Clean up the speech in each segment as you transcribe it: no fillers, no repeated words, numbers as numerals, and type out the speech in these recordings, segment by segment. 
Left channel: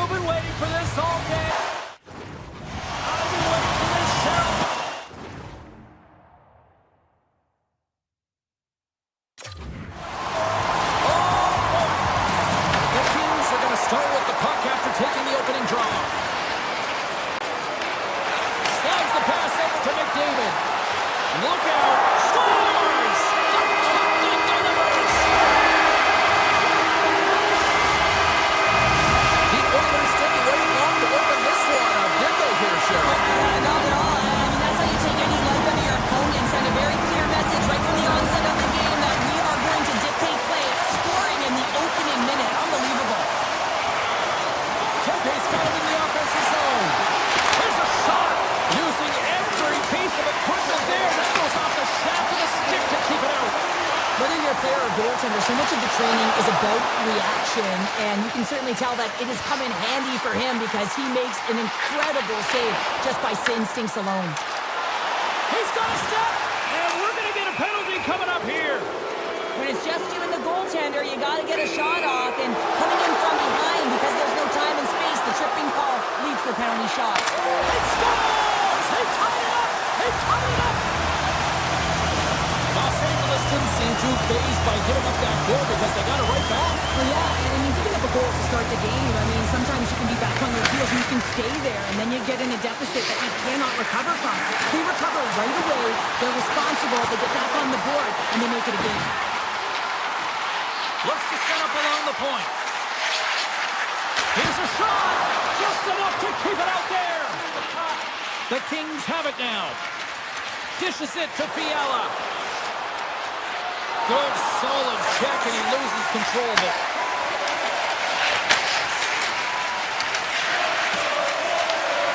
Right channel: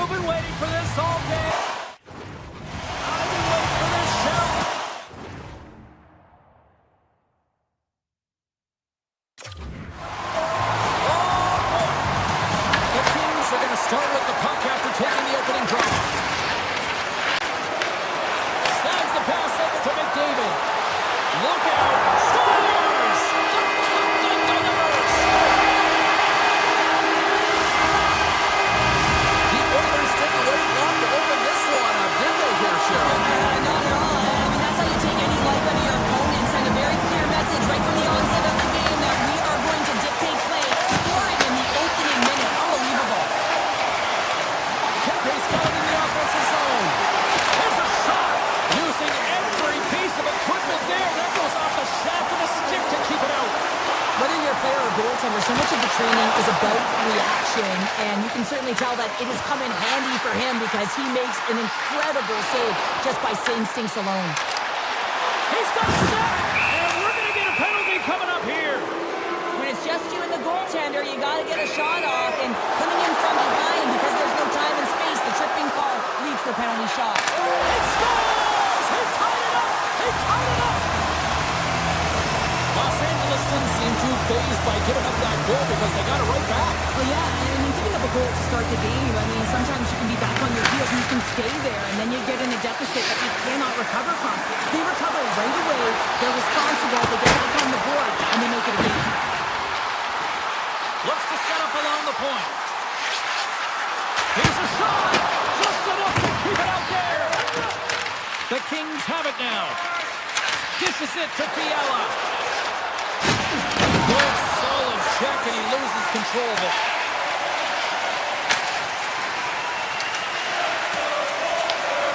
You've been waiting for this all day. I've been waiting for this, Cheryl. Oh, boy. The Kings are going to start with the puck after taking the opening draw. Slides the pass over to McDavid. Look out. Scores! The captain delivers! The Oilers didn't wait long to open this one up, did they here, Cheryl? Not at all. I mean, that's how you take any life out of your opponent. Send a very clear message right from the onset of the game that we are going to dictate play. Scoring in the opening minute. Unbelievable. Kempe's got him in the offensive zone. Here's a shot. Using every piece of equipment there. That goes off the shaft of the stick to keep it out. Whether you're a player or goaltender, so much of the training is about reaction, and you can certainly tell that it has come in handy for him because he makes an incredible save just by instincts alone. He's got a step, and we're going to get a penalty coming up here. When it's just you and the goaltender, you got to get a shot off, and coming in from behind because there's no time and space, the tripping call leads to the penalty shot. He scores! He tied it up! He tied it up! Los Angeles didn't seem too fazed by giving up that goal because they got it right back. Well, yeah, I mean, giving up a goal to start the game, I mean, sometimes you can be back on your heels and you can stay there, and then you get in a deficit that you cannot recover from. They recover right away, they're responsible, they get back on the board, and they make it a game. Looks to set up along the point. Here's a shot! Just enough to keep it out there! The Kings have it now. Dishes it to Fiala. Good, solid check, and he loses control of it.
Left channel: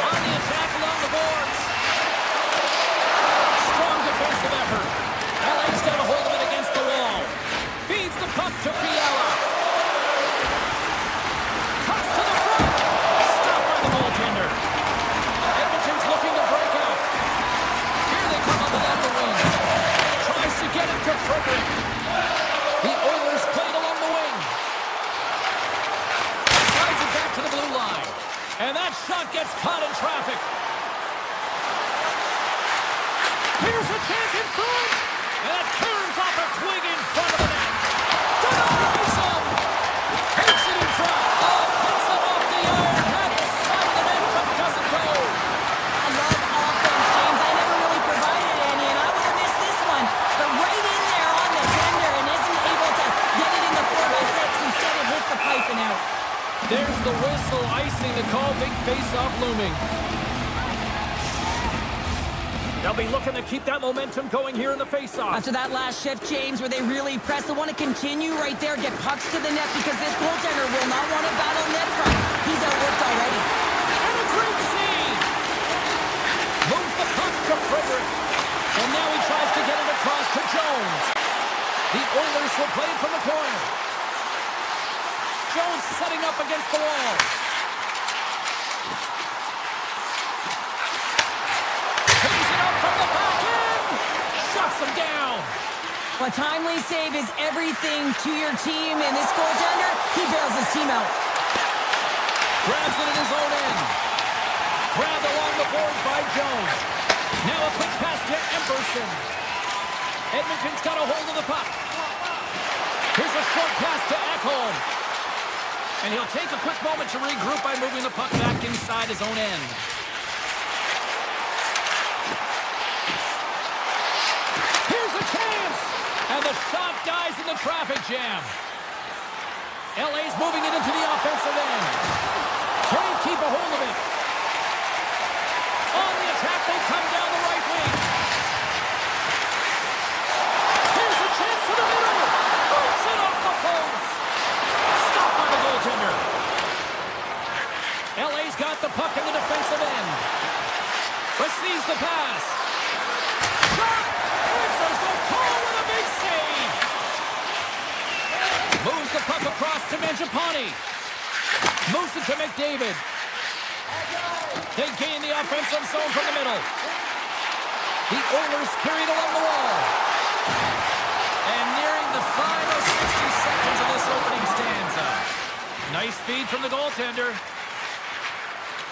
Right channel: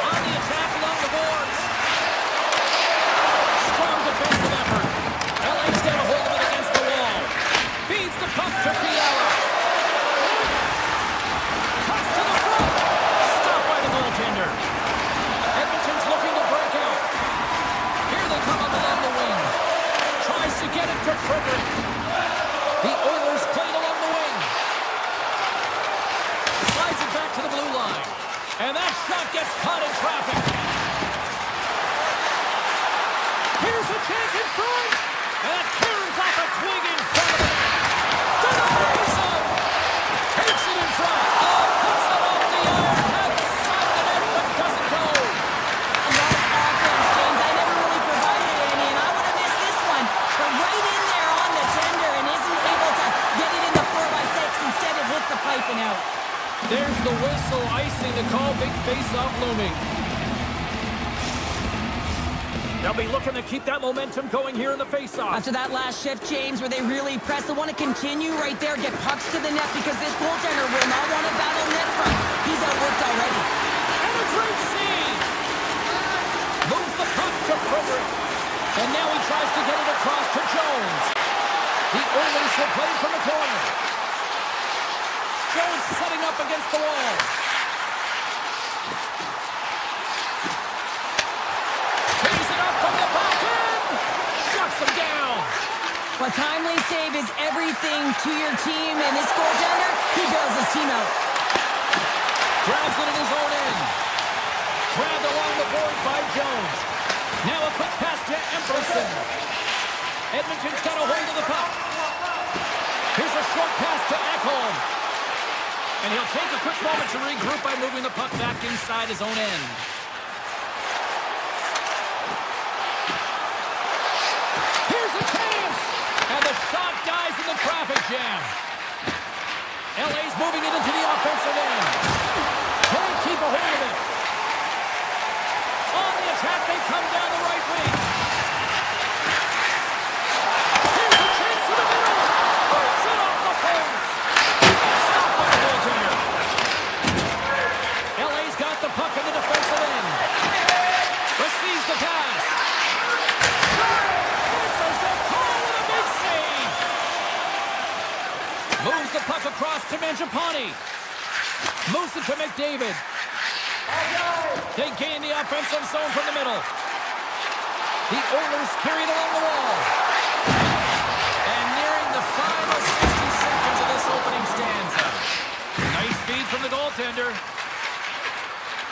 On the attack along the boards. Strong defensive effort. LA's got a hold of it against the wall. Feeds the puck to Fiala. Cuts to the front. Stopped by the goaltender. Edmonton's looking to break out. Here they come up along the wing. Tries to get it to Frederick. The Oilers played along the wing. Slides it back to the blue line. And that shot gets caught in traffic. Here's a chance in front. And that caroms off a twig in front of the net. Denies him. Takes it in front. Oh, puts it off the iron. Had the side of the net, but doesn't go. I love offense, James. I never really provided any, and I would have missed this one. But right in there on the tender and isn't able to get it in the 4x6. Instead, it hits the pipe and out. There's the whistle, icing the call. Big face-off looming. They'll be looking to keep that momentum going here in the face-off. After that last shift, James, where they really press, they want to continue right there, get pucks to the net, because this goaltender will not want to battle net front. He's outworked already. And a great save! Moves the puck to Frederick. And now he tries to get it across to Jones. The Oilers will play it from the corner. Jones setting up against the wall. Takes it up from the back end. Shuts him down. A timely save is everything to your team, and this goaltender, he bails his team out. Grabs it in his own end. Grabbed along the board by Jones. Now a quick pass to Emberson. Edmonton's got a hold of the puck. Here's a short pass to Ekholm. And he'll take a quick moment to regroup by moving the puck back inside his own end. Here's a chance! And the shot dies in the traffic jam. LA's moving it into the offensive end. Can't keep a hold of it. On the attack, they come down the right wing. Here's a chance to the middle. Breaks it off the post. Stopped by the goaltender. LA's got the puck in the defensive end. Receives the pass. Shot! Answers the call with a big save. Moves the puck across to Mangiapane. Moves it to McDavid. They gain the offensive zone from the middle. The Oilers carried along the wall. And nearing the final 60 seconds of this opening stanza. Nice feed from the goaltender.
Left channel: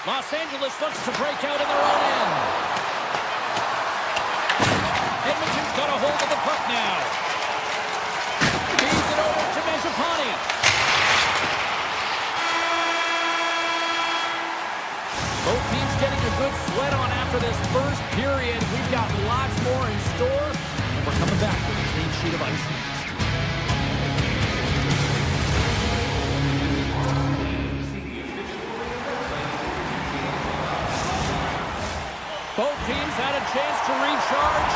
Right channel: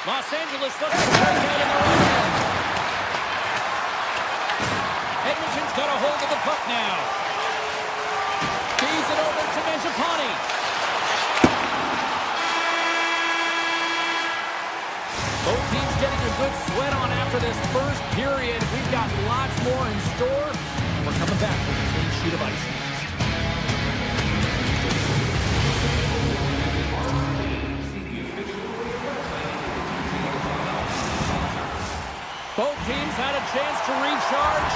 Los Angeles looks to break out in their own end. Edmonton's got a hold of the puck now. Feeds it over to Mangiapane. Both teams getting a good sweat on after this first period. We've got lots more in store, and we're coming back with a clean sheet of ice next. Both teams had a chance to recharge,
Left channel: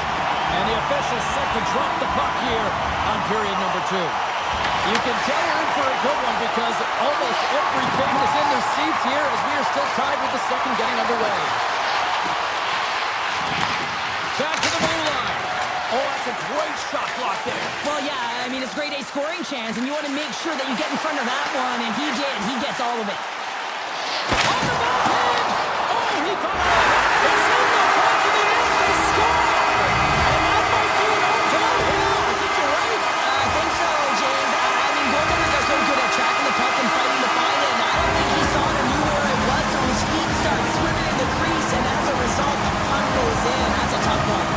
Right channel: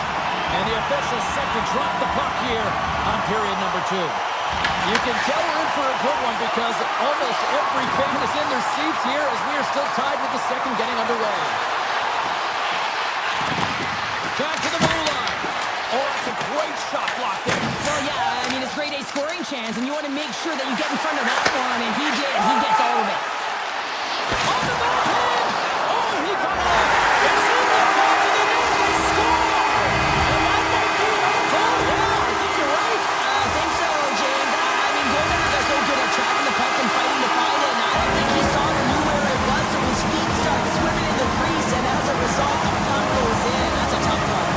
and the official set to drop the puck here on period number 2. You can tell we're in for a good one because almost every fan is in their seats here as we are still tied with the second getting underway. Back to the blue line. Oh, that's a great shot block there. Well, yeah, I mean, it's grade A scoring chance, and you want to make sure that you get in front of that one, and he did. He gets all of it. On the backhand! Oh, he got all of it. It's in the back of the net. They score! And that might be an own goal. Yeah, I think you're right. I think so, James. I mean, goaltenders are so good at tracking the puck and fighting to find it, and I don't think he saw it or knew where it was, so his feet start swimming in the crease, and as a result, the puck goes in. That's a tough one.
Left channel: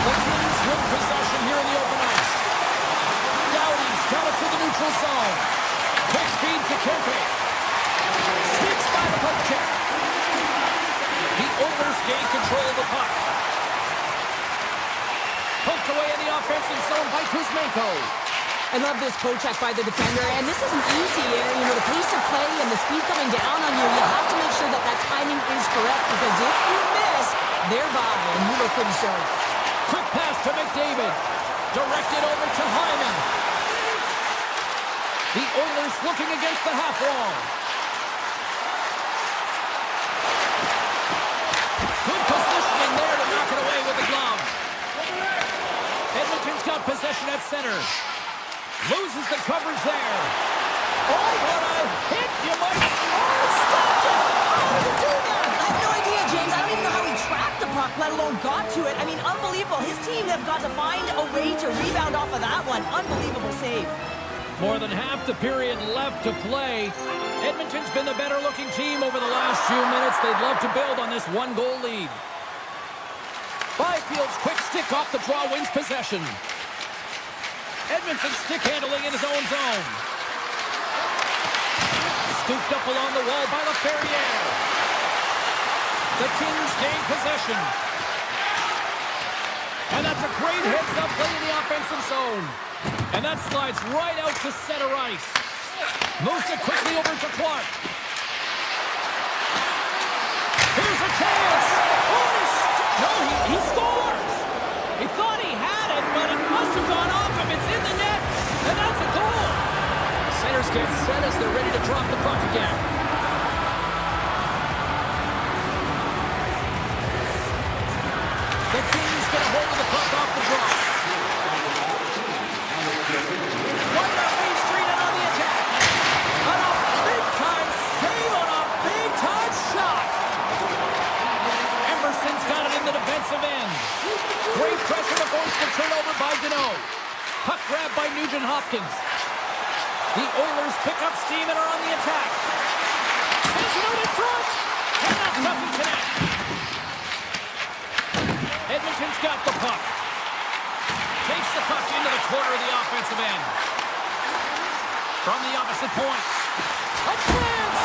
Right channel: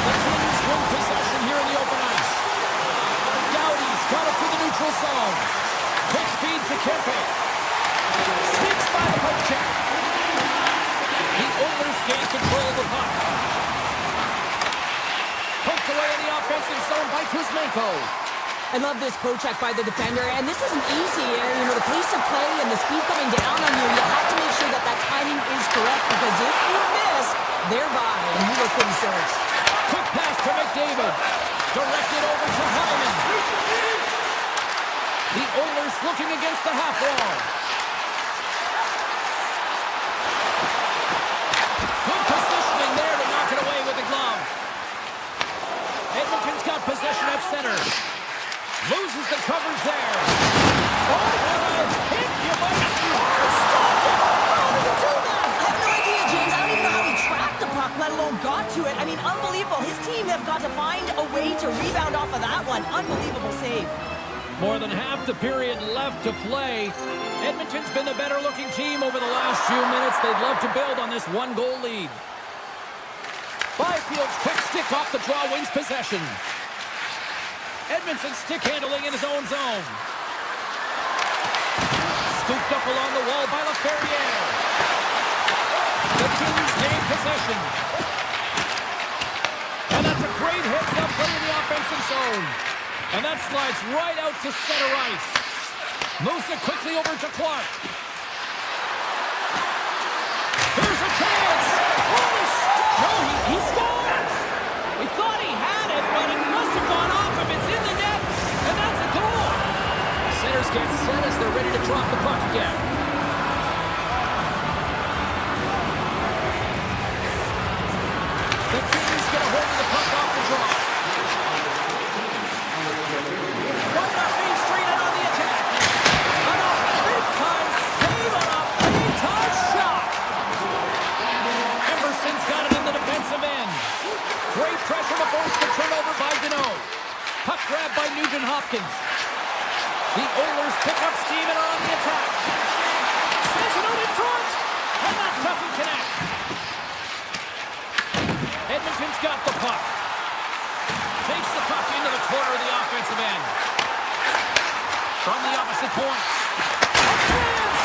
The Kings win possession here in the open ice. Doughty's got it through the neutral zone. Quick feed to Kempe. Sneaks by the poke check. The Oilers gain control of the puck. Poked away in the offensive zone by Kuzmenko. I love this poke check by the defender, and this isn't easy here. You know, the pace of play and the speed coming down on you, you have to make sure that that timing is correct, because if you miss, they're by, and you look pretty silly. Quick pass to McDavid. Directed over to Hyman. The Oilers looking against the half wall. Good positioning there to knock it away with the glove. Edmonton's got possession at center. Loses the coverage there. Oh, what a hit! You might... Oh, stopped it! How did he do that? I have no idea, James. I don't even know how he tracked the puck, let alone got to it. I mean, unbelievable. His team have got to find a way to rebound off of that one. Unbelievable save. More than half the period left to play. Edmonton's been the better-looking team over the last few minutes. They'd love to build on this one-goal lead. Byfield's quick stick off the draw wins possession. Edmondson stick handling in his own zone. Scooped up along the wall by LaFerriere. The Kings gain possession. And that's a great heads-up play in the offensive zone. And that slides right out to center ice. Moves it quickly over to Clark. Here's a chance. No, he scores. We thought he had it, but it must have gone off him. It's in the net, and that's a goal. Centers get set as they're ready to drop the puck again. The Kings get a hold of the puck off the draw. Right up Main Street and on the attack. On a big-time save on a big-time shot. Emerson's got it in the defensive end. Great pressure to force the turnover by Deneau. Puck grab by Nugent-Hopkins. The Oilers pick up steam and are on the attack. Sends it out in front. And that doesn't connect. Edmonton's got the puck. Takes the puck into the corner of the offensive end. From the opposite point. A chance!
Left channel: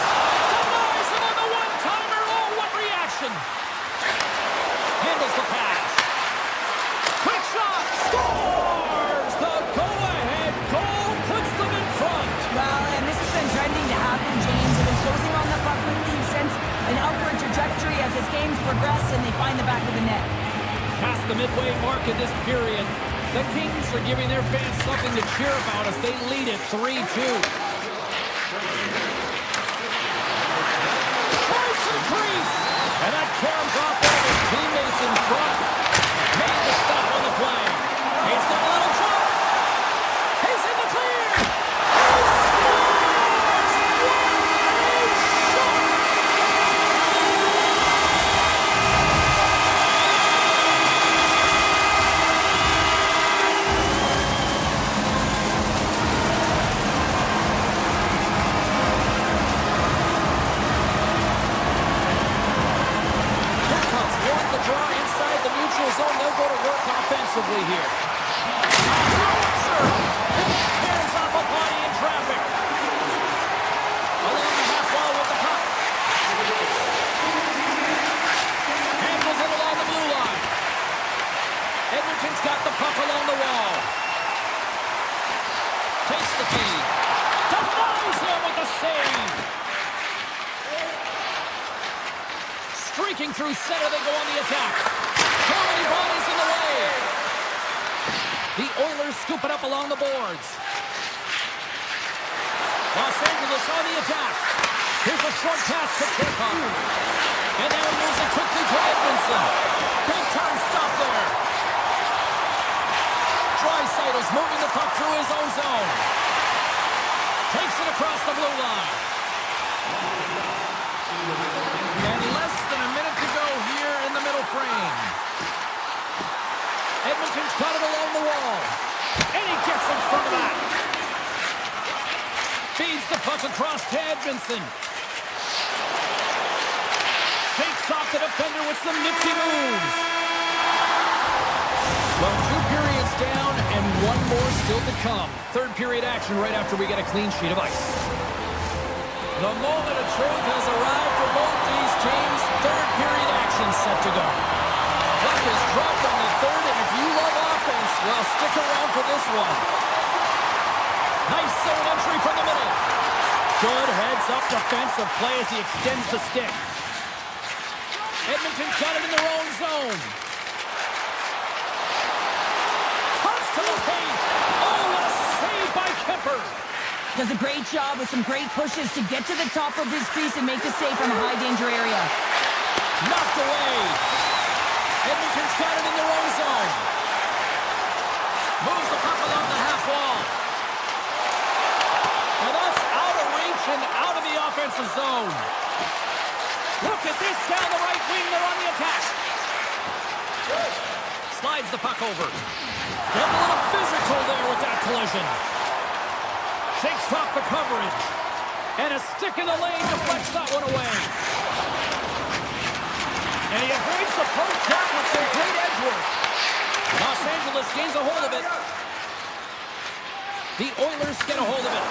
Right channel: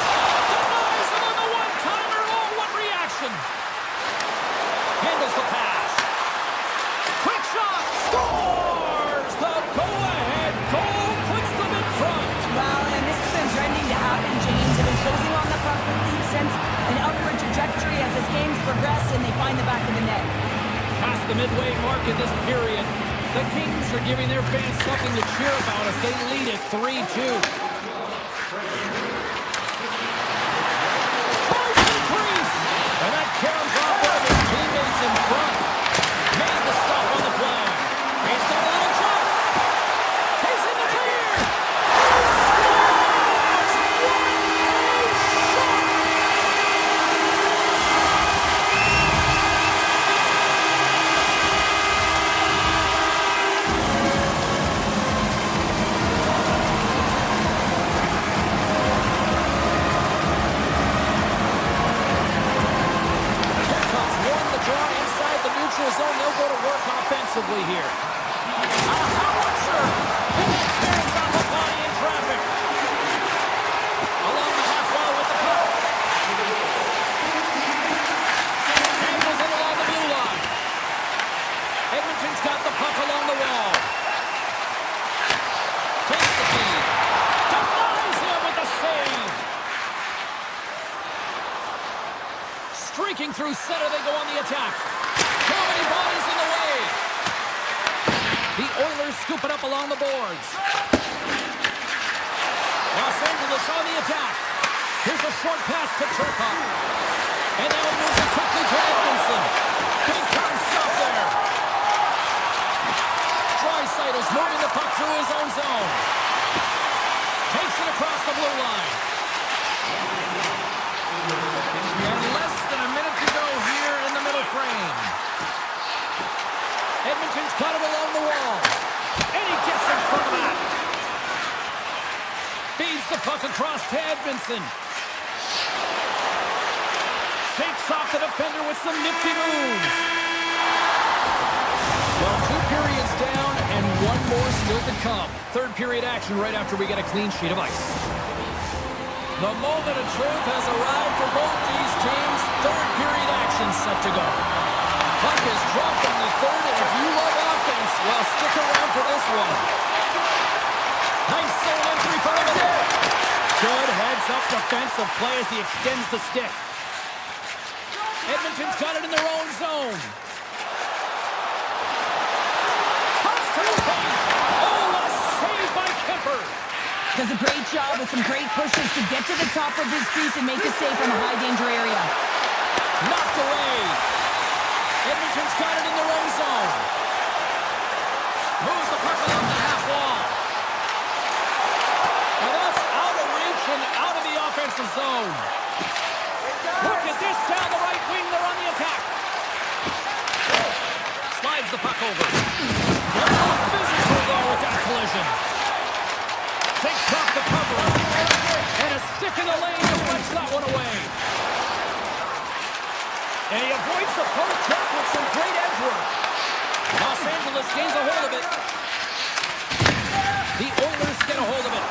Denies him on the one-timer. Oh, what reaction! Handles the pass. Quick shot. Scores! The go-ahead goal puts them in front. Well, and this has been trending to happen, James. They've been closing on the puck with the sense an upward trajectory as this game's progressed, and they find the back of the net. Past the midway mark in this period, the Kings are giving their fans something to cheer about as they lead it 3-2. Tries to the crease, and that caroms off one of his teammates in front. Made the stop on the play. He's got a little jump. He's in the clear. He scores! What a shot! draw inside the neutral zone. They'll go to work offensively here. A howitzer! And it tears off a body in traffic. Along the half wall with the puck. Handles it along the blue line. Edmonton's got the puck along the wall. Takes the feed. Denies him with the save. Streaking through center, they go on the attack. Too many bodies in the way. The Oilers scoop it up along the boards. Los Angeles on the attack. Here's a short pass to Turcotte. And now he moves it quickly to Edmondson. Big time stop there. Draisaitl's moving the puck through his own zone. Takes it across the blue line. And less than a minute to go here in the middle frame. Edmonton's got it along the wall. And he gets in front of that. Feeds the puck across to Edmondson. Shakes off the defender with some nifty moves. Well, 2 periods down and 1 more still to come. Third period action right after we get a clean sheet of ice. The moment of truth has arrived for both these teams. Third period action set to go. Puck is dropped on the third, and if you love offense, well, stick around for this one. Nice zone entry from the middle. Good heads-up defensive play as he extends the stick. Edmonton's got it in their own zone. Comes to the paint. Oh, what a save by Kemper. Does a great job with some great pushes to get to the top of his crease and make a save from a high-danger area. Knocked away. Edmonton's got it in their own zone. Moves the puck along the half wall. Now that's out of reach and out of the offensive zone. Look at this down the right wing. They're on the attack. Slides the puck over. Get a little physical there with that collision. Takes off the coverage. And a stick in the lane deflects that one away. And he avoids the poke check with some great edge work. Los Angeles gains a hold of it. The Oilers get a hold of it.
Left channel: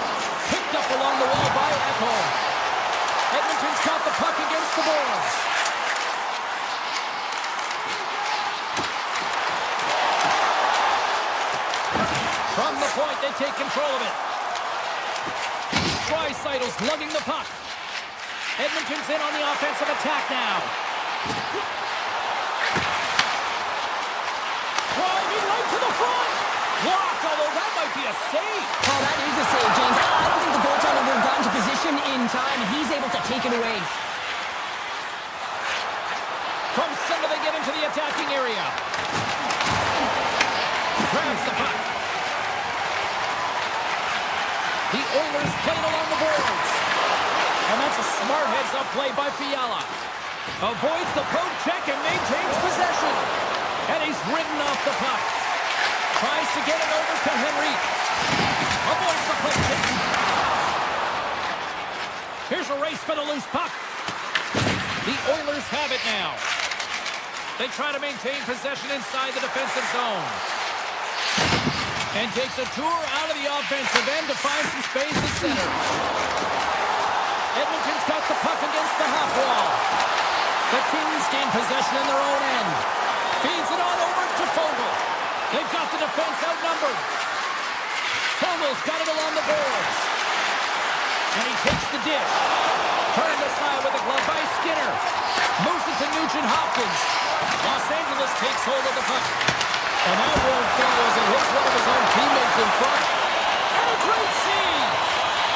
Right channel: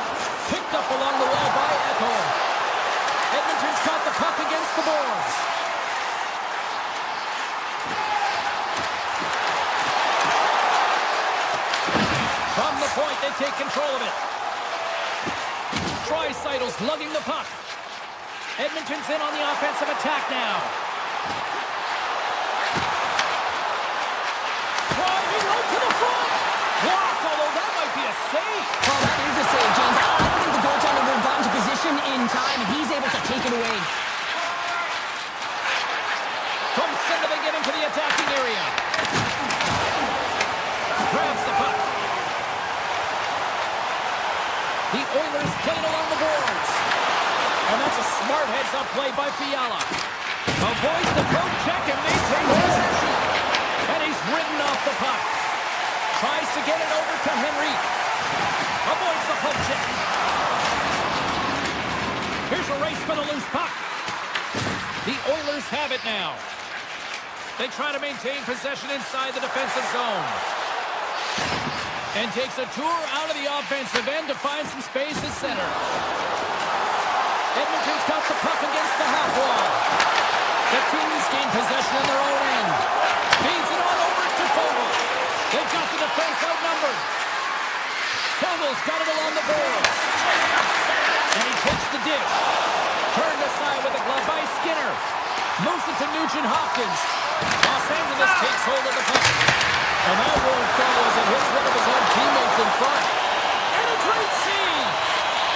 Picked up along the wall by Echo. Edmonton's got the puck against the boards. From the point, they take control of it. Draisaitl's lugging the puck. Edmonton's in on the offensive attack now. Driving right to the front. Blocked, although that might be a save. Oh, that is a save, James. I don't think the goaltender would have gotten to position in time, and he's able to take it away. From center, they get into the attacking area. Grabs the puck. The Oilers played along the boards. And that's a smart heads-up play by Fiala. Avoids the poke check and maintains possession. And he's ridden off the puck. Tries to get it over to Henrique. Avoids the poke check. Here's a race for the loose puck. The Oilers have it now. They try to maintain possession inside the defensive zone. And takes a tour out of the offensive end to find some space at center. Edmonton's got the puck against the half wall. The Kings gain possession in their own end. Feeds it on over to Fogle. They've got the defense outnumbered. Fogle's got it along the boards. And he takes the dish. Turned aside with a glove by Skinner. Moves it to Nugent-Hopkins. Los Angeles takes hold of the puck. And that won't go as it hits one of his own teammates in front. And a great save!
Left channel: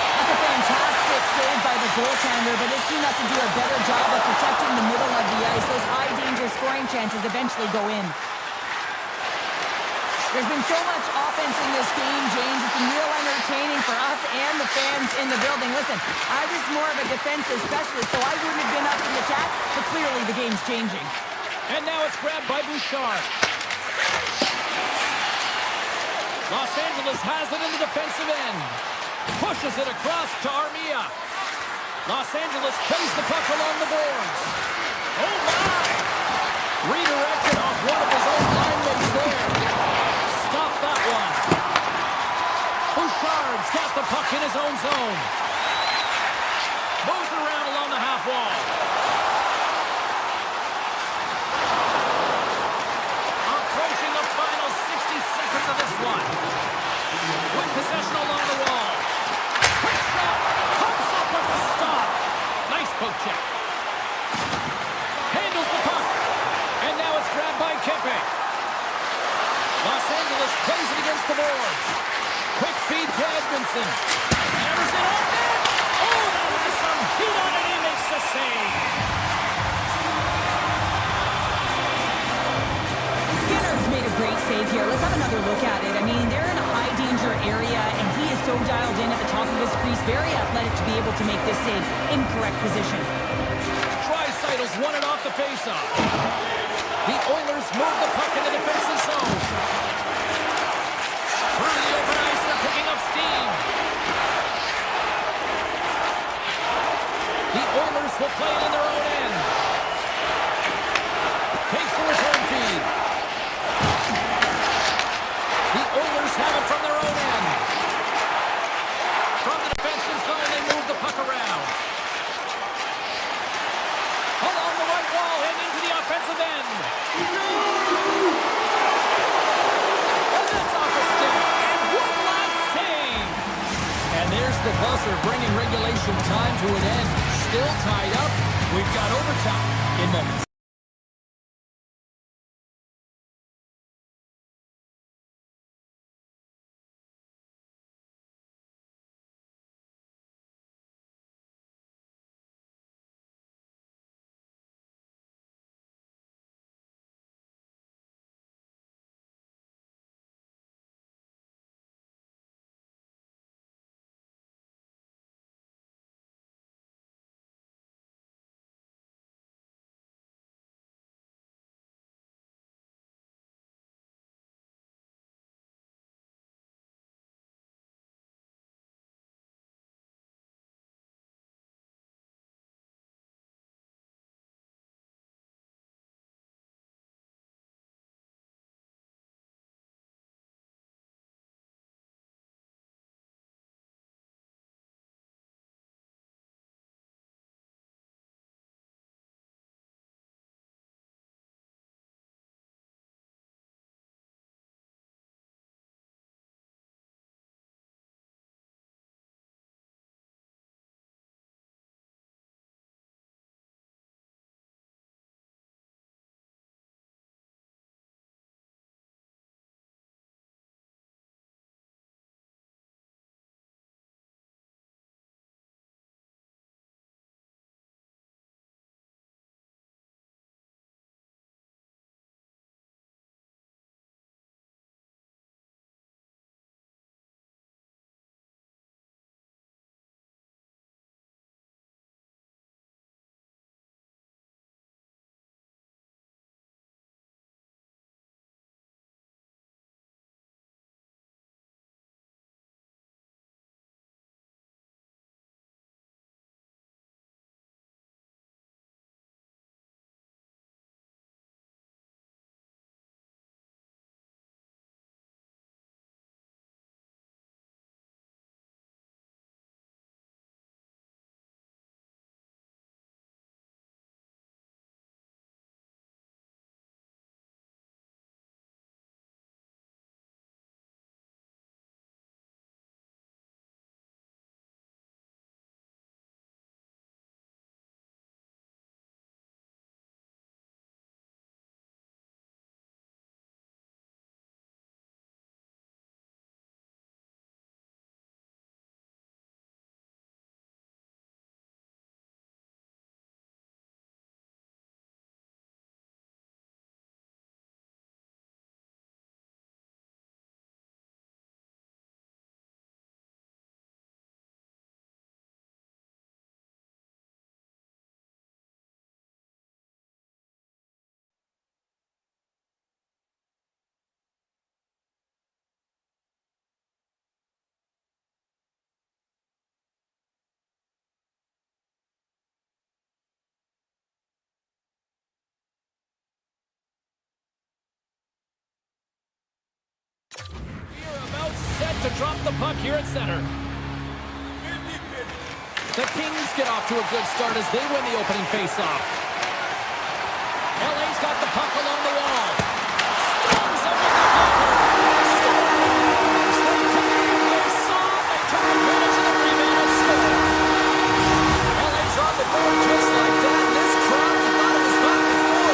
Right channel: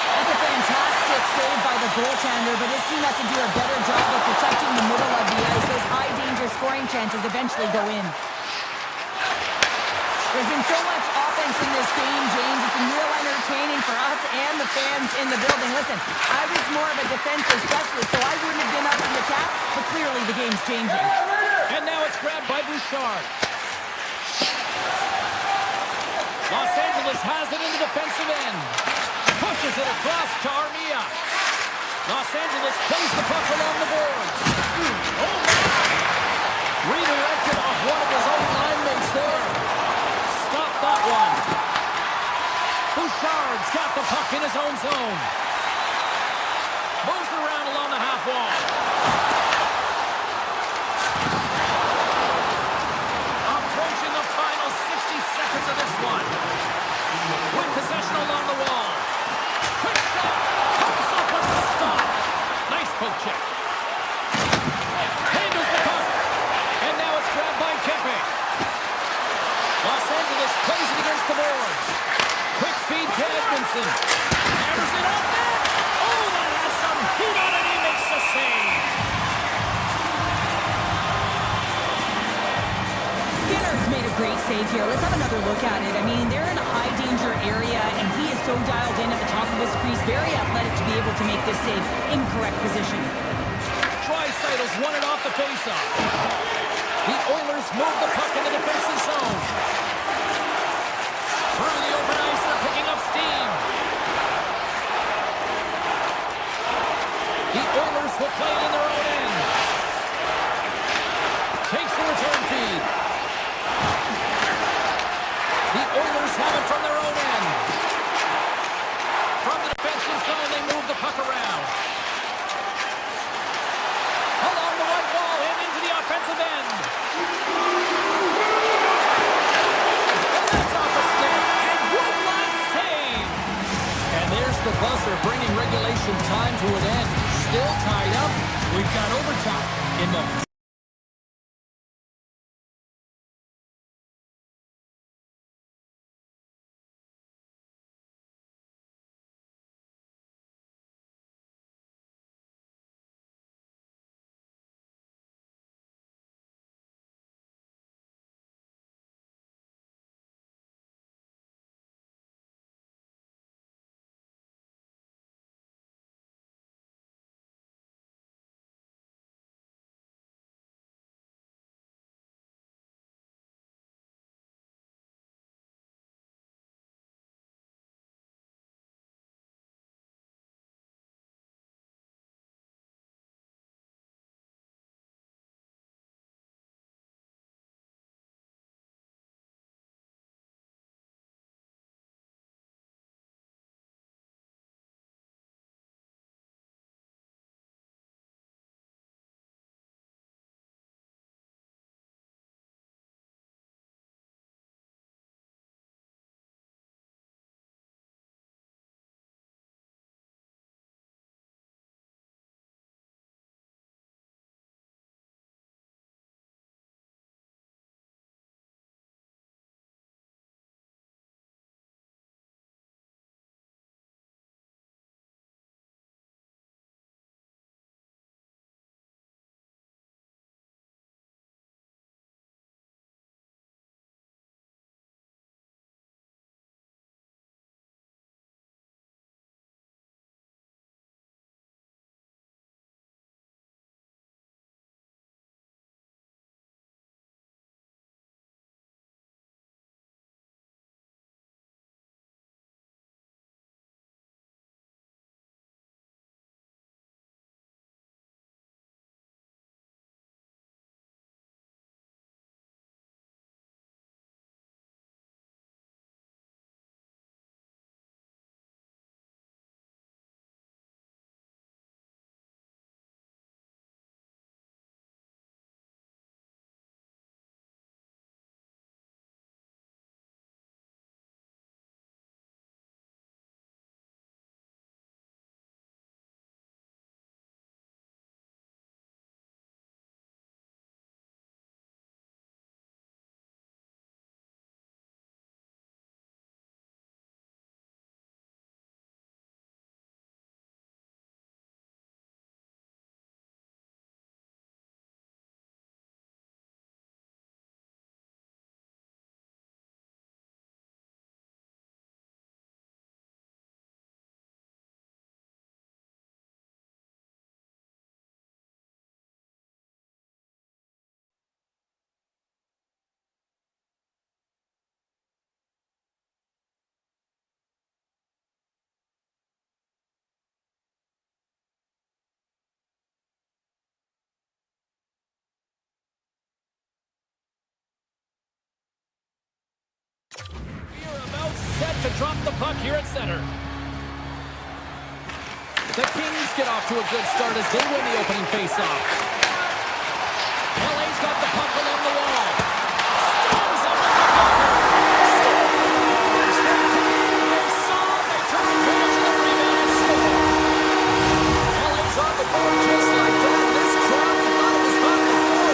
That's a fantastic save by the goaltender, but his team has to do a better job of protecting the middle of the ice. Those high-danger scoring chances eventually go in. There's been so much offense in this game, James. It's been real entertaining for us and the fans in the building. Listen, I was more of a defensive specialist, so I wouldn't have been up to the attack, but clearly the game's changing. And now it's grabbed by Bouchard. Los Angeles has it in the defensive end. Pushes it across to Armia. Los Angeles plays the puck along the boards. Oh, my! Reader He's got the puck in his own zone. Moves it around along the half wall. Approaching the final 60 seconds of this one. With possession along the wall. Quick shot. Comes up with the stop. Nice poke check. Handles the puck. And now it's grabbed by Kempe. Los Angeles plays it against the boards. Quick feed to Edmondson. Hammers it on net. Oh, that has some heat on it. He makes the save. Skinner's made a great save here. Let's have another look at it. I mean, they're in a high-danger area, and he is so dialed in at the top of his crease. Very athletic to be able to make this save in correct position. Draisaitl won it off the faceoff. The Oilers move the puck in the defensive zone. Through the open ice, they're picking up steam. The Oilers will play it in their own end. Takes the return feed. The Oilers have it from their own end. From the defensive zone, they move the puck around. Along the right wall and into the offensive end. And that's off a stick. And one last save. And there's the buzzer, bringing regulation time to an end. Still tied up. We've got overtime in moments. We are about set to drop the puck here at center. The Kings get off to a good start as they win the opening faceoff. LA's got the puck along the wall. Storms up with the blocker. Scores! The team they saw, they took advantage of the rebound and score. LA's on the board just like that. This crowd, you thought it was hot before.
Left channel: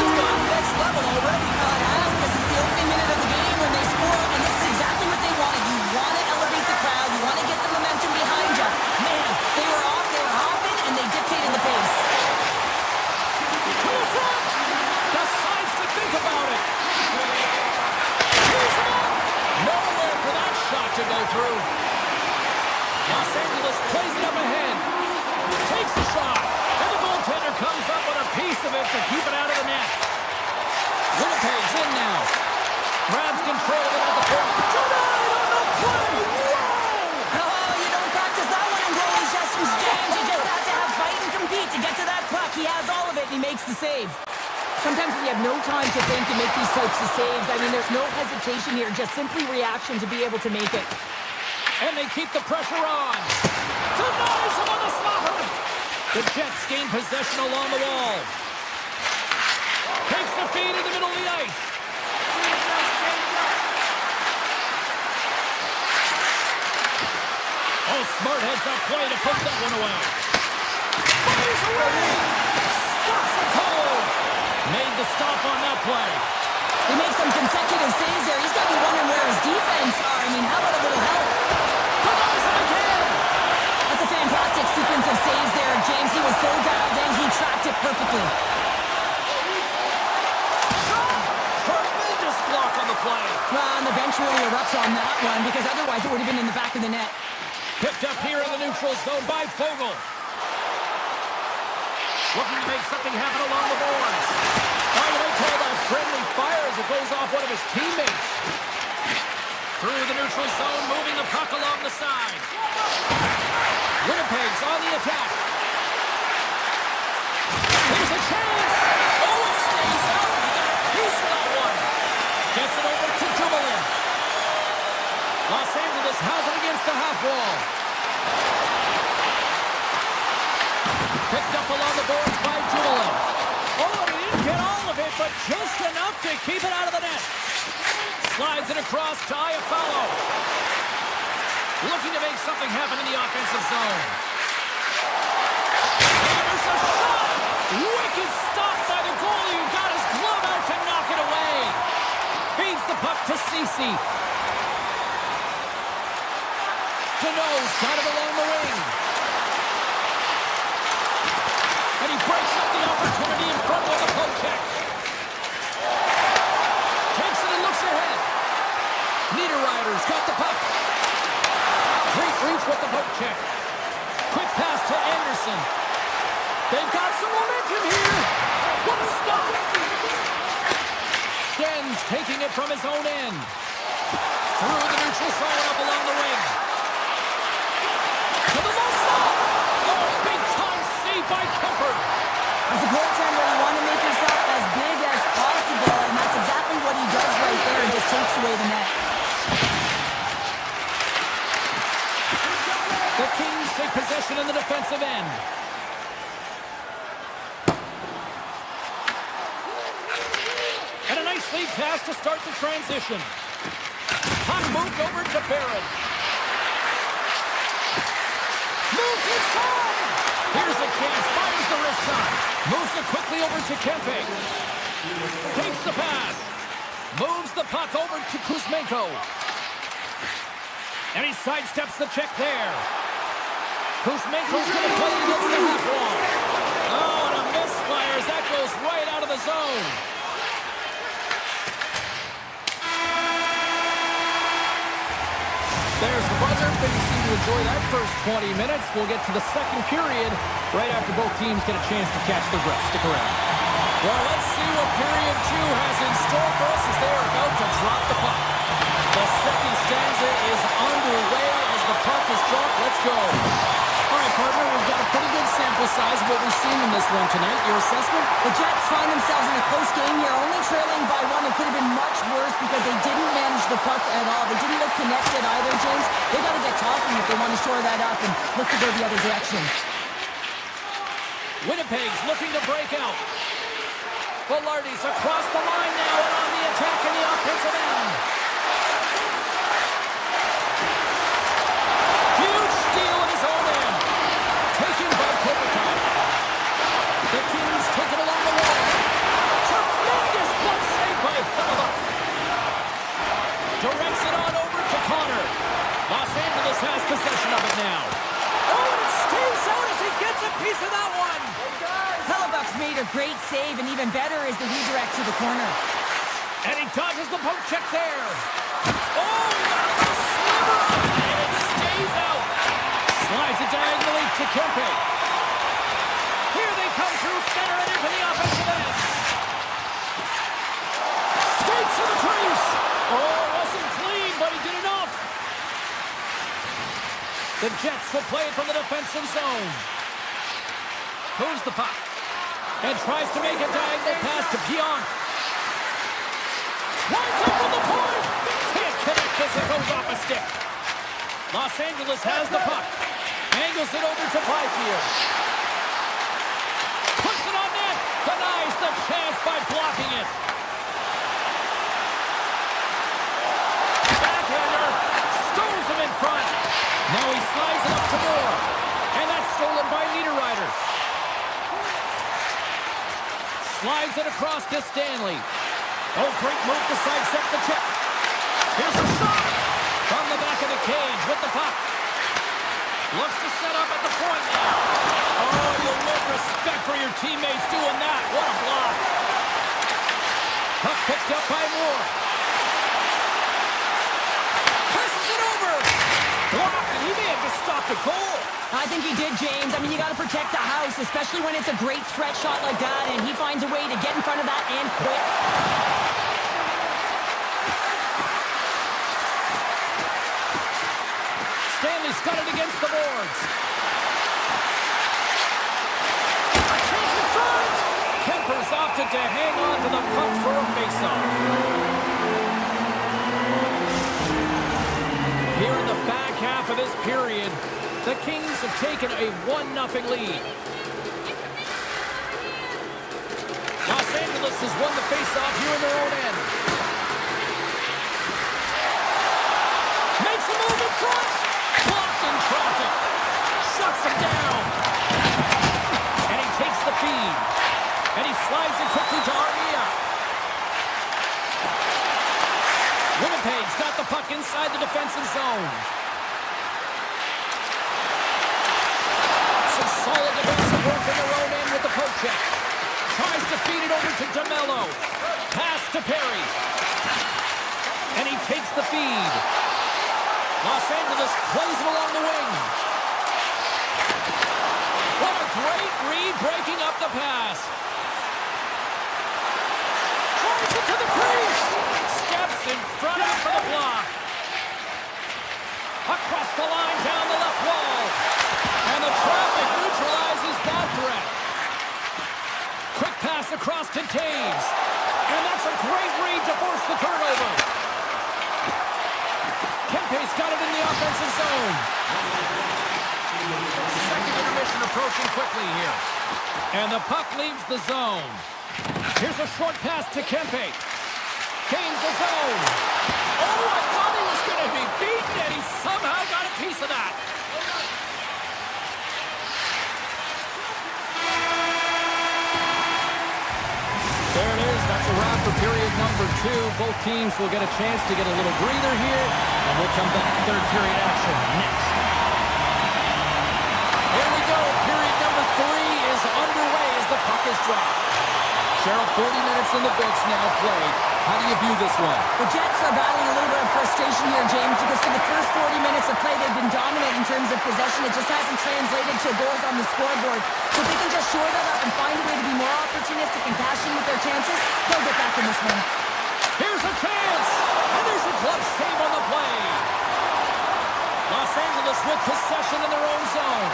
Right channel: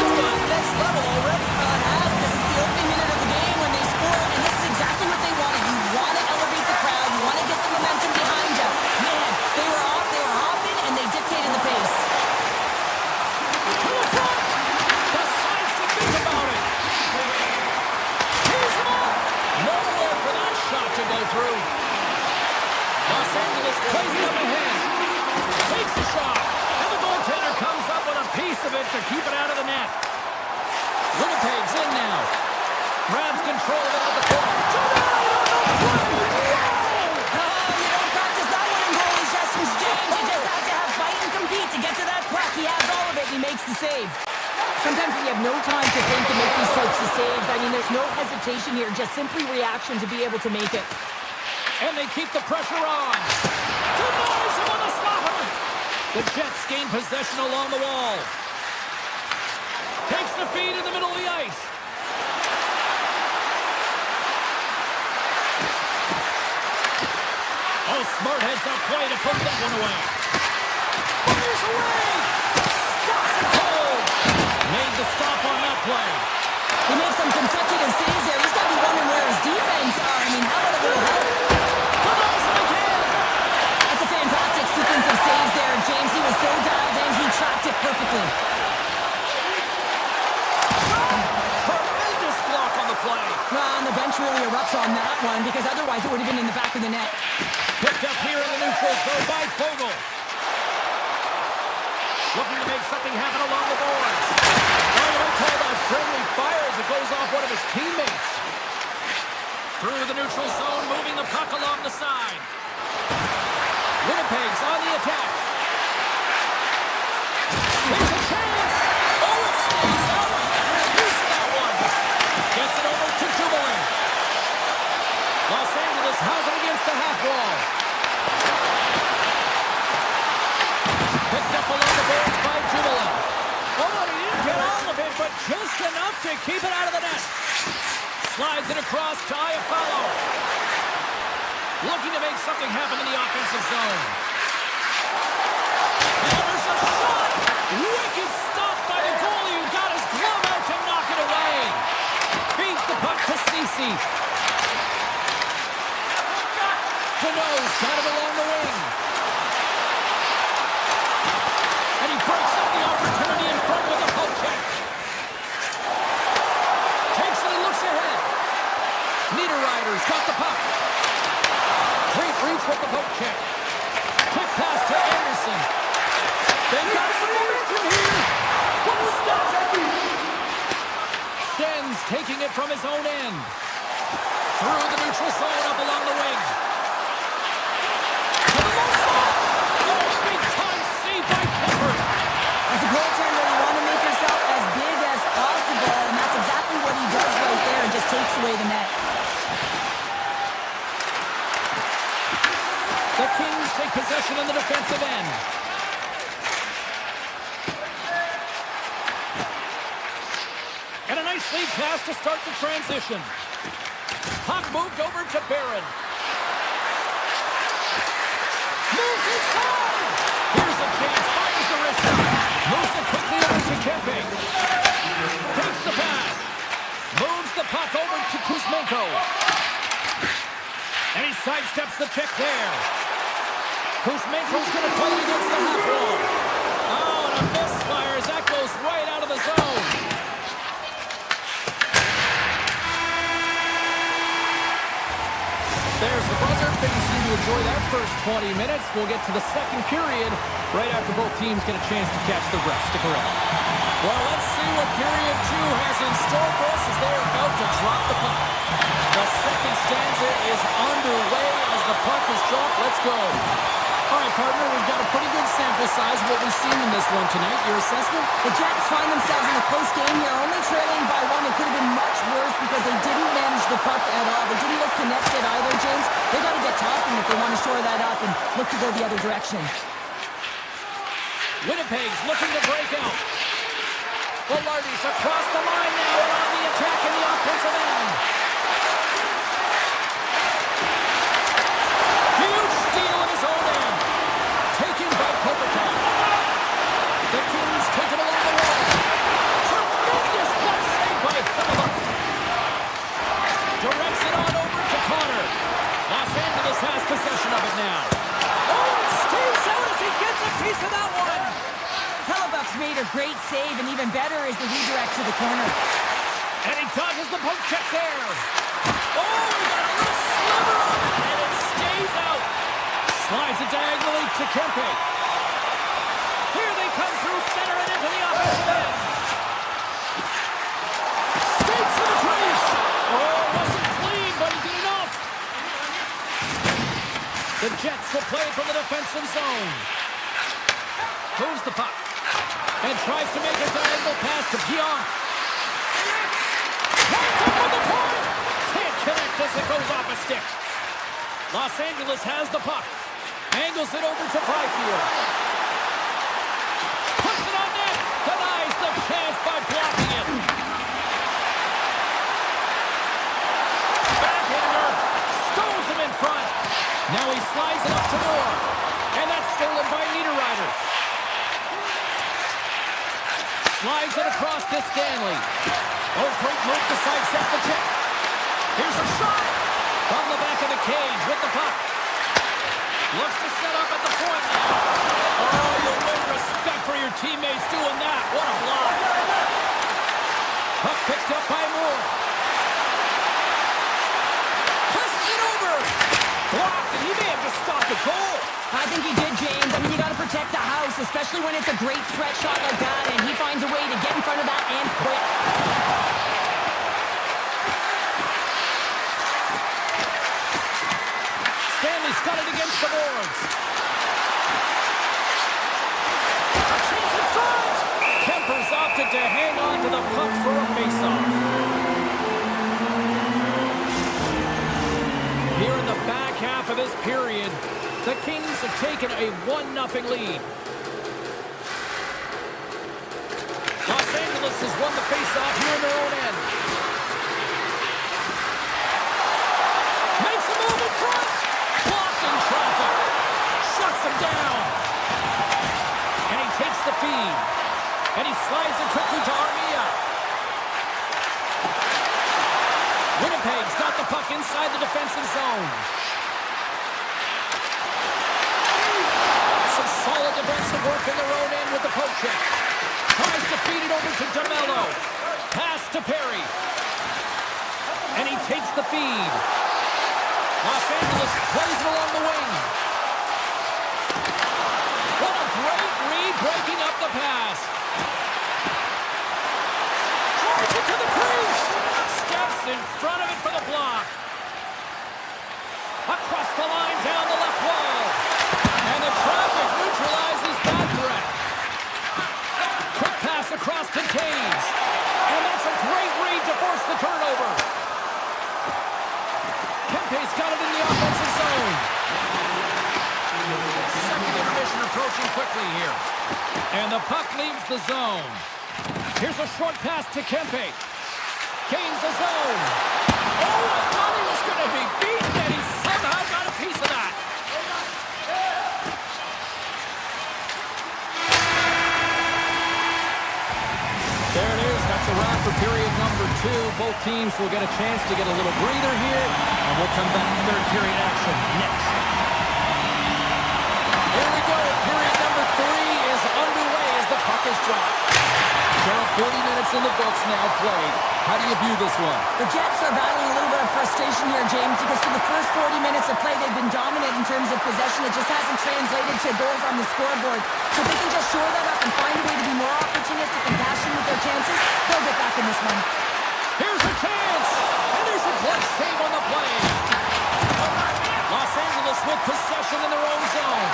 It's gone next level already. It has, because it's the opening minute of the game when they score, and this is exactly what they wanted. You want to elevate the crowd. You want to get the momentum behind you. Man, they were off, they were hopping, and they dictated the pace. To the front! Decides to think about it. Here's him up! Nowhere for that shot to go through. Los Angeles plays it up ahead. Takes a shot. And the goaltender comes up with a piece of it to keep it out of the net. Winnipeg's in now. Grabs control of it at the point. Denied on the play! Whoa! Oh, you don't practice that one in goalie sessions, James. You just have to have fight and compete to get to that puck. He has all of it, and he makes the save. Sometimes when you have no time to think and make these types of saves, I mean, there's no hesitation here, just simply reaction to be able to make it. And they keep the pressure on. Denies him on the slapper. The Jets gain possession along the wall. Takes the feed in the middle of the ice. Oh, smart heads up play to put that one away. Fires away. Stops it cold. Made the stop on that play. He makes some consecutive saves there. He's got to be wondering where his defense are. I mean, how about a little help? Denies him again. That's a fantastic sequence of saves there, James. He was so dialed in, he tracked it perfectly. Tremendous block on the play. Well, and the bench really erupts on that one, because otherwise it would have been in the back of the net. Picked up here in the neutral zone by Fogle. Looking to make something happen along the boards. Oh, you might call that friendly fire as it goes off one of his teammates. Through the neutral zone, moving the puck along the side. Winnipeg's on the attack. Here's a chance. Oh, it stays out. He got a piece of that one. Gets it over to Dumoulin. Los Angeles has it against the half wall. Picked up along the boards by Dumoulin. Oh, and he didn't get all of it, but just enough to keep it out of the net. Slides it across to Iafallo. Looking to make something happen in the offensive zone. And there's a shot! Wicked stop by the goalie who got his glove out to knock it away. Feeds the puck to Ceci. Deneau's got it along the wing. And he breaks up the opportunity in front with a poke check. Takes it and looks ahead. Niederreiter's got the puck. Great reach with the poke check. Quick pass to Anderson. They've got some momentum here. What a stop. Schen's taking it from his own end. Through the neutral zone up along the wing. To the low side. Oh, big time save by Kemper. As a goaltender, you want to make yourself as big as possible, and that's exactly what he does right there and just takes away the net. The Kings take possession in the defensive end. And a nice lead pass to start the transition. Puck moved over to Barron. Moves inside! Here's a chance, fires the wrist shot. Moves it quickly over to Kempe. Takes the pass. Moves the puck over to Kuzmenko. And he sidesteps the check there. Kuzmenko's going to play it against the half wall. Oh, and a misfire as that goes right out of the zone. There's the buzzer. They seem to enjoy that first 20 minutes. We'll get to the second period right after both teams get a chance to catch their breath. Stick around. Well, let's see what period 2 has in store for us as they are about to drop the puck. The second stanza is underway as the puck is dropped. Let's go. All right, partner, we've got a pretty good sample size of what we've seen in this one tonight. Your assessment? The Jets find themselves in a close game here, only trailing by one. It could have been much worse because they didn't manage the puck at all. They didn't look connected either, James. They got to get talking if they want to shore that up and look to go the other direction. Winnipeg's looking to break out. Velarde's across the line now and on the attack in the offensive end. Huge steal in his own end. Taken by Kopitar. The Kings take it along the wall. Tremendous block save by Edmont. Directs it on over to Connor. Los Angeles has possession of it now. Oh, and it stays out as he gets a piece of that one. Hellebuck's made a great save, and even better is the redirect to the corner. And he dodges the poke check there. Oh, he got a little sliver of it, and it stays out. Slides it diagonally to Kempe. Here they come through center and into the offensive end. Skates to the crease. Oh, wasn't clean, but he did enough. The Jets will play it from the defensive zone. Moves the puck. And tries to make a diagonal pass to Pionk. Winds up on the point. Can't connect as it goes off a stick. Los Angeles has the puck. Angles it over to Byfield. Puts it on net. Denies the chance by blocking it. Backhander. Stows him in front. Now he slides it up to Moore. And that's stolen by Niederreiter. Slides it across to Stanley. Oh, great move to sidestep the tip. Here's a shot from the back of the cage with the puck. Looks to set up at the point now. Oh, you'll win respect for your teammates doing that. What a block. Puck picked up by Moore. Passes it over. Blocked, and he may have just stopped a goal. I think he did, James. I mean, you got to protect the house, especially when it's a great threat shot like that, and he finds a way to get in front of that and quick. Stanley's got it against the boards. A chance in front. Kemper's opted to hang on to the puck for a faceoff. Here in the back half of this period, the Kings have taken a 1-0 lead. Los Angeles has won the faceoff here in their own end. Makes a move in front. Blocked in traffic. Shuts him down. And he takes the feed. And he slides it quickly to Armia. Winnipeg's got the puck inside the defensive zone. Some solid defensive work in their own end with the poke check. Tries to feed it over to DeMello. Pass to Perry. And he takes the feed. Los Angeles plays it along the wing. What a great read breaking up the pass. Drives it to the crease. Steps in front of it for the block. Across the line down the left wall. And the traffic neutralizes that threat. Quick pass across to Taves. And that's a great read to force the turnover. Kempe's got it in the offensive zone. Second intermission approaching quickly here. And the puck leaves the zone. Here's a short pass to Kempe. Gains the zone. Oh, I thought he was going to be beaten, and he somehow got a piece of that. There it is. That's a wrap for period number 2. Both teams will get a chance to get a little breather here, and we'll come back to third period action next. Here we go. Period number 3 is underway as the puck is dropped. Cheryl, 40 minutes in the books now played. How do you view this one? The Jets are battling a little bit of frustration here, James, because for the first 40 minutes of play, they've been dominant in terms of possession. It just hasn't translated to goals on the scoreboard. So if they can just shore that up and find a way to be more opportunistic and passionate with their chances, they'll get back in this one. Here's a chance! And there's a clutch save on the play. Los Angeles Angeles with possession in their own zone.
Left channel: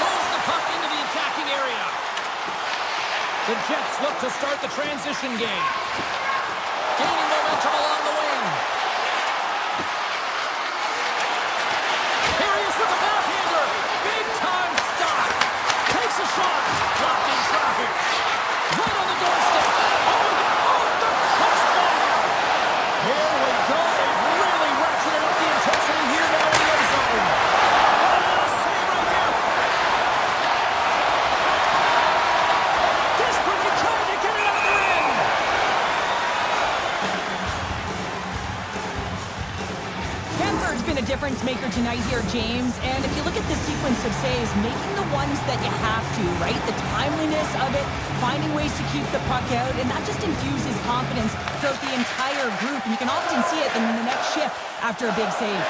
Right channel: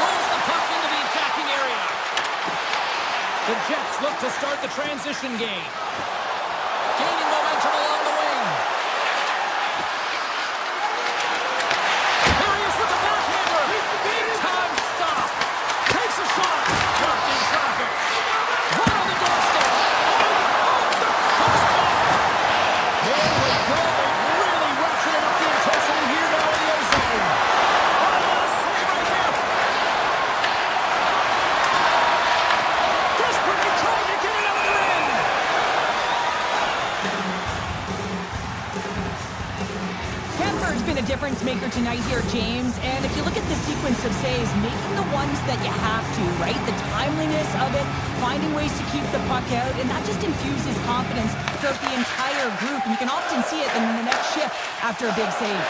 Moves the puck into the attacking area. The Jets look to start the transition game. Gaining momentum along the wing. Here he is with the backhander. Big time stop. Takes a shot. Blocked in traffic. Right on the doorstep. Off the crossbar. Here we go. They've really ratcheted up the intensity here now in the O-zone. Oh, what a save right there. Desperately trying to get it out of their end. Canberra's been a difference maker tonight here, James. And if you look at the sequence of saves, making the ones that you have to, right? The timeliness of it, finding ways to keep the puck out, and that just infuses confidence throughout the entire group. And you can often see it in the next shift after a big save.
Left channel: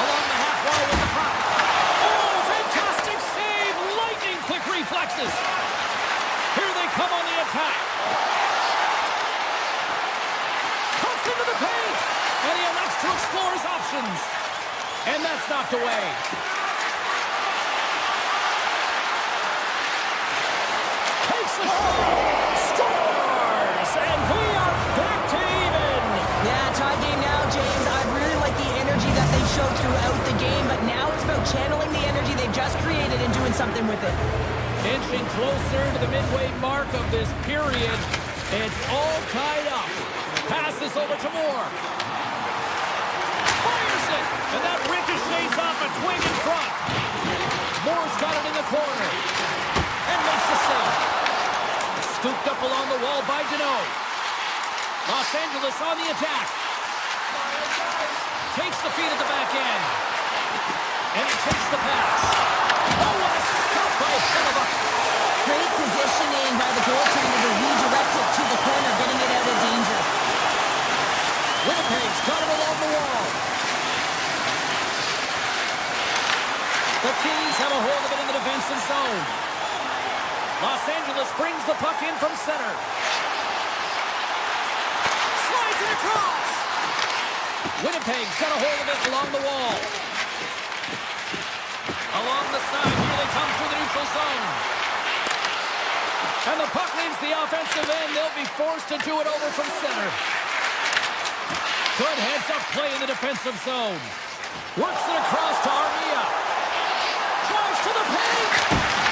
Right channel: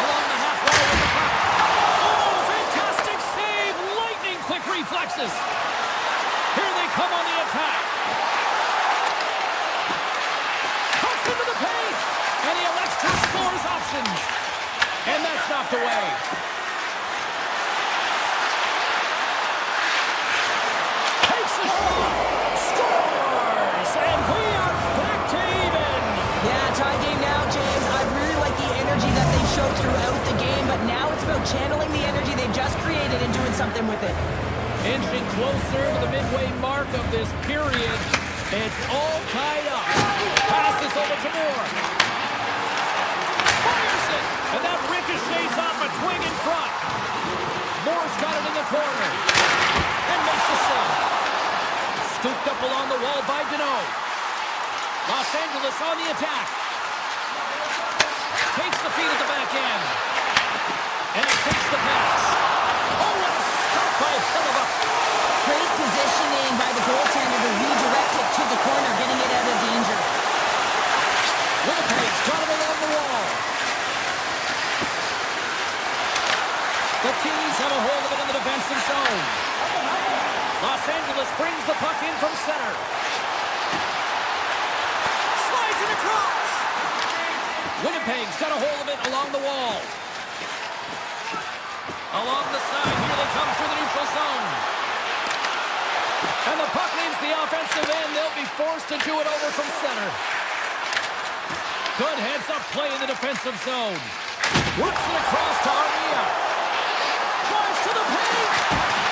Along the half wall with the puck. Oh, fantastic save! Lightning quick reflexes. Here they come on the attack. Cuts into the paint. And he elects to explore his options. And that's knocked away. Takes the shot. Scores! And we are back to even. Yeah, tie game now, James. I really like the energy that they showed throughout the game, but now it's about channeling the energy they've just created and doing something with it. Inching closer to the midway mark of this period. It's all tied up. Passes over to Moore. Fires it! And that ricochets off a twig in front. Moore's got it in the corner. And makes the save. Scooped up along the wall by Deneau. Los Angeles on the attack. Takes the feed at the back end. And he takes the pass. Oh, what a stop by Hellebuyck. Great positioning by the goaltender to redirect it to the corner, getting it out of danger. Winnipeg's got it along the wall. The Kings have a hold of it in the defensive zone. Los Angeles brings the puck in from center. Slides it across. Winnipeg's got a hold of it along the wall. Along the side, here they come through the neutral zone. And the puck leaves the offensive end. They'll be forced to do it over from center. Good heads-up play in the defensive zone. Works it across to Armia. Drives to the paint.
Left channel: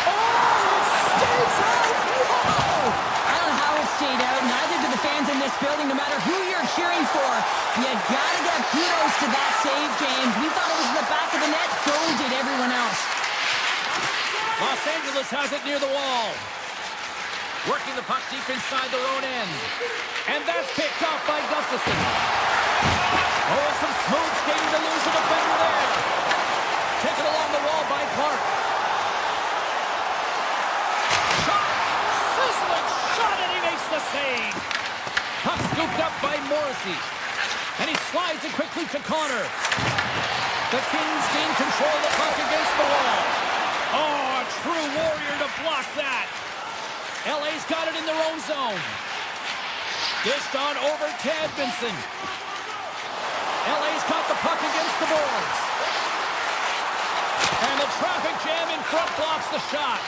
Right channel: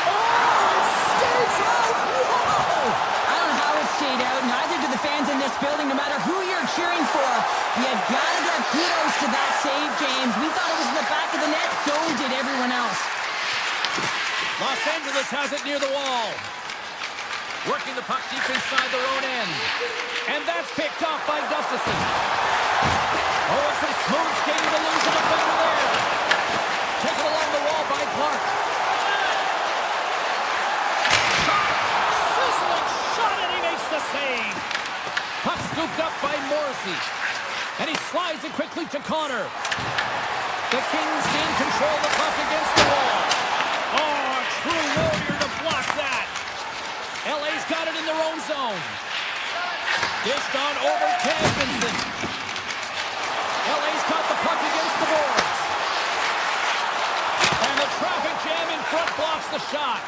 Oh, it stays out. Whoa! I don't know how it stayed out. Neither do the fans in this building, no matter who you're cheering for. You gotta give kudos to that save, James. We thought it was in the back of the net, so did everyone else. Los Angeles has it near the wall. Working the puck deep inside their own end. And that's picked off by Gustafsson. Oh, and some smooth skating to lose a defender there. Taken along the wall by Clark. Shot! Sizzling shot, and he makes the save. Puck scooped up by Morrissey. And he slides it quickly to Connor. The Kings gain control of the puck against the wall. Oh, a true warrior to block that. LA's got it in their own zone. Dished on over to Edmondson. LA's got the puck against the boards. And the traffic jam in front blocks the shot.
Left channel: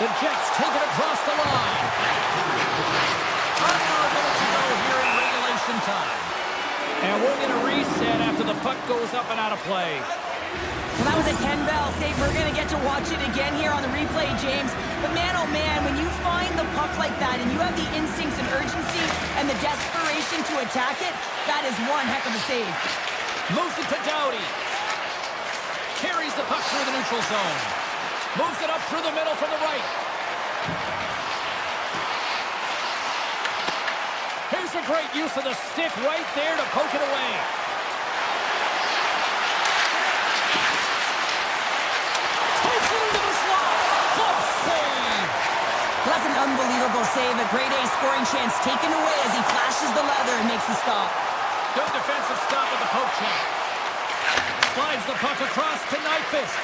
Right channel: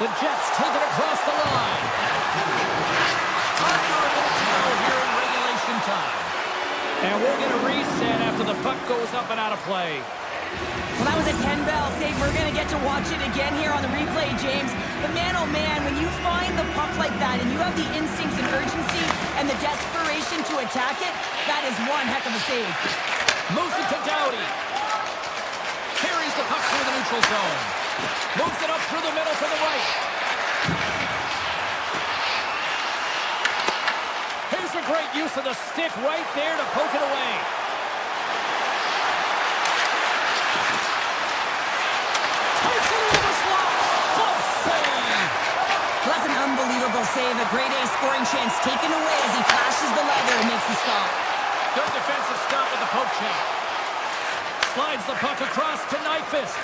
The Jets take it across the line. Under a minute to go here in regulation time. And we'll get a reset after the puck goes up and out of play. Well, that was a 10-bell save. We're going to get to watch it again here on the replay, James. But man, oh man, when you find the puck like that and you have the instincts and urgency and the desperation to attack it, that is one heck of a save. Moves it to Doughty. Carries the puck through the neutral zone. Moves it up through the middle from the right. Here's a great use of the stick right there to poke it away. Takes it into the slot. Glove save. Well, that's an unbelievable save. A grade A scoring chance taken away as he flashes the leather and makes the stop. Good defensive stop with the poke check. Slides the puck across to Nyquist.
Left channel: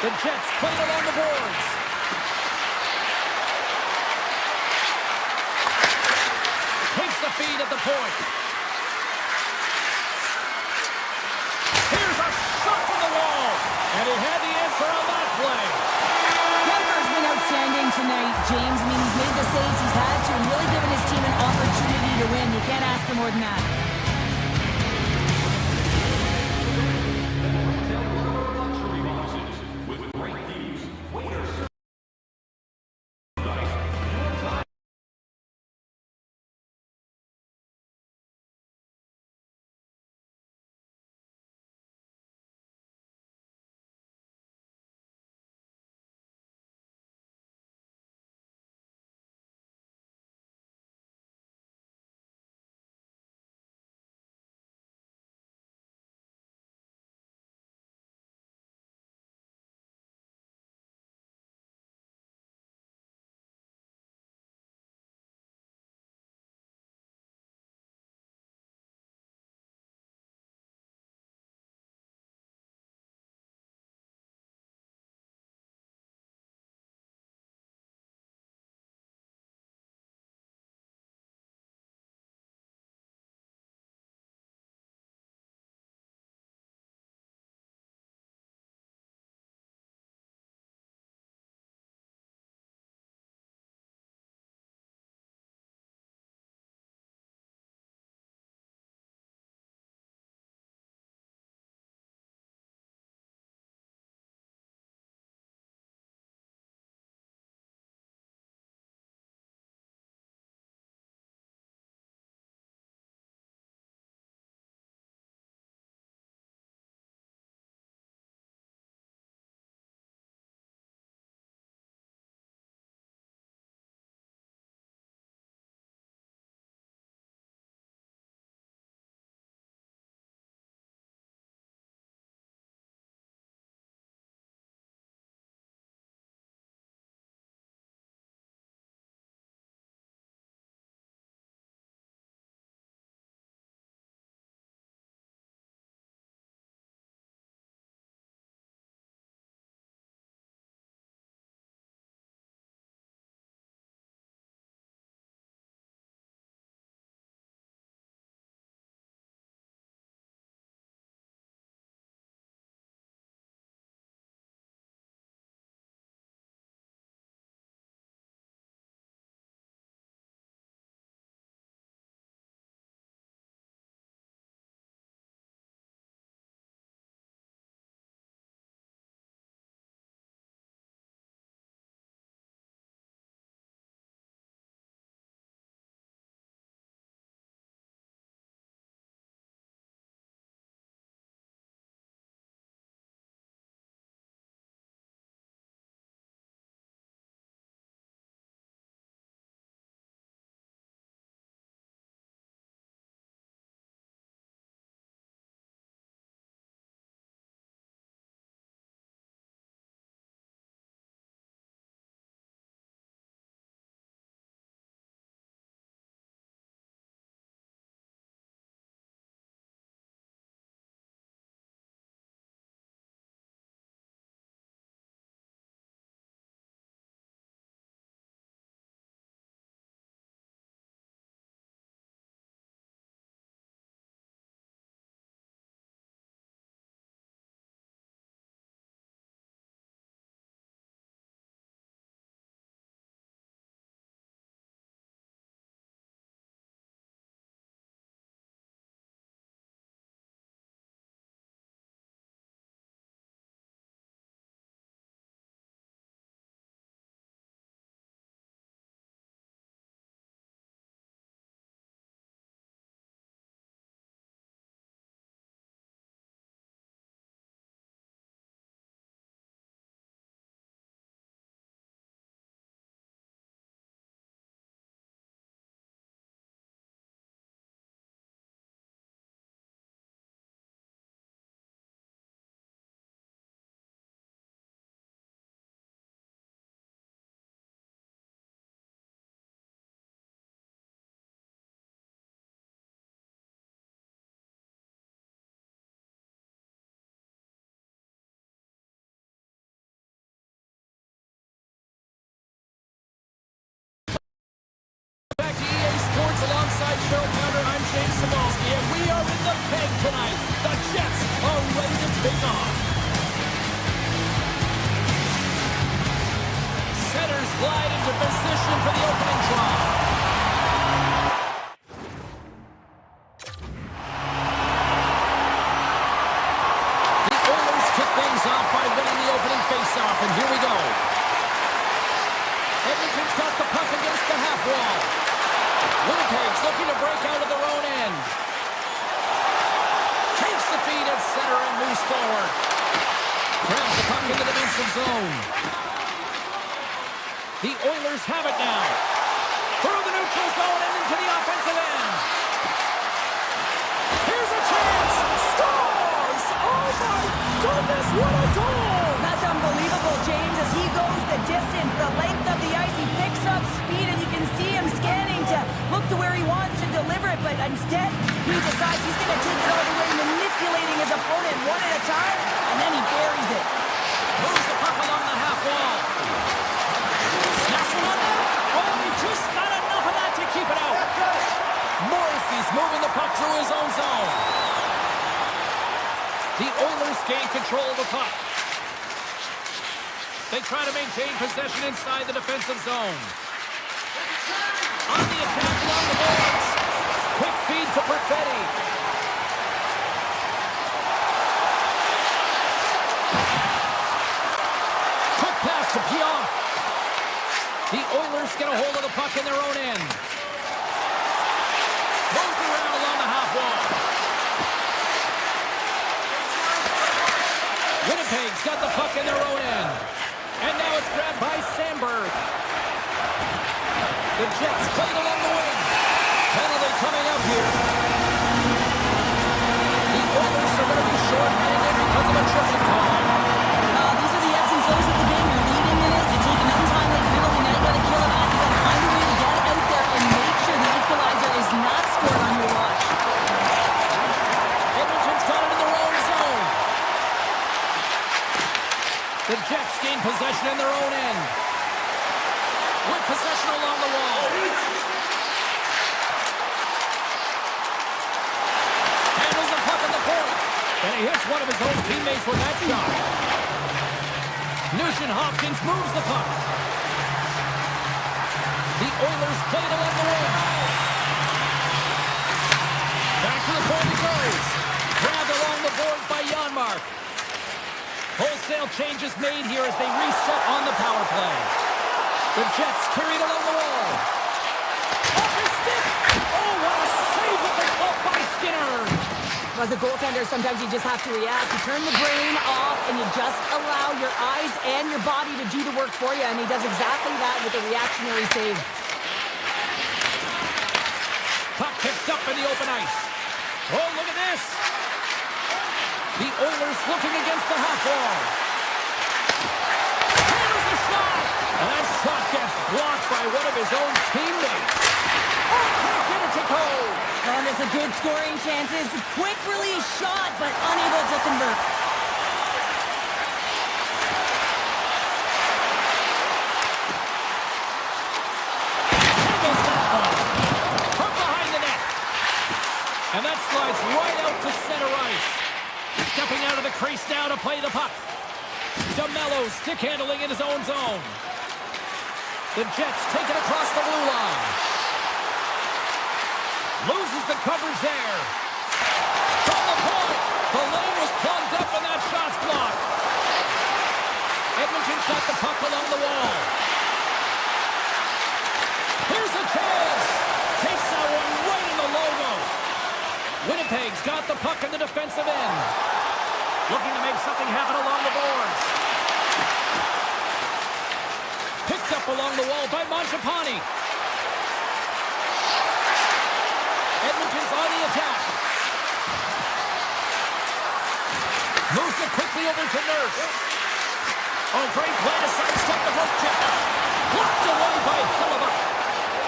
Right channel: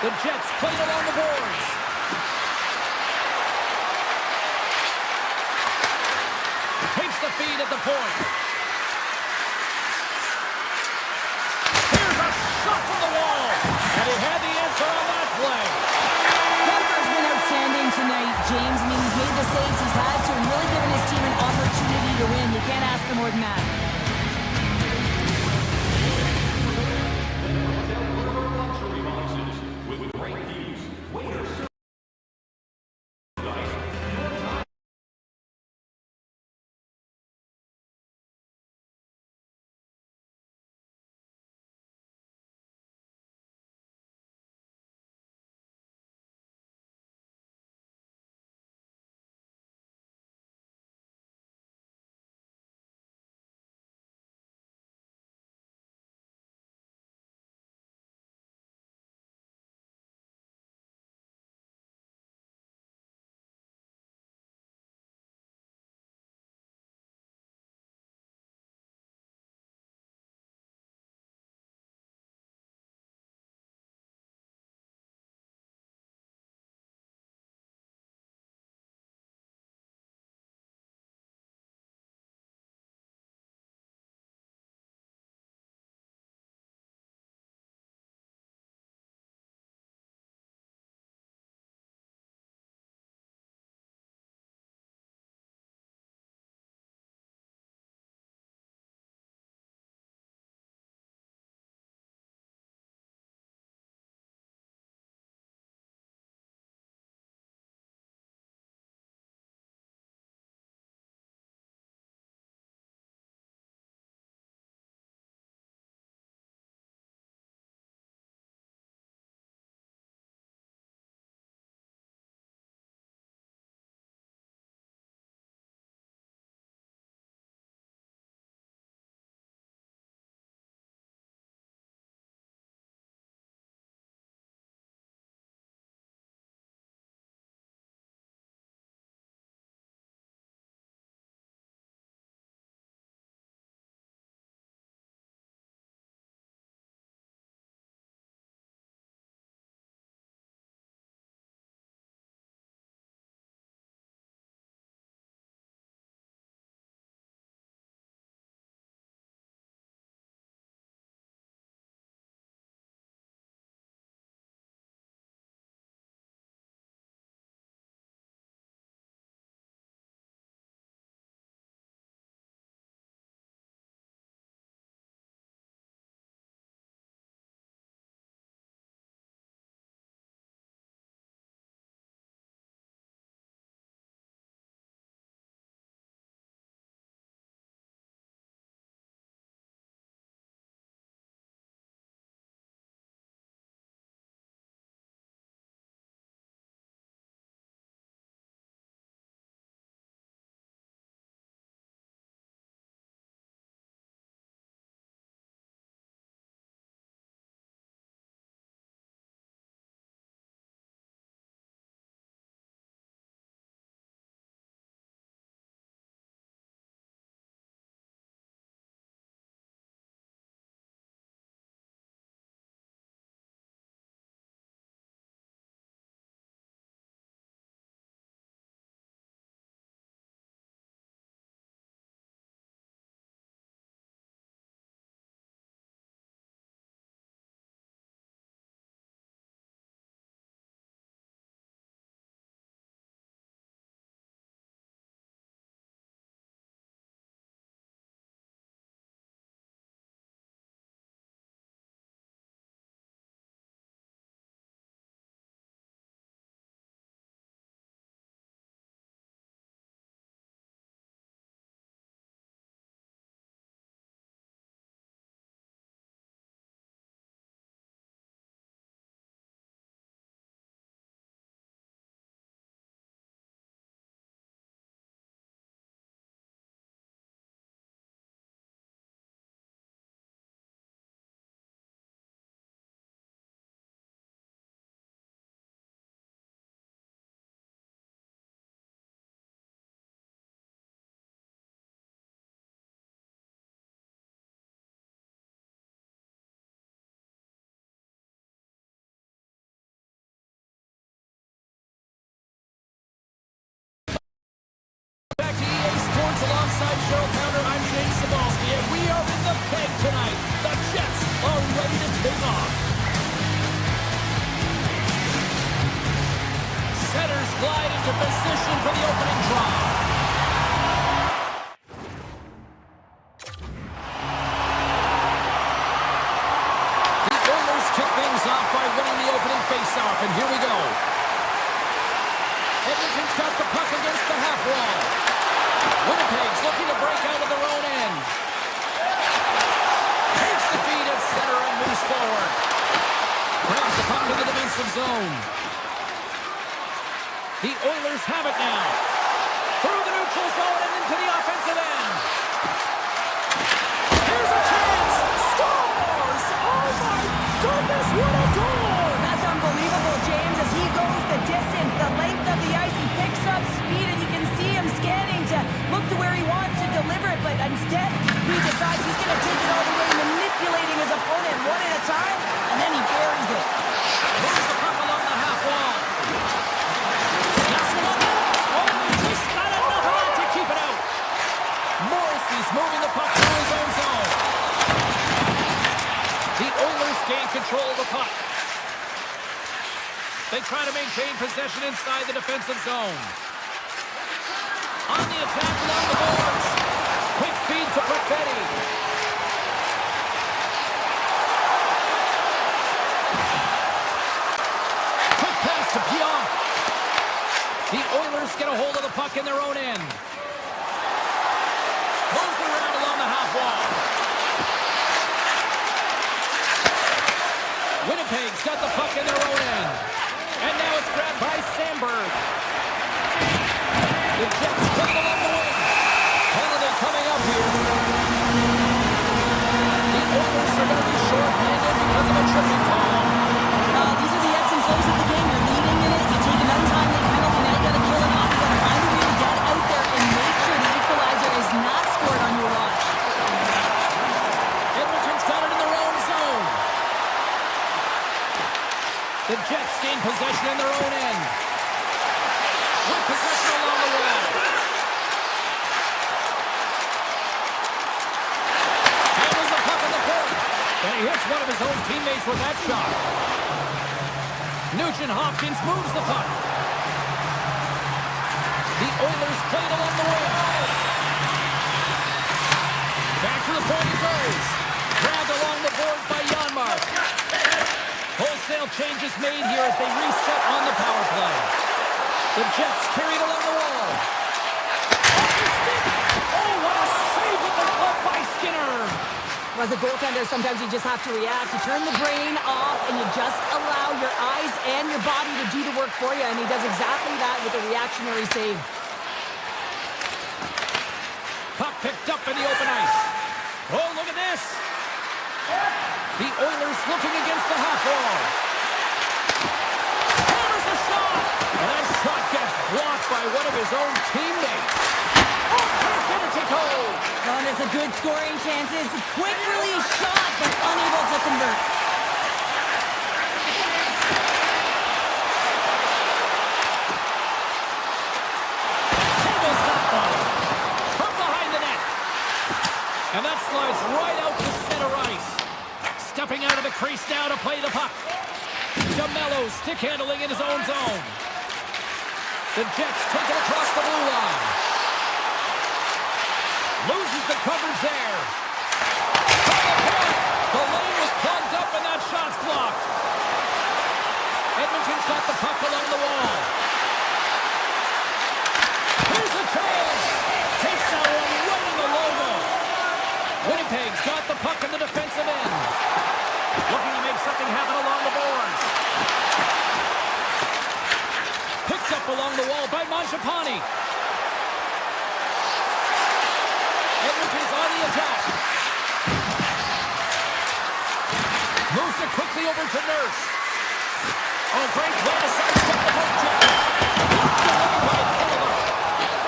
The Jets play it along the boards. Takes the feed at the point. he had the answer on that play. Kemper's been outstanding tonight, James. I mean, he's made the saves he's had to and really given his team an opportunity to win. You can't ask for more than that. With great views, waiters. Sports alongside Cheryl Pounder. I'm James Cybulski, and we are in the peg tonight. The Jets are ready to take off. Centers glide into position for the opening draw. The Oilers kick things off by winning the opening faceoff, and here we go. Edmonton's got the puck against the half wall. Winnipeg's looking to break out of their own end. Takes the feed at center and moves forward. Grabs the puck in the defensive zone. The Oilers have it now. Through the neutral zone and into the offensive end. Here's a chance. Scores! Oh my goodness, what a goal! That's unbelievable, James, as he goes the distance, the length of the ice. He picks up speed, and you can see him scanning to look to where he wants to deliver it, but instead, he decides he's going to take it all the way, manipulating his opponent one at a time, and then he buries it. Moves the puck along the half wall. Snaps one on net. Oh, and he just got enough of that to keep it out. Morrissey's moving the puck through his own zone. The Oilers gain control of the puck. They try to maintain possession inside the defensive zone. On the attack along the boards. Quick feed to Perfetti. Quick pass to Pionk. The Oilers get a hold of the puck in their own end. Moves around along the half wall. Winnipeg's got the puck in their own end. And now it's grabbed by Sandberg. The Jets playing along the wing. Penalty coming up here. The Oilers are going to be short-handed because of a tripping call. These are the ebbs and flows of the game. You're leading in it. You take an untimely penalty. Now you got to kill it off. You got to find a way to get out there and make sure the equalizer is not scored on your watch. Edmonton's got it in their own zone. The Jets gain possession in their own end. With possession along the wall. Handles the puck at the point. And he hits one of his own teammates with that shot. Nugent-Hopkins moves the puck. The Oilers play it along the wing. Back to the point he goes. Grabbed along the boards by Janmark. Wholesale changes made here as they reset on the power play. The Jets carried along the wall. Off his stick! Oh, what a save with the glove by Skinner! As a goaltender, sometimes you just have to react. You turn the brain off, and you just allow your eyes and your body to do the work for you, and he does exactly that with a reactionary save. Puck picked up in the open ice. Oh, look at this! The Oilers looking against the half wall. Hammers a shot! And that shot gets blocked by one of his own teammates. Oh, can't get it to go! Oh, there's a good scoring chances. Quick release shot, but unable to convert. Handles that one. From behind the net. And that slides right out to center ice. Stepping out of the crease now to play the puck. DeMello stick handling in his own zone. The Jets take it across the blue line. Loses the coverage there. From the point. The lane was plugged up and that shot's blocked. Edmonton's got the puck along the wall. Here's a chance. Takes that one right in the logo. Winnipeg's got the puck in the defensive end. Looking to make something happen along the boards. Picked up along the wall by Mangiapane. Edmonton's on the attack. Moves it quickly over to Nurse. Oh, great play to sidestep the poke check. Blocked away by Hellebuyck.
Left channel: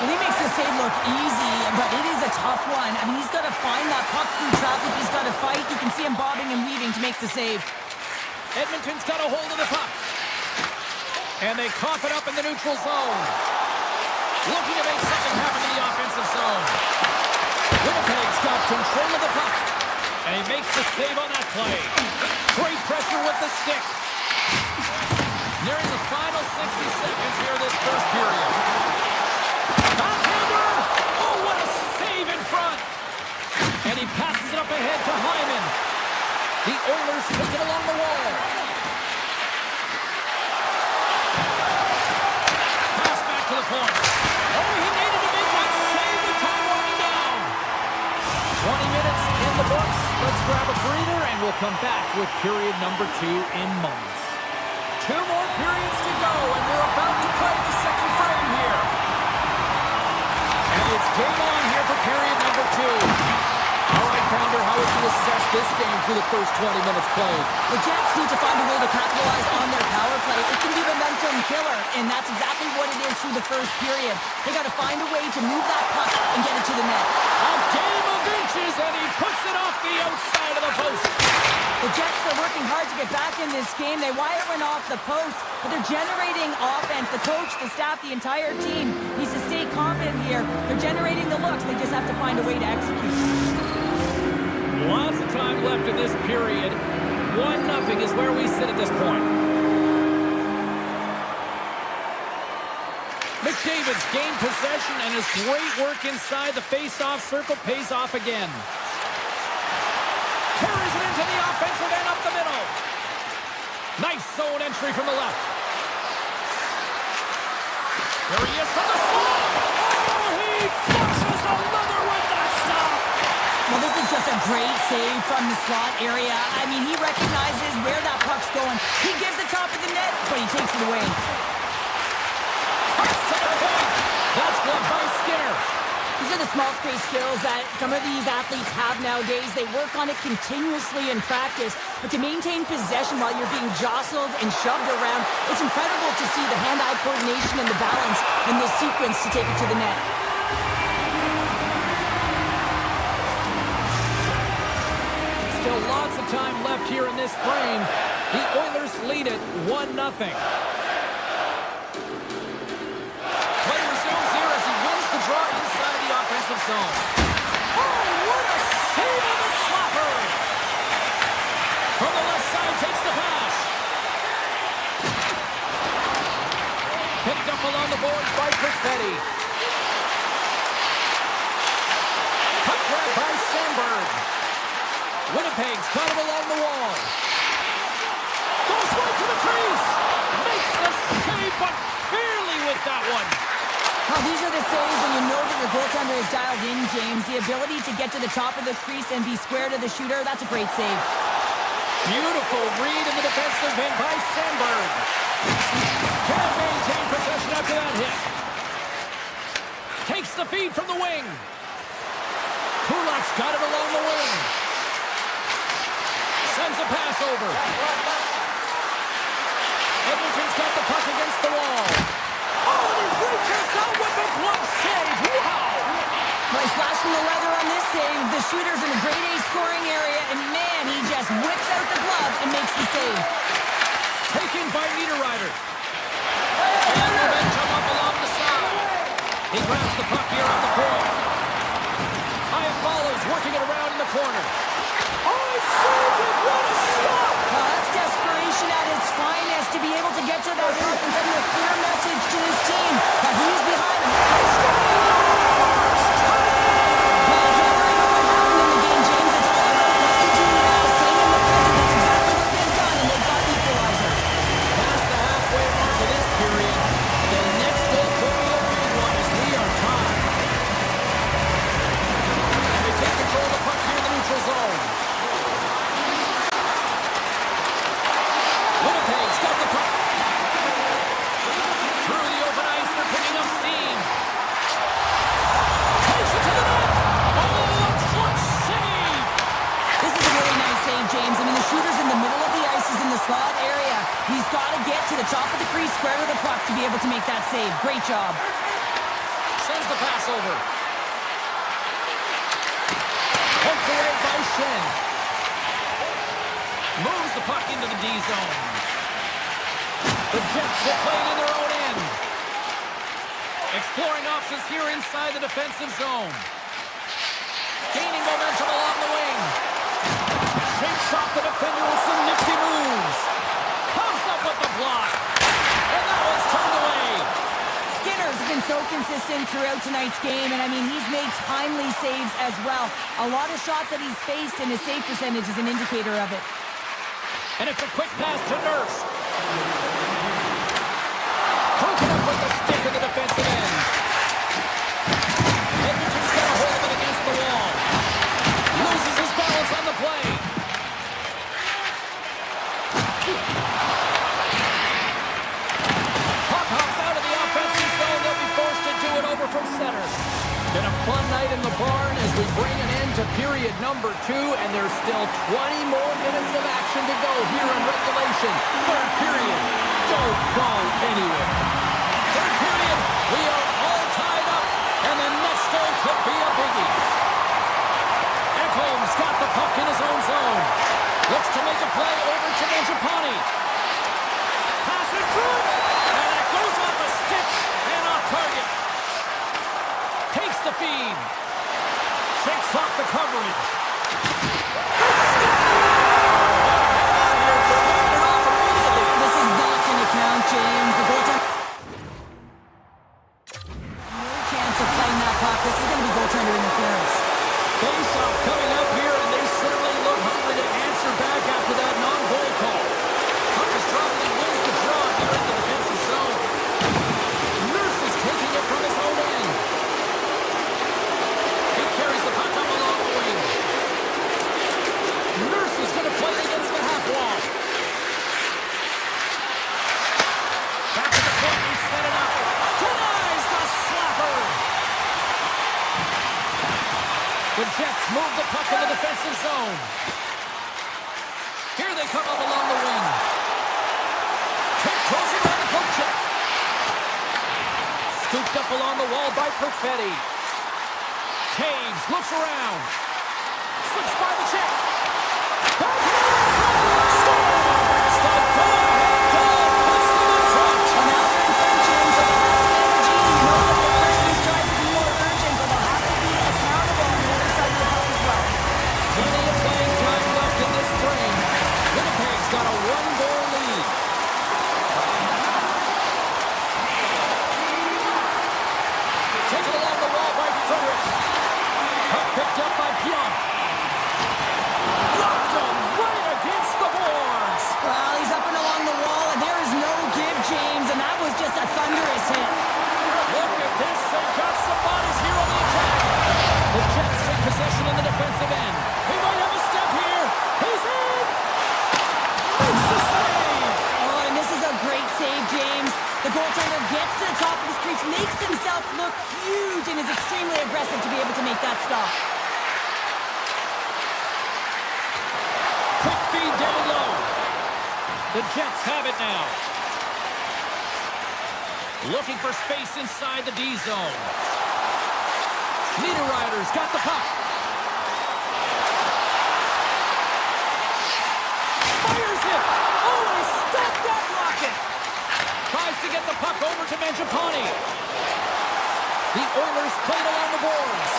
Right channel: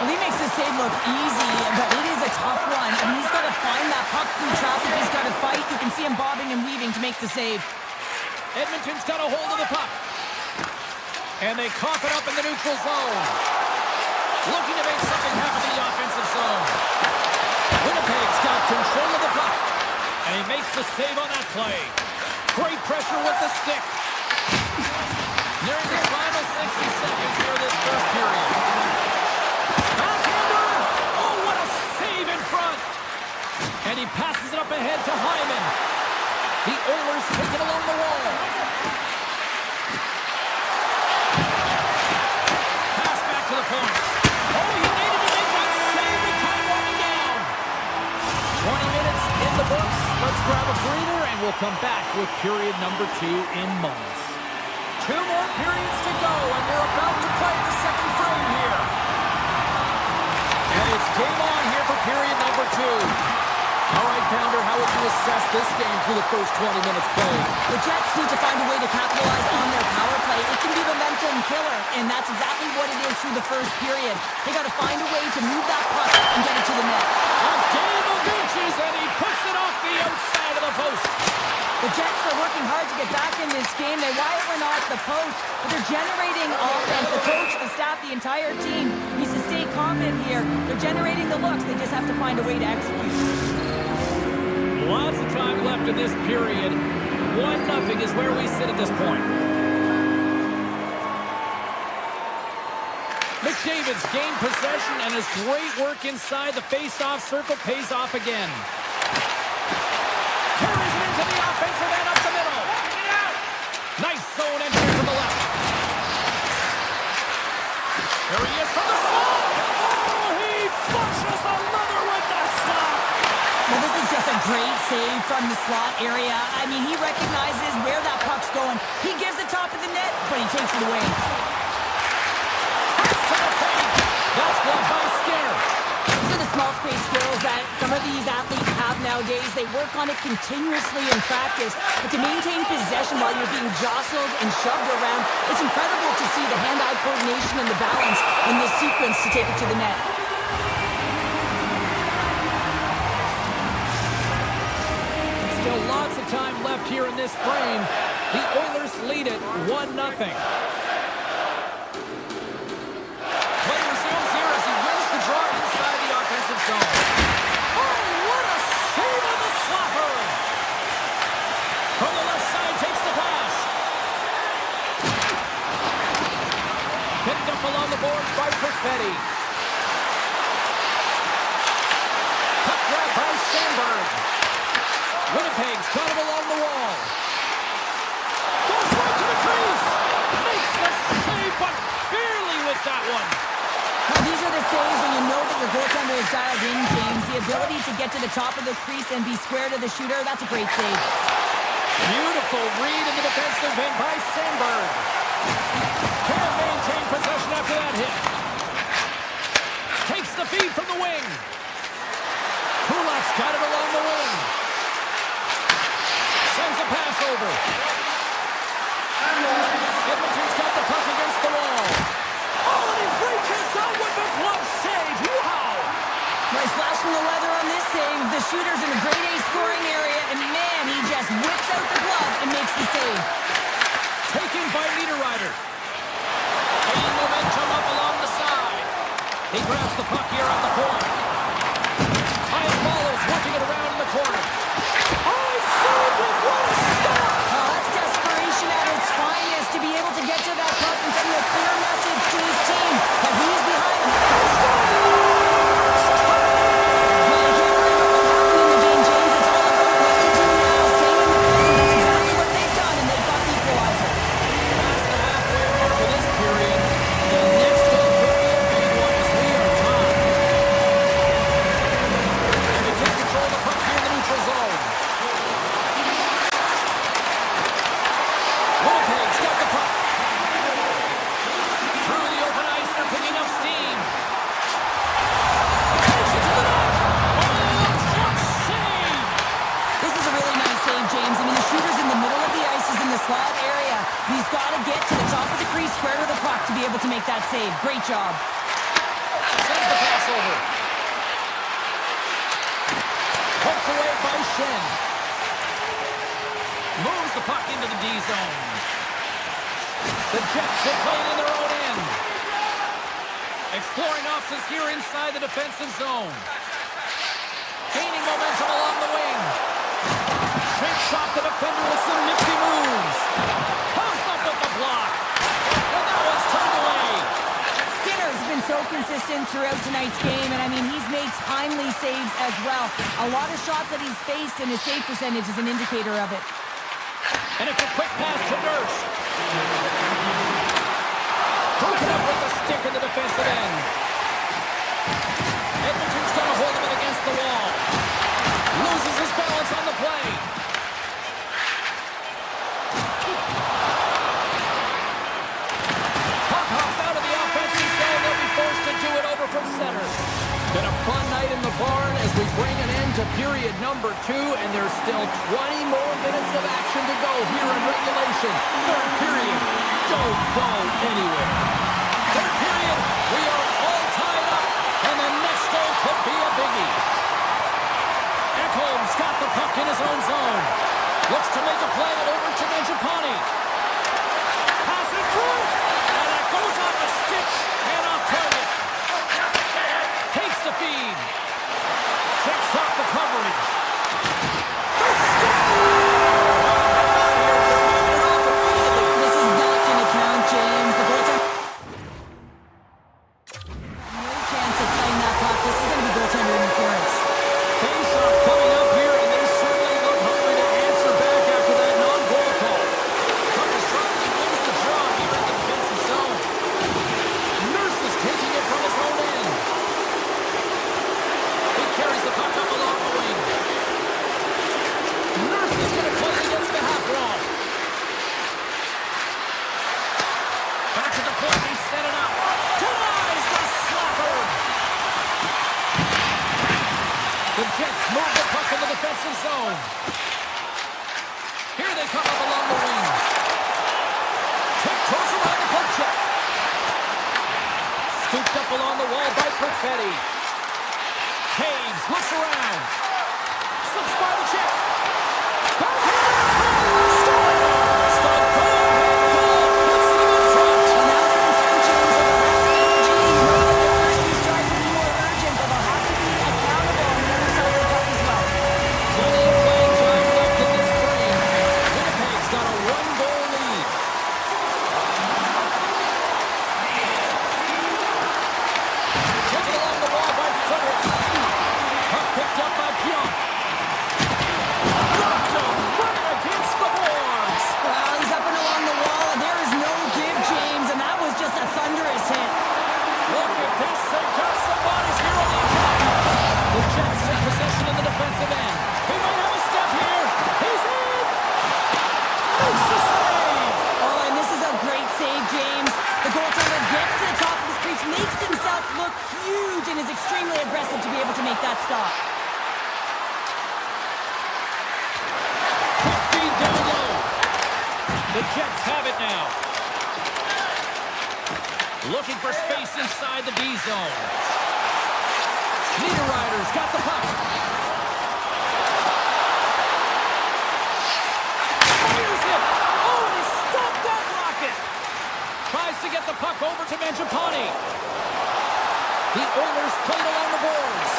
Well, he makes the save look easy, but it is a tough one. I mean, he's got to find that puck through traffic. He's got to fight. You can see him bobbing and weaving to make the save. Edmonton's got a hold of the puck. And they cough it up in the neutral zone. Looking to make something happen in the offensive zone. Winnipeg's got control of the puck. And he makes the save on that play. Great pressure with the stick. Nearing the final 60 seconds here this first period. Backhander! Oh, what a save in front! And he passes it up ahead to Hyman. The Oilers take it along the wall. Pass back to the point. Oh, he needed to make that save with time winding down. 20 minutes in the books. Let's grab a breather, and we'll come back with period number 2 in moments. 2 more periods to go, and we're about to play the second frame here. And it's game on here for period number 2. All right, Pounder, how would you assess this game through the first 20 minutes played? The Jets need to find a way to capitalize on their power play. It can be a momentum killer, and that's exactly what it is through the first period. They got to find a way to move that puck and get it to the net. A game of inches, and he puts it off the outside of the post. The Jets are working hard to get back in this game. They wire one off the post, but they're generating offense. The coach, the staff, the entire team needs to stay confident here. They're generating the looks. They just have to find a way to execute. Lots of time left in this period. 1-0 is where we sit at this point. McDavid's gained possession, and his great work inside the face-off circle pays off again. Carries it into the offensive end up the middle. Nice zone entry from the left. Here he is from the slot. Oh, he flushes the leather with that stop. Well, this is just a great save from the slot area. I mean, he recognizes where that puck's going. He gives the top of the net, but he takes it away. Pass to the paint. That's blocked by Scare. These are the small space skills that some of these athletes have nowadays. They work on it continuously in practice, but to maintain possession while you're being jostled and shoved around, it's incredible to see the hand-eye coordination and the balance in this sequence to take it to the net. Still lots of time left here in this frame. The Oilers lead it 1-0. Play resumes here as he wins the draw inside the offensive zone. Oh, what a save on the slapper! From the left side, takes the pass. Picked up along the boards by Perfetti. Puck grab by Sandberg. Winnipeg's got him along the wall. Goes right to the crease. Makes the save, but barely with that one. Well, these are the saves when you know that your goaltender is dialed in, James. The ability to get to the top of the crease and be square to the shooter, that's a great save. Beautiful read in the defensive end by Sandberg. Can't maintain possession after that hit. Takes the feed from the wing. Kulak's got it along the wing. Sends a pass over. Edmonton's got the puck against the wall. Oh, and he reaches out with a glove save. Wow! Nice flash from the leather on this save. The shooter's in a grade A scoring area, and man, he just whips out the glove and makes the save. Taken by Niederreiter. And momentum up along the side. He grabs the puck here on the point. Hyatt follows, working it around in the corner. Oh, he saved it! What a stop! That's desperation at its finest, to be able to get to that puck and send a clear message to his team that he's behind him. He scores! Well, you can't worry about what happened in the game, James. It's all about what you do now. Staying in the present. That's exactly what they've done, and they've got the equalizer. Past the halfway mark of this period. The next goal could be a big one as we are tied. And they take control of the puck here in the neutral zone. Winnipeg's got the puck. Through the open ice, they're picking up steam. Takes it to the net. Oh, a clutch save. This is a really nice save, James. I mean, the shooter's in the middle of the ice. He's in the slot area. He's got to get to the top of the crease, square to the puck to be able to make that save. Great job. Sends the pass over. Poked away by Shen. Moves the puck into the D zone. The Jets will play it in their own end. Exploring options here inside the defensive zone. Gaining momentum along the wing. Shakes off the defender with some nifty moves. Comes up with the block. And that one's turned away. Skinner's been so consistent throughout tonight's game, and I mean, he's made timely saves as well. A lot of shots that he's faced, and his save percentage is an indicator of it. And it's a quick pass to Nurse. Broken up with the stick in the defensive end. Edmonton's got a hold of it against the wall. Loses his balance on the play. Puck hops out of the offensive zone. They'll be forced to do it over from center. Been a fun night in the barn as we bring an end to period number 2, and there's still 20 more minutes of action to go here in regulation. Third period, don't go anywhere. Third period, we are all tied up, and the next goal could be a biggie. Ekholm's got the puck in his own zone. Looks to make a play over to Mangiapane. Pass in front, and that goes off a stick and off target. Takes the feed. Shakes off the coverage. Hang on here. They're leaving it off immediately. This is not going to count, James. The goaltender... No chance of playing that puck. This is going to be goaltender interference. Face-off coming up here, and they certainly look hungry to answer back after that non-goal call. Puck is dropped, and he wins the draw here in the defensive zone. Nurse is taking it from his own end. He carries the puck up along the wing. Nurse is going to play against the half wall. Back to the point, he's set it up. Denies the slapper. The Jets move the puck in the defensive zone. Here they come up along the wing. Tiptoes around the poke check. Scooped up along the wall by Perfetti. Taves looks around. Slips by the check. Backhand in front. Scores! The go-ahead goal puts them in front. Well, now they're in front, James, so they'll have to be energy. You know that their first piece tries to be more urgent, but they'll have to be accountable on the other side of the puck as well. Plenty of playing time left in this frame. Winnipeg's got a 1-goal lead. Taken along the wall by Frederick. Puck picked up by Pionk. Rocked him right against the boards. Well, he's up and along the wall, and there is no give, James, and that was just a thunderous hit. Look at this. They've got some bodies here on the attack. The Jets take possession in the defensive end. He might have a step here. He's in. Makes the save. Oh, and this is a great save, James. The goaltender gets to the top of his crease, makes himself look huge, and is extremely aggressive to be able to make that stop. Quick feed down low. The Jets have it now. Looking for space inside the D zone. Niederreiter's got the puck. Fires it. Oh, and he stopped that rocket. Tries to get the puck over to Mangiapane. The Oilers played along the boards.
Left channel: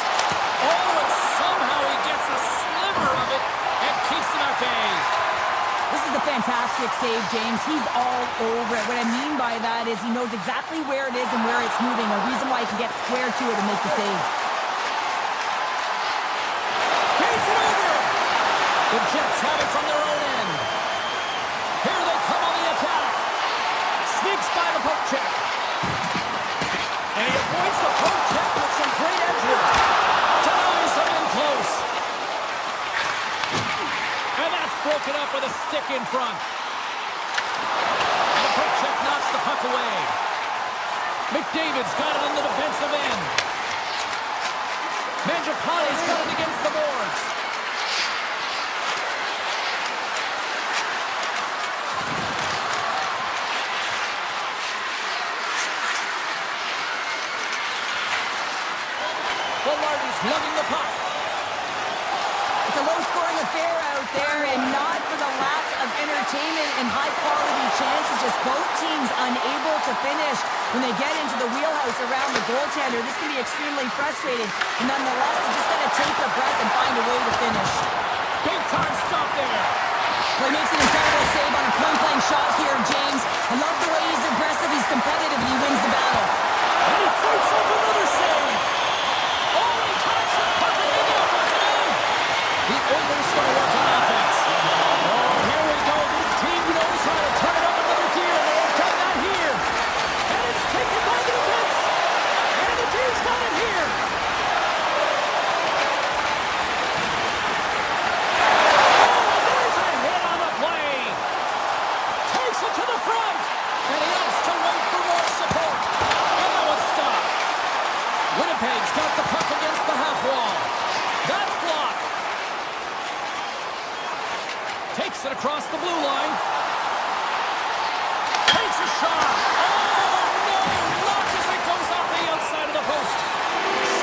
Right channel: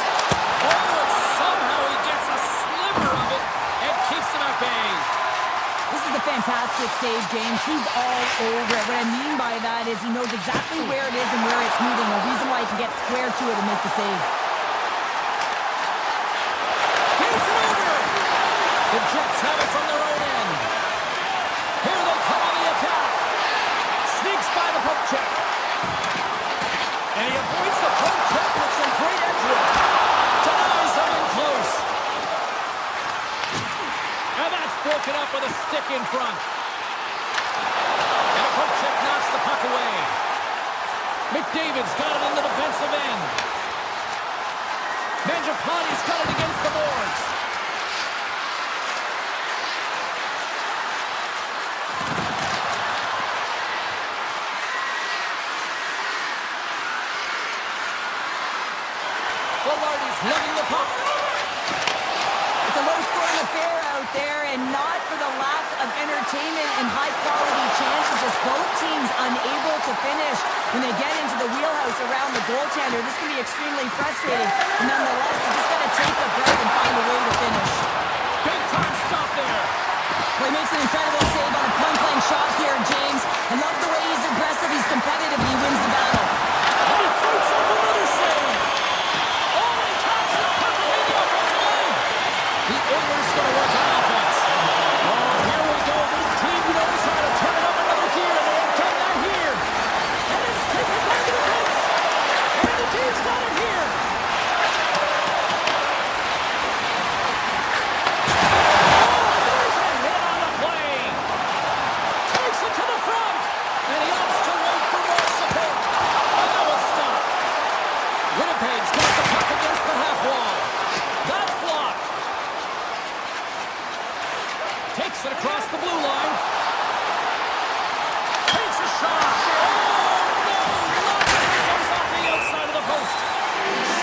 Oh, and somehow he gets a sliver of it and keeps them at bay. This is a fantastic save, James. He's all over it. What I mean by that is he knows exactly where it is and where it's moving, a reason why he can get square to it and make the save. Paints it over! The Jets have it from their own end. Here they come on the attack. Sneaks by the poke check. And he avoids the poke check with some great edge work. Denies them in close. And that's broken up with a stick in front. And a poke check knocks the puck away. McDavid's got it in the defensive end. Mangiapane's got it against the boards. Velarde's lugging the puck. It's a low-scoring affair out there, and not for the lack of entertainment and high-quality chances. Just both teams unable to finish when they get into the wheelhouse around the goaltender. This can be extremely frustrating. And nonetheless, they just got to take a breath and find a way to finish. Big time stop there. Well, he makes an incredible save on a point-blank shot here, James. I love the way he's aggressive, he's competitive, and he wins the battle. And he fights off another save. Oh, he tracks it perfectly in the offensive end. The Oilers going to work on offense. Oh, here we go. This team knows how to turn it up another gear, and they have done that here. And it's taken by the defense. And the team's got it here. Oh, and there's a hit on the play. Takes it to the front. And he opts to wait for more support. And that was stopped. Winnipeg's got the puck against the half wall. That's blocked. Takes it across the blue line. Takes a shot. Oh, no. Launches it, goes off the outside of the post.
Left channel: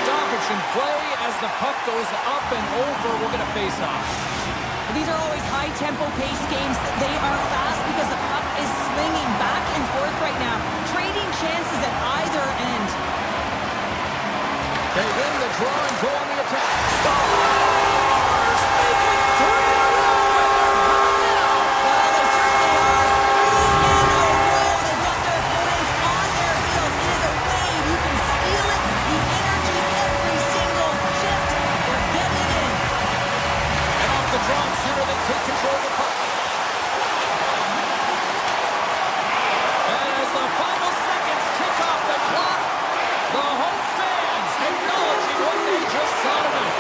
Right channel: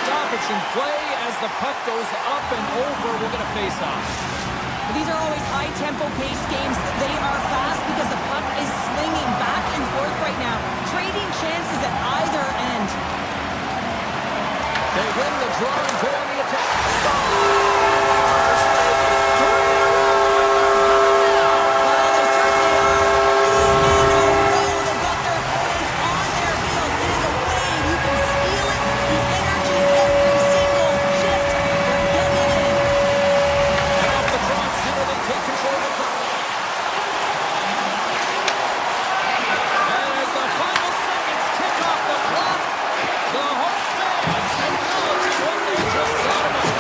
Stoppage in play as the puck goes up and over. We'll get a face-off. These are always high-tempo pace games. They are fast because the puck is slinging back and forth right now, trading chances at either end. They win the draw and go on the attack. Stars make it 3 in a row, and they're coming now. Well, they certainly are. 3 in a row. They've got their opponents on their heels. It is a wave. You can feel it. The energy every single shift. They're getting in. And off the draw center, they take control of the puck. And as the final seconds tick off the clock, the home fans acknowledging what they just saw tonight.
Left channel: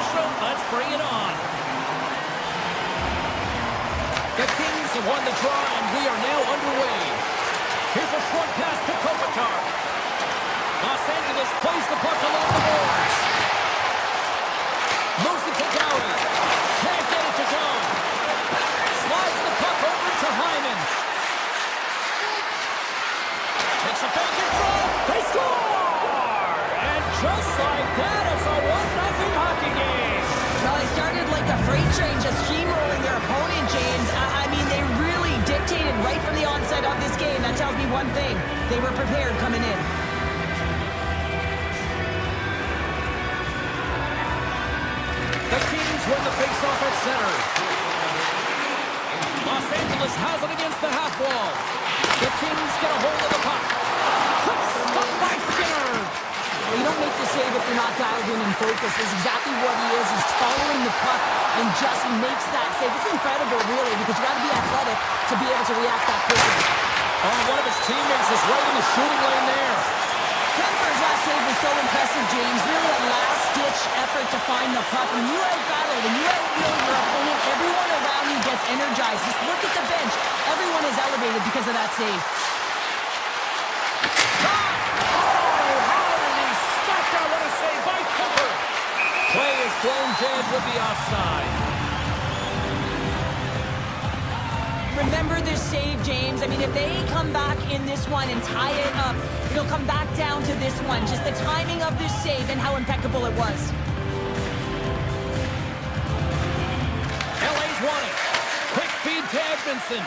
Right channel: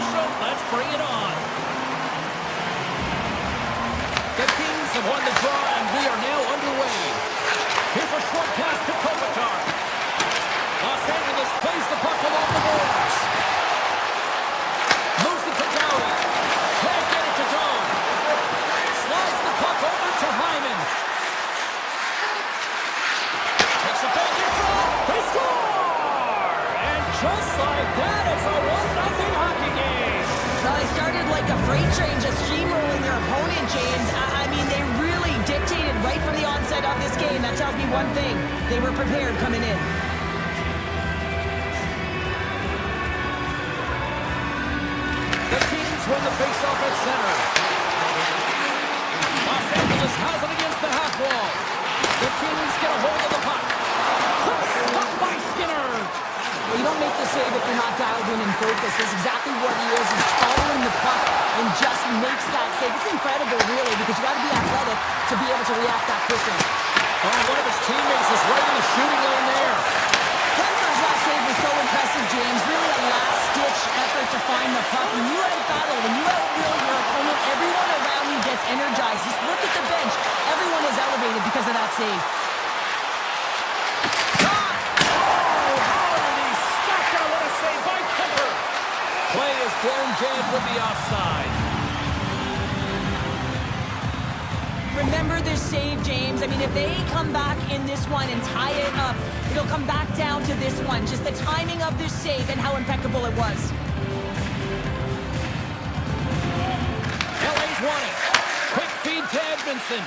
official. Let's bring it on. The Kings have won the draw, and we are now underway. Here's a short pass to Kopitar. Los Angeles plays the puck along the boards. Moves it to Downey. Can't get it to go. Slides the puck over to Hyman. Takes it back in front. They score! And just like that, it's a 1-0 hockey game. Well, they started like a freight train just steamrolling their opponent, James. I mean, they really dictated right from the onset of this game. That tells me one thing. They were prepared coming in. The Kings win the faceoff at center. Los Angeles has it against the half wall. The Kings get a hold of the puck. Quick stop by Skinner. Well, you don't make the save if you're not dialed in and focused. That's exactly what he is. He's following the puck and just makes that save. It's incredible, really, because you got to be athletic to be able to react that quickly. Oh, one of his teammates is right in the shooting lane there. Kemper's last save was so impressive, James. Really a last-ditch effort to find the puck. When you out-battle, when you out-will your opponent, everyone around you gets energized. Just look at the bench. Everyone is elevated because of that save. Shot! Oh, how did he stop that? What a save by Kemper. Play is blown dead with the offside. Remember this save, James. I mean, if they come back in this one and tie it up, it'll come back down to this one. Just the timing of this save and how impeccable it was. LA's won it. Quick feed to Edmondson.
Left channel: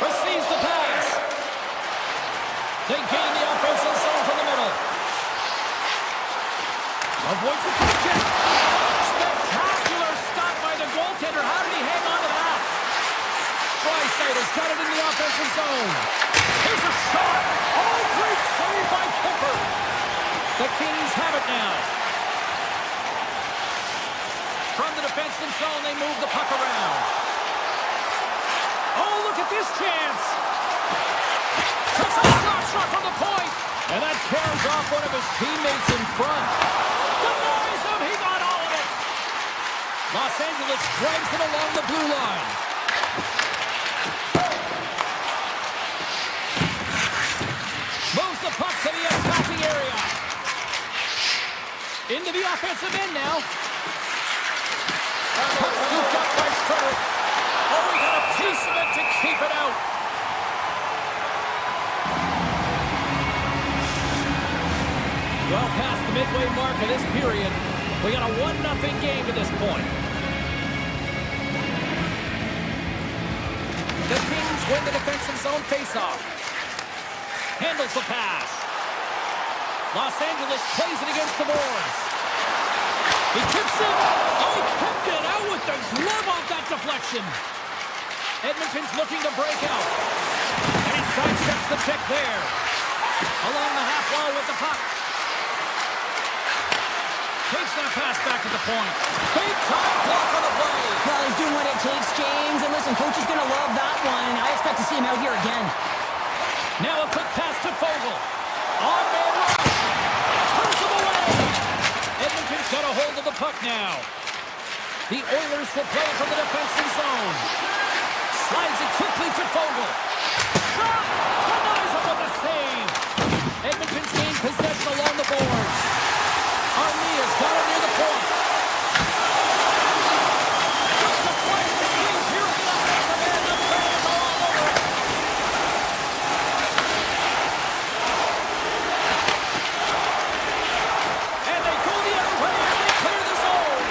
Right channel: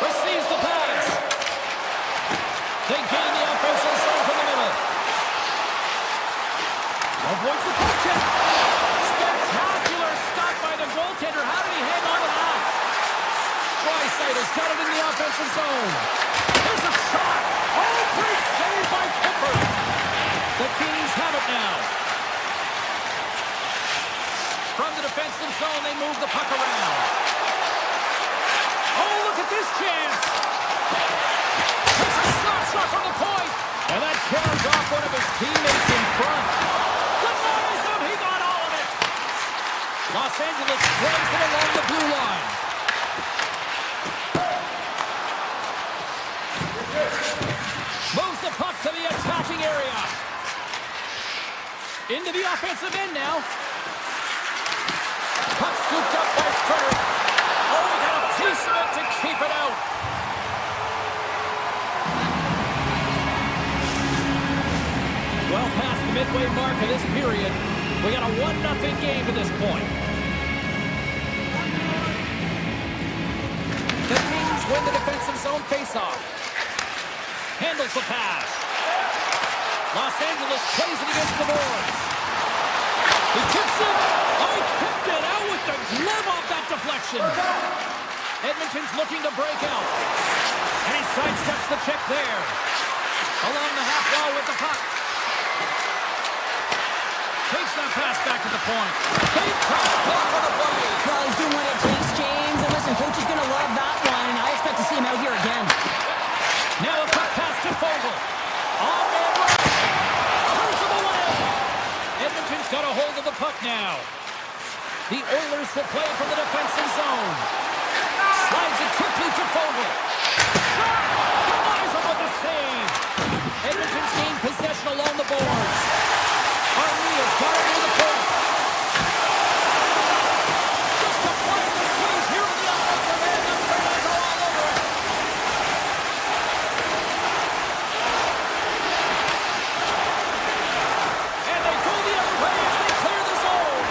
Receives the pass. They gain the offensive zone from the middle. Avoids the puck check. Spectacular stop by the goaltender. How did he hang on to that? Draisaitl got it in the offensive zone. Here's a shot. Oh, great save by Kemper. The Kings have it now. From the defensive zone, they move the puck around. Oh, look at this chance. Takes a slap shot from the point. And that carries off one of his teammates in front. Denies him. He got all of it. Los Angeles drags it along the blue line. Moves the puck to the attacking area. Into the offensive end now. Puck scooped up by Frederick. Oh, he got a piece of it to keep it out. Well past the midway mark of this period. We got a 1-0 game to this point. The Kings win the defensive zone faceoff. Handles the pass. Los Angeles plays it against the boards. He tips it. Oh, he kicked it out with the glove off that deflection. Edmonton's looking to break out. And he sidesteps the check there. Along the half wall with the puck. Takes that pass back to the point. Big time block on the play. Well, he's doing what it takes, James. And listen, coach is going to love that one. I expect to see him out here again. Now a quick pass to Fogle. On man rush. Turns him away. Edmonton's got a hold of the puck now. The Oilers will play it from the defensive zone. Slides it quickly to Fogle. Shot! Denies him with the save. Edmonton's gained possession along the boards. Armia's got it near the point. Just a play to squeeze here in the offensive end. The fans are all over it. And they go the other way as they clear the zone.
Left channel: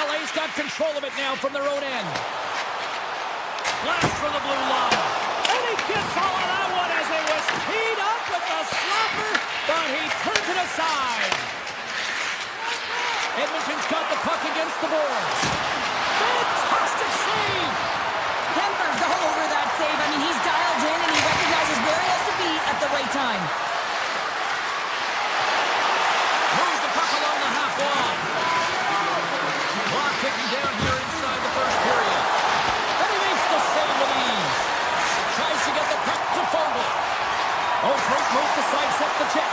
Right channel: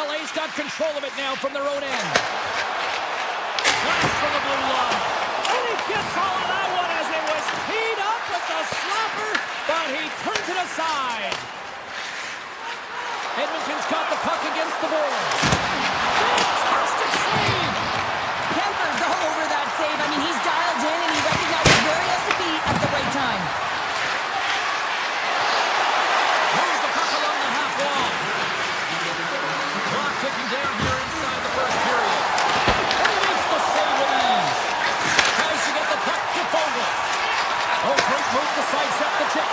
LA's got control of it now from their own end. Blast from the blue line. And he gets all of that one as it was teed up with the slapper, but he turns it aside. Edmonton's got the puck against the boards. Fantastic save! Kemper's all over that save. I mean, he's dialed in and he recognizes where he has to be at the right time. Moves the puck along the half wall. Clock ticking down here inside the first period. And he makes the save with ease. Tries to get the puck to Fogle. Oh, great move to sidestep the check.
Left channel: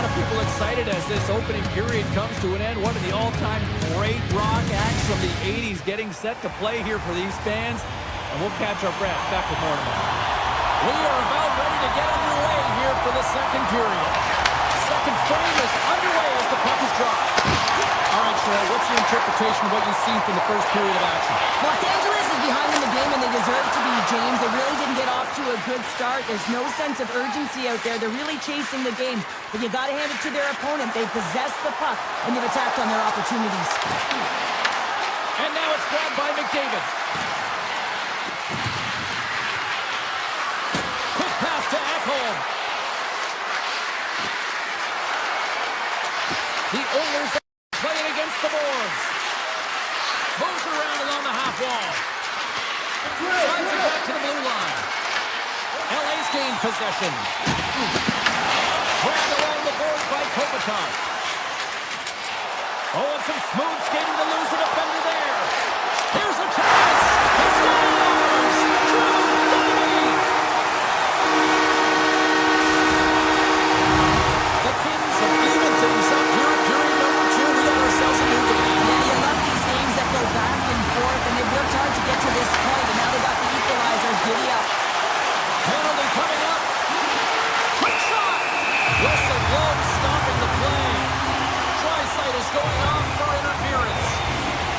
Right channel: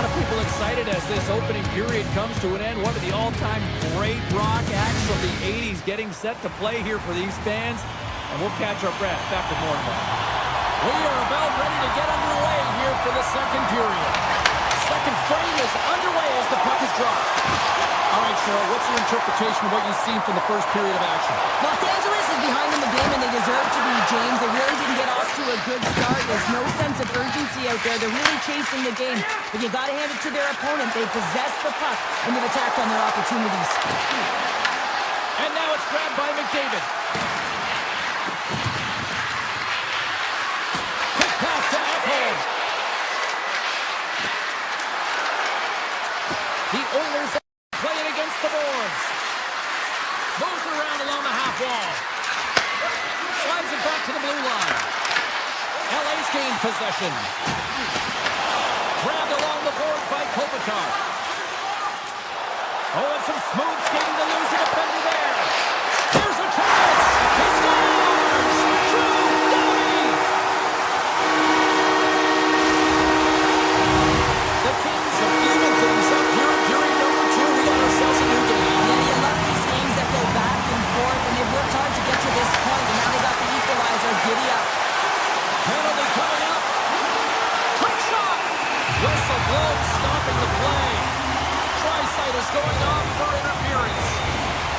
lot of people excited as this opening period comes to an end. One of the all-time great rock acts from the 80s getting set to play here for these fans. And we'll catch our breath. Back with more tomorrow. We are about ready to get underway here for the second period. Second frame is underway as the puck is dropped. All right, Cheryl, what's your interpretation of what you've seen from the first period of action? Los Angeles is behind in the game, and they deserve to be, James. They really didn't get off to a good start. There's no sense of urgency out there. They're really chasing the game. But you got to hand it to their opponent. They possess the puck, and they've attacked on their opportunities. And now it's grabbed by McDavid. Quick pass to Ekholm. The Oilers playing against the boards. Moves around along the half wall. Slides it back to the blue line. LA's gained possession. Grabbed along the boards by Kopitar. Oh, and some smooth skating to lose a defender there. Here's a chance. He scores! Drew Doughty! The Kings have evened things up here in period number 2. We got ourselves a new game. Yeah, you love these games that go back and forth, and they've worked hard to get to this point, and now they got the equalizer. Giddy up. Penalty coming up. Quick shot. Whistle blown, stopping the play. Draisaitl is going off for interference.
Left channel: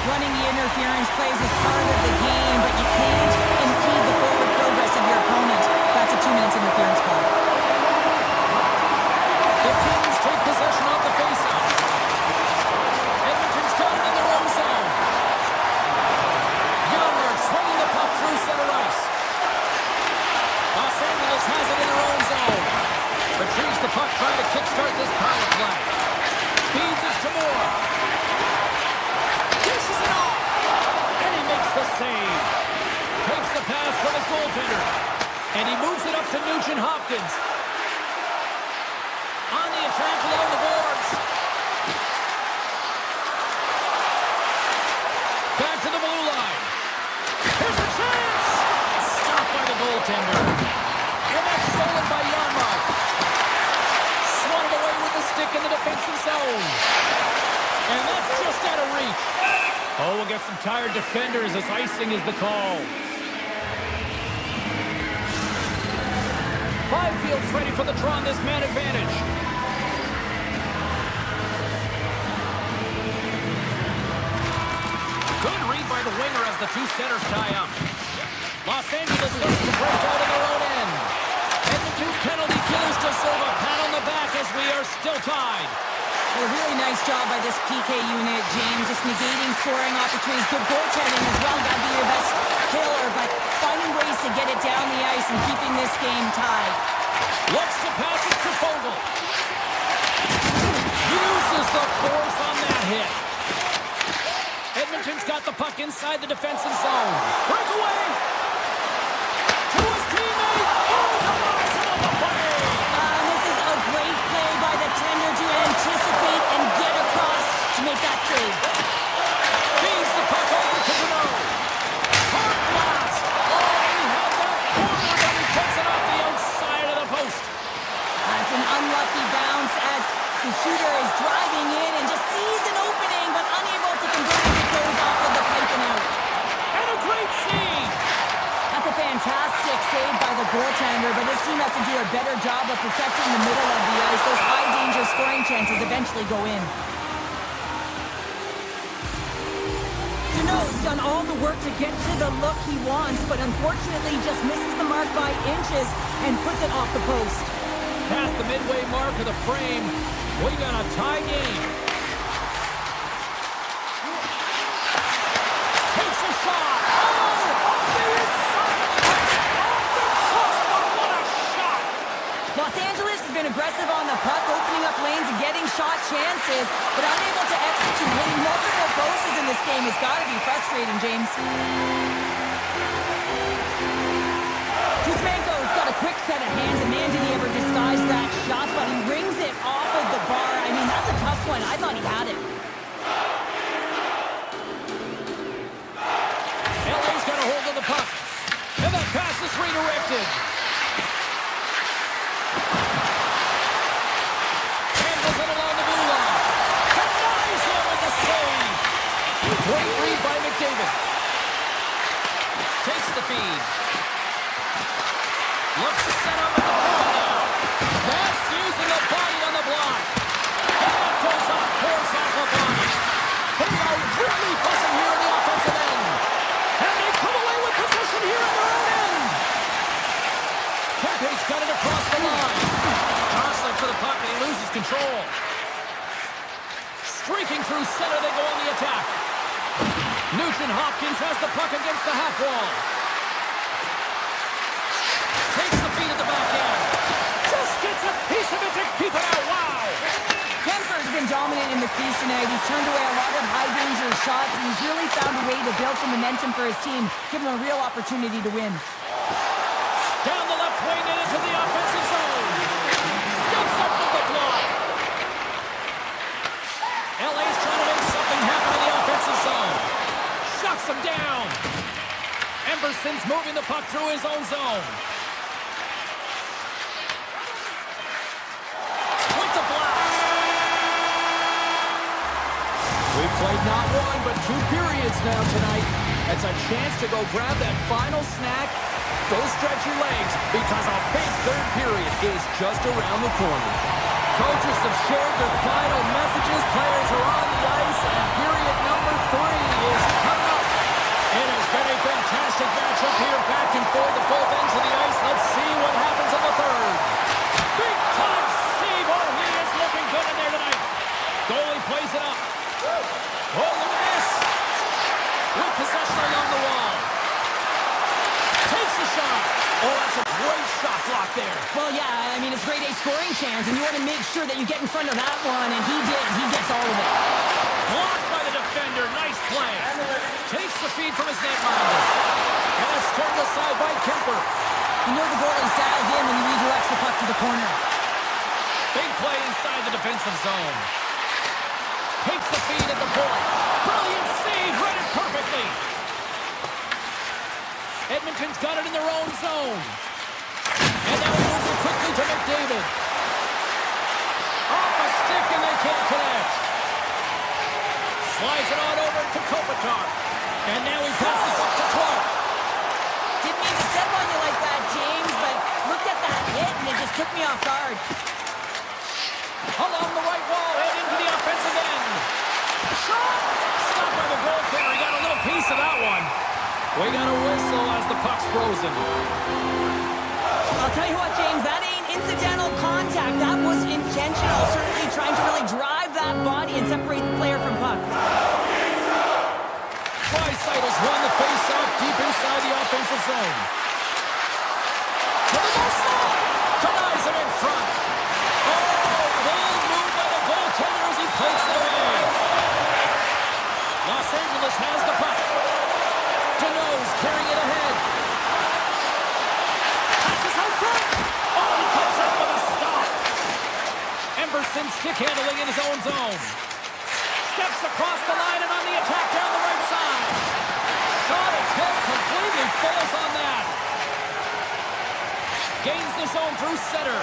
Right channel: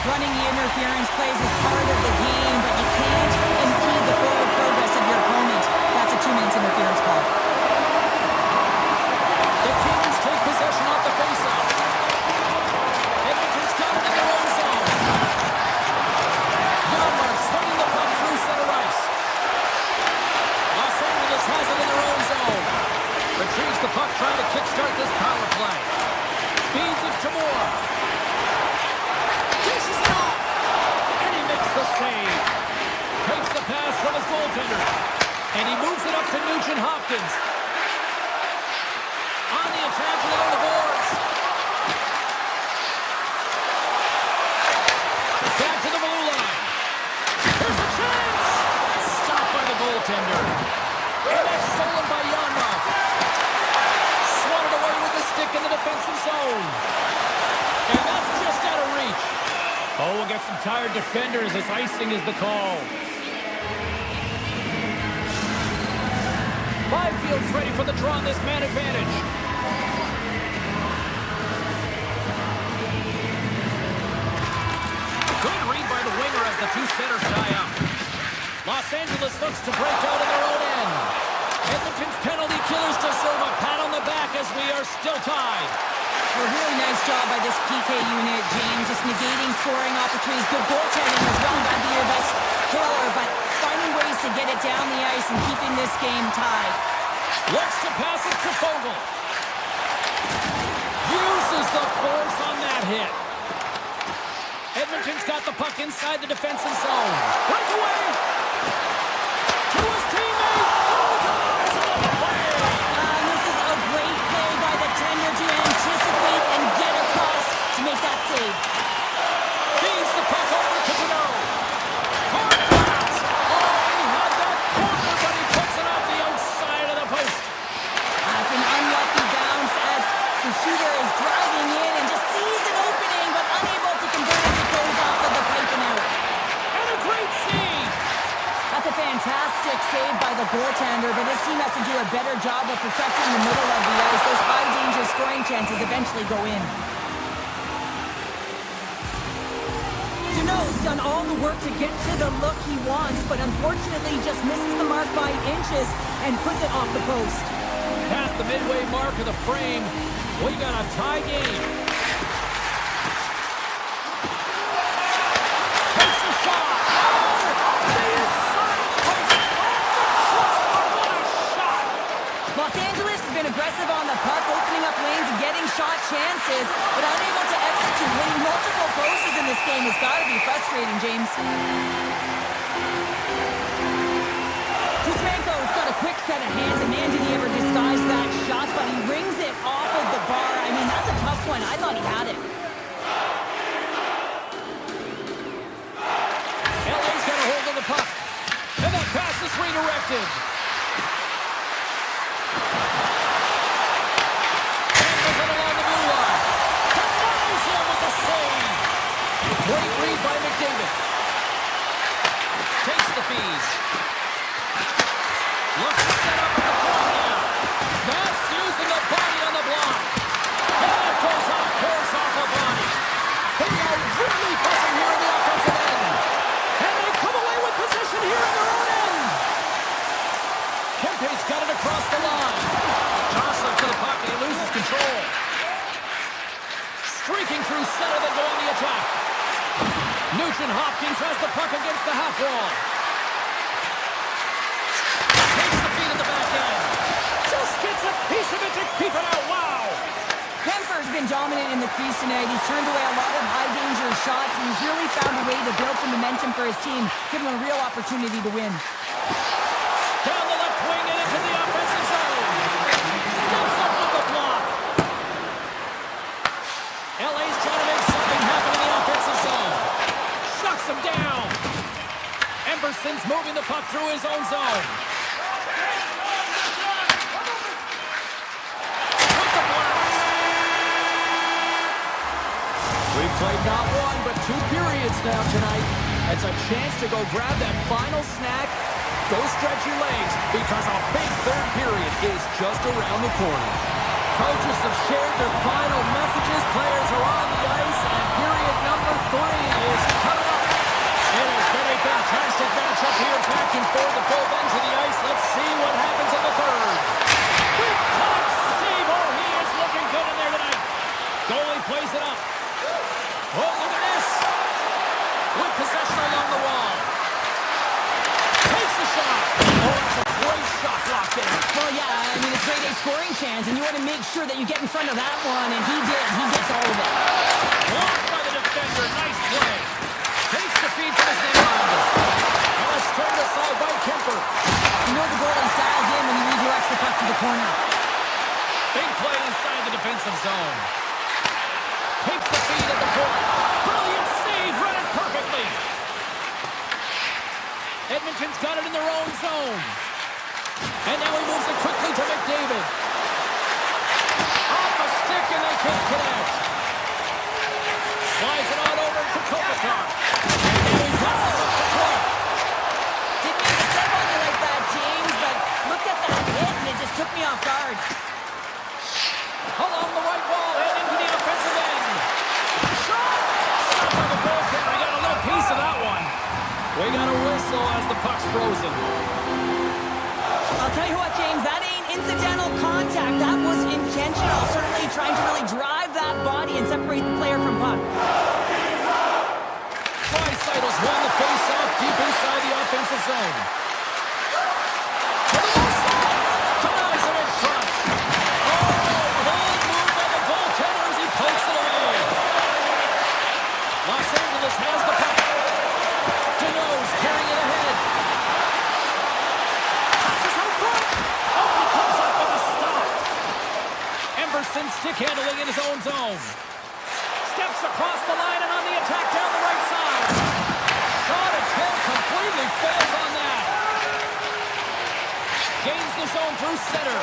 Running the interference plays is part of the game, but you can't impede the forward progress of your opponent. That's a 2-minute interference call. The Kings take possession off the faceoff. Edmonton's got it in their own zone. Janmark swinging the puck through center ice. Los Angeles has it in their own zone. Retrieves the puck, trying to kickstart this power play. Feeds it to Moore. Dishes it off. And he makes the save. Takes the pass from his goaltender. And he moves it up to Nugent Hopkins. On the attack along the boards. Back to the blue line. Here's a chance. Stopped by the goaltender. And that's stolen by Janmark. Swatted away with the stick in the defensive zone. And that's just out of reach. Oh, we'll get some tired defenders as icing is the call. Byfield's ready for the draw on this man advantage. Good read by the winger as the two centers tie up. Los Angeles looks to break out in their own end. Edmonton's penalty killers deserve a pat on the back as we are still tied. A really nice job by this PK unit, James. Just negating scoring opportunities. Good goaltending as well. Got to be your best killer, but finding ways to get it down the ice and keeping this game tied. Looks to pass it to Fogle. Uses the force on that hit. Edmonton's got the puck inside the defensive zone. Breakaway. To his teammate. Oh, denies him on the play. This is a great play by the tender to anticipate and get across to make that save. Feeds the puck over to Deneau. Hard blast. Oh, he had that corner, but he puts it off the outside of the post. It's an unlucky bounce as the shooter is driving in and just sees an opening, but unable to convert as it goes off of the pipe and out. And a great save. That's a fantastic save by the goaltender, but this team has to do a better job of protecting the middle of the ice. Those high-danger scoring chances eventually go in. Deneau's done all the work to get to the look he wants, but unfortunately just misses the mark by inches and puts it off the post. Past the midway mark of the frame, we got a tie game. Takes a shot. Oh, off the inside. Off the crossbar. What a shot. Los Angeles has been aggressive on the puck, opening up lanes and getting shot chances, but unable to execute. Hitting multiple posts in this game has got to be frustrating, James. Kuzmenko's got a quick set of hands, and man, did he ever disguise that shot, but he rings it off of the bar. I mean, that's a tough one. I thought he had it. LA's got a hold of the puck. And that pass is redirected. And the feed. Looks to set up at the point now. That's using the body on the block. And that goes off course off a body. They are really buzzing here in the offensive end. And they come away with possession here in their own end. Kempe's got it across the line. Jostling for the puck and he loses control. Streaking through center, they go on the attack. Nugent-Hopkins has the puck against the half wall. Takes the feed at the back end. Just gets a piece of it to keep it out. Wow! Kemper's been dominant in the crease tonight. He's turned away a lot of high-danger shots, and he's really found a way to build some momentum for his team, give him a real opportunity to win. Down the left wing and into the offensive zone. Steps up with the block. LA's trying to make something happen in the offensive zone. Shuts him down. Emberson's moving the puck through his own zone. With the blast. We've played not one, but 2 periods now tonight. It's a chance to go grab that final snack. Go stretch your legs, because a big third period is just around the corner. Coaches have shared their final messages. Players are on the ice, and period number 3 is coming up. It has been a fantastic matchup here, back and forth at both ends of the ice. Let's see what happens in the third. Big time save. Oh, he is looking good in there tonight. Goalie plays it up. Oh, look at this. With possession along the wall. Takes the shot. Oh, that's a great shot block there. Well, yeah, I mean, it's grade A scoring chance, and you want to make sure that you get in front of that one, and he did. He gets all of it. Blocked by the defender. Nice play. Takes the feed from his netminder. And it's turned aside by Kemper. You know the goalie's dialed in when he redirects the puck to the corner. Big play inside the defensive zone. Takes the feed at the point. Brilliant save. Read it perfectly. Edmonton's got it in their own zone. And now he moves it quickly to McDavid. Off a stick and they can't connect. Slides it on over to Kopitar. And now he passes up to Clark. Didn't mean to step on you like that, James, but looked at that hit and it just took me off guard. Along the right wall and into the offensive end. Shot! Stopped by the goaltender. He got a little piece of that one. We got a whistle as the puck's frozen. I'll tell you what, James, that ain't incidental contact. That was intentional. Certainly trying to really drive that body and separate the player from puck. Draisaitl's won the face-off deep inside the offensive zone. To the low slot. Denies him in front. Oh, bold move by the goaltender as he pokes it away. Los Angeles has the puck. Deneau's carrying it ahead. Passes out front. Oh, he comes up with a stop. Emberson stick handling in his own zone. Steps across the line and on the attack down the right side. Shot attempt completely fails on that. Gains the zone through center.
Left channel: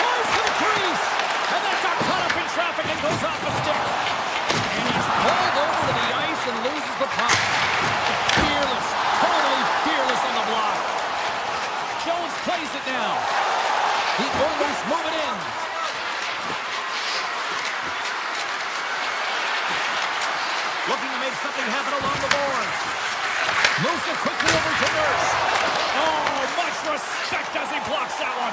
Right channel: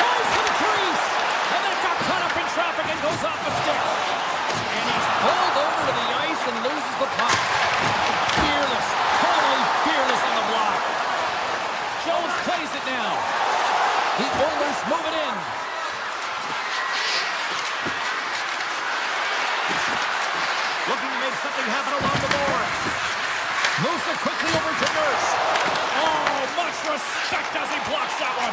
Flies to the crease. And that got caught up in traffic and goes off a stick. And he's pulled over to the ice and loses the puck. Fearless, totally fearless on the block. Jones plays it now. The Oilers move it in. Looking to make something happen along the boards. Moves it quickly over to Nurse. Oh, much respect as he blocks that one.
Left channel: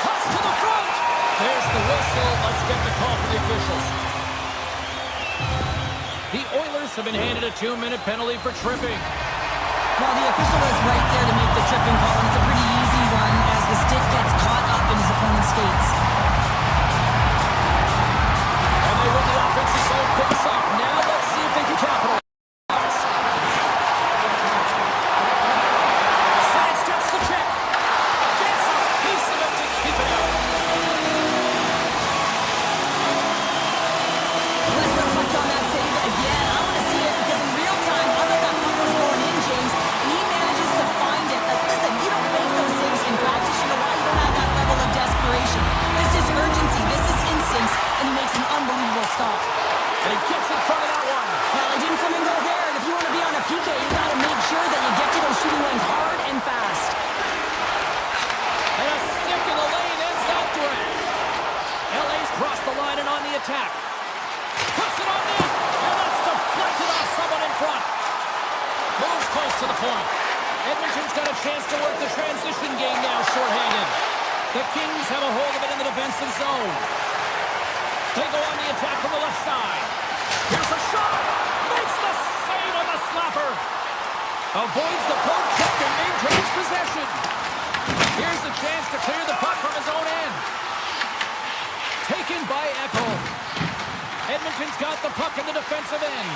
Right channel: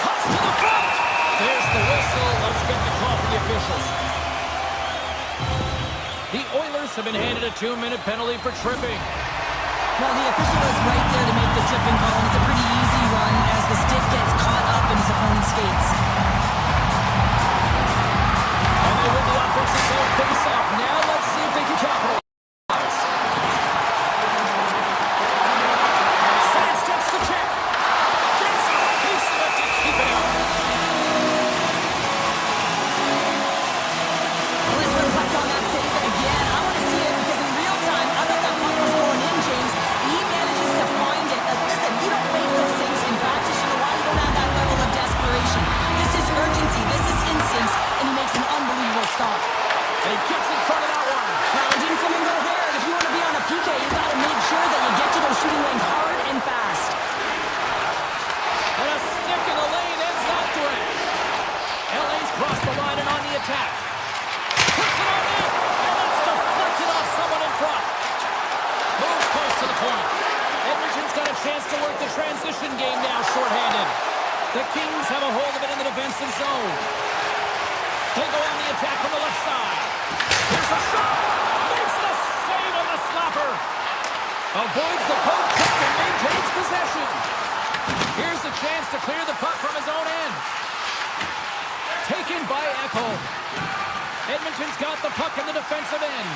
Cuts to the front. There's the whistle. Let's get the call from the officials. The Oilers have been handed a 2-minute penalty for tripping. Well, the official is right there to make the tripping call, and it's a pretty easy one as the stick gets caught up in his opponent's skates. And they win the offensive zone face-off. Now let's see if they can capitalize. Side steps to check. Gets a piece of it to keep it out. Let's reflect on that save again. I want to see it because in real time, I thought that puck was going in, James. He manages to find it. Listen, you don't make those saves in practice. You know why? You don't have that level of desperation. This is urgency. This is instincts. And he makes an unbelievable stop. And he gets in front of that play, you got to make sure that you get to those shooting lanes hard and fast. And a stick in the lane ends that threat. LA's crossed the line and on the attack. Puts it on net, and that's deflected off someone in front. Moves close to the point. Edmonton's got a chance to work the transition game now, shorthanded. The Kings have a hold of it in the defensive zone. They go on the attack from the left side. Here's a shot. Makes the save on the slapper. Avoids the poke check and maintains possession. Here's the chance to clear the puck from his own end. Taken by Ekholm. Edmonton's got the puck in the defensive end.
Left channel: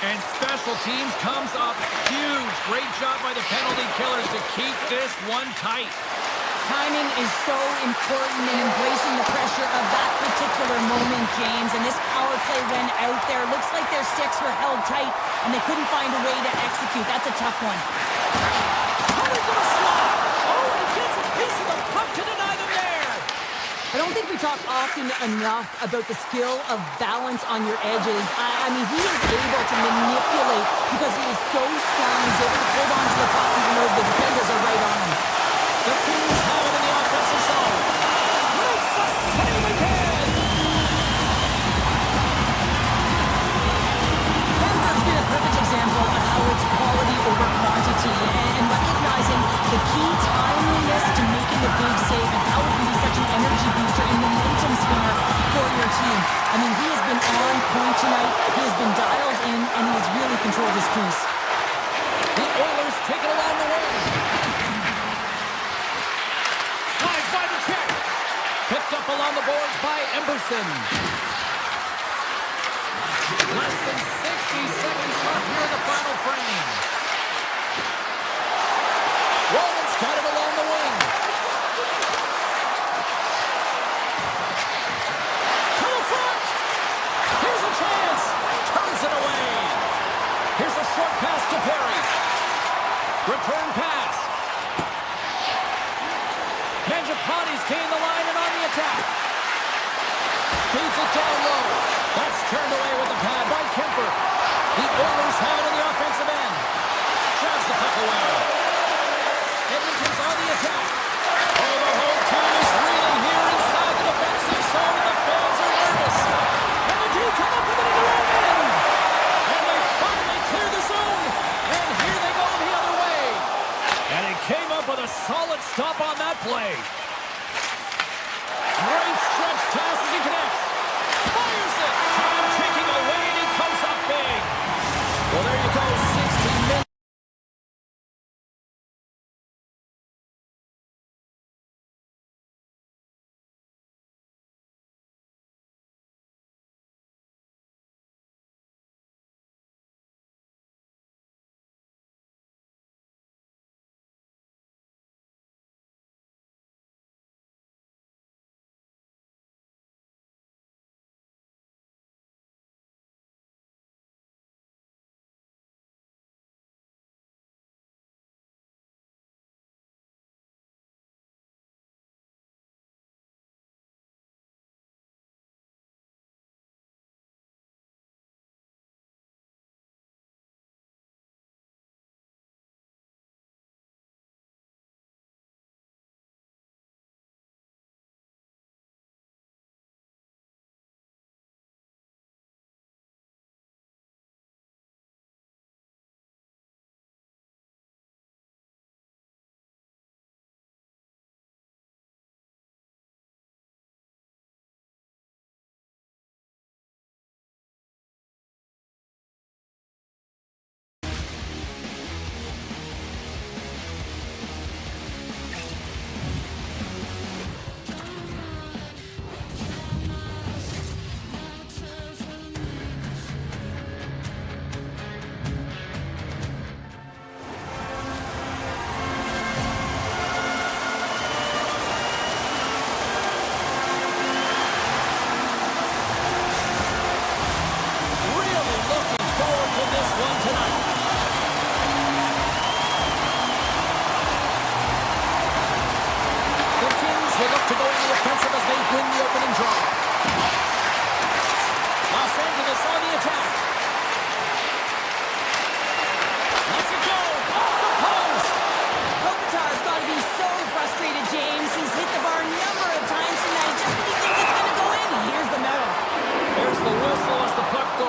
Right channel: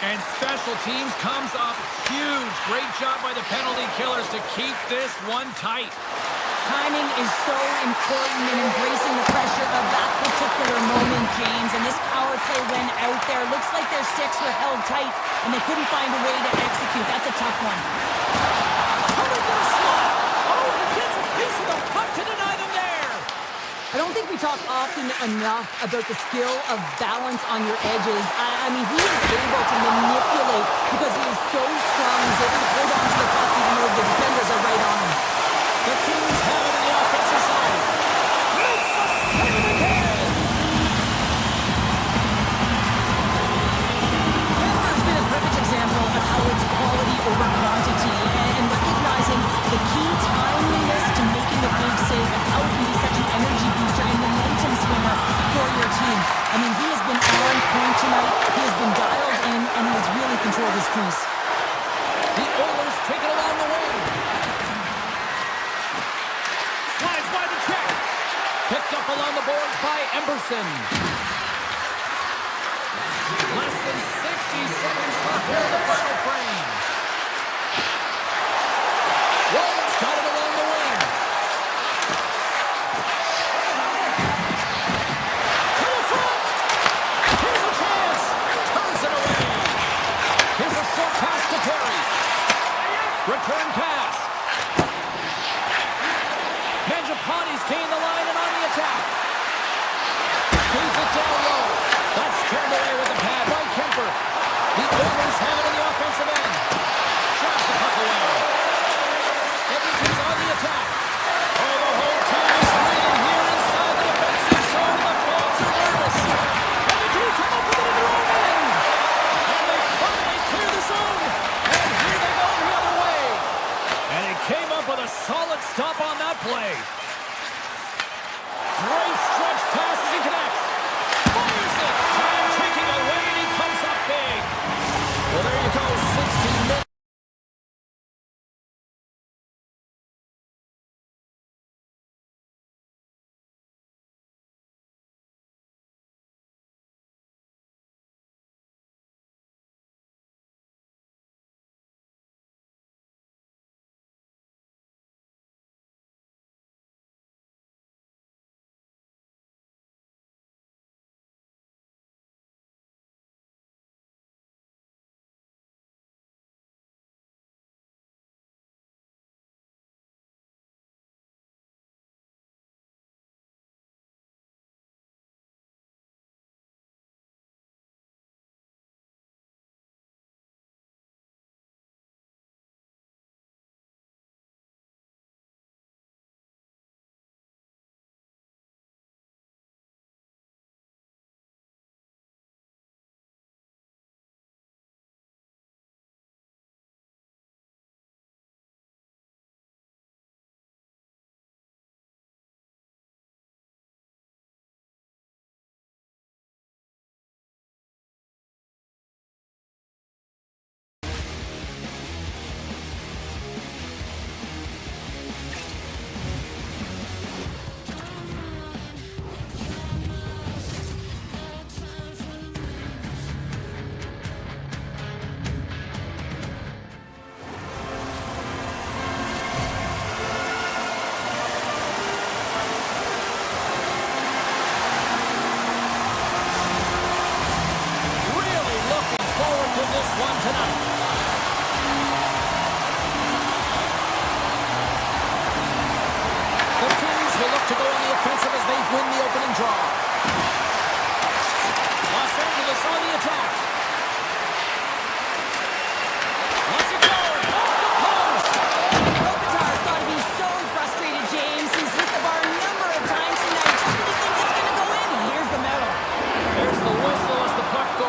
And special teams comes up huge. Great job by the penalty killers to keep this one tight. Timing is so important in embracing the pressure of that particular moment, James. And this power play went out there. Looks like their sticks were held tight, and they couldn't find a way to execute. That's a tough one. Coming to the slot. Oh, and he gets a piece of the puck to deny them there. I don't think we talk often enough about the skill of balance on your edges. I mean, he is able to manipulate because he is so strong. He's able to hold on to the puck even though the defenders are right on him. The Kings have it in the offensive zone. Makes the save again. Denver's been a perfect example of how it's quality over quantity and recognizing the key timeliness to making a big save and how it can be such an energy booster and momentum swinger for your team. I mean, he has been on point tonight. He has been dialed in, and he has really controlled his crease. The Oilers take it along the wing. Slides by the check. Picked up along the boards by Emberson. Less than 60 seconds left here in the final frame. Rollins got it along the wing. To the front. Here's a chance. Turns it away. Here's a short pass to Perry. Return pass. Mangiapane's gained the line and on the attack. Feeds it down low. That's turned away with the pad by Kemper. The Oilers have it in the offensive end. Shoves the puck away. Edmonton's on the attack. Oh, the whole team is reeling here inside the defensive zone. The fans are nervous. And the team come up with it in their own end. And they finally clear the zone. And here they go the other way. And he came up with a solid stop on that play. Great stretch pass as he connects. Fires it. Time taking away, and he comes up big. Well, there you go. 16 minutes. This one tonight. The Kings will look to go in the offensive as they win the opening draw. Los Angeles on the attack.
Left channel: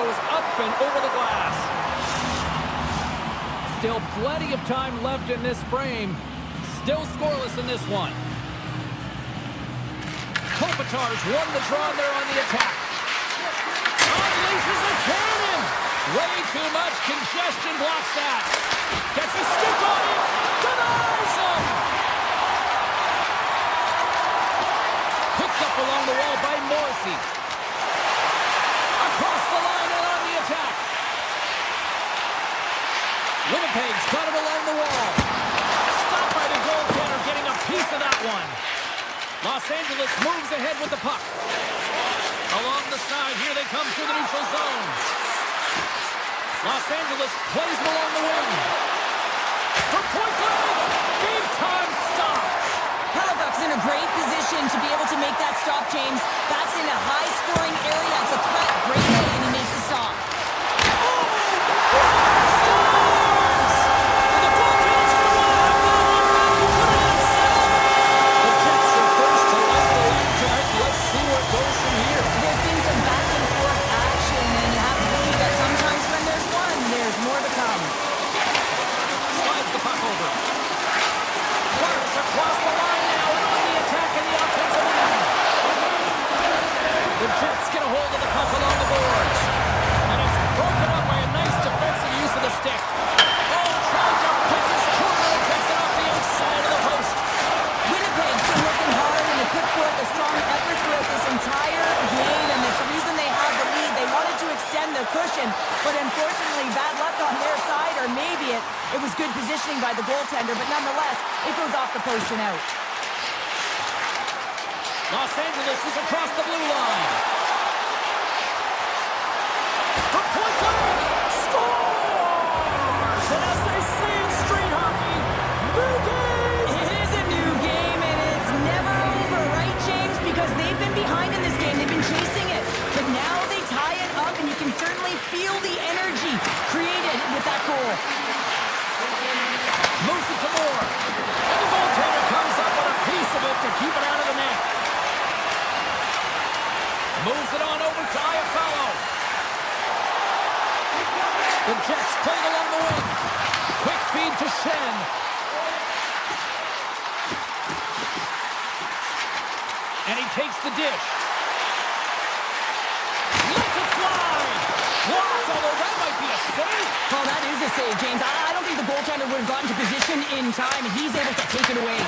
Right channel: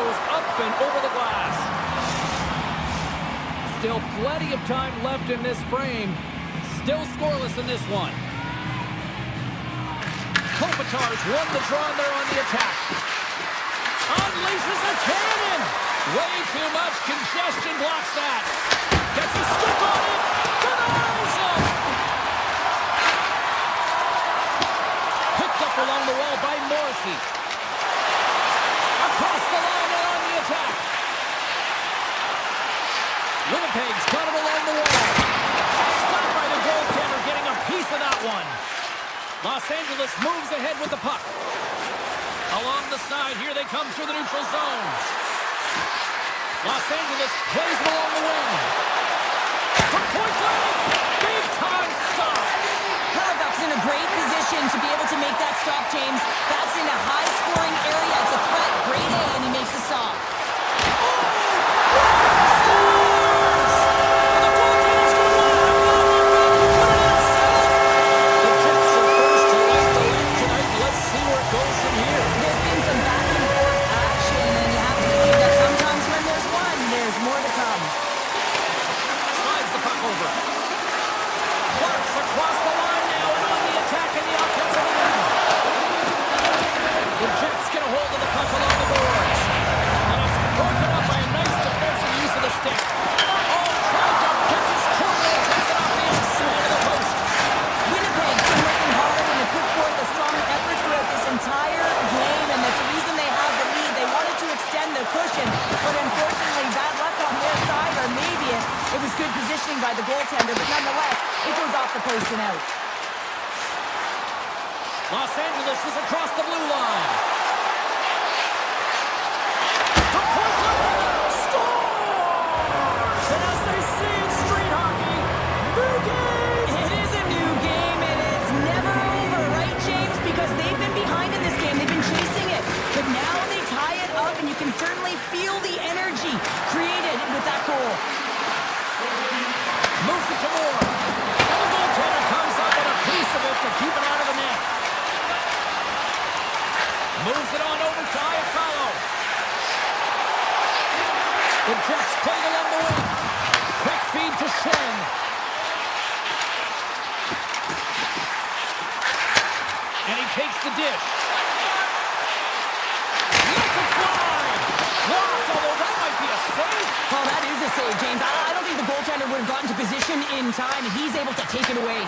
goes up and over the glass. Still plenty of time left in this frame. Still scoreless in this one. Kopitar's won the draw and they're on the attack. Unleashes a cannon. Way too much congestion blocks that. Gets a stick on it. Denies him. Picked up along the wall by Morrissey. Across the line and on the attack. Winnipeg's got him along the wall. Stopped by the goaltender, getting a piece of that one. Los Angeles moves ahead with the puck. Along the side, here they come through the neutral zone. Los Angeles plays it along the wing. From point blank, big time stop. Halifax in a great position to be able to make that stop, James. That's in a high-scoring area. It's a threat, grade A, and he makes the stop. Scores! And the goaltender's going to want to have that one back. He put it in himself. The Jets are first to light the lead tonight. Let's see where it goes from here. There's been some back-and-forth action, and you have to believe that sometimes when there's one, there's more to come. Slides the puck over. Clark's across the line now and on the attack in the offensive end. The Jets get a hold of the puck along the boards. And it's broken up by a nice defensive use of the stick. Oh, tried to pick his corner and takes it off the outside of the post. Winnipeg's been working hard and they put forth a strong effort throughout this entire game, and that's the reason they have the lead. They wanted to extend the cushion, but unfortunately bad luck on their side, or maybe it was good positioning by the goaltender, but nonetheless, it goes off the post and out. Los Angeles is across the blue line. From point blank, scores! And as they say in street hockey, new game! It is a new game, and it's never over, right, James? Because they've been behind in this game. They've been chasing it. But now they tie it up, and you can certainly feel the energy created with that goal. Moves it to Moore. And the goaltender comes up with a piece of it to keep it out of the net. Moves it on over to Iafallo. The Jets play it along the wing. Quick feed to Shen. And he takes the dish. Lets it fly. Blocked, although that might be a save. Oh, that is a save, James. I don't think the goaltender would have gotten to position in time, and he's able to take it away.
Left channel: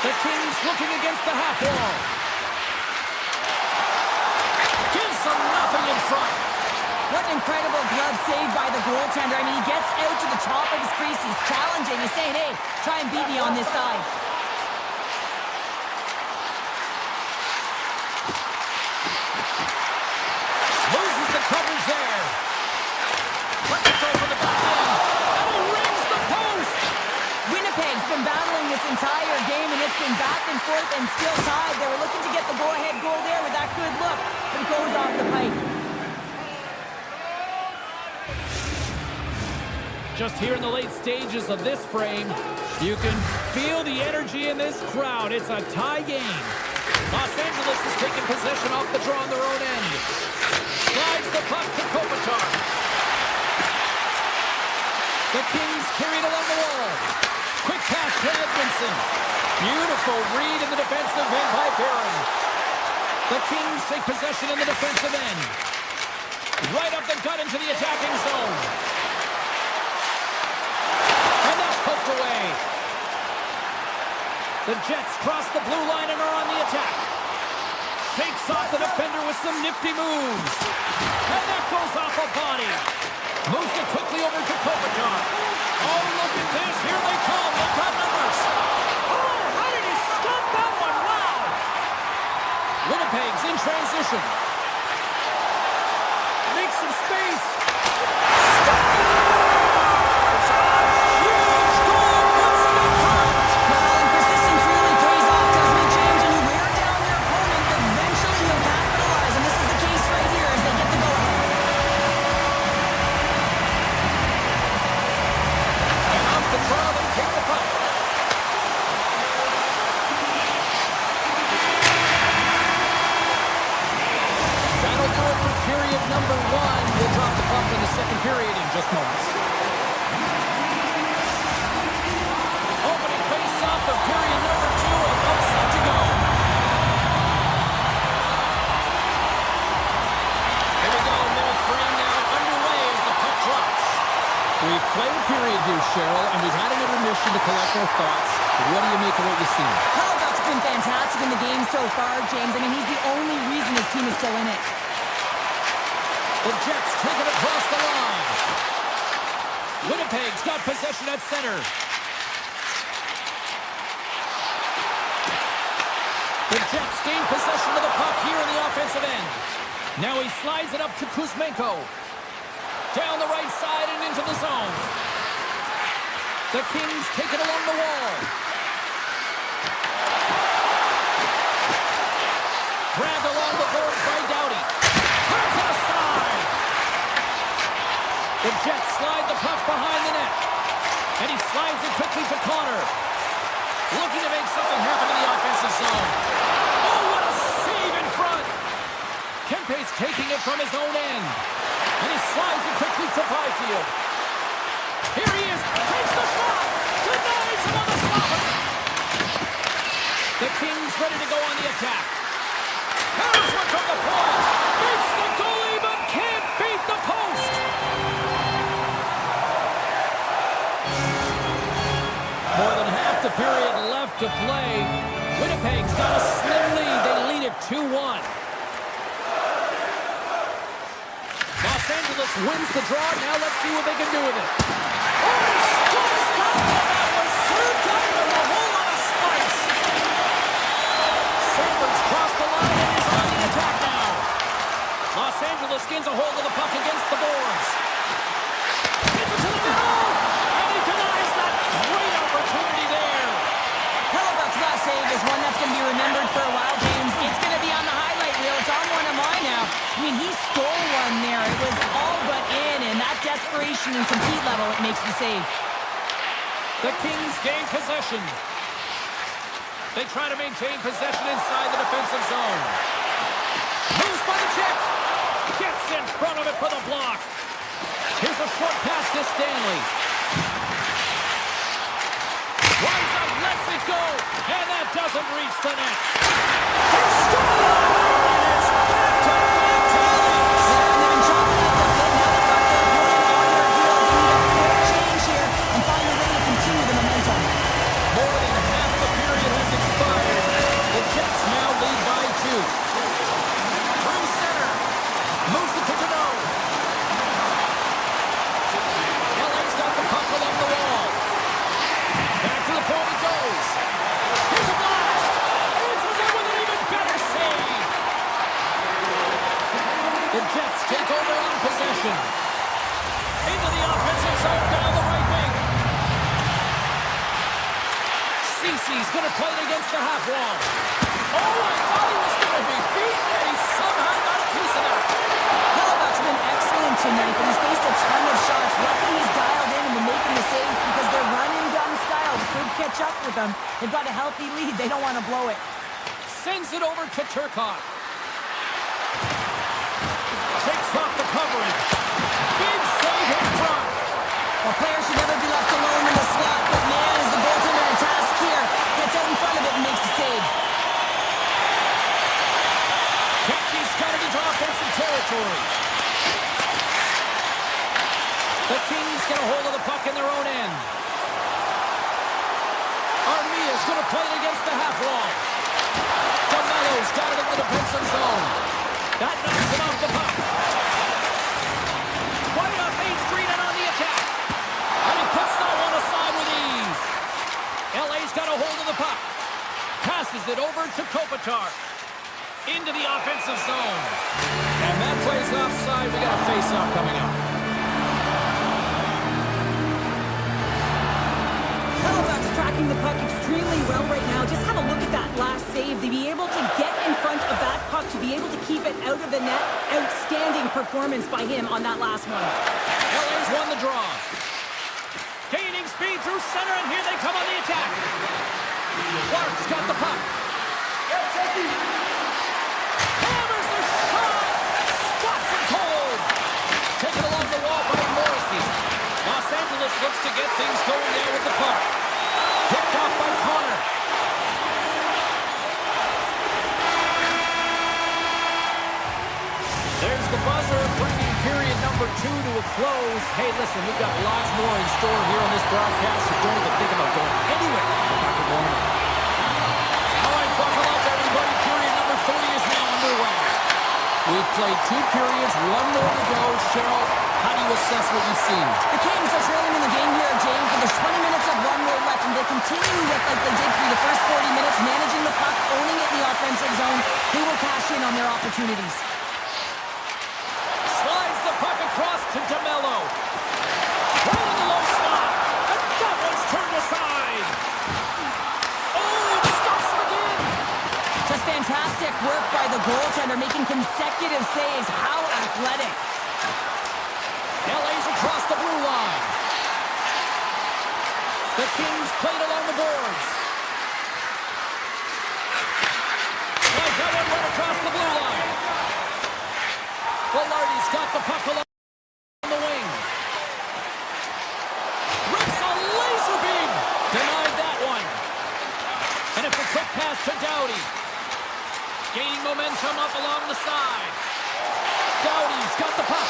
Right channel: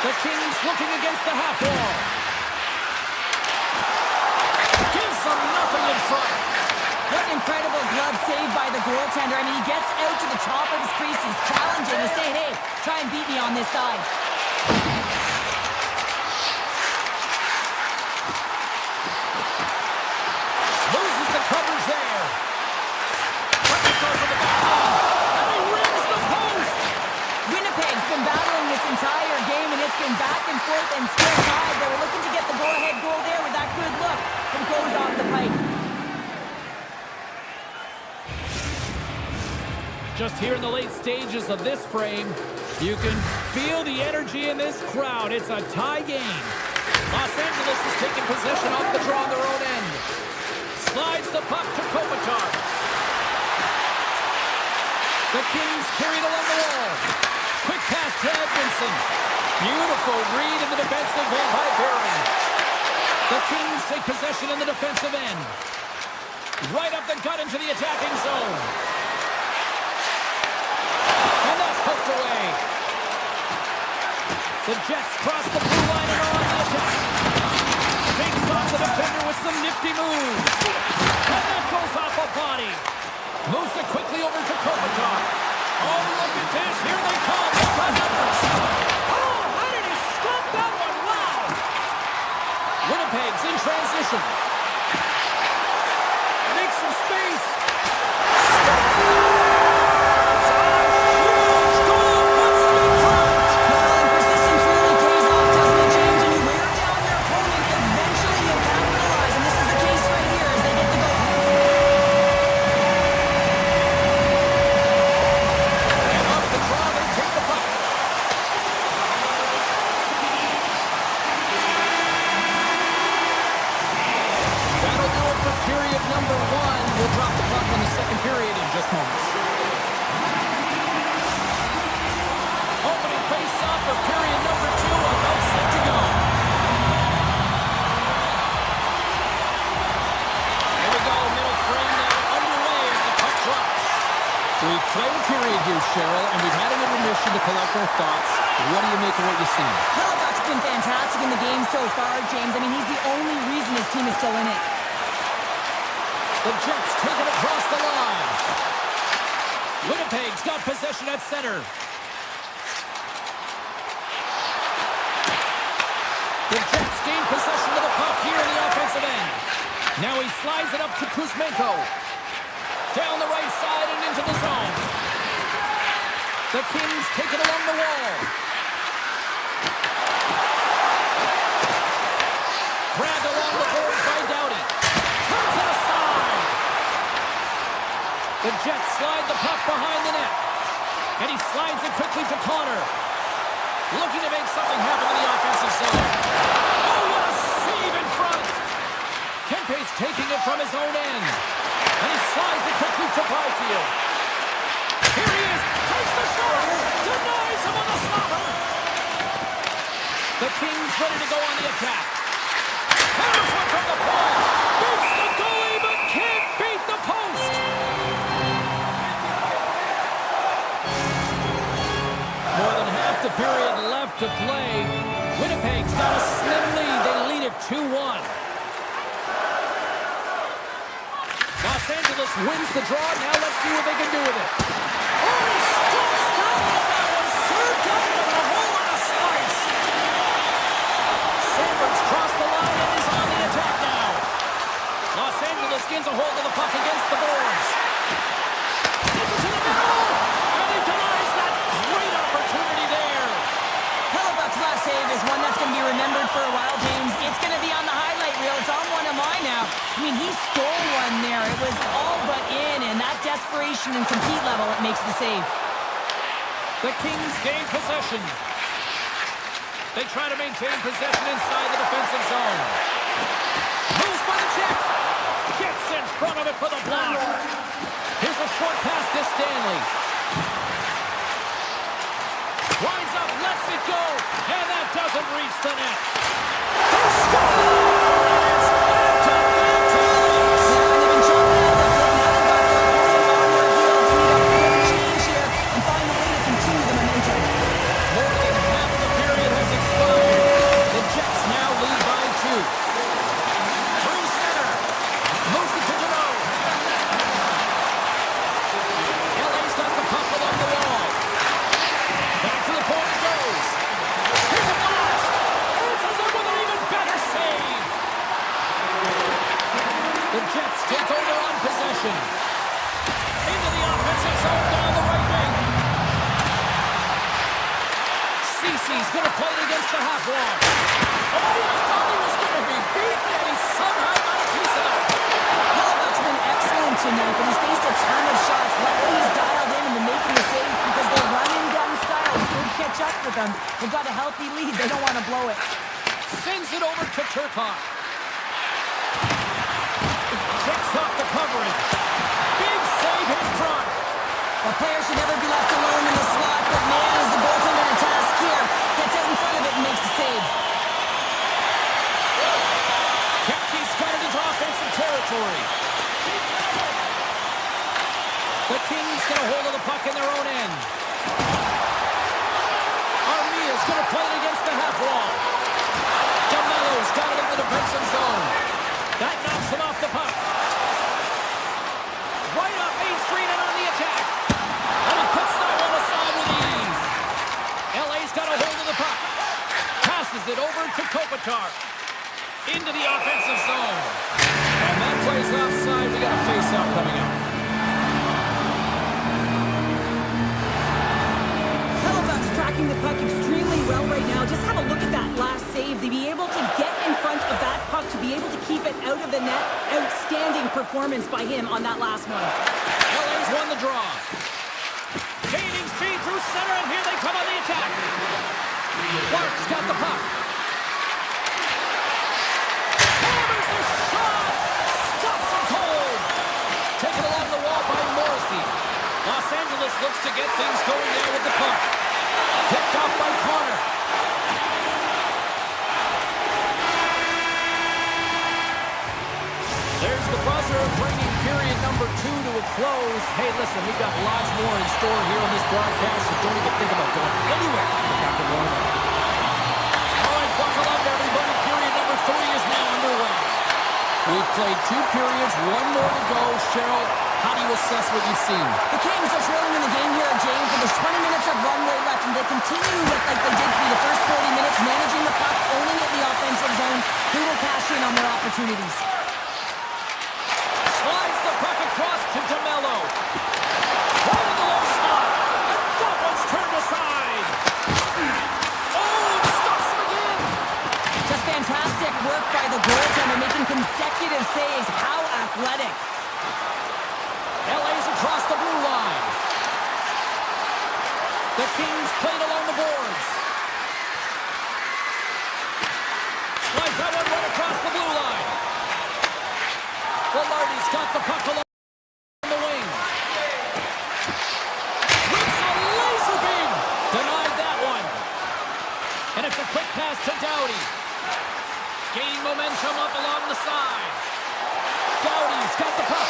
The Kings looking against the half wall. Gives them nothing in front. What an incredible glove save by the goaltender. I mean, he gets out to the top of his crease. He's challenging. He's saying, hey, try and beat me on this side. Loses the covers there. Lets it go for the back end. And he rings the post. Winnipeg's been battling this entire game, and it's been back and forth and still tied. They were looking to get the go-ahead goal there with that good look, but it goes off the pike. Just here in the late stages of this frame, you can feel the energy in this crowd. It's a tie game. Los Angeles is taking possession off the draw on their own end. Slides the puck to Kopitar. The Kings carry it along the wall. Quick pass to Edmondson. Beautiful read in the defensive end by Barron. The Kings take possession in the defensive end. Right up the gut into the attacking zone. And that's poked away. The Jets cross the blue line and are on the attack. Shakes off the defender with some nifty moves. And that goes off a body. Moves it quickly over to Kopitar. Oh, look at this. Here they come. They've got numbers. Oh, how did he stop that one? Wow. Winnipeg's in transition. Makes some space. Scores! That'll do it precious moments. Opening face-off of period number 2, about set to go. Here we go, middle frame now underway as the puck drops. We've played a period here, Cheryl, and we've had an intermission to collect our thoughts. What do you make of what you've seen? Hellebuck's been fantastic in the game so far, James. I mean, he's the only reason his team is still in it. The Jets take it across the line. Winnipeg's got possession at center. The Jets gain possession of the puck here in the offensive end. Now he slides it up to Kuzmenko. Down the right side and into the zone. The Kings take it along the wall. Grabbed along the boards by Doughty. Turns it aside. The Jets slide the puck behind the net. And he slides it quickly to Connor. Looking to make something happen in the offensive zone. Oh, what a save in front. Kempe's taking it from his own end. And he slides it quickly to Byfield. Here he is. Takes the shot. Denies him on the slapper. The Kings ready to go on the attack. Harris went from the point. Beats the goalie but can't beat the post. More than half the period left to play. Winnipeg's got a slim lead. They lead it 2-1. Los Angeles wins the draw. Now let's see what they can do with it. Oh, he stops that, and that was served up with a whole lot of spice. Sandberg's crossed the line and is on the attack now. Los Angeles gains a hold of the puck against the boards. Sends it to the middle, and he denies that great opportunity there. Hellebuck's last save is one that's going to be remembered for a while, James. It's going to be on the highlight reel. It's on one of mine now. I mean, he stole one there. It was all but in, and that desperation and compete level, it makes the save. The Kings gain possession. They try to maintain possession inside the defensive zone. Moves by the check. Gets in front of it for the block. Here's a short pass to Stanley. Winds up, lets it go, and that doesn't reach the net. He scores! And it's back-to-back tallies! Yeah, and they've been chopping at the bit. Now they've got their opponent on their heels. They need a quick change here and find a way to continue the momentum. More than half the period has expired. The Jets now lead by 2. Through center. Moves it to Deneau. LA's got the puck along the wall. Back to the point it goes. Here's a blast. Answers it with an even better save. The Jets take over on possession. Into the offensive zone down the right wing. Cece's going to play it against the half wall. Oh, I thought he was going to be beaten, and he somehow got a piece of that. Hellebuck's been excellent tonight, but he's faced a ton of shots. Luckily, he's dialed in and been making the saves because their run-and-gun style could catch up with them. They've got a healthy lead. They don't want to blow it. Sends it over to Turcotte. Takes off the coverage. Big save in front. Well, players should never be left alone in the slot, but man, is the goaltender in a task here. Gets out in front of it and makes the save. Kempke's got it into offensive territory. The Kings get a hold of the puck in their own end. Armia's going to play it against the half wall. DeMello's got it in the defensive zone. That knocks him off the puck. Right up Main Street and on the attack. And he puts that one aside with ease. LA's got a hold of the puck. Passes it over to Kopitar. Into the offensive zone. And that plays offside. We got a face-off coming up. Hellebuck's tracking the puck extremely well right now. Just have a look at that last save. To be able to get in front of that puck, to be able to keep it out of the net, outstanding performance by him on that last one. LA's won the draw. Gaining speed through center, and here they come on the attack. Clark's got the puck. Hammers the shot! Stops him cold! Taken along the wall by Morrissey. Los Angeles looks to get things going there with the puck. Picked off by Connor. There's the buzzer, bringing period number 2 to a close. Hey, listen, we've got lots more in store here on this broadcast, so don't even think about going anywhere. We're back to warm up. All right, buckle up, everybody. Period number 3 is now underway. We've played 2 periods, 1 more to go. Cheryl, how do you assess what you've seen? The Kings are trailing in the game here, James, but there's 20 minutes of runway left, and they continue with like they did through the first 40 minutes, managing the puck, owning it in the offensive zone. They will cash in on their opportunities. Slides the puck across to DeMello. Right in the low slot. And that one's turned aside. Oh, it stops him again. Just fantastic work by the goaltender, making consecutive saves. How athletic. LA's across the blue line. The Kings played along the boards. Slides that one right across the blue line. Velarde's got the puck along the wing. Rips a laser beam. Denied that one. And it's a quick pass to Doughty. Gaining momentum up along the side. Doughty's got the puck.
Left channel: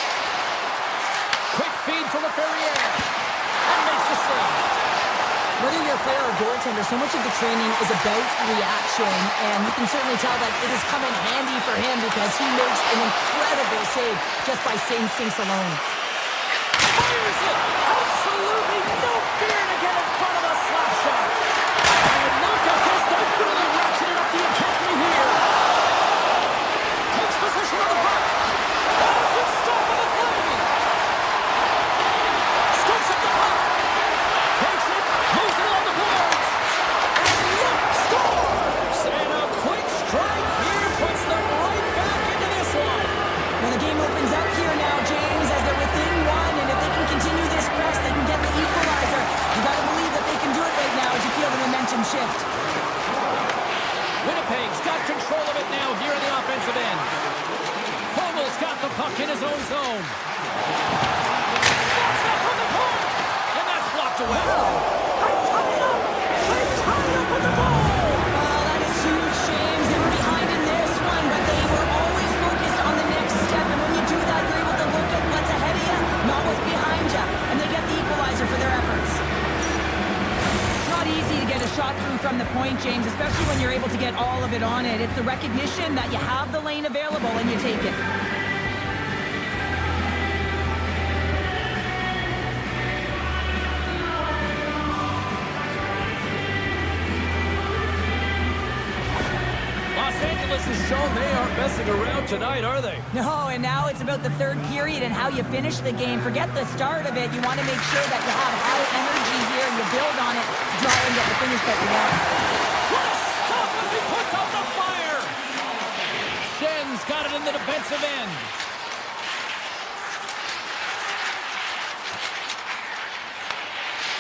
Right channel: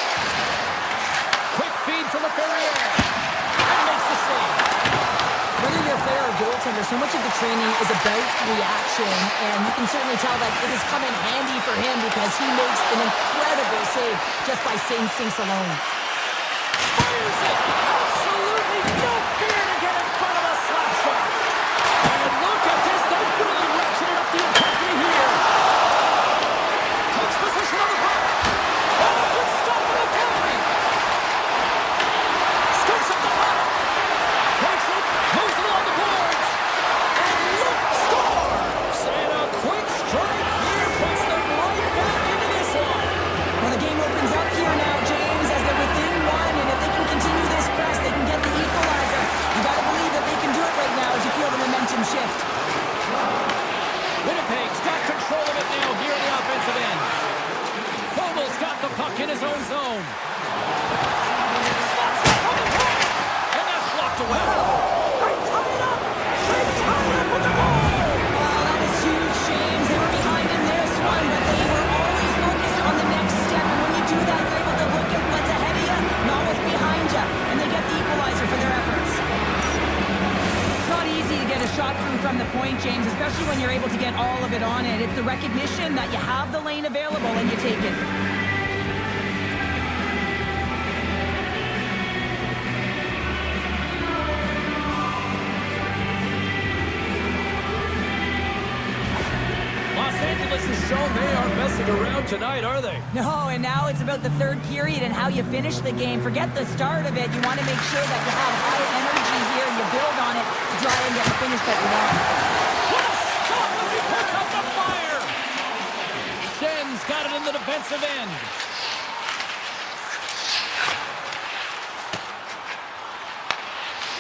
Quick feed to LaFerriere. And makes the save. Whether you're a player or goaltender, so much of the training is about reaction, and you can certainly tell that it has come in handy for him because he makes an incredible save just by instincts alone. Fires it! Absolutely no fear to get in front of a slap shot. And look at this, they've really ratcheted up the intensity here. Takes position on the puck. Oh, good stop on the play. Scoops up the puck. Takes it, moves it along the boards. And look, scores! And a quick strike here puts them right back into this one. Well, the game opens up here now, James, as they're within 1, and if they can continue this press, they can get the equalizer. You got to believe that they can do it right now as you feel the momentum shift. Winnipeg's got control of it now here in the offensive end. Fogel's got the puck in his own zone. Slots up on the point, and that's blocked away. Wow. They tie it up. They tie it up with the goal. Oh, that is huge, James. They were behind in this one, but they were always focused on the next step. And when you do that, you're able to look at what's ahead of you, not what's behind you. And they get the equalizer for their efforts. It's not easy to get a shot through from the point, James, especially when you're able to get all of it on it. It's the recognition that you have the lane available and you take it. Los Angeles has shown they aren't messing around tonight, are they? No, and now it's about the third period and how you finish the game. Forget the start of it. You want to make sure that you have high energy here and you build on it to try and get the finish that you want. What a stop as he puts out the fire! Schen's got it in the defensive end.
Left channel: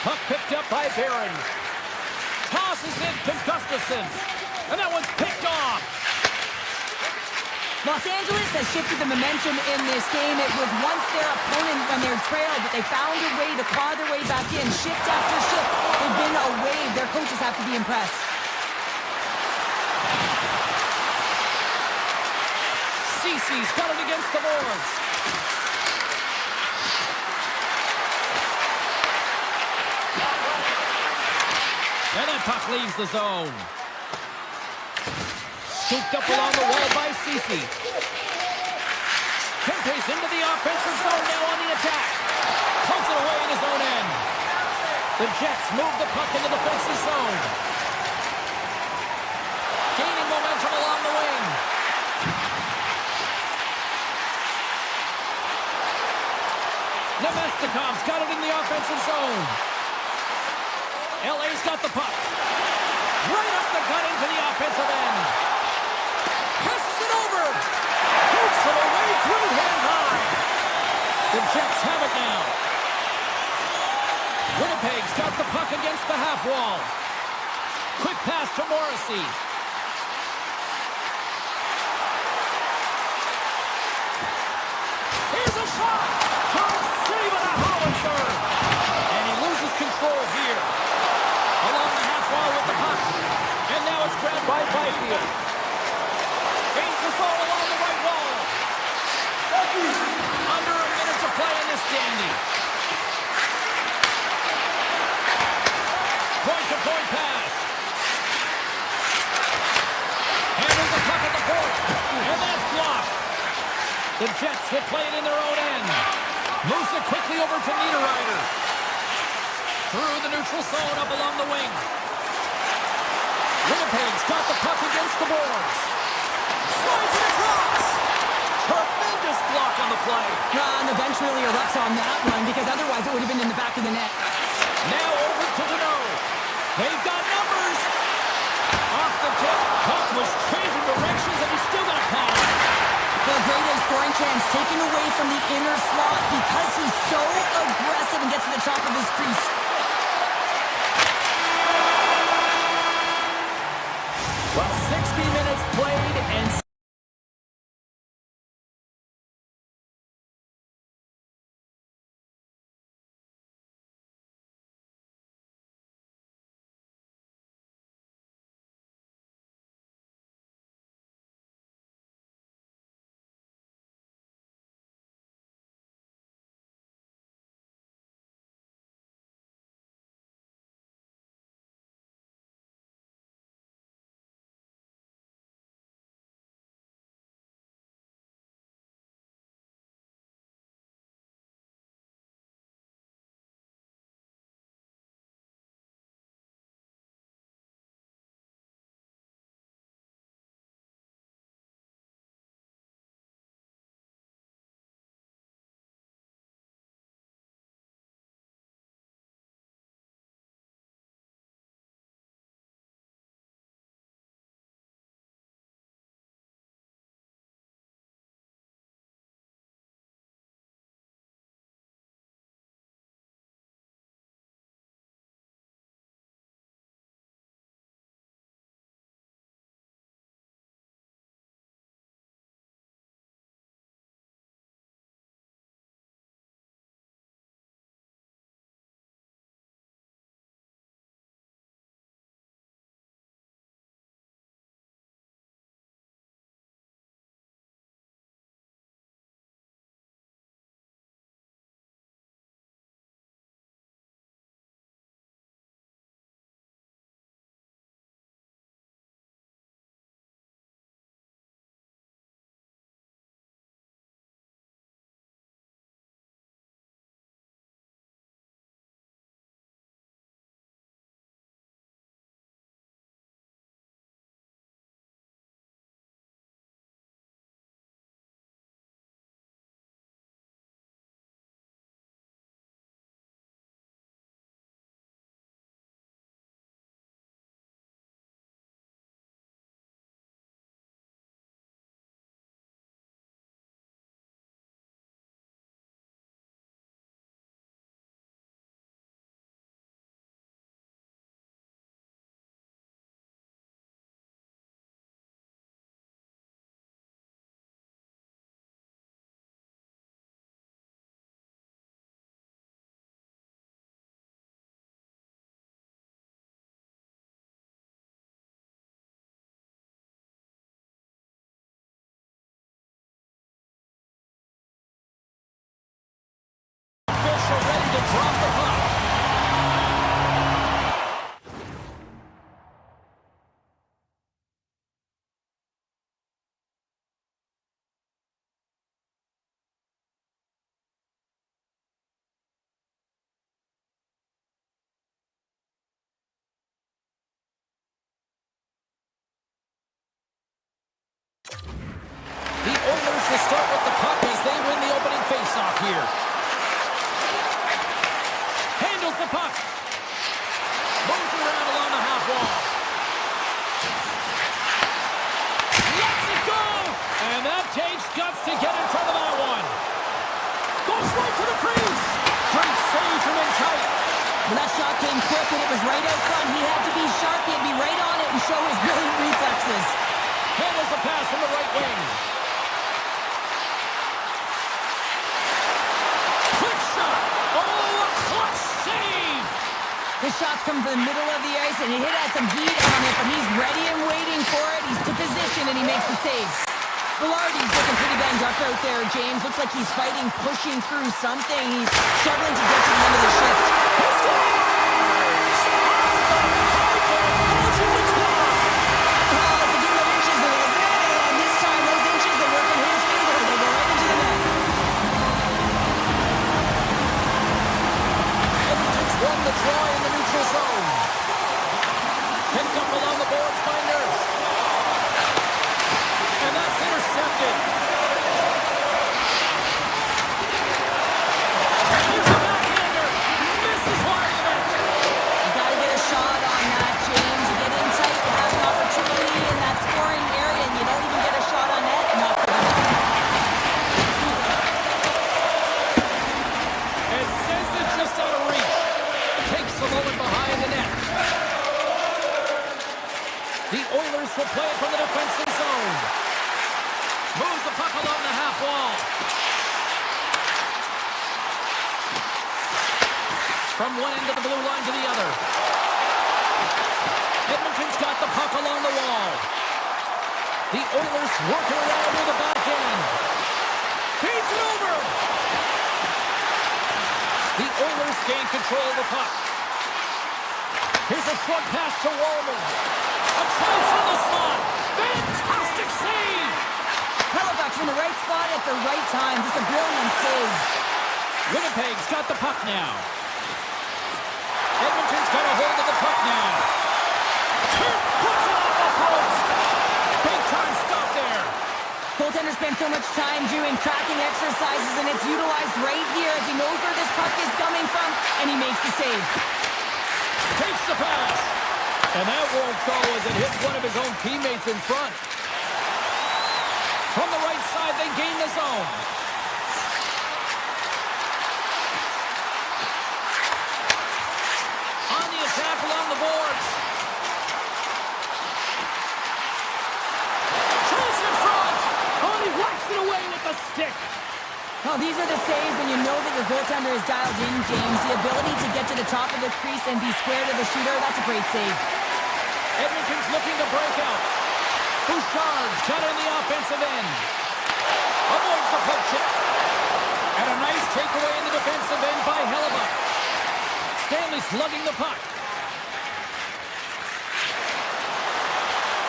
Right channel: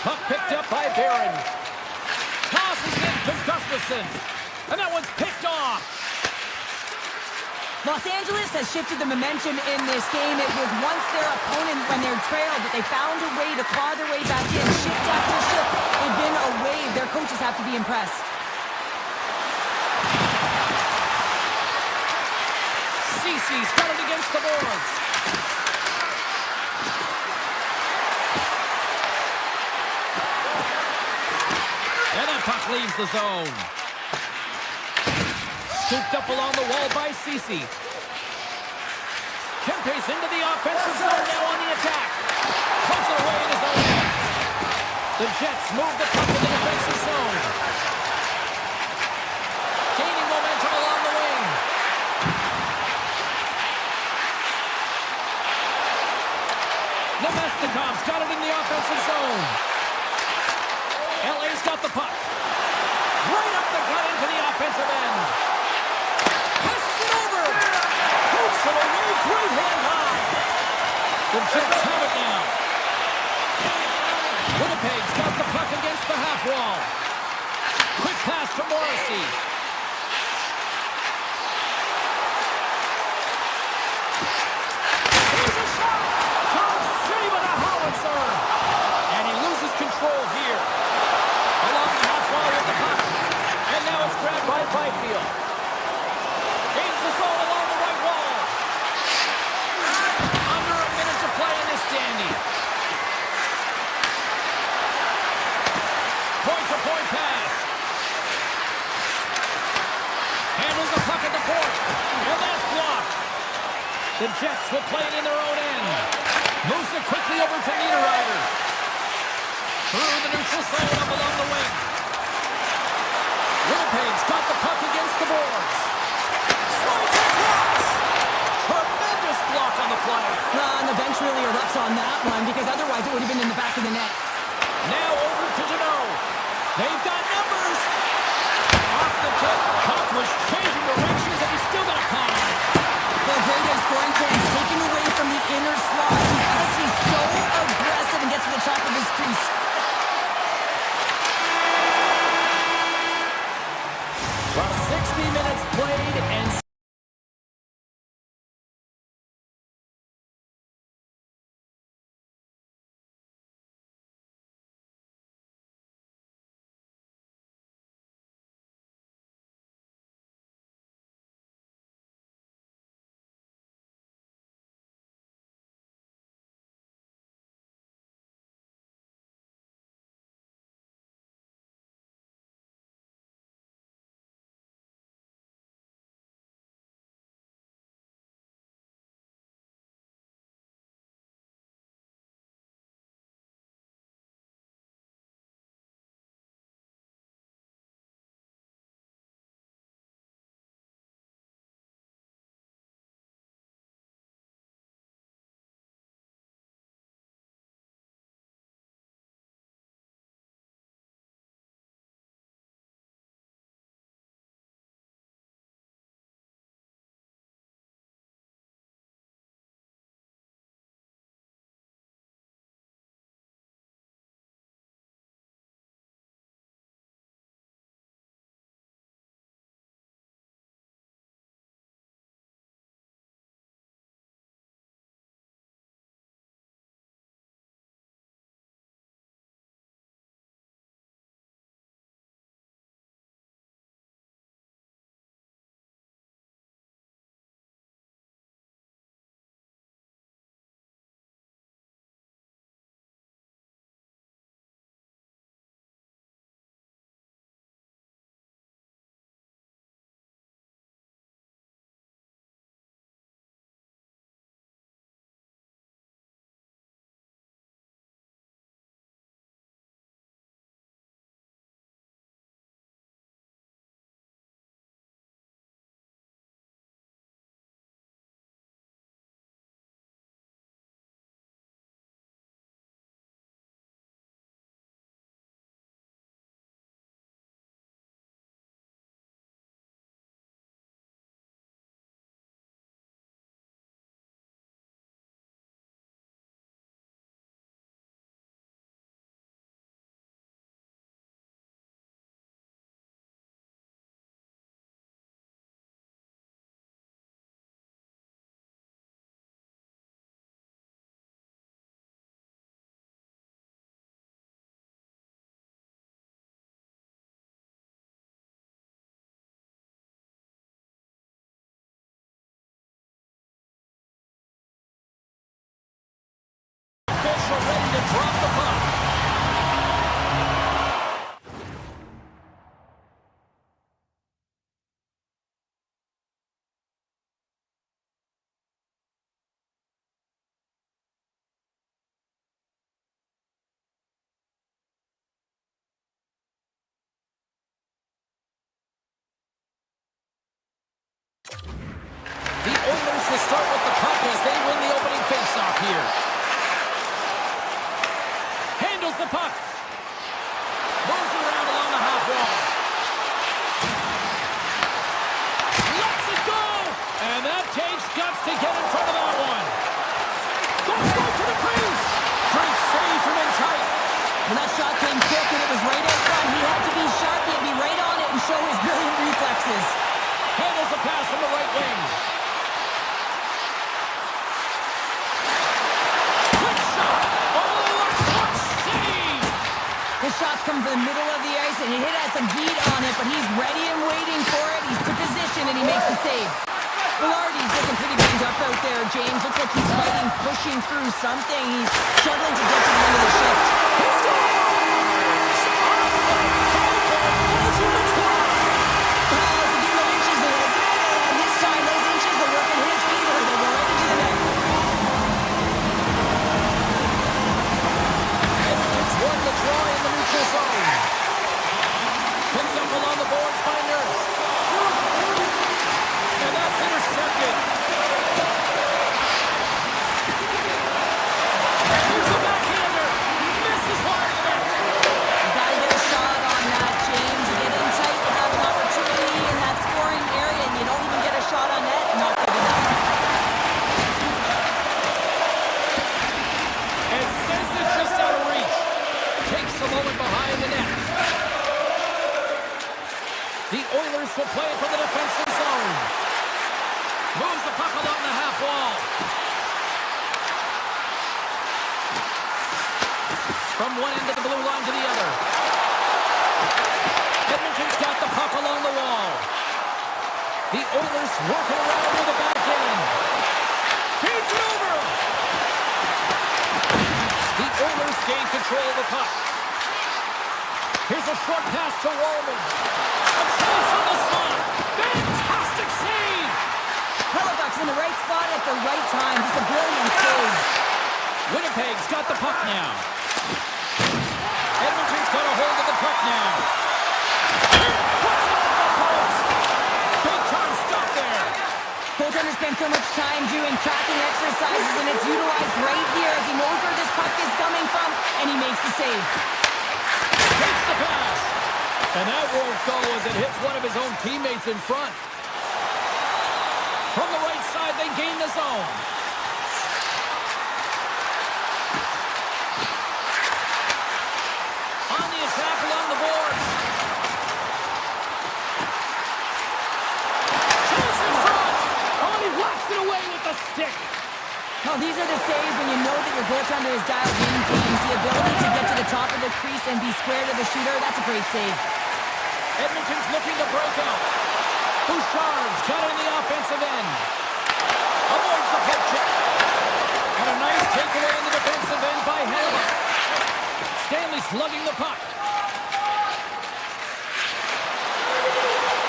Puck picked up by Barron. Tosses in to Gustafsson. And that one's picked off. Los Angeles has shifted the momentum in this game. It was once their opponent when they're trailed, but they found a way to claw their way back in. Shift after shift, they've been a wave. Their coaches have to be impressed. Cece's got it against the boards. And that puck leaves the zone. Scooped up along the wall by Cece. Kempe's into the offensive zone now on the attack. Puts it away in his own end. The Jets move the puck in the defensive zone. Gaining momentum along the wing. Nemestikov's got it in the offensive zone. LA's got the puck. Right up the gut into the offensive end. Passes it over. Hoops it away. Great hand high. The Jets have it now. Winnipeg's got the puck against the half wall. Quick pass to Morrissey. Here's a shot. Turns save and a howitzer. control here. Along the half wall with the puck. And now it's grabbed by Byfield. Gains the zone along the right wall. Under a minute to play in this dandy. Point-to-point pass. Handles the puck at the point. And that's blocked. The Jets will play it in their own end. Moves it quickly over to Niederreiter. Through the neutral zone up along the wing. Winnipeg's got the puck against the boards. Slides it across. Tremendous block on the play. And the bench really erupts on that one because otherwise it would have been in the back of the net. Now over to Deneau. They've got numbers. Off the tip. Puck was changing directions and he's still got a pad on it. The great A scoring chance taken away from the inner slot because he's so aggressive and gets to the top of his crease. Well, 60 minutes played and official ready to drop the puck. The Oilers will start with the puck as they win the opening faceoff here. Handles the puck. Moves around along the half wall. Lets it go! And that takes guts to get in front of that one. Goes right to the crease. Great save from in tight. When that shot came quick and it was right out front, he had to be sharp, he had to be right on it and show his brilliant reflexes. Handles the pass from the right wing. Quick shot. Oh, a clutch save. shots come from the middle of the ice, and he has some heat on it, but he's ready and waiting for it. He's to position, and he makes the save. Velarde's looking pretty banged up out there, James. Looks like he's fighting, pushing through something. He's struggling to get to the end of the shift. He scores! Off the pipe and Belgium the try! Oh, it's a game of inches, isn't it? And this time, those inches are working his favor. They go right into the net. Edmonton's won the draw in the neutral zone. Picked up along the boards by Nurse. And that's intercepted. Here's a backhander. Misses wide of the net. You gotta get a shot on that, James. You get in tight, you have an opportunity in that scoring area, and you don't even get a shot on net. Not good enough. And sends it just out of reach. Takes a moment behind the net. The Oilers will play it from the defensive zone. Moves the puck along the half wall. From one end of the blue line to the other. Edmonton's got the puck along the wall. The Oilers working around near the back end. Feeds it over. The Oilers gain control of the puck. Here's a short pass to Wallman. A chance on the slot. Fantastic save. Halifax in the right spot at the right time. Just a brilliant save. Winnipeg's got the puck now. Edmonton's got a hold of the puck now. Puts it off the post. Big time stop there. Goaltender spends so much time doing tracking exercises, and it's utilized right here as he knows where this puck is coming from, and he makes the save. Takes the pass. And that won't go as it hits one of his own teammates in front. From the right side, they gain the zone. On the attack along the boards. Chance in front. Oh, and he whacks it away with the stick. Oh, these are the saves when you know that your goaltender is dialed in, James. The ability to get to the top of the crease and be square to the shooter, that's a great save. Edmonton's looking to break out. Bouchard's got it in the offensive end. Avoids the poke check. And a nice takeaway in the defensive end by Hellebuyck. Stanley slugging the puck.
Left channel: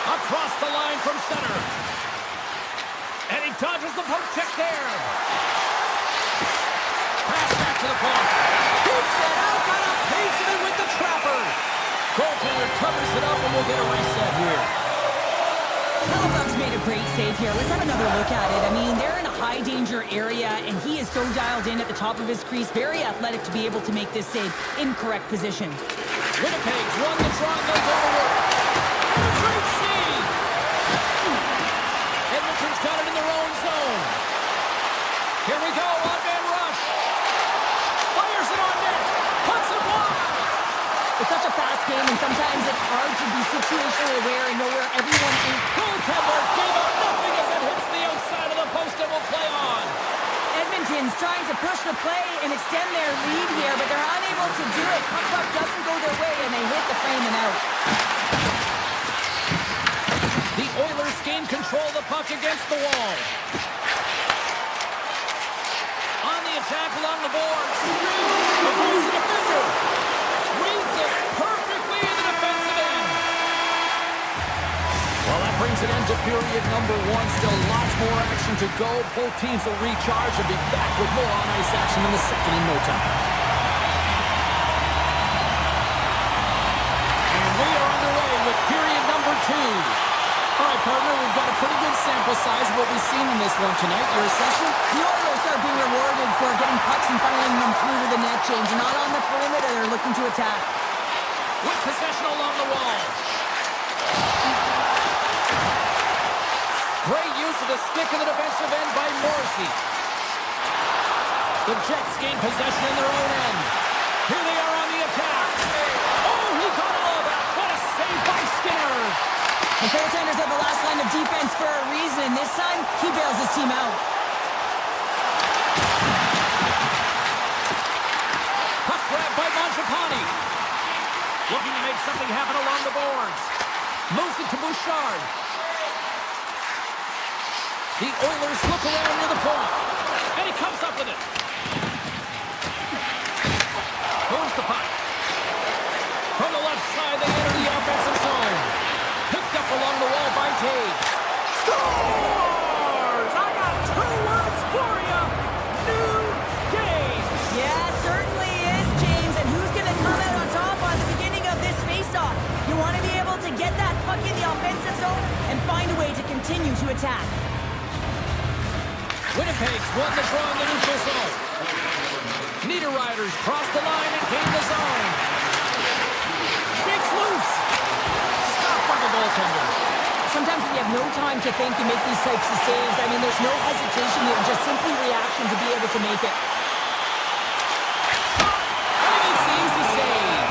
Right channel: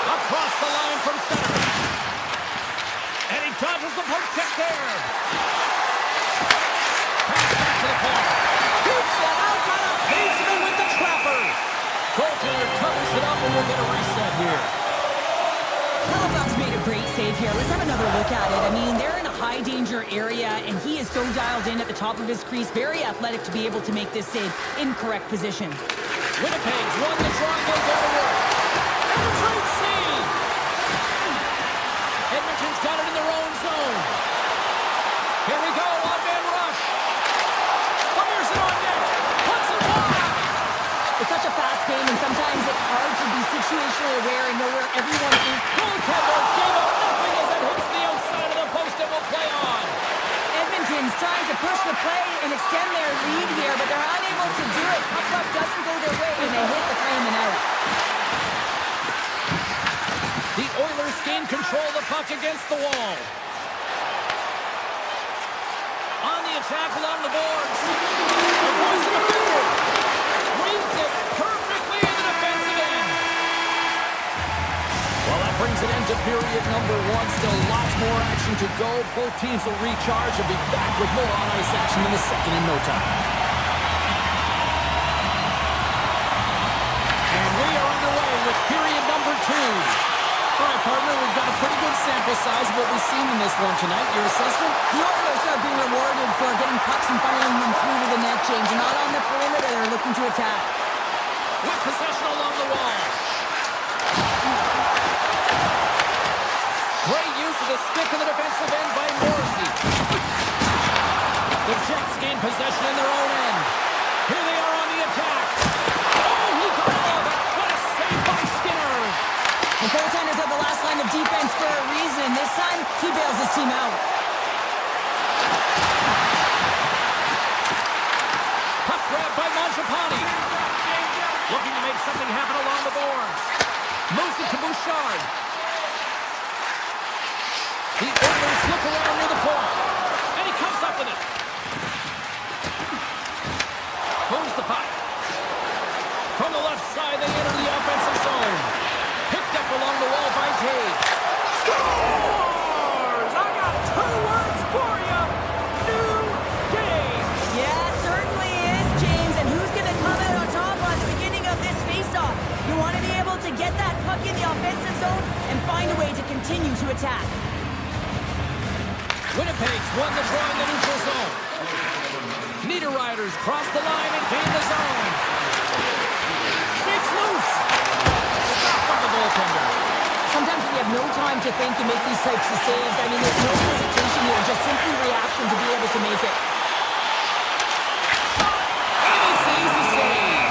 Across the line from center. And he dodges the poke check there. Pass back to the point. Keeps it out. Got a baseman with the trapper. Goaltender covers it up and we'll get a reset here. Halifax made a great save here. Let's have another look at it. I mean, they're in a high-danger area, and he is so dialed in at the top of his crease. Very athletic to be able to make this save in correct position. Winnipeg's won the draw and they'll go to work. And a great save! Edmonton's got it in their own zone. Here we go, on-man rush. Fires it on net. Puts it wide. It's such a fast game, and sometimes it's hard to be situationally aware and know where everyone is. Goaltender gave up nothing as it hits the outside of the post and will play on. Edmonton's trying to push the play and extend their lead here, but they're unable to do it. Puck doesn't go their way, and they hit the frame and out. The Oilers gain control of the puck against the wall. On the attack along the boards. Avoids the defender. Reads it perfectly in the defensive end. Well, that brings an end to period number one. Still lots more action to go. Both teams will recharge and be back with more on-ice action in the second in no time. And we are underway with period number two. All right, partner, we've got a pretty good sample size of what we've seen in this one tonight. Your assessment? The Oilers are being rewarded for getting pucks and funneling them through to the net, James. They're not on the perimeter. They're looking to attack. With possession along the wall. Great use of the stick in the defensive end by Morrissey. The Jets gain possession in their own end. Here they are on the attack. Oh, he got all of that. What a save by Skinner. The goaltenders are the last line of defense for a reason. This time, he bails his team out. Puck grab by Mangiapane. Looking to make something happen along the boards. Moves it to Bouchard. The Oilers look around near the point. And he comes up with it. Moves the puck. From the left side, they enter the offensive zone. Picked up along the wall by Taves. Scores! I got 2 words for you. New game. Yeah, certainly is, James. And who's going to come out on top on the beginning of this faceoff? You want to be able to get that puck in the offensive zone and find a way to continue to attack. Winnipeg's won the draw in the neutral zone. Niederreiter's crossed the line and gained the zone. Shakes loose. Stopped by the goaltender. Sometimes when you have no time to think, you make these types of saves. I mean, there's no hesitation here, just simply reaction to be able to make it. And it's the easy save.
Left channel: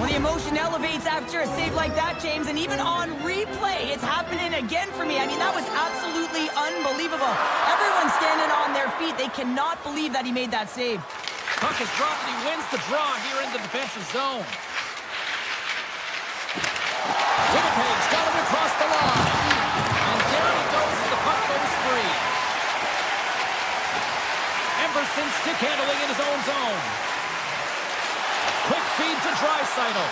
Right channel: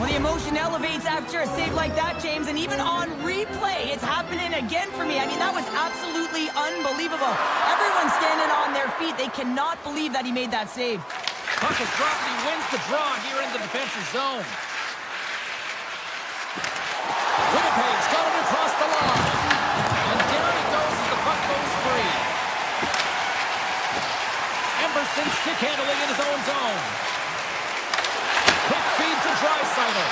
Well, the emotion elevates after a save like that, James, and even on replay, it's happening again for me. I mean, that was absolutely unbelievable. Everyone's standing on their feet. They cannot believe that he made that save. Puck is dropped and he wins the draw here in the defensive zone. Winnipeg's got him across the line. And down he goes as the puck goes free. Emberson stick handling in his own zone. Quick feed to Draisaitl.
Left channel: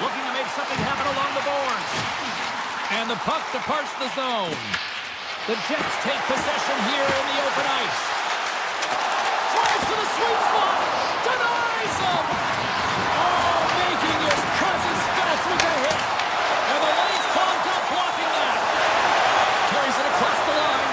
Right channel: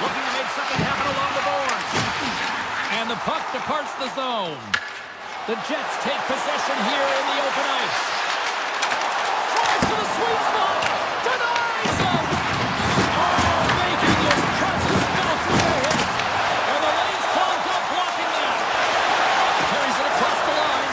Looking to make something happen along the boards. And the puck departs the zone. The Jets take possession here in the open ice. Drives to the sweet spot. Denies him. Oh, making his presence felt through the hit. And the lane's clogged up blocking that. Carries it across the line.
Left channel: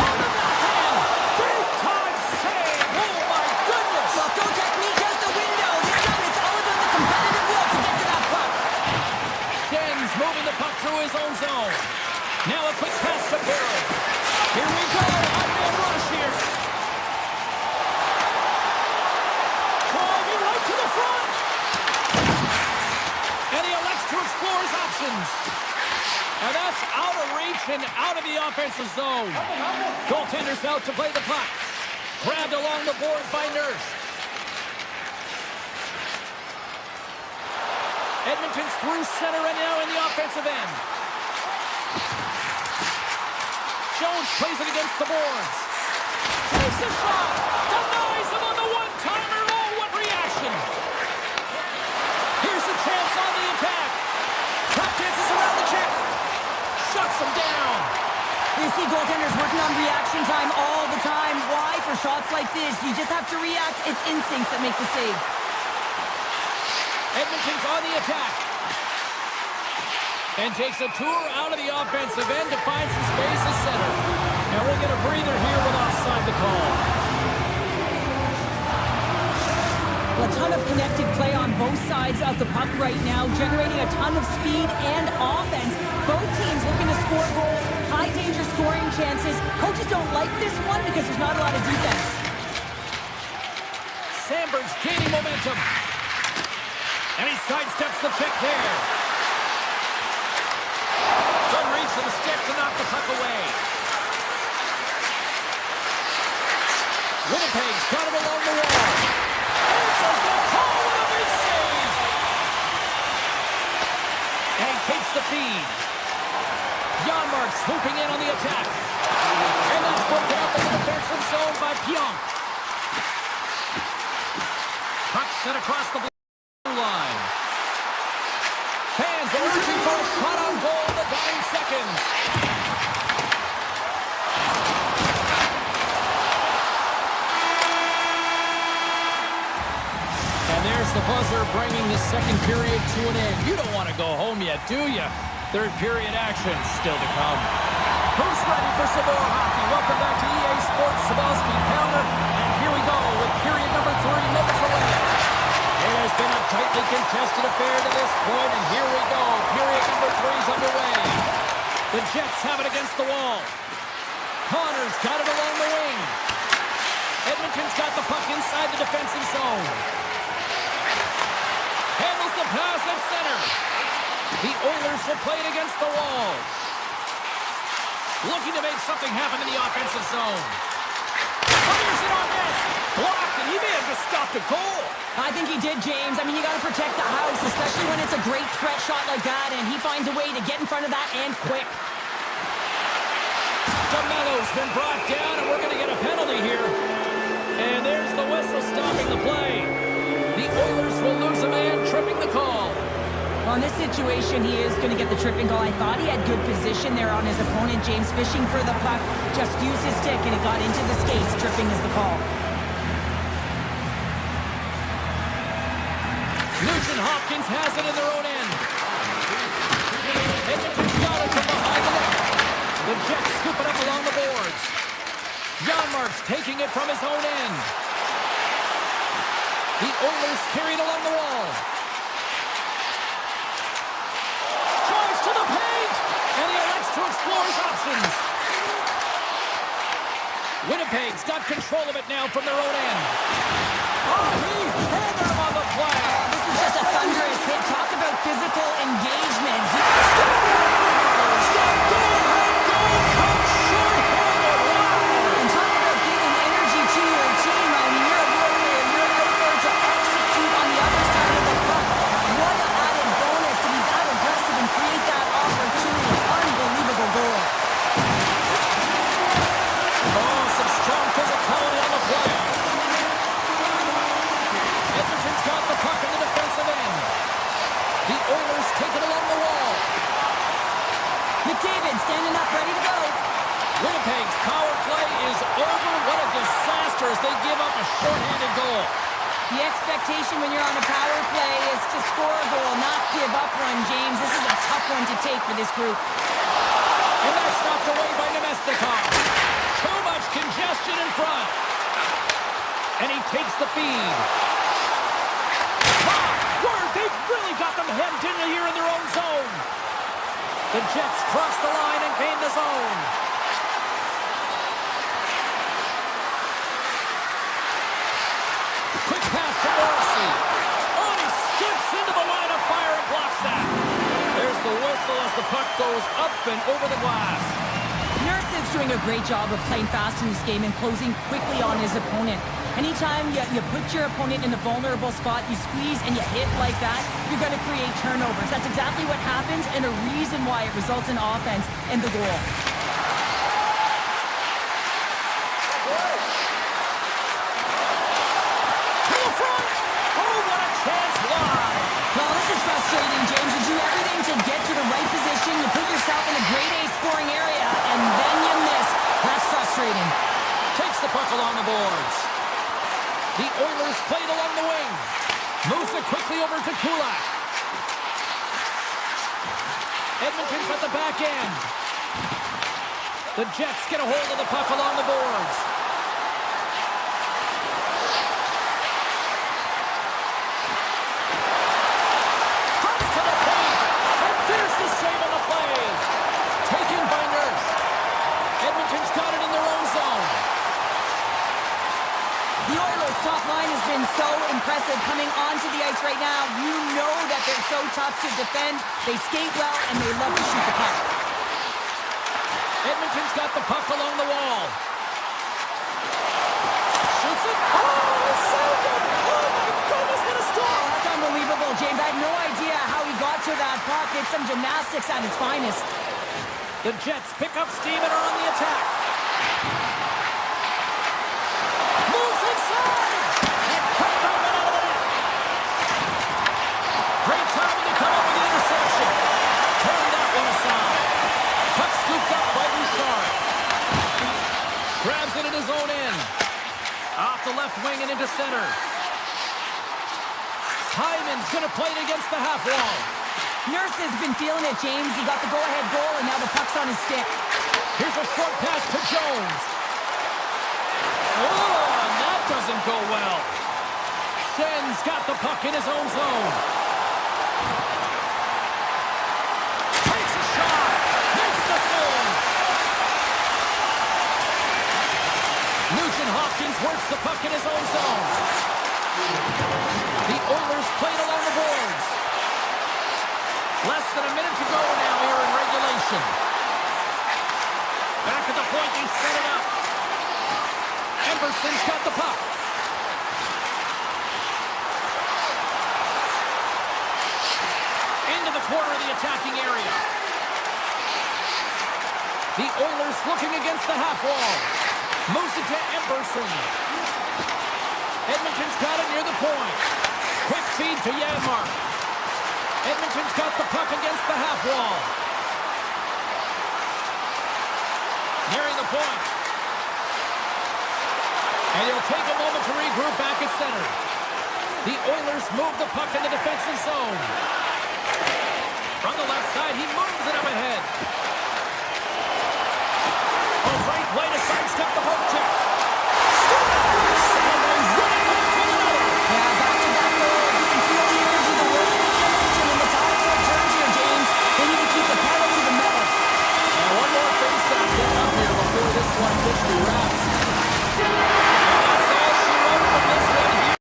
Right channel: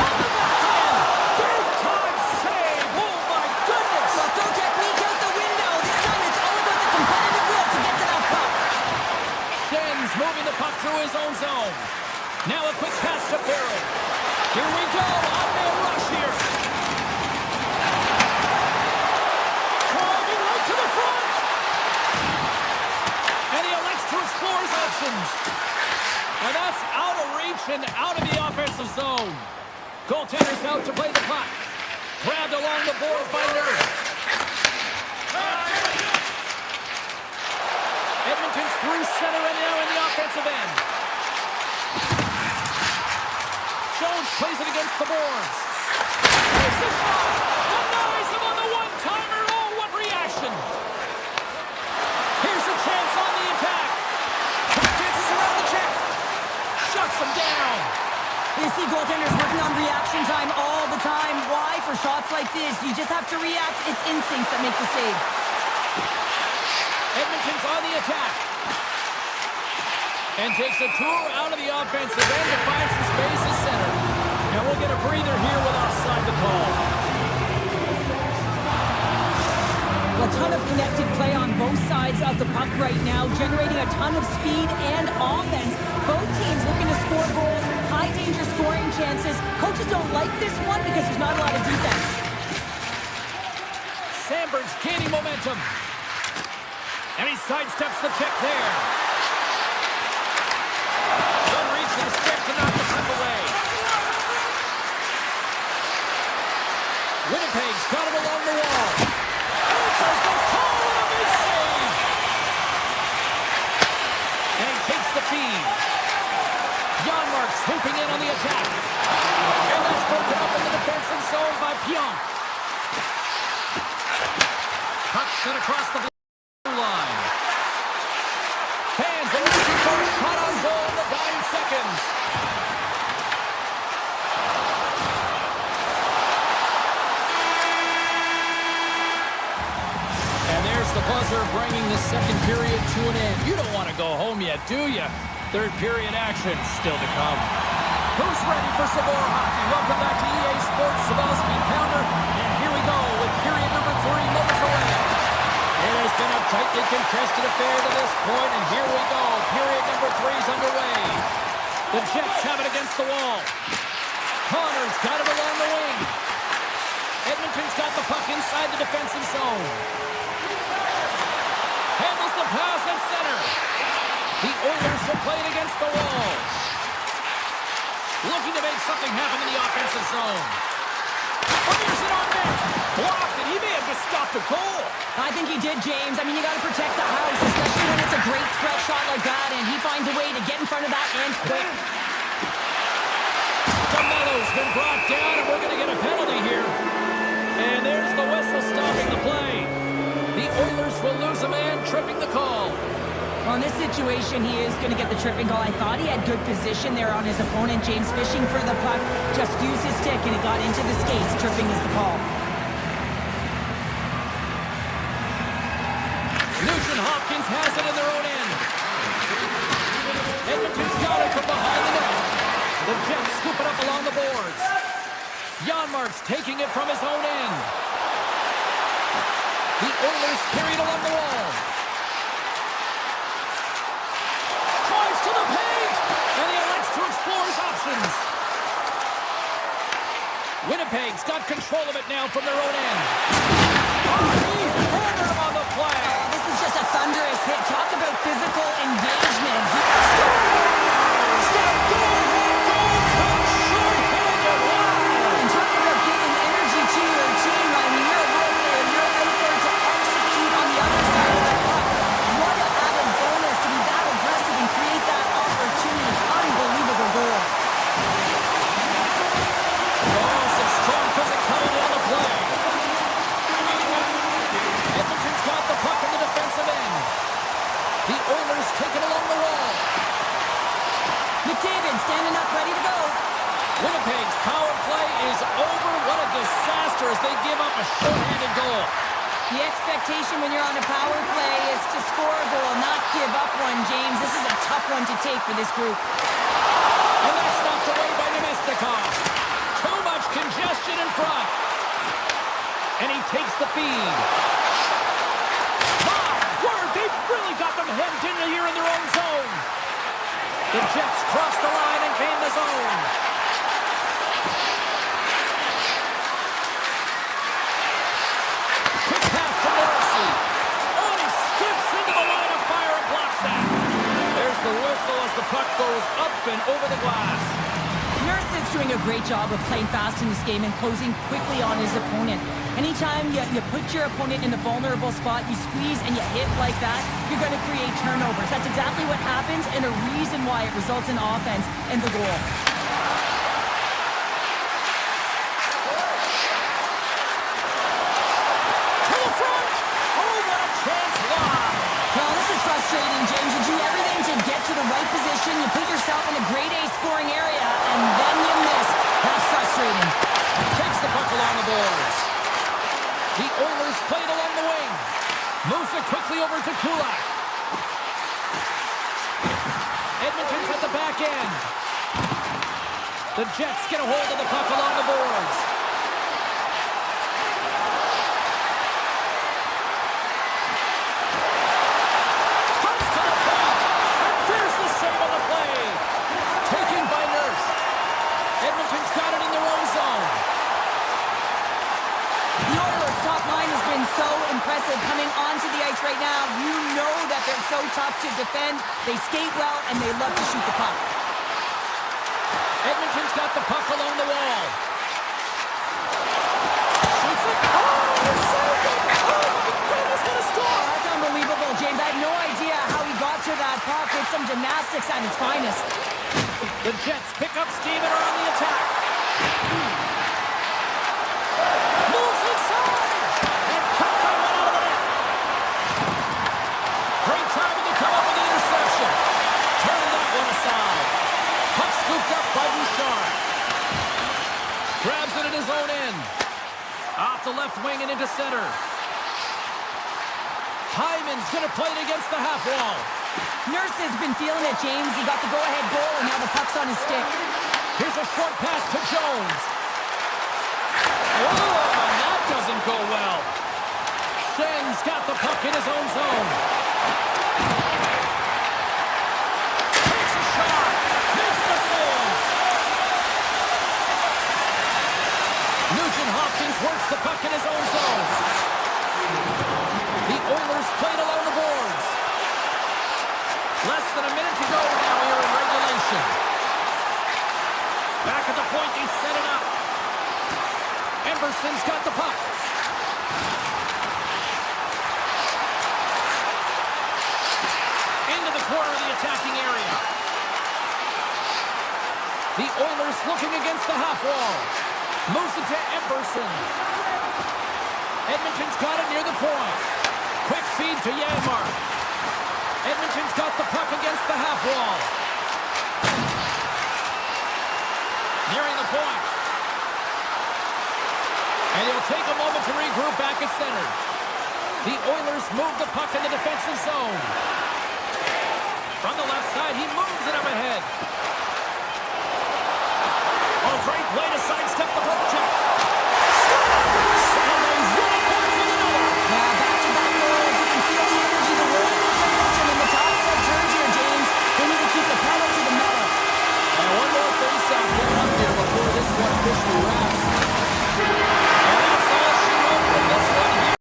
On the backhand. Big time save. Oh, my goodness. Well, throw technique out the window. This time it's all about the competitive will to get to that puck. Schen's moving the puck through his own zone. Now a quick pass to Barron. Here we go. Odd-man rush here. Driving right to the front. And he elects to explore his options. And that's out of reach and out of the offensive zone. Goaltender's out to play the puck. Grabbed along the boards by Nurse. Edmonton's through center and now in the offensive end. Jones plays it against the boards. Takes a shot. Denies him on the one-timer. Oh, what reaction. Here's a chance on the attack. Tap dances around the check. Shuts him down. You see goaltenders working on reaction time all the time. Why? For shots like this, you just have to react. It's instincts that make the save. Edmonton's on the attack. And takes a tour out of the offensive end to find some space at center. And we'll get a breather here with offside the call. A ton of connected play on both sides of the puck right now, generating a ton of speed and offense. Both teams looking to score goals, high-danger scoring chances. Coaches don't like this one because there's not a lot of defense. Sandberg's gaining momentum. And he sidesteps the check there. Good reach to the stick to knock the puck away. Winnipeg's got him along the wall. Answers the call with a big save. And he takes the feed. Janmark's swooping in on the attack. And that's broken up in the defensive zone by Pionk. Puck sent across the blue line. Fans are reaching for a shot on goal in the dying seconds. And there's the buzzer bringing the second period to an end. You don't want to go home yet, do you? Third period action still to come. Who's ready for some more hockey? Welcome back to EA Sports Sabalski Pounder. And here we go with period number 3 moments away. It has been a tightly contested affair to this point, and here we go. Period number 3 is underway. The Jets have it against the wall. Connor's got it along the wing. Edmonton's got the puck inside the defensive zone. Handles the pass at center. The Oilers will play it against the wall. Looking to make something happen in the offensive zone. Fires it on net. Blocked, and he may have just stopped a goal. I think he did, James. I mean, you got to protect the house, especially when it's a great threat shot like that, and he finds a way to get in front of that and quick. DeMello's been brought down, and we're going to get a penalty here. And there's the whistle stopping the play. The Oilers will lose a man, tripping the call. Well, in this situation, he is going to get the tripping call. I thought he had good position there on his opponent. James fishing for the puck, just used his stick, and it got into the skates. Tripping is the call. Nugent Hopkins has it in their own end. Edmonton's got it from behind the net. The Jets scoop it up along the boards. Janmark's taking it from his own end. The Oilers carry it along the wall. Drives to the paint, and he elects to explore his options. Winnipeg's got control of it now from their own end. Oh, he hammered him on the play. This is just a thunderous hit. Talk about physical engagement. He scores! That go-ahead goal comes short-handed. Wow! And talk about giving energy to your team. I mean, you're a role player. You're out there to execute on the other side of the puck. What an added bonus to be that aggressive and create that opportunity. Unbelievable goal. Oh, some strong physicality on the play. Edmonton's got the puck in the defensive end. The Oilers take it along the wall. McDavid standing up, ready to go. Winnipeg's power play is over. What a disaster as they give up a shorthanded goal. The expectation when you're on a power play is to score a goal, not give up one, James. This is a tough one to take for this group. And that's knocked away by Nemestikov. Too much congestion in front. And he takes the feed. My word, they've really got them hemmed in here in their own zone. The Jets cross the line and gain the zone. Quick pass to Morrissey. Oh, and he skips into the line of fire and blocks that. There's the whistle as the puck goes up and over the glass. Nurse is doing a great job of playing fast in this game and closing quickly on his opponent. Anytime you put your opponent in a vulnerable spot, you squeeze and you hit like that, you're going to create turnovers. That's exactly what happens and a reason why it results in offense and the goal. To the front! Oh, what a chance wide! Well, this is frustrating, James. You do everything to get to the right position. You put yourself in a grade A scoring area, and then you miss. That's frustrating. Takes the puck along the boards. The Oilers play it along the wing. Moves it quickly over to Kulak. Edmonton's at the back end. The Jets get a hold of the puck along the boards. Comes to the paint. And there's the save on the play. Taken by Nurse. Edmonton's got it in their own zone. The Oilers' top line has been so impressive coming onto the ice right now. You know that they're so tough to defend. They skate well, and they love to shoot the puck. Edmonton's got the puck along the wall. Shoots it. Oh, so good. Oh, my goodness, what a Oh, stop. that's unbelievable, James. I have no idea how he got to that puck. It's some gymnastics at its finest. The Jets pick up steam and are on the attack. Moves inside. And cut that one out of the net. Great timing to come up with the interception. Turn that one aside. Puck scooped up by Bouchard. Grabs it in his own end. Off the left wing and into center. Hyman's going to play it against the half wall. Nurse has been feeling it, James. He got the go-ahead goal, and now the puck's on his stick. Here's a short pass to Jones. Oh, and that doesn't go well. Schen's got the puck in his own zone. Takes a shot. Makes the save. Nugent Hopkins works the puck in his own zone. The Oilers played along the boards. Less than a minute to go now here in regulation. Back at the point, they set it up. Emberson's got the puck. Into the corner of the attacking area. The Oilers looking against the half wall. Moves it to Emberson. Edmonton's got it near the point. Quick feed to Janmark. Edmonton's got the puck against the half wall. Nearing the point. And he'll take a moment to regroup back at center. The Oilers move the puck in the defensive zone. From the left side, he moves it up ahead. Oh, great play to sidestep the poke check. Scores! And they run it back with another. Yeah, back-to-back goals. You can feel the energy, the word, the momentum, and the tides have turned here, James. They need to keep the pedal to the metal. And one more face-off getting up here before this one officially wraps. And that's all she wrote from this one here.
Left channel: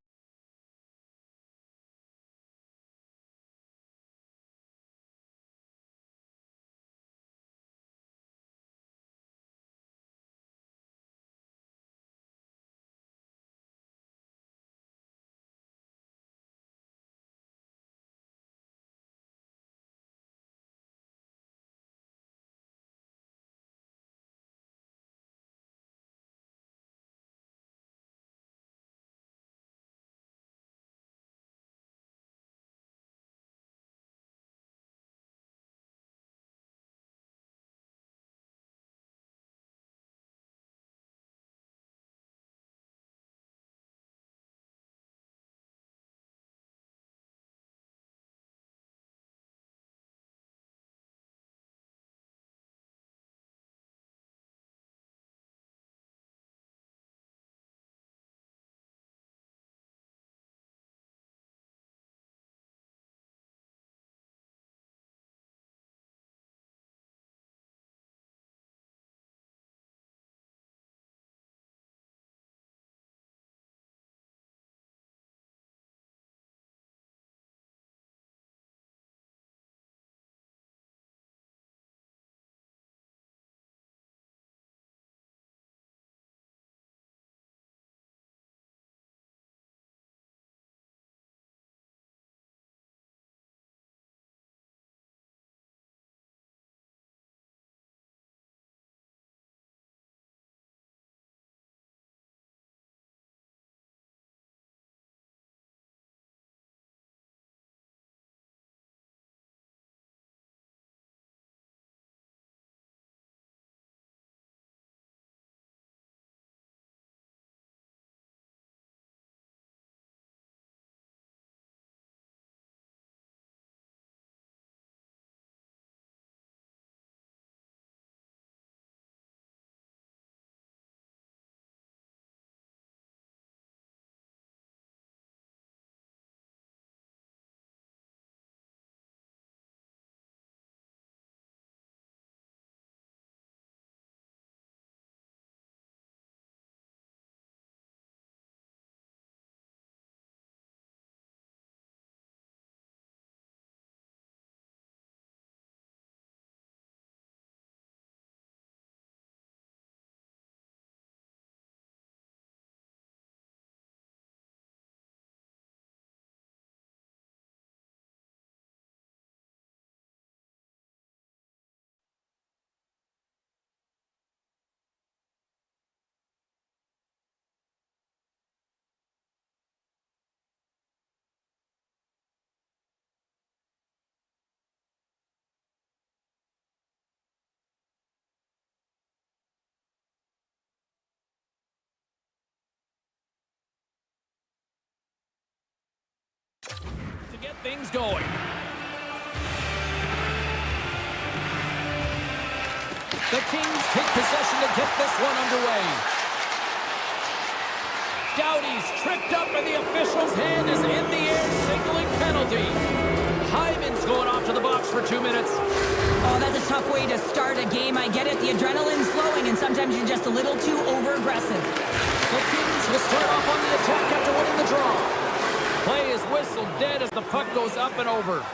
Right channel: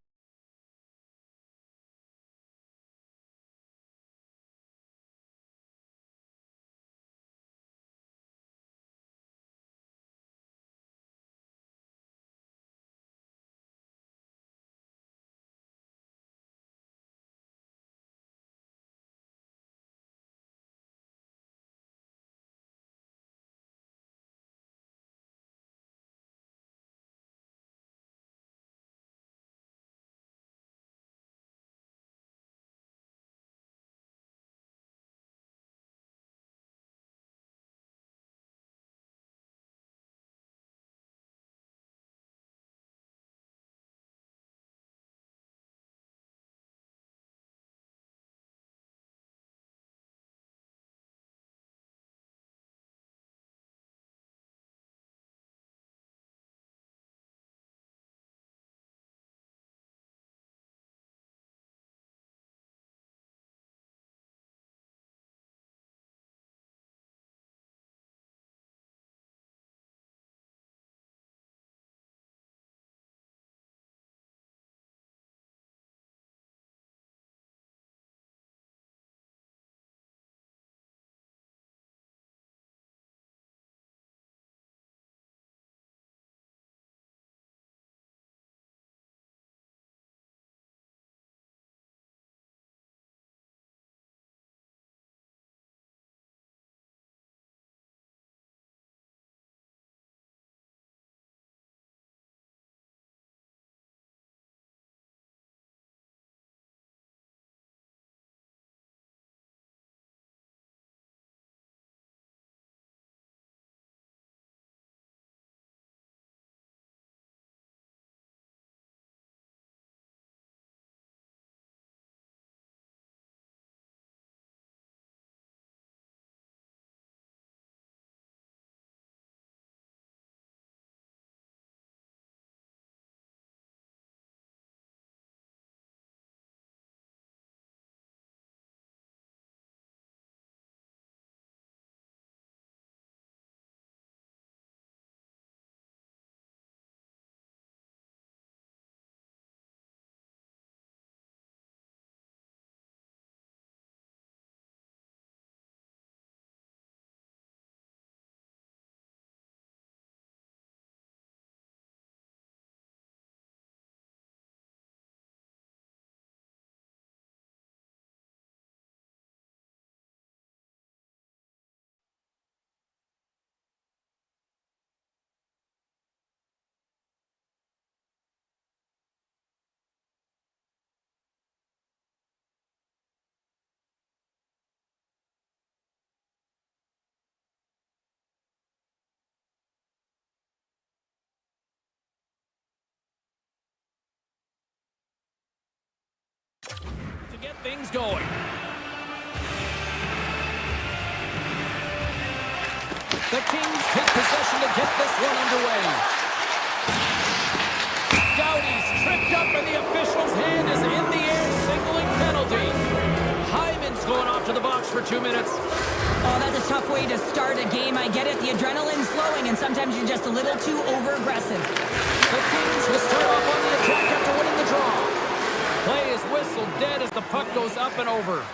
To get things going. The Kings take possession to get this one underway. Doughty's tripped up and the official's hand is in the air signaling penalty. Hyman's going off to the box for 2 minutes. Oh, that's a tough way to start a game. I get it. The adrenaline's flowing, and sometimes you're just a little too over-aggressive. The Kings will start off on the attack after winning the draw. Play is whistled dead as the puck goes up and over.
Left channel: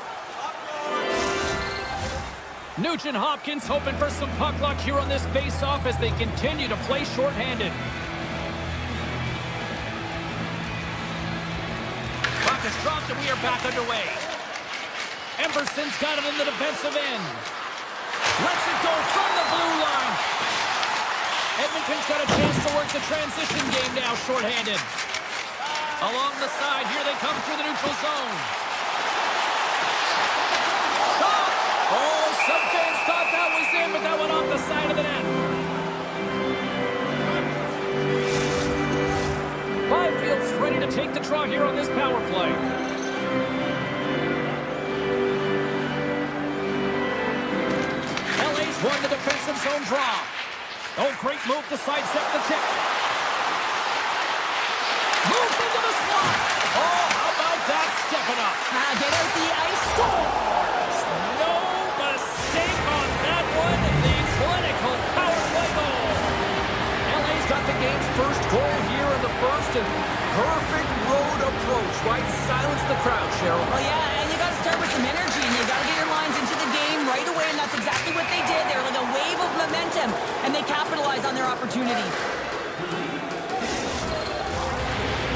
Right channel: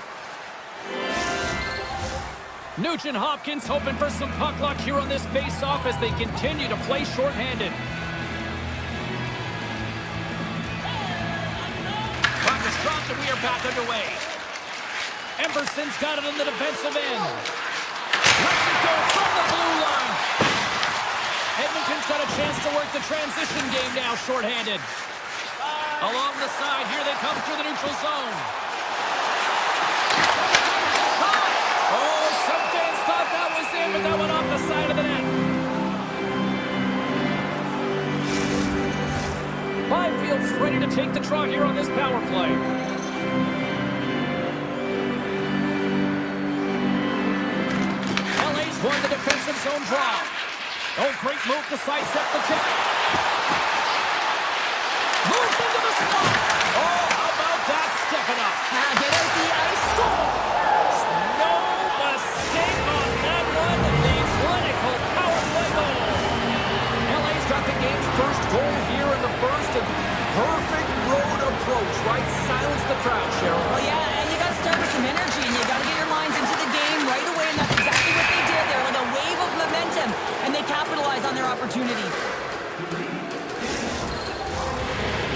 Nugent Hopkins hoping for some puck luck here on this face-off as they continue to play shorthanded. Puck is dropped and we are back underway. Emberson's got it in the defensive end. Lets it go from the blue line. Edmonton's got a chance to work the transition game now shorthanded. Along the side, here they come through the neutral zone. Shot! Oh, some fans thought that was in, but that went off the side of the net. Byfield's ready to take the draw here on this power play. LA's won the defensive zone draw. Oh, great move to sidestep the kick. Moves into the slot. Oh, how about that stepping up? Get out the ice. Scores! No mistake on that one. The clinical power play goal. LA's got the game's first goal here in the first, and perfect road approach, right? Silence the crowd, Cheryl. Well, yeah, and you got to start with some energy, and you got to get your lines into the game right away, and that's exactly what they did. They were like a wave of momentum, and they capitalized on their opportunity.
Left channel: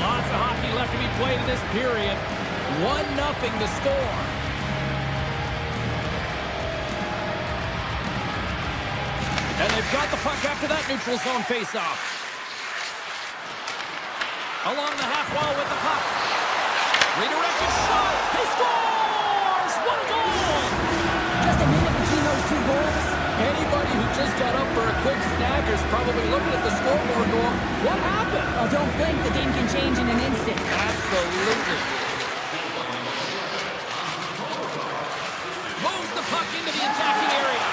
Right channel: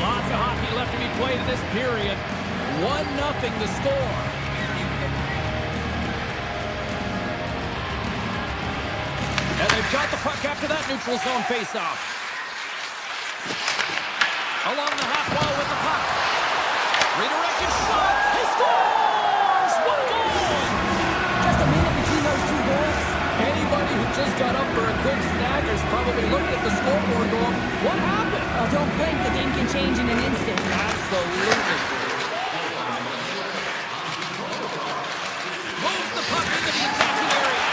Lots of hockey left to be played in this period. 1-0 the score. And they've got the puck after that neutral zone faceoff. Along the half wall with the puck. Redirected shot. He scores! What a goal! Just a minute between those two goals. Anybody who just got up for a quick snagger is probably looking at the scoreboard going, what happened? Oh, don't blink. The game can change in an instant. Absolutely. Moves the puck into the attacking area.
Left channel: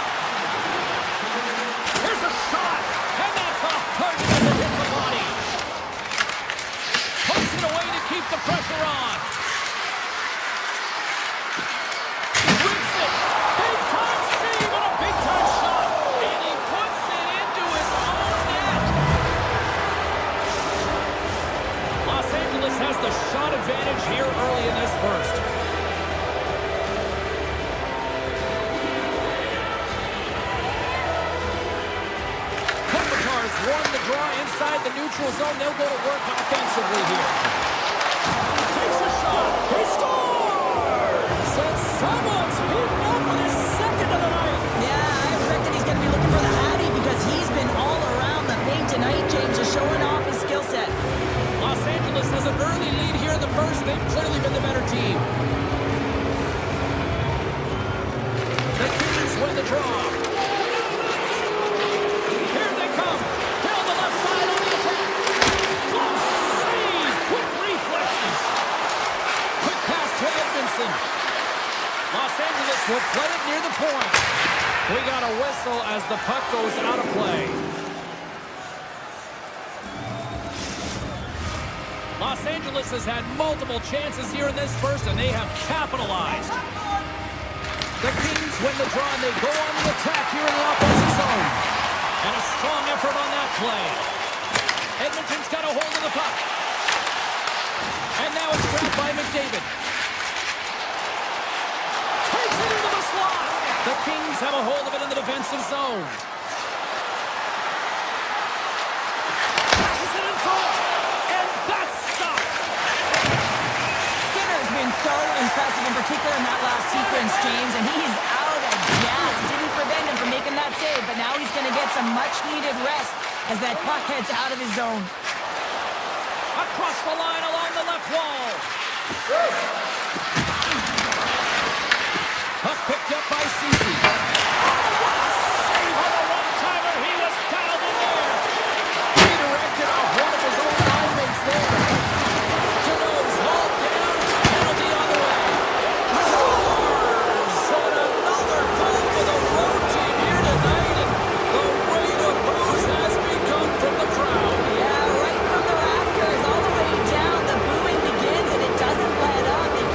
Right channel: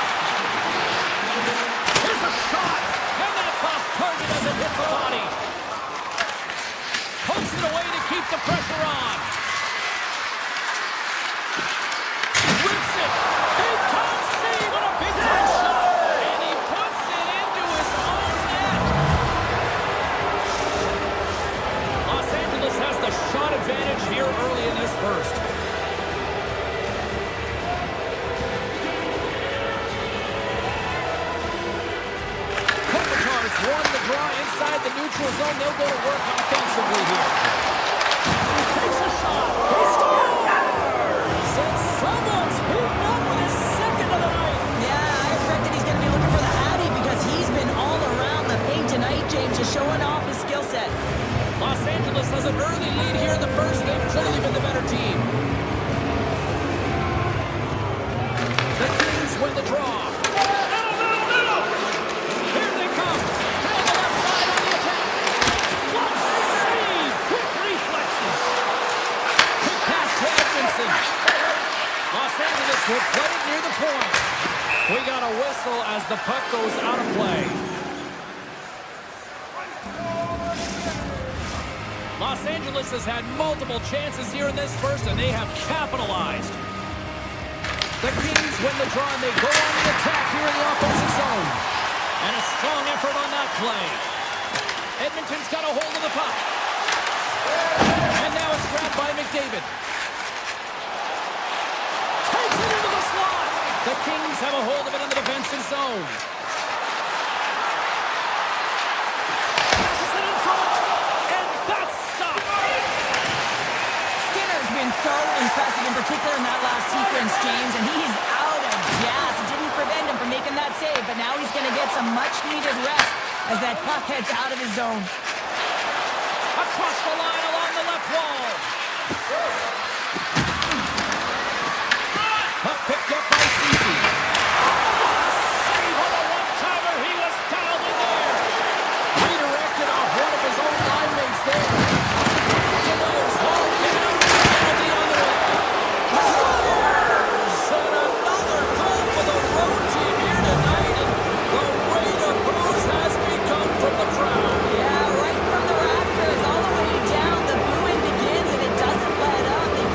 Here's a shot, and that's off target as it hits the body. Pokes it away to keep the pressure on. Rips it. Big time save on a big time shot. And he puts it into his own net. Los Angeles has the shot advantage here early in this first. Won the draw inside the neutral zone. They'll go to work offensively here. He takes a shot. He scores! And someone's heating up with his second of the night. Yeah, I expect that he's going to be looking for the Hattie because he's been all around the paint tonight, James, just showing off his skill set. Los Angeles has an early lead here in the first. They've clearly been the better team. The Kings win the draw. Here they come. Down the left side on the attack. Close save. Quick reflexes. Quick pass to Edmondson. Los Angeles will play it near the point. We got a whistle as the puck goes out of play. Los Angeles has had multiple chances here in this first, and they have capitalized. The Kings win the draw, and they go on the attack here in the offensive zone. And a strong effort on that play. Edmonton's got a hold of the puck. And now it's grabbed by McDavid. Takes it into the slot. The Kings have a hold of it in the defensive zone. Passes it in front. And that's stopped. Skinner's been so impressive, in particular in that last sequence, James, and he's out of gas. It didn't prevent him from making that save, but now he's going to get some much-needed rest as that puck heads out of his zone. Across the line along the left wall. Puck picked up by Ceci. Oh, what a save on a one-timer. He was dialed in there. Redirected off one of his own line mates there. Janot's hauled down. Penalty on the way. Scores! And another goal for the road team here tonight. And the rain of booze has begun from the crowd. Yeah, right from the rafters all the way down. The booing begins, and it doesn't let up. They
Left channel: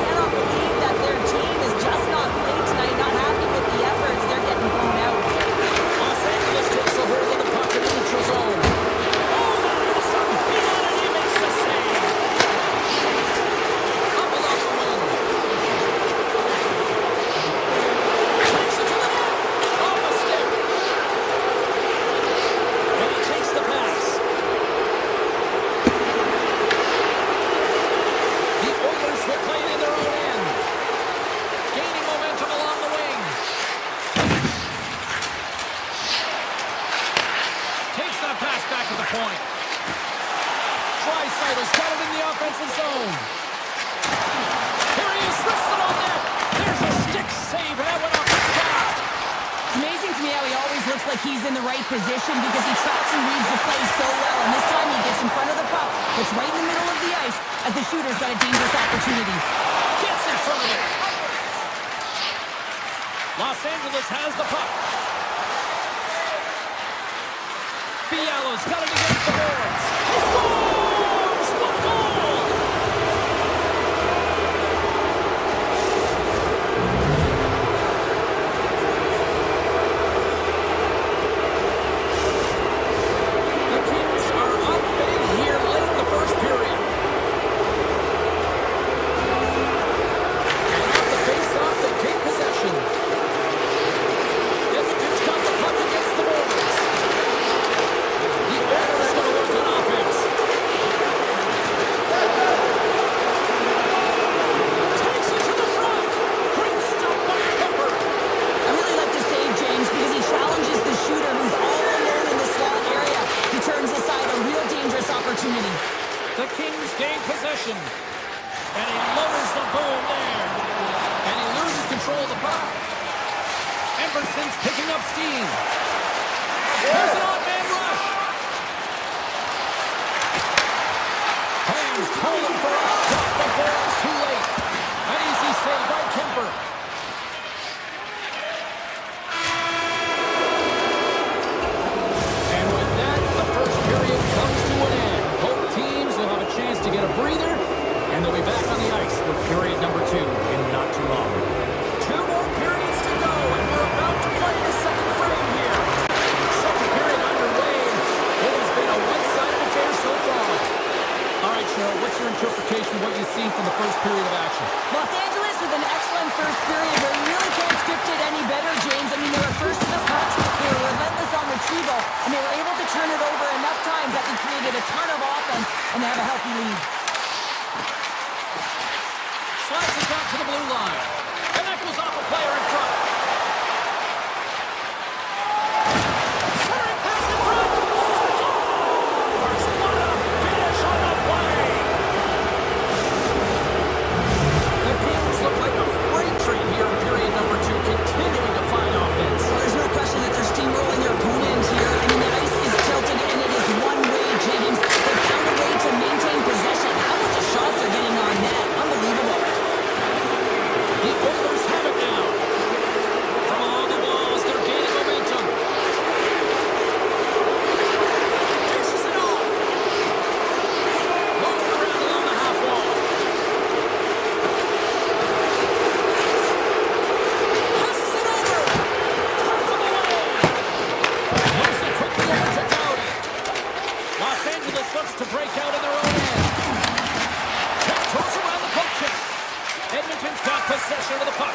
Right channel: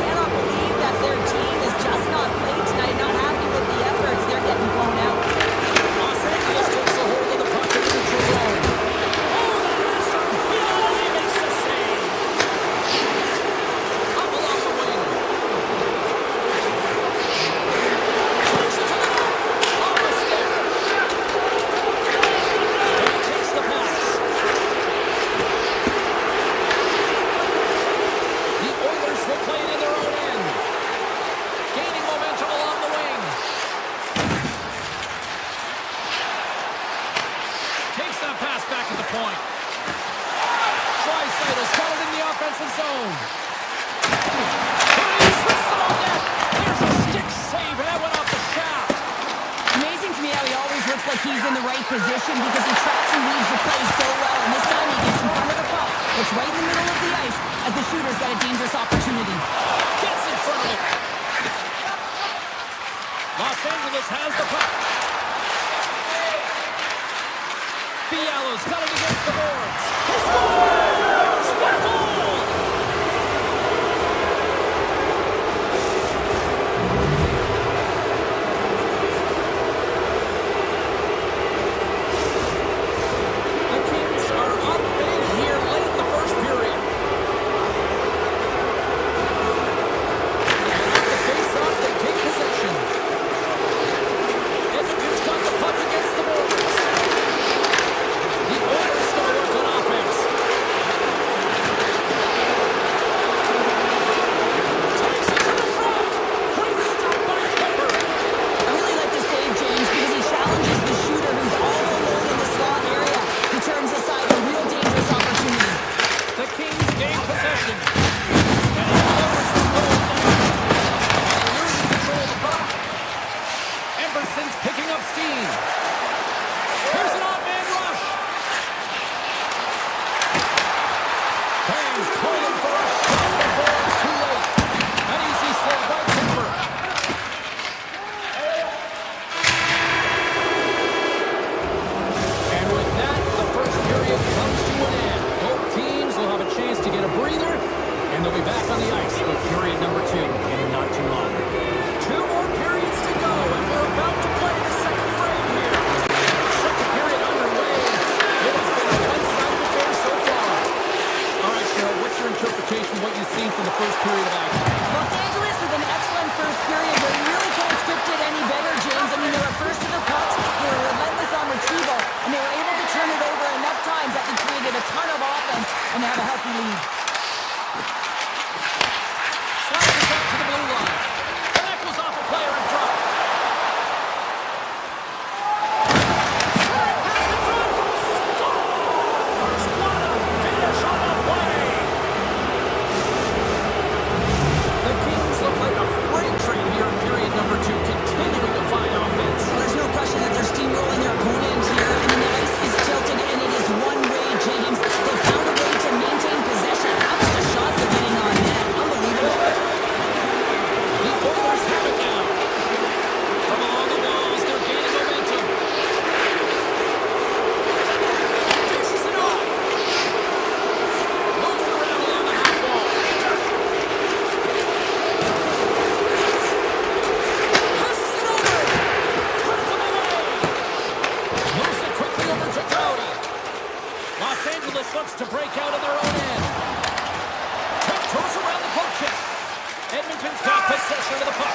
that pass back at the point. Draisaitl got it in the offensive zone. Here he is, wristed on net. There's a stick save, and that went off the shaft. Amazing to me how he always looks like he's in the right position because he tracks and reads the play so well. And this time he gets in front of the puck. It's right in the middle of the ice as the shooter's got a dangerous opportunity. Gets in front of it. Los Angeles has the puck. Fialo's got it against the boards. He scores! What a goal! The Kings are up big here late in the first period. And off the face-off, they take possession. Edmonton's got the puck against the boards. The Oilers going to work on offense. Takes it to the front. Great stop by Kemper. I really like the save, James, because he challenges the shooter who's all alone in the slot area. He turns aside a real dangerous opportunity. The Kings gain possession. And he lowers the goal there. And he loses control of the puck. Emerson's picking up steam. Here's an odd man rush. Fans calling for a shot before it's too late. An easy save by Kemper. And with that, the first period comes to an end. Both teams will have a chance to get a breather, and they'll be back on the ice with period number 2 in not too long. 2 more periods to go, and we're about to play the second frame here. Second period underway. It has been a one-sided affair so far. All right, Cheryl, what's your interpretation of what you've seen from the first period of action? Los Angeles with an excellent first period where you really can't script it any better, James. I mean, they were first to the pucks, they were relentless on retrieval, and they were able to turn it over enough times that they created a ton of offense, and they have a healthy lead. Slides it back to the blue line. And that goes off a player in front. Centering pass in front. Scores! What a finish on the play! The Kings look like a freight train here in period number 2, continuing to find offense. Well, there's no question that they're steamrolling their opponent here. I mean, the ice is tilted, and it is one way, James. They found a way to maintain possession. How about the shots they're getting on net? Unbelievable. The Oilers have it now. From along the walls, they're gaining momentum. Dishes it off. Moves it around along the half wall. Passes it over. Turns them away. Moves it quickly over to Doughty. Los Angeles looks to break out in their own end. Tiptoes around the poke check. Edmonton's got possession of the puck.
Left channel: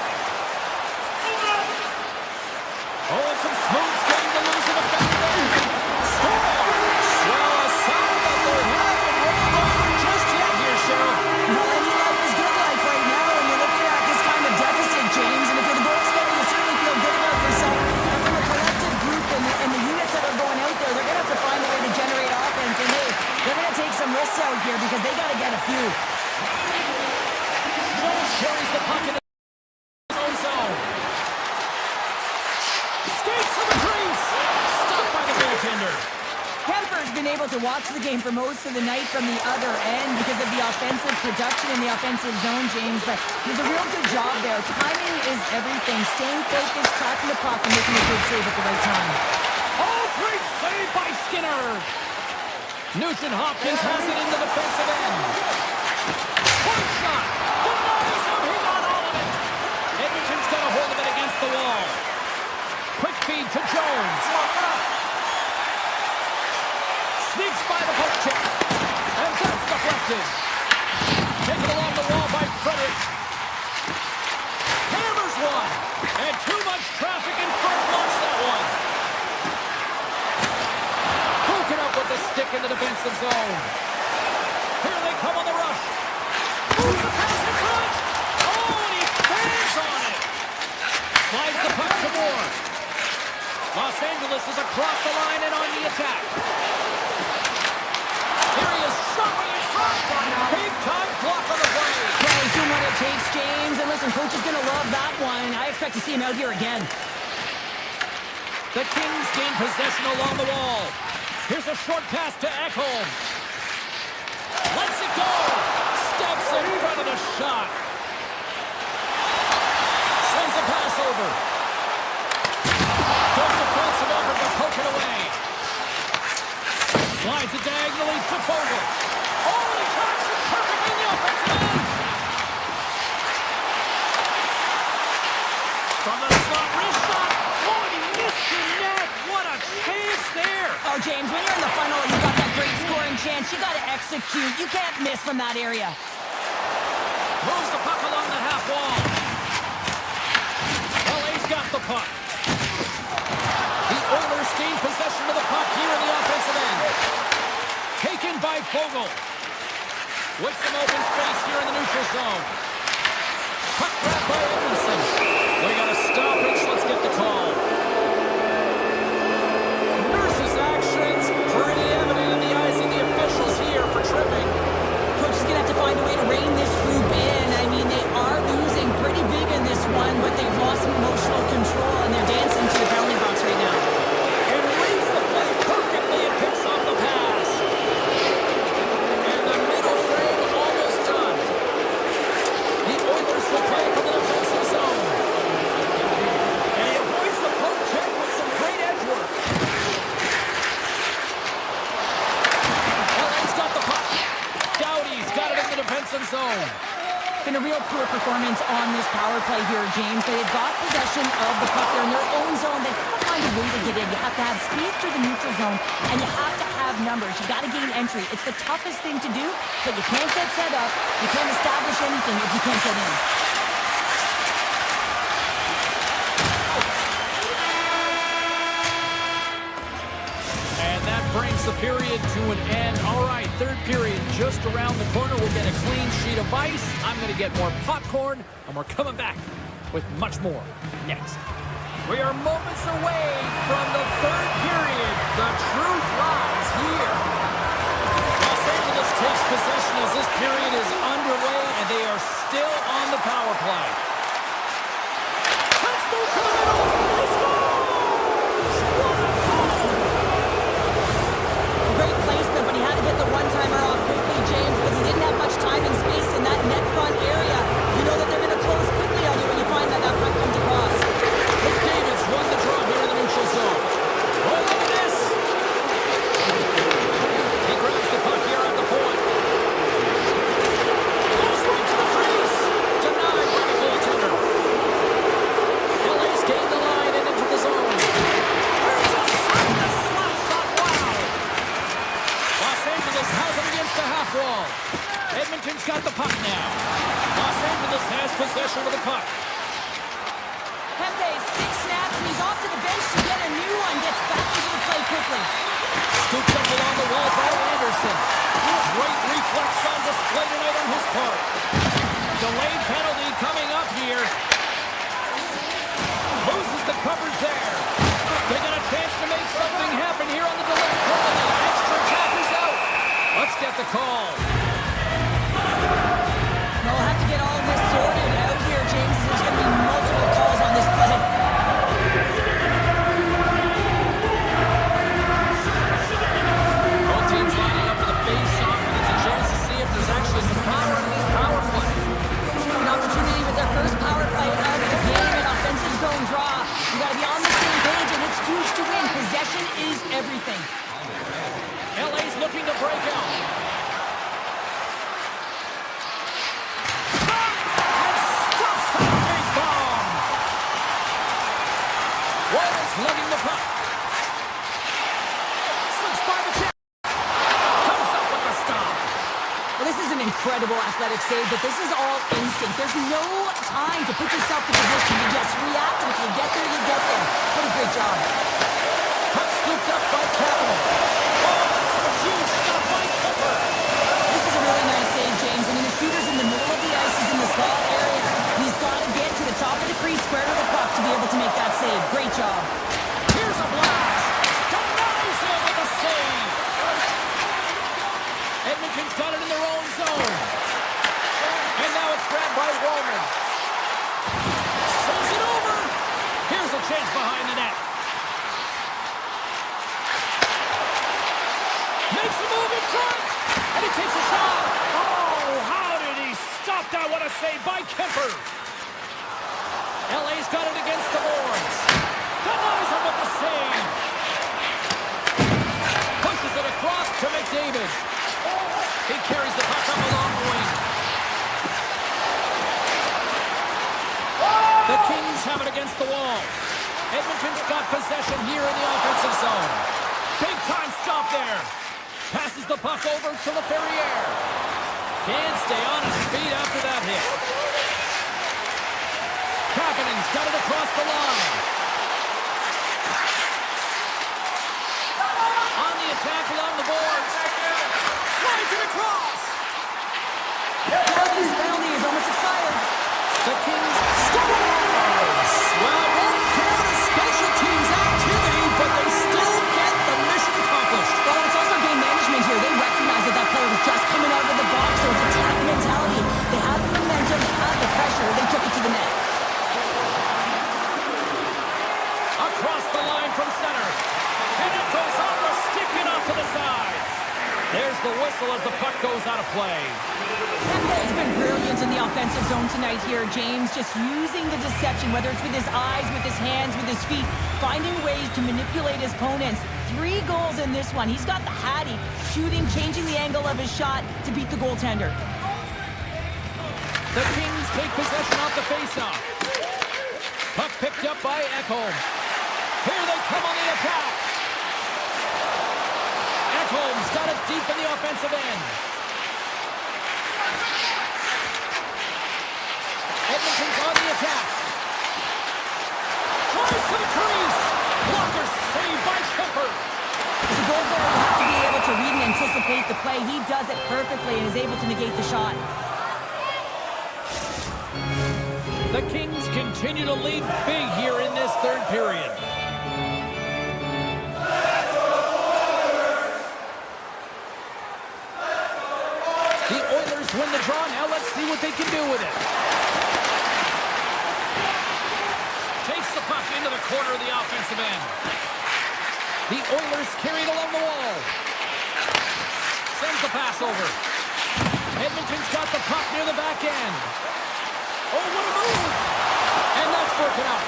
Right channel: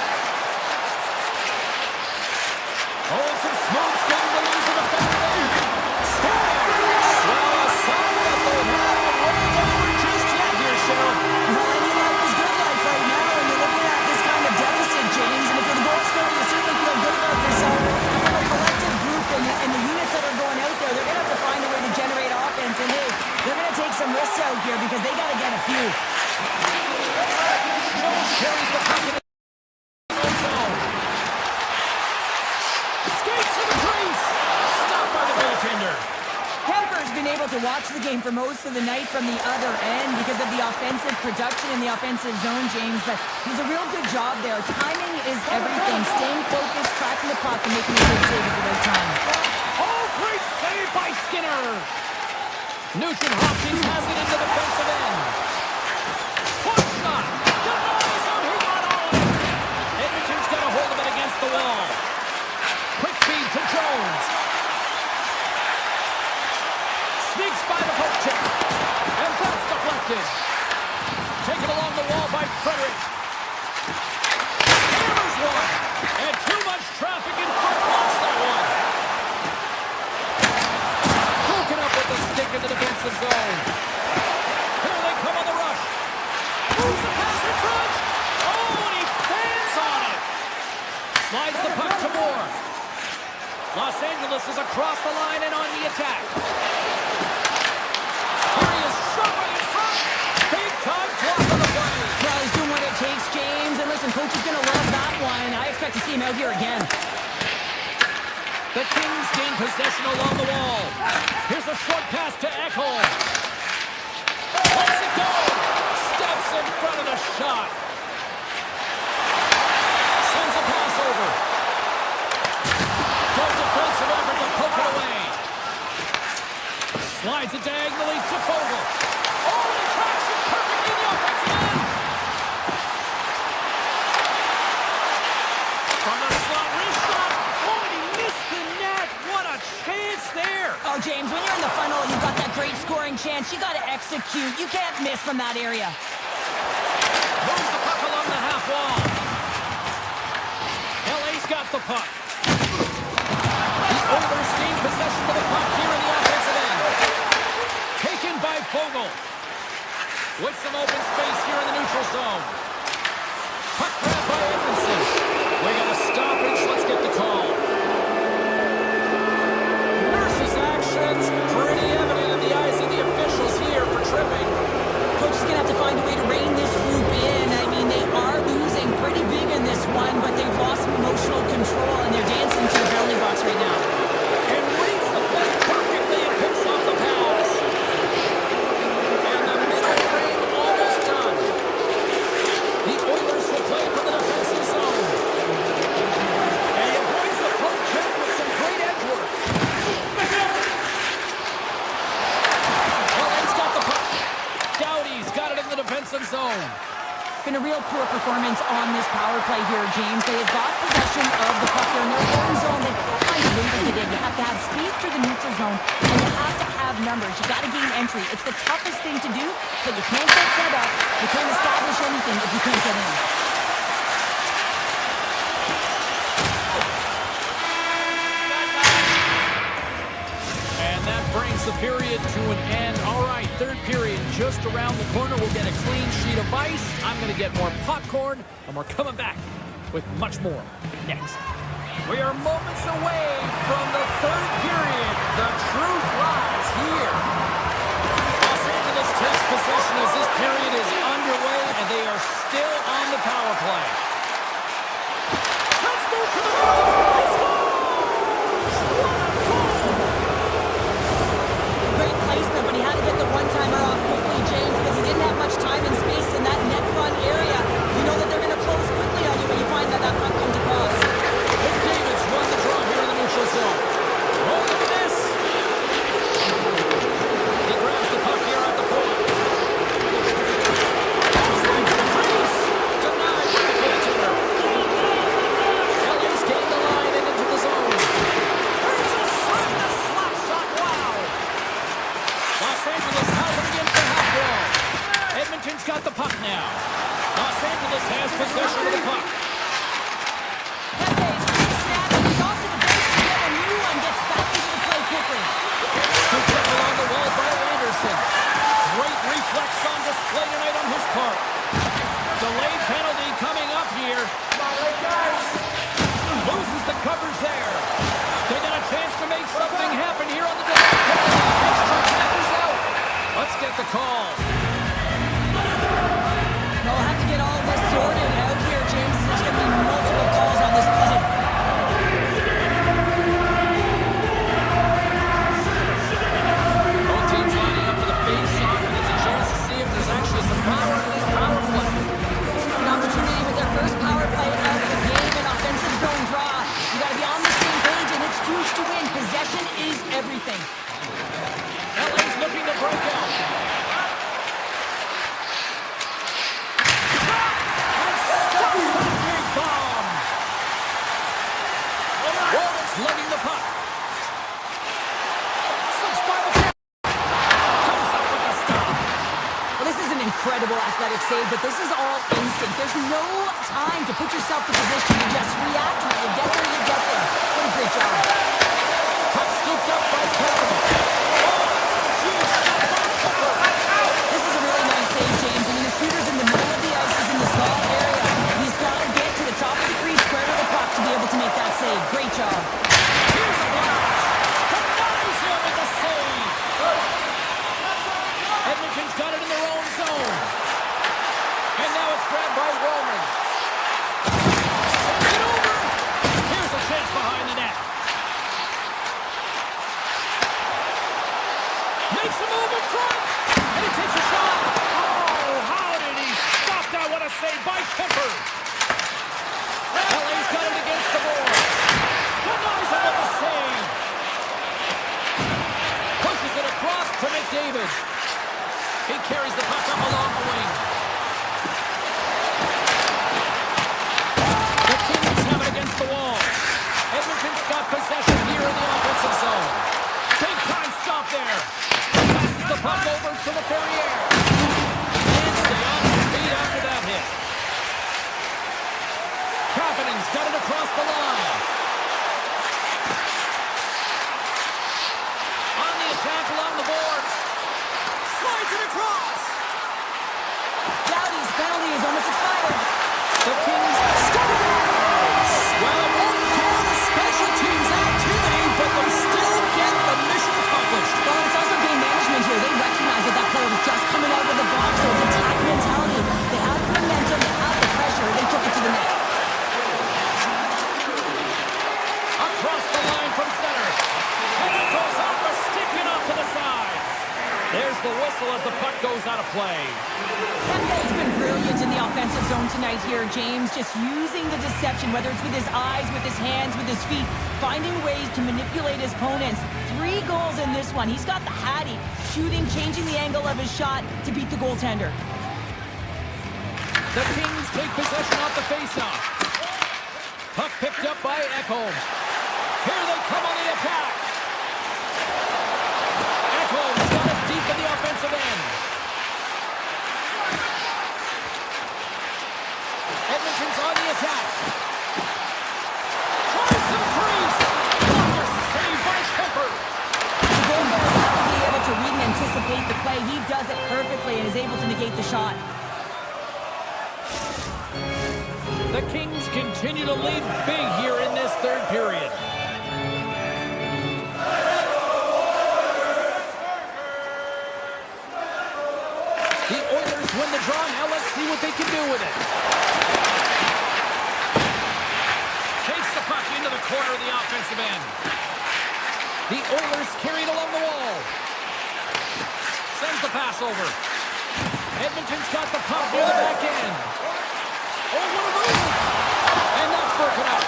Oh, and some smooth skating to lose the defender there. Scores! Well, a sign that they haven't rolled over just yet here, Cheryl. Well, any life is good life right now when you're looking at this kind of deficit, James. And if you're the goal scorer, you certainly feel good about yourself. And from a collective group and the units that are going out there, they're going to have to find a way to generate offense. And, hey, they're going to take some risks out here because they got to get a few. Jones carries the puck in his own zone. Skates to the crease. Stopped by the goaltender. Kemper's been able to watch the game for most of the night from the other end because of the offensive production in the offensive zone, James. But he's a real good job there. Timing is everything. Staying focused, tracking the puck, and making a good save at the right time. Oh, great save by Skinner. Nugent Hopkins has it in the defensive end. Point shot. Denies him. He got all of it. Edmonton's got a hold of it against the wall. Quick feed to Jones. Sneaks by the poke check. And that's deflected. Taken along the wall by Frederick. Hammers one. And too much traffic in front blocks that one. Broken up with the stick in the defensive zone. Here they come on the rush. Moves the pass in front. Oh, and he fans on it. Slides the puck to Moore. Los Angeles is across the line and on the attack. Here he is, shoving in front. Big time block on the play. Well, he's doing what it takes, James. And listen, coach is going to love that one. I expect to see him out here again. The Kings gain possession along the wall. Here's a short pass to Ekholm. Lets it go. Steps in front of the shot. Sends a pass over. Good defensive effort to poke it away. Slides it diagonally to Fogle. Oh, and he tracks it perfectly in the offensive end. From the slot, wrist shot. Oh, and he missed the net. What a chance there. Oh, James, when you're in the final, you've got that great scoring chance. You got to execute. You can't miss from that area. Moves the puck along the half wall. LA's got the puck. The Oilers gain possession of the puck here in the offensive end. Taken by Fogle. With some open space here in the neutral zone. Puck grab by Edmondson. We got a stoppage. Let's get the call. Nurse's actions pretty evident in the eyes of the officials here for tripping. Coach is going to have to find a way to rein this group in. I mean, they are losing pretty big in this one, but they've lost emotional control, and they're dancing to the penalty box right now. And reads the play perfectly and picks off the pass. And the middle frame almost done. The Oilers will play from the defensive zone. And he avoids the poke check with some great edge work. LA's got the puck. Doughty's got it in the defensive zone. Been a real poor performance on this power play here, James. They have got possession of the puck there in their own zone. They have to find a way to get in. You have to have speed through the neutral zone, and you have to have numbers. You got to gain entry. It's the toughest thing to do, but you can't get set up. You can't establish anything if you can't get in. And that brings the period to an end. All right, third period just around the corner. We'll get a clean sheet of ice. I'm going to get more popcorn, and we're coming back with much more next. We are moments away from the third period. The truth lies here. Los Angeles takes possession as this period is underway, and they are still on the power play. Let's move to the middle. He scores! What a goal! Great placement, but he had to get the one-timer off quickly, James, because he didn't have much time and space in that net front area. You know that they're going to close quickly on you when you find that that puck comes across. McDavid's won the draw here in the neutral zone. Oh, look at this! He grabs the puck here at the point. Goes right to the crease! Denied by the goaltender. LA's gained the line and into the zone. Turns aside the slap shot. Wow! Los Angeles has it against the half wall. Edmonton's got the puck now. Los Angeles has possession of the puck. Pepe's big snap, and he's off to the bench to get a new one. Gets back into the play quickly. Scooped up along the wall by Anderson. Great reflex on display tonight on his part. Delayed penalty coming up here. Loses the coverage there. They got a chance to make something happen here on the delayed penalty. Extra attackers out. Let's get the call. We'll have to get all this sorted out here, James. There's going to be multiple calls on this play. Both teams lining up for the face-off, and it's a chance to see if there's actually some power in this power play. An opportunity with their first power play of the game, an offensive zone draw. You got to be on the same page, and it's huge to win. Possession is everything. LA's looking to break out. And stops that big bomb. Walden's lugging the puck. Slips by the check. Comes up with the stop. Well, this is an incredible athletic save, but this is all instinct. There's no time to put yourself in position to just react, and if you get there, you get there. What a great job. Puck scooped up by Kapanen. Oh, that's a huge stop by Kipper. This is a really nice save, James. I mean, the shooter's in the middle of the ice. He's in the slot area. He's got to get to the top of the crease, square to the puck to be able to make that save. Great job. Here's a Makes a move in front. And he takes a shot. Oh, how did he stop that? What a save by Kemper. LA's got it against the boards. Denies him with the save. Pushes it across to McDavid. He carries the puck up along the wing. The Kings have it against the wall. Edmonton's got possession here in the offensive zone. Big time stop there. Passes the puck over to Laferriere. And stay on his feet after that hit. Kapanen's got it across the line. On the attack along the boards. Slides it across. Dowdy's penalty is almost expired. The Kings scores! Well, it won't count as special teams activity, but they still get the mission accomplished. Well, it's also game management here. They recognize that that player was just coming out of the box, so it's attack mentality. They had the momentum, they had the pressure, they took it to the net. Across the line from center. And it goes off a stick and off to the side. There's the whistle as the puck goes out of play. Kemper's been brilliant in the offensive zone tonight here, James. Just using the deception, whether it's with his eyes, with his hands, with his feet, finding ways to manipulate his opponents. 3 goals in this one. He's got the hattie, shooting, changing the angle of his shot to beat the goaltender. The Kings take possession off the faceoff. Puck picked up by Ekholm. Here they come on the attack. Ekholm's got it deep in the offensive end. Edmonton's on the attack. Tries to the crease. Blocker saved by Kemper. The goaltender will have to be able to read and anticipate the play. He does it perfectly and is able to negate the shot. The Kings continue to lead big here in this third period. The Oilers win the draw. Now let's see what they can do with it. Takes the puck into the corner of the offensive end. The Oilers carry it along the wall. Sends the pass over. Edmonton's got the puck near the back end. Oh, what a move! And that's broken up.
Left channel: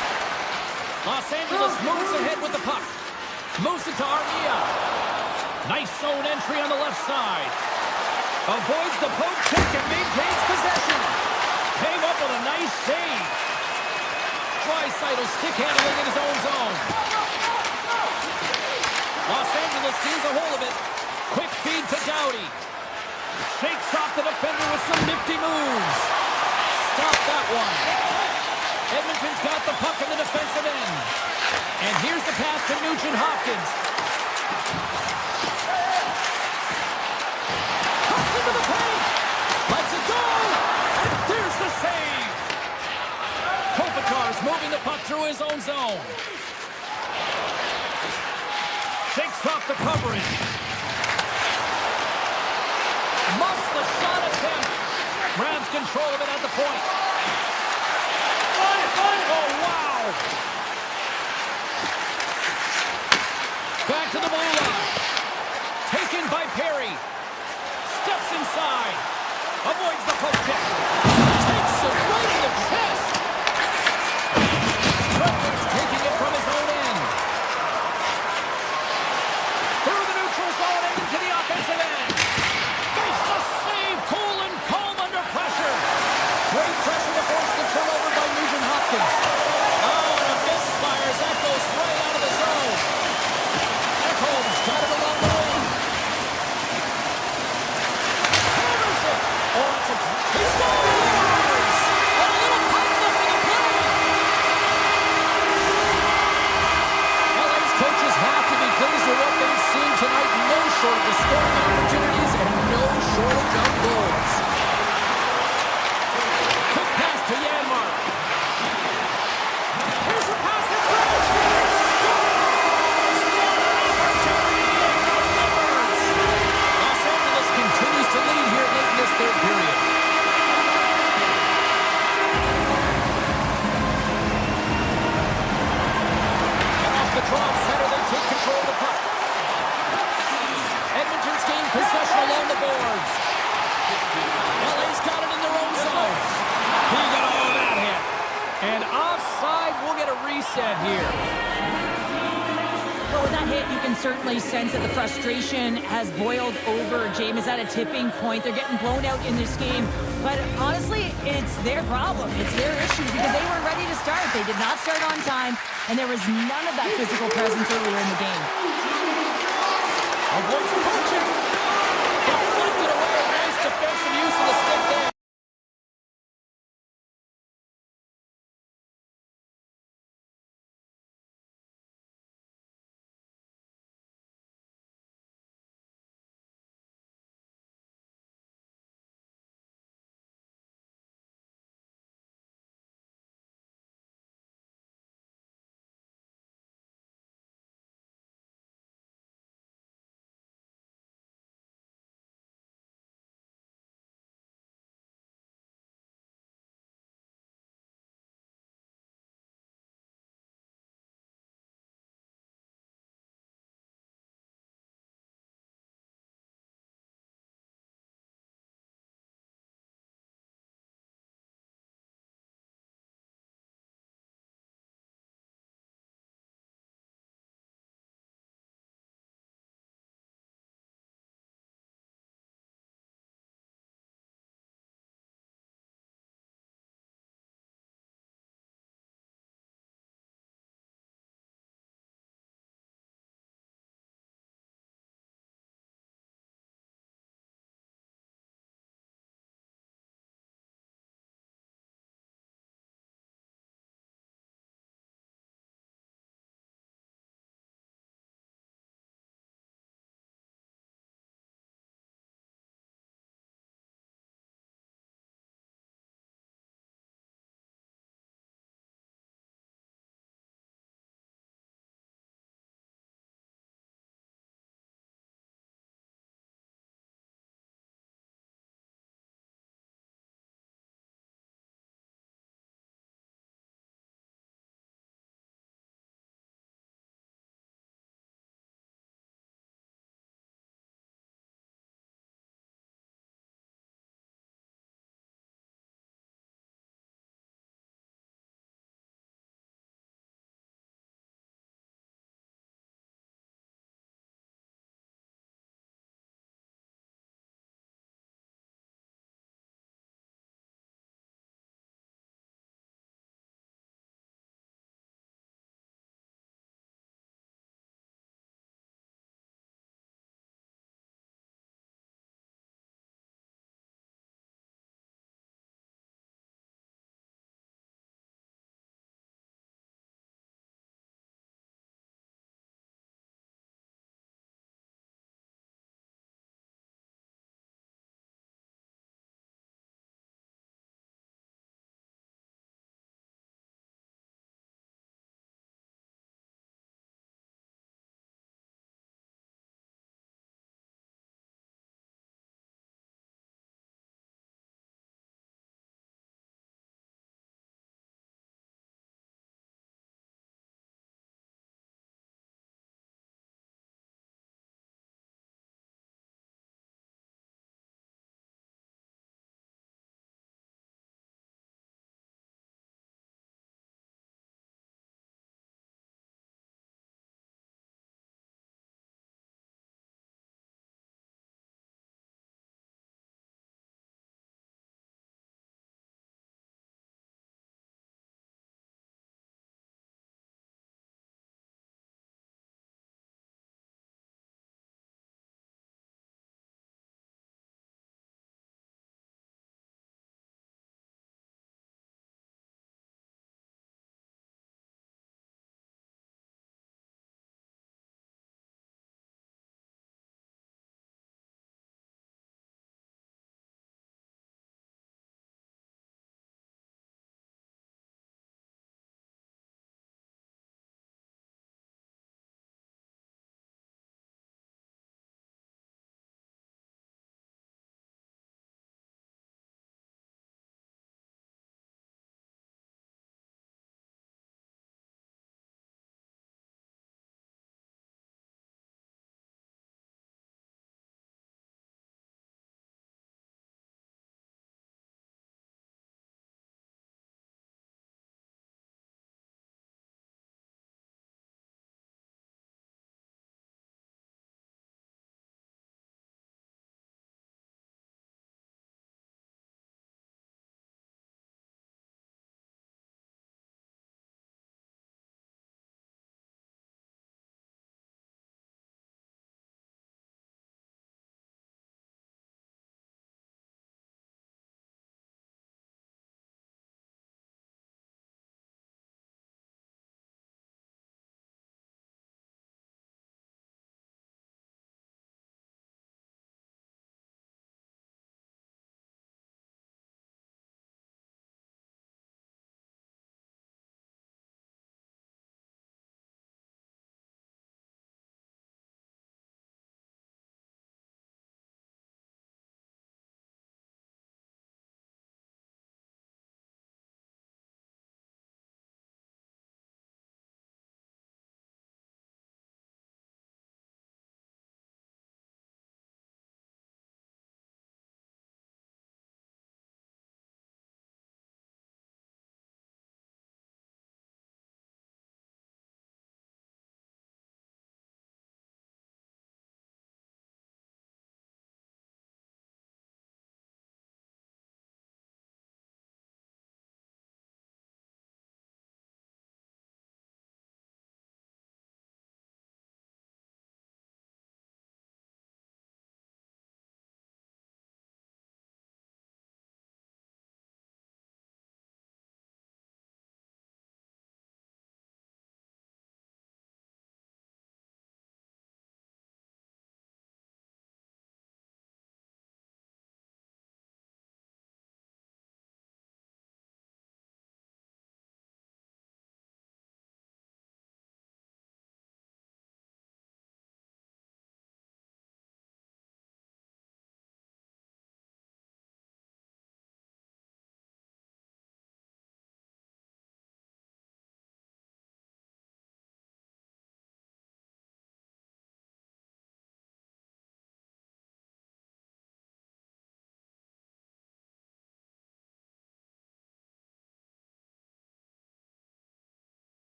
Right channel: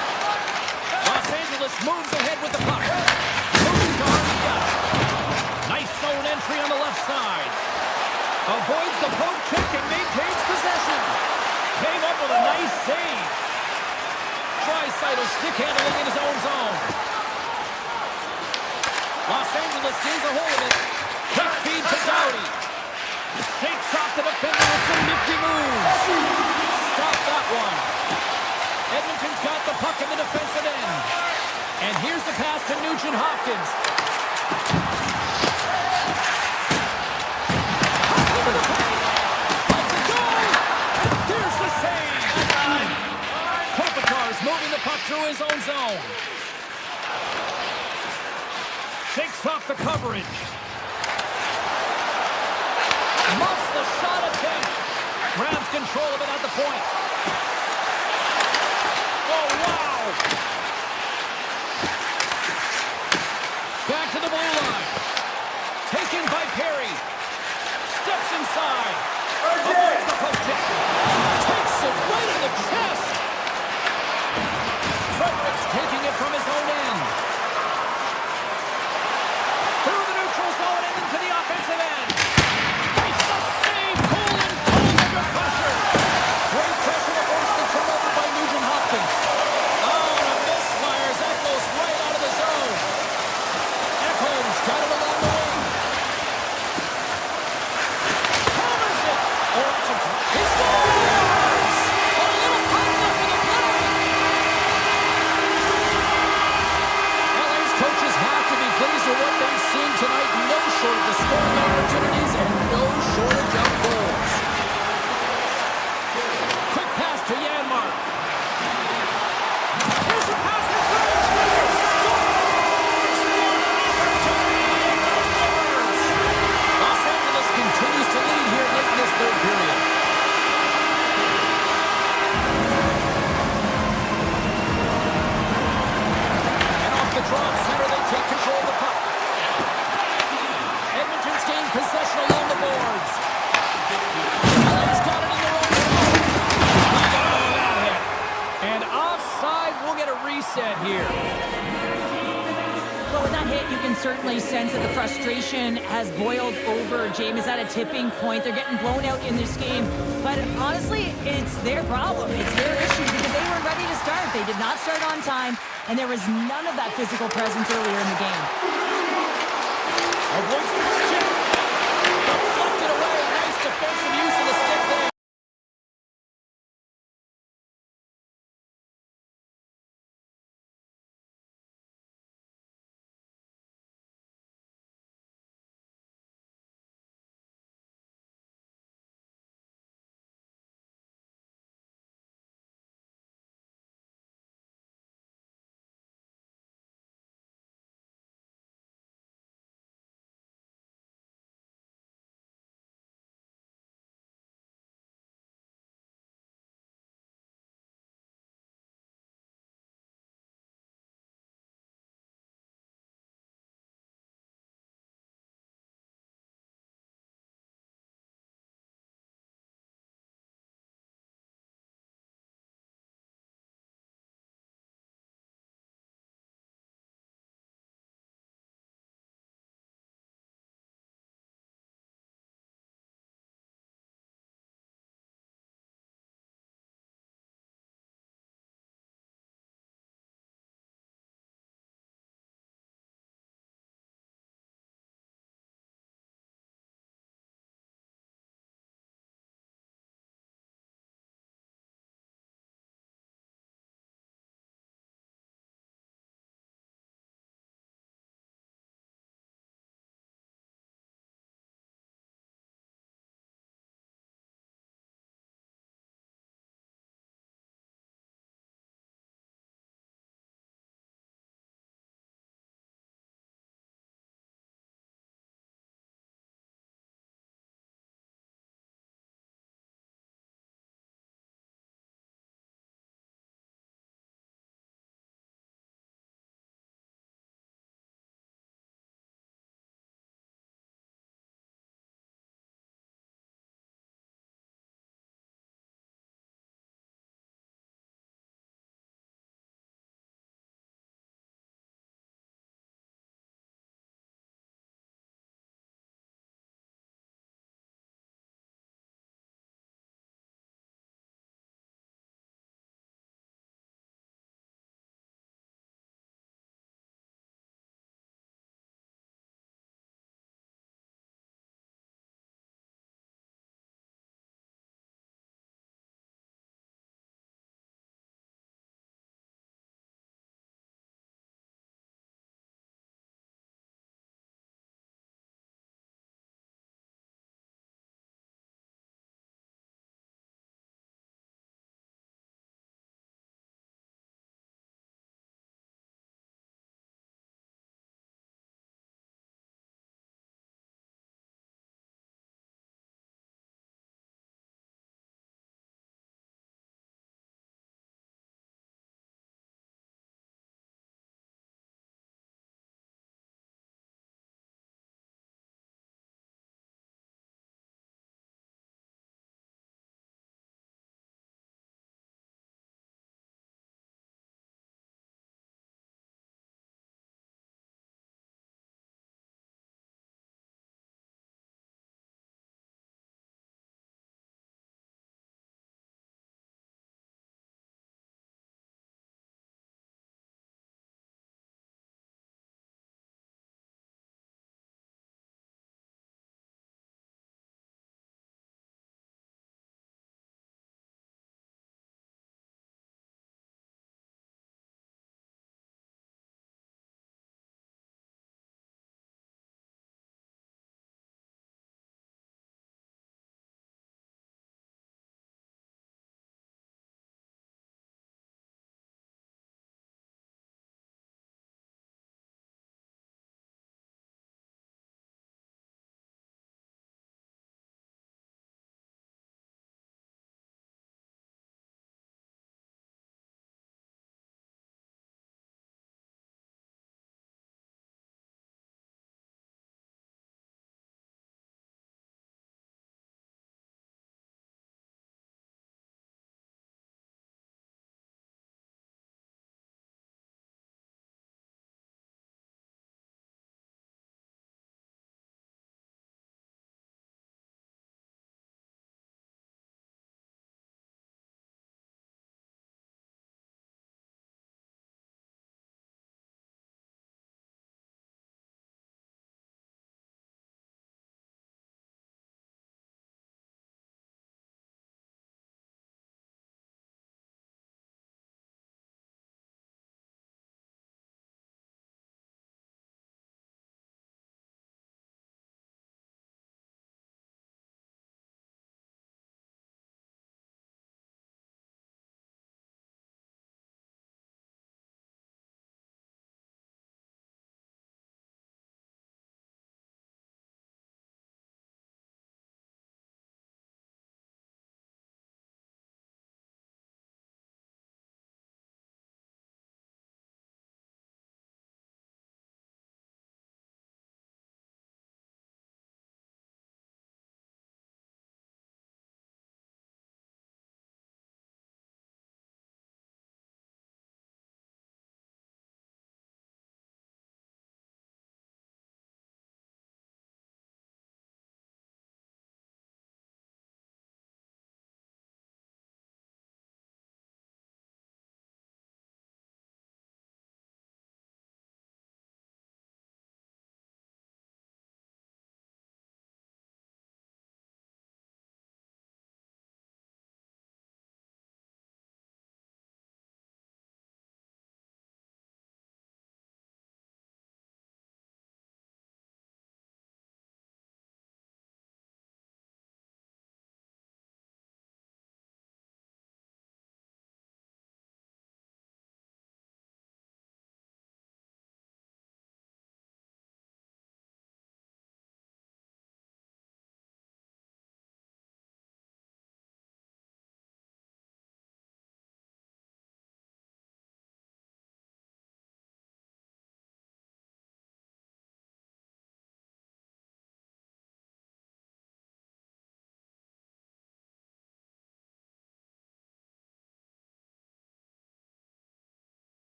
Los Angeles moves ahead with the puck. Moves it to Armia. Nice zone entry on the left side. Avoids the poke check and maintains possession. Came up with a nice save. Draisaitl stick handling in his own zone. Los Angeles gains a hold of it. Quick feed to Doughty. Shakes off the defender with some nifty moves. Stop that one. Edmonton's got the puck in the defensive end. And here's the pass to Nugent Hopkins. Cuts into the paint. Lets it go. And there's the save. Kopitar's moving the puck through his own zone. Shakes off the coverage. Muffs the shot attempt. Grabs control of it at the point. Oh, wow! Back to the blue line. Taken by Perry. Steps inside. Avoids the poke check. Takes it right in the chest. Fredericks taking it from his own end. Through the neutral zone and into the offensive end. Makes the save. Cool and cold under pressure. Great pressure to force the turnover by Nugent Hopkins. Oh, and a misfire as that goes right out of the zone. Ekholm's got it along the wing. Hammers it. Oh, that's a... He scores! A little puck left in the play. reset here. Well, with that hit, you can certainly sense that the frustration has boiled over. James is at a tipping point. They're getting blown out in this game. But honestly, it's their problem. It's their issue because they weren't ready to start. They did not start on time, and there was none of that physical presence earlier in the game. Avoids the poaching. Deflected away. Nice defensive use of the stick there.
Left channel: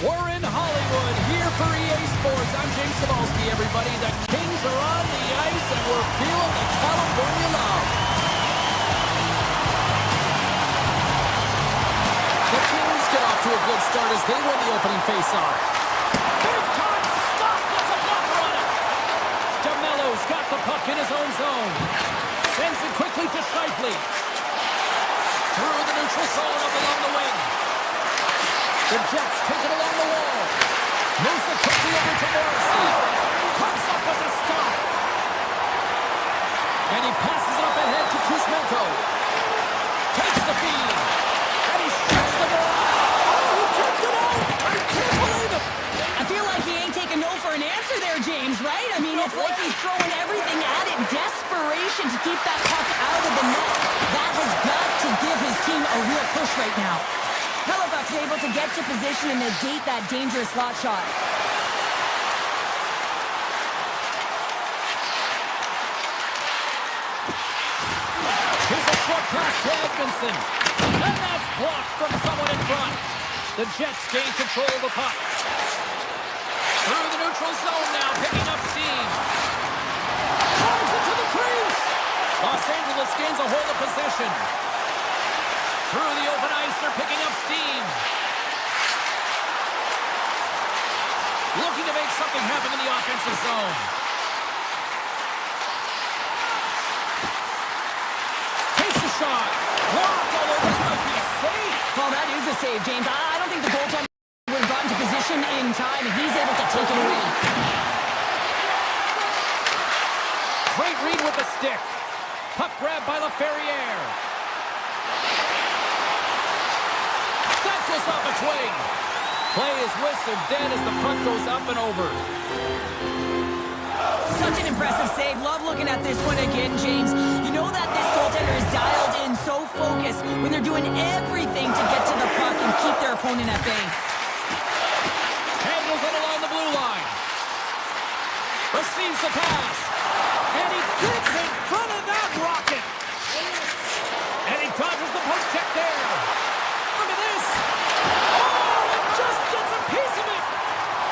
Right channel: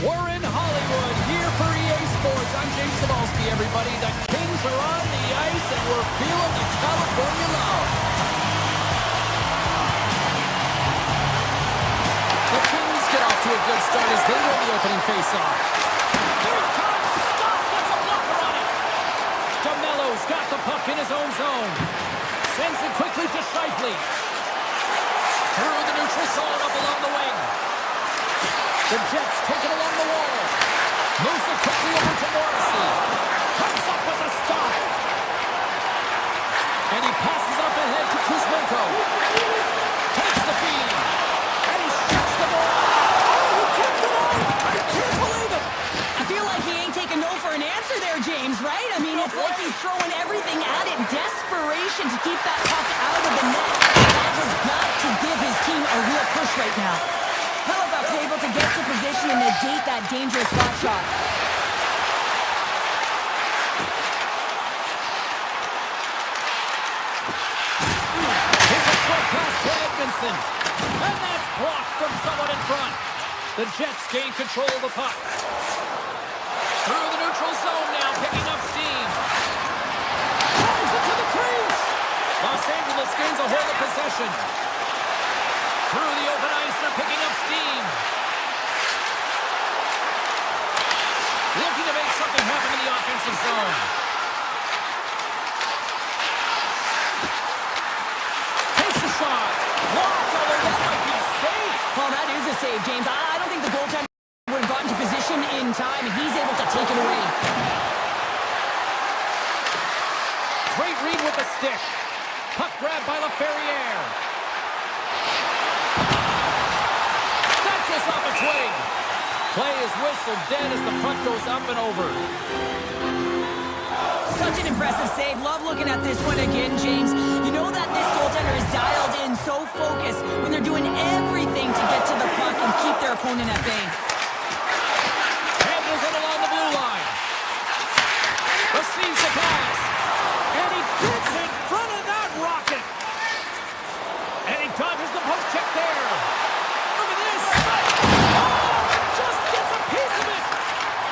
We're in Hollywood, here for EA Sports. I'm James Cebulski, everybody. The Kings are on the ice, and we're feeling the California love. The Kings get off to a good start as they win the opening faceoff. Big time stop, gets a blocker on it. DeMello's got the puck in his own zone. Sends it quickly to Scheifele. Through the neutral zone, up along the wing. The Jets take it along the wall. Moves it quickly over to Morrissey. Comes up with a stop. And he passes it up ahead to Kuzmenko. Takes the feed. And he shuts the door. Oh, he kept it out. I can't believe it. I feel like he ain't taking no for an answer there, James, right? I mean, it's like he's throwing everything at it. Desperation to keep that puck out of the net. That has got to give his team a real push right now. Hellebuyck's able to get to position and negate that dangerous slot shot. Here's a short pass to Edmondson. And that's blocked from someone in front. The Jets gain control of the puck. Through the neutral zone now, picking up steam. Drives it to the crease. Los Angeles gains a hold of possession. Through the open ice, they're picking up steam. Looking to make something happen in the offensive zone. Takes a shot. Blocked, although that might be a save. Well, that is a save, James. I don't think the goaltender would have gotten to position in time, and he's able to take it away. Great read with the stick. Puck grab by LaFerriere. That goes off its wing. Play is whistled dead as the puck goes up and over. Such an impressive save. Love looking at this one again, James. You know that this goaltender is dialed in, so focused when they're doing everything to get to the puck and keep their opponent at bay. Handles it along the blue line. Receives the pass. And he gets in front of that rocket. And he dodges the post check there. Look at this. Oh, it just gets a piece of it.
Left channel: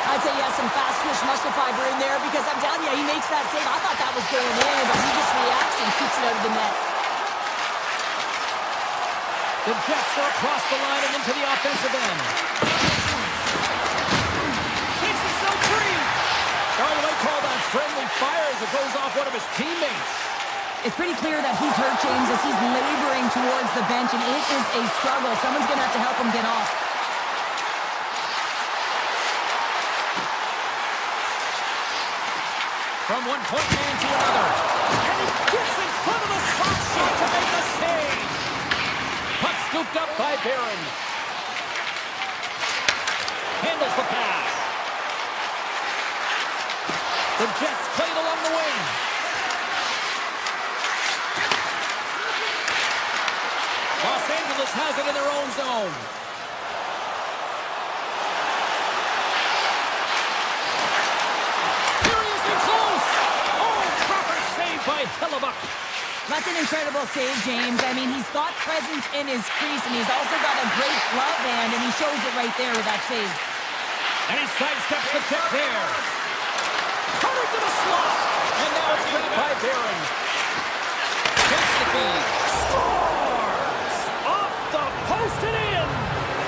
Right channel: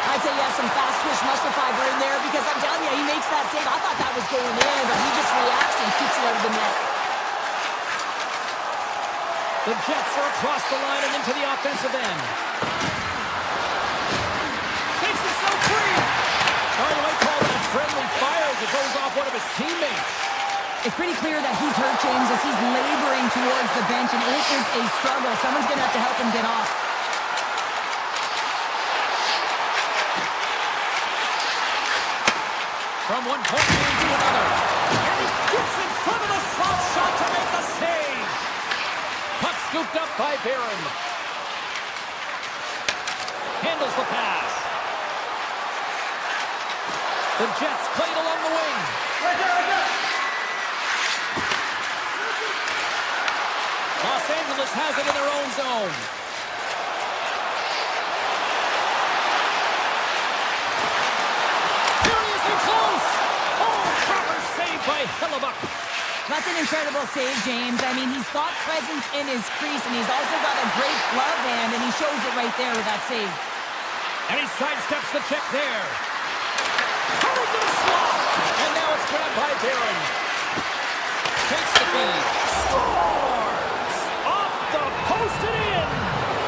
I'd say, yeah, some fast twitch muscle fiber in there because I'm telling you, he makes that save. I thought that was going in, but he just reacts and keeps it out of the net. The Jets are across the line and into the offensive end. Takes himself free. Oh, you might call that friendly fire as it goes off one of his teammates. It's pretty clear that he's hurt, James, as he's laboring towards the bench, and it is a struggle. Someone's going to have to help him get off. From one point man to another. And he gets in front of the slot shot to make the save. Puck scooped up by Barron. Handles the pass. The Jets played along the wing. Los Angeles has it in their own zone. Seriously close. Oh, proper save by Hellebuyck. That's an incredible save, James. I mean, he's got presence in his crease, and he's also got a great glove hand, and he shows it right there with that save. And he sidesteps the check there. Cutting to the slot. And now it's grabbed by Barron. Takes the feed. Scores! Off the post and in.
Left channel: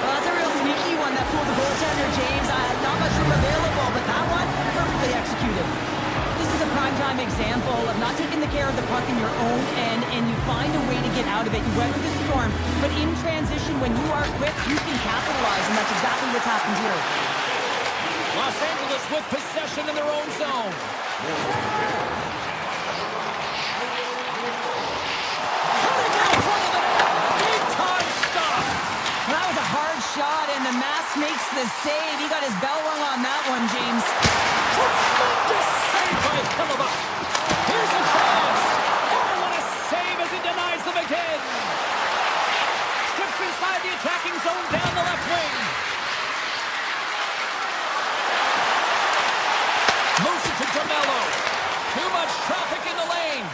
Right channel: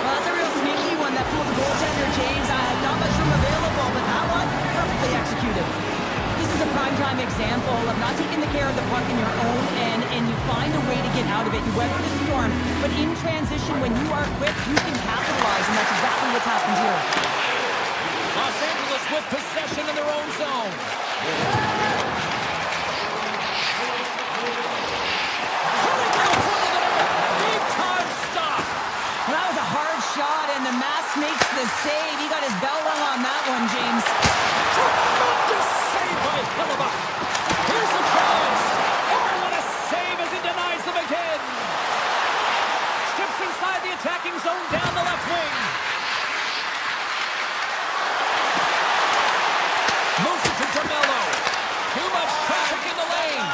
Well, that's a real sneaky one that pulled the goaltender, James. Not much room available, but that one, perfectly executed. This is a primetime example of not taking the care of the puck in your own end, and you find a way to get out of it. You weather the storm, but in transition, when you are quick, you can capitalize, and that's exactly what's happened here. Los Angeles with possession in their own zone. Cutting in front of the net. Big time stop. Well, that was a hard shot, and the mask makes the save. He got his bell rung on that one, James. Tremendous save by Hellebuyck. Here's a chance. Oh, what a save as he denies them again. Steps inside the attacking zone down the left wing. Moves it to DeMello. Too much traffic in the lane.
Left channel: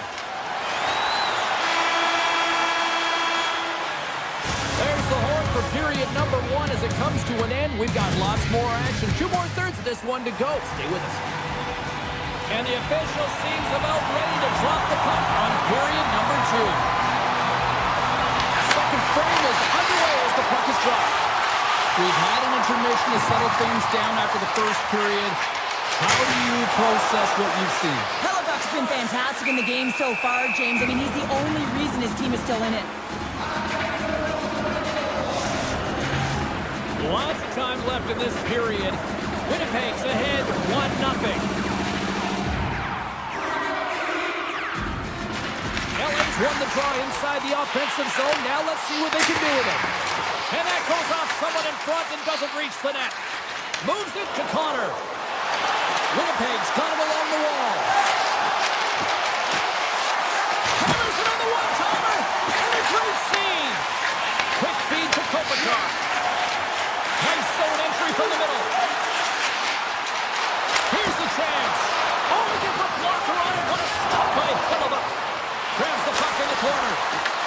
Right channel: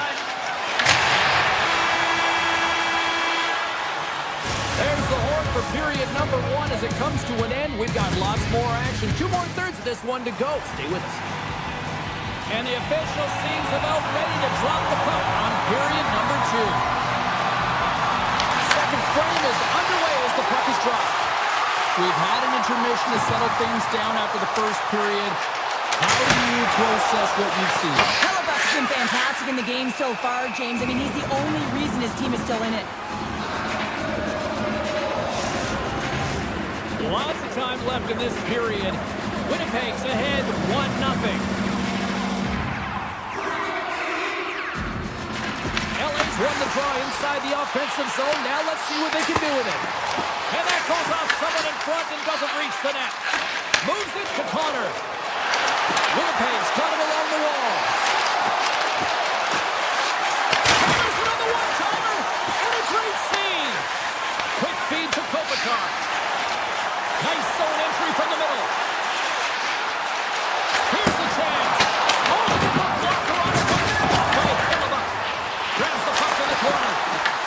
There's the horn for period number 1 as it comes to an end. We've got lots more action. 2 more thirds of this one to go. Stay with us. And the official seems about ready to drop the puck on period number 2. Second frame is underway as the puck is dropped. We've had an intermission to settle things down after the first period. How do you process what you've seen? Hellebuck's been fantastic in the game so far, James. I mean, he's the only reason his team is still in it. Lots of time left in this period. Winnipeg's ahead 1-0. LA's won the draw inside the offensive zone. Now let's see what they can do with it. And that goes off someone in front and doesn't reach the net. Moves it to Connor. Winnipeg's got it along the wall. Hammers it on the one-timer. And a great save. Quick feed to Kopitar. Nice zone entry from the middle. Here's the chance. Oh, he gets a blocker on it, but it's stopped by Hellebuck. Grabs the puck in the corner.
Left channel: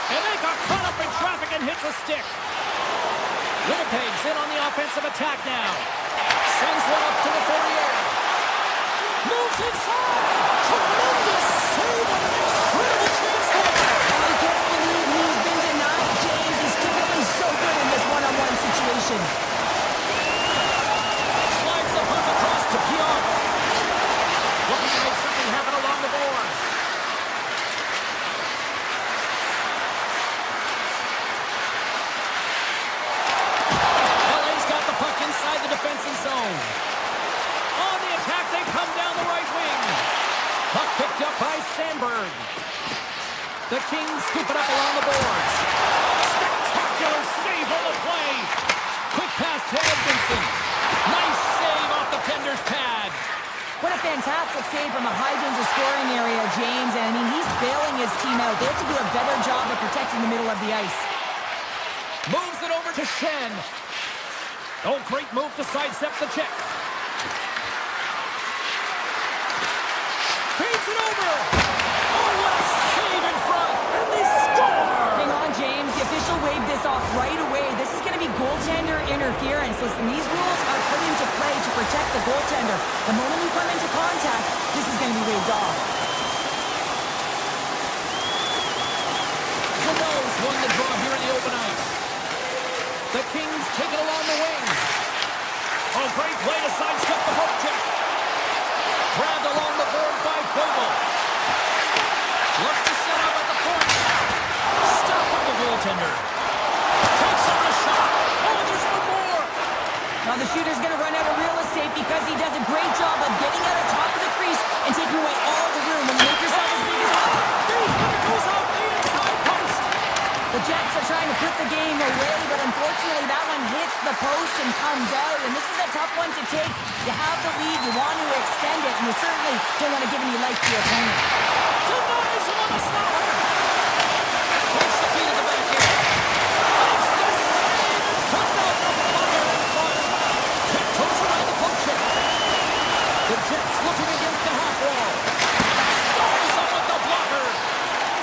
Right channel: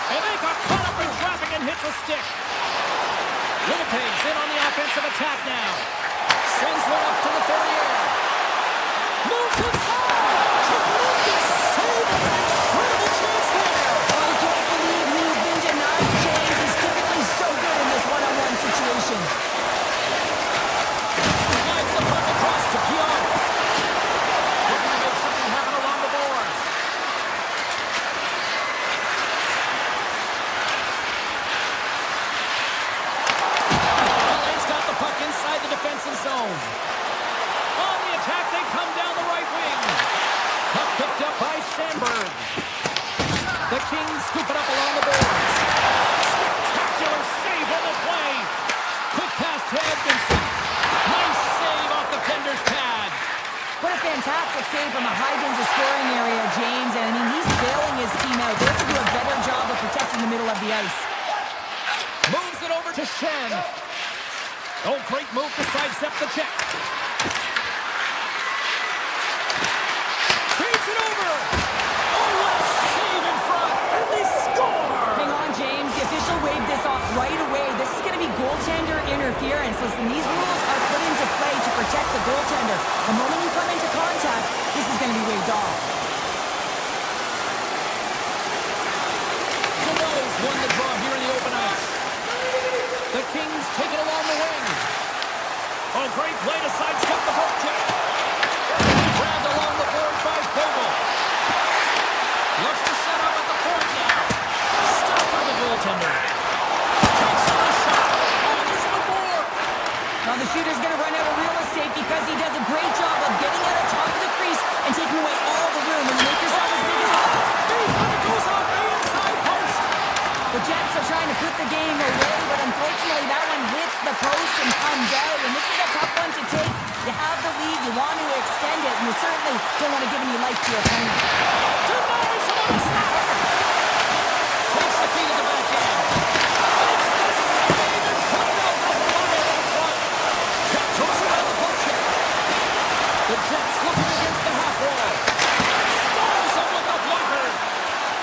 And they got caught up in traffic and hits a stick. Winnipeg's in on the offensive attack now. Sends one up to the Ferrier. Moves inside. Tremendous save and an incredible chance there. I can't believe he's been denied, James. He's typically so good in this one-on-one situation. Slides the puck across to Pion. Looking to make something happen along the boards. LA's got the puck inside the defensive zone. On the attack, they come down the right wing. Puck picked up by Sandberg. The Kings scoop it up along the boards. Spectacular save on the play. Quick pass to Edmondson. Nice save off the defender's pad. What a fantastic save from a high-danger scoring area, James. And, I mean, he's bailing his team out. They have to do a better job of protecting the middle of the ice. Moves it over to Shen. Oh, great move to sidestep the check. Feeds it over. Oh, what a save in front. And they score. Hang on, James. The official waved this off right away. This is going to be goaltender interference. Listen, these rules are put into play to protect the goaltender. The moment you come into contact, this is going to be waved off. Cano's won the draw here in the open ice. The Kings take it along the wing. Oh, great play to sidestep the poke check. Grabbed along the board by Vogel. Looks to set up at the point now. Stopped by the goaltender. Takes on the shot. Oh, there's one more. Now the shooter's going to run out of real estate because he does a great job of getting out of top of the crease and taking away all the room. When you make yourself as big as possible. And it goes off the inside post. The Jets are trying to put the game away, but unfortunately that one hits the post and comes out. And this is a tough one to take. You have the lead, you want to extend it, and you certainly don't want to give any life to your opponent. Denies him on the slapper. Takes the feed at the back end. Makes the save and comes out the fire in front. Tiptoes around the poke check. The Jets looking against the half wall. Stalls him with the blocker.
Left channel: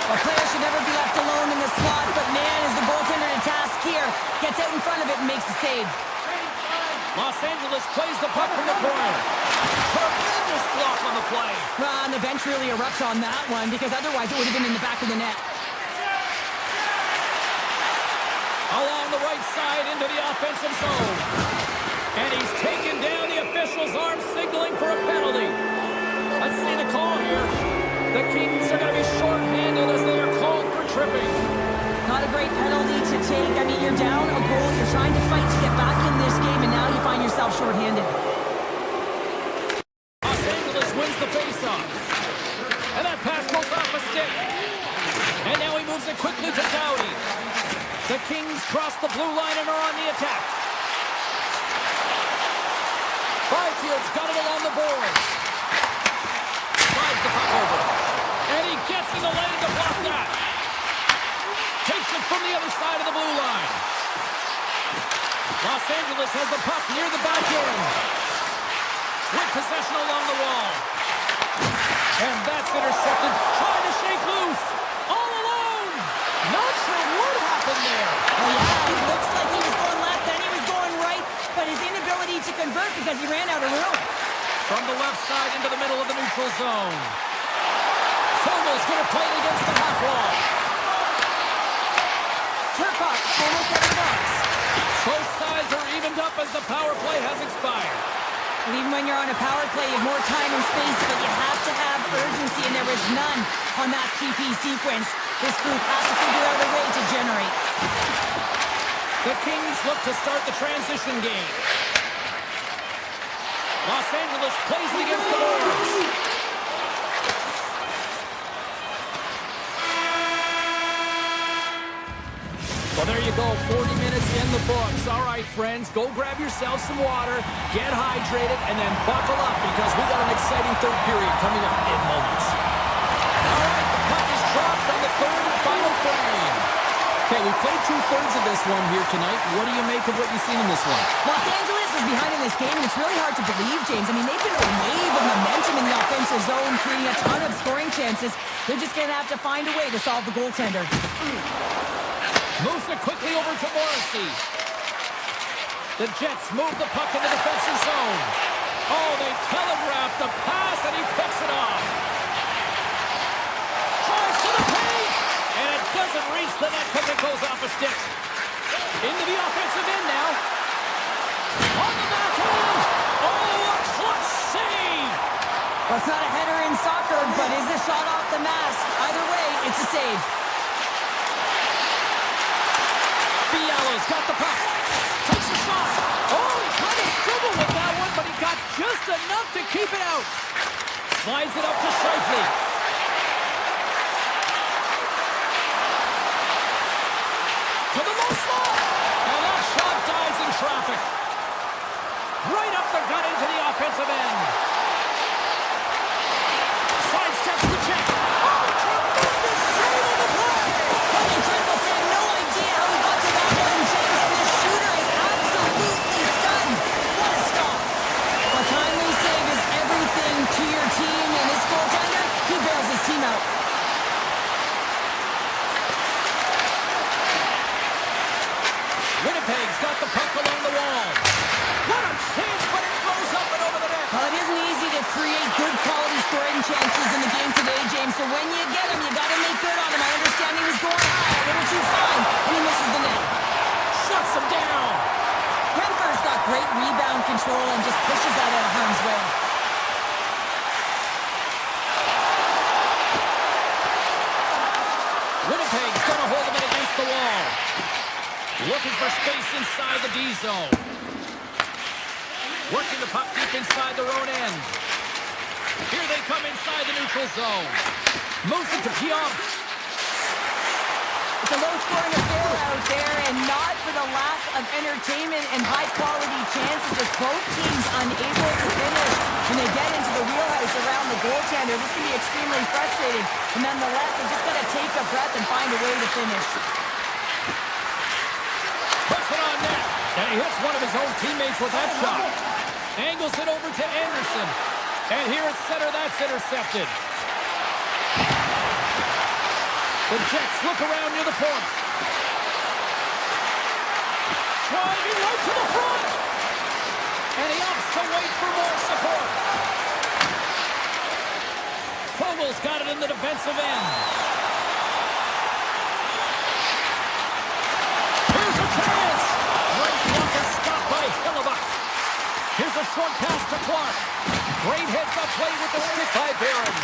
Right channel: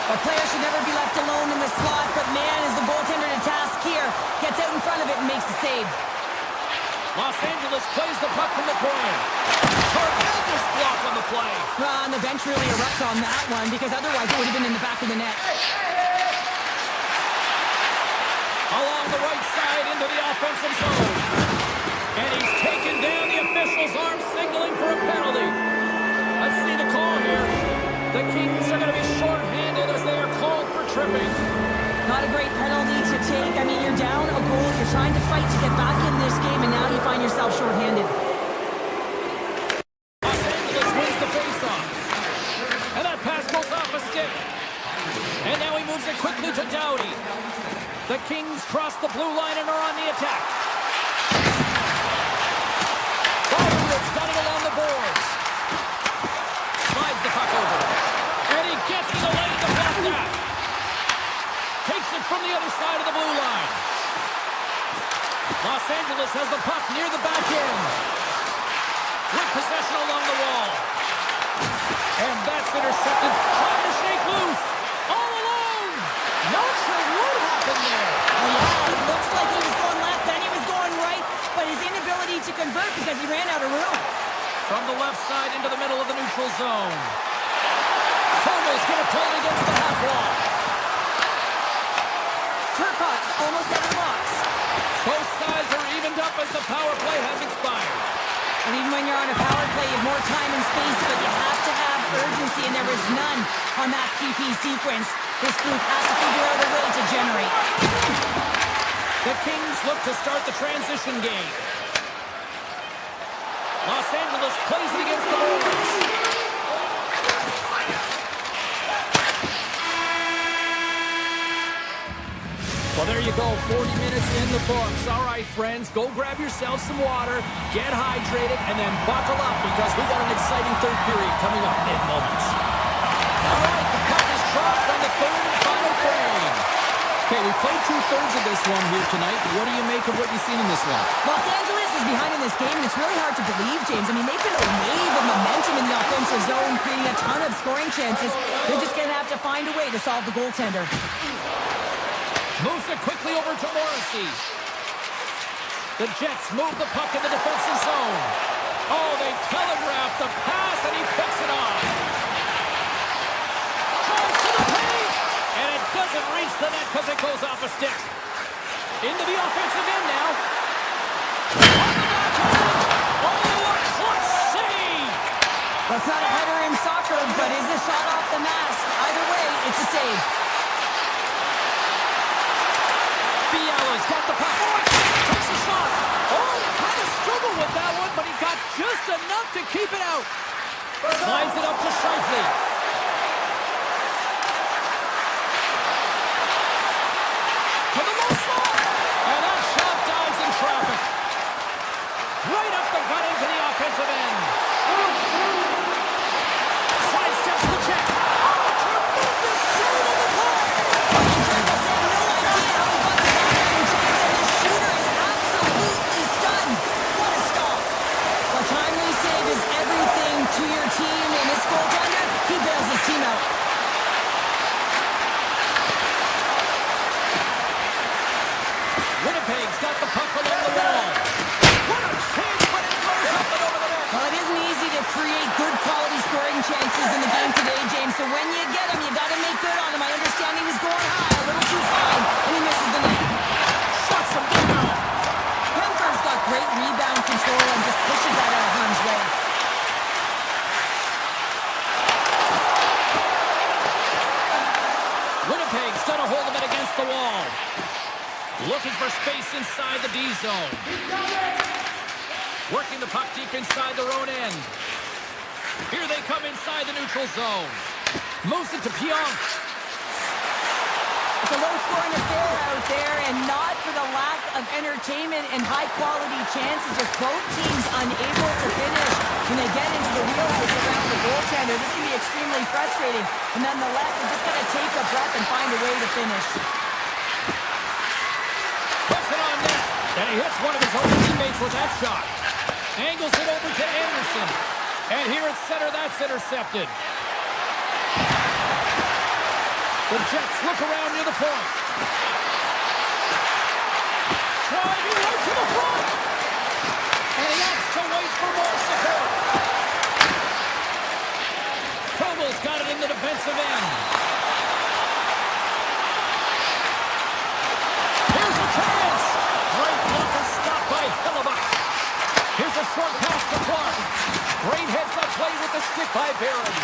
A player should never be left alone in the slot, but man, is the goaltender to task here. Gets out in front of it and makes the save. Los Angeles plays the puck from the corner. Tremendous block on the play. And the bench really erupts on that one because otherwise it would have been in the back of the net. Along the right side into the offensive zone. And he's taken down. The official's arm signaling for a penalty. Let's see the call here. The Kings are going to be shorthanded as they are called for tripping. Not a great penalty to take. I mean, you're down a goal. You're trying to fight to get back in this game, and now you find yourself shorthanded. Los Angeles wins the faceoff. And that pass goes off a stick. And now he moves it quickly to Doughty. The Kings cross the blue line and are on the attack. Byfield's got it along the boards. Slides the puck over. And he gets in the lane to block that. Takes it from the other side of the blue line. Los Angeles has the puck near the back end. With possession along the wall. And that's intercepted. Trying to shake loose. All alone. Not sure what happened there. Well, yeah, it looks like he was ability to convert because he ran out of room. From the left side into the middle of the neutral zone. Fogel's going to play it against the half wall. Turcotte's almost out of the box. Both sides are evened up as the power play has expired. And even when you're on a power play, you have more time and space, but you have to have urgency, and there was none on that PP sequence. This group has to figure out a way to generate. The Kings look to start the transition game. Los Angeles plays it against the boards. Well, there you go, 40 minutes in the books. All right, friends, go grab yourself some water, get hydrated, and then buckle up because we got an exciting third period coming up in moments. All right, the puck is dropped on the third and final frame. Okay, we played two-thirds of this one here tonight. What do you make of what you've seen in this one? Los Angeles is behind in this game, and it's really hard to believe, James. I mean, they've been a wave of momentum in the offensive zone, creating a ton of scoring chances. They're just going to have to find a way to solve the goaltender. Moves it quickly over to Morrissey. The Jets move the puck in the defensive zone. Oh, they telegraphed the pass, and he picks it off. Tries to the paint, and it doesn't reach the net because it goes off a stick. Into the offensive end now. On the backhand. Oh, a clutch save. Well, it's not a header in soccer, but is a shot off the mask. Either way, it's a save. Fiala's got the puck. Takes a shot. Oh, he kind of struggled with that one, but he got just enough to keep it out. Slides it up to Scheifele. To the low slot. And that shot dies in traffic. Right up the gut into the offensive end. Sidesteps the check. Oh, tremendous save on the play. Incredible save. No idea how he got to that one, James, and the shooter is absolutely stunned. What a stop. A timely save is everything to your team, and this goaltender, he bails his team out. Winnipeg's got the puck along the wall. What a chance, but it goes up and over the net. Well, it isn't easy to create good quality scoring chances in the game today, James, so when you get them, you got to make good on them. I understand he was going high, a little too fine, and he misses the net. Shuts him down. Kemper's got great rebound control and just pushes that out of harm's way. Winnipeg's got a hold of it against the wall. Looking for space inside the D zone. Working the puck deep inside their own end. Here they come inside the neutral zone. Moves it to Pionk. It's a low-scoring affair out there, and not for the lack of entertainment and high-quality chances. Just both teams unable to finish when they get into the wheelhouse around the goaltender. This can be extremely frustrating, but nonetheless, they just got to take a breath and find a way to finish. Puts it on net, and he hits one of his own teammates with that shot. Angles it over to Anderson, and here at center, that's intercepted. The Jets look around near the point. Driving right to the front. And he opts to wait for more support. Fogel's got it in the defensive end. Here's a chance. Great blocker stopped by Hillebuck. Here's a short pass to Clark. Great heads-up play with the stick by Barron.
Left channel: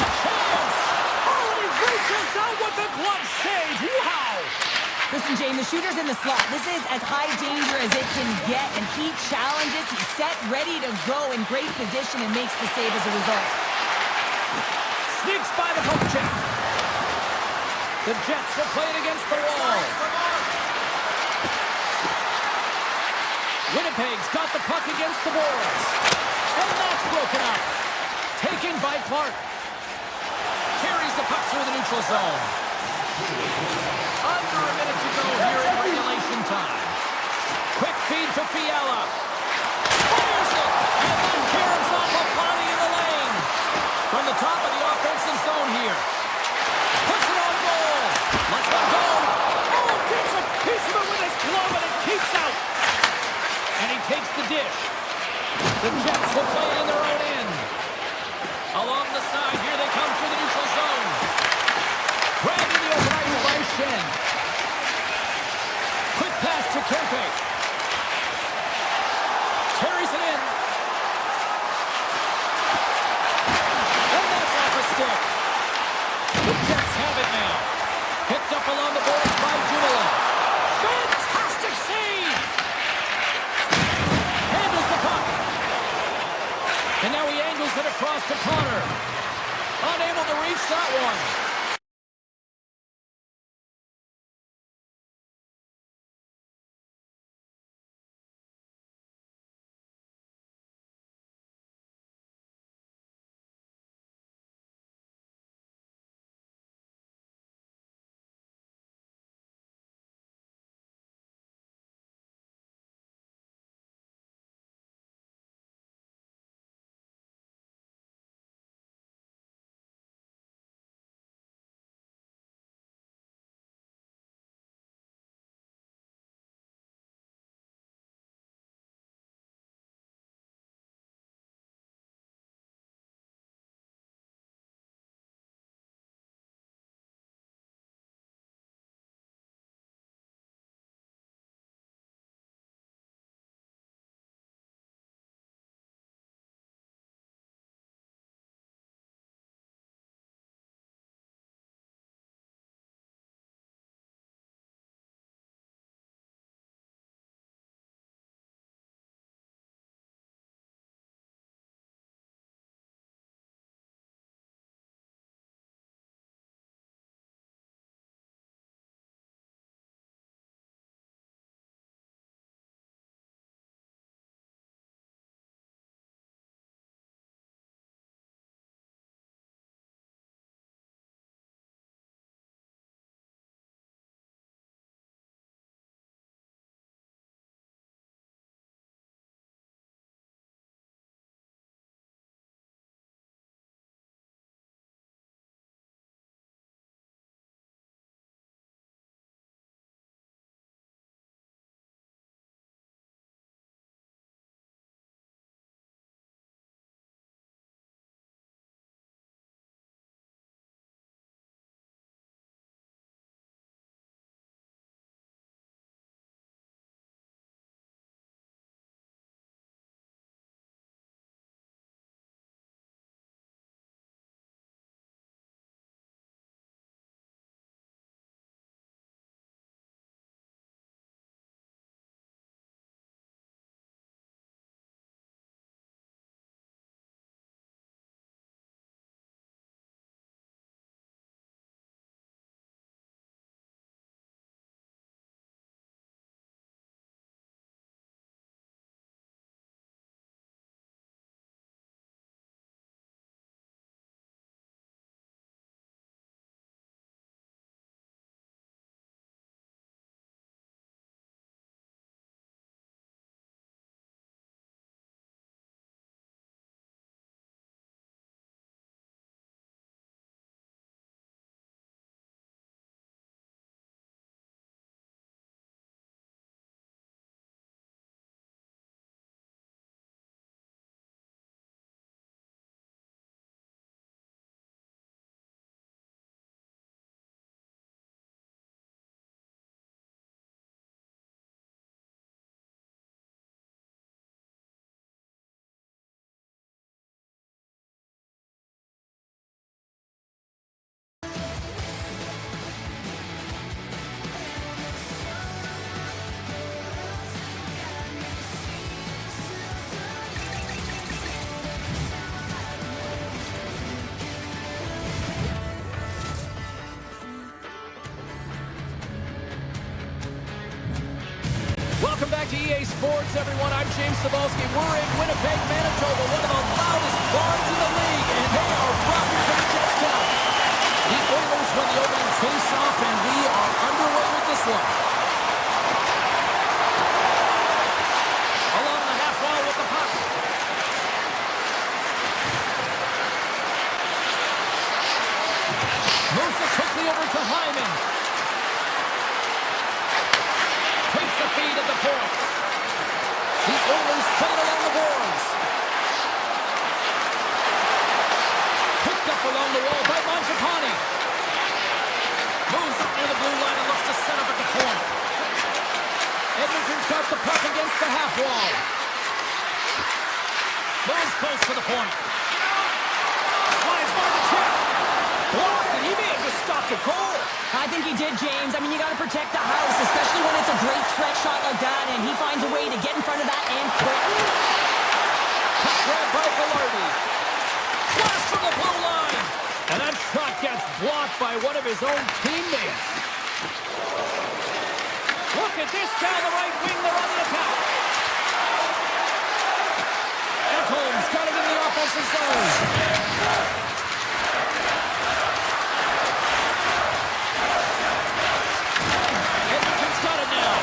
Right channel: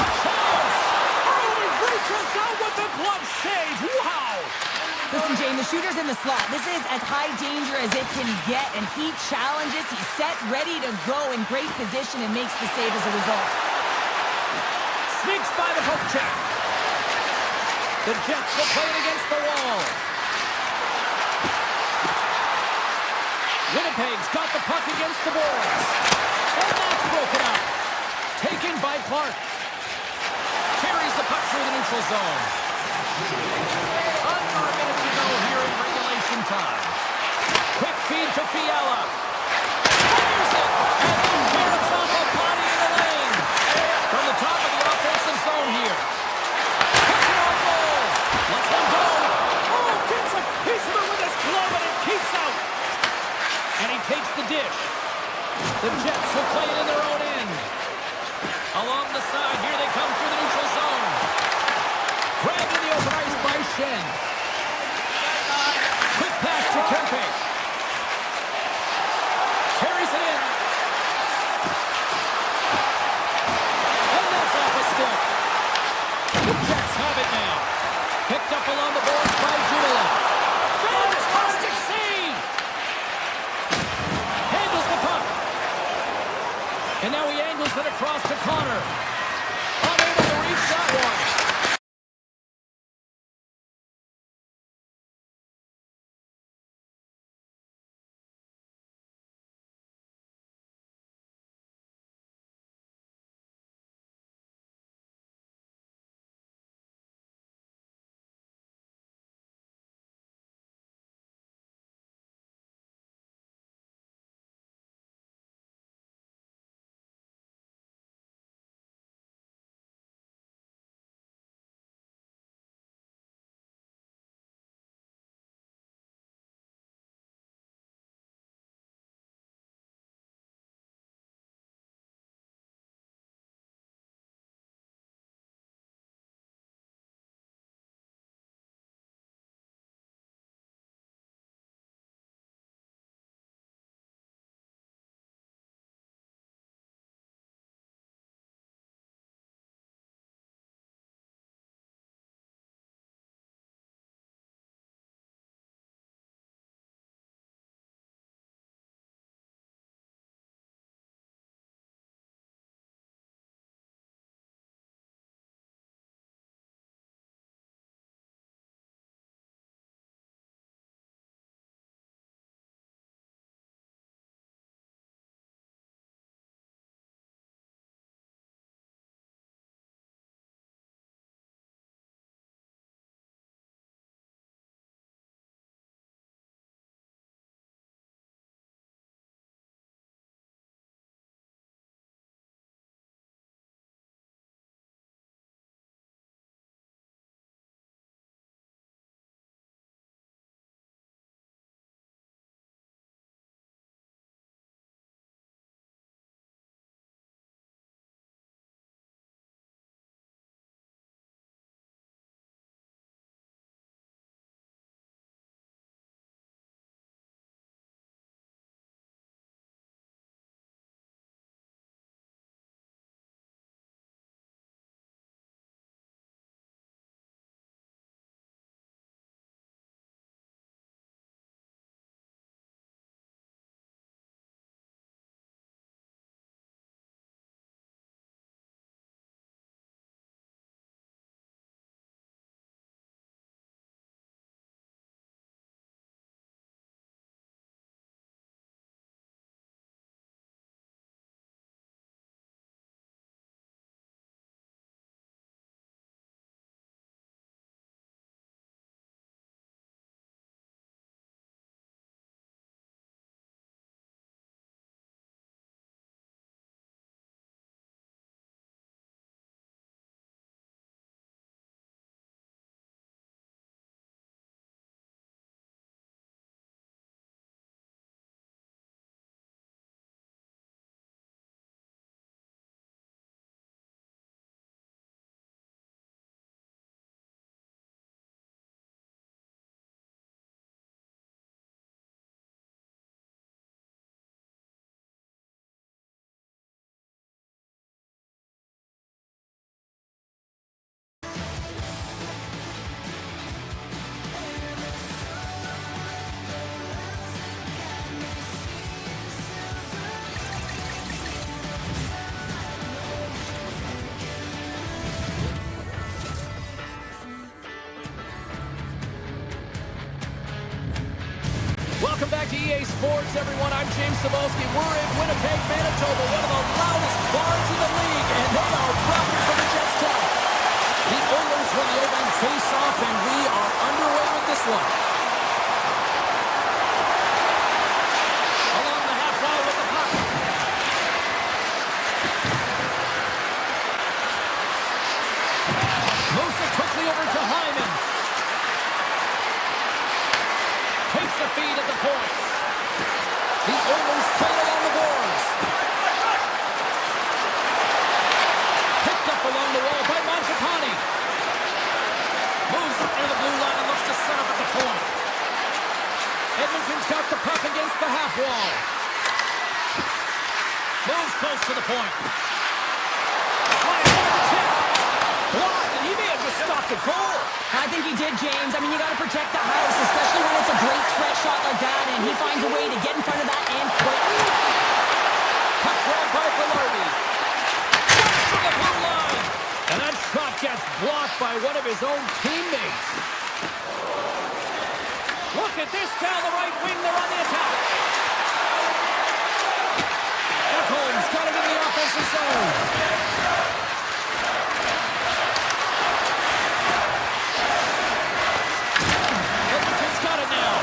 A chance. Reaches out with the glove save. Wow! Listen, Jane, the shooter's in the slot. This is as high danger as it can get, and he challenges. He's set, ready to go, in great position, and makes the save as a result. Sneaks by the poke check. The Jets will play it against the wall. Winnipeg's got the puck against the boards. And that's broken up. Taken by Clark. Carries the puck through the neutral zone. Under a minute to go here in regulation time. Quick feed to Fiala. Fires it! And then caroms off a body in the lane. From the top of the offensive zone here. Puts it on goal. Lets one go. Oh, gets a piece of it with his glove and it keeps out. the dish. The Jets will play it in their own end. Along the side, here they come through the neutral zone. Grabbed in the open ice by Shen. Quick pass to Kempe. Carries it in. And that's off a stick. The Jets have it now. Picked up along the boards by Dumoulin. Fantastic save! Handles the puck. And now he angles it across to Connor. Unable to reach that one. Welcome back to EA Sports, everyone. I'm James Cebulski. We're in Winnipeg, Manitoba, one of the loudest barns in the league, and they are rocking for the Jets tonight. The Oilers win the opening face-off, and we are underway with this one. Along the half wall with the puck. Moves it quickly over to Hyman. Takes the feed at the point. The Oilers play it along the boards. Picked up along the wall by Mangiapane. Moves near the blue line and looks to set up at the point. Edmonton's got the puck against the half wall. Moves close to the point. Slides by the check. Blocked, and he may have just stopped a goal. I think he did, James. I mean, you got to protect the house, especially when it's a great threat shot like that, and he finds a way to get in front of that and quit. Puck grabbed by Velarde. Flash from the blue line. And that shot gets blocked by one of his own teammates. Look at this down the right wing. They're on the attack. Ekholm's got it in the offensive zone. Edmonton's got it now.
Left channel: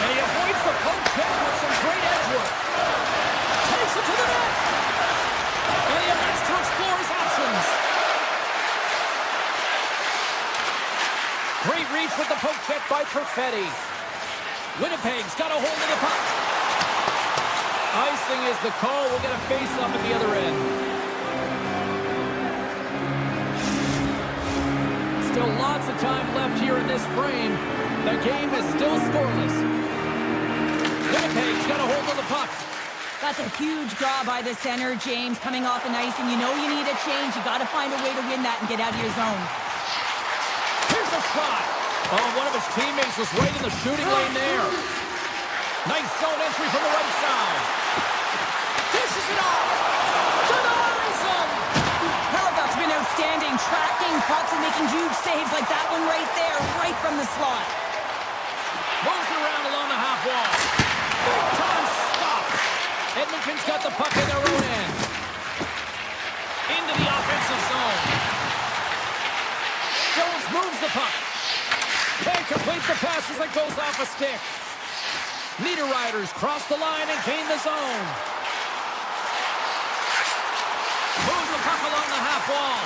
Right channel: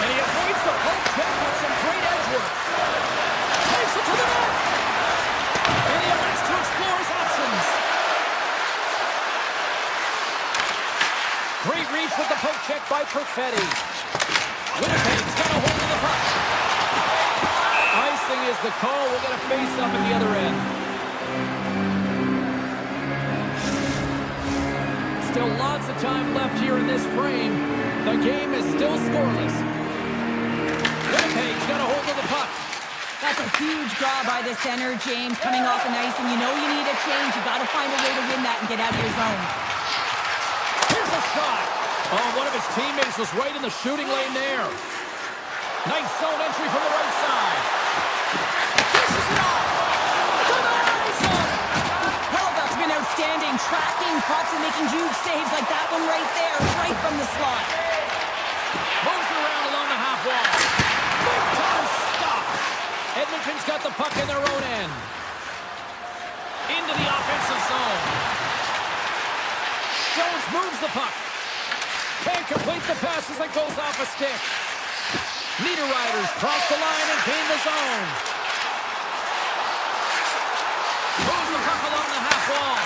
And he avoids the poke check with some great edge work. Takes it to the net. And he elects to explore his options. Great reach with the poke check by Perfetti. Winnipeg's got a hold of the puck. Icing is the call. We'll get a face-up at the other end. Still lots of time left here in this frame. The game is still scoreless. Winnipeg's got a hold of the puck. That's a huge draw by the center, James, coming off an ice, and you know you need a change. You got to find a way to win that and get out of your zone. Here's a shot. Oh, one of his teammates was right in the shooting lane there. Nice zone entry from the right side. Dishes it off. Denies him. Hellebuck's been outstanding, tracking pucks and making huge saves like that one right there, right from the slot. Moves it around along the half wall. Big time stop. Edmonton's got the puck in their own end. Into the offensive zone. Jones moves the puck. Can't complete the pass as it goes off a stick. Niederreiter's cross the line and gain the zone. Moves the puck along the half wall.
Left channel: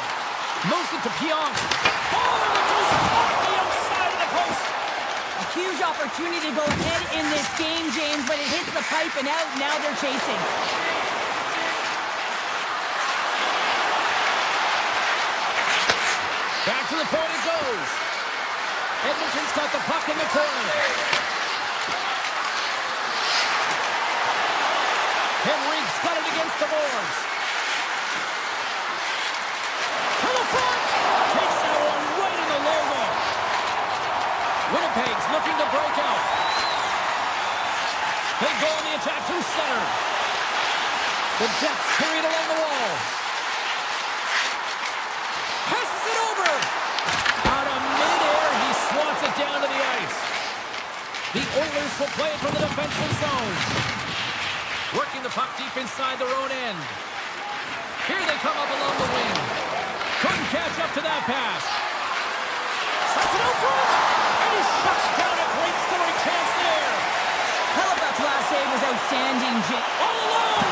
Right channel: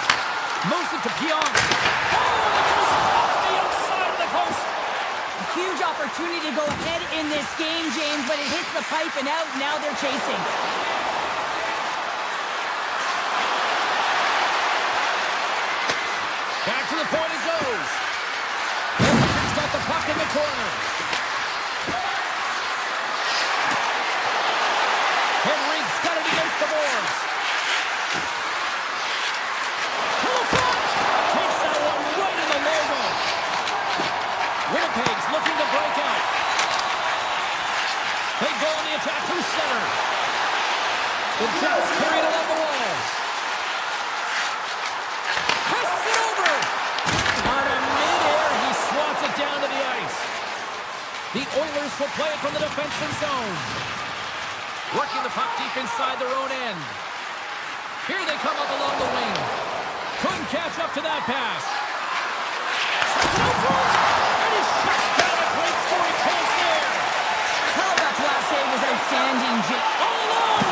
Moves it to Pionk. Oh, and it goes off the outside of the post. A huge opportunity to go ahead in this game, James, but it hits the pipe and out. Now they're chasing. Back to the point it goes. Edmonton's got the puck in the corner. Henrique's got it against the boards. To the front. Takes that one right in the logo. Winnipeg's looking to break out. They go on the attack through center. The Jets carry it along the wall. Passes it over. Out of midair, he swats it down to the ice. The Oilers will play it from the defensive zone. Working the puck deep inside their own end. Here they come up along the wing. Couldn't catch up to that pass. Sets it out front. And he shuts down a great scoring chance there. Hellebuck's last save was outstanding, James. All alone.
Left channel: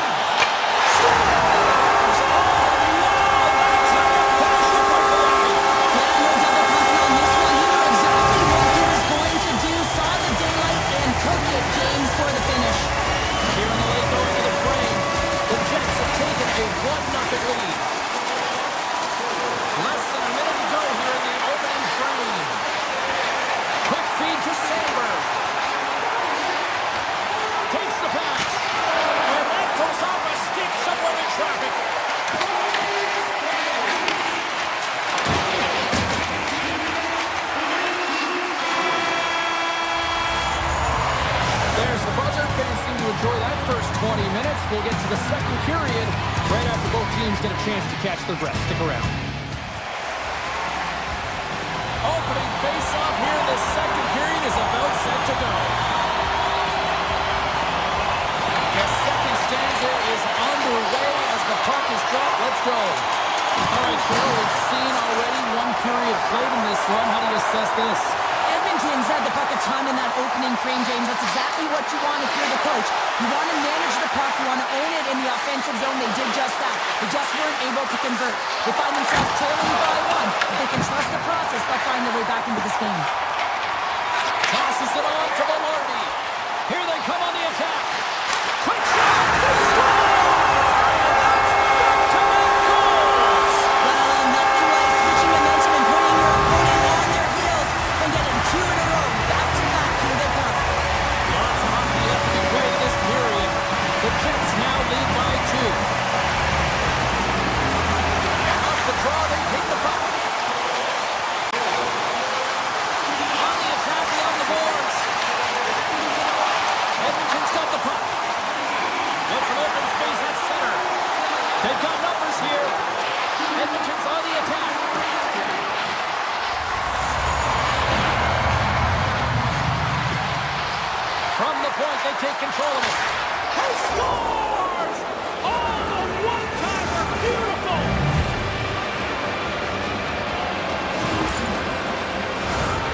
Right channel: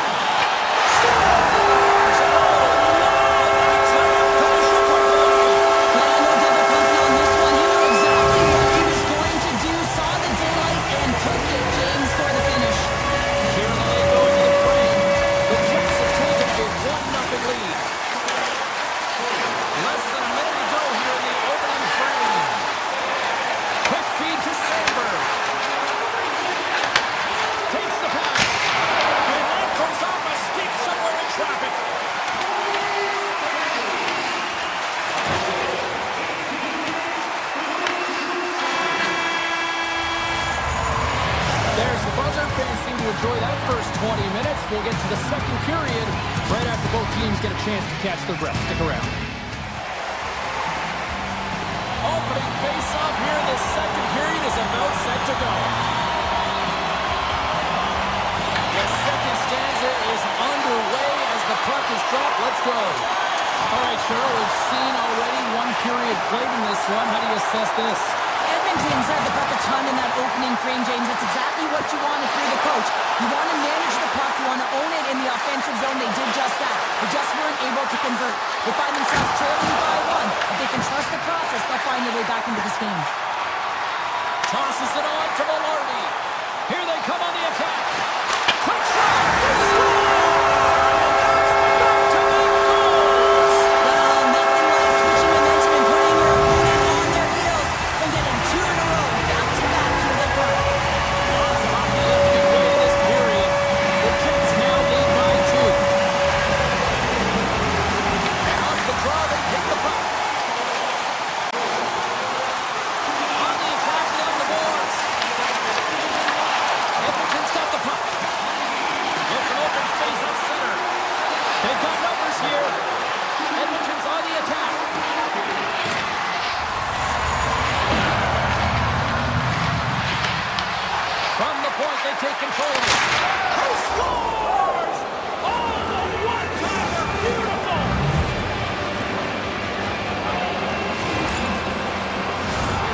Scores! Oh, no! That's how you finish it quickly. Yeah, no double pumping on this one. He knew exactly what he was going to do. Saw the daylight and took it, James, for the finish. Here in the late going to the frame, the Jets have taken a 1-0 lead. Less than a minute to go here in the opening frame. Quick feed to Sandberg. Takes the pass. And that goes off a stick somewhere in traffic. There's the buzzer. Fans seem to enjoy that first 20 minutes. We'll get to the second period right after both teams get a chance to catch their breath. Stick around. Opening face-off here in the second period is about set to go. The second stanza is underway as the puck is dropped. Let's go. All right, Cheryl, we've seen already one period played in this one. How do you assess this? Edmonton's had the puck a ton in that opening frame, James. That's exactly what you want if you're the coach. You want to manage the puck. You want to own it in the offensive zone. They did just that. They just weren't able to convert. They find themselves trailing by one. If they can trust the process, they'll find their way back into this game. Tosses it on to Velarde. Here they come on the attack. Quick shot. They score! And that's back-to-back goals. Well, nothing like switching momentum and putting your opponent on their heels and getting two in a row. Back-to-back. Here they come. Lots of hockey left to be played in this period. The Jets now lead by 2. And off the draw, they take the puck. On the attack along the boards. Edmonton's got the puck. Wants an open space at center. They've got numbers here. Edmonton's on the attack. From the point, they take control of it. He scores! Oh, the one-timer! Beautiful!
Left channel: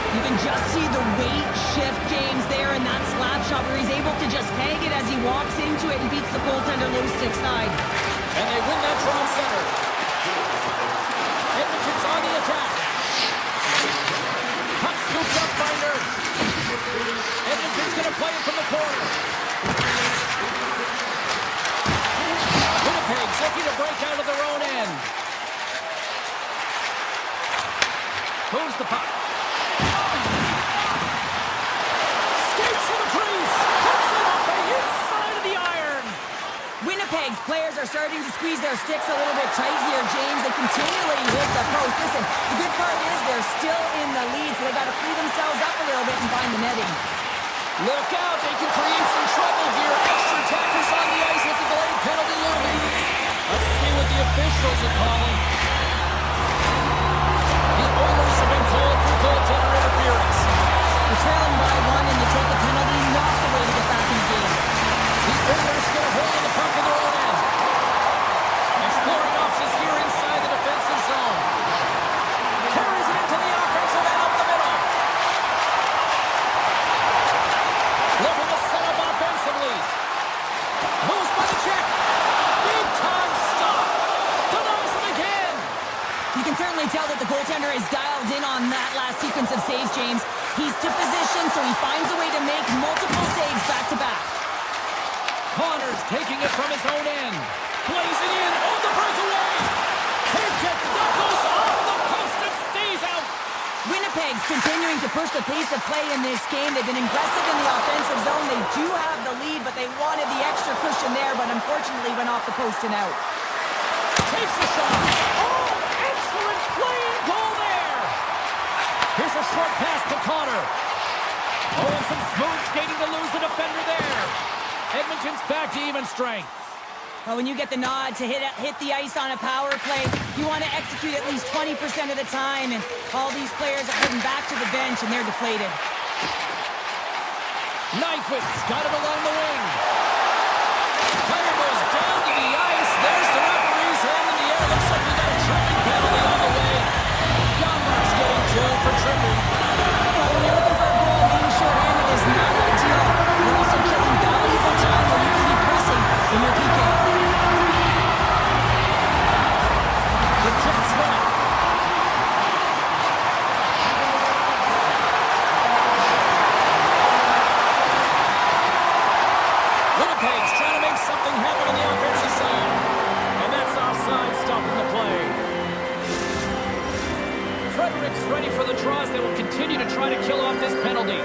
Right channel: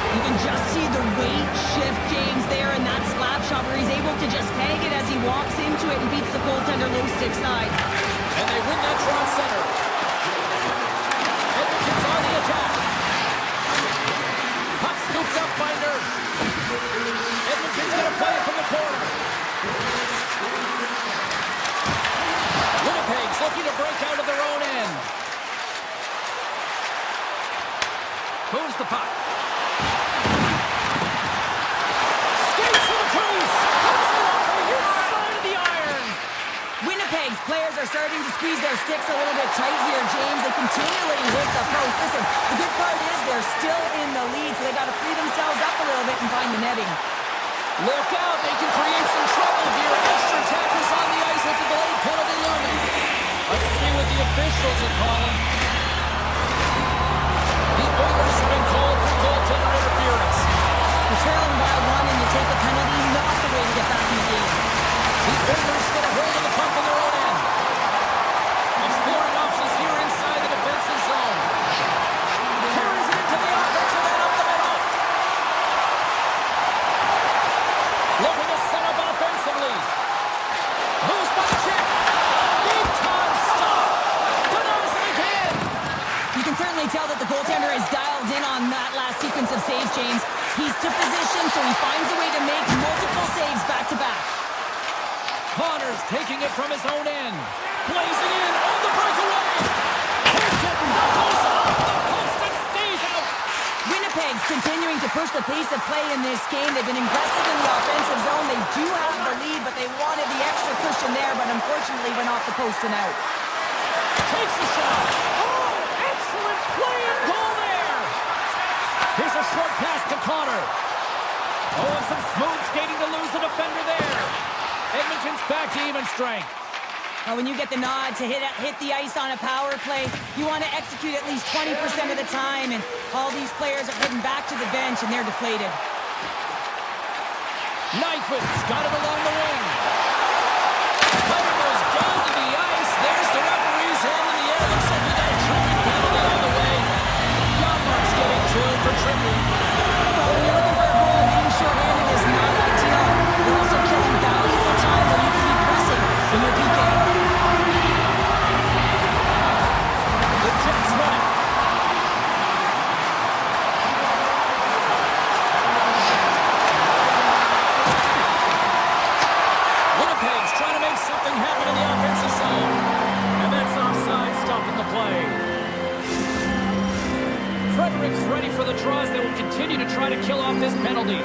You can just see the weight shift, James, there in that slap shot where he's able to just peg it as he walks into it and beats the goaltender low stick side. And they win that draw center. Edmonton's on the attack. Puck scooped up by Nurse. Edmonton's going to play it from the corner. Winnipeg's looking to break out of their own end. Moves the puck. Skates to the crease. Cuts it off the inside of the iron. Winnipeg's players are starting to squeeze their sticks a little bit tight here, James. They continually hit the post. Listen, the good part is they're still in the lead, so they got to free themselves up a little bit and find the netting. Look out, they can create some trouble here. Extra attackers on the ice with the delayed penalty looming. Let's see what the officials are calling. The Oilers have been called for goaltender interference. You're trailing by 1 and you take a penalty, not the way to get back in the game. The Oilers get a hold of the puck in their own end. Exploring options here inside the defensive zone. Carries it into the offensive end up the middle. Looking to set up offensively. Moves by the check. Big time stop. Denies him again. You can certainly tell that the goaltender is dialed in on that last sequence of saves, James. He's to position, so he finds a way to make multiple saves back-to-back. Connors taking it from his own end. Blazing in on the breakaway. Takes it. That goes off the post and stays out. Winnipeg's continuing to push the pace of play in this game. They've been aggressive in the offensive zone. They do have the lead, but they wanted the extra cushion there, but unfortunately went off the post and out. Takes a shot. Oh, excellent play and goal there. Here's a short pass to Connor. Oh, and some smooth skating to lose the defender there. Edmonton's back to even strength. When you get the nod to hit the ice on a power play, you want to execute at least 20% of the time, and all these players are heading back to the bench, and they're deflated. Nyquist's got it along the wing. Player goes down to the ice. There's the referee's hand in the air. Looks like we got a tripping penalty on the way. Janmark's getting 2 for tripping. Well, when you're looking for a goal, being shorthanded is not ideal. You're also killing valuable time when you can be pressing in your PK. The Jets win it. Winnipeg's trying to make something happen in the offensive zone. And that's offside, stopping the play. Frederick's ready for the draws. They will continue to try to kill off this penalty.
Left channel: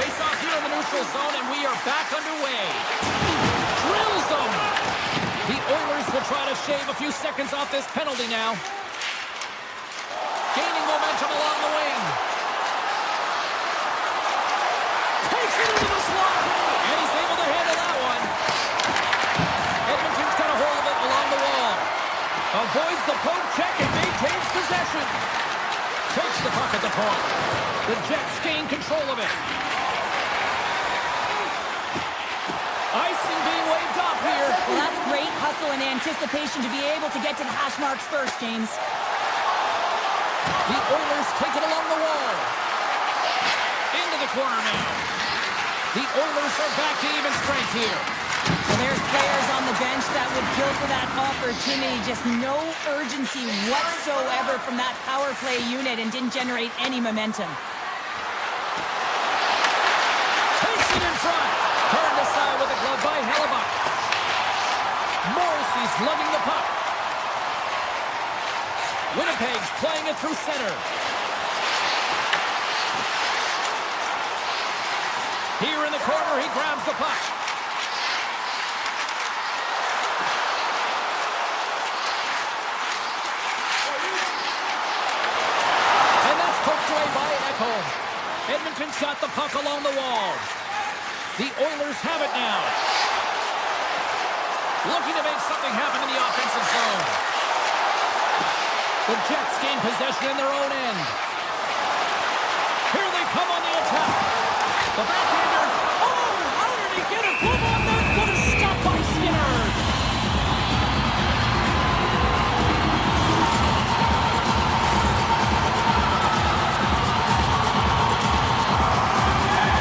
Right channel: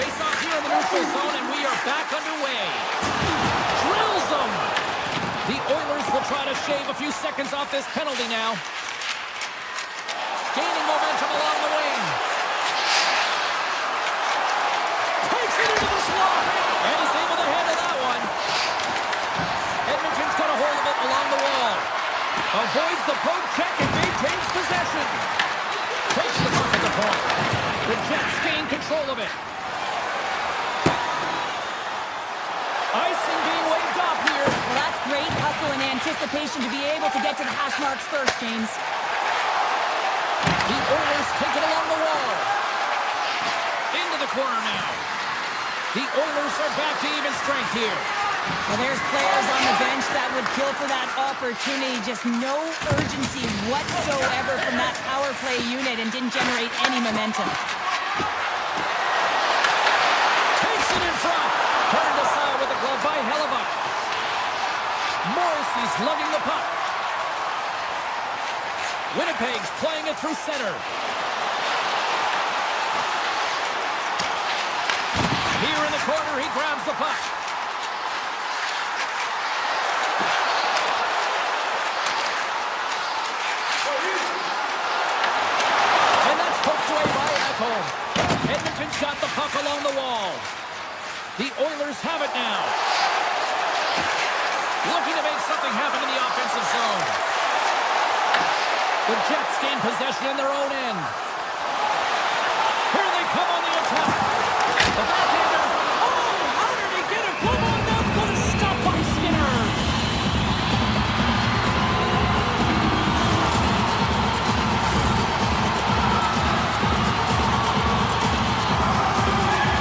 Face off here in the neutral zone, and we are back underway. Drills them. The Oilers will try to shave a few seconds off this penalty now. Gaining momentum along the wing. Takes it into the slot. And he's able to handle that one. Edmonton's got a hold of it along the wall. Avoids the poke check and maintains possession. Takes the puck at the point. The Jets gain control of it. Icing being waved off here. Well, that's great hustle and anticipation to be able to get to the hash marks first, James. The Oilers take it along the wall. Into the corner now. The Oilers are back to even strength here. Well, there's players on the bench that would kill for that opportunity. Just no urgency whatsoever from that power play unit and didn't generate any momentum. Takes it in front. Turned aside with the glove by Hellebuck. Morrissey's lugging the puck. Winnipeg's playing it through center. Here in the corner, he grabs the puck. And that's poked away by Ekholm. Edmonton's got the puck along the wall. The Oilers have it now. Looking to make something happen in the offensive zone. The Jets gain possession in their own end. Here they come on the attack. The backhander. Oh, how did he get a glove on them? What a stop by Skinner.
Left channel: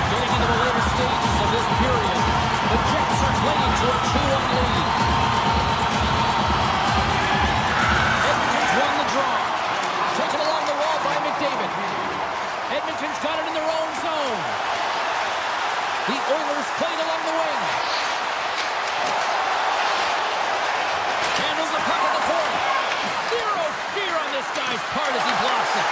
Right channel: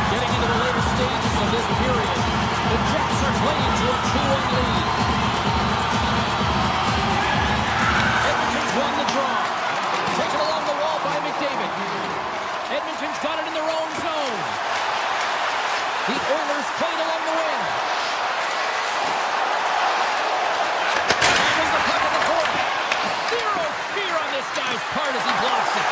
Getting into the later stages of this period, the Jets are clinging to a 2-1 lead. Edmonton's won the draw. Taken along the wall by McDavid. Edmonton's got it in their own zone. The Oilers played along the wing. Handles the puck at the point. Zero fear on this guy's part as he blocks it.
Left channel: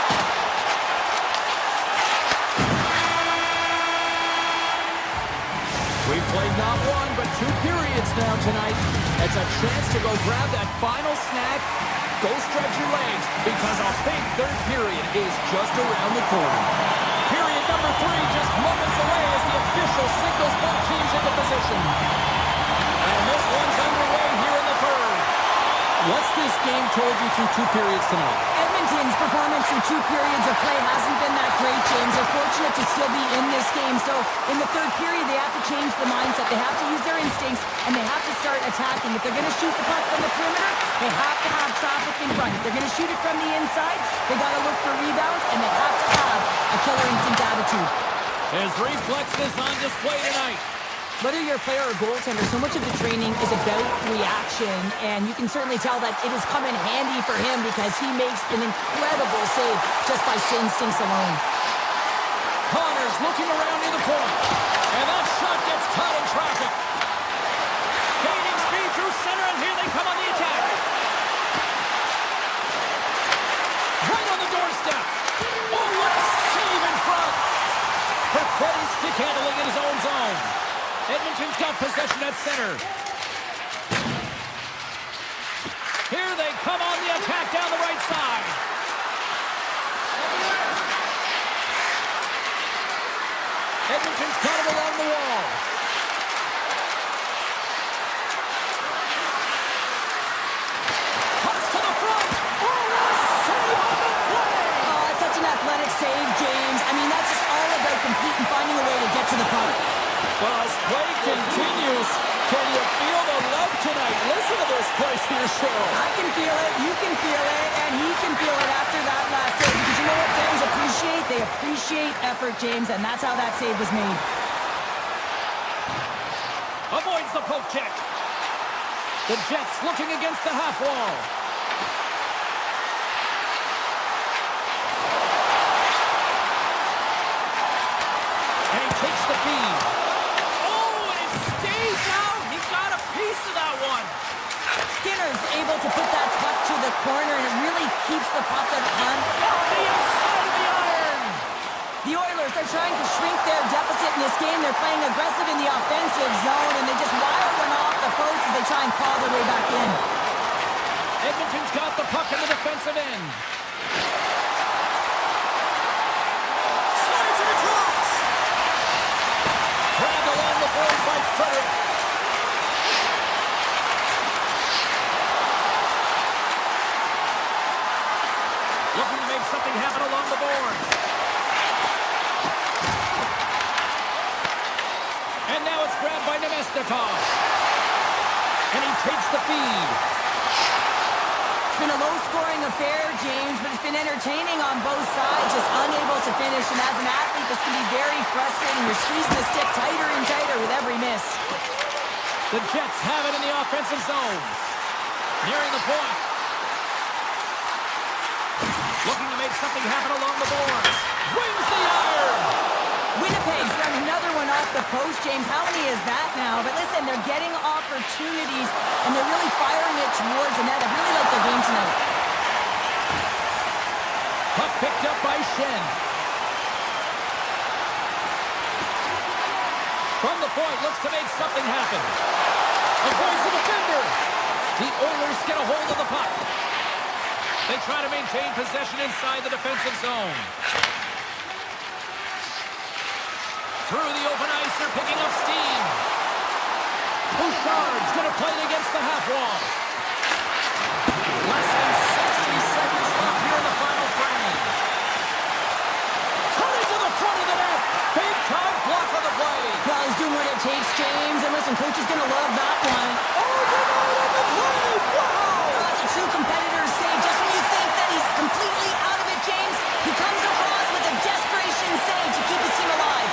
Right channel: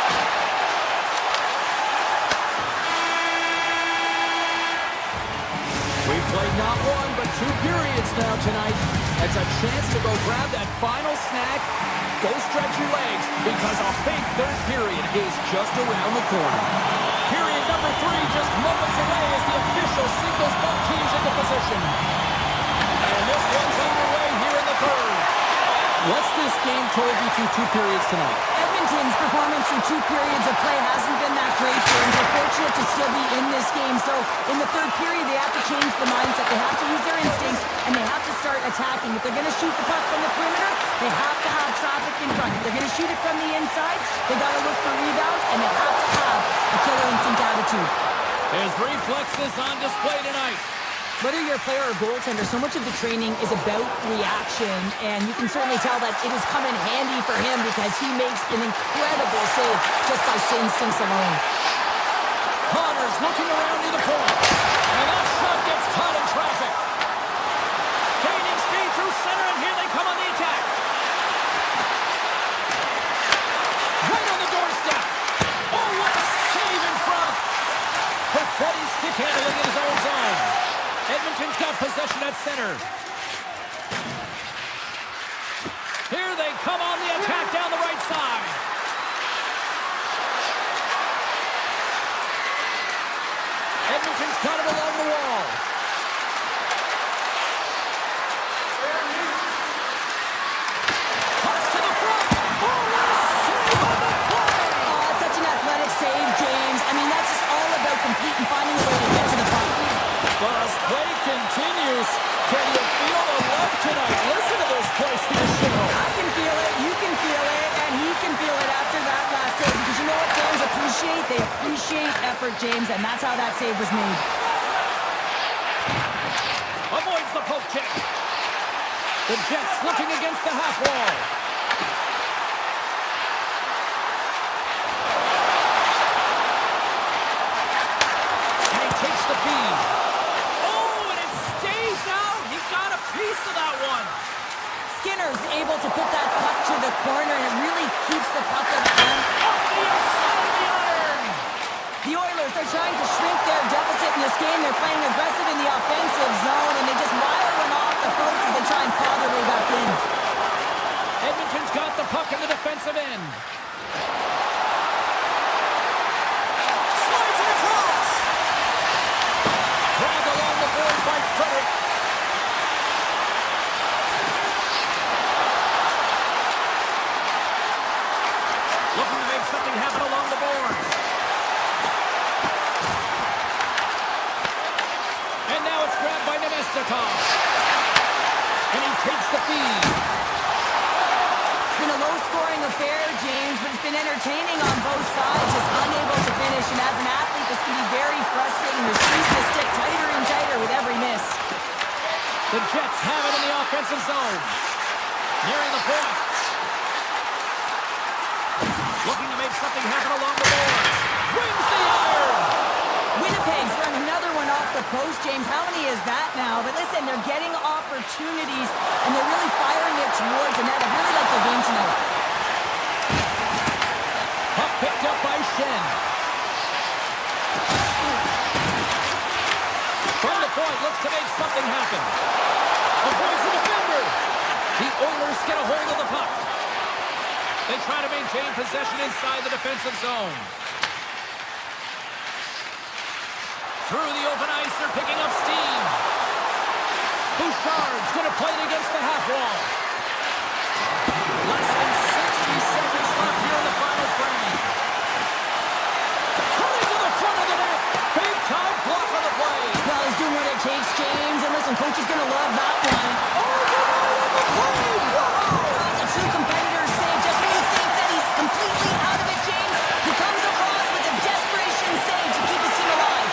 We've played not one, but 2 periods now tonight. It's a chance to go grab that final snack. Go stretch your legs, because a big third period is just around the corner. Period number 3 just moments away as the official signals both teams into position. And this one's underway here in the third. What's this game told you through 2 periods tonight? Edmonton's performance through 2 periods of play hasn't been that great, James. They're fortunate to still be in this game. So in the third period, they have to change the mindset. They have to use their instincts, and they have to start attacking. If they're going to shoot the puck from the perimeter, they have to have traffic in front. If they're going to shoot it from the inside, they got to look for rebounds, and they have to have a killer instinct attitude. His reflexes on display tonight. Whether you're a player or goaltender, so much of the training is about reaction, and you can certainly tell that it has come in handy for him because he makes an incredible save just by instincts alone. Connors looking around near the point, and that shot gets caught in traffic. Gaining speed through center, and here they come on the attack. Right on the doorstep. Oh, what a save in front. Perfetti stick handling in his own zone. Edmonton's got possession at center. Here they come on the attack down the right side. Edmonton's got it along the wall. Cuts to the front. Oh, what a save on the play. Oh, it's such an athletic save, James. I mean, that's just all about competing, finding a way to get to the puck. Well, as play continues, can you feel the love tonight? Listen to this place here, show. I can feel it, you can feel it, and he can feel it after that last save. Because you know what fans appreciate? They appreciate effort, James, and that's how that save was made. Avoids the poke check. The Jets looking against the half wall. And he takes the feed. Got a piece of that one. Skinner's able to put that puck to the corner, and it really keeps the puck up front. Off the outside of the iron. The Oilers are trying to shrink their deficit in this game. They're playing aggressive in the offensive zone, and they just wire one off the post as they try and claw their way back in. Edmonton's got the puck in the defensive end. Slides it across. Grabbed along the board by Frederick. Looking to make something happen along the boards. And now it's grabbed by Nemesnikov. And he takes the feed. It's been a low-scoring affair, James, but it's been entertaining on both sides, just unable to finish. And as an athlete, this can be very frustrating. You're squeezing the stick tighter and tighter with every miss. The Jets have it in the offensive zone. Nearing the point. Looking to make something happen along the boards. Rings the iron. Winnipeg's run another one off the post, James. How many is that now? But listen, they're getting opportunities, and they're really firing it towards the net. I really like their game tonight. Puck picked up by Shen. From the point, looks to make something happen. Avoids the defender. The Oilers get a hold of the puck. They try to maintain possession inside the defensive zone. Through the open ice, they're picking up steam. Bouchard's going to play it against the half wall. Less than 60 seconds left here in the final frame. Coming to the front of the net. Big time block on the play. Well, he's doing what it takes, James. And listen, coach is going to love that one. Oh, denied on the play. Wow. That's a true competitor's save. Just when you think that he's completely out of it, James, he comes across with a desperation save to keep his team alive.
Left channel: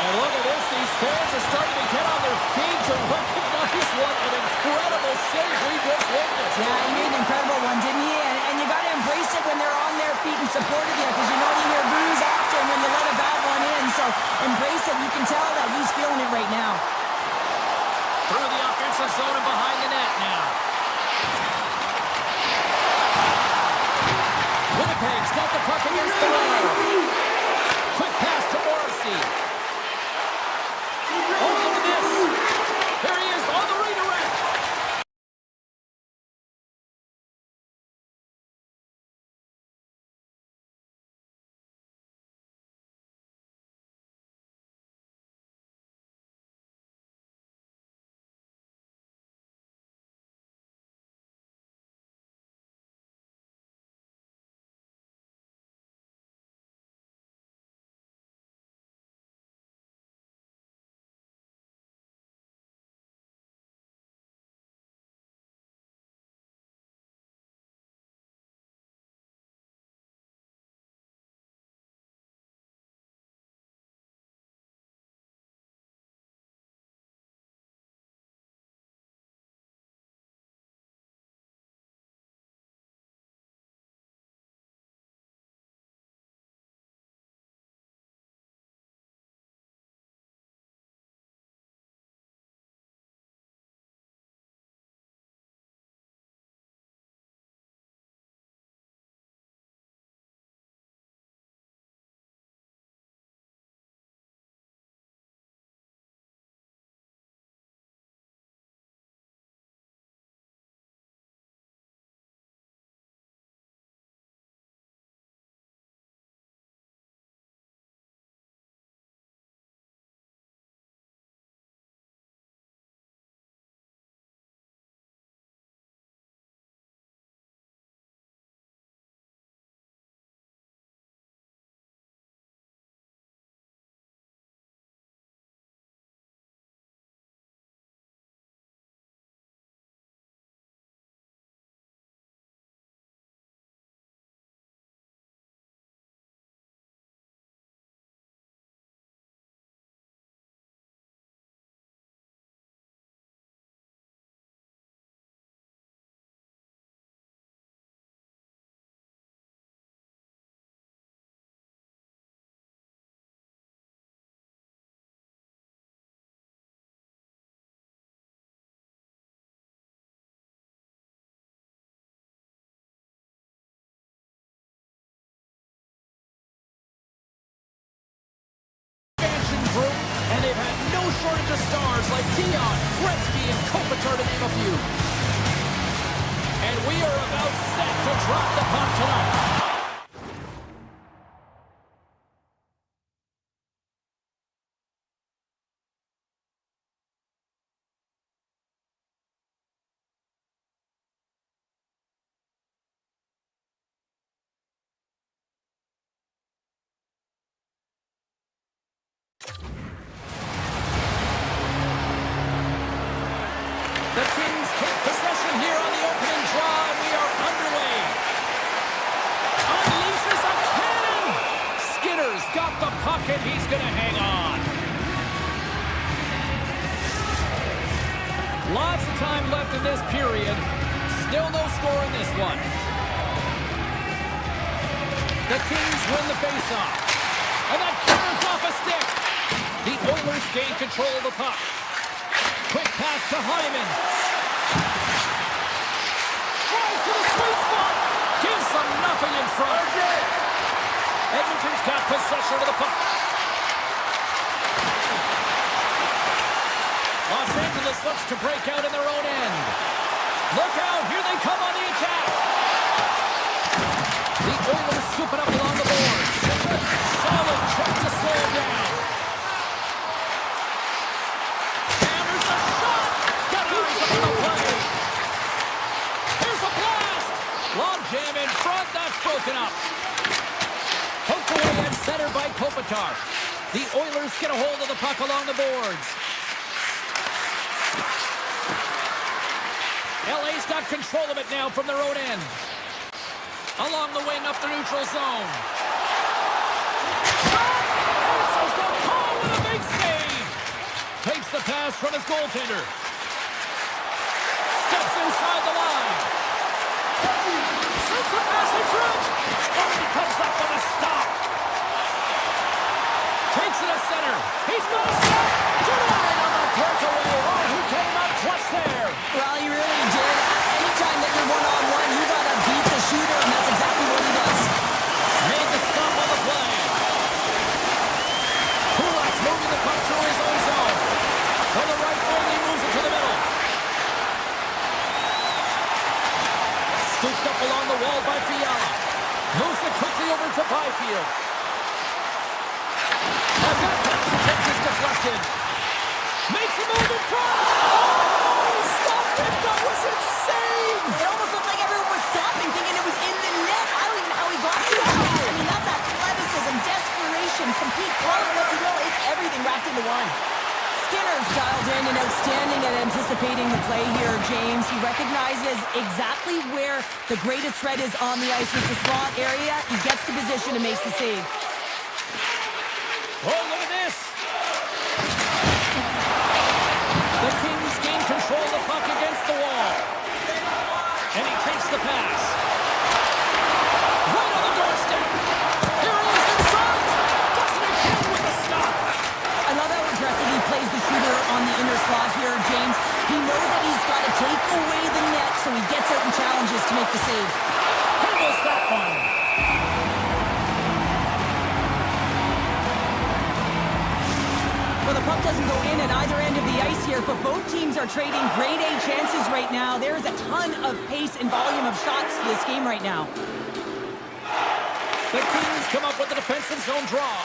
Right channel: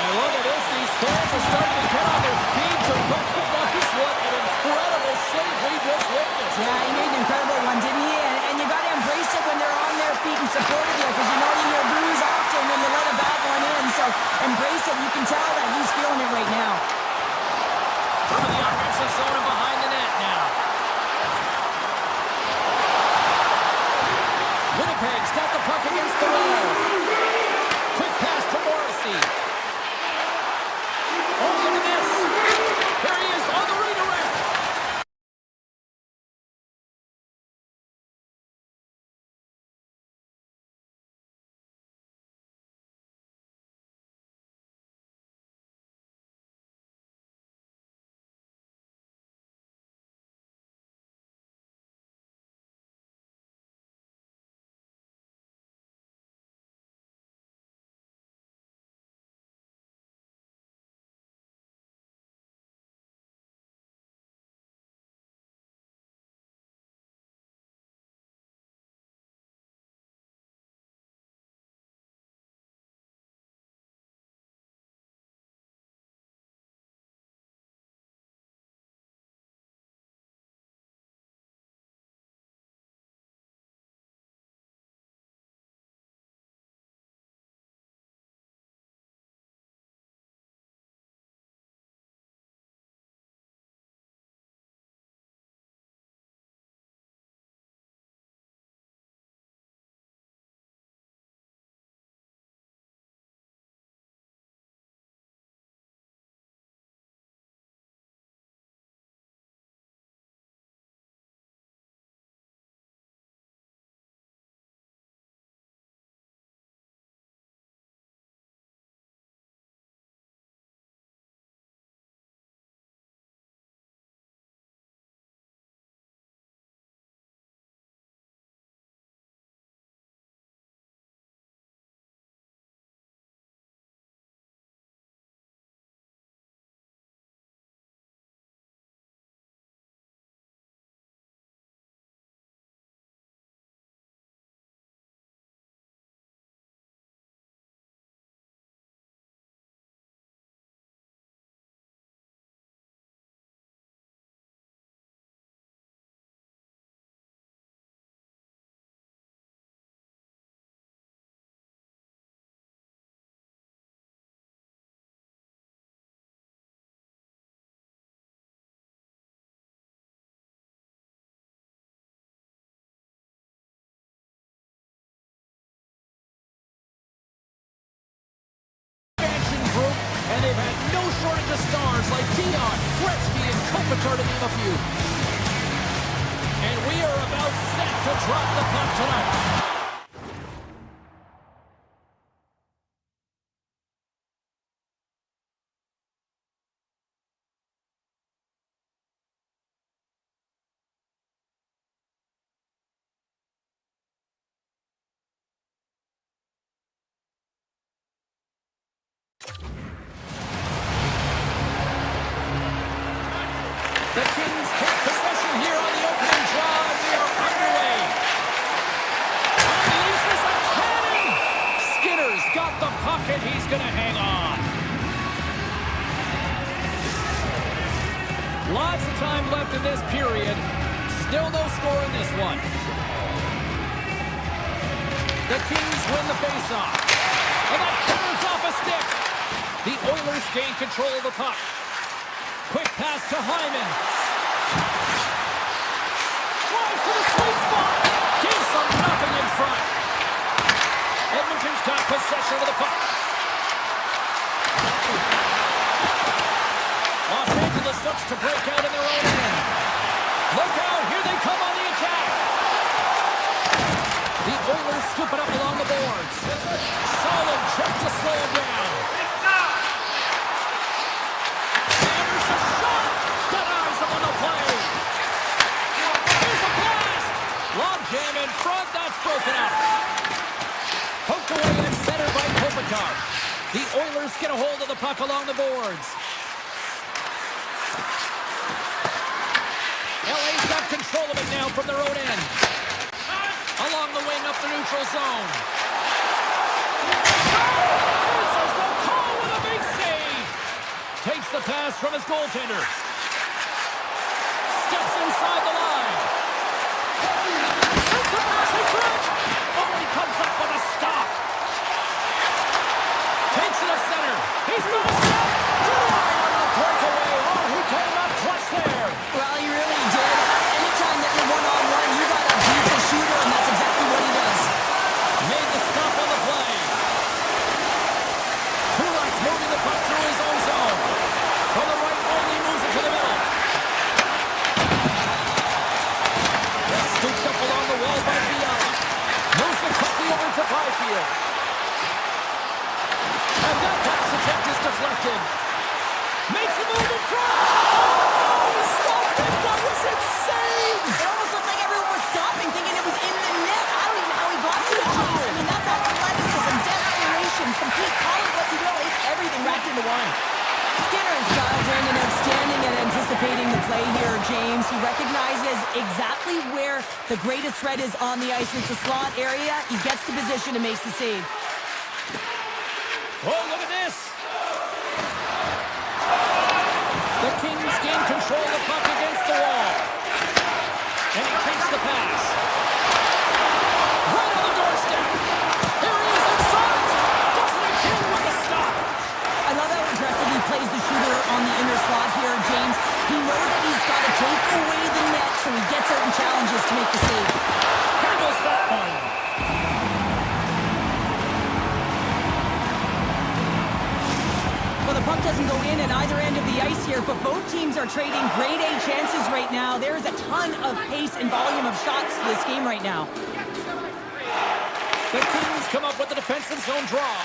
And look at this. These fans are starting to get on their feet to recognize what an incredible save we just witnessed. Yeah, he made an incredible one, didn't he? And you got to embrace it when they're on their feet and support of you, because you know you hear boos often when you let a bad one in. So embrace it. You can tell that he's feeling it right now. Through the offensive zone and behind the net now. Winnipeg's got the puck against the wall. Quick pass to Morrissey. Oh, look at this. Here he is on the redirect. Group, and they've had no shortage of stars like Dion, Gretzky, and Kopitar, to name a few. And we are about set to drop the puck tonight. The Kings take possession here on the opening draw, and we are underway. Unleashes a cannon! Skinner's got the puck, and he's going to hang on. Lots of time left in this period. Still no score in this one. The Kings win the faceoff. And that carries off a stick. The Oilers gain control of the puck. Quick pass to Hyman. Drives to the sweet spot. Gives them nothing in front. Edmonton's got possession of the puck. Los Angeles looks to break out in their own end. Look out, here they come on the attack. The Oilers scoop it up along the boards. Solid check to slow him down. Hammers a shot. Denies him on the play. Here's a blast. Long jam in front, that's broken up. Poked away and centered by Kopitar. The Oilers get a hold of the puck along the boards. LA's got control of it now from their own end. Along the wing up the neutral zone. Answers the call with a big save. Takes the pass from his goaltender. Steps inside the line. Sends a pass in front. Oh, he comes up with a stop. Takes it to center. He's got a stop. Denied on the breakaway. Oh, he came up clutch there. Well, he really did. Anytime that you're one-on-one, you got to beat the shooter, and that's exactly what he does. Made the stop on the play. Kulak's moving the puck through his own zone. From the right wing, he moves it to the middle. Scooped up along the wall by Fiala. Moves it quickly over to Byfield. And that pass attempt is deflected. Makes a move in front. Oh, he stopped it. That was insane. It almost looked like everyone was stopping, thinking it was in the net. I don't even know how he got to it. I mean, that's athleticism, desperation, compete, call it what you will. It's everything wrapped into one. Skinner's dialed in and outstanding at anticipating the play here, James. He recognizes exactly where the greatest threat is on the ice. It's the slot area. He gets to position and makes the save. Oh, look at this. The Kings gain control of the puck against the wall. And he takes the pass. Right on the doorstep. Here he is in front. Does it again with the stop. I love how aggressive he plays the shooter on the inner slot here, James. He knows that he's got to take away the net, so he gets out and challenges to make the save. Handles that one. Well, the puck doesn't go in at either end of the ice here, but both teams are trading grade A chances right now. There is a ton of pace and volume of shots to this game right now. The Kings come up with a defensive zone draw.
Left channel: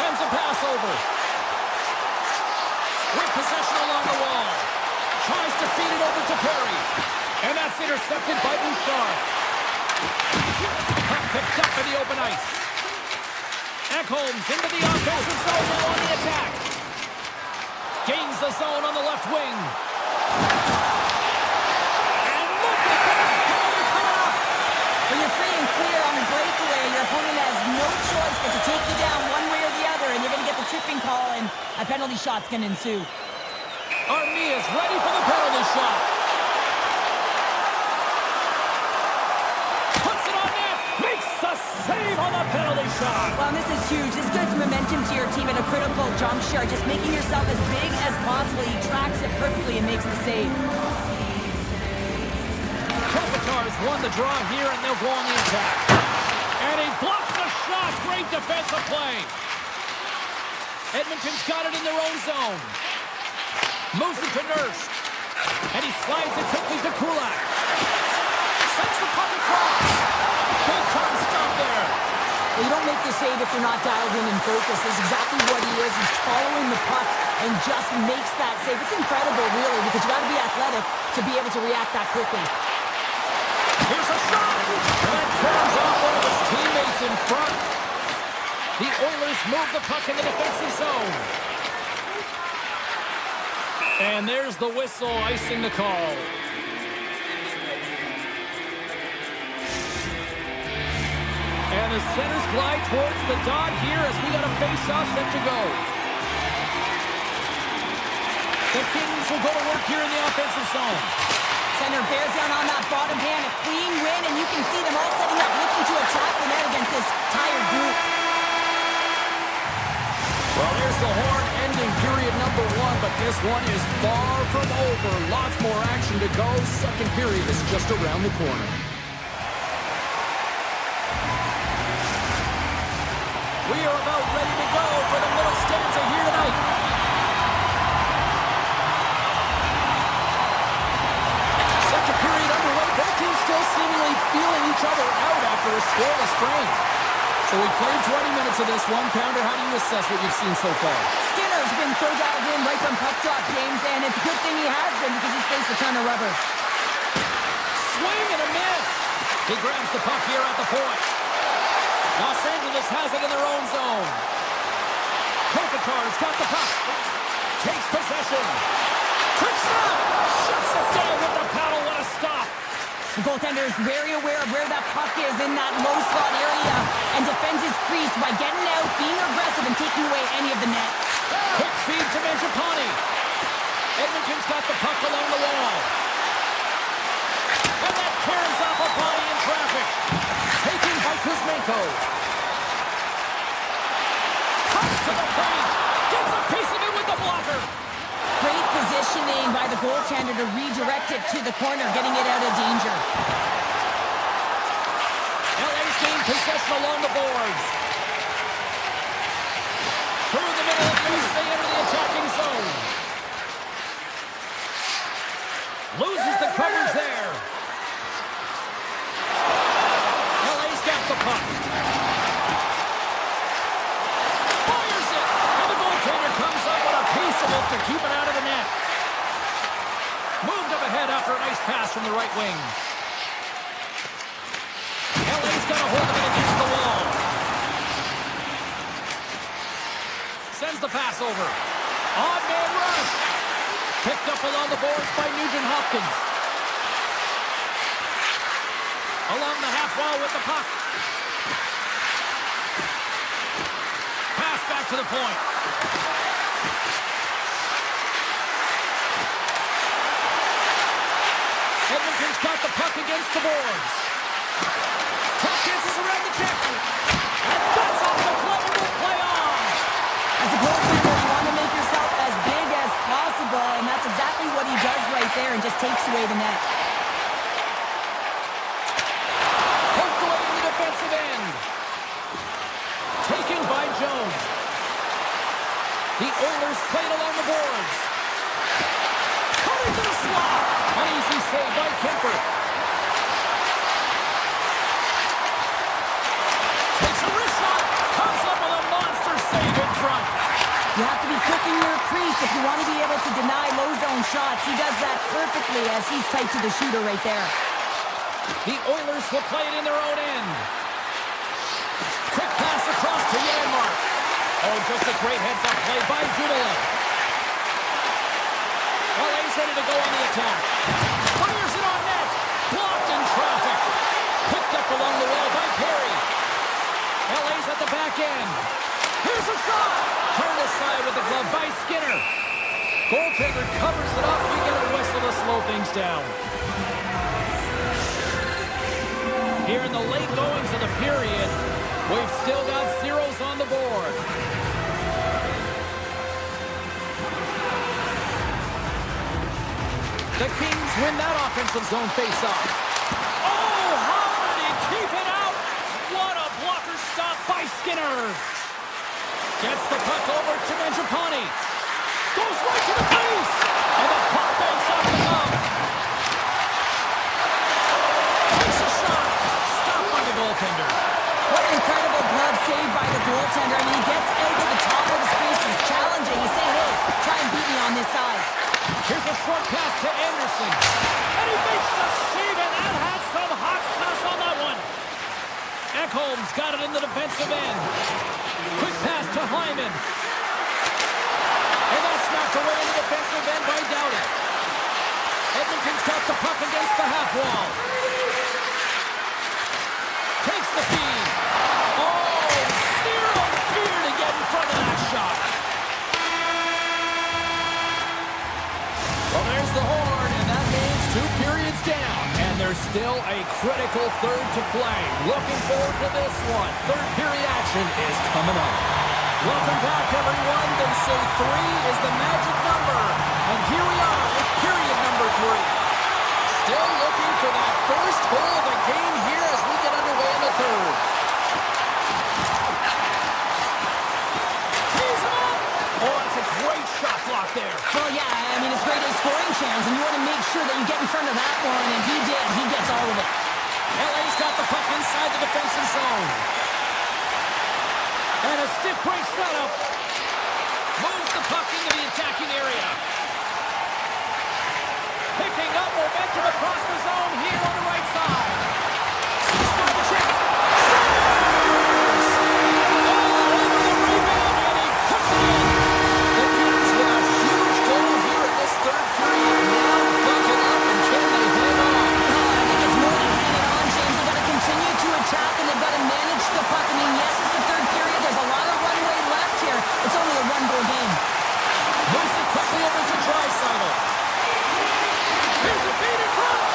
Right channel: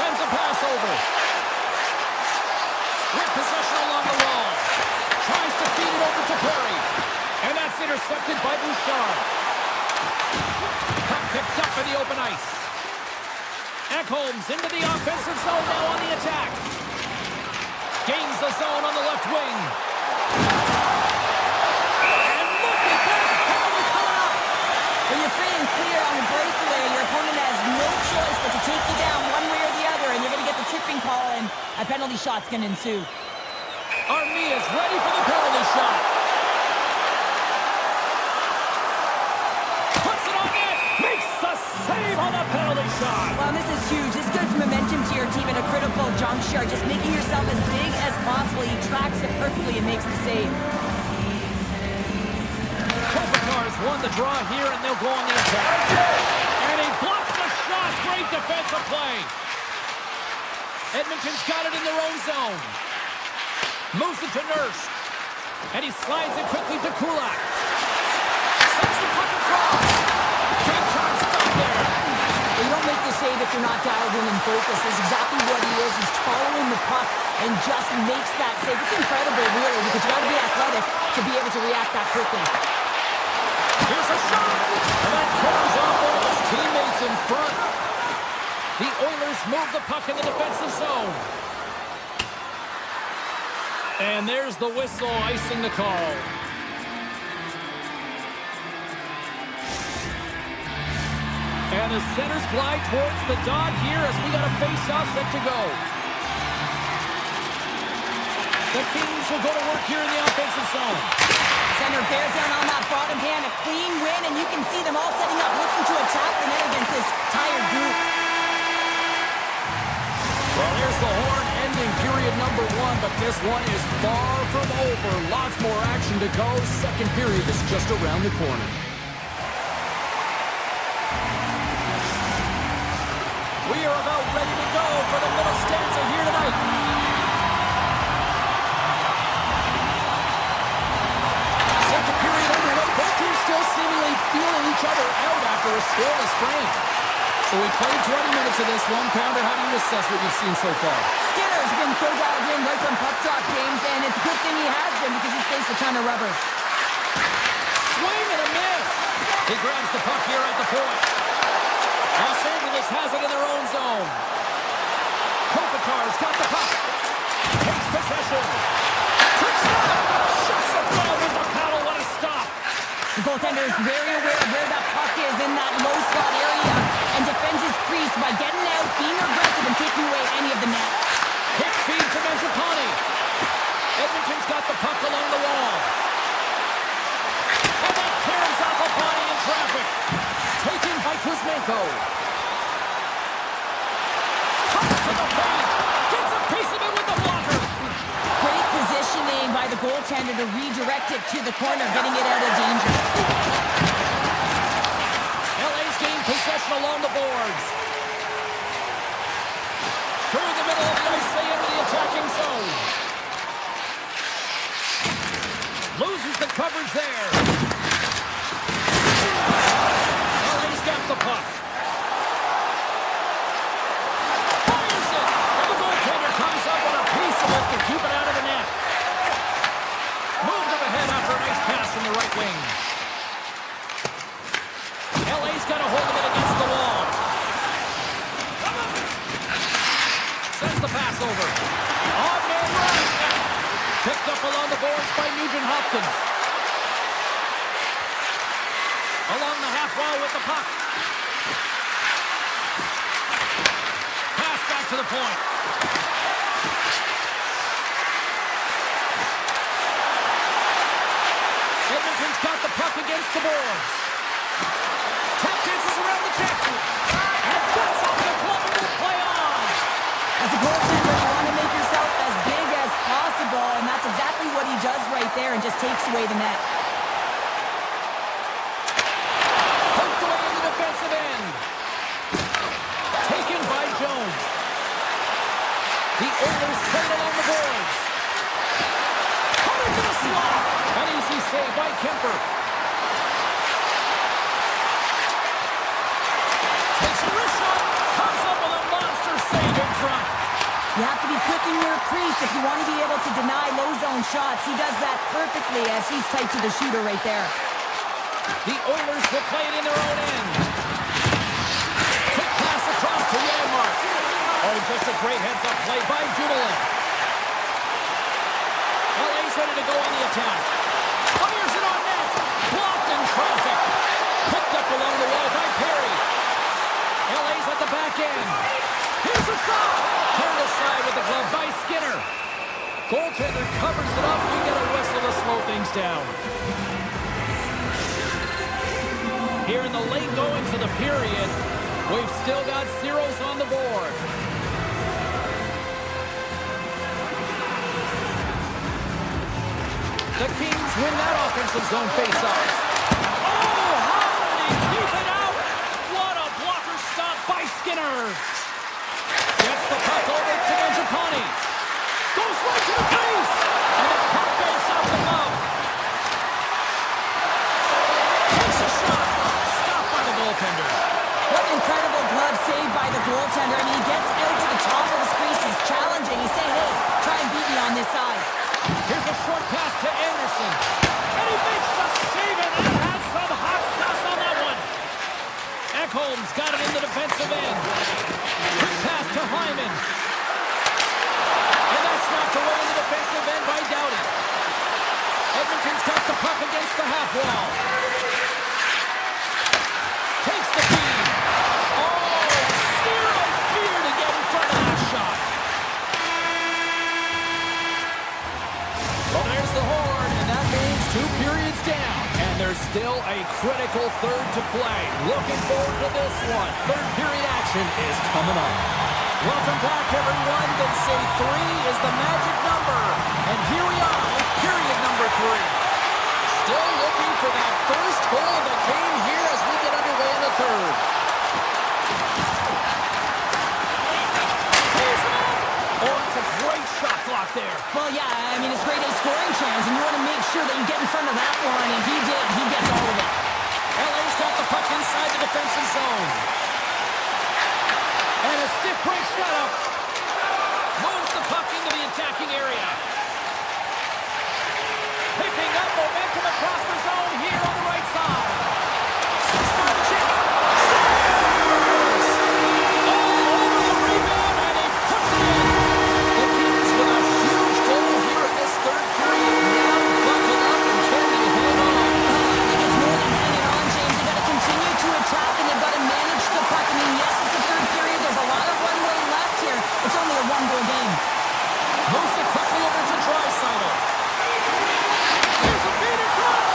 Sends a pass over. With possession along the wall. Tries to feed it over to Perry. And that's intercepted by Bouchard. Puck picked up in the open ice. Ekholm's into the offensive zone now on the attack. Gains the zone on the left wing. And look at that penalty coming up. When you're free and clear on a breakaway, your opponent has no choice but to take you down one way or the other, and you're going to get the tripping call, and a penalty shot's going to ensue. Armia's ready for the penalty shot. Puts it on net. Makes the save on the penalty shot. Well, this is huge. This gives momentum to your team at a critical juncture. Just making yourself as big as possible. He tracks it perfectly and makes the save. Kopitar's won the draw here, and they'll go on the attack. And he blocks the shot. Great defensive play. Edmonton's got it in their own zone. Moves it to Nurse. And he slides it quickly to Kulak. Sends the puck across. Big time stop there. Well, you don't make the save if you're not dialed in and focused. That's exactly what he is. He's following the puck and just makes that save. It's incredible, really, because you got to be athletic to be able to react that quickly. Here's a shot. And that comes off one of his teammates in front. The Oilers move the puck in the defensive zone. And there's the whistle icing the call. And the centers glide towards the dot here as we got a face-off set to go. The Kings will go to work here in the offensive zone. Center bears down on that bottom hand. A clean win, and you can see them all setting up, looking to attack the net against this tired group. Well, there's the horn ending period number 1, but this one is far from over. Lots more action to go. Second period is just around the corner. We are about ready to go for the middle stanza here tonight. Second period underway. Both teams still seemingly feeling each other out after a scoreless frame. So we played 20 minutes of this one. Pounder, how do you assess what you've seen so far? Skinner's been so dialed in right from puck drop, James, and it's a good thing he has been because he's faced a ton of rubber. Swing and a miss. He grabs the puck here at the point. Los Angeles has it in their own zone. Kopitar's got the puck. Takes possession. Quick snap. Shuts it down with the paddle. What a stop. The goaltender is very aware of where that puck is in that low slot area and defends his crease by getting out, being aggressive, and taking away any of the net. Quick feed to Mangiapane. Edmonton's got the puck along the wall. And that tears off a body in traffic. Taken by Kuzmenko. Comes to the paint. Gets a piece of it with the blocker. Great positioning by the goaltender to redirect it to the corner, getting it out of danger. LA's gained possession along the boards. Through the middle of the ice, they enter the attacking zone. Loses the coverage there. LA's got the puck. Fires it! And the goaltender comes up with a piece of it to keep it out of the net. Moved up ahead after a nice pass from the right wing. LA's got a hold of it against the wall. Sends the pass over. Odd man rush. Picked up along the boards by Nugent-Hopkins. Along the half wall with the puck. Pass back to the point. Edmonton's got the puck against the boards. Tap dances around the check. And that's off the glove and will play on. As a goaltender, you want to make yourself as big as possible, and that's exactly what he does right there and just takes away the net. Poked away in the defensive end. Taken by Jones. The Oilers played along the boards. Cut into the slot. An easy save by Kemper. Takes a wrist shot. Comes up with a monster save in front. You have to be quick in your crease if you want to be able to deny low zone shots. He does that perfectly as he's tight to the shooter right there. The Oilers will play it in their own end. Quick pass across to Janmark. Oh, just a great heads-up play by Dumoulin. LA's ready to go on the attack. Fires it on net. Blocked in traffic. Picked up along the wall by Perry. LA's at the back end. Here's a shot. Turned aside with the glove by Skinner. Goaltender covers it up. We get a whistle to slow things down. Here in the late goings of the period, we've still got zeros on the board. The Kings win that offensive zone face-off. Oh, how did he keep it out? What a blocker stop by Skinner. Gets the puck over to Mangiapane. Goes right to the crease. And the puck banks off the glove. Takes a shot. Stopped by the goaltender. What an incredible glove save by the goaltender. I mean, he gets out to the top of his crease. He's challenging. He's saying, hey, try and beat me on this side. Here's a short pass to Anderson. And he makes a save, and that had some hot sauce on that one. Ekholm's got it in the defensive end. Quick pass to Hyman. And that's knocked away in the defensive end by Doughty. Edmonton's got the puck against the half wall. Takes the feed. Oh, zero fear to get in front of that shot. There's still a critical third to play. Looking forward to this one. Third period action is coming up. Welcome back, everyone. They say 3 is the magic number. And here we are with period number 3. Still looking for that first goal of the game here as we get underway in the third. Tees him up! Oh, it's a great shot block there. Well, yeah, I mean, it's grade A scoring chance, and you want to make sure that you get in front of that one, and he did. He gets all of it. LA's got the puck inside the defensive zone. And a stiff break setup. Moves the puck into the attacking area. Picking up momentum across the zone here on the right side. 6 by the check. Scores! All over the rebound, and he puts it in. The Kings with a huge goal here in this third period. Now buckle up, and can they hang on? I think it's more than hanging on, James. They've got to continue to attack, and they've got to manage the puck. I mean, yes, it's the third period. There's a lot of runway left here. It's only a 1-goal game. Moves it quickly over to Draisaitl. Here's a feed in front,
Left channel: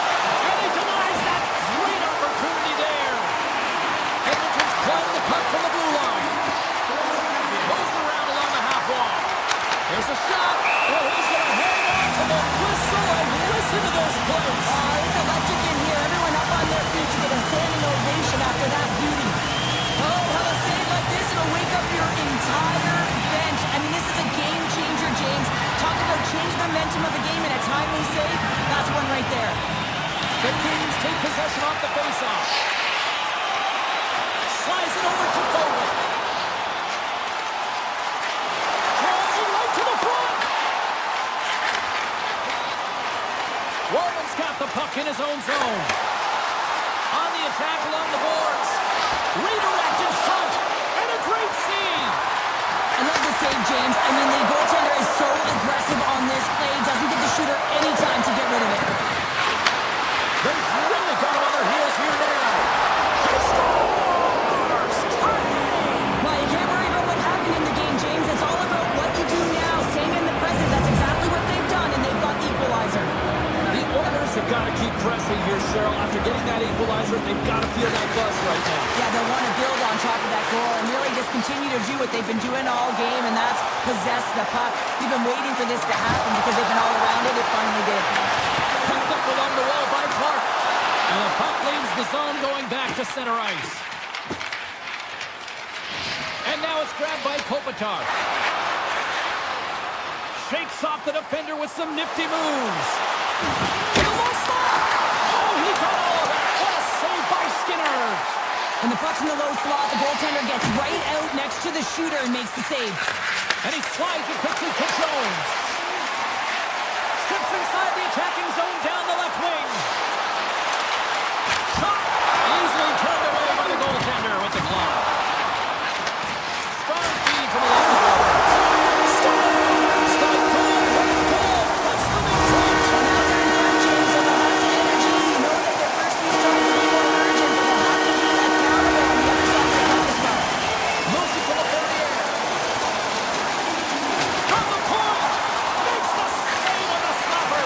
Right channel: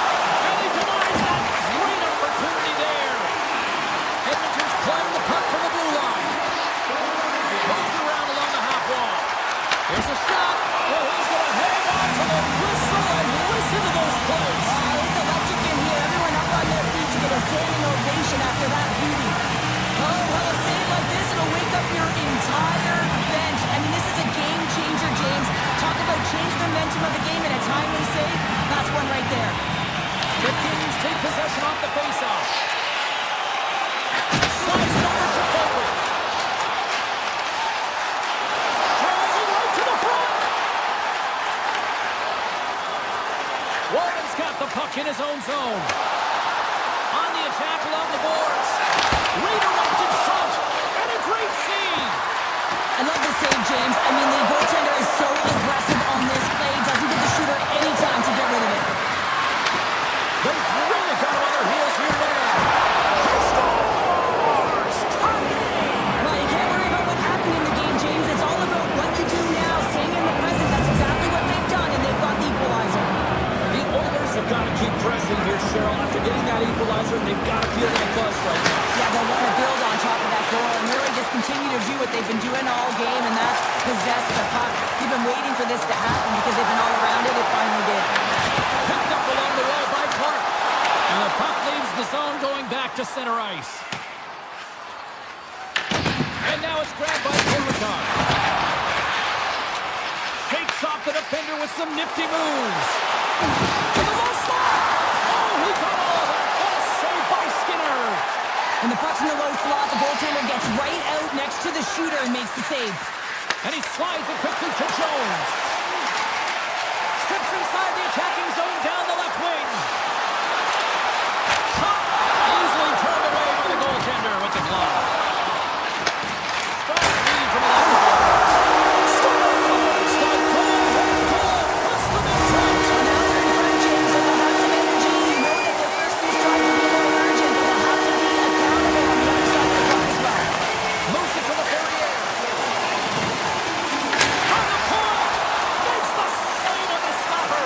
and he denies that great opportunity there. Edmonton's playing the puck from the blue line. Moves it around along the half wall. Here's a shot, and he's going to hang on to the whistle and listen to this place. It's electric in here. Everyone up on their feet to get a standing ovation after that beauty. Oh, how a save like this, it'll wake up your entire bench. I mean, this is a game changer, James. Talk about change the momentum of the game in a timely save. That's one right there. The Kings take possession off the faceoff. Slides it over to forward. Driving right to the front. Walman's got the puck in his own zone. On the attack along the boards. Redirect in front. And a great save. I love the save, James. I mean, the goaltender is so aggressive on this play. Doesn't give the shooter any time to get rid of it. They've really got him on their heels here now. He scores! Tie game! Well, you can't worry about what happened in the game, James. It's all about what you do now. Staying in the present. That's exactly what they've done, and they've got the equalizer. The Oilers have got to keep pressing here, Cheryl. After getting that equalizer, they've got to feel that buzz right now. Yeah, they'll want to build on top of that goal and really just continue to do what they've been doing all game, and that's possess the puck. We've been waiting for this to happen because they've been all around it. It finally did. Picked up along the wall by Clark. And the puck leaves the zone going back to center ice. And now it's grabbed by Kopitar. Shakes off the defender with some nifty moves. To the low slot. Oh, he got all of that. What a save by Skinner. When the puck's in the low slot, the goaltender gets right out next to the shooter and makes the save. And he slides it quickly to Jones. Steps inside the attacking zone down the left wing. Shot easily turned away by the goaltender with the glove. Strong feed from along the boards. Scores! The go-ahead goal puts them in front. So now they're in front, James, and they'll have some energy. You know that their first few strides will be more urgent, but they'll have to be accountable on the other side of the puck as well. Moves it to the Ferrier. From the point. Makes the save on the stopper.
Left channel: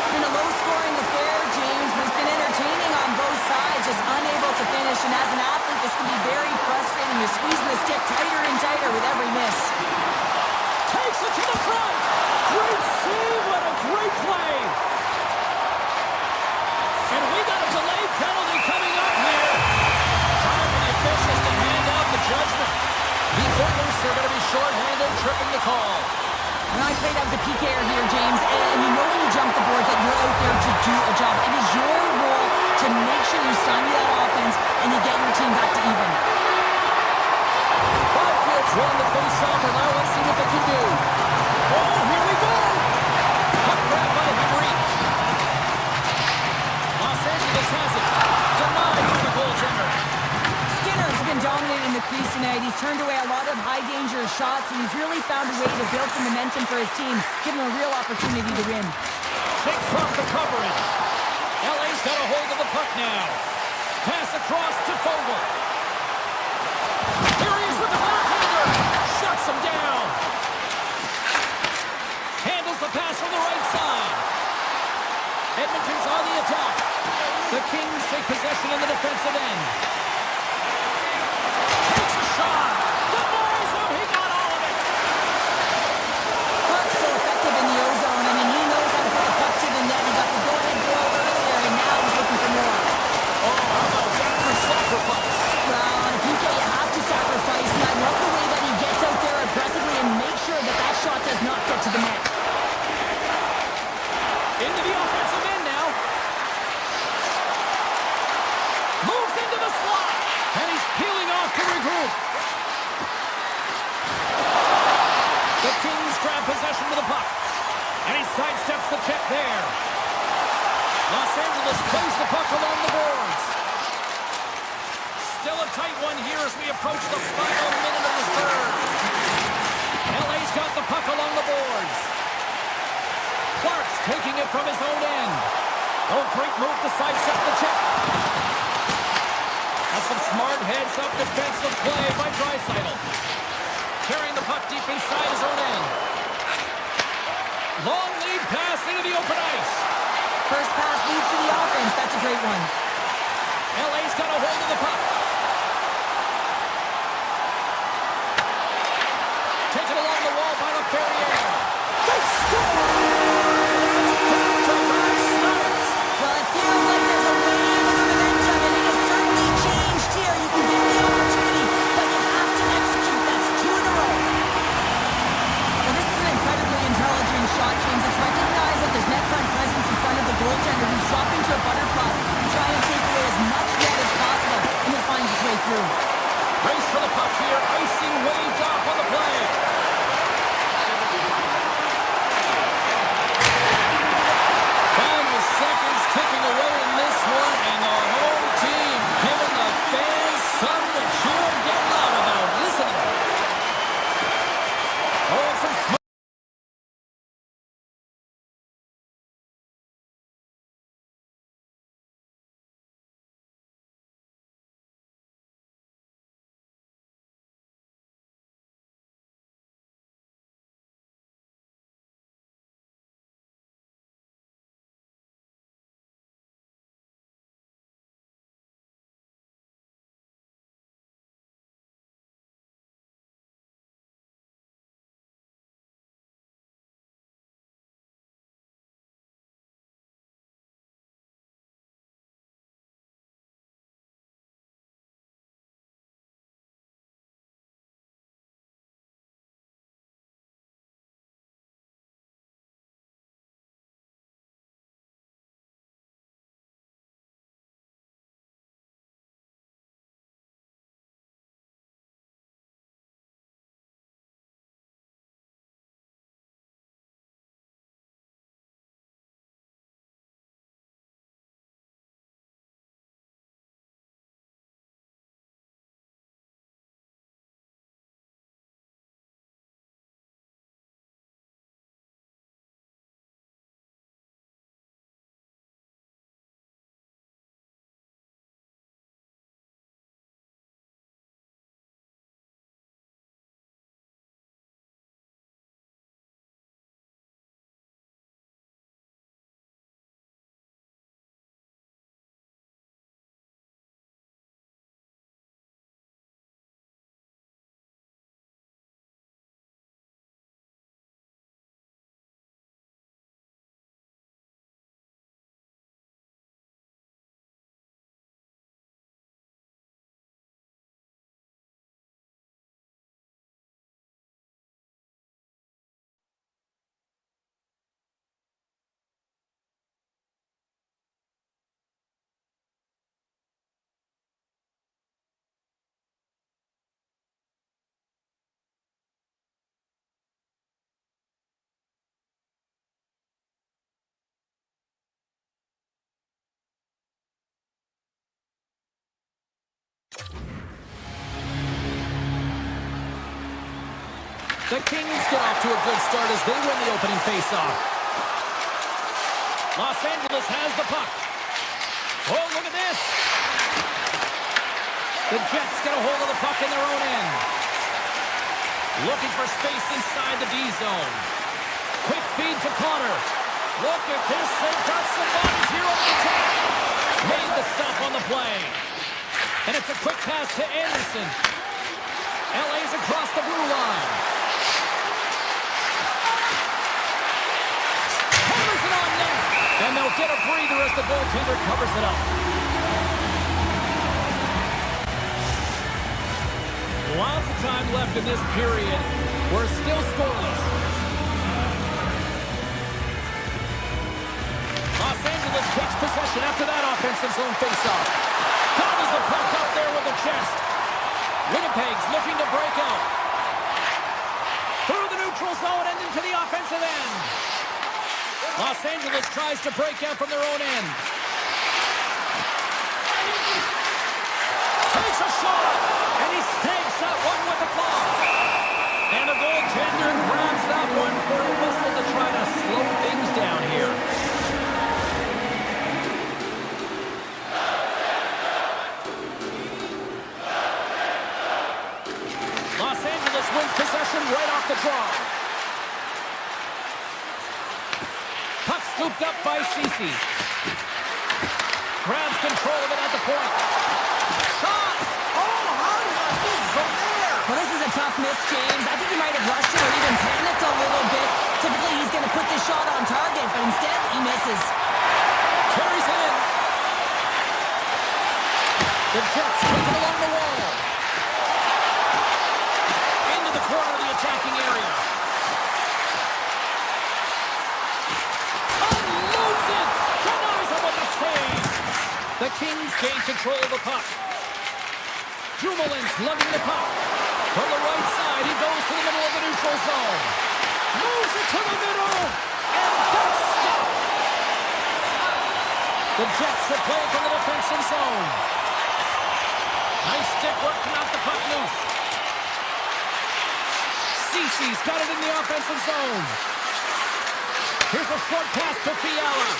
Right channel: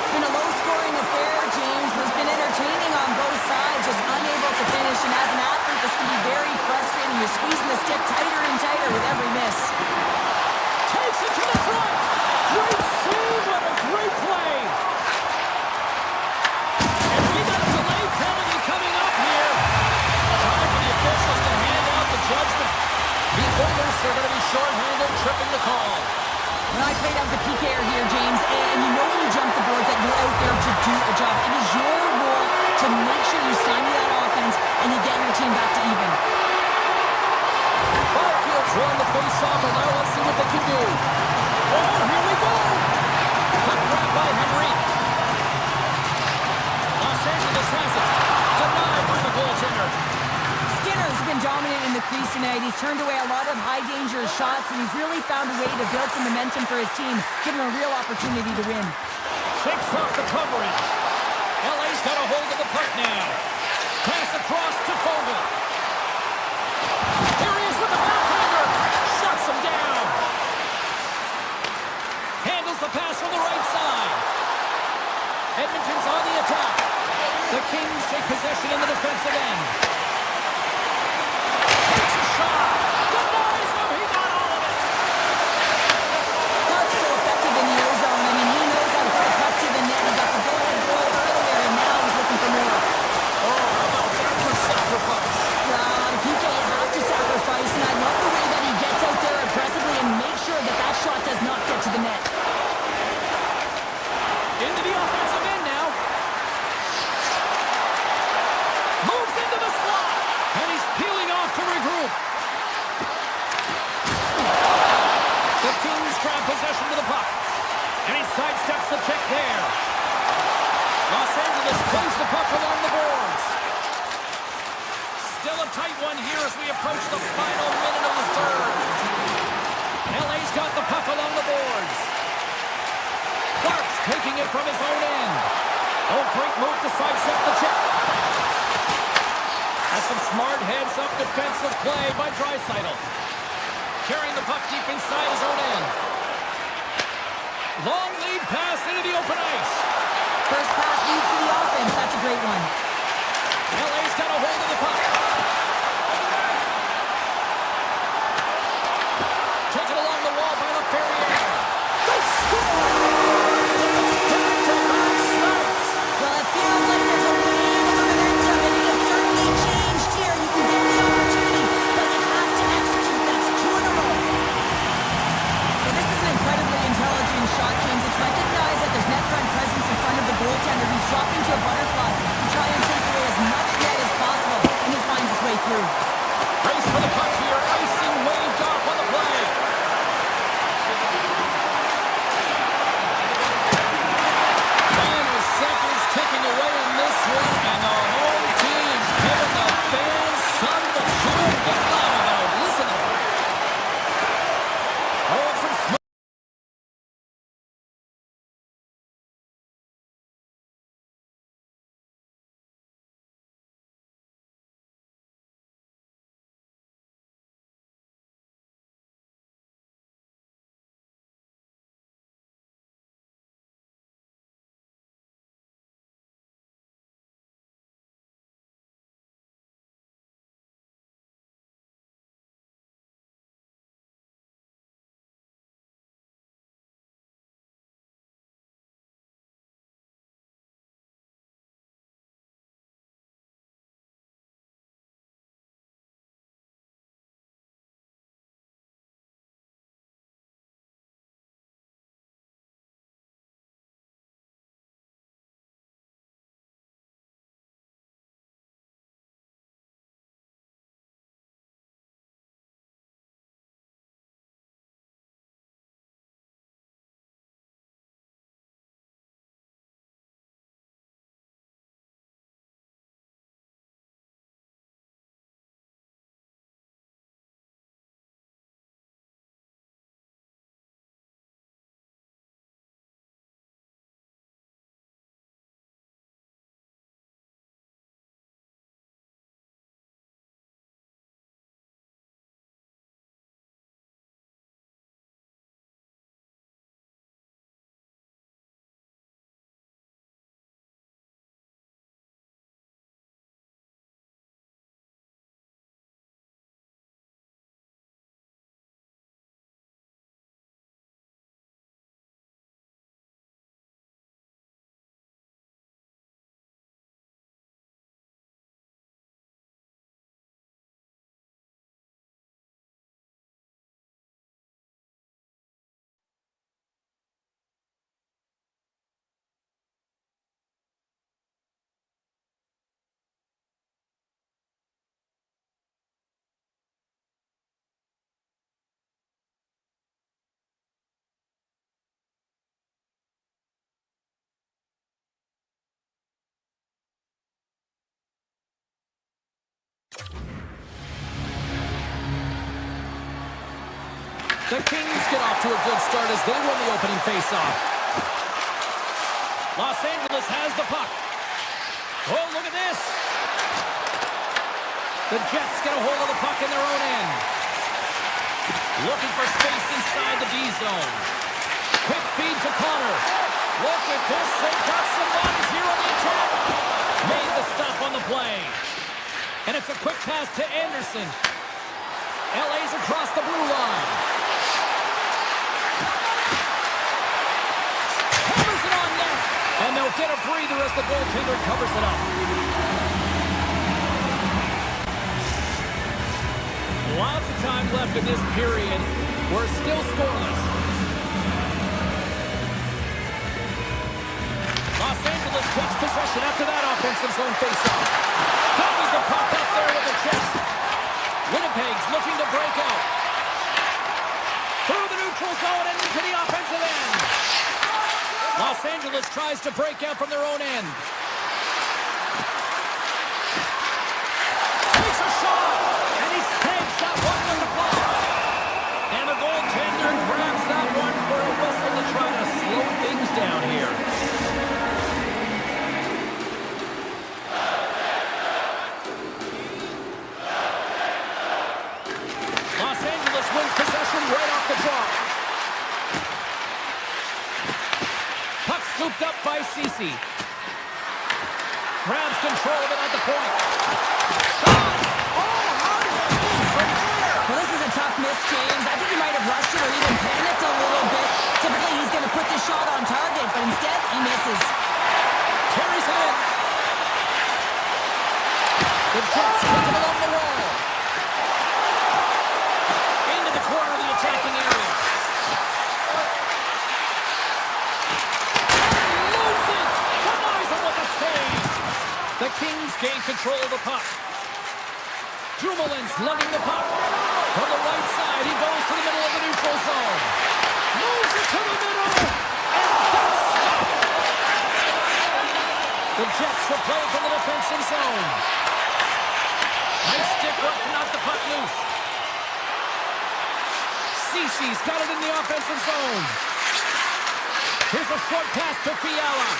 It's been a low-scoring affair, James, but it's been entertaining on both sides, just unable to finish. And as an athlete, this can be very frustrating. You're squeezing the stick tighter and tighter with every miss. Takes it to the front. Great save. What a great play. And we got a delayed penalty coming up here. Time for the officials to hand out the judgment. The Oilers are going to be shorthanded, tripping the call. When I played, I was a PKer here, James, and you know when you jump the boards that you're out there to do a job. It is your role to make sure you stymie that offense and you get your team back to even. Byfield's won the face-off, and now let's see what they can do. Oh, here we go. Puck grabbed by Henrique. Los Angeles has it. Denied by the goaltender. Skinner's been dominant in the crease tonight. He's turned away a lot of high-danger shots, and he's really found a way to build some momentum for his team, give him a real opportunity to win. Shakes off the coverage. LA's got a hold of the puck now. Pass across to Fogle. Here he is with the backhander. Shuts him down. Handles the pass from the right side. take possession in the defensive end. Takes a shot. Denies him. He got all of it. Clark's so effective in the O-zone. I mean, he knows how to put the puck to the net. He got the go-ahead goal earlier, and now he's looking for more. Oh, how about that for sacrifice? Well, on a PK, you have to sacrifice, and I love the way that he gets out there aggressively and makes sure that that shot does not get to the net. Into the offensive end now. Moves into the slot. And he's peeling off to regroup. The Kings grab possession of the puck. And he sidesteps the check there. Los Angeles plays the puck along the boards. Still a tight one here as we approach the final minute of the third. LA's got the puck along the boards. Clark's taking it from his own end. Oh, great move to sidestep the check. That's some smart heads-up defensive play by Draisaitl. Carrying the puck deep inside his own end. Long lead pass into the open ice. First pass leads to the offense. That's a great one. LA's got a hold of the puck. Taken along the wall by LaFerriere. They score! It's back-to-back snipes. Well, it feels like there's a wave of momentum, and it has certainly changed here. You can get the opportunity, but you have to execute. That's 2 in a row. Well, this is an incredibly intelligent shot, James. It's recognized that there's net front presence in front of the goaltender who's dropping to a butterfly to try and take away as much net as possible, and it finds its way through. Race for the puck here. Icing waved off on the play. Final seconds ticking away in this one, and the home team giving the fans something to cheer and get loud about. Listen to them. Oh, it's some smoke. The Kings get off to a good start as they win the opening faceoff. Los Angeles has the puck. Oh, look at this. The Jets get a hold of the puck in their own end. Looking for space inside the D zone. Quick feed to Connor. Look at this. They've got some bodies here on the attack. Made the stop on the play. And it's a quick pass to Anderson. LA's across the blue line. Hammers it on net. And they'll get a breather as the goaltender covers it up. Lots of time left in this period. We're still scoreless. Los Angeles takes possession after that offensive zone faceoff. Gobbles the puck up there with the chest. Winnipeg's looking to break out. Through the neutral zone and into the offensive end. Los Angeles tries to break out from their own end. Takes a shot, and he snags that one with the glove. And the goaltender grabs that one for a whistle to try to slow things down here. Los Angeles wins possession right off the draw. Puck scooped up by Ceci. Grabs control of it at the point. Shot! Oh, how did he miss from there? Well, this is a tough miss, James. I think he might have rushed it or even panicked a little bit. Typically, he's going to put this shot on target, but instead, he misses. Carries it in. The Jets take it along the wall. Into the corner of the attacking area. Unloads it. Denies him with a save. The Kings gain control of the puck. Dumoulin's lugging the puck. From the right side, he goes to the middle of the neutral zone. Moves it to the middle. And that's stopped. The Jets will play it from the defensive zone. Nice stick work to knock the puck loose. Ceci's got it in the offensive zone. Here's a short pass to Fiala.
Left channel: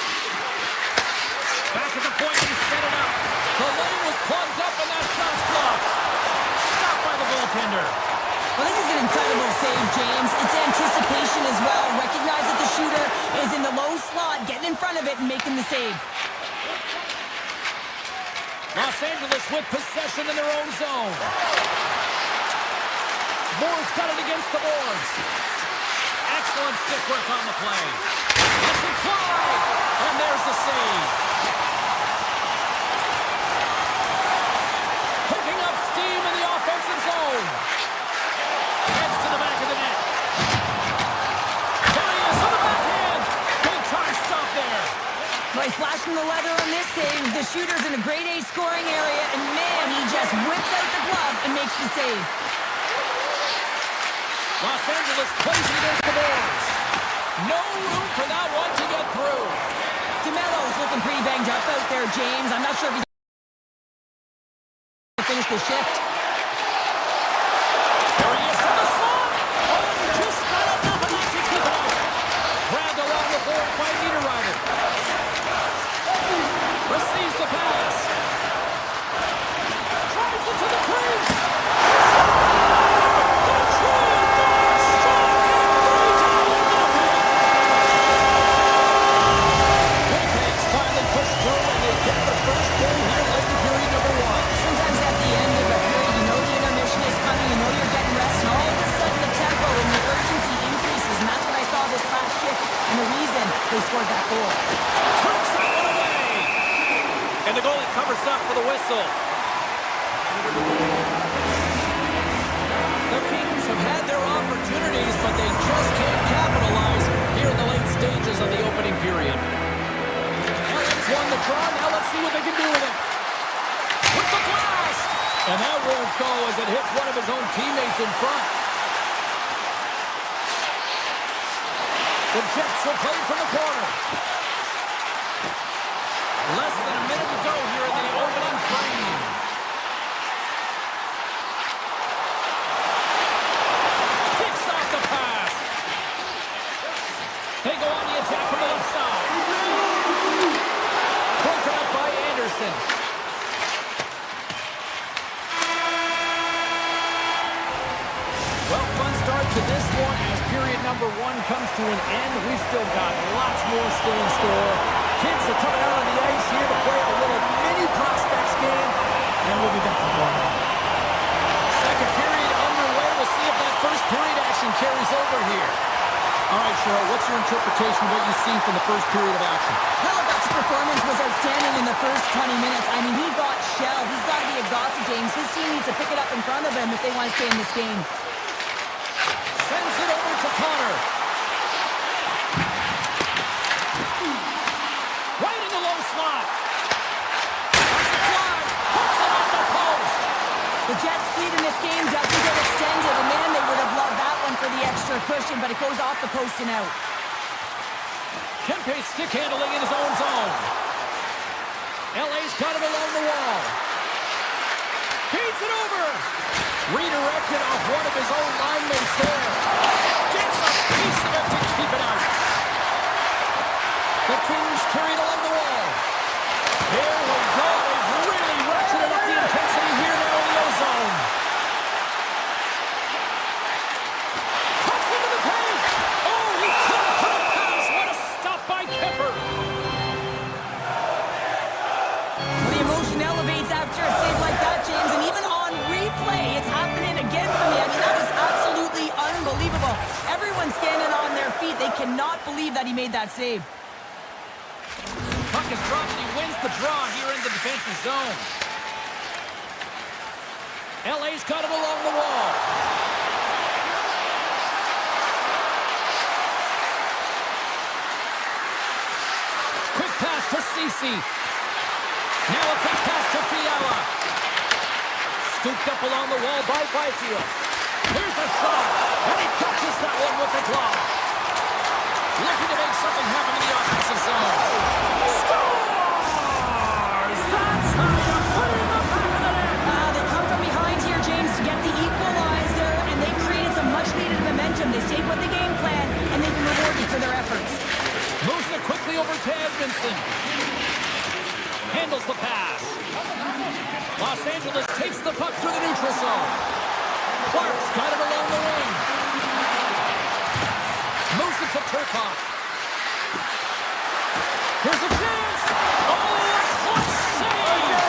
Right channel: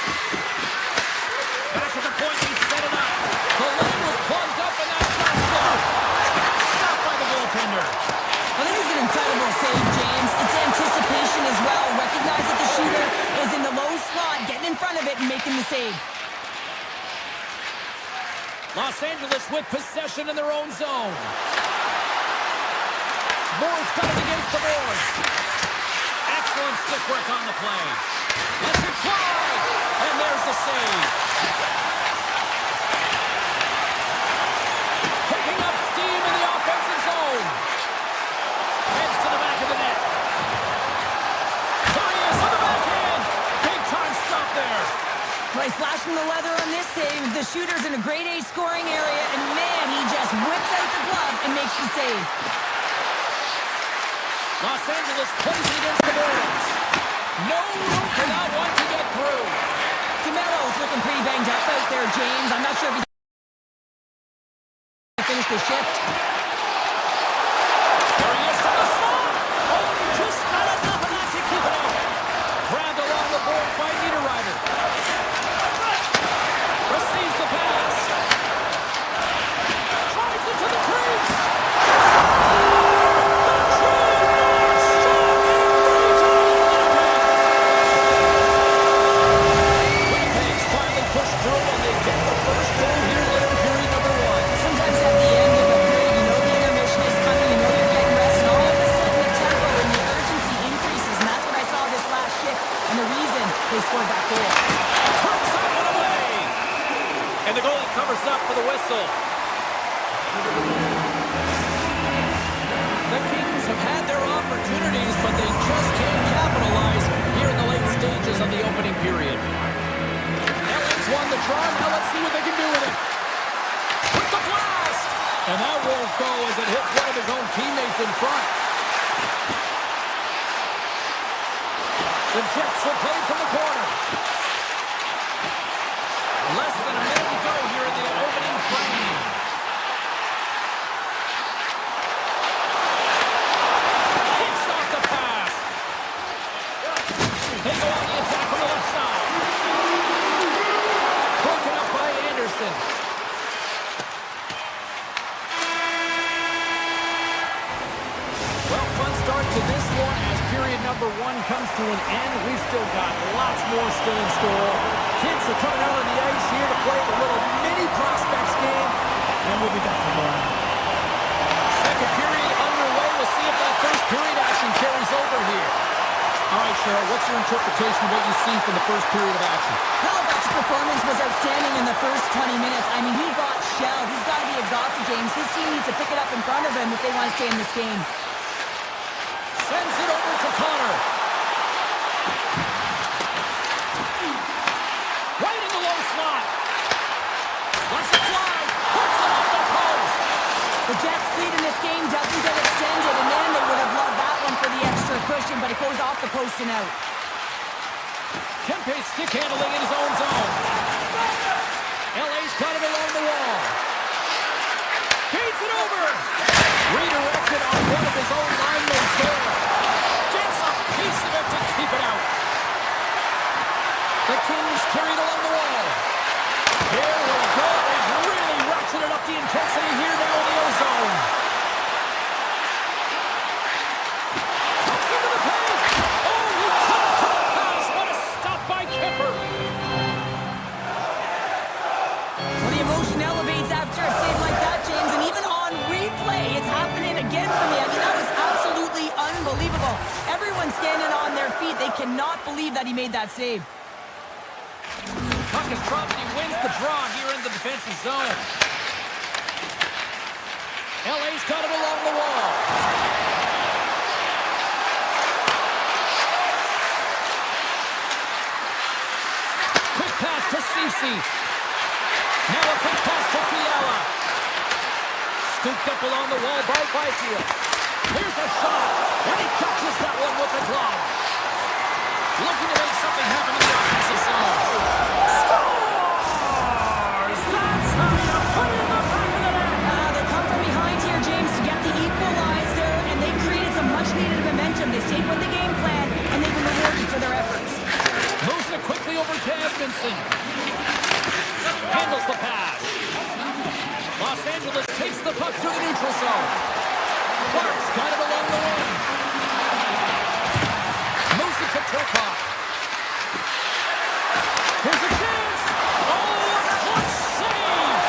Back at the point, he set it up. The lane was plugged up and that shot's blocked. Stopped by the goaltender. Well, this is an incredible save, James. It's anticipation as well. Recognize that the shooter is in the low slot, getting in front of it and making the save. Los Angeles with possession in their own zone. Moore's got it against the boards. Excellent stick work on the play. Lets it fly. And there's the save. Picking up steam in the offensive zone. Heads to the back of the net. There he is on the backhand. Big time stop there. Well, he's flashing the leather on this save. The shooter's in a grade A scoring area, and man, he just whips out the glove and makes the save. Los Angeles plays it against the boards. No room for that one to get through. DeMello's looking pretty banged up out there, James. I'm not sure if he's going to finish the shift. There he is from the slot. Oh, he just got enough of that to keep it out. Grabbed along the board by Niederreiter. Receives the pass. Drives it to the crease. Through and they get the first goal here late in period number one. Sometimes at the end of a period, you know the intermission is coming, you know you're getting rest, and all of a sudden the tempo and the urgency increases, and that's what I saw this last shift, and the reason they scored that goal. Turns that one away! And the goalie covers up for the whistle. The Kings have had their opportunities, but they just can't capitalize here in the late stages of the opening period. Won the draw. Now let's see what they can do with it. With the blast! And that won't go as it hits one of his own teammates in front. The Jets will play from the corner. Less than a minute to go here in the opening frame. Picks off the pass. They go on the attack from the left side. Broken up by Anderson. Well, fun start to this one as period number 1 comes to an end. We've still got lots more still in store. Kids are coming out on the ice here to play a little mini prospects game, and we'll be back tomorrow. Second period underway. We'll see if that first period action carries over here. All right, Cheryl, what's your interpretation of what you've seen from the first period of action? Halifax's performance was outstanding in the first 20 minutes. I mean, he got shelled. He's got to be exhausted, James. His team needs to pick it up in front of him if they want to stay in this game. Sends it over to Connor. Right in the low slot. Lets it fly. Puts it off the post. The Jets' lead in this game doesn't get extended, and man, they would have loved that one for the extra cushion, but it goes off the post and out. Kempe stick handling in his own zone. LA's got it along the wall. Feeds it over. Redirected off one of his own linemates there. Gets a piece of it to keep it out. The Kings carry it along the wall. Here we go. They've really ratcheted up the intensity here now in the O-zone. Cuts into the paint. Oh, he couldn't put it past. What a stop by Kemper. Well, the emotion elevates after a save like that, James, and even on replay, it's happening again for me. I mean, that was absolutely unbelievable. Everyone's standing on their feet. They cannot believe that he made that save. Puck is dropped and he wins the draw here in the defensive zone. LA's got it along the wall. Quick pass to Ceci. Now a quick pass to Fiala. Scooped up along the wall by Byfield. Here's a shot, and he catches that one with the glove. Looking to make something happen in the offensive zone. Scores! That's how you put it in the back of the net. They come from behind here, James, to get the equalizer, and they created some much-needed momentum. They stayed with the game plan, and they've been rewarded for their efforts. Moves it quickly over to Edmondson. Handles the pass. Los Angeles takes the puck through the neutral zone. Clark's got it along the wing. Moves it to Turcotte. Here's a chance. Oh, a clutch save.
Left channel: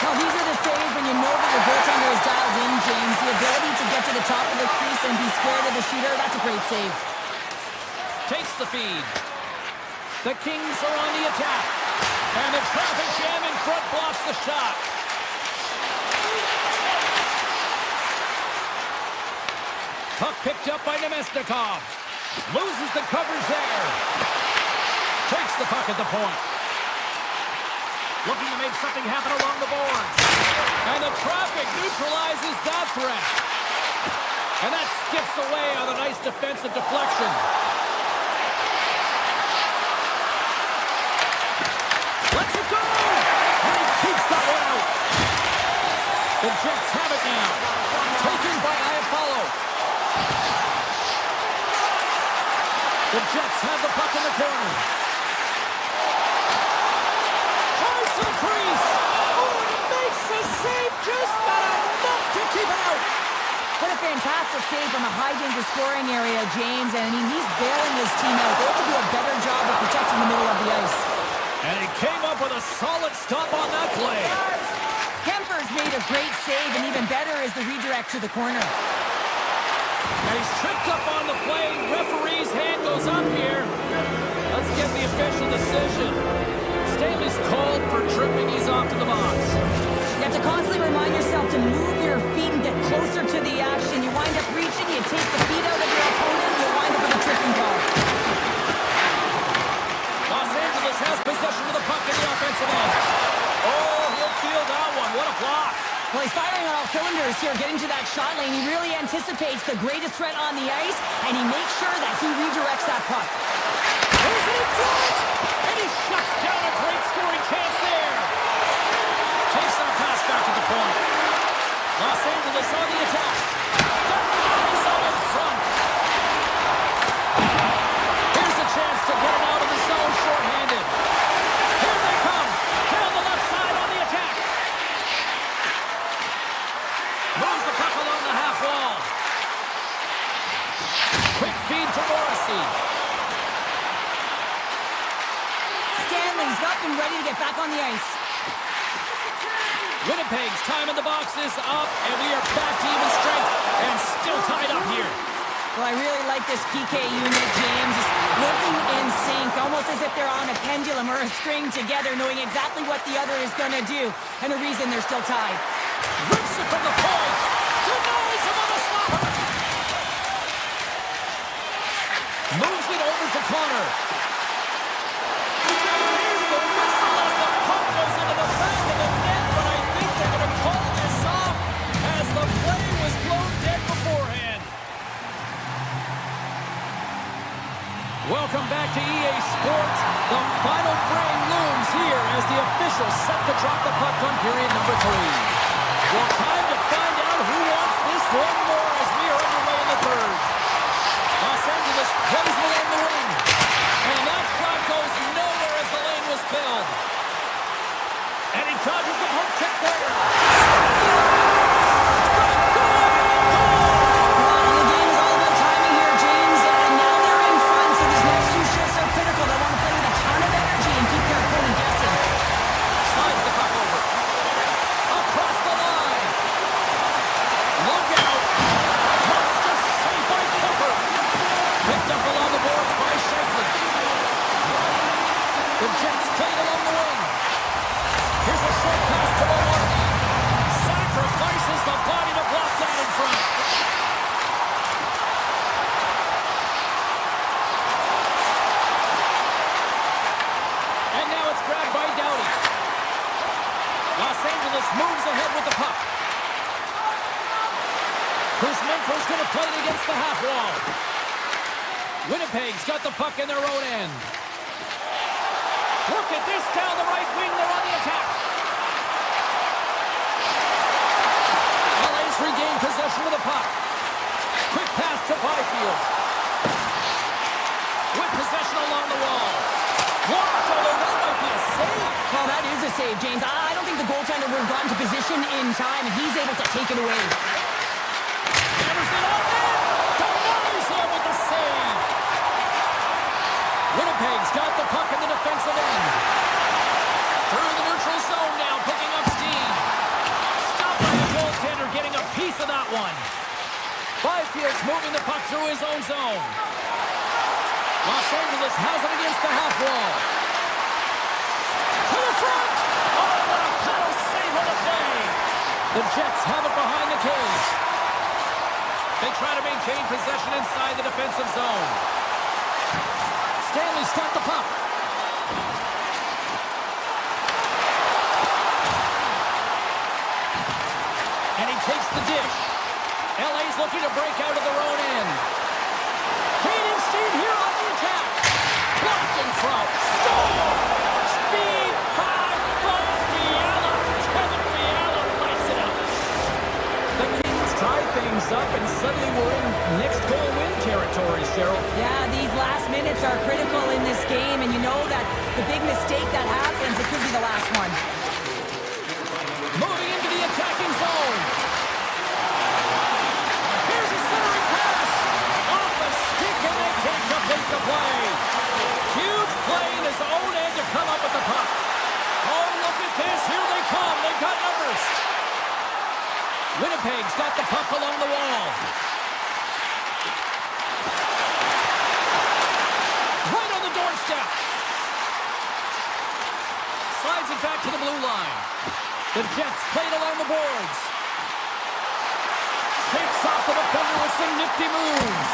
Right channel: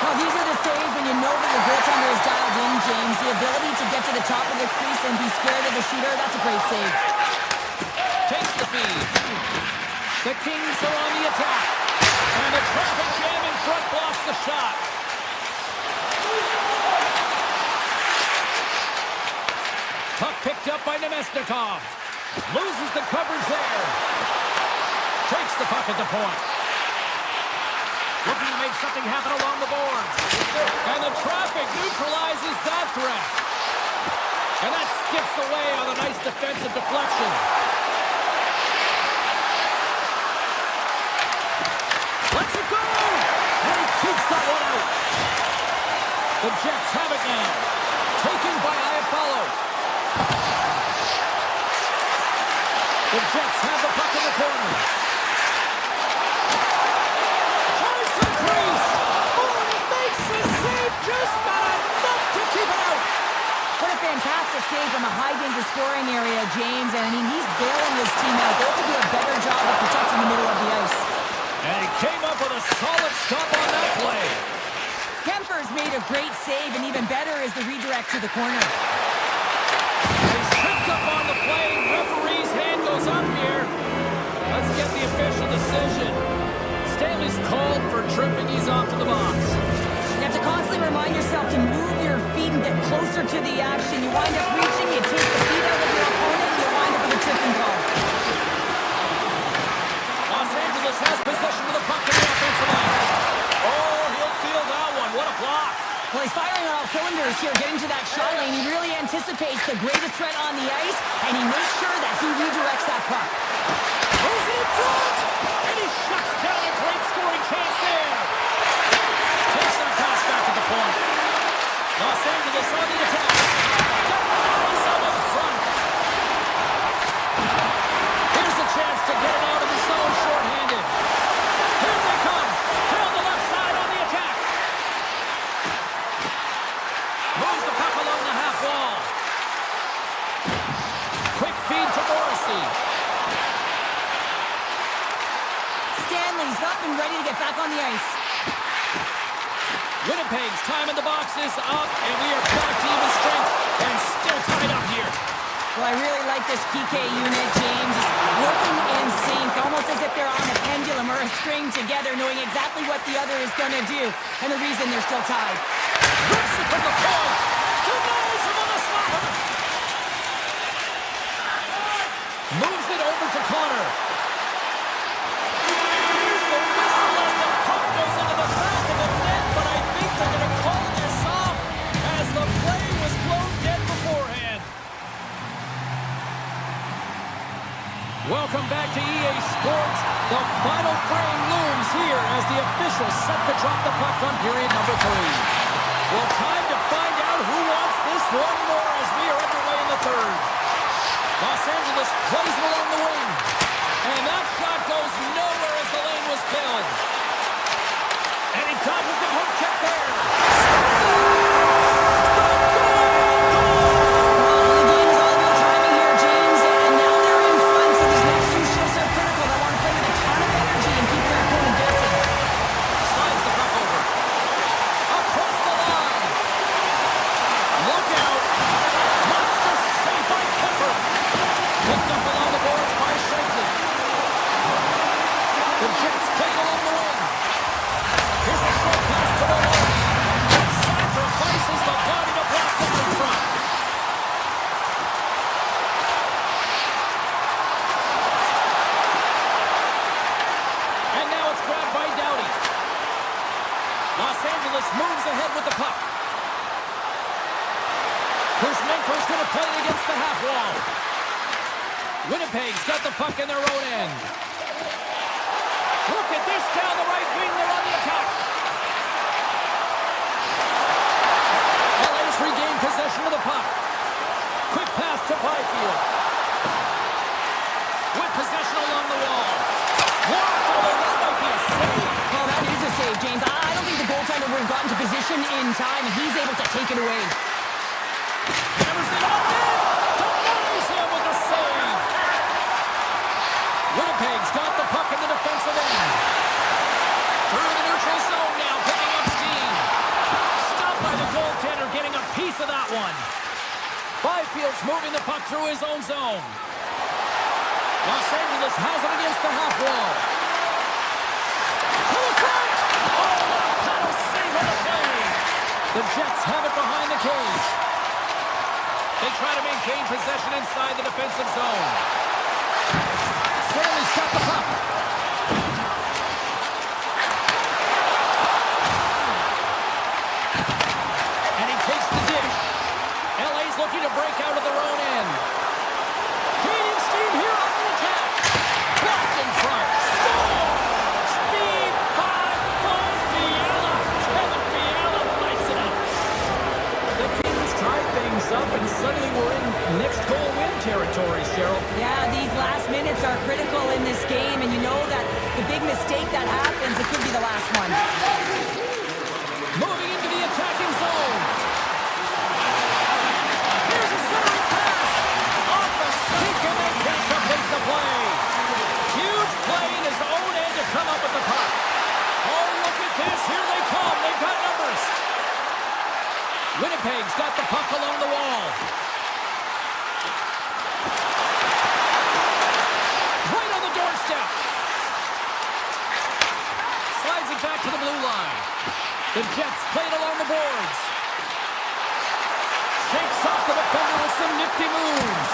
Well, these are the saves when you know that your goaltender is dialed in, James. The ability to get to the top of the crease and be square to the shooter, that's a great save. Takes the feed. The Kings are on the attack. And the traffic jam in front blocks the shot. Puck picked up by Nemesnikov. Loses the coverage there. Takes the puck at the point. Looking to make something happen along the boards. And the traffic neutralizes that threat. And that skips away on a nice defensive deflection. Lets it go! And he keeps that one out. The Jets have it now. Taken by Iafallo. The Jets have the puck in the corner. Tries to the crease. Oh, and he makes the save, just not enough to keep it out. What a fantastic save from a high-danger scoring area, James. And, I mean, he's bailing his team out. They have to do a better job of protecting the middle of the ice. And he came up with a solid stop on that play. Kemper's made a great save, and even better is the redirect to the corner. And he's tripped up on the play. Referee's hand goes up here. Let's get the official decision. Staley's called for tripping. He's off to the box. You have to constantly remind yourself to move your feet and get closer to the action. You wind up reaching, you take the feet out of your opponent, you wind up with a tripping call. Los Angeles has possession of the puck in the offensive end. Oh, he'll field that one. What a block. Well, he's firing on all cylinders here, getting to that shot lane. He really anticipates the greatest threat on the ice, and he makes sure that he redirects that puck. Throws it in front, and he shuts down a great scoring chance there. Takes that pass back at the point. Los Angeles on the attack. Denies him in front. Here's a chance to get it out of the zone shorthanded. Here they come. Down the left side on the attack. Moves the puck along the half wall. Darcy. Stanley's up and ready to get back on the ice. Winnipeg's time in the box is up, and we are back to even strength and still tied up here. Well, I really like this PK unit, James. Just working in sync, almost as if they're on a pendulum or a string together, knowing exactly what the other is going to do, and the reason they're still tied. Rips it from the point. Denies him on the slapper. Moves it over to Connor. Here's the whistle as the puck goes into the back of the net, but I think they're going to call this off as the play was blown dead beforehand. Welcome back to EA Sports. The final frame looms here as the officials set to drop the puck on period number 3. Well, time to find out who wants this one more as we are underway in the third. Los Angeles plays it along the wing. And that shot goes nowhere as the lane was filled. And he dodges the poke check there. The Jets played along the wing. Here's a short pass to Maloney. Sacrifices the body to block that in front. And now it's grabbed by Doughty. Los Angeles moves ahead with the puck. Kuzmenko's going to play it against the half wall. Winnipeg's got the puck in their own end. Look at this down the right wing. They're on the attack. LA's regained possession of the puck. Quick pass to Byfield. With possession along the wall. Blocked, although that might be a save. Well, that is a save, James. I don't think the goaltender would have gotten to position in time, and he's able to take it away. Hammers it on net. Denies him with the save. Winnipeg's got the puck in the defensive end. Through the neutral zone now, picking up steam. Stopped by the goaltender, getting a piece of that one. Byfield's moving the puck through his own zone. Los Angeles has it against the half wall. To the front! Oh, what a paddle save on the play! The Jets have it behind the cage. They try to maintain possession inside the defensive zone. Stanley's got the puck. And he takes the dish. LA's looking to break out of their own end. Gaining steam here on the attack. Blocked in front. Score! Speed 5-4 Fiala. Kevin Fiala lights it up. The Kings tie things up, and suddenly we're in next goal win territory, Cheryl. Yeah, these last minutes are critical in this game, and you know that the big mistake that happens, it could be the last one. Moving into the attacking zone. Here's a centering pass. Off a stick, and they can't complete the play. Huge play in his own end to come up with the puck. Oh, look at this. Here they come. They've got numbers. Winnipeg's got the puck along the wall. Right on the doorstep. Slides it back to the blue line. The Jets played along the boards. Shakes off the defender with some nifty moves.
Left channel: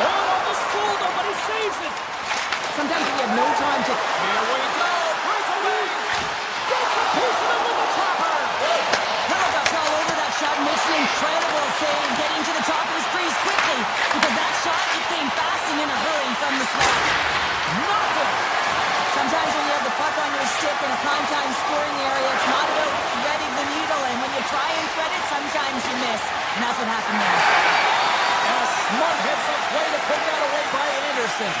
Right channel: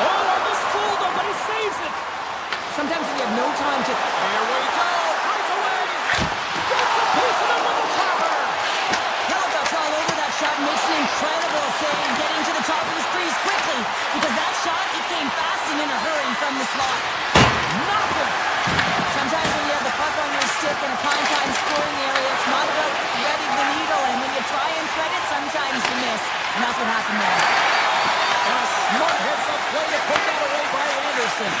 Oh, almost fooled him, but he saves it. Sometimes when you have no time to... Here we go. Breakaway. Gets a piece of it with the chopper. Hellebuyck's all over that shot, makes an incredible save, getting to the top of his crease quickly, because that shot, it came fast and in a hurry from the slot. Nothing. Sometimes when you have the puck on your stick in a prime-time scoring area, it's not about threading the needle, and when you try and thread it, sometimes you miss, and that's what happened there. And a smart heads-up play to put that away by Anderson.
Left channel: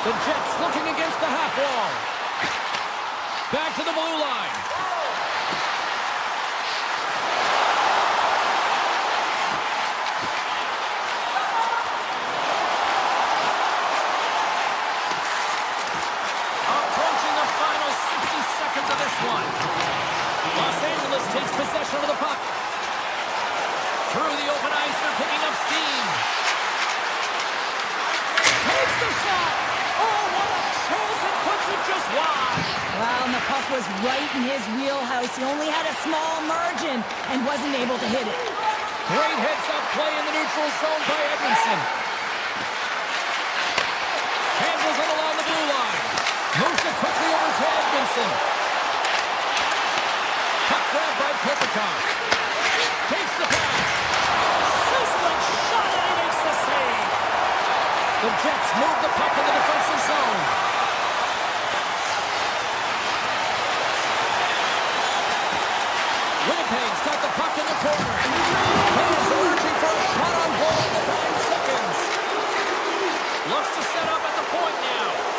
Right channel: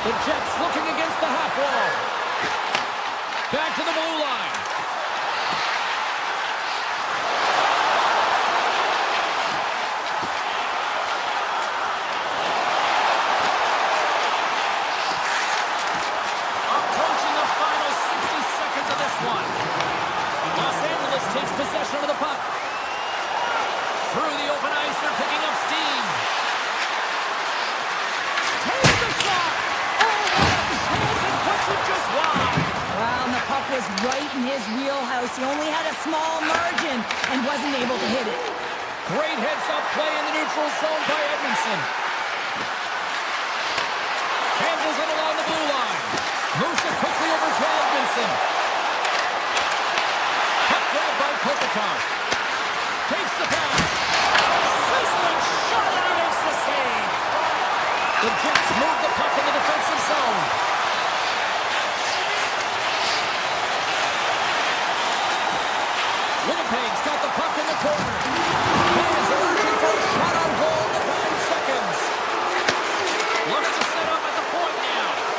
The Jets looking against the half wall. Back to the blue line. possession of the puck. Through the open ice, they're picking up steam. Takes the shot. Oh, what a chance, and puts it just wide. Well, and the puck was right in his wheelhouse. He only had a small margin and wasn't able to hit it. Great heads-up play in the neutral zone by Edmondson. Handles it along the blue line. Moves it quickly over to Edmondson. Puck grab by Kopitar. Takes the pass. Sizzling shot, and he makes the save. The Jets move the puck in the defensive zone. Winnipeg's got the puck in the corner. Fans are urging for a shot on goal in the 9 seconds. Looks to set up at the point now.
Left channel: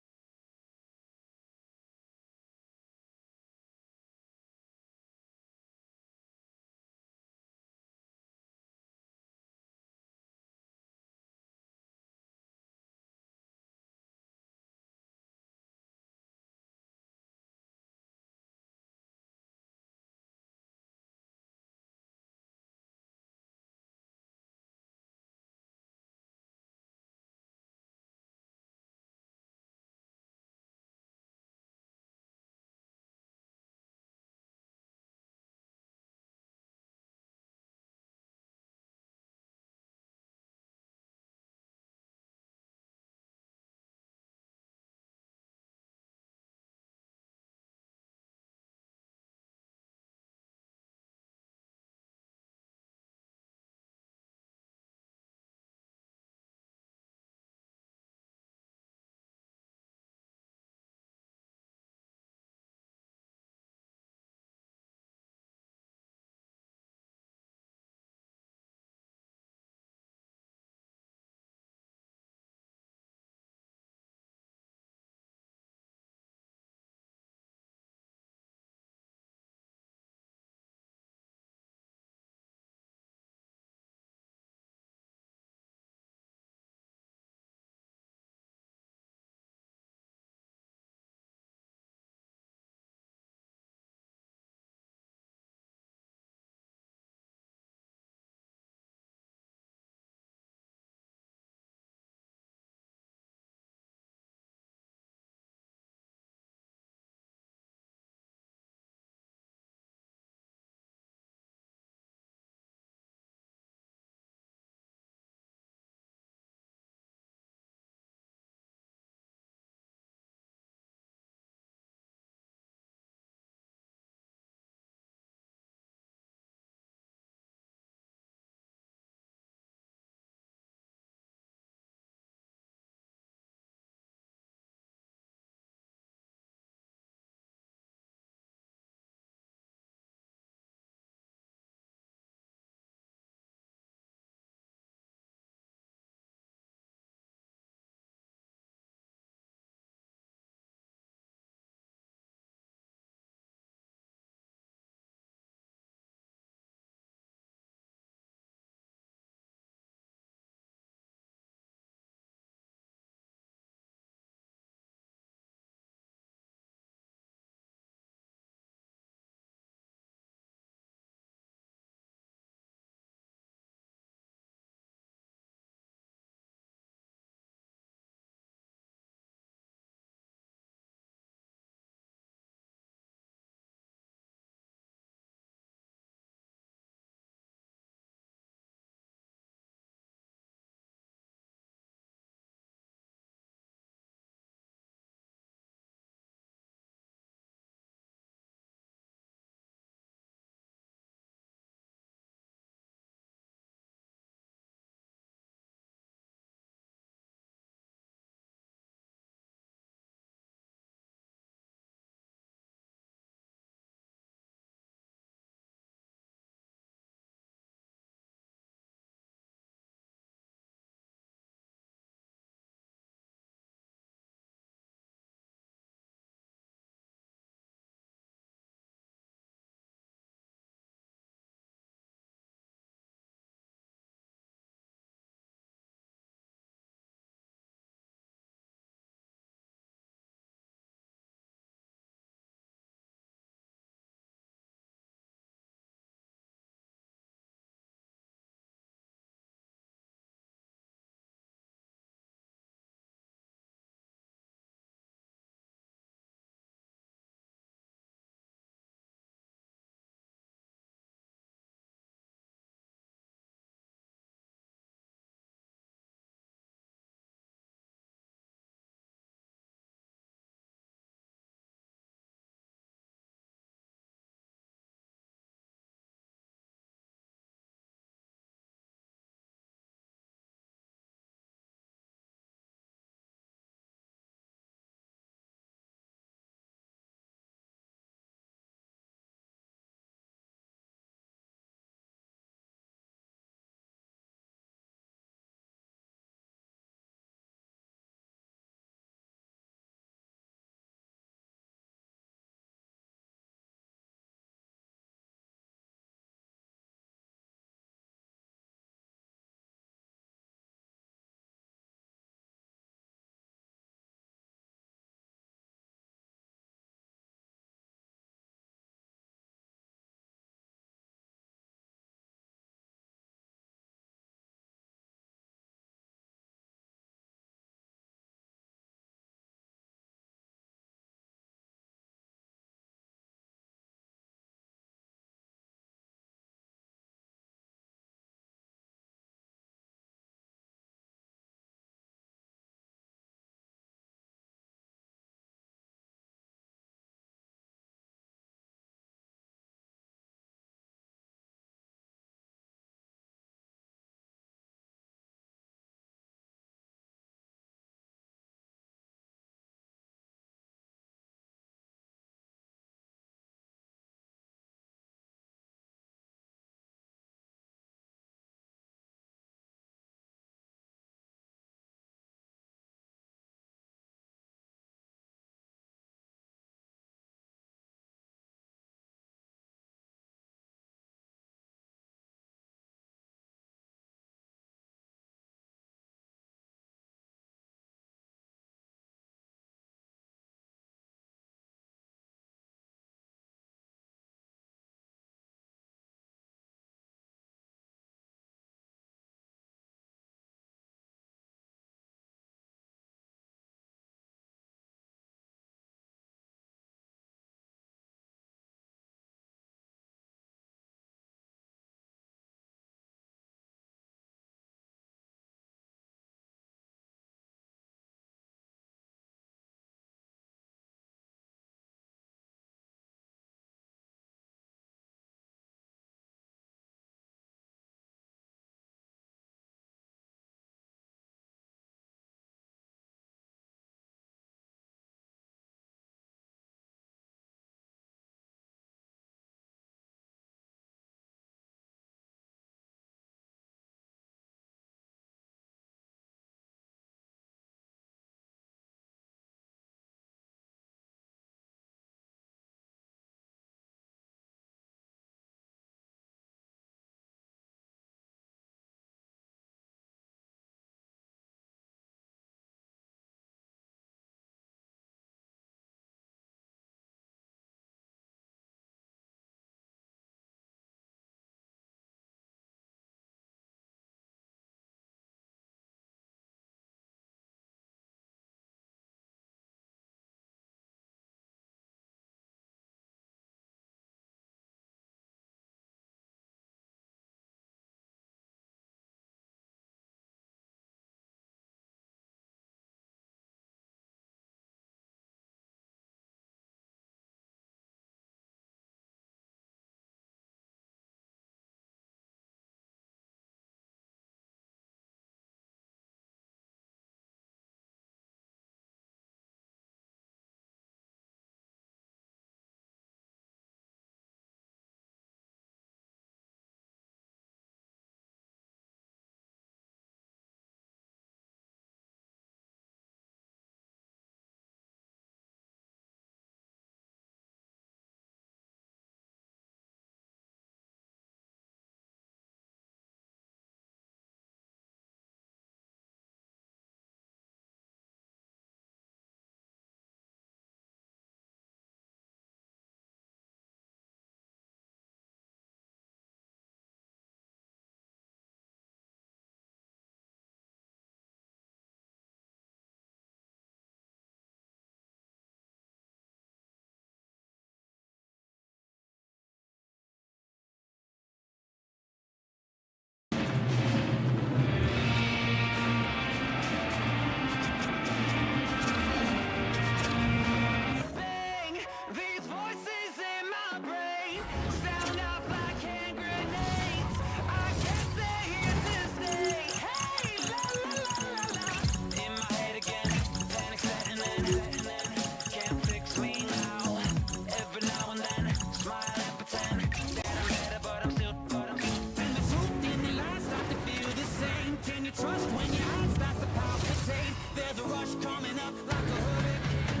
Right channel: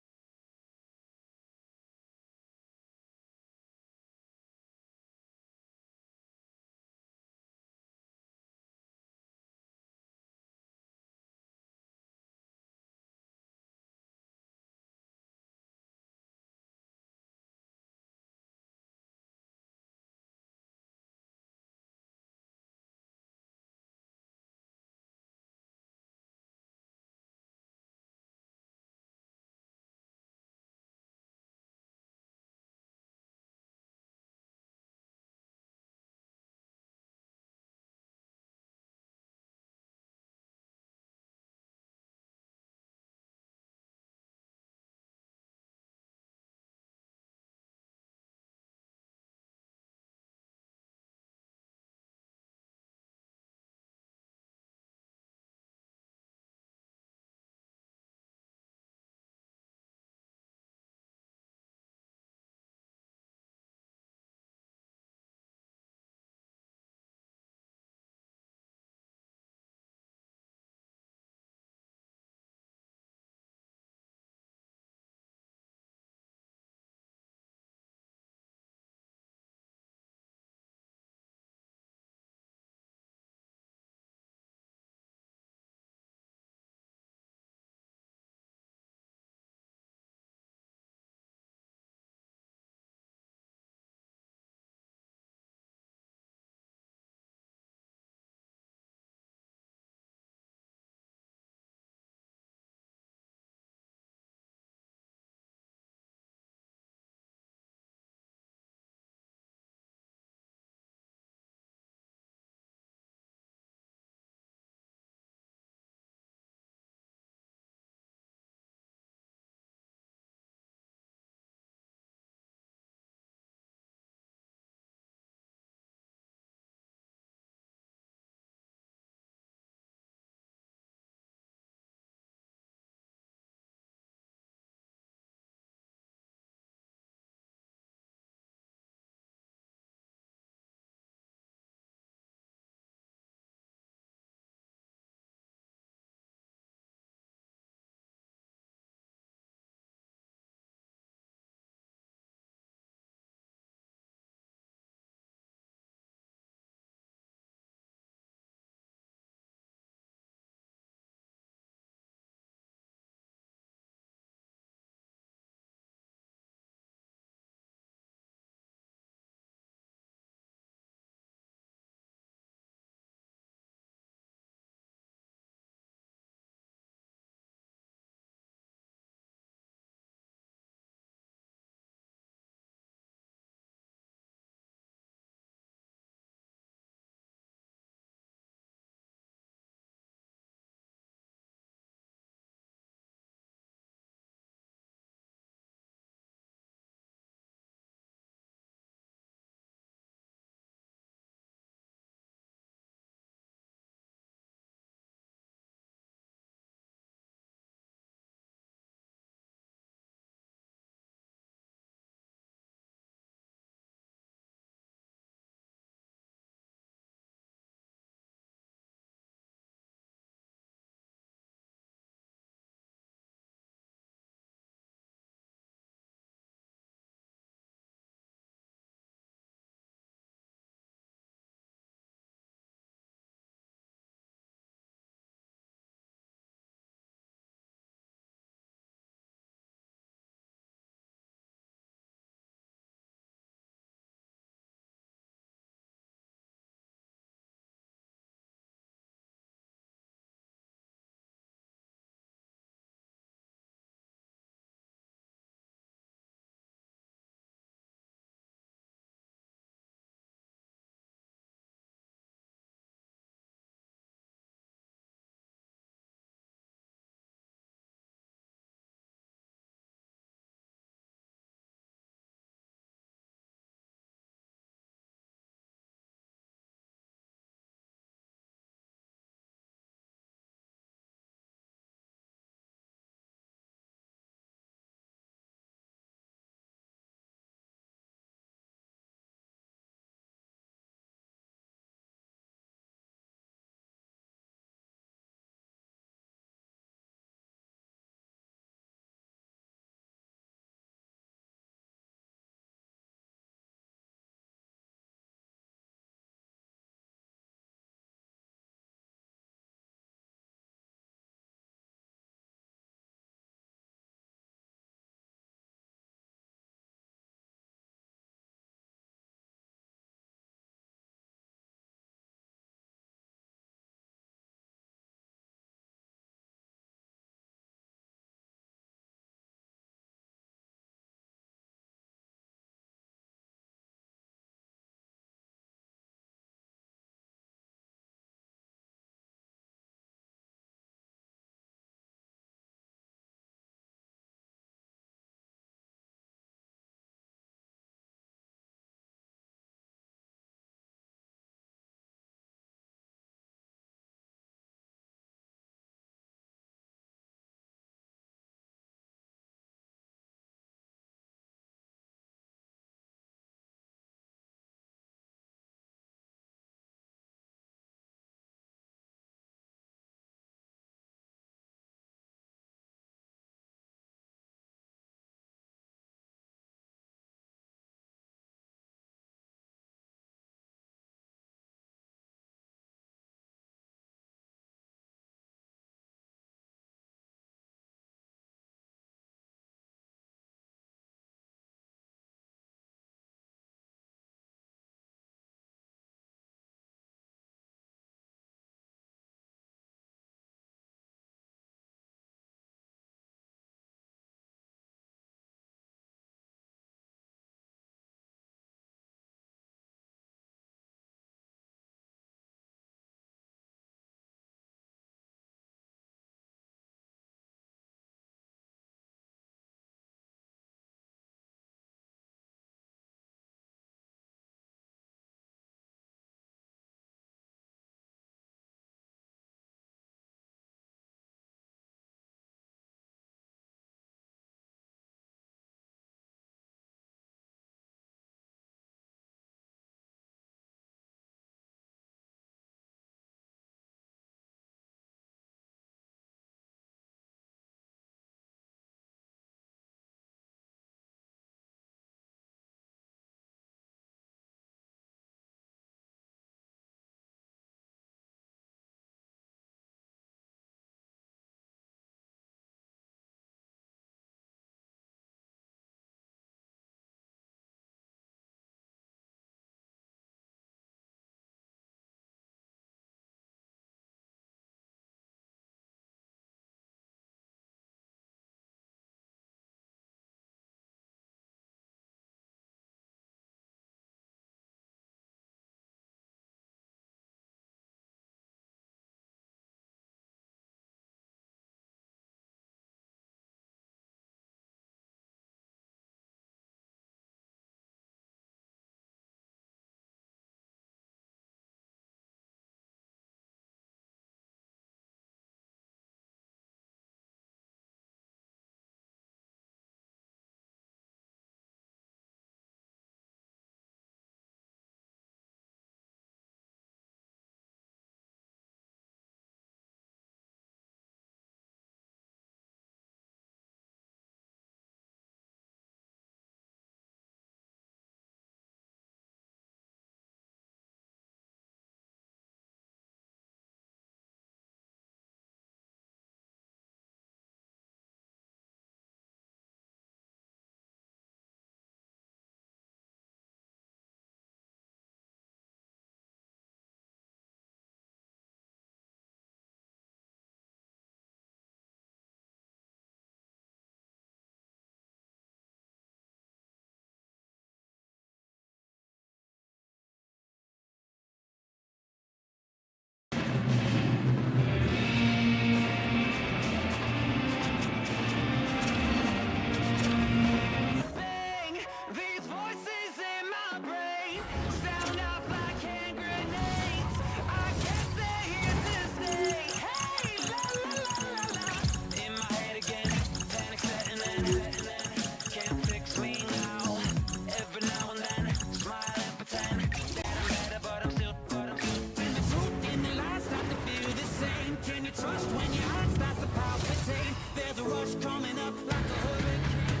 Can you trust when your heart starts to palpitate? There's a rush coming up like a hurricane.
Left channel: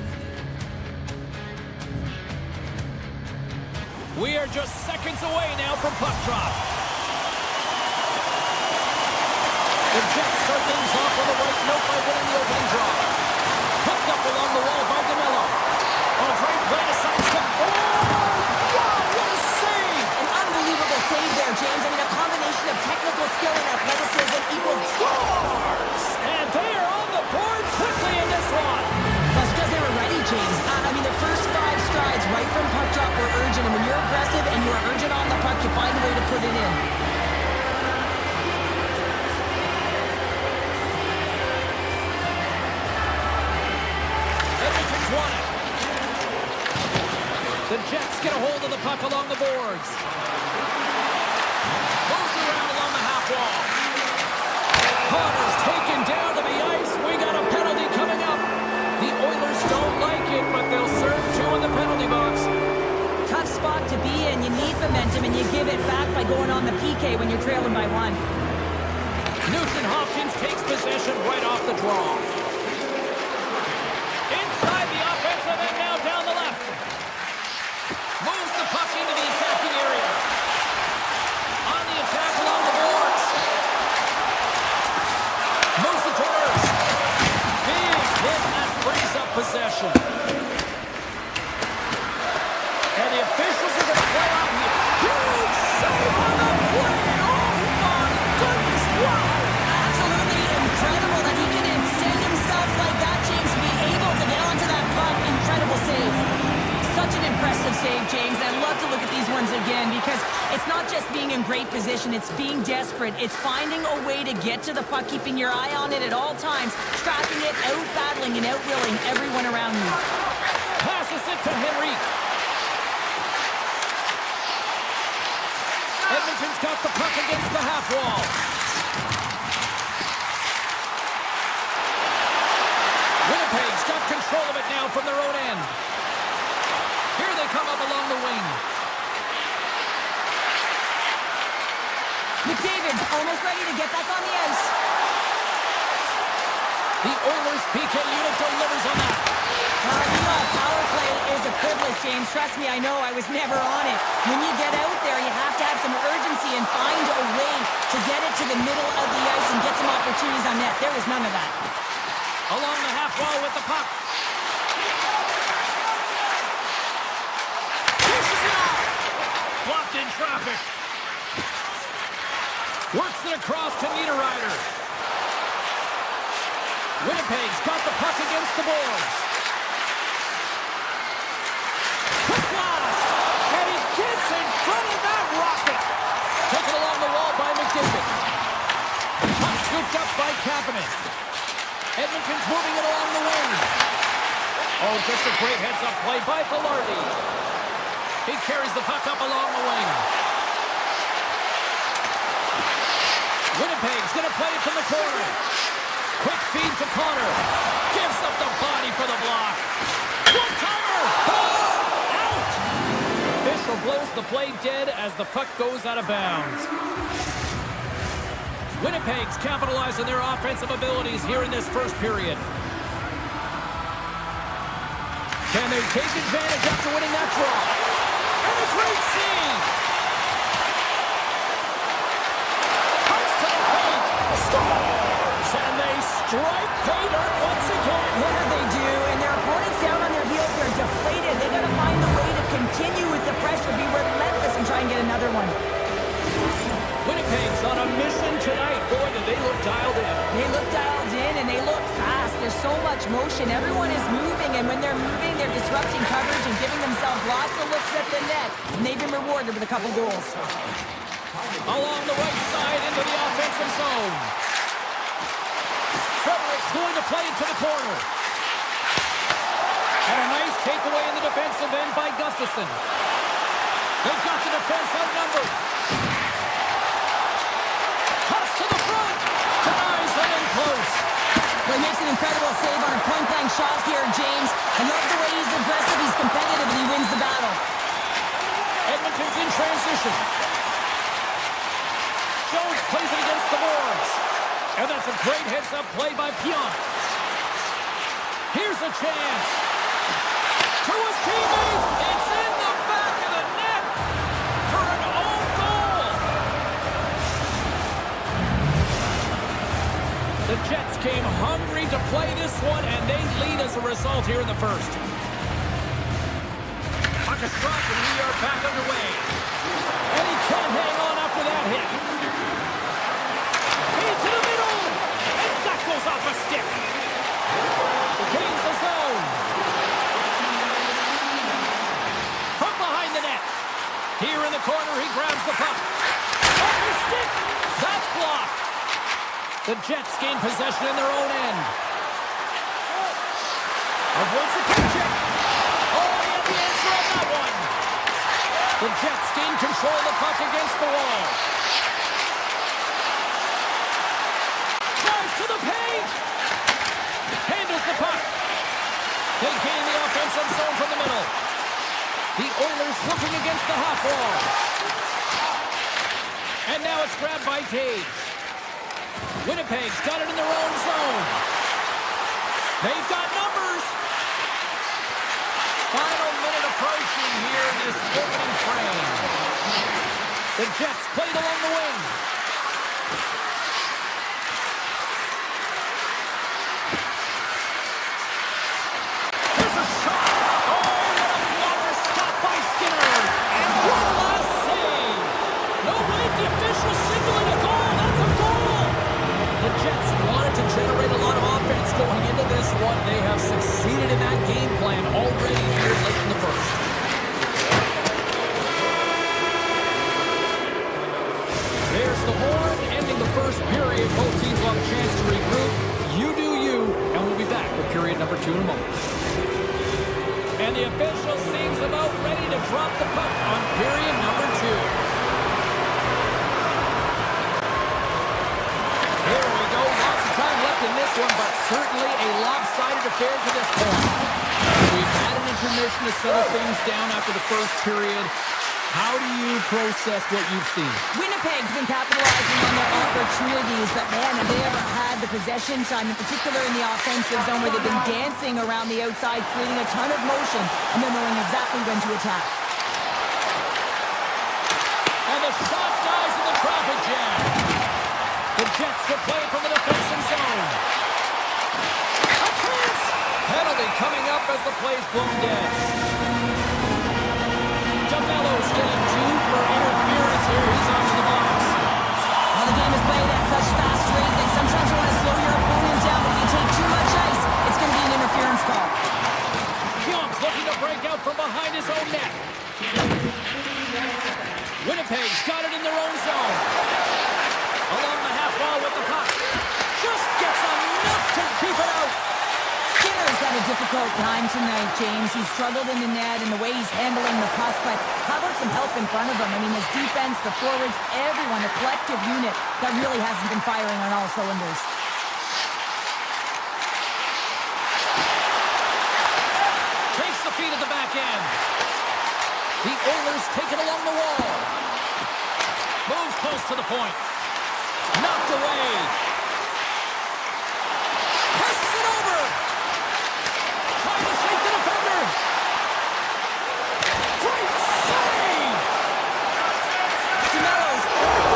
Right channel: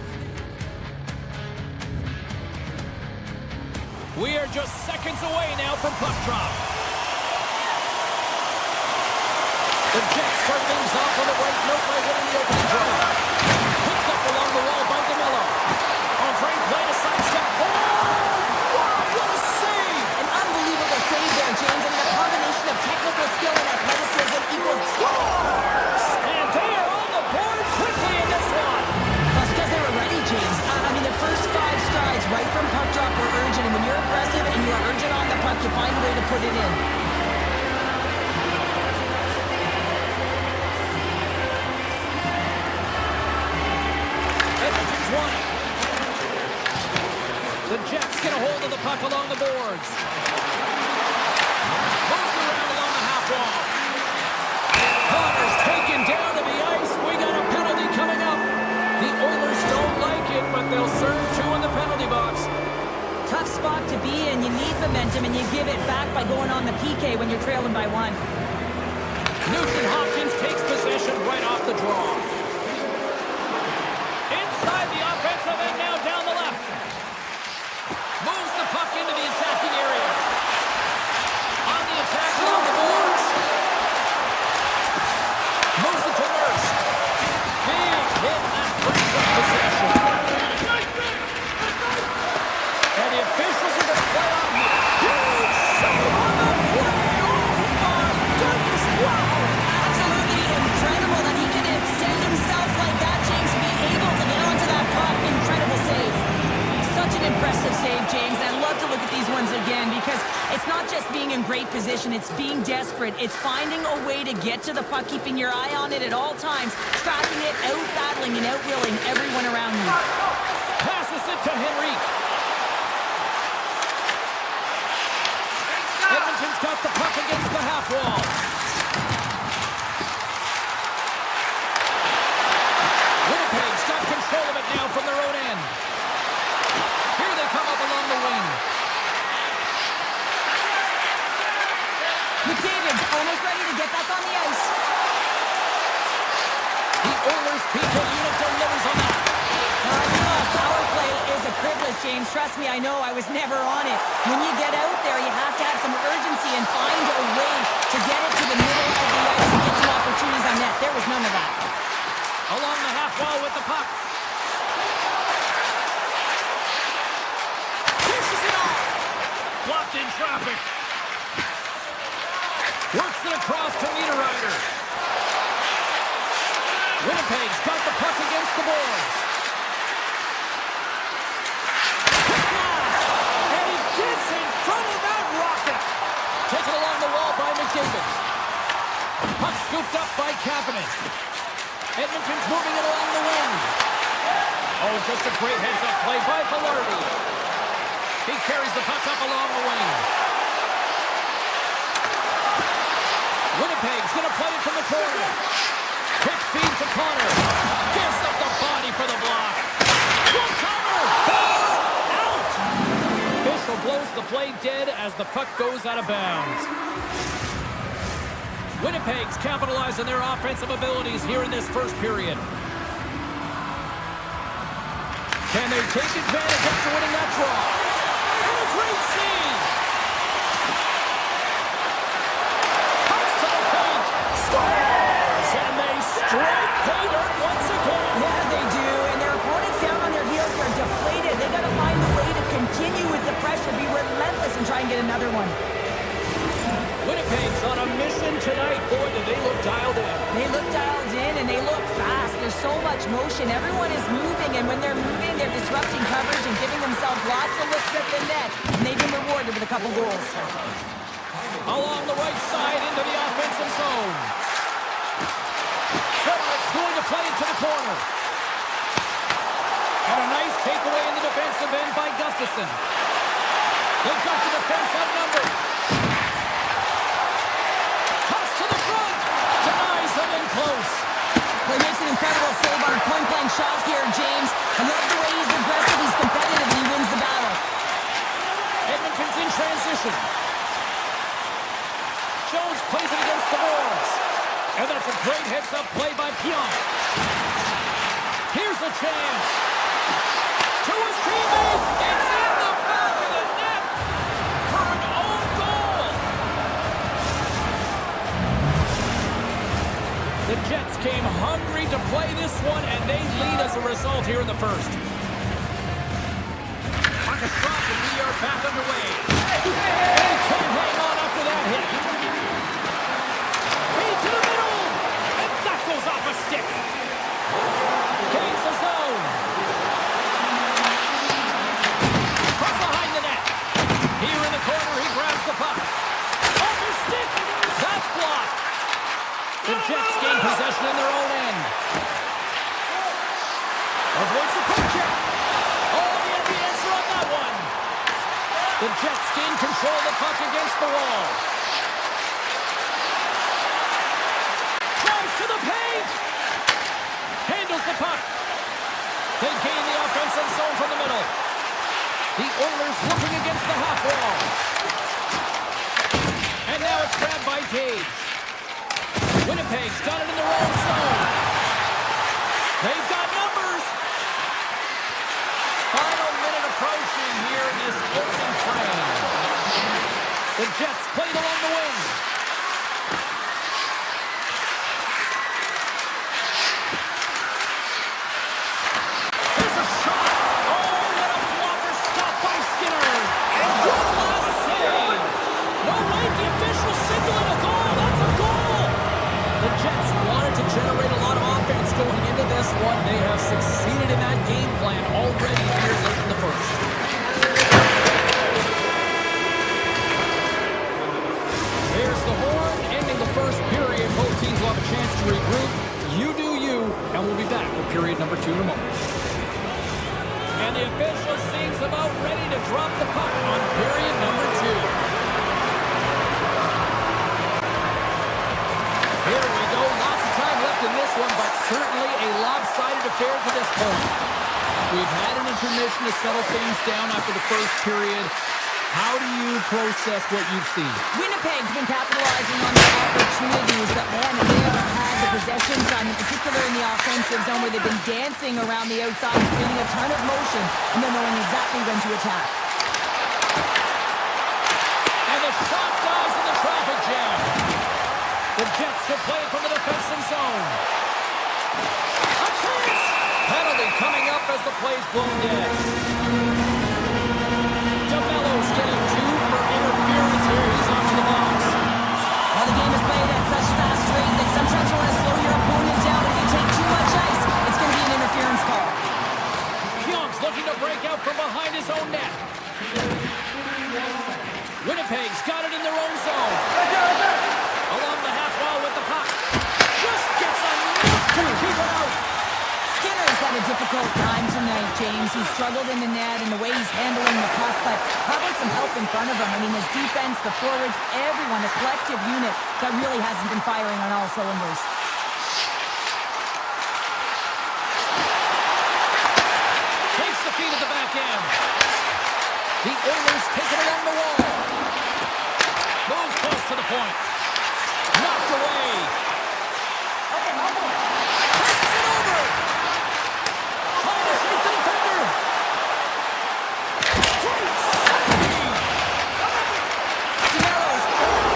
We are just seconds away now from puck drop. The Jets start things off on the right note by winning the opening draw. Hooked up along the wall by DeMello. Oh, great play to sidestep. Oh, wow, what a save! An unbelievable save there, James. I mean, a combination of technical skill and athleticism equals Scores! And they are on the board quickly in this one. That's because they were ready, James. I mean, the first 5 strides right from puck drop were urgent, and when you're aggressive and you are urgent on the puck, you find a way to put it in. Edmonton's won it. The Jets get a hold of the puck along the boards. Moves around along the half wall. Connor's taken down to the ice. We got a penalty coming up. The Oilers don't like it, but they'll serve 2 in the penalty box. Tough spot to be in. You need momentum, and you give it back by going on the PK when you're trailing by 1. Nugent Hopkins takes possession right off the draw. Inside the offensive end, now down the left. Moves the puck into the attacking area. On the attack along the boards. Moves it to Nurse. Big hit, and that frees up possession. And the officials are going to play on here. Huge save on the play. Oh my goodness, wow. Absolutely incredible that he can extend himself like that, James, and be able to get onto that puck. Incredible save. Such an impressive save, James. I love to look at these ones again because it's not just being in great position, it's being desperate. It's finding a way to get to the puck, keeping your eye on it at all times, tracking it, out-battling and out-willing everyone around you. Passes it to Henrique. Edmonton's got the puck against the half wall. Winnipeg's got control of it now from their own end. Here they come up along the wing. McDavid's almost ready to get back on the ice. The Oilers PK unit delivers on that. You know, power play is a privilege, James. Trust me, I know. I was never on it. When you get out there, you have to have some urgency and find a way to get it to the middle of the ice and get some opportunities on net. There was none of that. Along the half wall with the puck. Pushes it off. Blocked in traffic. Works it across to Niederreiter. Winnipeg's got the puck against the boards. Quick blast. And he gets in front of that rocket. Taken along the wall by McDavid. Puck scooped up by Kapanen. Edmonton's moving it along the wing. Oh, just a great heads-up play by Velarde. He carries the puck up along the wing. Winnipeg's going to play it from the corner. Quick feed to Connor. Gives up the body for the block. One-timer. Out! Official blows the play dead as the puck goes out of bounds. Winnipeg's capitalized on their offensive abilities here in this first period. Can they take advantage after winning that draw? And a great save! Comes to the paint, scores! And they strike pay dirt once again. Yeah, they do. And their opponents down on their heels, they're deflated. They got to find a way to continue with the pressure, be relentless, and try and get another one. Winnipeg's on a mission tonight. Boy, do they look dialed in. They look dialed in, and they look fast. There's so much motion. Everyone is moving, and when they're moving, they're disrupting coverage and giving themselves lots of looks at the net. And they've been rewarded with a couple goals. Along the right side into the offensive zone. Frederick's going to play it to the corner. And a nice takeaway in the defensive end by Gustafsson. They've got the defense outnumbered. Cuts to the front. Denies them in close. Well, he makes an incredible save on a point-blank shot here, James. I love the way he's aggressive, he's competitive, and he wins the battle. Edmonton's in transition. Jones plays it against the boards. And that's a great heads-up play by Pionk. Here's a chance. To his teammate. It's in the back of the net for an own goal. The Jets came hungry to play this one, and they lead as a result here in the first. Puck is dropped, and we are back underway. And he can't hang on after that hit. To the middle, and that goes off a stick. Gains the zone. From behind the net. Here in the corner, he grabs the puck. Off his stick. That's blocked. The Jets gain possession in their own end. Avoids the puck check. Oh, he had the answer on that one. The Jets gain control of the puck against the wall. To the paint! Handles the puck. They gain the offensive zone from the middle. The Oilers looking against the half wall. And now it's grabbed by Taves. Winnipeg's got it in their own zone. They've got numbers. Final minute approaching here in this opening frame. The Jets played along the wing. Signaling a goal. That's a goal. The Jets wanted to generate a lot of offense going into this one. They have succeeded in that game plan already here late in the first. There's the horn, ending the first period. Both teams will have a chance to regroup. You do you, and we'll be back with period number 2 in a moment. And the official seems about ready to drop the puck on period number 2. Here we go. Lots of time left in this one, but certainly a lopsided affair to this point. We've had an intermission to settle things down after the first period. How do you process what you've seen? Winnipeg's been capitalizing on their opportunities, but man, have they ever had the possession time, in particular in the offensive zone, where they've been dancing around the outside, creating a ton of motion, and then knowing exactly when to attack. And the shot dies in the traffic jam. The Jets will play it from the defensive zone. A chance! Penalty coming up as the play's blown dead. DeMello's getting 2 for interference here. He's off to the box. Well, the game is played at such fast rate that sometimes you want to slow your opponent down, but if you take too much ice, it's going to be an interference call. Pionk's looking to break out from behind his own net. Winnipeg's got it in their own zone. Along the half wall with the puck. Just gets enough to keep it out. Skinner's had a difficult time tonight, James. He's struggled in the net and the way he's handling the puck, but how about some help in front of him? I mean, his defense, the forwards, everyone, a collective unit that really hasn't been firing on all cylinders. Takes the feed at the back end. The Oilers take it along the wall. Moves close to the point. Knocked away. Passes it over. Trying to shake the defender. Great save. DeMello's.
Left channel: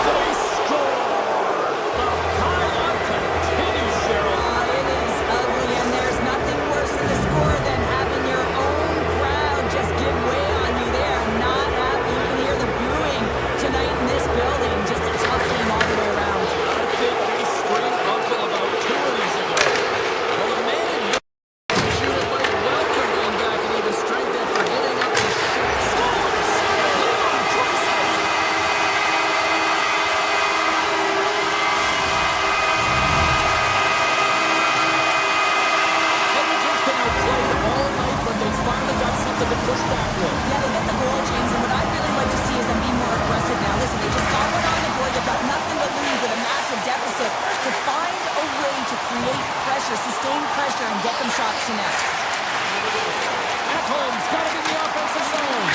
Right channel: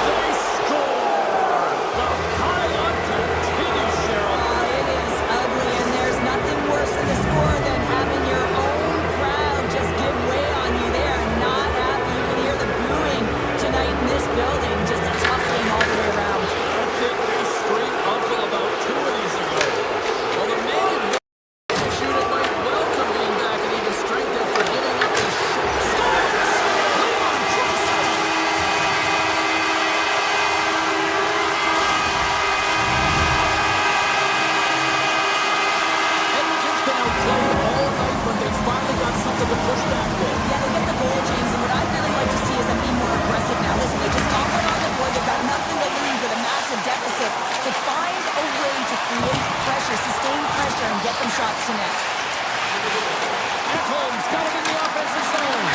They score. The pile-on continues, Cheryl. It is ugly, and there's nothing worse in the score than having your own crowd just give way on you. They are not happy. You can hear the booing tonight in this building. Just a tough game all the way around. I think they screamed uncle about 2 of these ago. Well, the man advantage unit might welcome being back at even strength after giving up these scores. Leon Draisaitl. Edmonton's been outplayed all night, but they finally got something to push back with. Yeah, they get the goal, James, and what I'd really like to see is them be more aggressive now. Listen, they just got one on the board. They've got nothing to lose with a massive deficit. To find a way to create pressure, sustain pressure, and get some shots to net. Ekholm's got it in the offensive zone.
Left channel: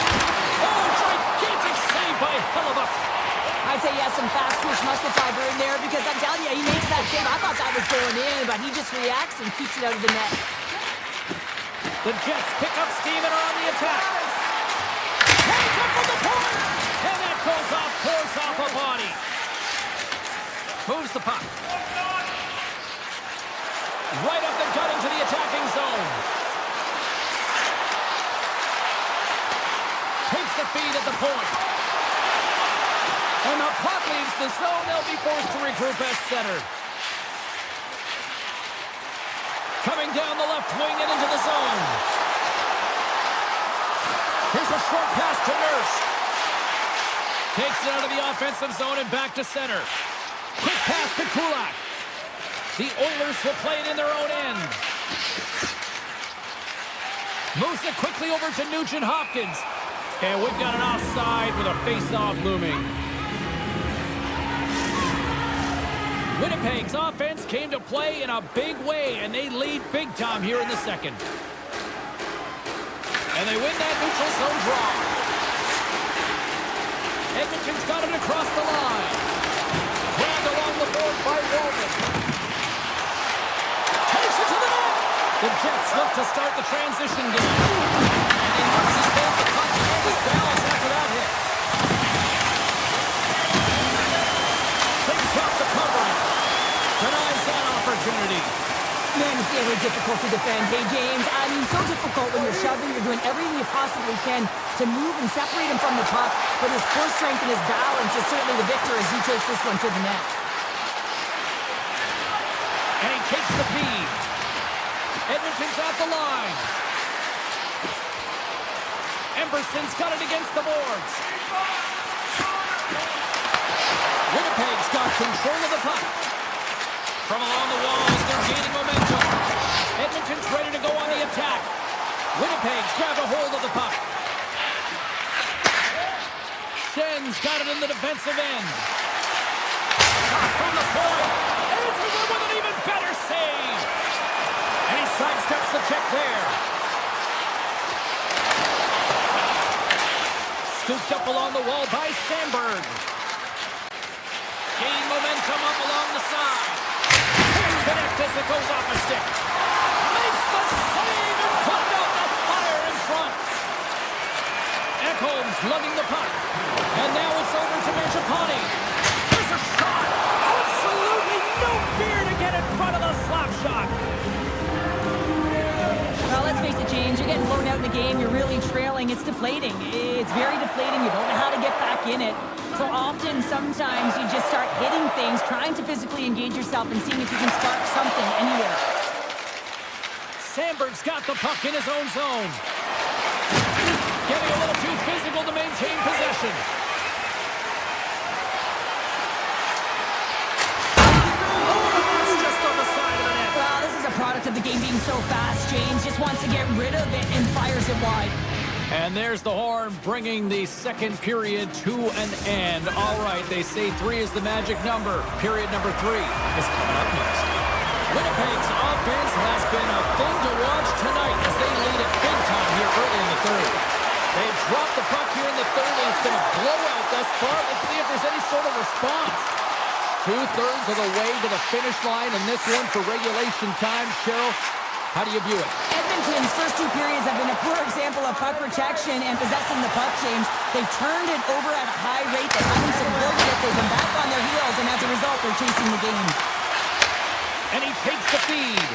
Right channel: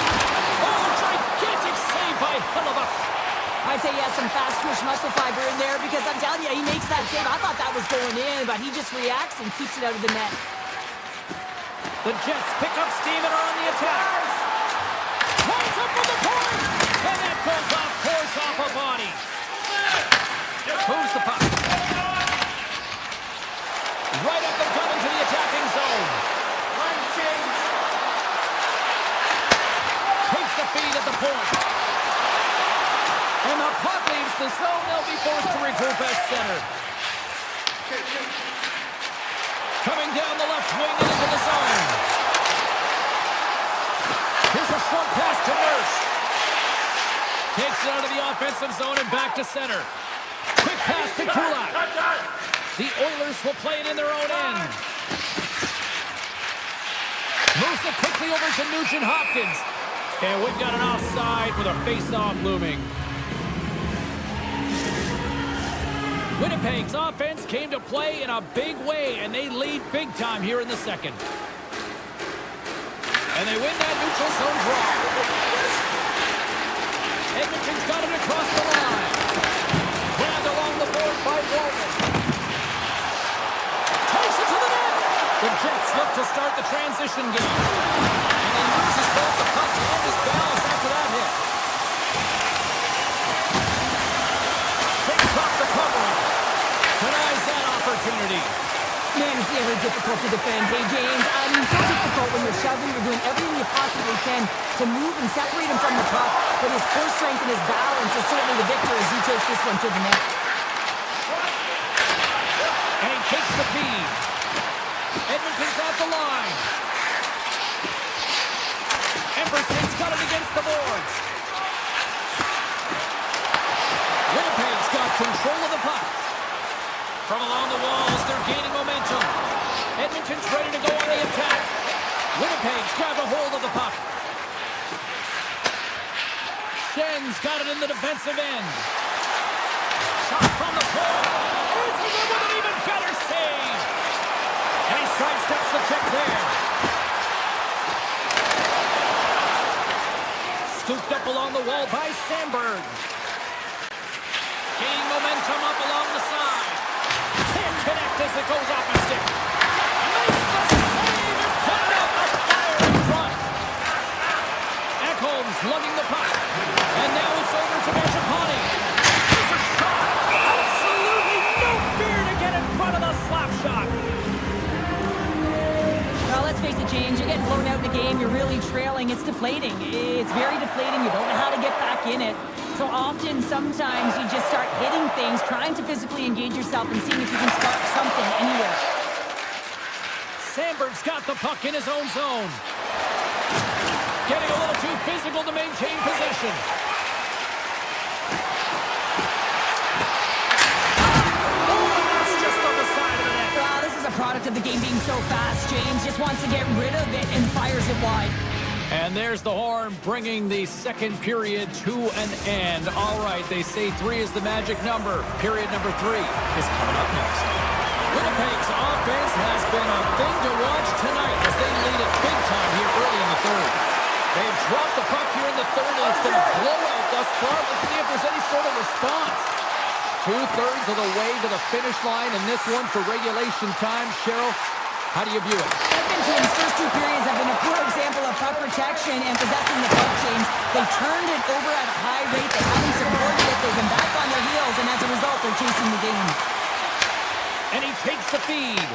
Oh, gigantic save by Hellebuck. I'd say he has some fast twitch muscle fiber in there because I'm telling you, he makes that save. I thought that was going in, but he just reacts and keeps it out of the net. The Jets pick up steam and are on the attack. Hands up from the point, and that goes off course off a body. Moves the puck. Right up the gut into the attacking zone. Takes the feed at the point. And the puck leaves the zone. They'll be forced to regroup at center. Coming down the left wing and into the zone. Here's a short pass to Nurse. Takes it out of the offensive zone and back to center. Quick pass to Kulak. The Oilers will play it in their own end. Moves it quickly over to Nugent Hopkins. And we've got an offside with a face-off looming. Winnipeg's offense came to play in a big way, and they lead big time here in the second. And they win that neutral zone draw. Edmonton's got it across the line. Grabbed along the board by Walden. Takes it to the net. The Jets look to start the transition game. And he loses both the puck and his balance after that hit. Takes off the covering. Denies that opportunity. Man, it's very difficult to defend. Hey, James, I mean, so difficult when you're shoving. You're doing everything you possibly can to move and separate him from the puck. But his core strength and his balance is certainly the victor as he takes this one to the net. And he takes the feed. Edmonton's at the line. Emberson's got it against the boards. Winnipeg's got control of the puck. From along the walls, they're gaining momentum. Edmonton's ready to go on the attack. Winnipeg's grabbed a hold of the puck. Schen's got it in the defensive end. Shot from the point. Answers it with an even better save. And he sidesteps the check there. Scooped up along the wall by Sandberg. Gaining momentum up along the side. Can't connect as it goes off a stick. Makes the save and putting out the fire in front. Ekholm's lugging the puck. And now it's over to Mangiapane. There's a shot. Absolutely no fear to get in front of the slap shot. Well, let's face it, James, you're getting blown out in the game. You're really trailing. It's deflating. It's very deflating. You don't know how to get back in it. So often, sometimes you just start hitting things, trying to physically engage yourself and seeing if you can spark something anywhere. Sandberg's got the puck in his own zone. Getting a little too physical to maintain possession. Oh, that's just on the side of the net. Well, this is a product of the game being so fast. James just wants to get rid of it and fires it wide. And there's the horn bringing the second period to an end. All right, they say 3 is the magic number. Period number 3 is coming up next. Winnipeg's offense has been a thing to watch tonight as they lead it big time here early in the third. They've dropped the puck here in the third, and it's been a blowout thus far. Let's see if there's any sort of response. 2/3 of the way to the finish line, and this one for regulation time. Cheryl, how do you view it? Edmonton's first 2 periods have been a poor example of puck protection and possessing the puck, James. They've turned it over at a high rate. They haven't supported it. They've been back on their heels, and as a result, they're chasing the game. And he takes the feed.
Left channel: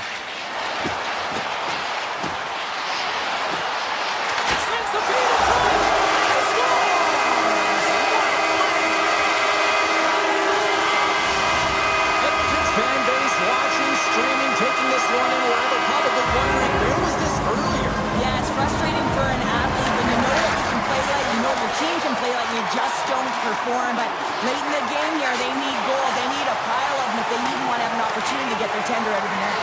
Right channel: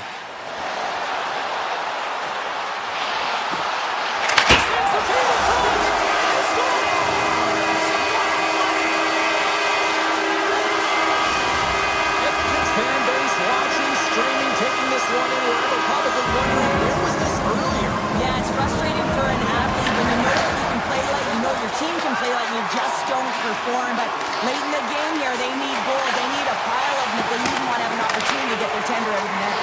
Sends the feed in front. He scores! Edmonton's fan base watching, streaming, taking this one in wherever, probably wondering, where was this earlier? Yeah, it's frustrating for an athlete when you know that you can play like, you know your team can play like, you just don't perform. But late in the game here, they need goals. They need a pile of them if they even want to have an opportunity to get their tender out of the net.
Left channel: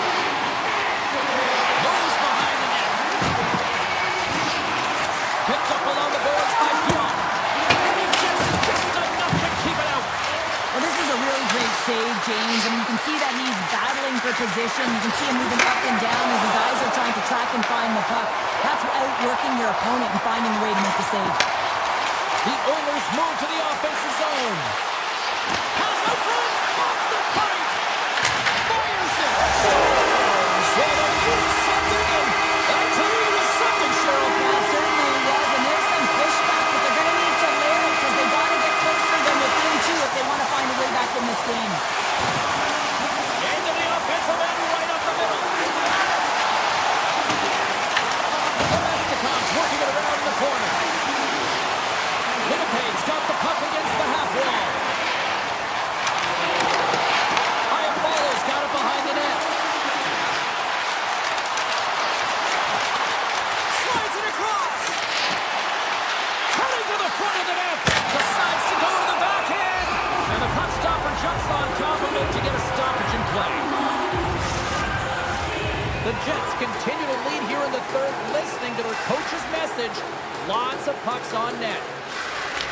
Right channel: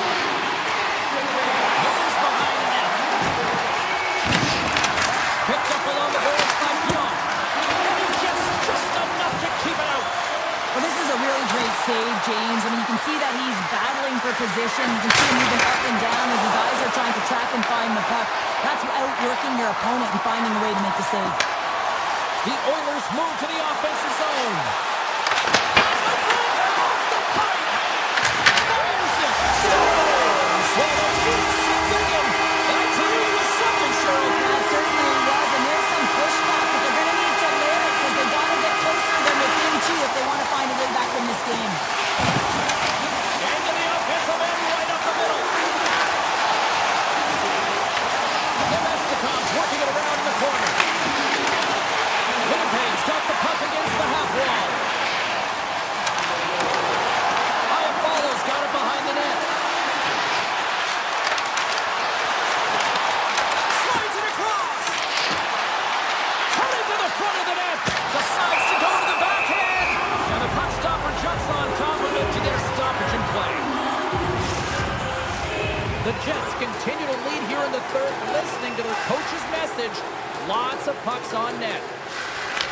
Moves behind the net. Picked up along the boards by Pion. And he gets just enough to keep it out. Well, this is a a really great save, James. I mean, you can see that he's battling for position. You can see him moving up and down as his eyes are trying to track and find the puck. That's outworking your opponent and finding a way to make the save. The Oilers move to the offensive zone. Pass out front, off the pipe. Fires it. Scores. Well, they did something, and I tell you, it was something, Cheryl. That certainly was, and there's some pushback, but they're going to need to layer it because they got to get closer than within two if they want to find a way back in this game. Into the offensive end, right up the middle. Domestikov's working it around in the corner. Winnipeg's got the puck against the half wall. Iafallo's got it behind the net. Slides it across. Cutting to the front of the net. Decides to go to the backhand. And the puck stopper jumps on top of it to get a stoppage in play. The Jets continue to lead here in the third, listening to their coach's message. Lots of pucks on net.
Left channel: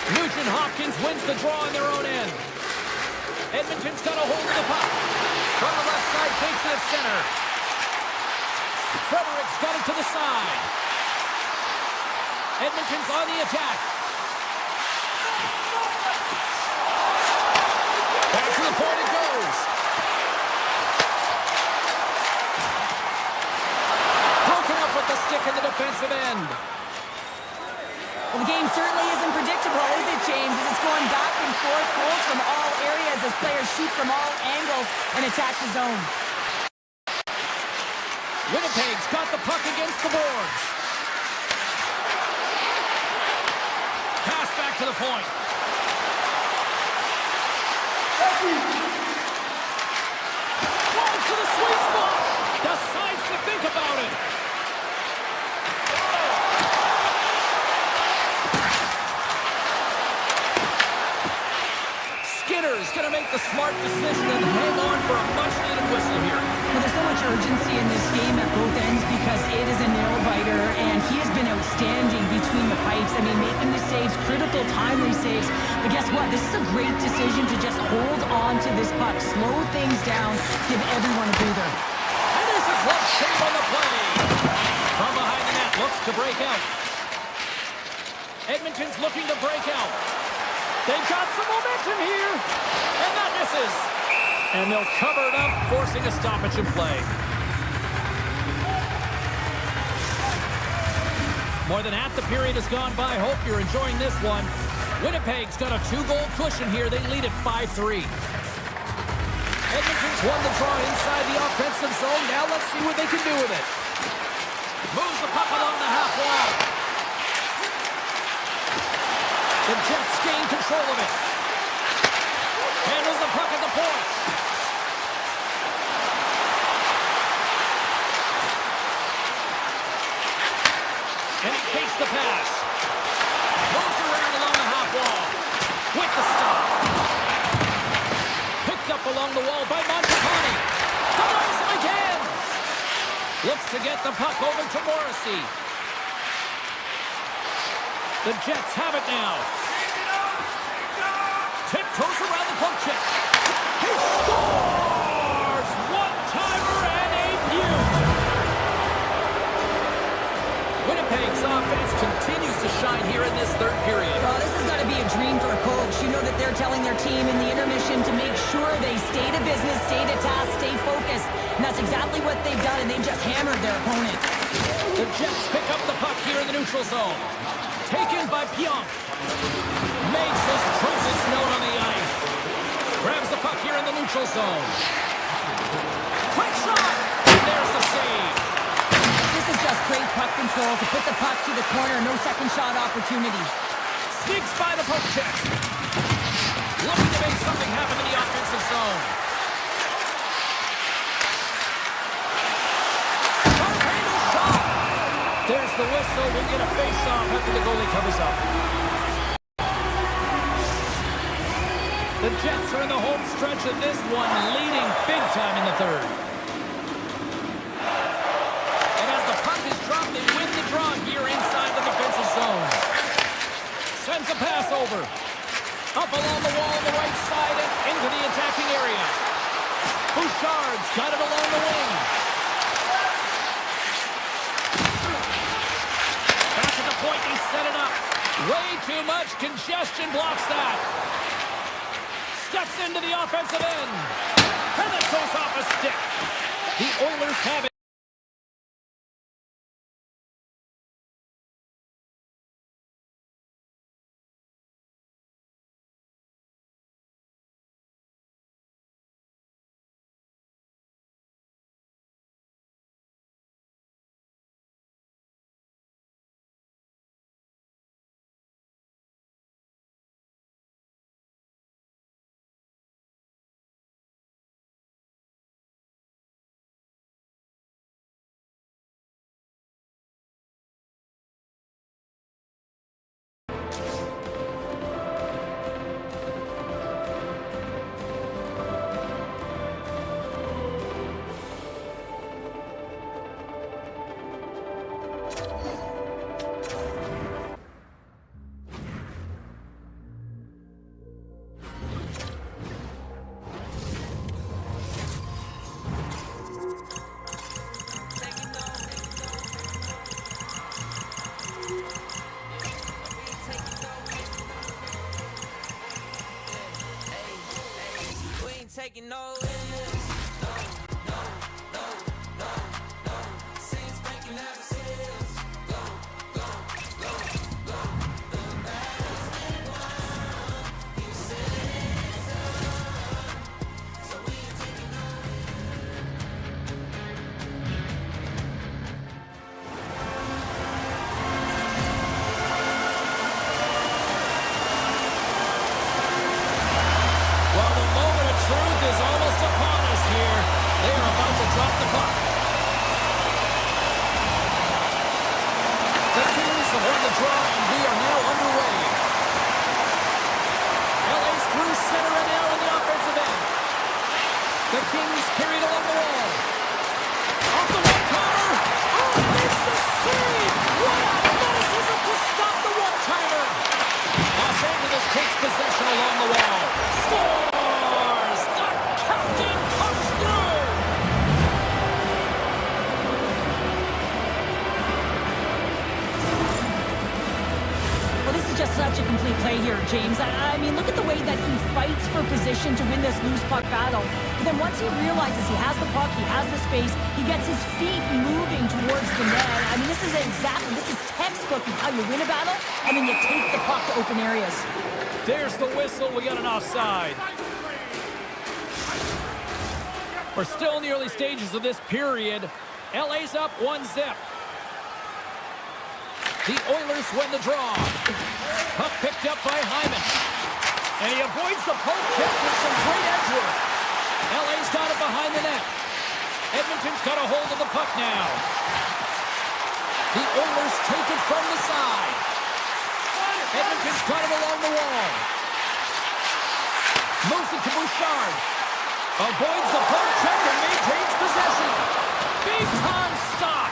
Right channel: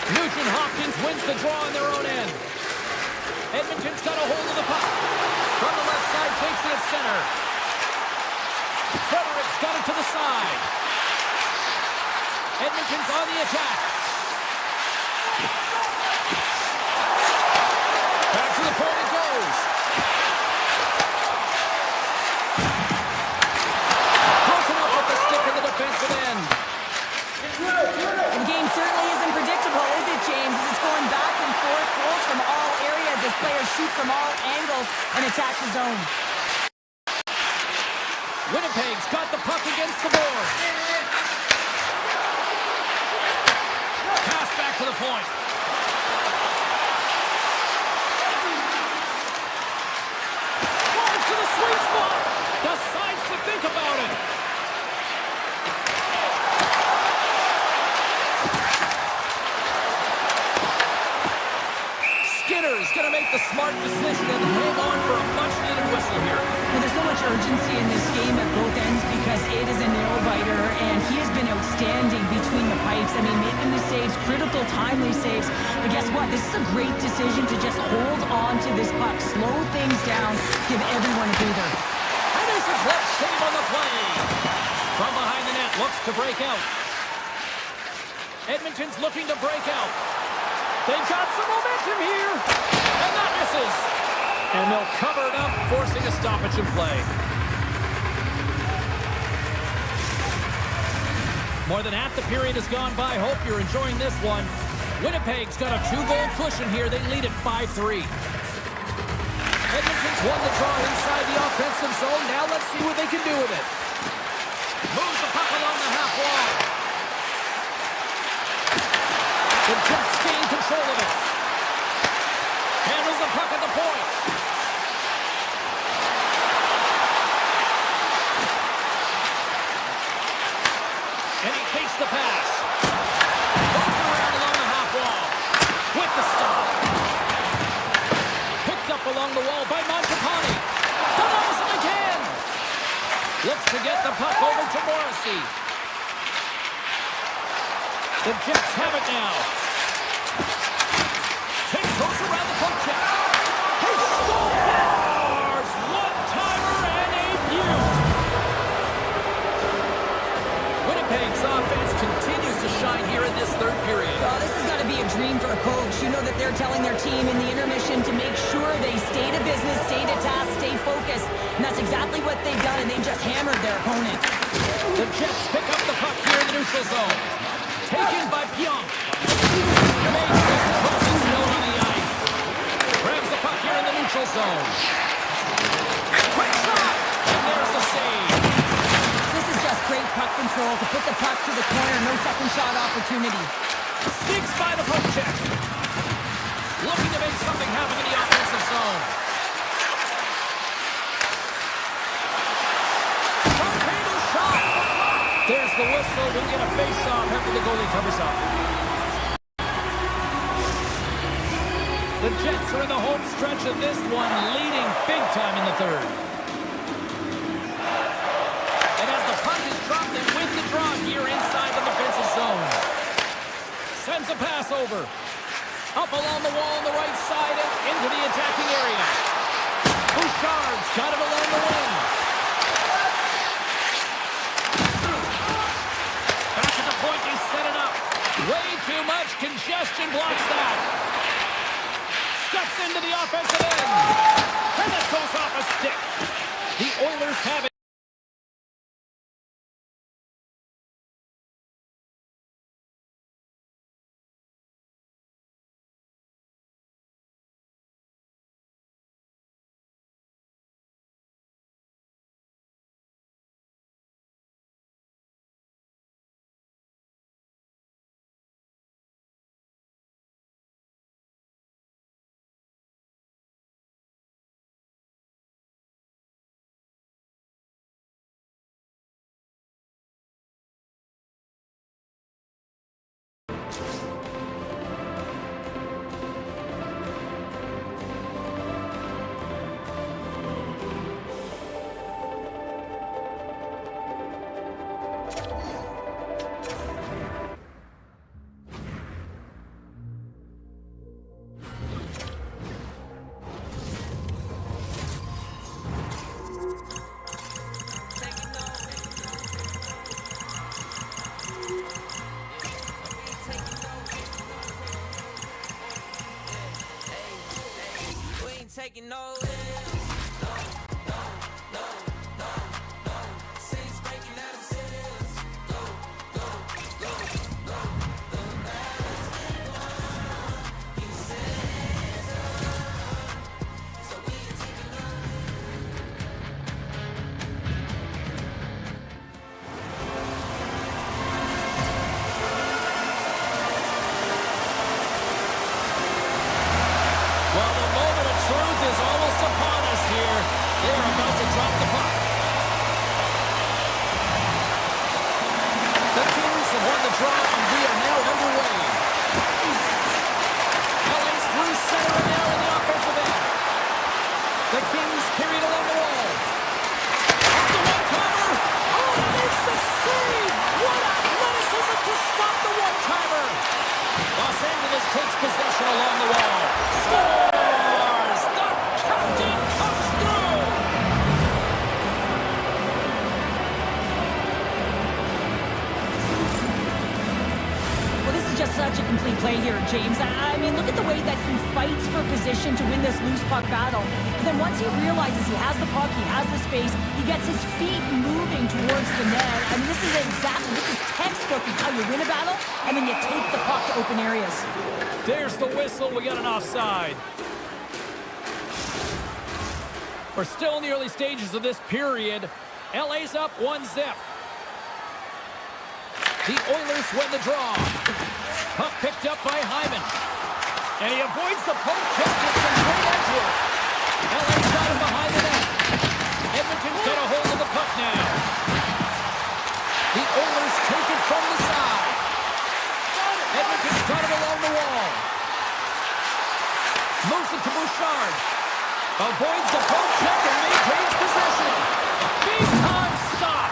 Nugent Hopkins wins the draw on their own end. Edmonton's got a hold of the puck. From the left side, takes it at center. Frederick's got it to the side. Edmonton's on the attack. Back to the point it goes. Broken up with the stick in the defensive end. Well, the game certainly isn't predictable, is it, James? As it's going back and forth, goals from all areas as players shoot from all angles and attack the zone. Winnipeg's got the puck against the boards. Pass back to the point. Flies to the sweet spot. Decides to think about it. Skinner's going to make the smart decision and hang on for a much-needed whistle here. Well, there's so much urgency in this game at both ends because it is a nail-biter, and he has been outstanding between the pipes. I mean, making the saves, critical, timely saves. But guess what? This is a great decision to just hold on to this puck, slow things down, give everyone a breather. And there's a glove save on the play. From behind the net, looks to break out. Edmonton's looking to break out. They've got some momentum here, and that misses. And they'll cover it up, forcing a stoppage in play. More than half the period has gone by. Hope you're enjoying this one. Winnipeg's got a 2-goal cushion here. They lead at 5-3. Edmonton's won the draw inside the offensive zone. Now let's see what they can do with it. Moves the puck along the half wall. The Jets gain control of it. Handles the puck at the point. And he takes the pass. Moves around along the half wall. With the stop. Picked up along the wall by Montepani. Denies him again. Looks to get the puck over to Morrissey. The Jets have it now. Tiptoes around the poke check. He scores! One-timer and a beaut. Winnipeg's offense continues to shine here in this third period. Oh, this has got to be a dream for a coach. You know that they're telling their team in the intermission to make sure they stay to business, stay to task, stay focused. And that's exactly what they've done, and they've just hammered their opponent. The Jets pick up the puck here in the neutral zone. Taken by Pionk. Makes his presence known on the ice. Grabs the puck here in the neutral zone. Quick shot! And there's the save. This is just great puck control to put the puck to the corner. No second shot opportunity. Sneaks by the poke check. Looking to make something happen in the offensive zone. Sharp-handled shot. There's the whistle. We'll get a face-off after the goalie covers up. The Jets are in the home stretch of this one, leading big time in the third. And as the puck is dropped, they win the draw here inside the defensive zone. Sends a pass over. Up along the wall on the right side and into the attacking area. Bouchard's got it along the wing. Back at the point, they set it up. Way too much congestion blocks that. Steps into the offensive end. And that goes off a stick. The Oilers have it. Taking no L's. No, no, no, no, no. Since breaking out of sales. Go, go, go, go. The battle's been won. He said it's done. So we ain't taking no Well, the moment of truth is almost upon us here. They are about to drop the puck. The Kings have won the draw, and we are now underway. LA's through center and now in the offensive end. The Kings carried along the wall. Off the one-timer. Oh, and makes the save. What athleticism to stop the one-timer. Los Angeles takes possession along the wall. Scores! The captain comes through! Well, this is just such a complete play here, James. I mean, look at the way that he fights for position to win this loose puck battle. But then once he realizes he has the puck, he has the space, he gets his feet moving towards the net. I mean, this is textbook of how you win a battle, and then you take the puck to open areas. There's the whistle. We got an offside. We're still in the early stages of this period. LA's up 1-0. The Oilers win the draw. Puck picked up by Hyman. And he avoids the poke check with some great edge work. LA's got him behind the net. Edmonton's got a hold of the puck now. The Oilers take it from the side. Edmonton's got it along the wall. Moves it to Bouchard. Avoids the poke check and maintains possession. Big time stop.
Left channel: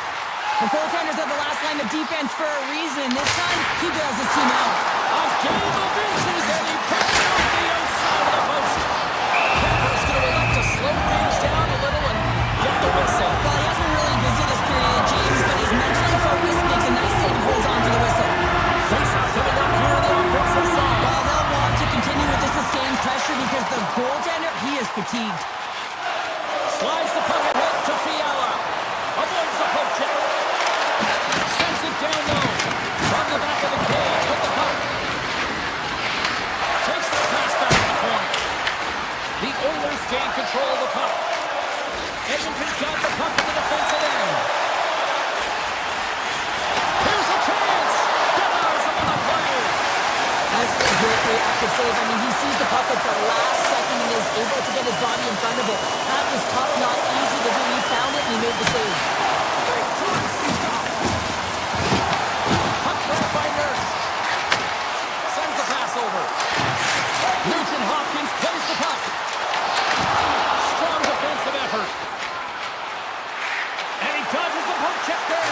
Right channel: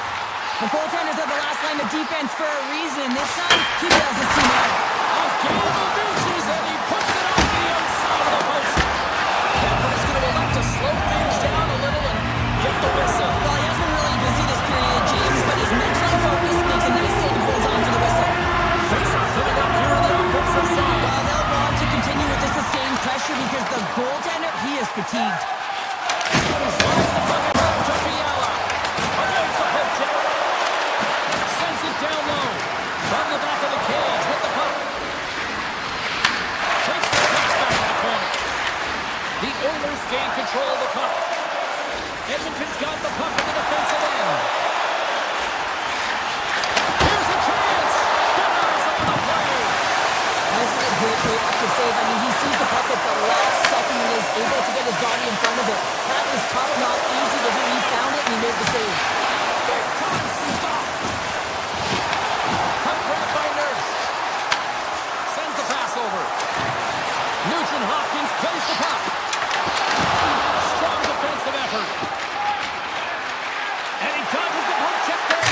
The goaltenders are the last line of defense for a reason. This time, he bails his team out. A game of inches, and he puts it off the outside of the post. Kemper's going to elect to slow things down a little and get the whistle. Well, he has been really busy this period, James, but he's mentally focused, makes a nice save, and holds on to the whistle. Face-off coming up here in the offensive zone. Well, they'll want to continue with the sustained pressure because the goaltender, he is fatigued. Slides the puck ahead to Fiala. Avoids the poke check. Sends it down low. From the back of the cage with the puck. Takes the pass back to the corner. The Oilers gain control of the puck. Edmonton's got the puck in the defensive end. Here's a chance. Denies him on the play. This is a great reactive save. I mean, he sees the puck at the last second and is able to get his body in front of it. That is tough, not easy to do. He found it and he made the save. Big time stop. Puck grabbed by Nurse. Sends the pass over. Nugent Hopkins plays the puck. Strong defensive effort. And he dodges the poke check there.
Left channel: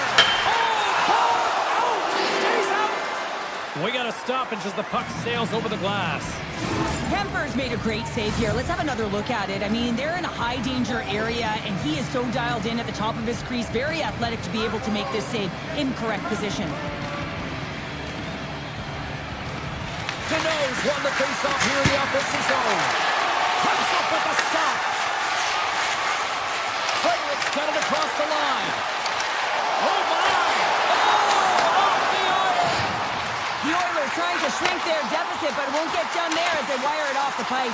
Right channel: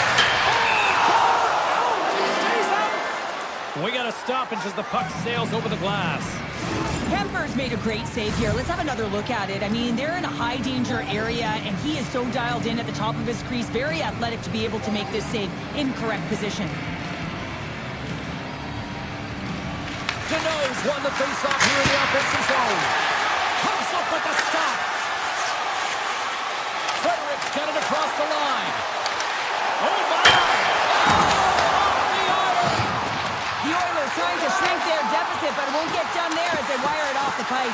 Oh, ball out. It stays out. We got to stop. stoppage as the puck sails over the glass. Kemper's made a great save here. Let's have another look at it. I mean, they're in a high-danger area, and he is so dialed in at the top of his crease. Very athletic to be able to make this save in correct position. Deneau's won the face-off here in the offensive zone. Comes up with the stop. Frederic's got it across the line. Oh, my! Oh, off the iron! The Oilers trying to shrink their deficit, but it won't get done there as they wire it off the pipe.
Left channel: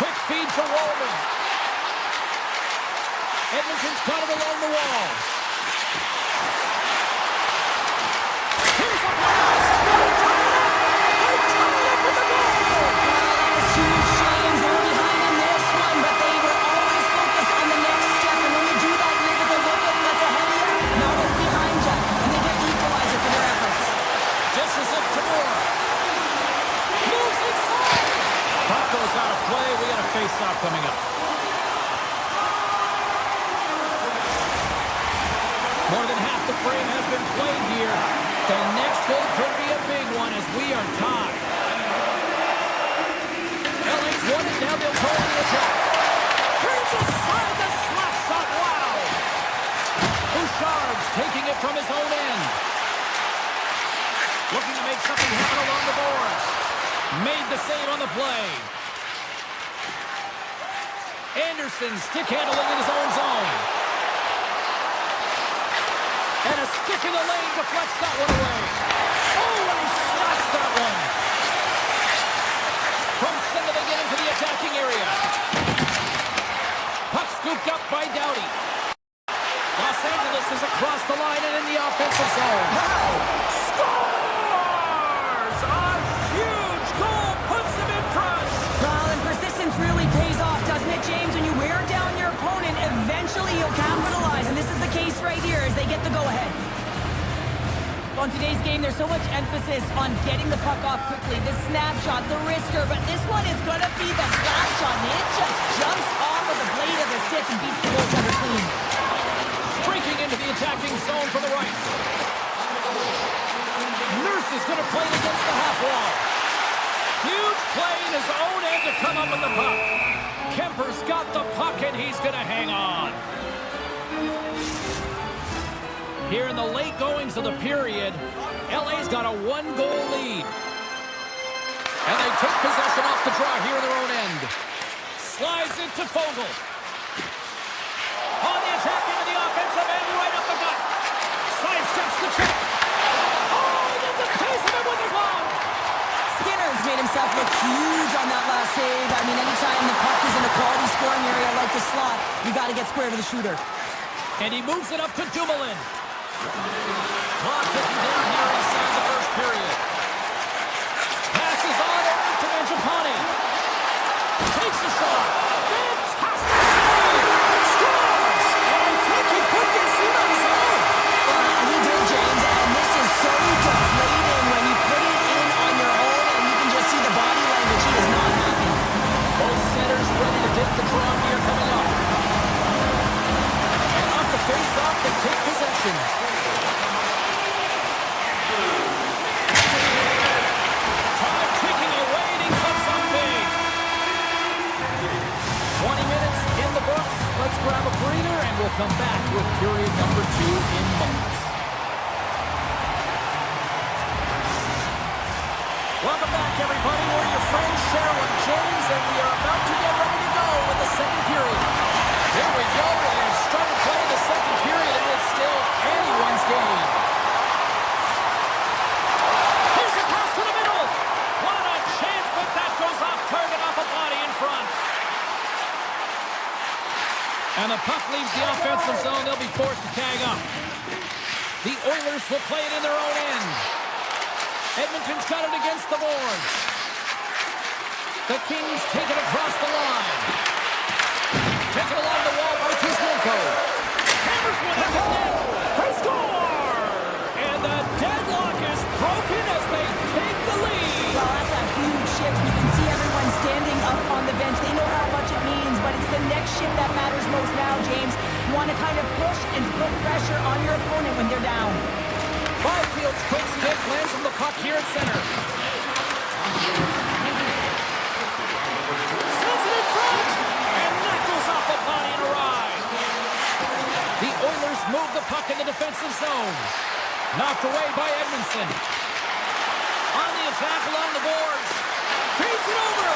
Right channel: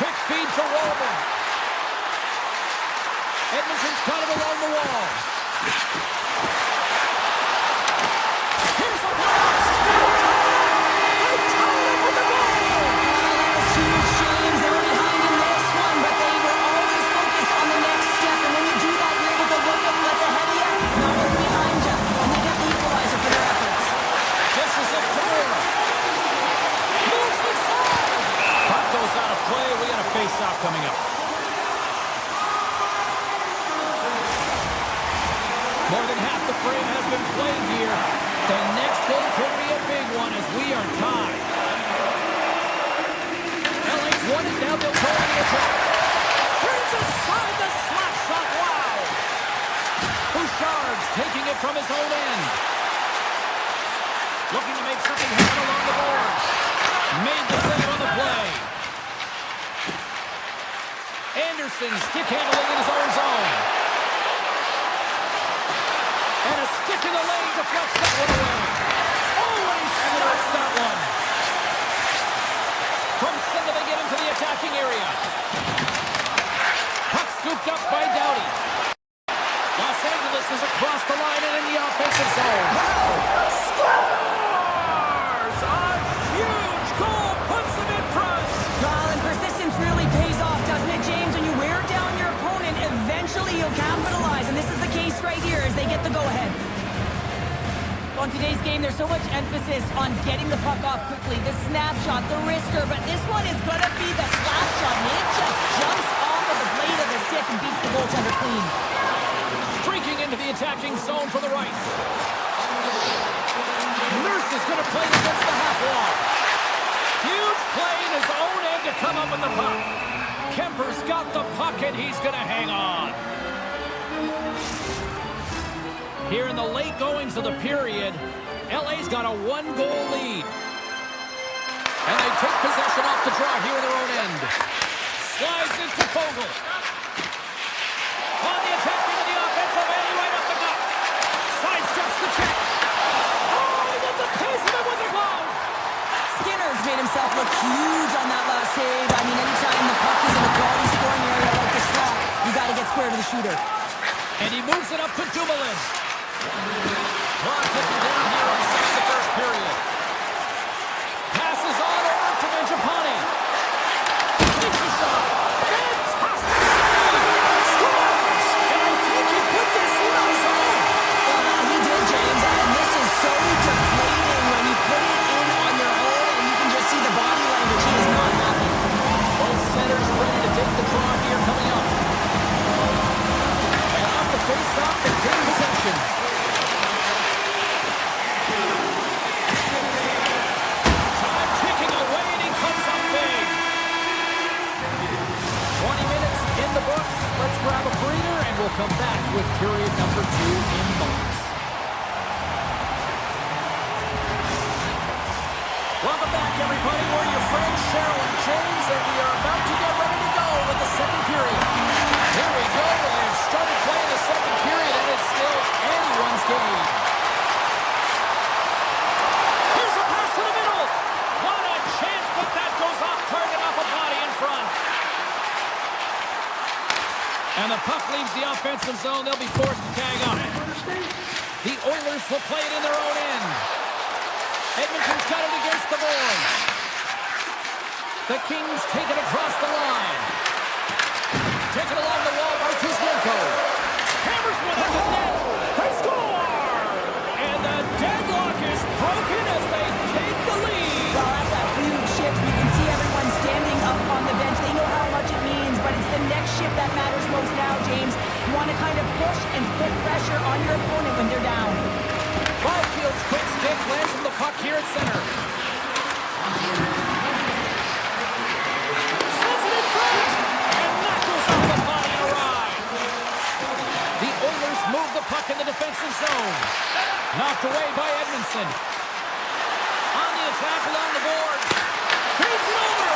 Quick feed to Walman. Edmonton's got it along the wall. Here's a blast! They tied it up with the goal! That was huge, James. They were behind in this one, but they were always focused on the next step. And when you do that, you're able to look at what's ahead of you, not what's behind you. And they get the equalizer for their efforts. Dishes it to Moore. Moves inside! Puck goes out of play. We got a face-off coming up. More than half the frame has been played here. The next goal could be a big one as we are tied. LA's won it. Now they'll call the attack. Turns aside the slap shot. Wow! Bouchard's taking it from his own end. Looking to make something happen along the boards. Made the save on the play. Anderson stick handling in his own zone. And a stick in the lane deflects that one away. Oh, and he stops that one. From center they get into the attacking area. Puck scooped up by Doughty. Los Angeles is across the line and in the offensive zone. Wow! Scores! A huge goal puts them in front. Well, and persistence really pays off, doesn't it, James? When you wear down your opponent, eventually you'll capitalize. And this is the case right here as they get the go-ahead. On today's game, there's so much emphasis on getting the puck off quickly. The snapshot, the wrister, but this one is going to be the slap shot. And it just jumps off of the blade of the stick and beats the goaltender clean. Streaking into the attacking zone for the right. Nurse is going to play it against the half wall. Huge play in his own end to come up with the puck. Kemper's got the puck and he's going to hang on. Here in the late goings of the period, LA's got a one-goal lead. And they take possession off the draw here in their own end. Slides it to Fogle. On the attack into the offensive end, right up the gut. Sidesteps the check. Oh, he gets a piece of it with the glove. Skinner's made himself look huge on that last save. I mean, anytime the puck is in a quality scoring area like the slot, you got to get square to the shooter. And he moves it up to Dumoulin. Clock ticking down here inside the first period. Passes on over to Mangiapane. Takes a shot. Fantastic save. Scores. And I think he put this in on his own. He did, James, and this is so deflating when you put it in on your own and you can just see the body language. He is not happy. Both centers ready to take the draw here coming up. And off the face-off, they take possession. Time ticking away, and he comes up big. 20 minutes in the books. Let's grab a breather, and we'll come back with period number 2 in moments. Welcome back, everybody. We're your friends, Cheryl and James, and we are about to get ready to go with the second period. Here we go. We've started playing the second period, and it's still anyone's game. Here's a pass to the middle. What a chance, but that goes off target, off a body in front. And the puck leaves the offensive zone. They'll be forced to tag up. The Oilers will play it in their own end. Edmonton's got it against the boards. The Kings take it across the line. Taken along the wall by Kuzmenko. Hammers one at the net. They score! And the deadlock is broken as they take the lead. Well, that's a huge shift. You can see everyone standing up on the bench. They know how much it means, but it's the next shift that matters most now, James. You want to kind of push and put pressure on your opponent when they're down. Byfield's quick stick lands from the puck here at center. move the puck in the defensive zone. Knocked away by Edmondson. On the attack along the boards. Feeds it over.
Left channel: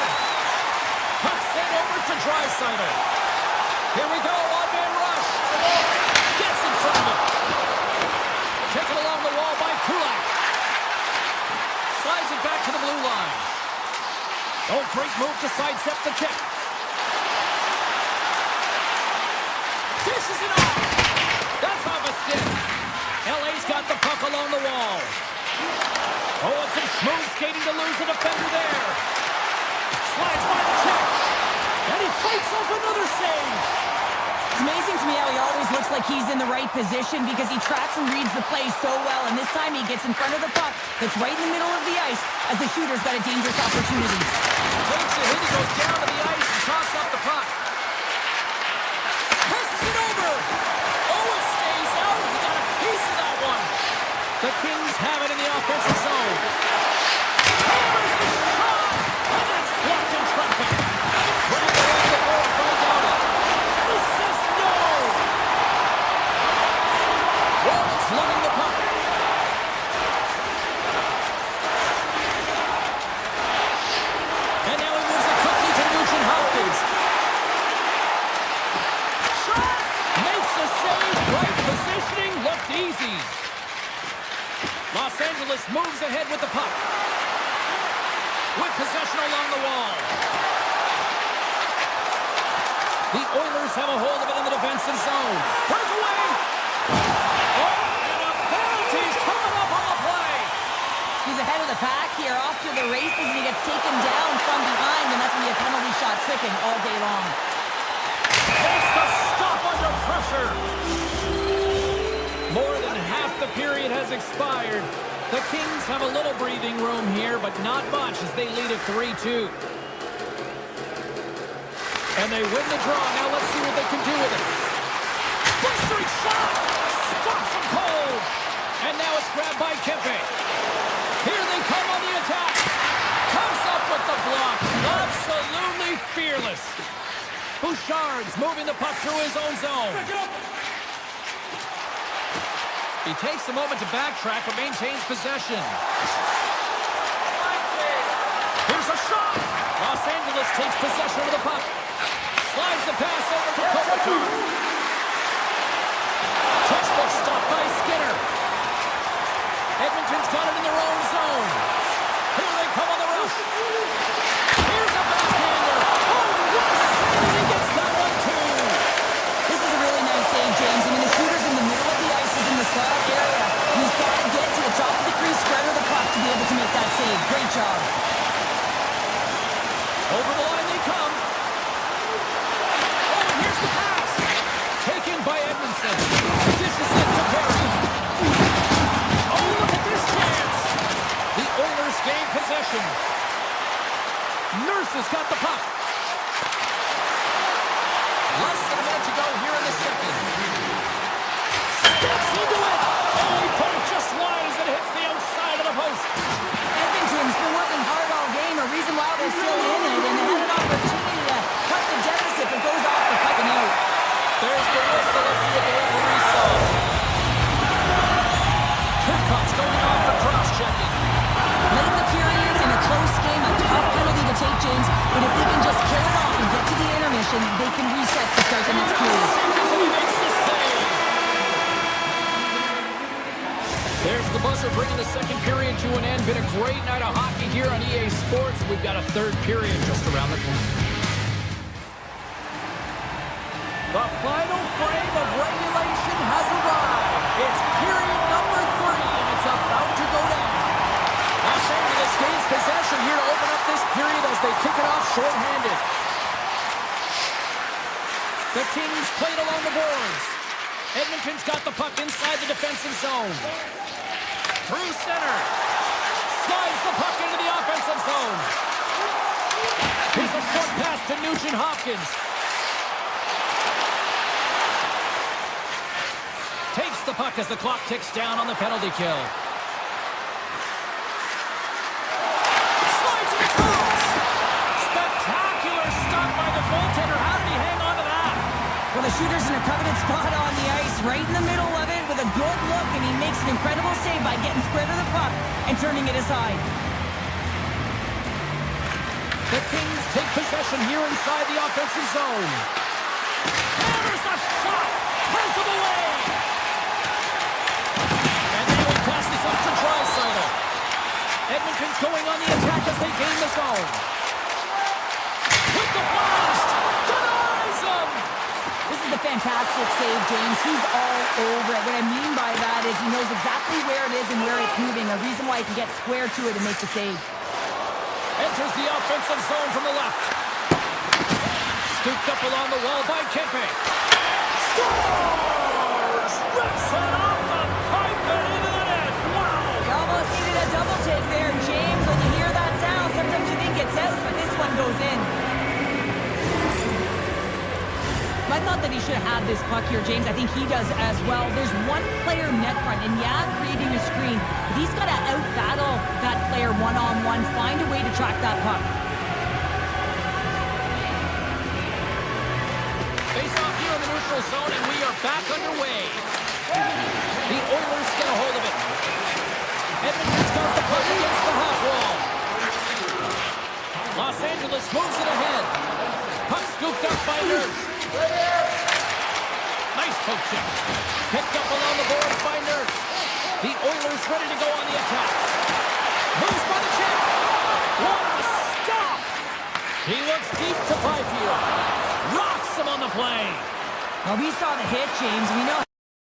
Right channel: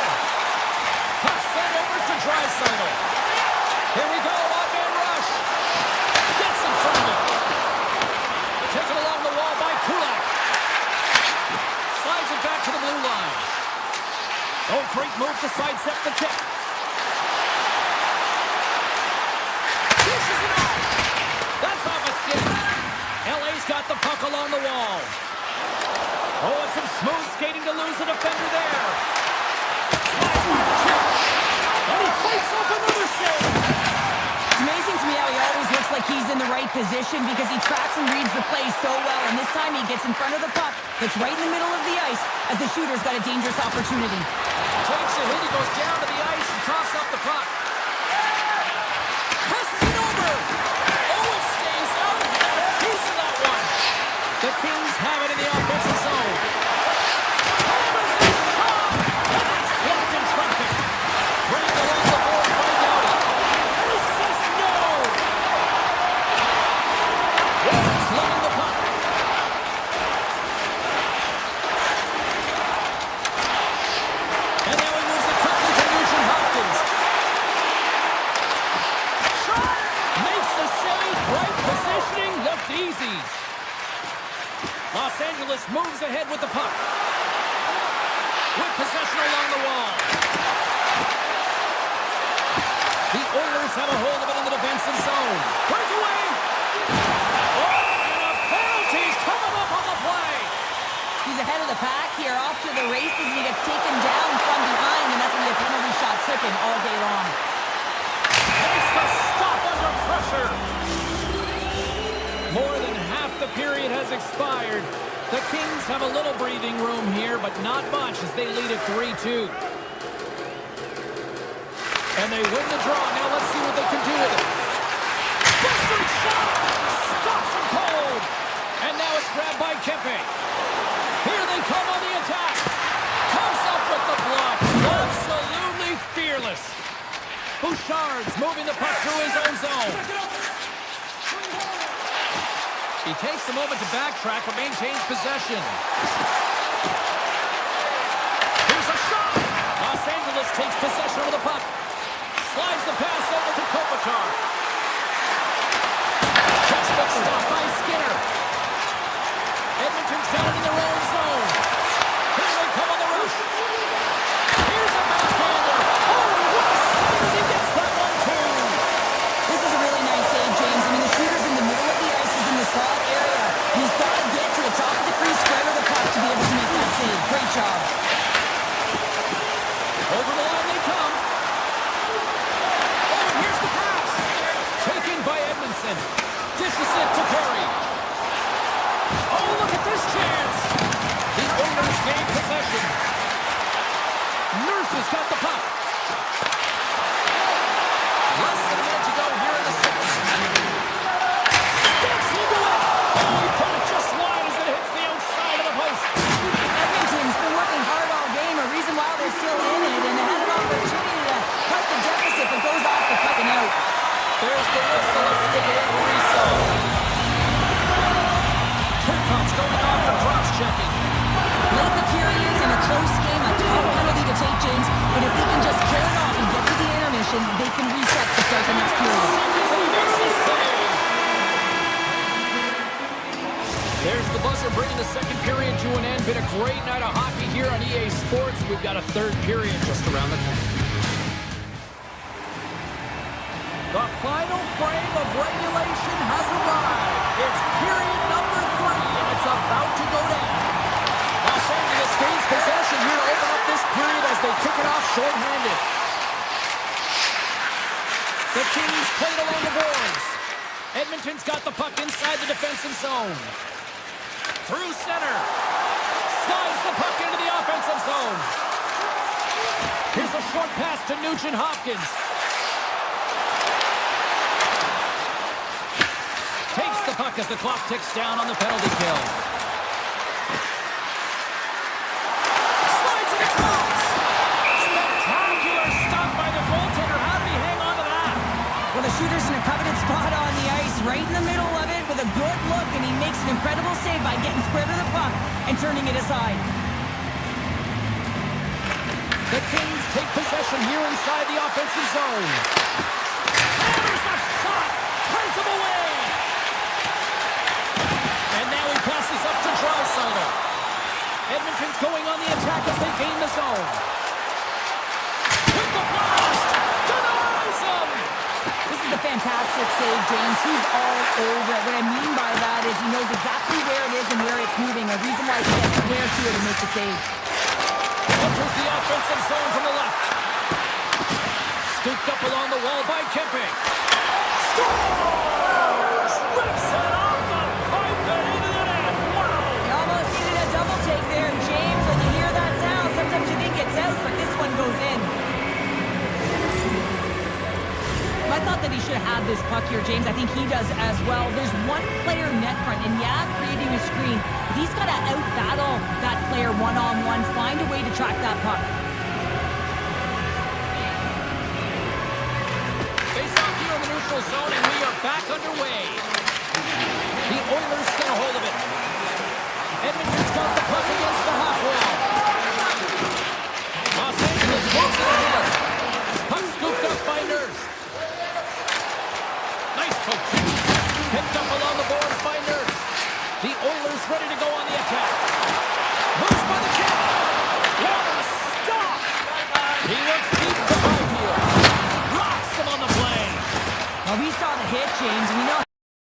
Puck sent over to Draisaitl. Here we go, odd-man rush. Gets in front of it. Taken along the wall by Kulak. Slides it back to the blue line. Oh, great move to sidestep the kick. Dishes it off. That's off a stick. LA's got the puck along the wall. Oh, and some smooth skating to lose the defender there. Slides by the check. And he fights off another save. It's amazing to me how he always looks like he's in the right position because he tracks and reads the play so well. And this time he gets in front of the puck that's right in the middle of the ice as the shooter's got a dangerous opportunity. Takes a hit. He goes down to the ice and tosses up the puck. Passes it over. Oh, it stays out. He got a piece of that one. The Kings have it in the offensive zone. Hammers the shot. And that's blocked in traffic. Bringing it along the board by Doughty. And he says no. Warren's lugging the puck. And now he moves it quickly to Nugent Hopkins. Shot. Makes the save. Right positioning. Looked easy. Los Angeles moves ahead with the puck. With possession along the wall. The Oilers have a hold of it in the defensive zone. Breakaway. Oh, and a penalty's coming up on the play. He's ahead of the pack here, off to the races, and he gets taken down from behind, and that's going to be a penalty shot tripping all day long. Makes the stop under pressure. More than half the period has expired. The Kings have a little breathing room here, but not much as they lead at 3-2. And they win the draw. Now let's see what they can do with it. Blistering shot! Stops him cold! And now it's grabbed by Kempe. Here they come on the attack. Comes up with the block. Absolutely fearless. Bouchard's moving the puck through his own zone. He takes a moment to backtrack, but maintains possession. Here's a shot! Los Angeles takes possession of the puck. Slides the pass over to Kopitar. Textbook stop by Skinner. Edmonton's got it in their own zone. Here they come on the rush. Here's a backhander. Oh, what a save as he gets that one, too. This is a really nice save, James. I mean, the shooter's in the middle of the ice. He's in the slot area. And he's got to get to the top of the crease, spread of the puck to be able to make that save. Great job. Over the line they come. Oh, and here's the pass. Taken by Edmondson. Dishes it to Perry. Oh, look at this chance. The Oilers gain possession. Nurse has got the puck. Less than a minute to go here in the second. Steps into it. Oh, he put it just wide as it hits the outside of the post. Edmonton's been working hard all game, a reason why they're still in it, and they had an opportunity to cut the deficit, but goes off the puck and out. There's the whistle. Let's see what the referee saw. Kirkhoff's going off for cross-checking. Late in the period, in a close game, a tough penalty to take, James, but if they can just kill it off and get to the intermission, they can reset to start the next period. And he makes the save. There's the buzzer bringing the second period to an end. Been a great night of hockey here on EA Sports. We've got a third period just around the corner. The final frame of regulation has arrived. It's period number 3, and it's about to go down. Los Angeles gains possession here to open up this period as they kick it off shorthanded. The Kings played along the boards. Edmonton's got the puck inside the defensive zone. Through center. Slides the puck into the offensive zone. Here's a short pass to Nugent Hopkins. Takes the puck as the clock ticks down on the penalty kill. Slides it across. Spectacular stop by the goaltender. How did he hang on to that? Well, the shooter's in a coveted spot on the ice, right in the middle of it with a good look, and he makes an incredible save by getting square to the puck and turning it aside. The Kings take possession here inside the offensive zone. Hammers a shot! Turns him away! And now he passes up to Draisaitl. Edmonton's going on the attack as they gain the zone. With the blast! Denies him! This is a fantastic save, James. He's all over it. What I mean by that is he knows exactly where it is and where it's moving, a reason why he can get square to it and make the save. Enters the offensive zone from the left. Scooped up along the wall by Kempe. Scores! Rips it off the pipe and into the net. Wow! You almost needed a double take there, James. When you hear that sound, sometimes you think it's out, but this one goes in. I thought that he should have had this puck here, James. I think he does as well. There's one player net front, and yeah, creating a screen, but he's got to out-battle that player one-on-one, find a way to track that puck. Face off here in the neutral zone, and we are back underway. The Oilers get a hold of it. Edmonton's got the puck against the half wall. Los Angeles moves it ahead. Puck scooped up by Nurse. Nice poke check. Picked up along the boards by Nurse. The Oilers ready to go on the attack. Moves by the check. What a stop! He looks deep to Byfield. Rocks him on the play. Well, we saw the hit, James. We know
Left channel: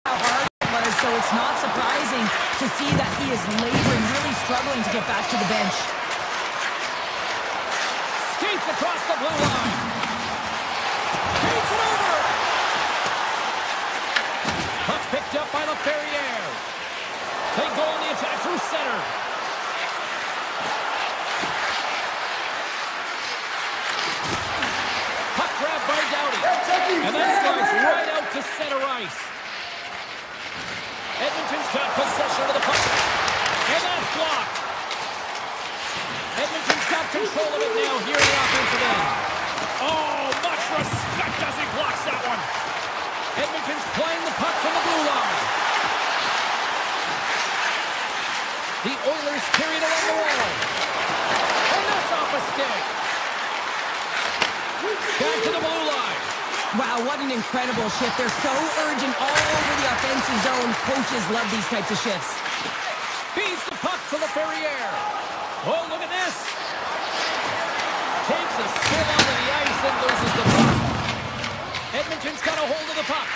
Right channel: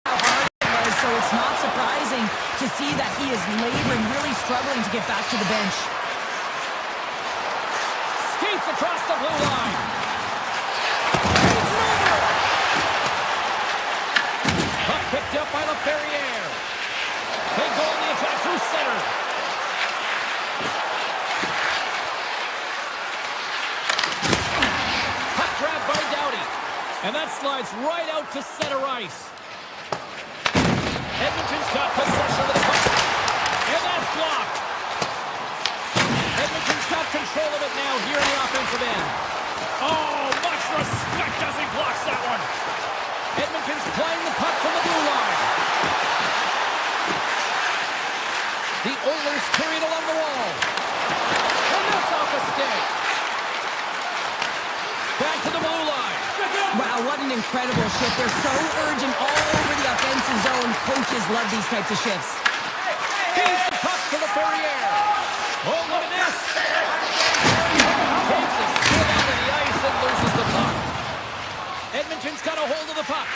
how hard it was, so it's not surprising to see that he is laboring, really struggling to get back to the bench. Skates across the blue line. Skates it over. Puck picked up by LaFerriere. They go on the attack through center. Puck grabbed by Doughty. And that slides right out to center ice. Edmonton's got possession of the puck. And that's blocked. Edmonton's got control of it now here in the offensive end. Oh, much respect as he blocks that one. Edmonton's playing the puck from the blue line. The Oilers carry it along the wall. And that's off a stick. Back to the blue line. Wow, what an incredible shift. They're so urgent all over the offensive zone. Coaches love these types of shifts. Feeds the puck to LaFerriere. Oh, look at this. Takes a skill out of the ice and loses the puck. Edmonton's got a hold of the puck.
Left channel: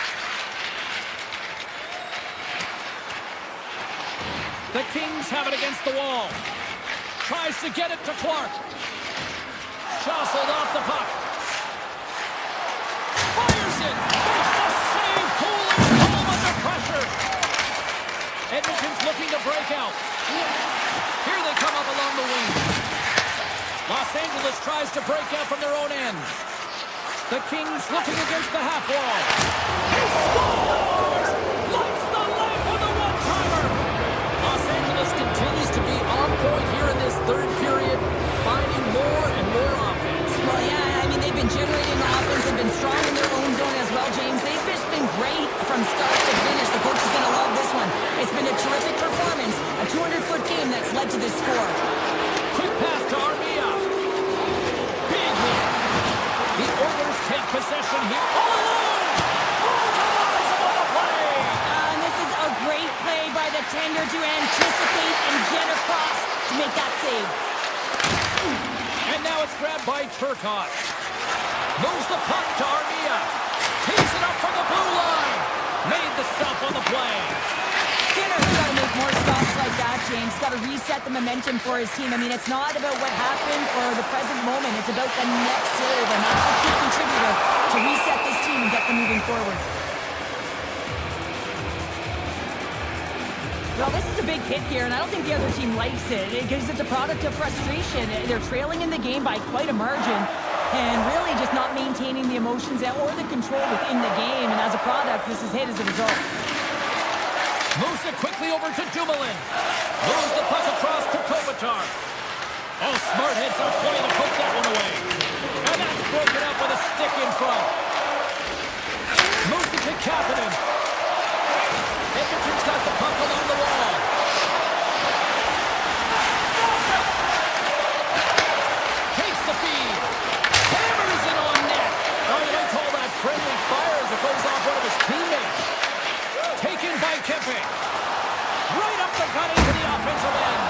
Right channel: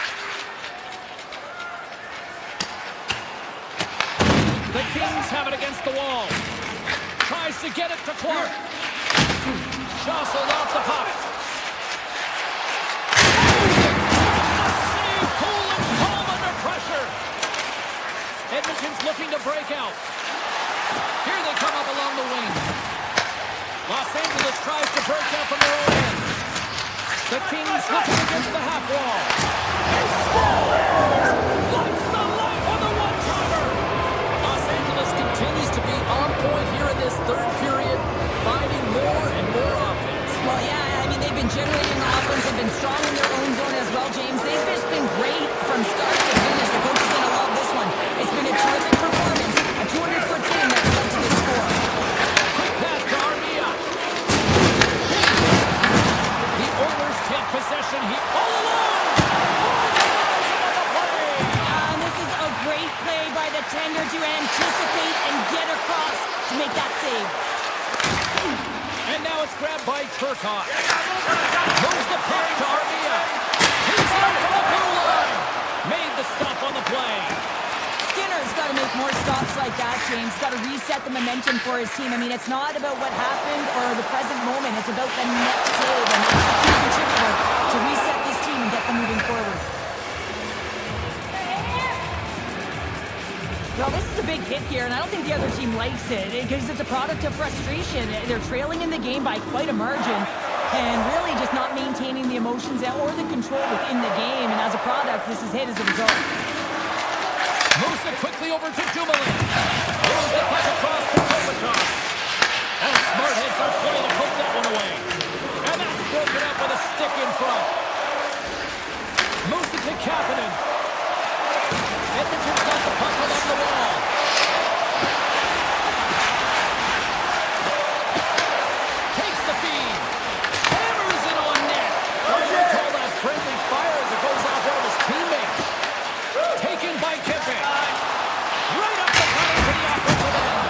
The Kings have it against the wall. Tries to get it to Clark. Jostled off the puck. Fires it. Makes the save. Cool and calm under pressure. Edmonton's looking to break out. Here they come up along the wing. Los Angeles tries to break out from their own end. The Kings looking against the half wall. He scores! Lights the lamp on the one-timer! Los Angeles continues to be on point here in this third period, finding more and more offense. Well, yeah, I mean, they've been generating offense. They've been strong in their own zone as well, James. They've just been great from start to finish. The coach is going to love this one. It's been a terrific performance, a 200-foot game that's led to this score. Quick pass to Armia. Big hit. The Oilers take possession here. All alone! Oh, denies him on the play! And this is a great play by the tender to anticipate and get across to make that save. And now it's grabbed by Turcotte. Moves the puck to Armia. Tees it up from the blue line. Made the stop on the play. Skinner's got to make more stops like that, James. Got to reset the momentum for his team. I mean, it's not about what happened or the present moment. It's about the next save, and that's the key contributor to reset this team and get them moving forward. Well, this is a big hit here, and I don't think the other team likes it because it's a product of frustration. They're trailing in the game by quite a margin and really just not maintaining the emotions or the control within the game, and as a product, this is hit as a result. Moves it quickly over to Dumoulin. Moves the puck across to Kopitar. Oh, smart hits our play to poke that one away. And that's broken up with a stick in front. Kapanen. Edmonton's got the puck along the wall. Takes the feed. Hammers it on net. Oh, you might call that friendly fire as it goes off one of his teammates. Taken by Kempe. Right up the gut into the offensive end.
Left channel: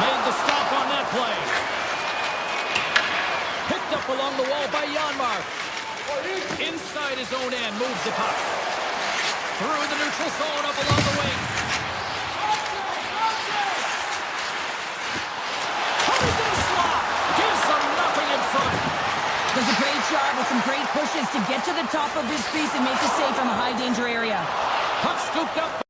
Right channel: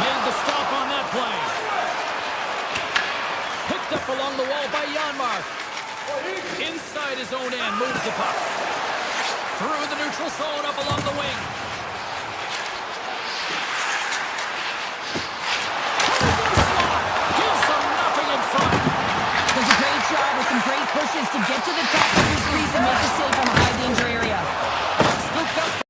Made the stop on that play. Picked up along the wall by Janmark. Inside his own end, moves the puck. Through the neutral zone, up along the wing. Coming to the slot. Gives them nothing in front. Does a great job with some great pushes to get to the top of his crease and make a save from a high-danger area. Puck scooped up.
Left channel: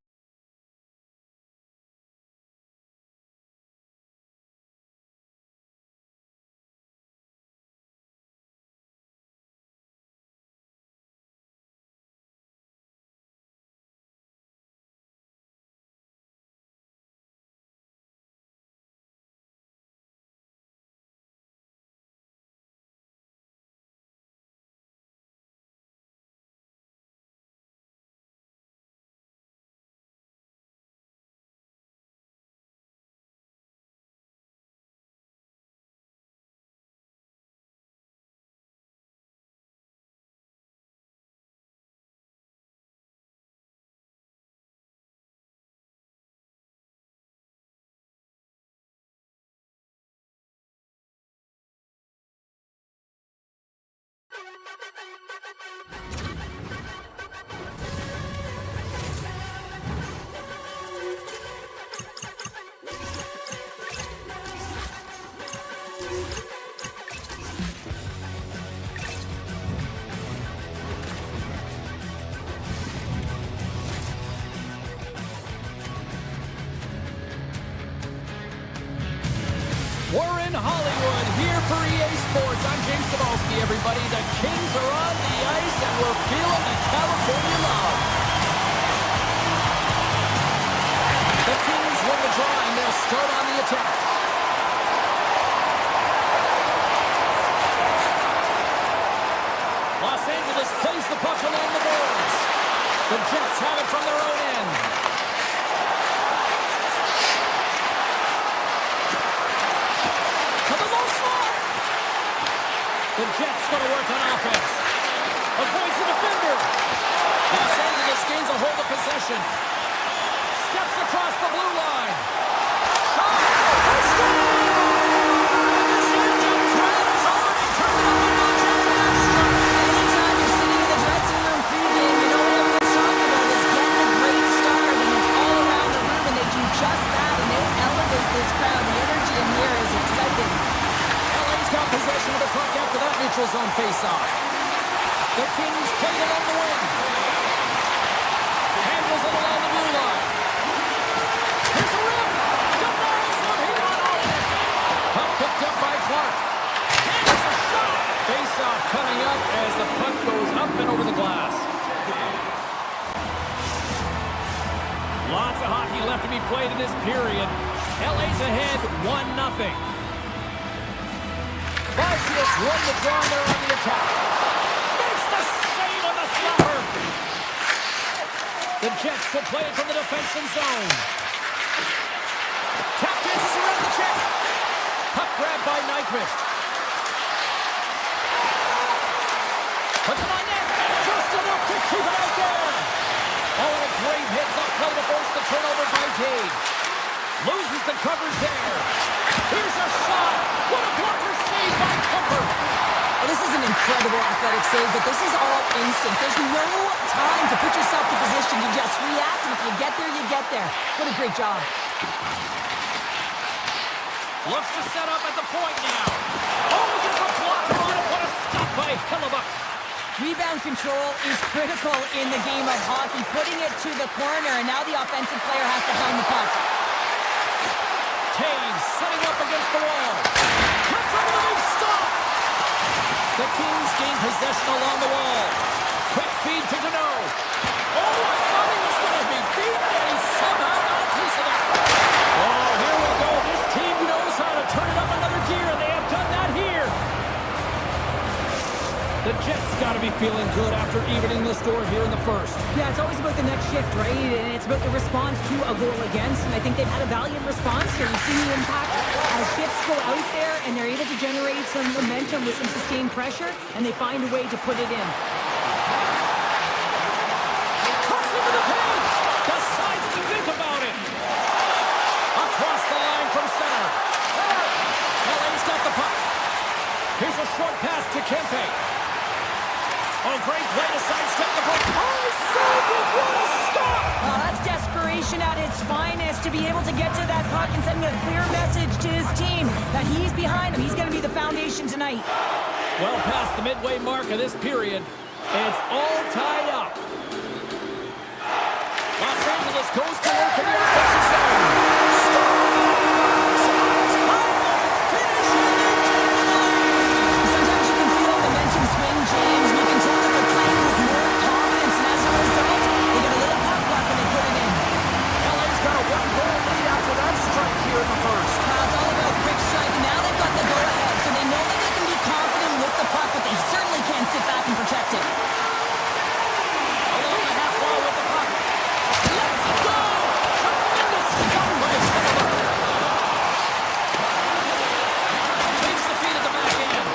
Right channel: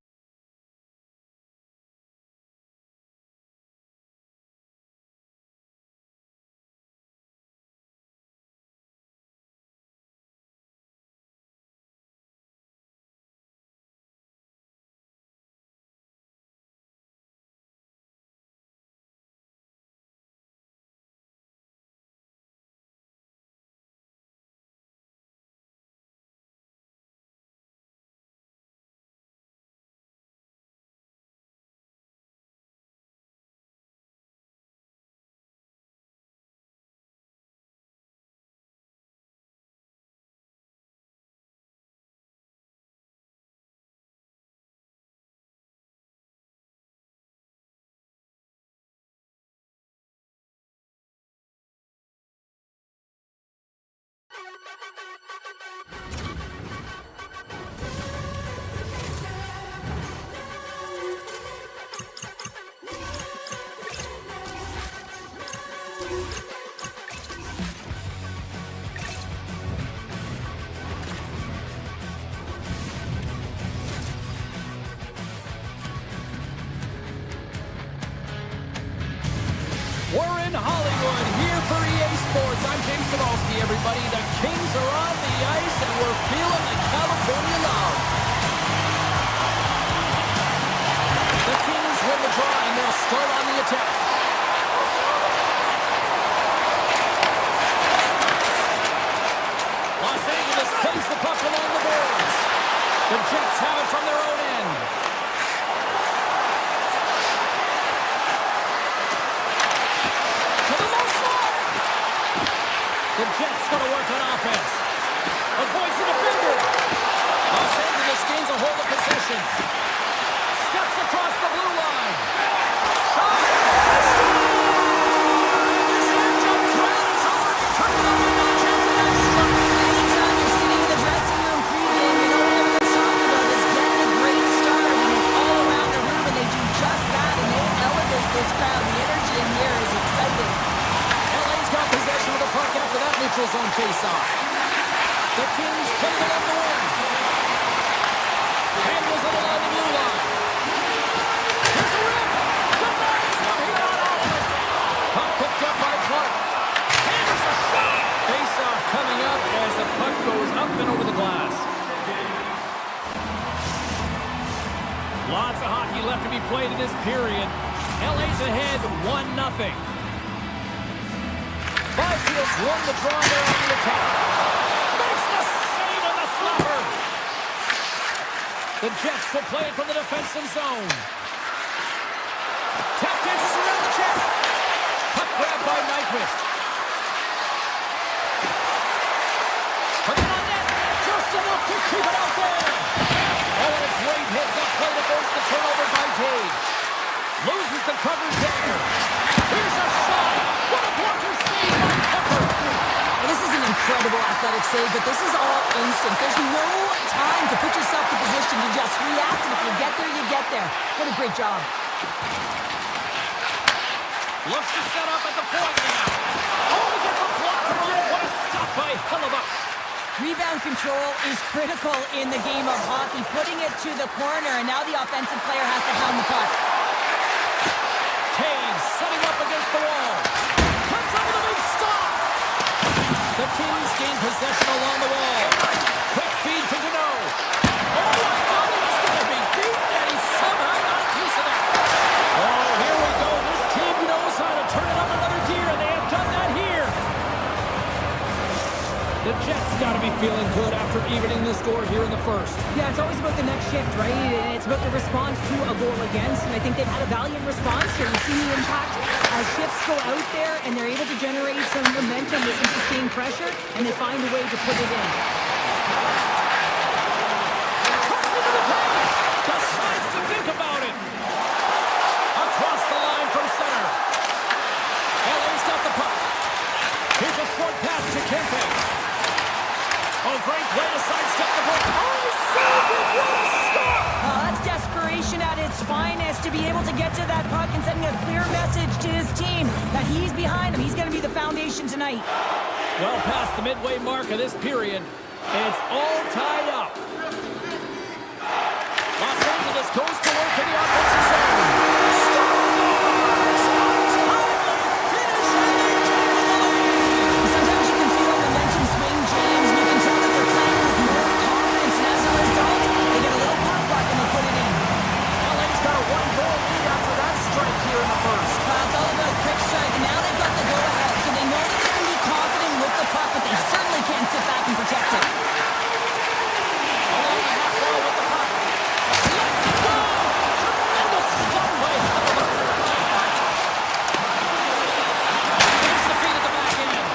We're in Hollywood, here for EA Sports. I'm James Cebulski, everybody. The Kings are on the ice, and we're feeling the California love. The Kings win the draw, and they'll start on the attack. Los Angeles plays the puck along the boards. The Jets have it from their own end. The Jets going to work on offense. Avoids the defender. Los Angeles gains a hold of possession. Steps across the blue line. Shot. And this end-jump crowd has already turned it up a notch after that start. Anytime you're sitting in the dressing room pregame, you know what everyone's talking about is getting a great start, and it's all around the room, and they do just that, and they elevate this crowd. The energy in here is exciting. LA's got possession of the puck after that neutral zone face-off. The Kings play it along the wing. Handles it along the blue line. Here's a rip. Denies him. He got all of it. Puck picked up by Clark. And it's a shot. Face-off coming up as the puck goes up and over the glass. Lots of hockey left to be played in this period. LA's ahead 1-0. Byfield's won the draw, and they're on the attack. Makes the save on the slapper. The Jets will play it from the defensive zone. Tap dances around the check. Puck grab by Nyquist. Puts it on net. Just enough to keep it out there. Oh, and a great hits-up play to force the turnover by Tage. Loses the coverage there. Here's a shot. What a blocker save by Kemper. Well, this is an incredible athletic save, but this is all instant. There's no time to put yourself to position. You just react, and if you get there, you get there. What a great job. Looks to set up at the point now. Oh, he gets a blocker on it. What a stop by Hellebuck. Rebound control is critical in the game of hockey. Putting it to the corner, and now the offensive player has to hound the puck. Taves setting up against the wall. Cuts up with a big stop. The Kings gain possession along the wall. Quick feed to Deneau. Oh, I thought he was going to be beaten, and he somehow got a piece of that. Oh, here we go. This team knows how to turn it up another gear, and they have done that here. The Jets got to be feeling good after evening the score here in the first. Yeah, it's always about the next shift, right? And it's about the response to a goal against. And I think they've had a valiant response here. You've seen the impact as shifts go out there and they're able to generate some momentum with some sustained pressure, and they find a way to put it in. Cuts into the paint. Decides to think about it. Across the line from center. LA's got the puck. Here's a short pass to Kempe. Oh, great play to sidestep the puck. Oh, saved it! What a stop! That's desperation at its finest, to be able to get to that puck and sending a clear message to his team that he's behind him. He's going to be the foundation tonight. Well past the midway mark of this period. It's all tied up. Los Angeles goes to work in the offensive zone. Stars! Untimely finish, and they take the lead! Sometimes you can feel momentum swing, James, and you can tell that they're playing with more confidence, and as a result, they get a little puck luck and they put it in. LA's got a one-goal lead after that strike here in the first. It's all about quick strike, and now they've got the go-ahead, so they know that they can be confident with the puck, but they certainly can't sit back and protect it. Along the half wall with the puck. Let's go! Tremendous stop by Edmont. Takes the feed at the back end.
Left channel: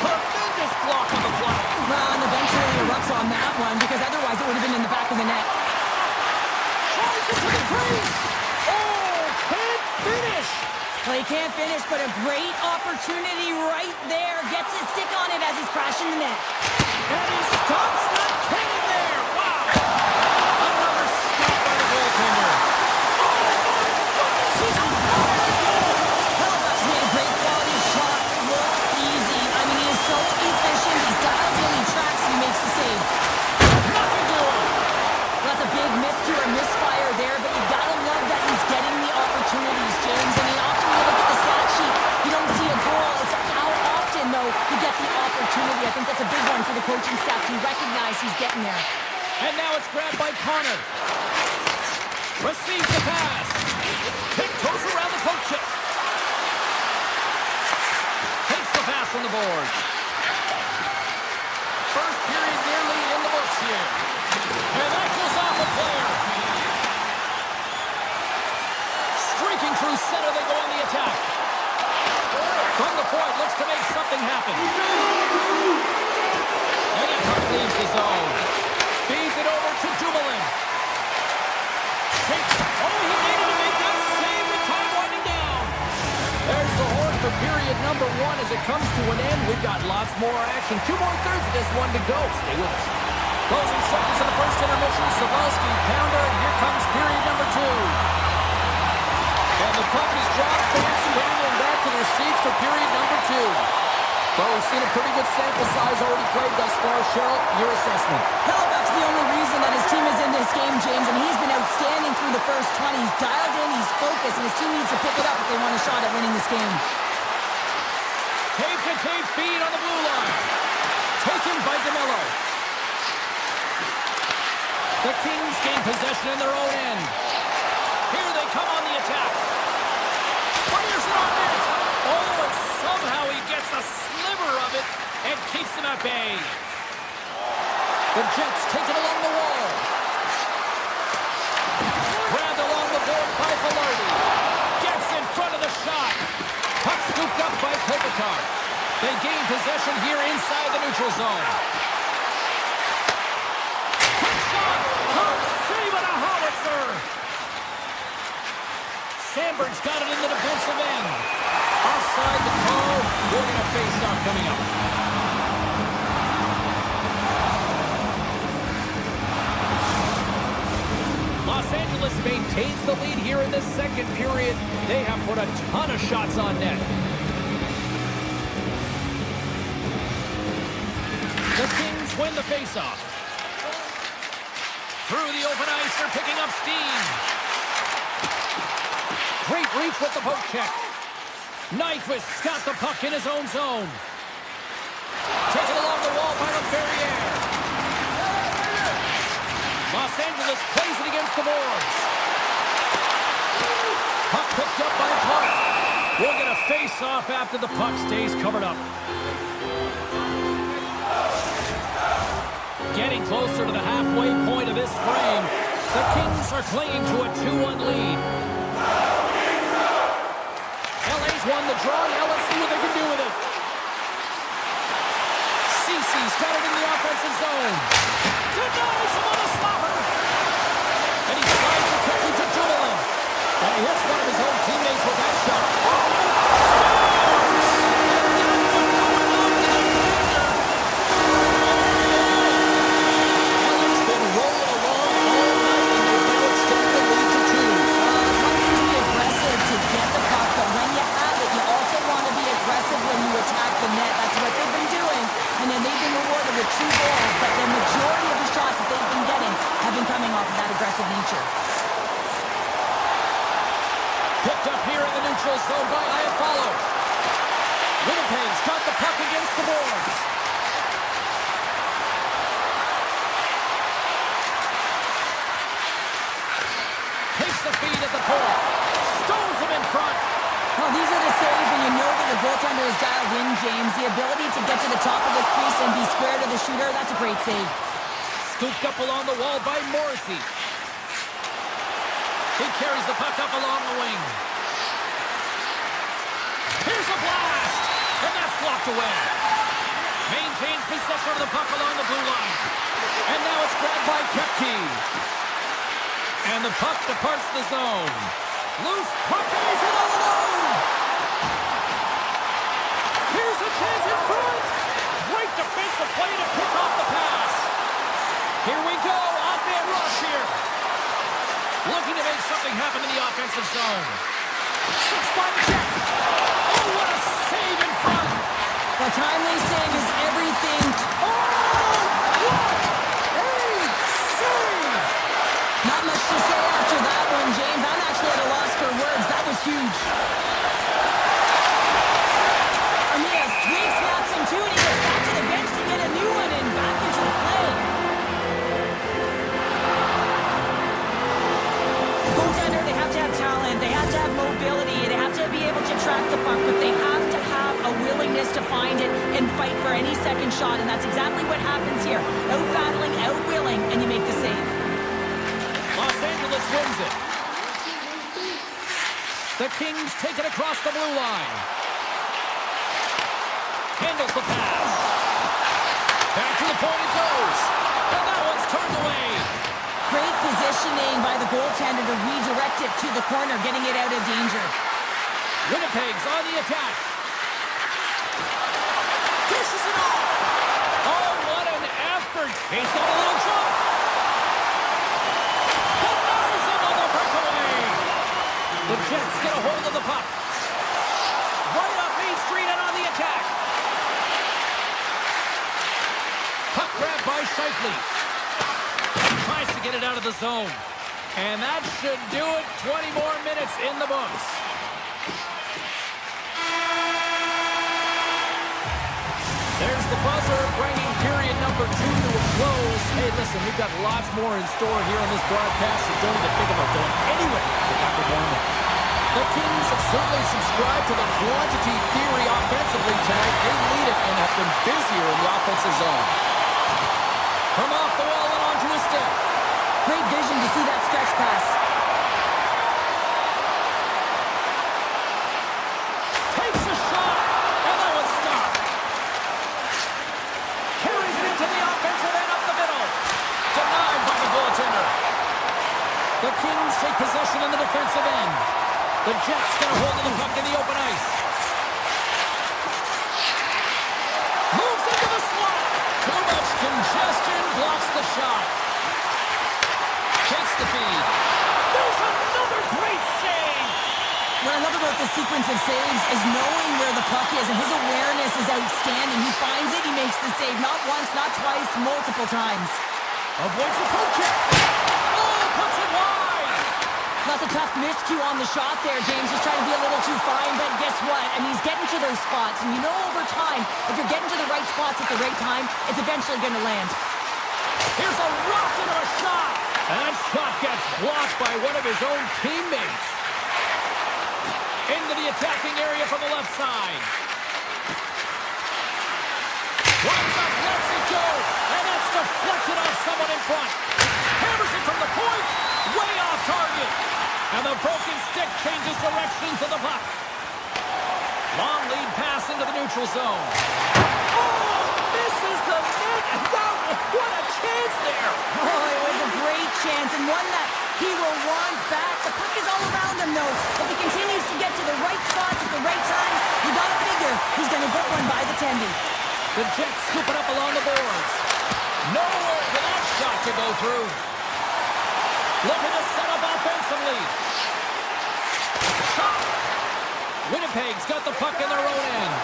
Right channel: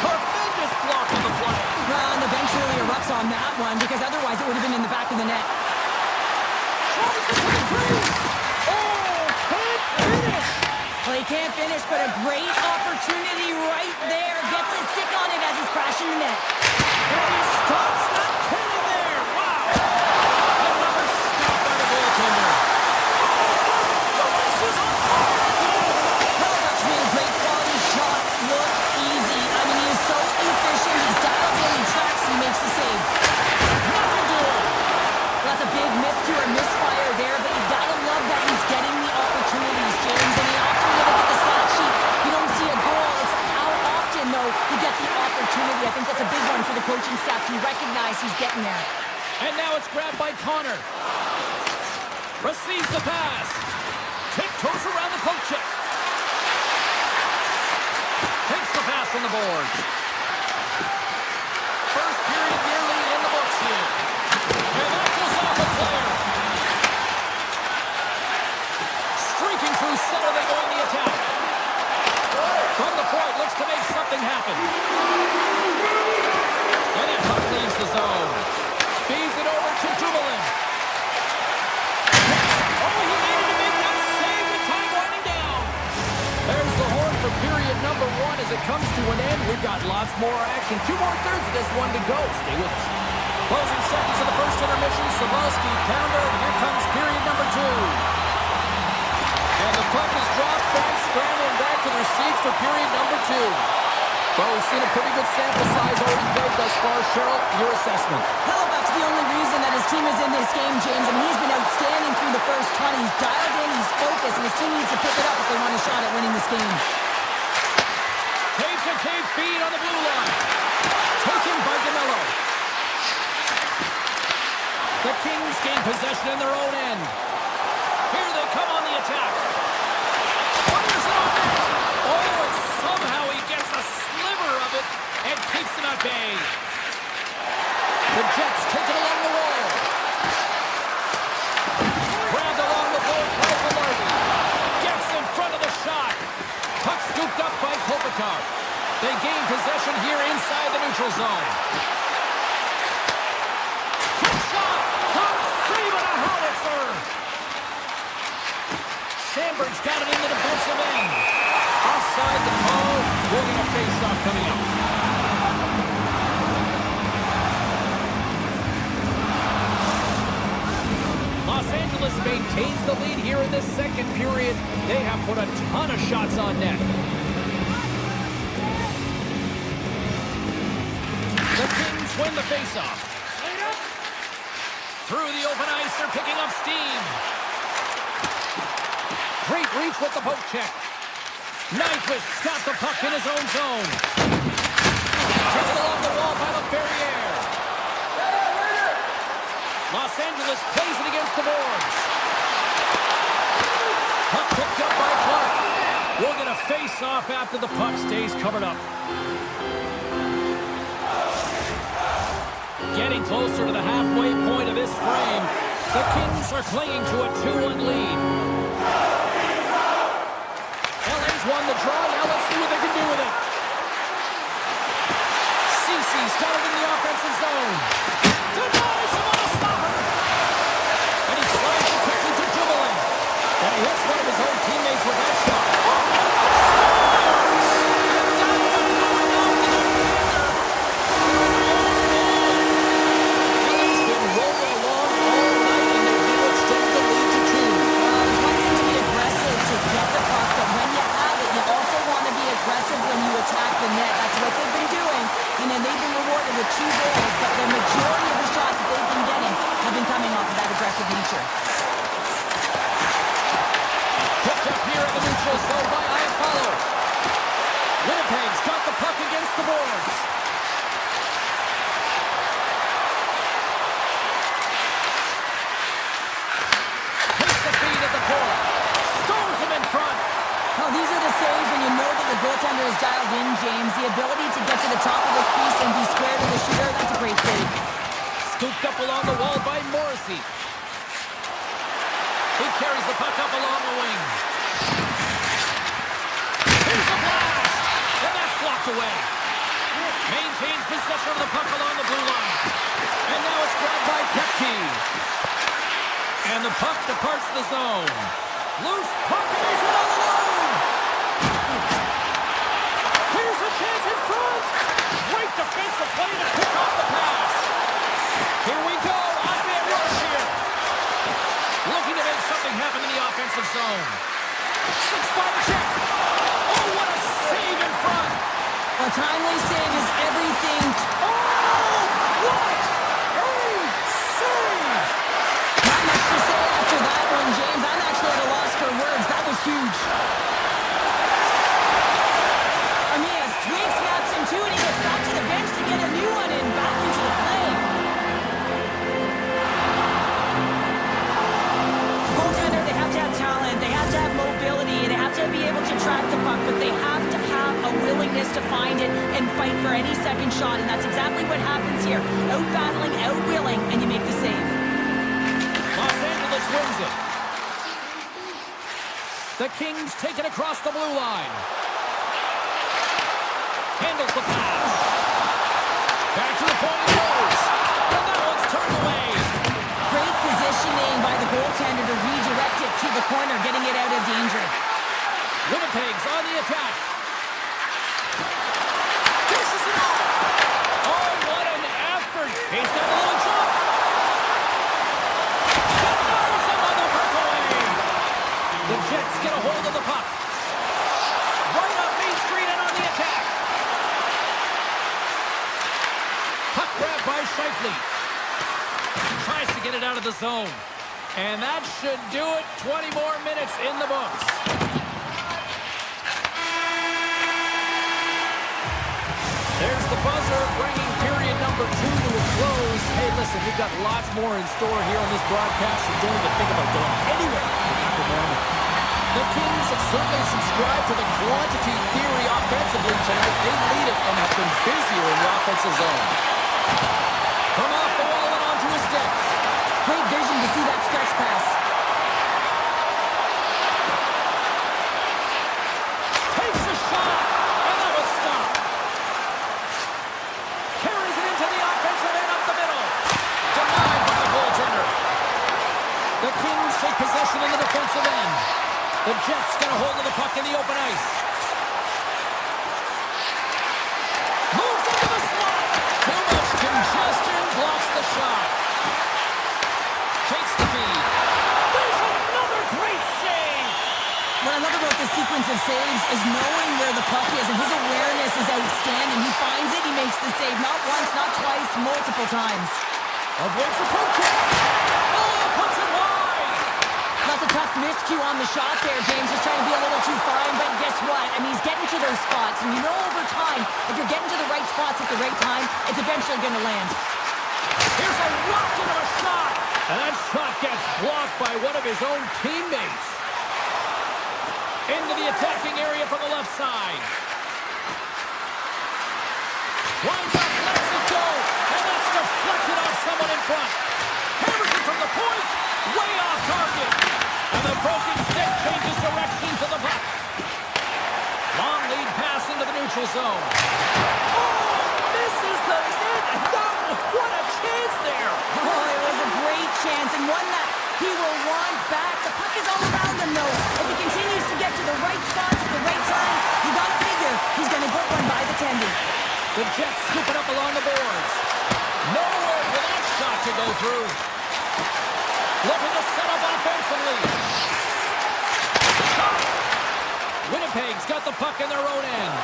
Tremendous block on the play. Well, and the bench really erupts on that one, because otherwise it would have been in the back of the net. Tries it to the crease. Oh, can't finish. Well, he can't finish, but a great opportunity right there. Gets his stick on it as he's crashing the net. And he stops that cannon there. Wow. Another stop by the goaltender. Oh, my goodness, he's on fire again. Halifax made a great quality shot look easy. I mean, he is so efficient. He's dialed in, he tracks, and he makes the save. Nothing doing. That's a big miscue or misfire there, but you gotta love that he's getting the opportunities, James. I mean, often when you look at the stat sheet, you don't see a goal. It's how often, though, you get the opportunity. I think that's a big one for the coaching staff to recognize he's getting there. And now it's grabbed by Connor. Receives the pass. Tiptoes around the poke check. Takes the pass from the board. First period nearly in the books here. And that goes off a player. Streaking through center, they go on the attack. From the point, looks to make something happen. And that puck leaves the zone. Feeds it over to Dumoulin. Oh, he needed to make that save with time winding down. There's the horn for period number one as it comes to an end. We've got lots more action. 2 more thirds of this one to go. Stay with us. Closing seconds of the first intermission. Sabalski, pounder, and here comes period number two. And the puck is dropped. Fans scrambling back to their seats for period number two. Well, we've seen a pretty good sample size already played thus far. Cheryl, your assessment. Halifax, the only reason that his team is in this game, James, I mean, he's been outstanding through the first 20. He's dialed in, he's focused, and his team needs to pick it up if they want a shot at winning this game. Tape-to-tape feed on the blue line. Taken by DeMello. The Kings gain possession in their own end. Here they come on the attack. Fires it on net. Oh, and somehow he gets a sliver of it and keeps them at bay. The Jets take it along the wall. Grabbed along the board by Velarde. Gets in front of the shot. Puck scooped up by Kopitar. They gain possession here inside the neutral zone. Quick shot. Can't save it, a howitzer. Sandberg's got it in the defensive end. Offside the call. We're going to face off coming up. Los Angeles maintains the lead here in this second period. They have put a ton of shots on net. The Kings win the faceoff. Through the open ice, they're picking up steam. Great reach with the poke check. Nyquist's got the puck in his own zone. Taken along the wall by LaFerriere. Los Angeles plays it against the boards. Puck picked up by Clark. We'll get a face-off after the puck stays covered up. Getting closer to the halfway point of this frame. The Kings are clinging to a 2-1 lead. LA's won the draw. Now let's see what they can do with it. Cece's got it in the offensive zone. Denies him on a stopper. And he slides it quickly to Dumoulin. And he hits one of his own teammates with that shot. Oh, scores! And that one going off the defender. LA's been rolling along all night, and they've now extended the lead to 2. It's one thing to be aggressive to get the puck, but when you have it, you also want to be aggressive when you attack the net. That's what they've been doing, and then they've been rewarded with 2 goals, but the majority of the shots that they've been getting have been coming off of that aggressive nature. Picked up here in the neutral zone by Iafallo. Winnipeg's got the puck against the boards. Takes the feed at the point. Stones him in front. Well, these are the saves when you know that the goaltender is dialed in, James. The ability to get to the top of the crease and be square to the shooter, that's a great save. Scooped up along the wall by Morrissey. He carries the puck up along the wing. Here's a blast! And that's blocked away. Maintains possession of the puck along the blue line. And now it's grabbed by Kepke. And the puck departs the zone. Loose puck, and he's in all alone! Here's a chance in front! Great defensive play to pick off the pass. Here we go, odd-man rush here. Looking to make something happen in the offensive zone. 6-spot check. Oh, what a save in front. A timely save is everything. Oh, what a save. Not much to say after that one, James. I'm actually at a loss for words. That was huge. Armias, Twig snaps him too, and he goes back to the bench to get a new one and back into the play. Goaltender, they have to have talent, they have to have mobility, they have to be able to track the puck, but they have to have a willingness to find it and fight for any second shot, and that's exactly what happens here. Out-battling, out-willing, and you make the save. Los Angeles wins it. The Kings take it across the blue line. Handles the pass. Back to the point it goes. And that one's turned away. Great positioning by the goaltender to redirect it to the corner, getting it out of danger. Winnipeg's on the attack. Dishes it off. Oh, what an effort. He's got a little jump. Denies him on the breakaway. The Jets get a hold of the puck. Right up Main Street and on the attack. Puck grabbed by Scheifele. Tries to get it out of the zone. And that should do it. 20 more minutes in the books. There's the buzzer, bringing period number 2 to a close. Hey, listen, we've got lots more in store here on this broadcast, so don't even think about going anywhere. Get back with more in a minute. The Kings have certainly subscribed to the quantity theory offensively tonight. They lead it and have been busier in the offensive zone. From off the wall and onto a stick. Great vision to see that stretch pass. Takes a shot, and that was stopped. Carries it into the offensive end up the middle. Denied by the goaltender. The Kings take possession in the defensive end. The Jets get a hold of the puck in the open ice. Moves into the slot. Too much congestion, blocks the shot. Takes the feed. There's another great save. What I love about this sequence of saves is knowing where the puck is, and his awareness is outstanding. He finds it, he makes the save. Not once, not twice, multiple times. Avoids the poke check. Oh, puts it wide. That's a tough miscue on the shot there, James. Just trying to be a little too fine, but guess what? I mean, he's getting to those spots, and you know over time, if you're getting to the right spots at the right time, it's eventually going to land. Here's a rocket of a shot. And that shot gets blocked by one of his own teammates. Into the attacking area from the left side. Winds up, lets it go, and that's deflected off someone in front. Hammers it from the point, way off target. And the broken stick changes directions of the puck. Long lead pass into the neutral zone. Oh, misses the net, and what a chance there. Oh, it was a great chance, and one that he will want back. The puck is all around him, though. If he continues to get to the right spots at the right time, you gotta figure he's gonna put one by the tendy. The Jets scoop it up along the boards. Nowhere for that shot to go through. Looking to set up offensively. Shot! Winnipeg's got the puck in their own end.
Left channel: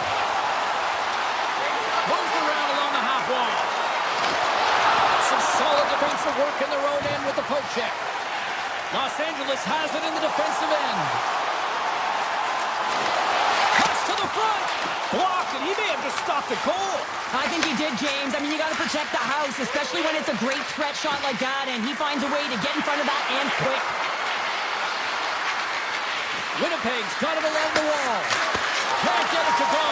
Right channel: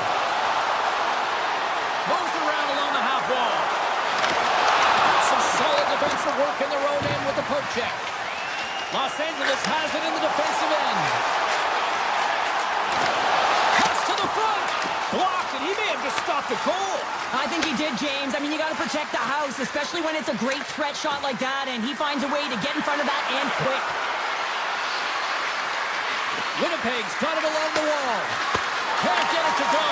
Moves around along the half wall. Some solid defensive work in their own end with the poke check. Los Angeles has it in the defensive end. Cuts to the front. Blocked, and he may have just stopped a goal. I think he did, James. I mean, you got to protect the house, especially when it's a great threat shot like that, and he finds a way to get in front of that and quick. Winnipeg's got it along the wall. Can't get it to go.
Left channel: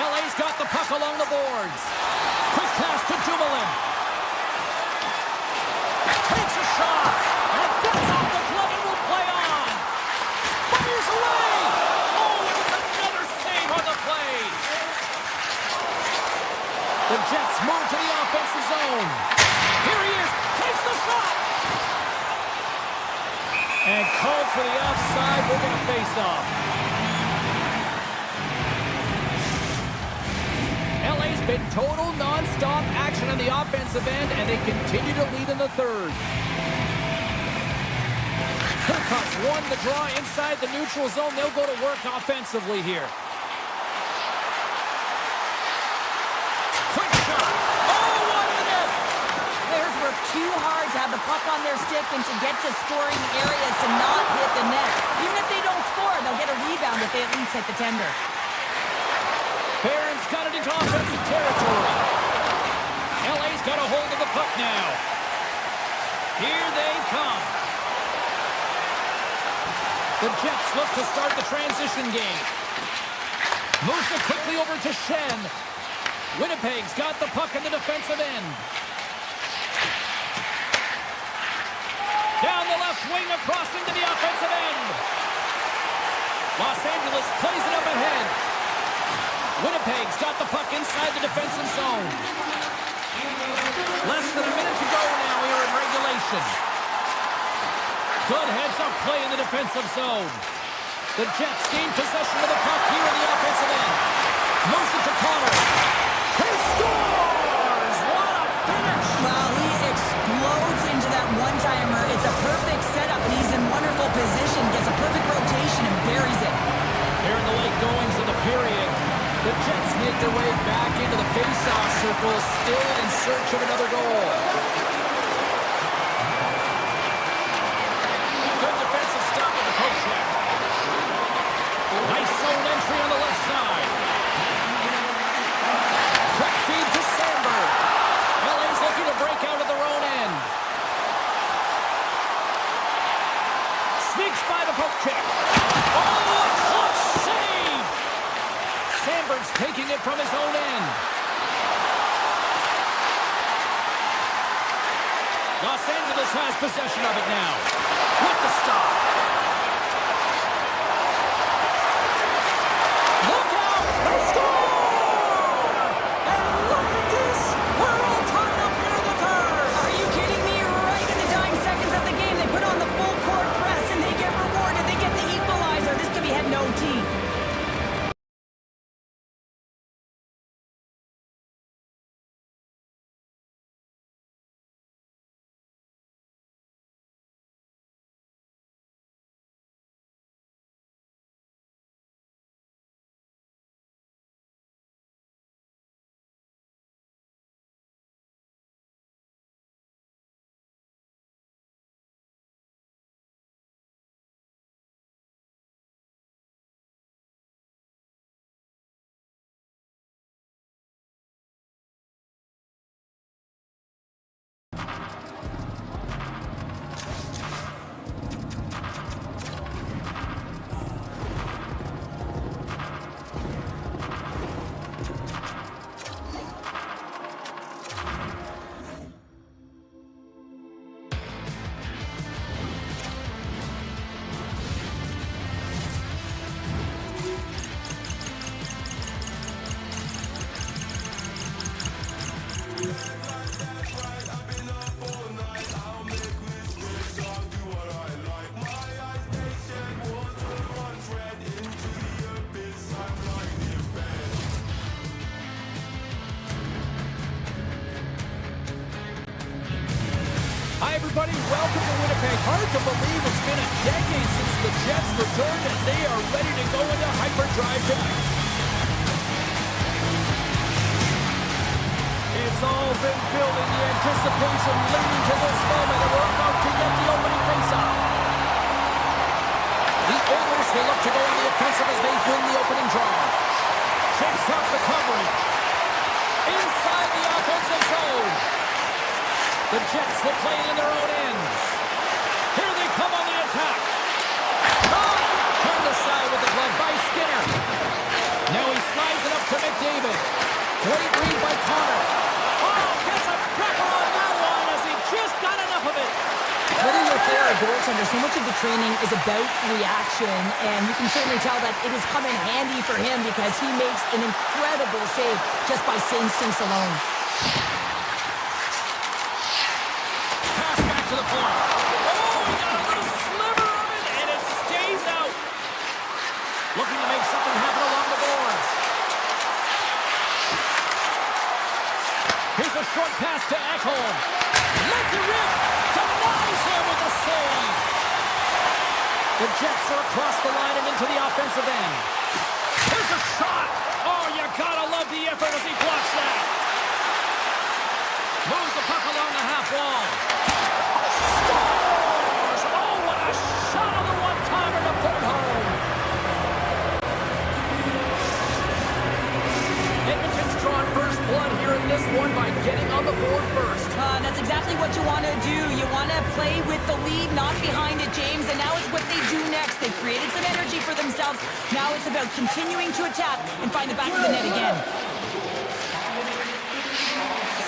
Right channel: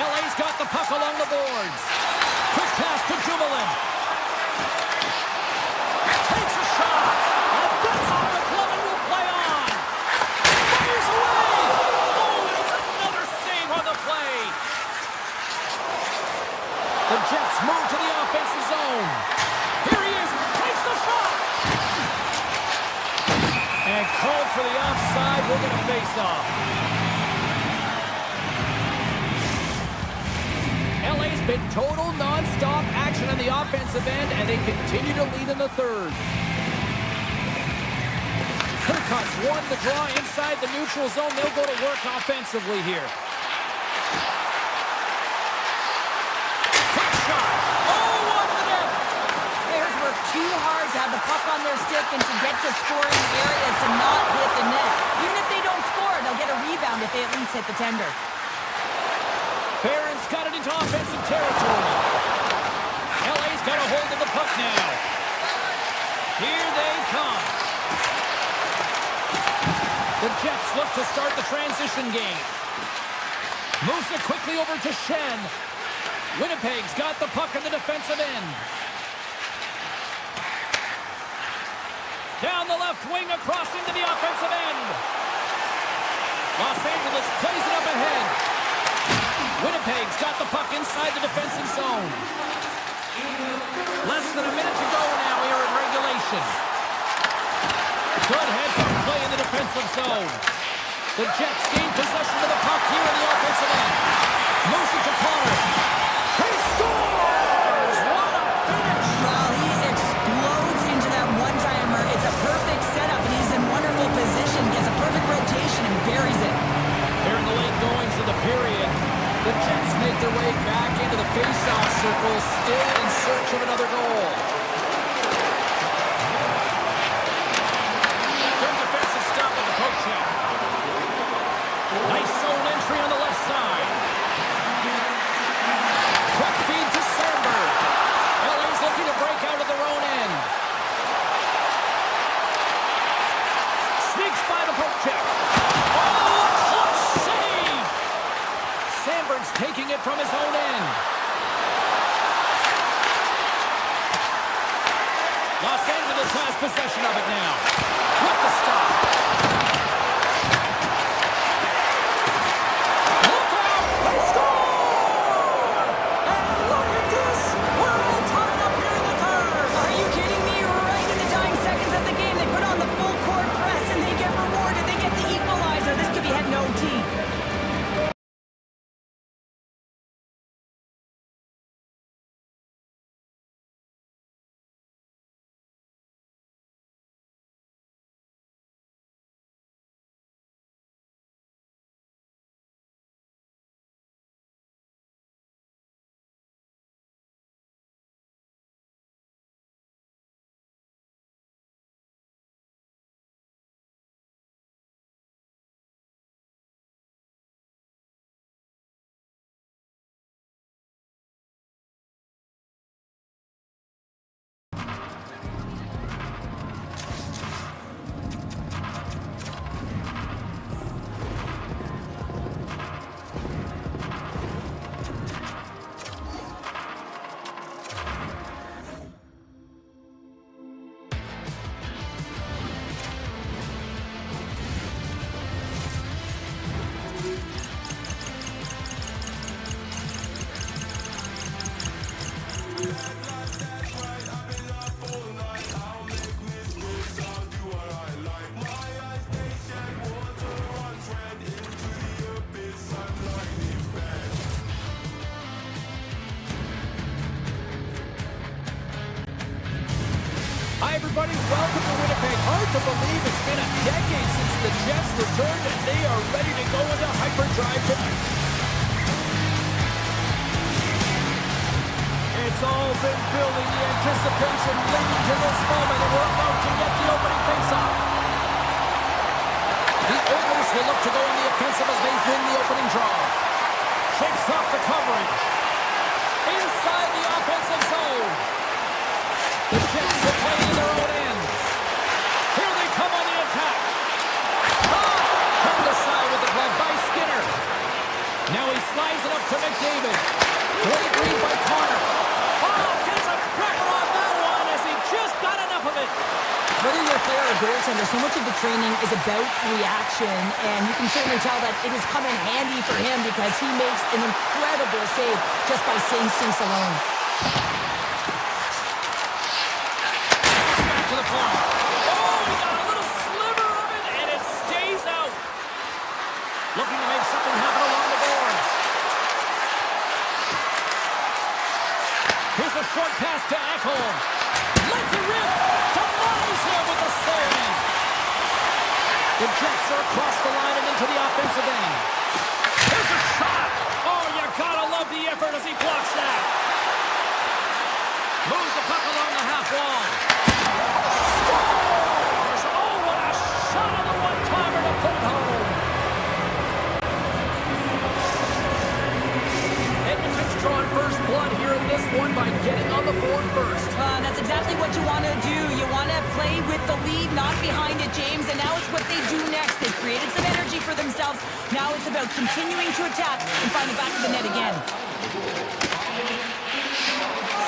LA's got the puck along the boards. Quick pass to Dumoulin. Takes a shot, and that's off the glove and will play on. Fires away. Oh, and it's another save on the play. The Jets move to the offensive zone. Here he is, takes the shot. And called for the offside. We're going to face off. LA's been total non-stop action on the offensive end, and they continue to lead in the third. Hurcott's won the draw inside the neutral zone. They'll go to work offensively here. Quick shot. Oh, one in the net. Players work too hard to have the puck on their stick and to get to scoring areas to not hit the net. Even if they don't score, they'll get a rebound if they at least hit the tender. Barron's got it into offensive territory. LA's got a hold of the puck now. Here they come. The Jets look to start the transition game. Moves it quickly over to Shen. Winnipeg's got the puck in the defensive end. Down the left wing, across into the offensive end. Los Angeles plays it up ahead. Winnipeg's got the puck inside the defensive zone. Less than a minute to go now here in regulation. Good heads-up play in the defensive zone. The Jets gain possession of the puck here in the offensive end. Moves it to Connor. He scores! What a finish! Well, he explodes into that one-timer. It's a perfect setup, and he's in wonderful position. Gets a perfect rotation and buries it. Here in the late goings of the period, the Jets make their way back into the face-off circle, still in search of another goal. Good defensive stop with the poke check. Nice zone entry on the left side. Quick feed to Sandberg. LA's looking to break out of their own end. Sneaks by the poke check. Oh, a clutch save! Sandberg's taking it from his own end. Los Angeles has possession of it now. With the stop. Hi, everybody. Welcome to Winnipeg. Hard to believe it's been a decade since the Jets returned, and they are ready to go into hyperdrive tonight. It's all been building, the anticipation leading to this moment, and we're about to get the opening faceoff. The Oilers will look to go on the offensive as they win the opening draw. Shakes off the coverage. Inside the offensive zone. The Jets will play in their own end. Here they come on the attack. Turned aside with the glove by Skinner. Now he slides it up to McDavid. Great read by Connor. Oh, gets a cracker on that one as he just got enough of it. Whether you're a player or a goaltender, so much of the training is about reaction, and you can certainly tell that it has come in handy for him because he makes an incredible save just by instincts alone. Pass back to the point. Oh, he got a little sliver of it, and it stays out. Looking to make something happen along the boards. Here's a short pass to Ekholm. Lets it rip. Denies him with the save. The Jets are across the line and into the offensive end. Here's a shot. Oh, you gotta love the effort as he blocks that. Moves the puck along the half wall. Scores! Oh, what a shot on the one-timer to put it home. Edmonton's drawn first blood here in this one by getting on the board first. That's exactly what you want to do. You want to play with the lead, not behind it, James. And now it's what they do next. They've created some energy for themselves. Now it's about continuing to attack and find the back of the net again.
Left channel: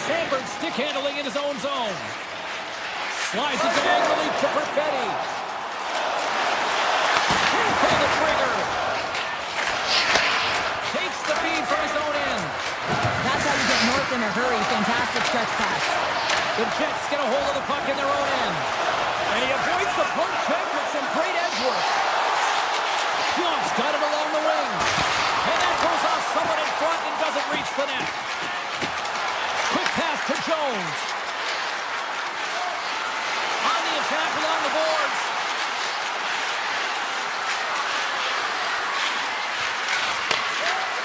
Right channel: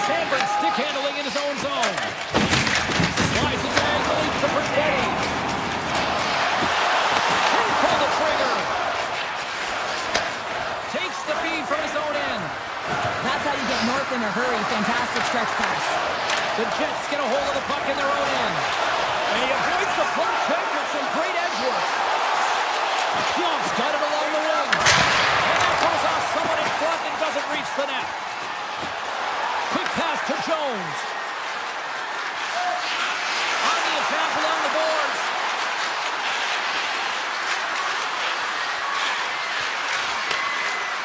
Sandberg stick handling in his own zone. Slides it diagonally to Perfetti. Can't pull the trigger. Takes the feed from his own end. That's how you get north in a hurry. Fantastic stretch pass. The Jets get a hold of the puck in their own end. And he avoids the puck check with some great edge work. Pionk's got it along the wing. And that goes off someone in front and doesn't reach the net. Quick pass to Jones. On the attack along the boards.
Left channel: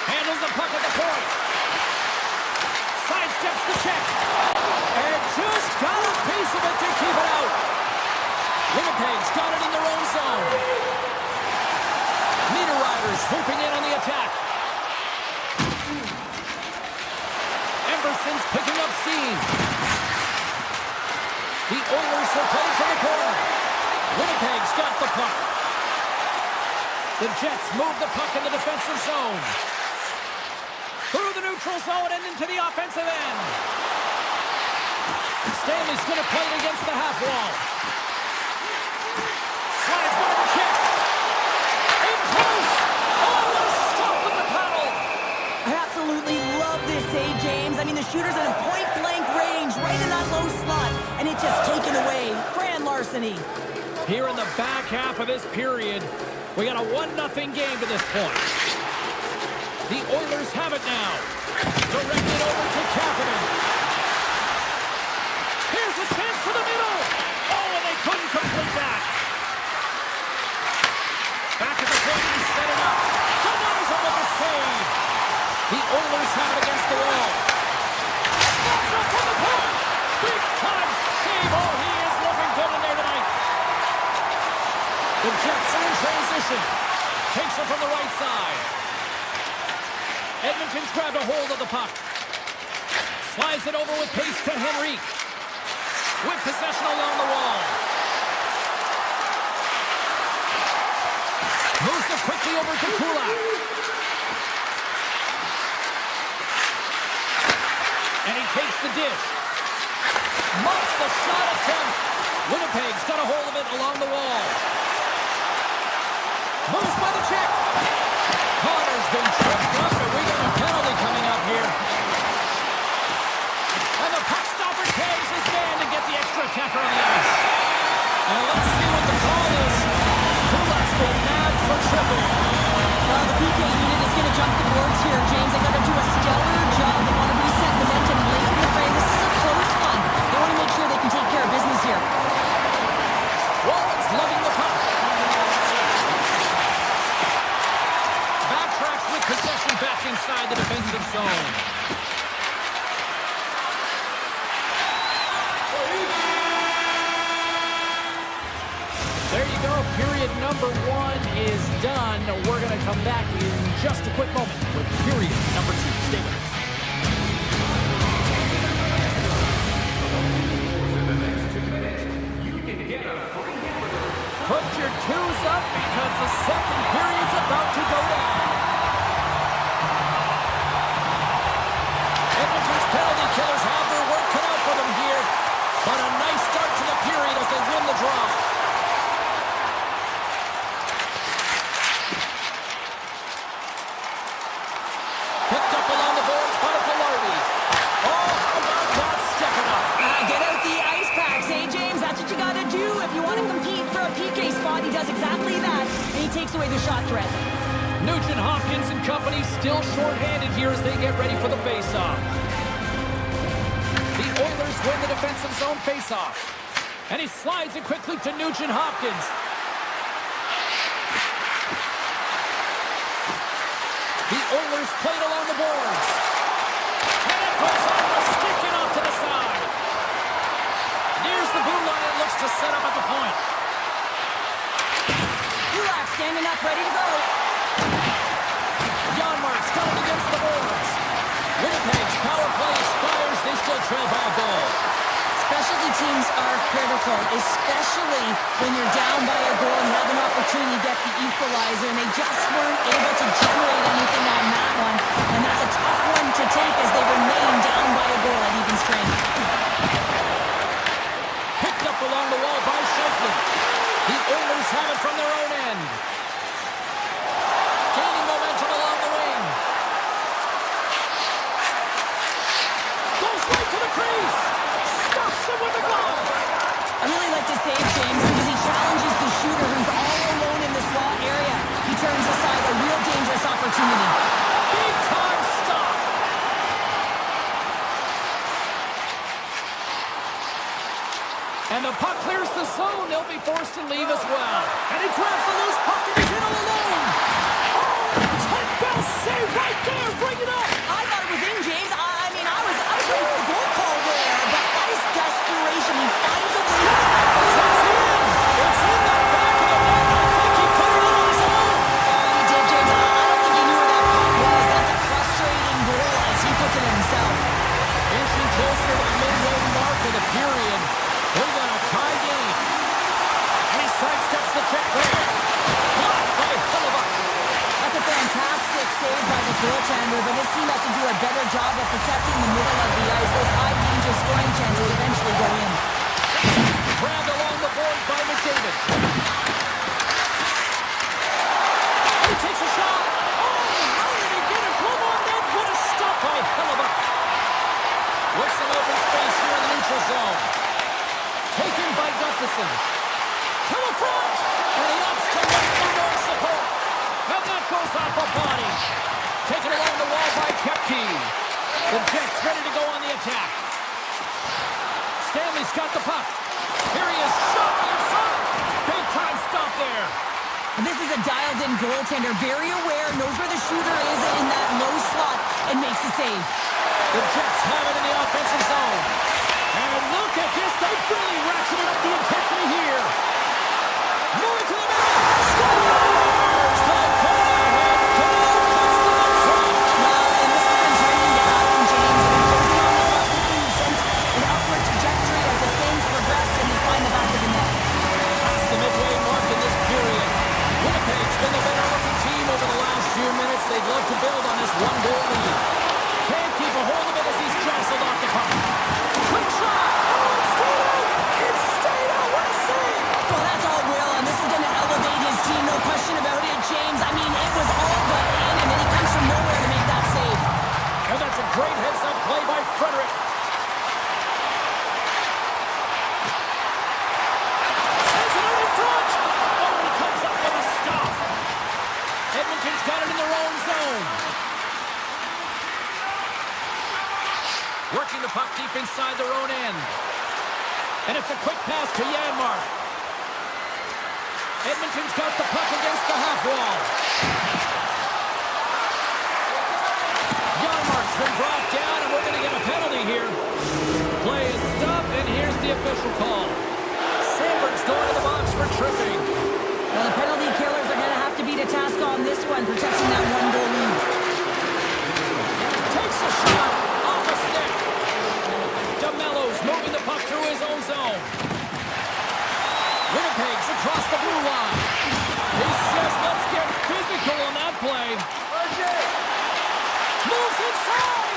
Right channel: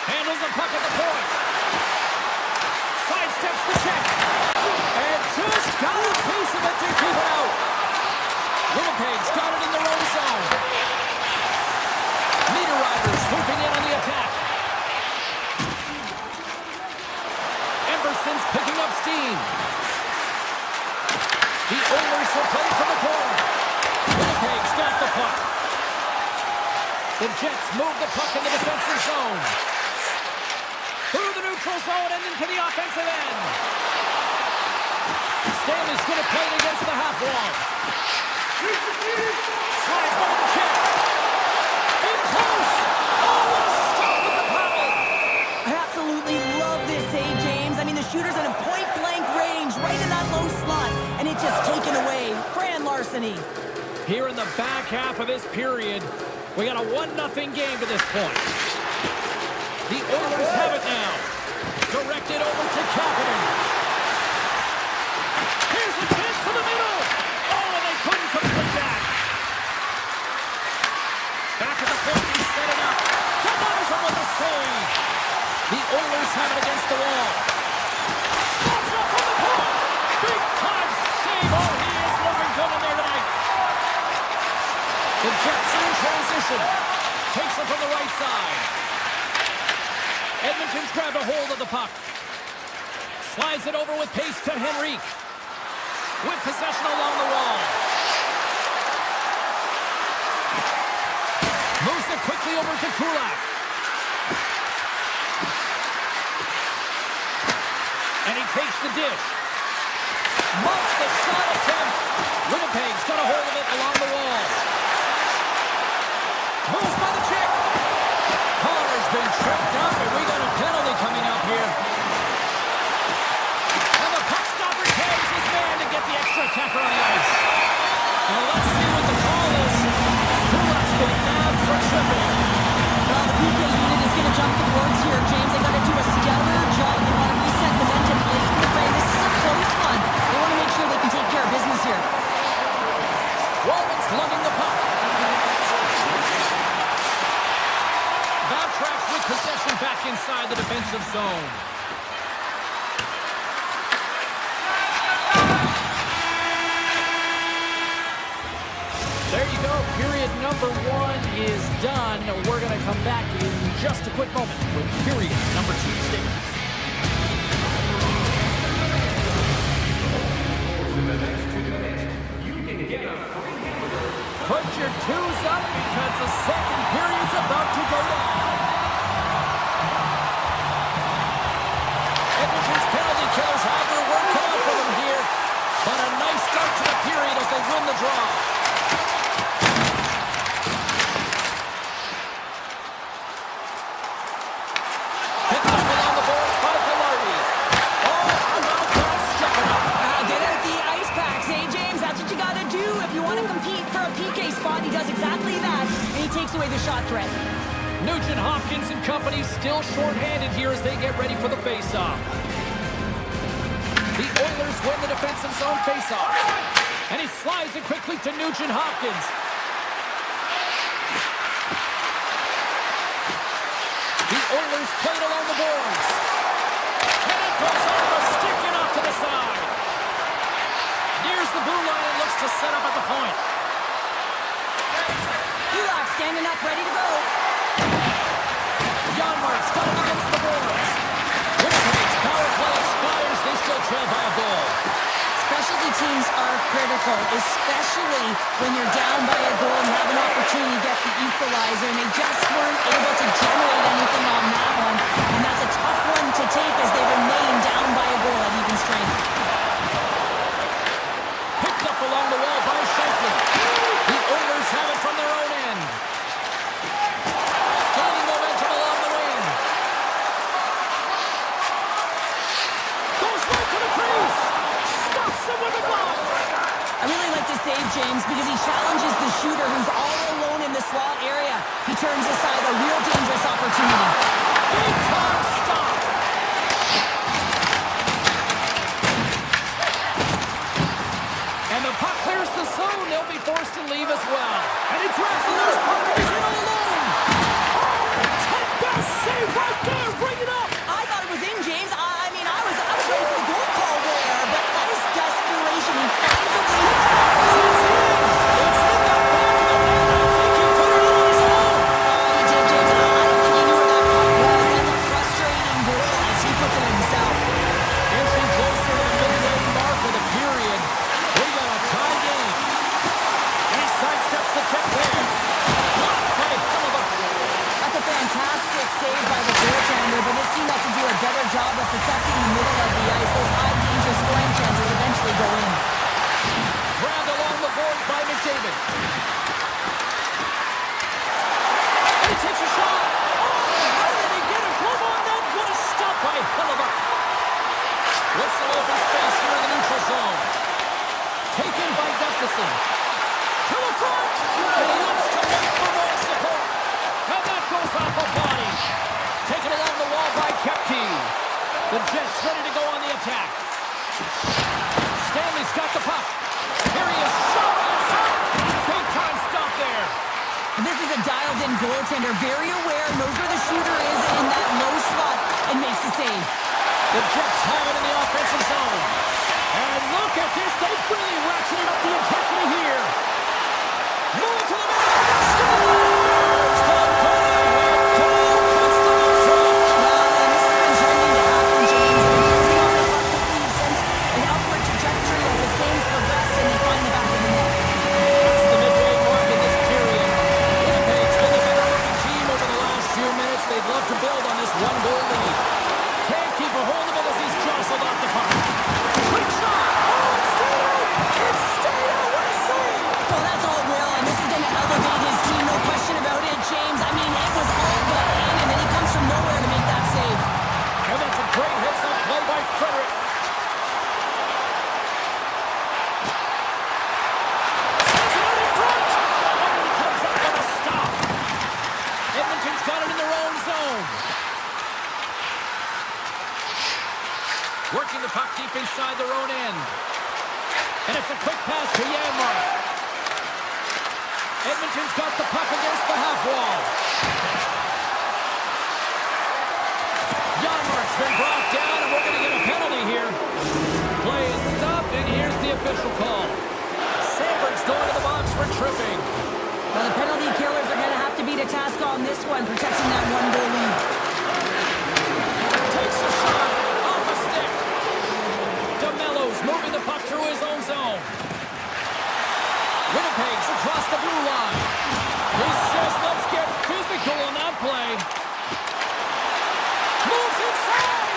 Handles the puck at the point. Sidesteps the check. And just got a piece of it to keep it out. Winnipeg's got it in their own zone. Meter Riders swooping in on the attack. Emberson's picking up steam. The Oilers will play from the corner. Winnipeg's got the puck. The Jets move the puck in the defensive zone. Through the neutral zone and into the offensive end. Stanley's going to play it against the half wall. Slides by the check. In close. Oh, what a stop with the paddle. I absolutely love this save, James. I mean, the shooter's in a point-blank range right in that low slot, and it's just taken away. Grand larceny. Here in the back half of this period, we got a 1-0 game to this point. The Oilers have it now. Directed over to Kapanen. Here's a chance to the middle. Oh, and they couldn't complete that. Back at the point, he set it up. Denies him with a save. The Oilers have it against the wall. Slots it up from the point. Big time save. Oh, he is looking good in there tonight. The Jets are in transition. Takes it from the right side. Edmonton's grabbed a hold of the puck. Slides it over with pace to Henrique. With possession along the wall. Moves it quickly over to Kulak. And he takes the dish. Muffs the shot attempt. Winnipeg's got a hold of it along the wall. Moves by the check. Connor's been tripped up, and we got a penalty coming up here. And the puck stopper tags his man to get the extra attacker on the ice. And let's see what the call is. Kulak's been nabbed for tripping. Well, the PK unit is going to jump the boards here, James. They got to do a stellar job. They want to reset momentum late in the frame. This is a close one. They want to make sure they can take care of business here. inside the defensive zone. There you go. Period number 1 is done. We're going to come back in just a quick moment with period number 2. Stay with us. Put your twos up because the second period's about to go down. Edmonton's penalty killers have their work cut out for them here, but a nice start to the period as they win the draw. Picked up along the boards by Velarde. Oh, how about that stepping up? Get out the ice packs, eh, James? That's what you got to do if you want to compete for a PK spot. He does exactly that, and he takes away the shot threat. Nugent Hopkins and company still shorthanded here as they get ready for the faceoff. The Oilers win the defensive zone faceoff. And he slides it quickly to Nugent Hopkins. The Oilers played along the boards. And it goes off a stick and off to the side. Nears the blue line and looks to set up at the point. Kulak standing up, ready to go. Janmark's got it against the boards. Winnipeg's power play expires. They still trail by a goal. Specialty teams are critical, especially when you're down by a goal and you have an opportunity to get the equalizer, and they just weren't able to generate anything on that one. And that's a tough one to take as they remain down by a goal at even strength. Picked up along the wall by Scheifele. The Oilers have it from their own end. Gaining momentum along the wing. Goes right to the crease. Stops him with a glove. I really like this save, James, because he challenges the shooter who's all alone in the slot area. He turns aside a real dangerous opportunity. Big time stop. And the puck clears the zone. They'll be forced to leave as well. And he grabs the loose puck and he's in all alone. Oh, Ted Bell save right there. Bring it up. I thought it was in, James. I mean, I was ready for the goal call there, but that is desperation. He finds a way to It's in. It's in the back of the net. I think he put it in on his own. He did, James. I don't think he knew where that puck was. That's a frustrating goal as he puts it in himself. Inching closer to the midway mark of the period. We got a tie game. And he sidesteps the check there. Blocked by Hellebuck. That's a fantastic save by the goaltender, but this team has to do a better job of protecting the middle of the ice. Those high-danger scoring chances eventually go in. Grabbed along the boards by McDavid. And he takes a shot. Oh, how did he get a glove on that? What a stop by Hellebuck. With some open space here in the neutral zone. Taken by Gustafsson. To the front. And he opts to wait for more support. And that goes off a body. Taken along the wall by Kepke. The Jets ready to go on the attack. Stanley's got the puck. Here he is, shot right in front. Big time stop there. And this is a dialed-in goaltender, very aware, knows where the shooter is in that low slot, and makes the save. The Jets have it in the offensive zone. And look at this. They've really ratcheted up the intensity here. Moving to the middle. Scores! The go-ahead goal puts them in front. Well, and this has been trending to happen, James. They've been closing on the puck quickly. You've sensed an upward trajectory as this game's progressed, and they find the back of the net. That's the midway mark in this period. Winnipeg's been the better looking team over the last few minutes. They'd love to build on this one-goal lead. Can't keep a hold of it as he's jostled off the puck. Quick shot! Oh, it stayed out! It stayed out! What a save! Well, that's all Will, and this is going to elevate his team, no question about it, James. I mean, it was all but in, and then he comes from nowhere to make that save. And that's a great heads-up play by Frederick. Sends it out in front! Oh, he comes up with a stop. Edmonton's got it in their own zone. Working the puck deep inside their own end. And it's a quick pass to Janmark. Edmonton's got the puck against the half wall. Yarmark's been brought down, and we're going to get a penalty here. Play is stopped, and here's the official call. Sandberg's going to the box for tripping. Well, the penalty killers are going to have to be to task on this one, protecting that one-goal lead. Takes a shot off a stick. DeMello's moving the puck through his own zone. Winnipeg's across the blue line. He says, let's get physical on that play. Moves inside,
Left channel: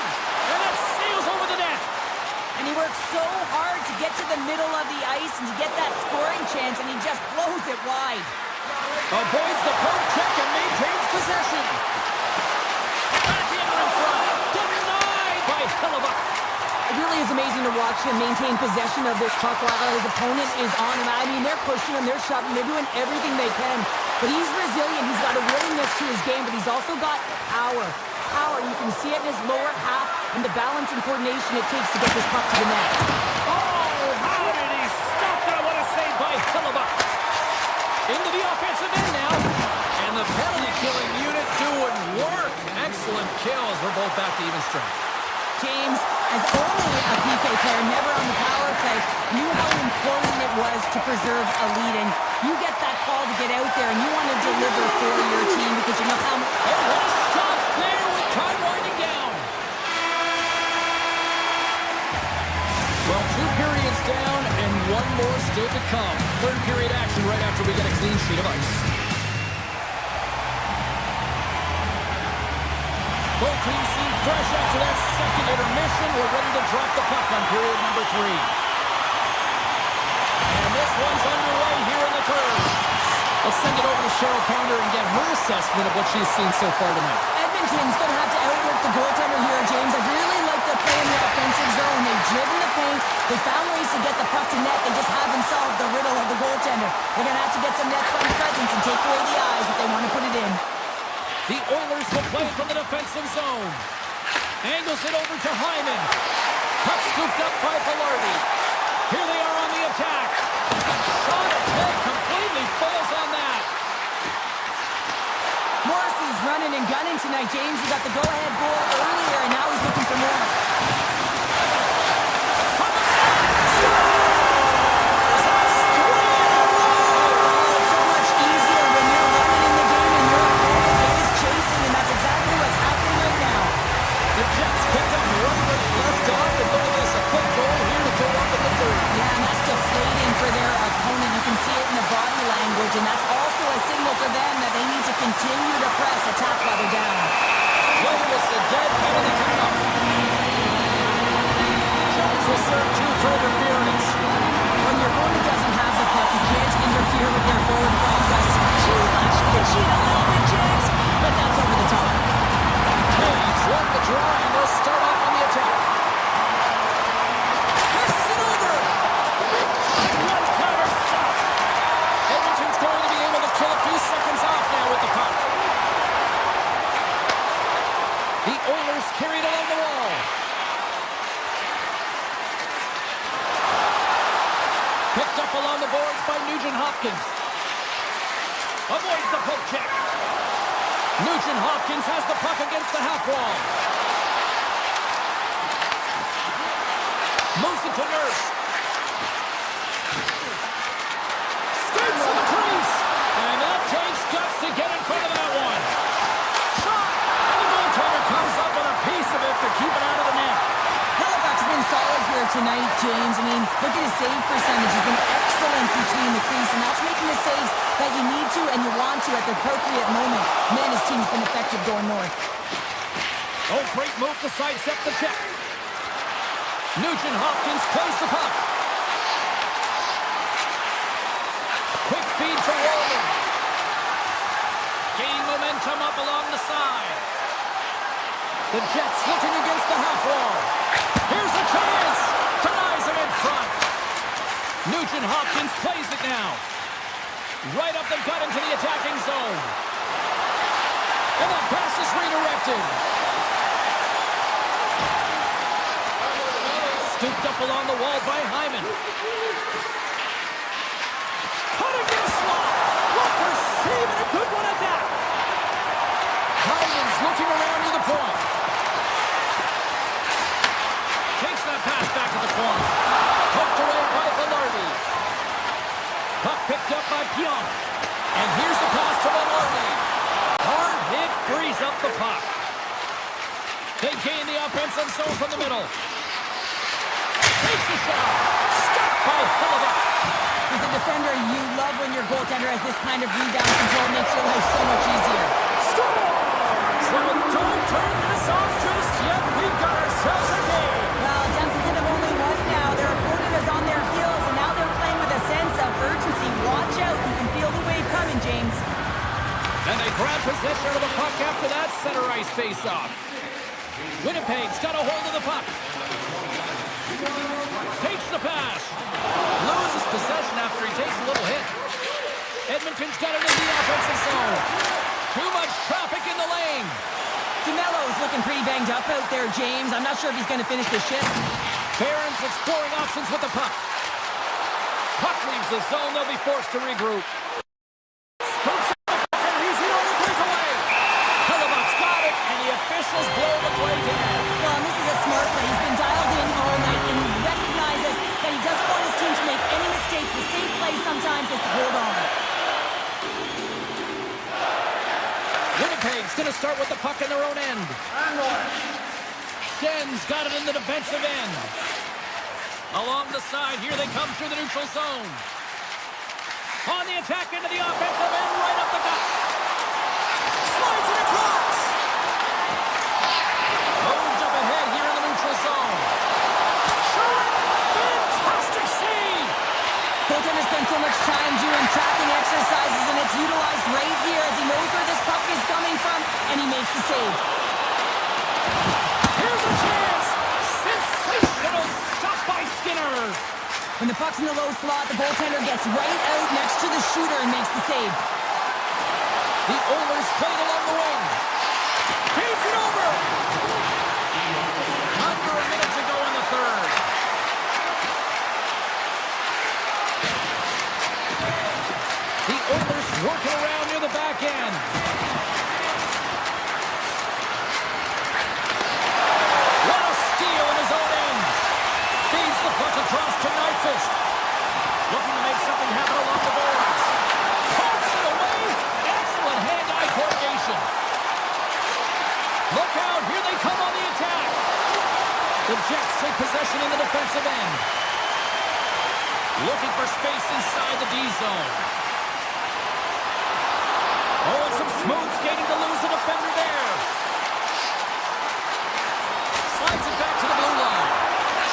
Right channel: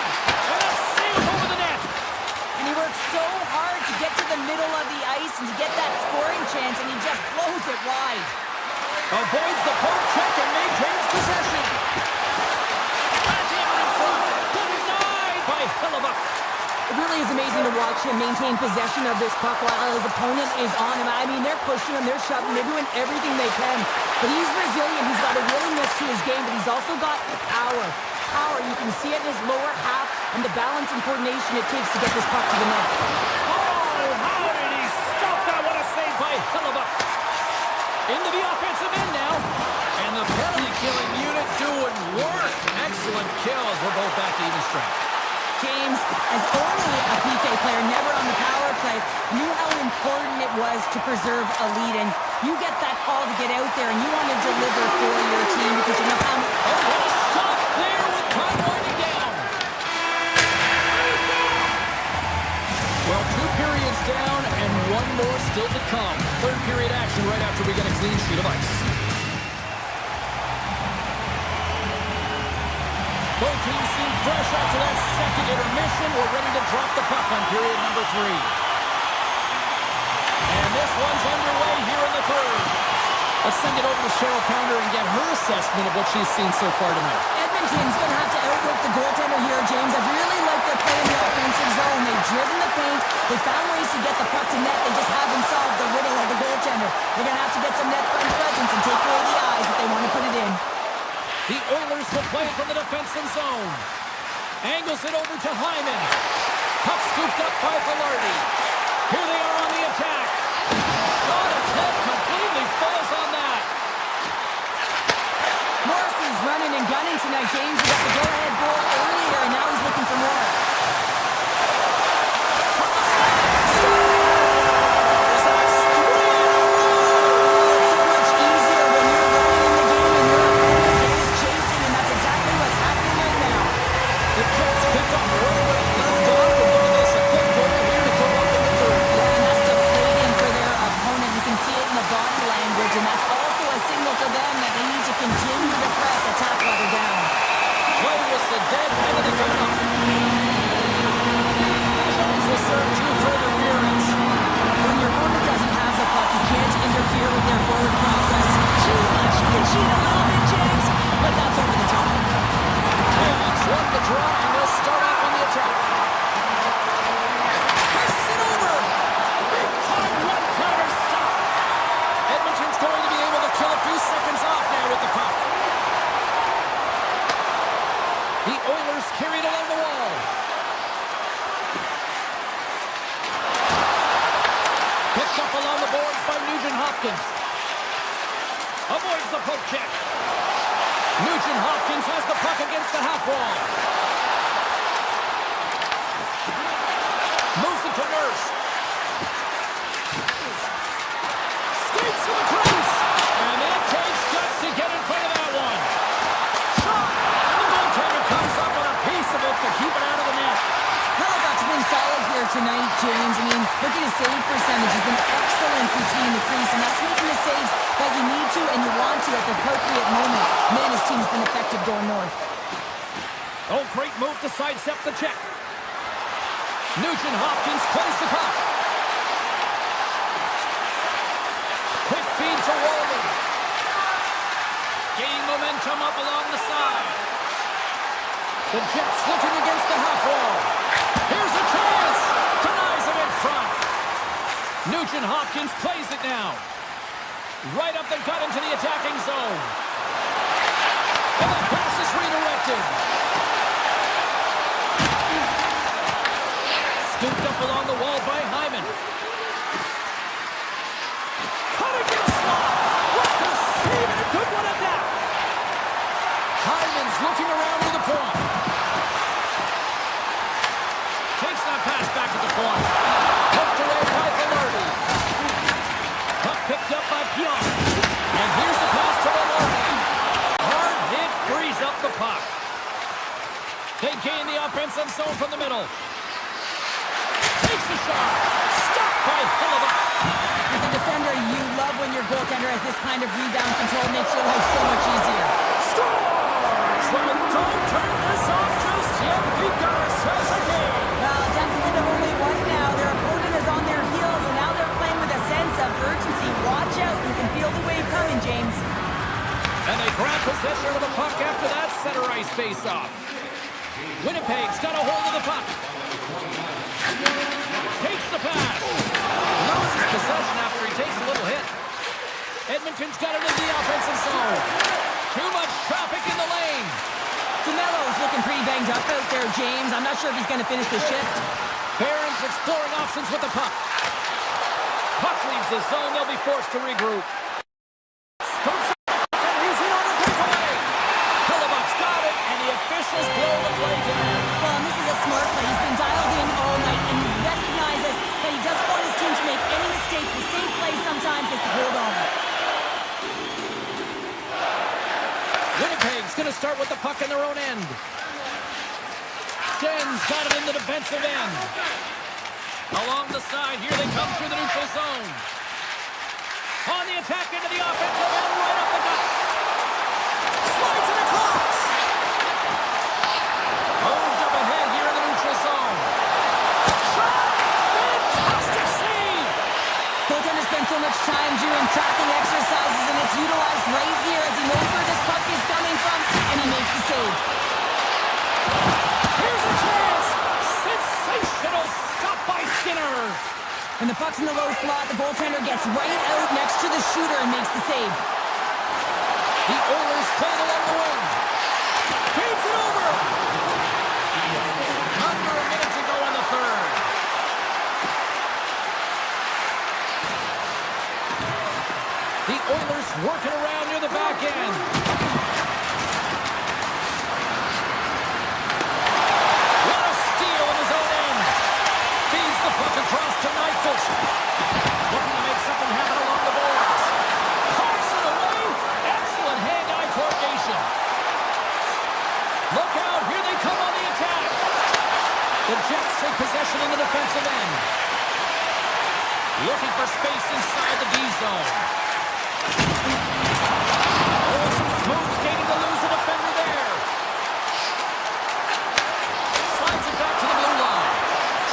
and it sails over the net. And he works so hard to get to the middle of the ice and to get that scoring chance, and he just blows it wide. Avoids the poke check and maintains possession. Backhander in front. Denied by Hellebuck. It really is amazing to watch him maintain possession of this puck while his opponent is on him. I mean, they're pushing him, they're shoving, they're doing everything they can. But he's resilient. He's got a willingness to his game, but he's also got power. You can see it in his lower half and the balance and coordination it takes to get this puck to the net. Oh, how did he stop that? What a save by Hellebuck. Into the offensive end now. And the penalty-killing unit doing work. Excellent kills. We're both back to even strength. James, as only a PK player, never on the power play, knew how important it was to preserve a lead. And you get that call to get out there, and you want to deliver for your team because you know how... Oh, what a stop there with time winding down. Well, 2 periods down and 1 more still to come. Third period action right after we get a clean sheet of ice. Both teams seem fresh after that second intermission. We're ready to drop the puck on period number 3. And this one's underway here in the third. Let's send it over to Cheryl Pounder and get her assessment of what she's seen so far tonight. Edmonton's going to have to outwork the goaltender here, James. I really like their play in the offensive zone. They've driven the paint. They found ways to get the puck to net. They just haven't solved the riddle of the goaltender. They're going to have to get some net front presence and take away the eyes if they want to put it in. The Oilers will play from the defensive zone. Angles it over to Hyman. Puck scooped up by Velarde. Here they are on the attack. Shot attempt completely fails on that. Morrissey's running and gunning tonight, James. He got the go-ahead goal earlier, and now he's looking for more. From the side. Scores! That's 3 in a row! It's so much easier when you're running in the game and your opponent is chasing, and that's exactly what's happening right now. The Jets picked up right where they left off, and look at this, a quick goal here to go up in the third. Yeah, and that's deflating for their opponent. You can see it in the body language, and that's also a signal to them that they need to continue to press, attack while they're down. Play whistle, dead penalty coming up. Jones will serve 2 for interference. When your opponent doesn't have the puck, you can't interfere with their forward progress too much. You can cheat a little bit, James, but that's over the top. Taves won the draw, and they'll start off on the attack. Passes it over. Big time one-timer stop. Edmonton's going to be able to kill a few seconds off now with the puck. The Oilers carry it along the wall. Picked up along the boards by Nugent-Hopkins. Avoids the poke check. Nugent-Hopkins has the puck against the half wall. Moves it to Nurse. Skates to the crease. And that takes guts to get in front of that one. Shot. And the goaltender comes up with a piece of it to keep it out of the net. Hellebuck's been solid here tonight, James. I mean, look at his save percentage. He's been excellent between the crease, and that's making the saves that you need to and you want to at the appropriate moment. Man, his team's been effective going north. Oh, great move to sidestep the check. Nugent-Hopkins plays the puck. Quick feed to Walden. Gaining momentum up along the side. The Jets looking against the half wall. Here's a chance. Denies him in front. Nugent-Hopkins plays it now. Right up the gut into the attacking zone. And that pass is redirected. Scooped up along the wall by Hyman. Cutting in a slot. Walker saving a good one at that. Hyman's looking around to the point. offensive zone from the middle. Takes the shot. Stopped by Hellebuyck. As a defender, you love when your goaltender has this kind of rebound control. Makes your life so much easier. Scores! Well, don't turn this off just yet. We've got ourselves a game. Well, deficit of only one now. Their opponent is on their heels, and now they're playing with a sense of urgency. Watch out. You can feel the wave coming, James. And they grab possession of the puck after that center ice face-off. Winnipeg's got a hold of the puck. Takes the pass. Loses possession after he takes a little hit. Edmonton's got it in the offensive zone. Too much traffic in the lane. DeMello's looking pretty banged up out there, James. I'm not sure if he's going to finish the shift. Barron's exploring options with the puck. Puck leaves the zone. They'll be forced to regroup. Scoops up the puck, and he's in on the breakaway. Hellebuyck's got it, and the officials blow the play dead. Well, and this is a smart play. He's been dialed in all night, and he recognizes that he doesn't want his team to make any mistakes. The safe play sometimes is to hold on. Winnipeg's going to start with the puck in their own end. Schen's got it in the defensive end. Along the side, here they come through the neutral zone. On the attack into the offensive end, right up the gut. Slides it across. Moved up ahead here in the neutral zone. Shot! Fantastic save! Goaltender spends so much time doing tracking exercises, and it's utilized right here as he knows where this puck is coming from, and he makes the save. Here's a chance! Sensational stop by Skinner! When the puck's in the low slot, the goaltender gets right out next to the shooter and makes the save. The Oilers play it along the wing. Feeds it over! Under a minute to go in the third. The Oilers working around near the back end. What a steal in his own end. Feeds the puck across to Nyquist. Looking to make something happen along the boards. Pumps it away. Excellent hand-eye coordination. Look out. Here they come on the attack. The Jets take possession in the defensive end. Looking for space inside the D zone. Oh, some smooth skating to lose the defender there. Slides it back to the blue line.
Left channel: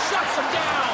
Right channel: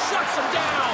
Shuts him down.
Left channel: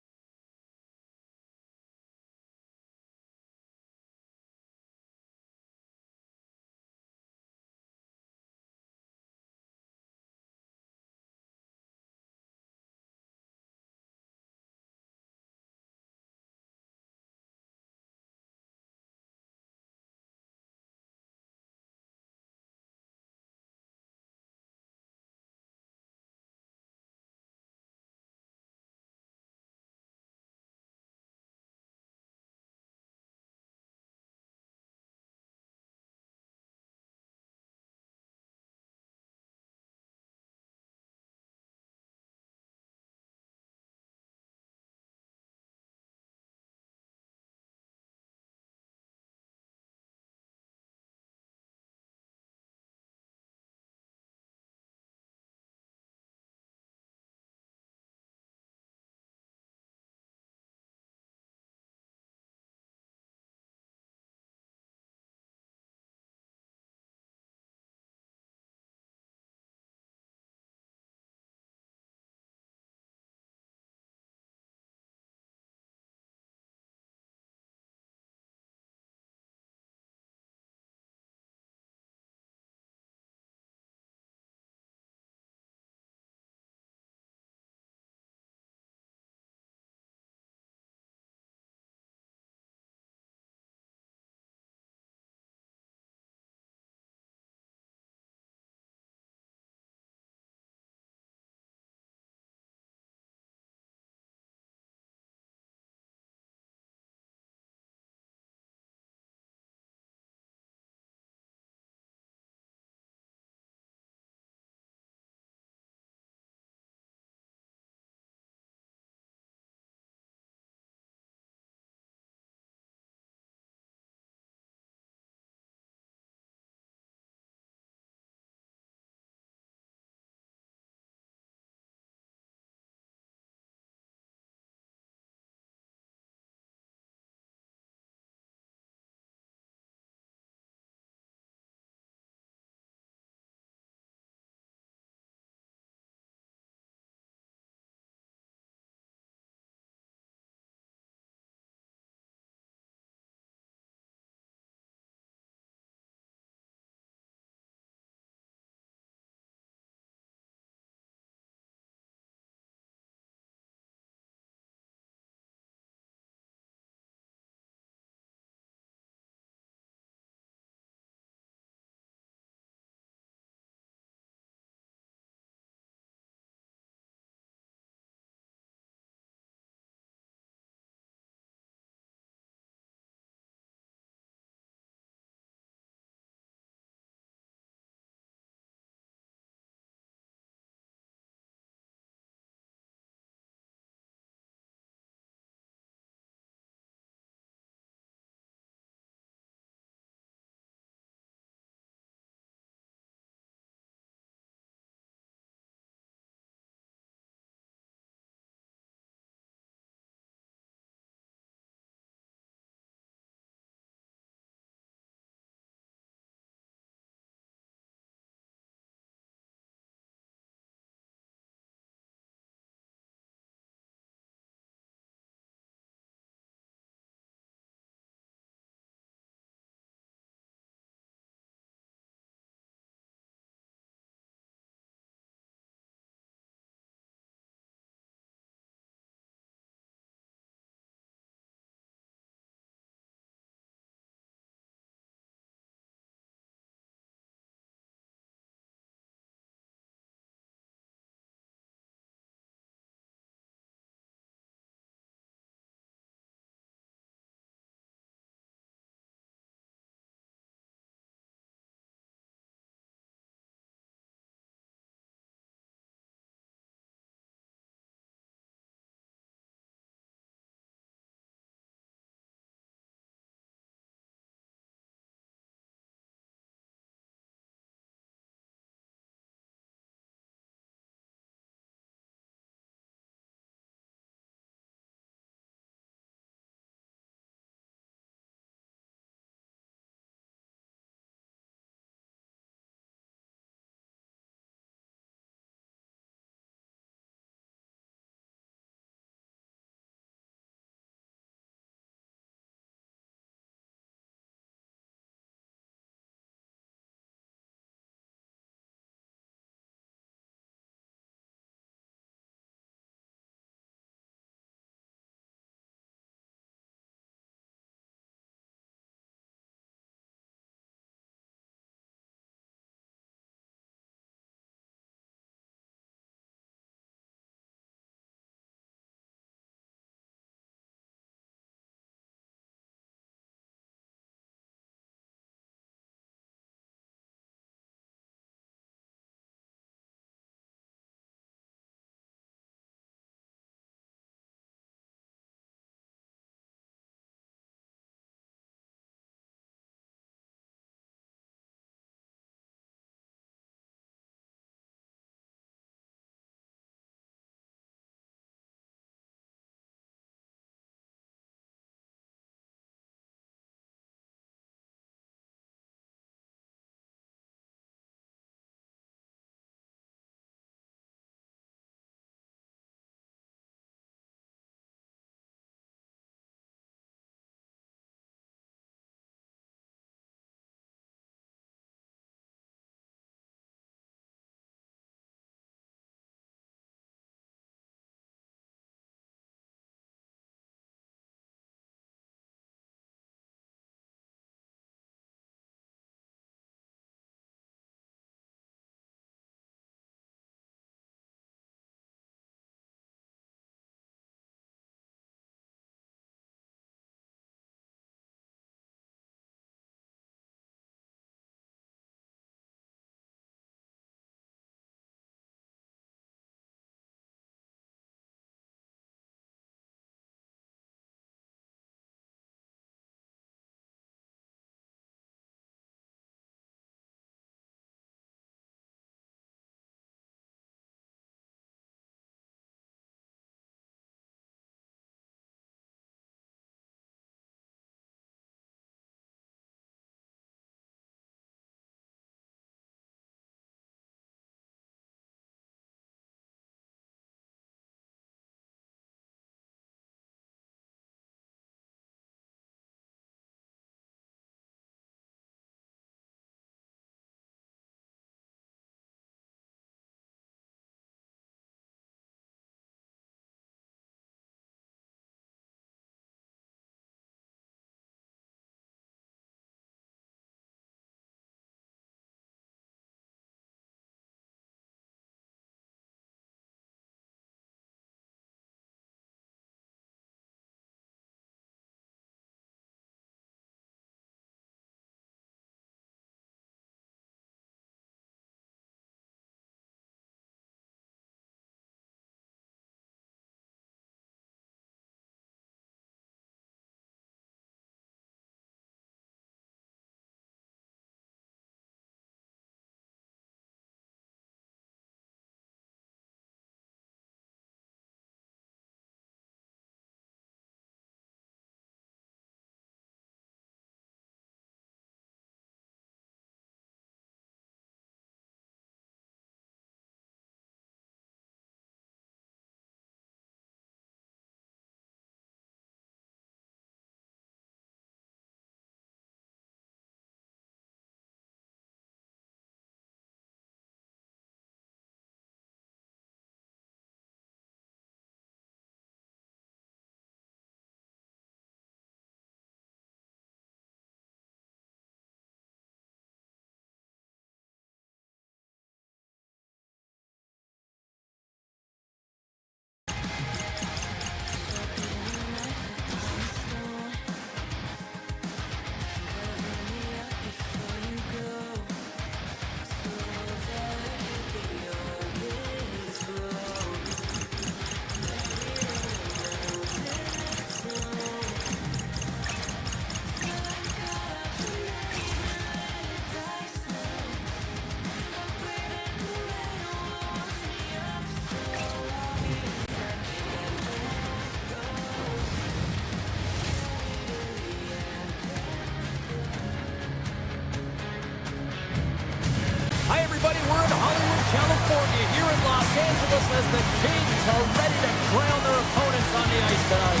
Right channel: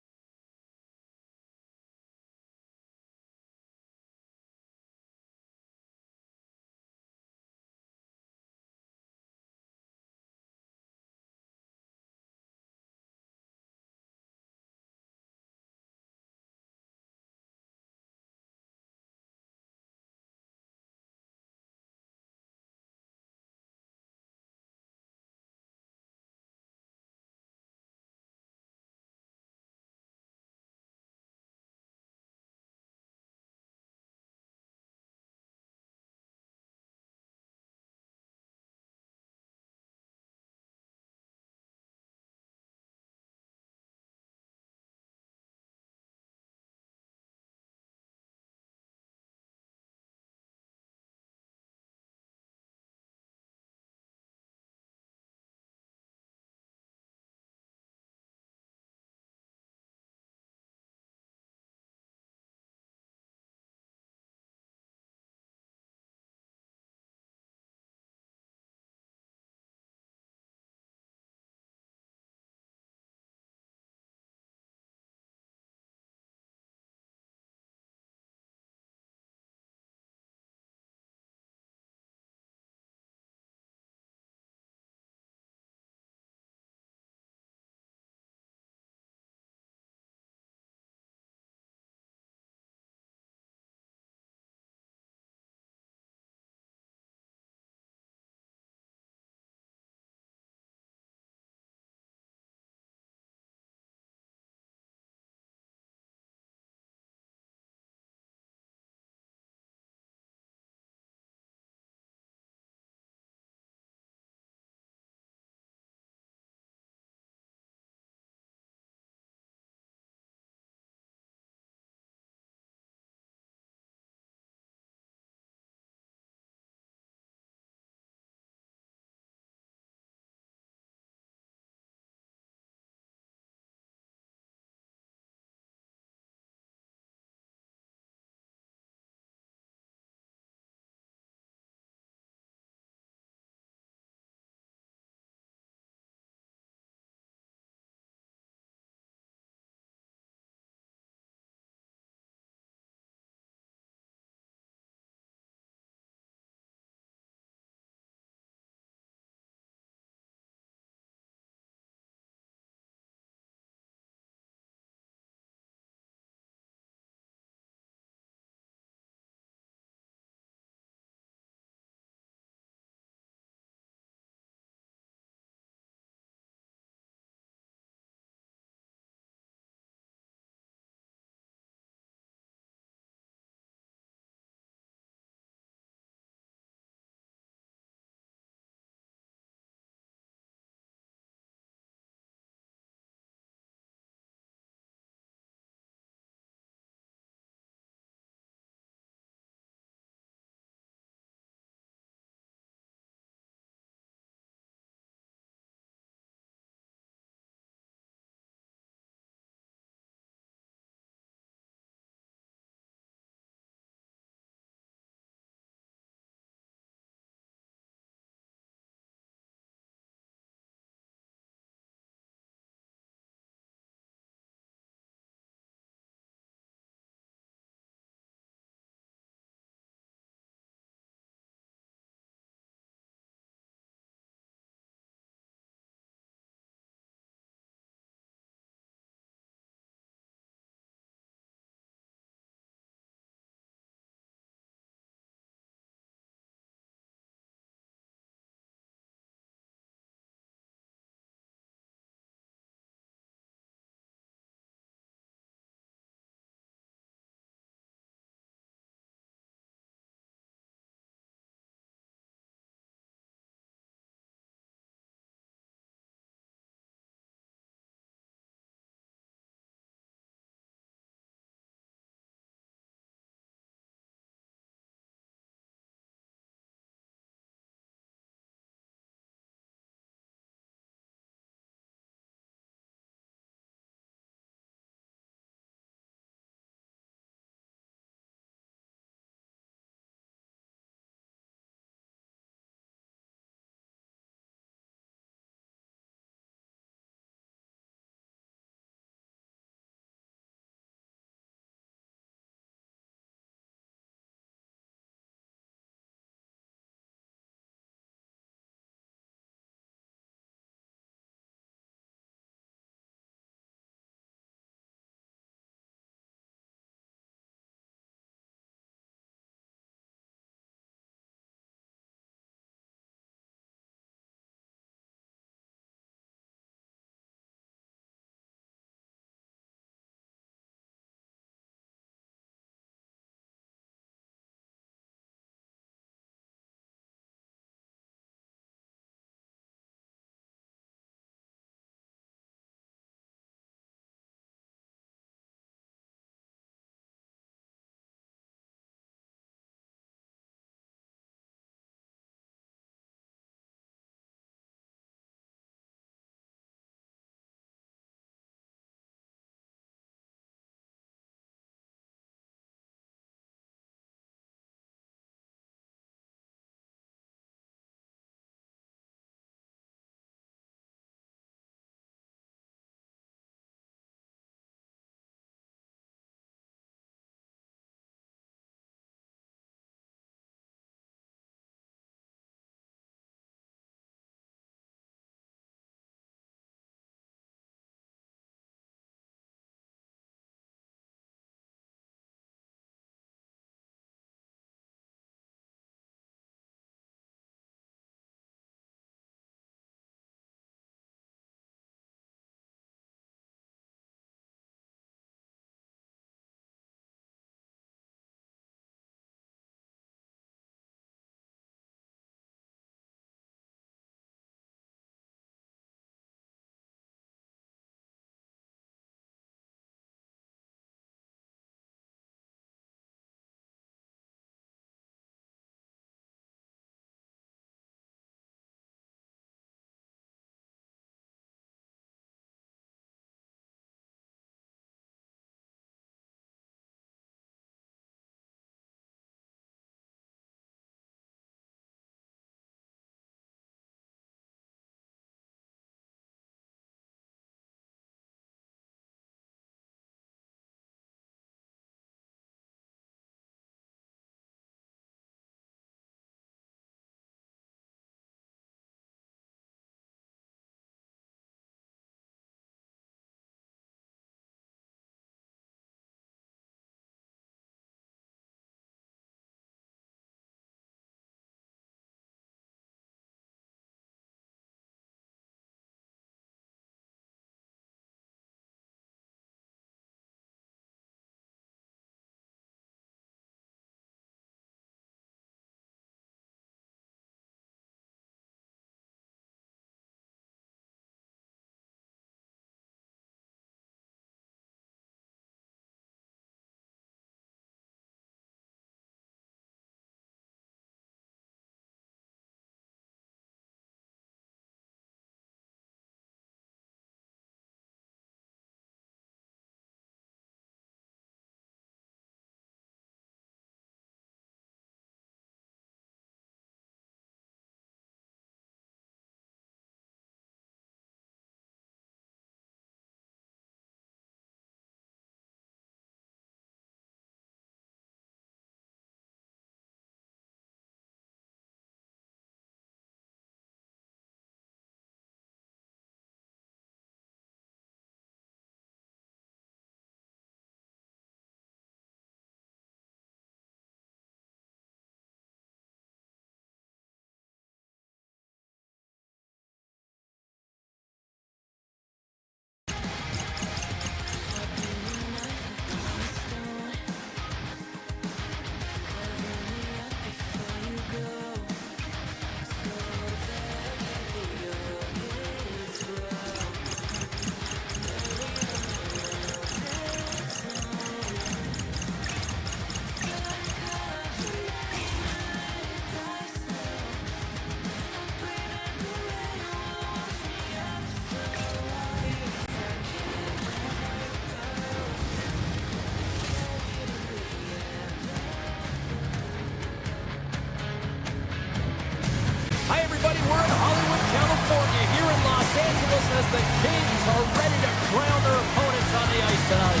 Hi, everybody. We're in Hollywood, California, here in Los Angeles as the Kings are ready to crown their opponents on the ice tonight.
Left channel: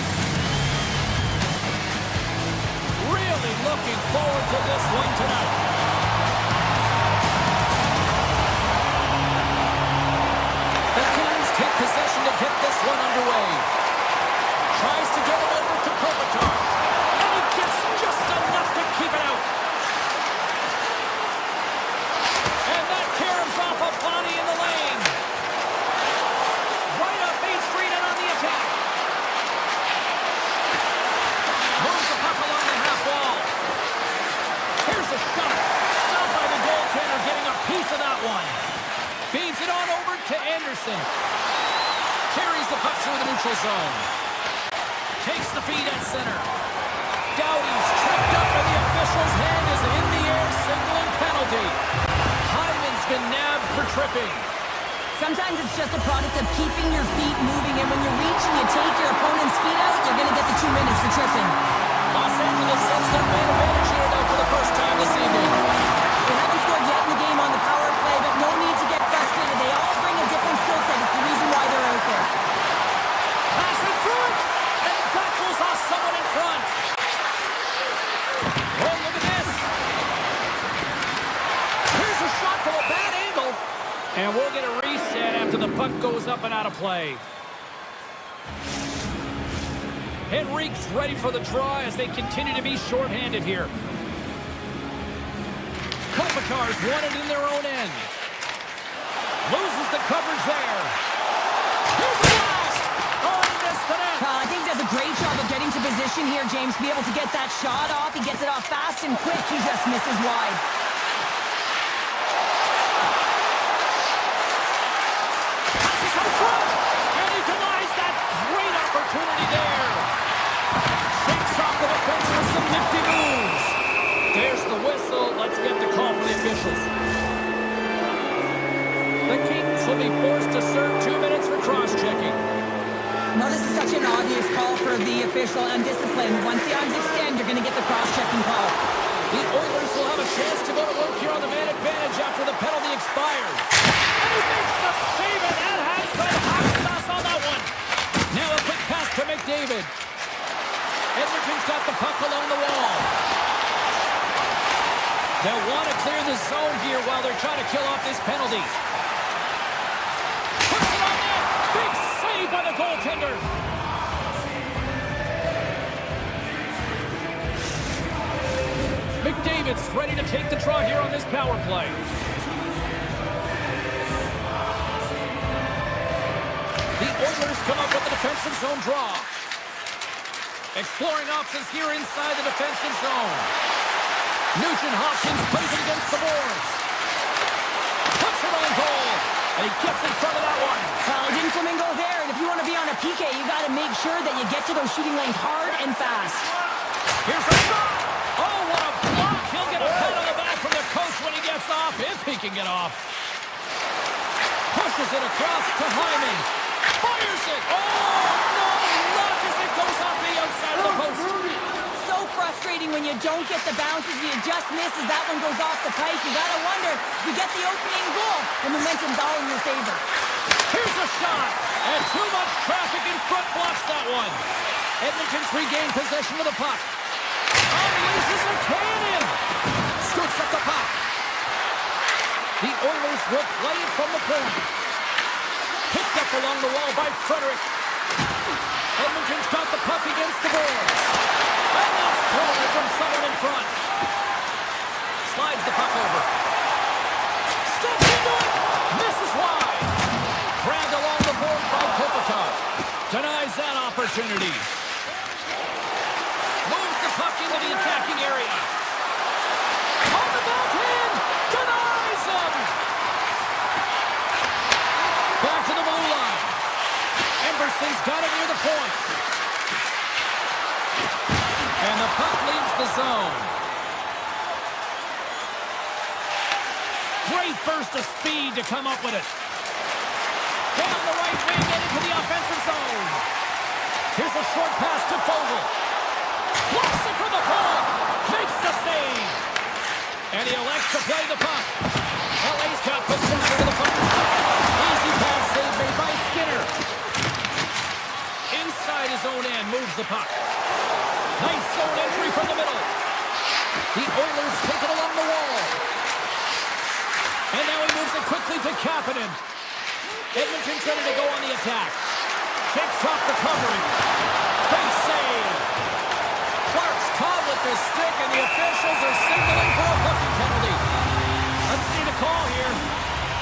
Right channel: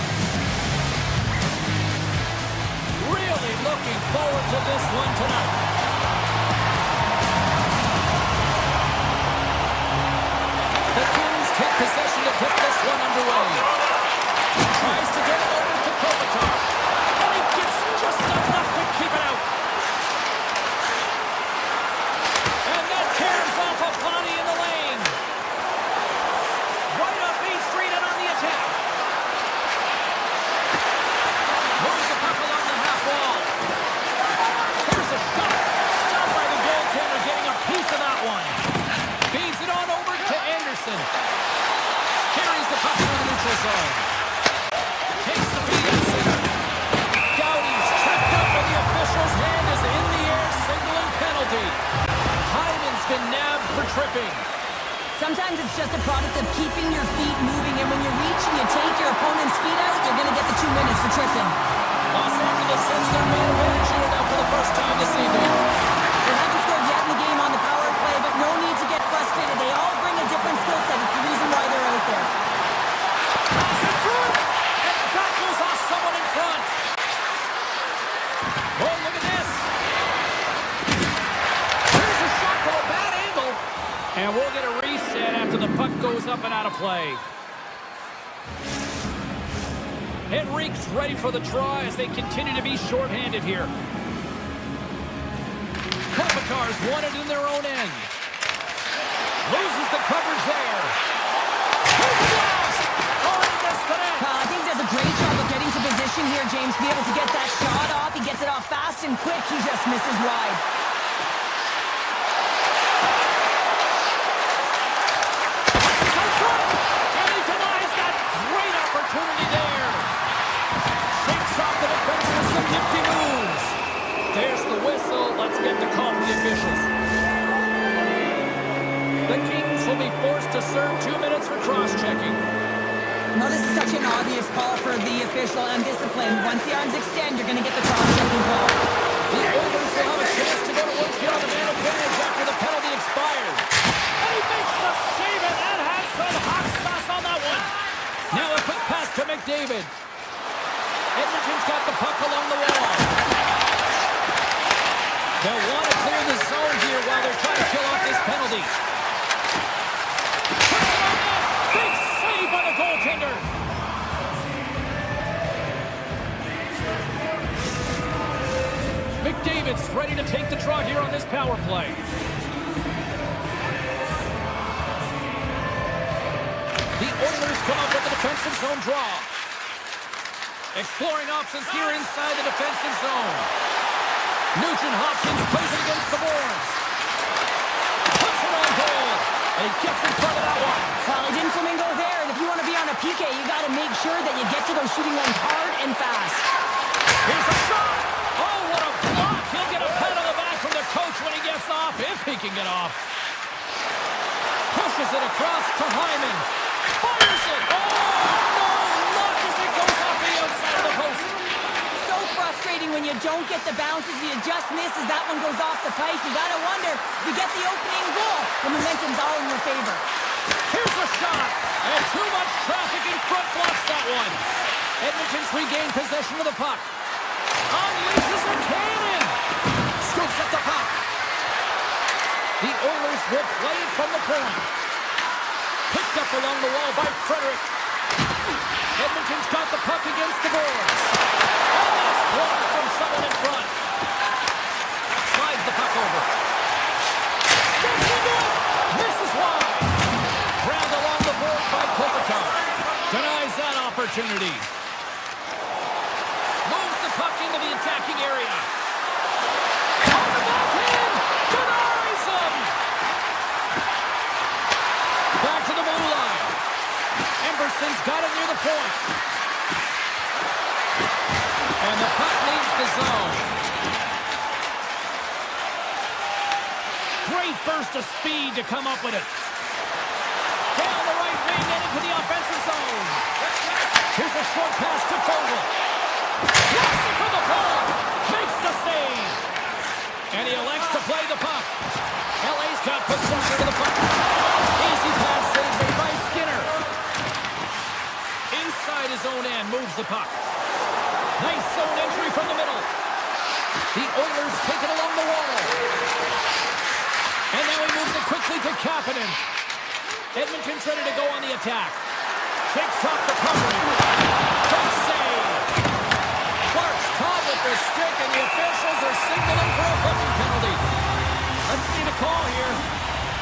Really looking forward to this one tonight. The Kings take possession to get this one underway. Tries to get it over to Kopitar. And he gets just enough to keep it out. And that tears off a body in the lane. Right up Main Street and on the attack. Moves the puck along the half wall. Here's a shot. Stopped by the goaltender, getting a piece of that one. Feeds it on over to Anderson. Carries the puck through the neutral zone. Takes the feed at center. Doughty's tripped up and the official's hand is in the air, signaling penalty. Hyman's been nabbed for tripping. Sometimes it's just a product of keeping your feet moving, and when you reach and you take your opponent's feet out, you're going to get the 2 minutes for tripping. Los Angeles sends their man advantage unit out for the first time this evening. They haven't scored yet in the game on the power play, but no need to get frustrated. They all bring a different skill set. It's the reason why they're out there. Pass it through, and that goes off someone in front. Oh, look at this. Here's a shot from a bad angle. And we'll get a reset after the puck goes up and out of play. Henrique's ready for the draw as they continue to be shorthanded here. Kopitar's won it in their own end. Loses the coverage there. Here's the blast! Oh, he missed the net. I think he does a great job of getting to position here, James, to be able to get that shot off. He gets it off fast and quick. He just misses wide. Passes out front, and he denies that great opportunity there. Shakes off the defense with some nifty moves. There's the whistle. Let's get the call from the officials. The Kings will be forced to serve 2 minutes for cross-checking. No, this is such an obvious call for the official. Undisciplined. Once the arms extend, you're going to get the cross-checking call. The Oilers will have a chance to go to work here on the man advantage after the penalty expired. And he makes the save, and that has some hot sauce on that one. Now a quick pass to McDavid. Edmonton's got the puck along the wall. They'll want to clear the zone here while they're trying to kill off this penalty. Puts it on net. Big save by the goaltender. McDavid's ready to take the draw here on this power play. The Oilers come up with the defensive zone draw. Exploring options here inside the defensive zone. Nugent-Hopkins plays it against the boards. Puts it on goal. And he gets in front of that one. Well, he didn't flamingo there, and if you want to be on a PK, you got to make sure that you get to those shooting lanes hard and fast. Here's a shot. Oh, what a block. He'll get a pat on the back from the coach when he gets off, if he can get off. Pushes it across to Hyman. Fires it. Oh, no. Luck as it goes off the outside of the post. So frustrating when you don't get the bounces, you just miss as that one goes off the pike. You got to wonder, you get the opening goal, the momentum's all in your favor. Here's a shot, and too much traffic in front blocks that one. Edmonton's regained possession of the puck. Unleashes a cannon. Scoops up the puck. The Oilers will play it from the point. Picked up along the wall by Frederick. Edmonton's got the puck against the boards. And that's blocked from someone in front. Slides the puck over. Steps into it. Misses wide. Grabbed along the board by Kopitar. Denies that opportunity. Moves the puck into the attacking area. On the backhand. Denies him. Back to the blue line. Emberson's got it near the point. And the puck leaves the zone. Great burst of speed to come up with it. Down the right wing and into the offensive zone. Here's a short pass to Fogle. Blocks it from the point. Makes the save. And he elects to play the puck. LA's the puck. Nice zone entry from the middle. The Oilers take it along the wall. And now he moves it quickly to Kapanen. Edmonton's ready to go on the attack. Shakes off the covering. Great save. Clark's caught with the stick, and the officials are signaling for a hooking penalty. Let's see the call here.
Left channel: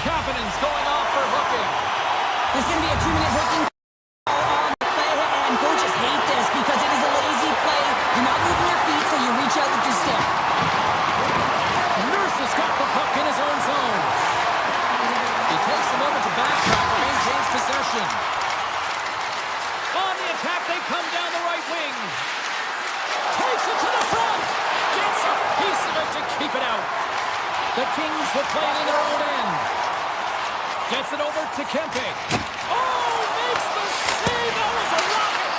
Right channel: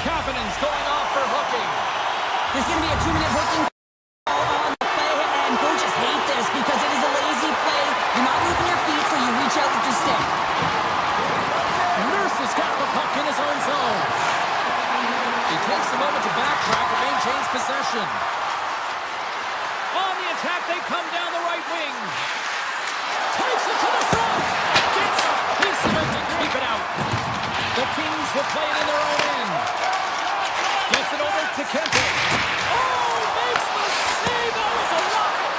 Kapanen's going off for hooking. There's going to be a 2-minute hooking call on the play, and coaches hate this because it is a lazy play. You're not moving your feet, so you reach out with your stick. Nurse has got the puck in his own zone. He takes a moment to backtrack but maintains possession. On the attack, they come down the right wing. Takes it to the front. Gets a piece of it to keep it out. The Kings will play it in their own end. Gets it over to Kempe. Oh, makes the save. That was a rocket.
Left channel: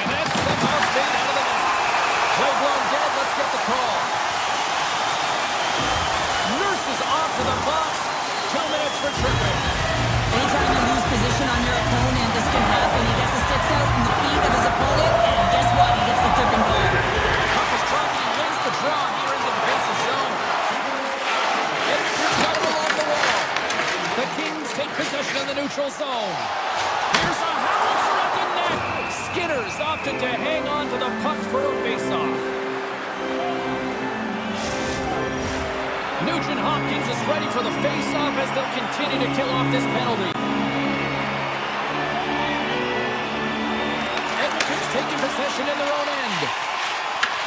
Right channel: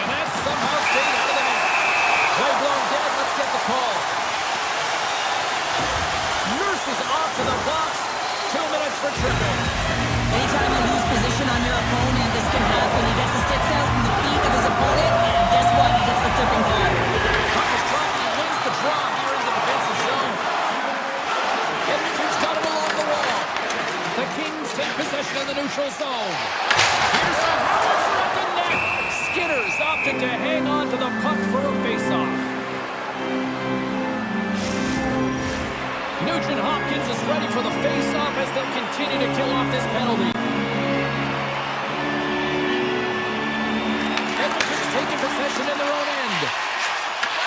And that somehow stayed out of the net. Play blown dead. Let's get the call. Nurse is off to the box. 2 minutes for tripping. Anytime you lose position on your opponent, this can happen. He gets the sticks out from the feet of his opponent, and guess what? He gets the tripping call. Puck is dropped, and he wins the draw here in the defensive zone. Edmonton's got him along the wall. The Kings take possession in the neutral zone. Here's a howitzer at the net. Skinner's opted to hang on to the puck for a faceoff. Nugent Hopkins is ready for the face-off as they'll continue to kill off this penalty. Edmonton's taking possession in their own end.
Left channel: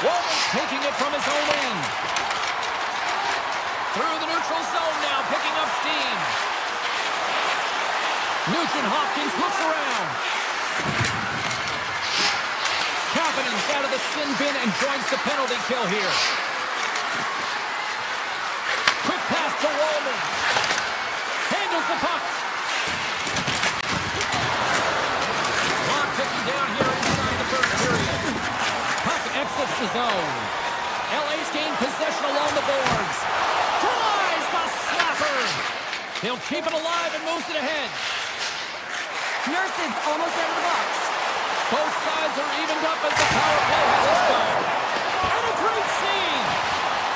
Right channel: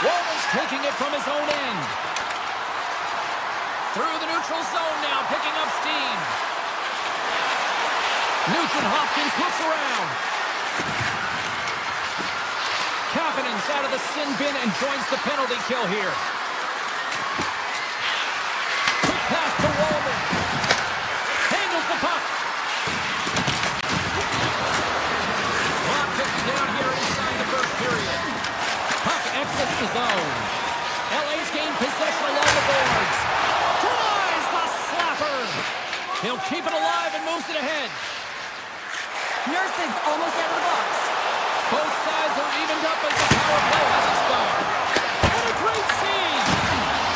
Walman's taking it from his own end. Through the neutral zone now, picking up steam. Nugent Hopkins looks around. Kapanen's out of the sin bin and joins the penalty kill here. Pass to Walman. Handles the puck. Clock ticking down here inside the first period. Puck exits the zone. LA's gained possession along the boards. Denies the slapper. He'll keep it alive and moves it ahead. Nurse is almost out of the box. Both sides are evened up as the power play has expired. And a great save.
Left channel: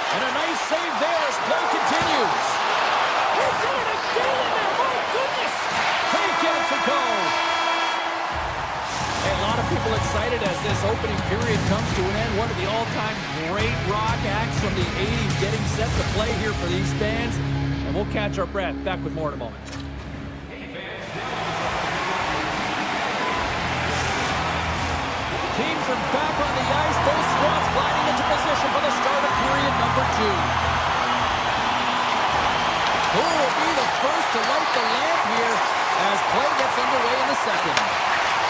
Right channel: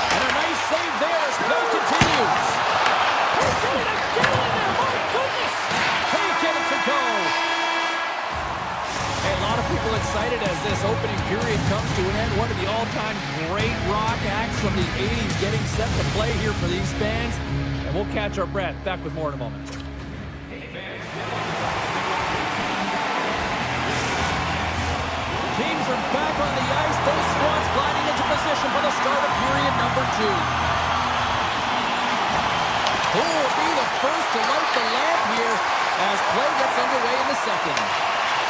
And a nice save there as play continues. He did it again in there, my goodness! Can't get it to go. Hey, a lot of people excited as this opening period comes to an end. One of the all-time great rock acts from the 80s getting set to play here for these fans. And we'll catch our breath. Back with more in a moment. Teams are back on the ice. Both squads gliding into position for the start of period number 2. Who will be the first to light the lamp here as play gets underway in the second?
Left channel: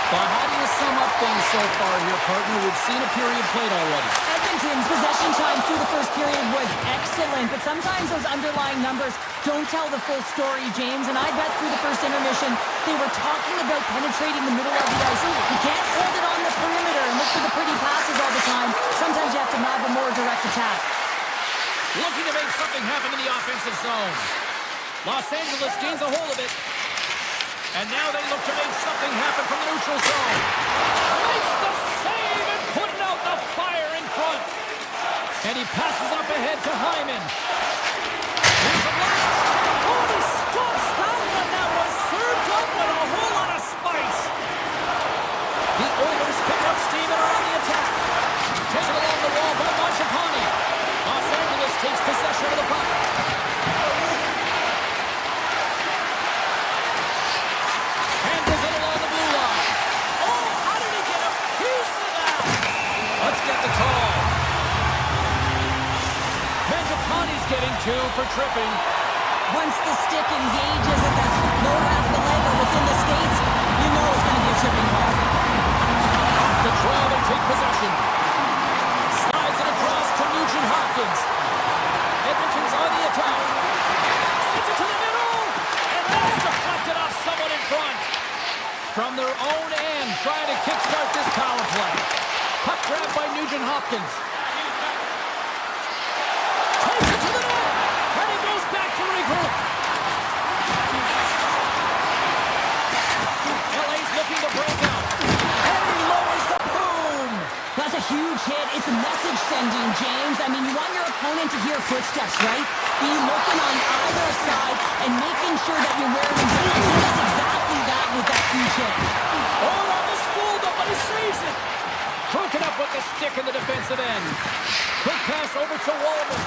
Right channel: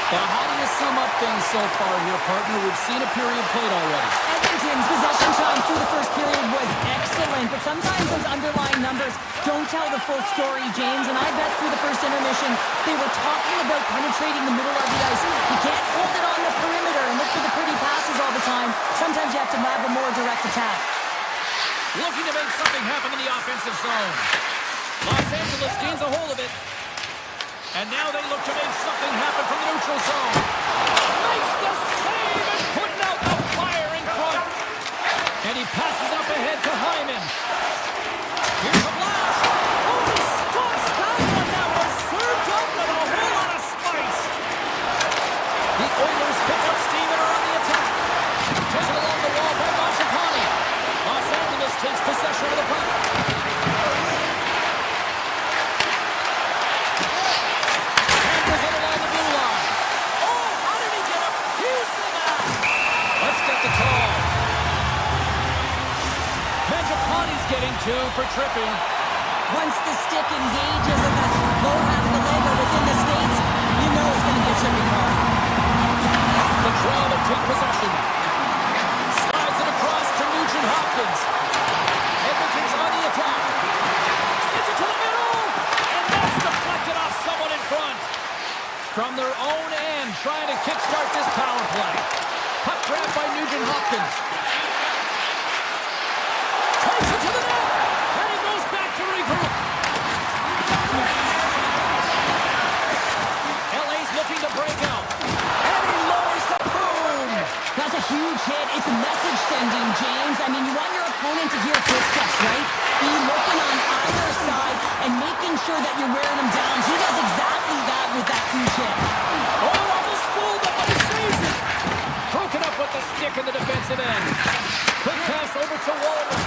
But how do you sum up things so far here, partner? We've seen a period played already. Edmonton's possession time through the first period was excellent, but sometimes those underlying numbers don't tell the full story, James. And I bet through the first intermission, they were talking about penetrating the middle of the ice. You can't hold it on the perimeter and look for the pretty passes all the time. Sometimes you have to have a more direct attack. Looking to make something happen in the offensive zone. Los Angeles gains a hold of it. And now they look to make something happen from the neutral zone. Makes the save and putting out the fire in front. And he passes up ahead to Hyman. Here's a blast. Oh, he stops that one. That was served up with a whole lot of spice. The Oilers pick up steam and are on the attack. Taken along the wall by Mangiapane. Los Angeles takes possession of the puck. The call. Mangiapane's getting 2 for tripping. Once the stick engages at that lower half of the leg or within the skates, you know it's going to be a tripping call. Off the draw to take possession. Slides it across to Nugent Hopkins. Edmonton's on the attack. Sends it to the middle. And that's deflected off someone in front. From their own end, trying to kickstart this power play. Puck grab by Nugent Hopkins. Takes it to the net. And he goes back to regroup. LA's looking to break out. And he lowers the boom. huge hit. It's a message sending, James. I mean, you want your opponent to hear footsteps, right? Be looking on either side and making sure that you're wearing them down. He does exactly that with that huge hit. Oh, almost fooled him, but he saves it. Broken up with the stick in the defensive end. Quick pass over to Walden.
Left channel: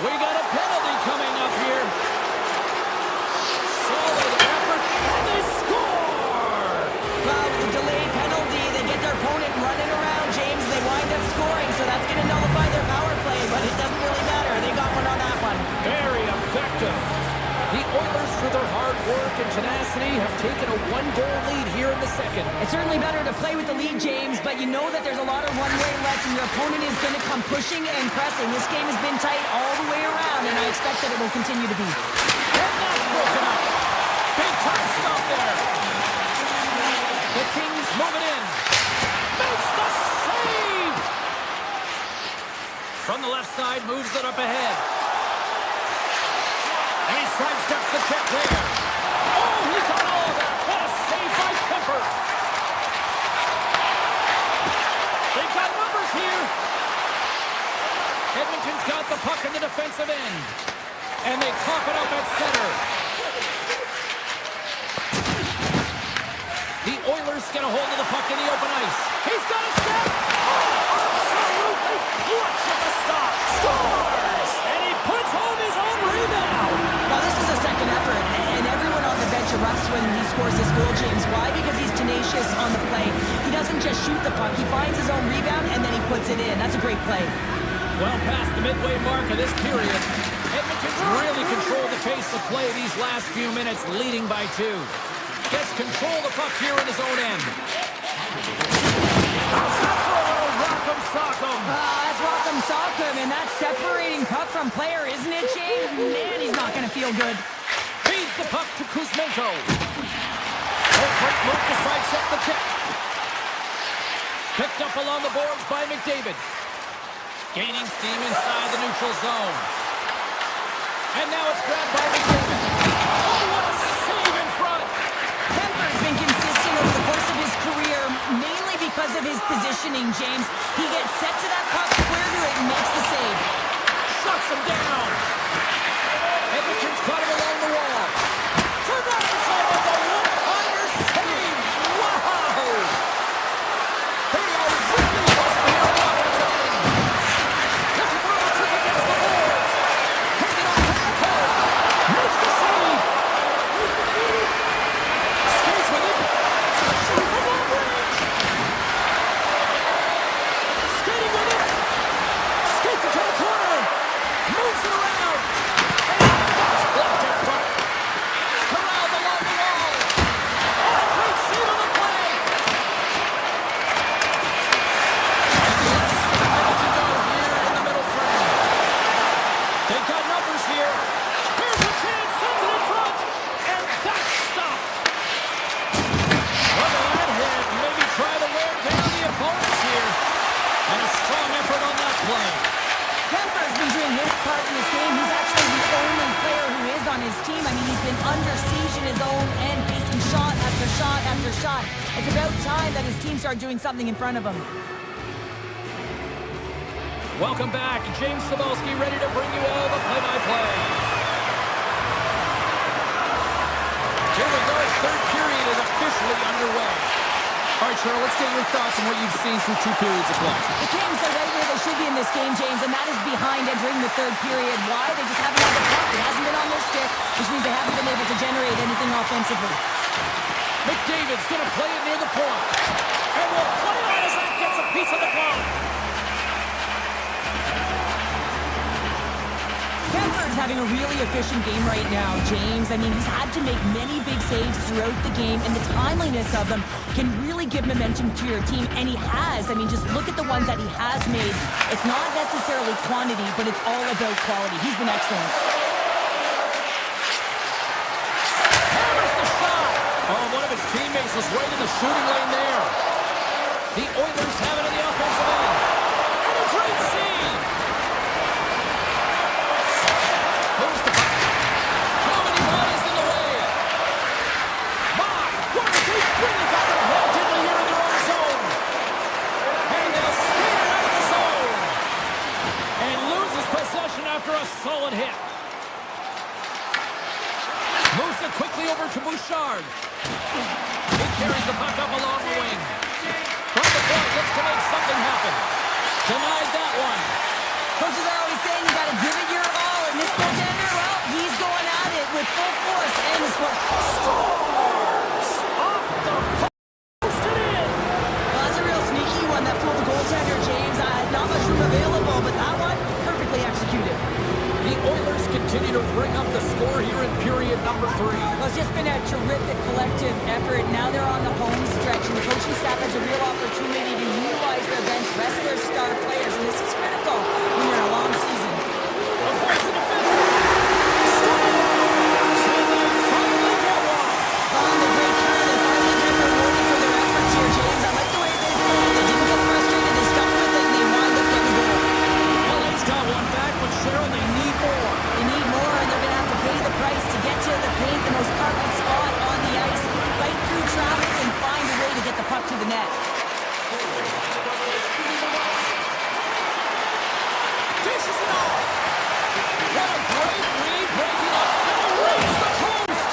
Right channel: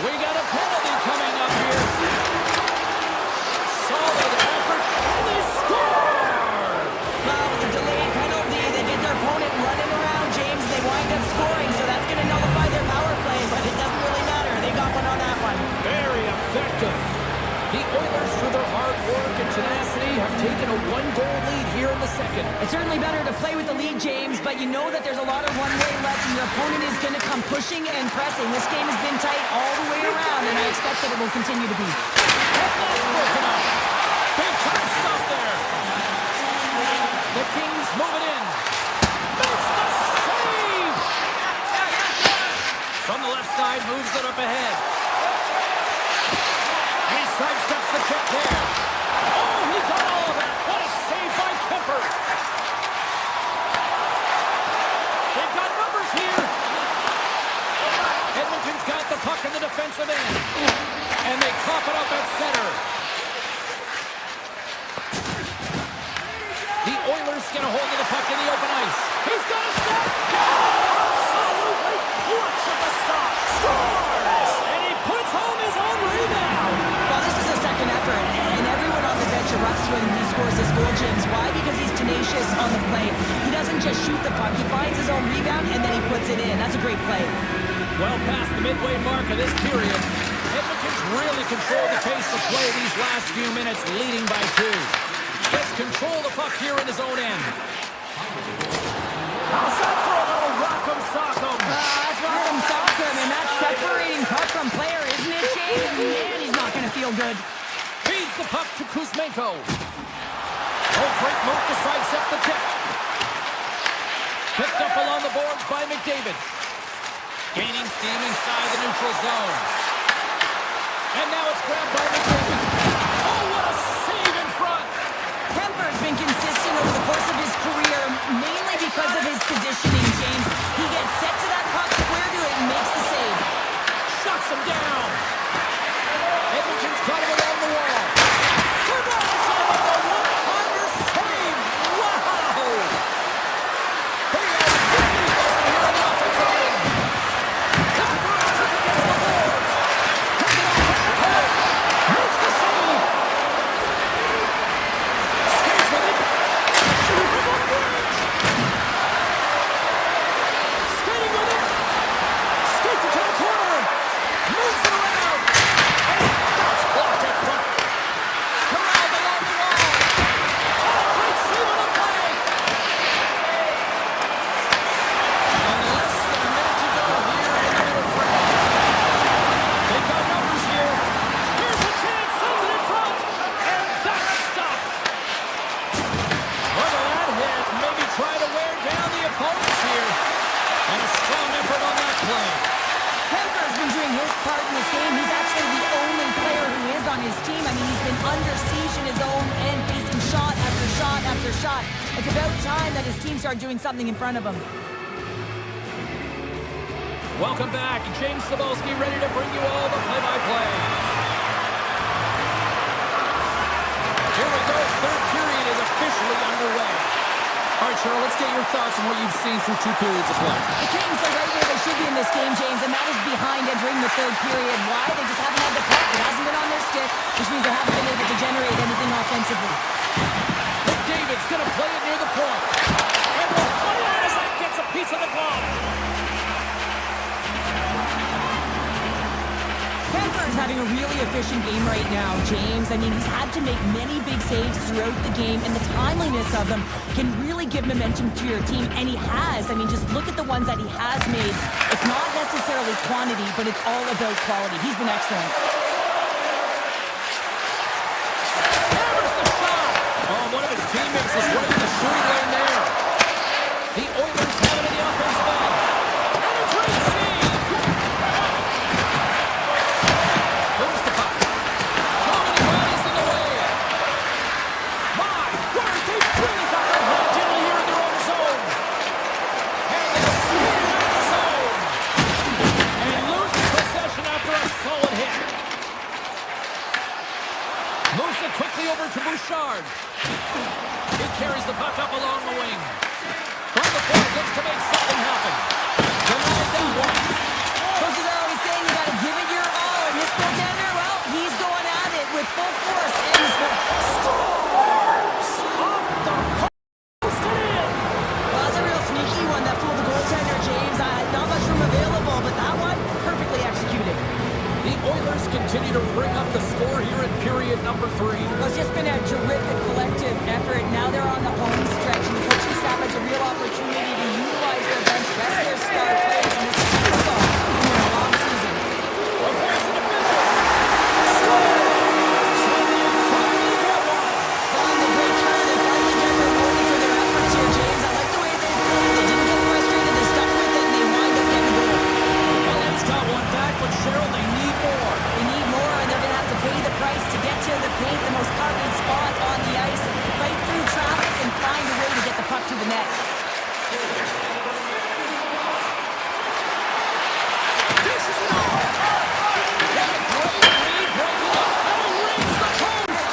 We got a penalty coming up here. Solid effort, and they score! Well, with the delayed penalty, they get their opponent running around, James. They wind up scoring, so that's going to nullify their power play, but it doesn't really matter. They got one on that one. Very effective. The Oilers, through their hard work and tenacity, have taken a one-goal lead here in the second. It's certainly better to play with the lead, James, but you know that there's a lot of runway left, and your opponent is going to come pushing and pressing. This game has been tight all the way around, and I expect that it will continue to be. And that's broken up. Big time stop there. The Kings move it in. Makes the save! From the left side, moves it up ahead. And he sidesteps the check there. Oh, he got all of that. What a save by Kemper. They've got numbers here. Edmonton's got the puck in the defensive end. And they cough it up at center. The Oilers get a hold of the puck in the open ice. He's got a step. Oh, absolutely clutch at the stop. Scores! And he puts home his own rebound. Well, this is a second effort, and everyone on the bench erupts when he scores this goal, James. Why? Because he's tenacious on the play. He doesn't just shoot the puck. He finds his own rebound, and then he puts it in. That's a great play. Well past the midway mark of this period, Edmonton's really controlled the pace of play these last few minutes, leading by 2. Gets control of the puck here in his own end. Outside for a little rock'em sock'em. That's rock'em sock'em, and that's separating puck from player, isn't it, James? Man, he's not going to feel good. Feeds the puck to Kuzmenko. Oh, great move to sidestep the kick. Picked up along the boards by McDavid. Gaining steam inside the neutral zone. And now it's grabbed by McDavid. Oh, what a save in front. Kemper's been consistent over the course of his career, mainly because of his positioning, James. He gets set to that puck, square to it, and makes the save. Shuts him down. Edmonton's caught him along the wall. Turns him with the one-timer save. Wow! They are really buzzing here in the offensive end. Looking for options against the boards. Handed off to Nicole. Makes the save. Skates with it. Shooting from long range. Skating with it. Skates it to the corner. Moves it around. And that's blocked in front. Corralled along the wall. Oh, great save on the play. And less than a minute to go here in the middle frame. They've got numbers here. Here's a chance. Sends it in front. And that's stopped. Look at that hit. Maybe try to wear down the opponents here. And a strong effort on that play. Kemper's been doing his part in this game. He's actually the only player who is on his team. I mean, he's been under siege in his own end, facing shot after shot after shot. It's about time that his team started doing something in front of him. Welcome back. James Cybulski ready to bring you all the play-by-play. Here we go. Third period is officially underway. All right, Cheryl, let's get your thoughts on what you've seen through 2 periods of play. The Kings are right where they should be in this game, James, and that is behind entering the third period. Why? They just haven't had the puck. It hasn't been on their stick, which means they haven't been able to generate anything offensively. McDavid's going to play it near the point. And will play on as that gets a piece of the glove. Kemper's having a really efficient game right now, James. I mean, he's had to make many big saves throughout the game, and the timeliness of them can really give momentum to your team, and he has. I mean, just look at the ones that he has made. It's not necessarily quantity, but it's all about quality. He's been excellent. Hammers the shot. Oh, one of his teammates was right in the shooting lane there. The Oilers have it in the offensive end. And a great save. Moves the puck. How many bodies in the way? My word, they really got them hemmed in here in their own zone. And Moves it quickly over to Bouchard. He carries the puck up along the wing. From the point, looks to make something happen. Denied that one. Coaches are always saying you got to give it your all. And this goaltender, well, he's going at it with full force. And this Scores! Off the post and in! Well, that's a real sneaky one that fooled the goaltender, James. Not much room available, but that one, perfectly executed. The Oilers continue to bring up the score here in period number 3. Well, it's just been a terrific collective effort. Now they're on the home stretch, and the coaching staff has a real opportunity to utilize their bench, rest their star players, and this is critical when you're in a long season. Avoids the defender. Scores! And they finally get one. On the great crew, they finally get rewarded for their efforts here, James. I like the way they played. They didn't get frustrated. They stuck with it, and they wind up getting a goal. LA's got one back, but Cheryl, they need more. They need more, and they're going to have to pay the price to get to the paint, the most coveted spot on the ice, fight through traffic, and find a way to get the puck to the net. Dishes it off. What a great read, breaking up, and he rings the post.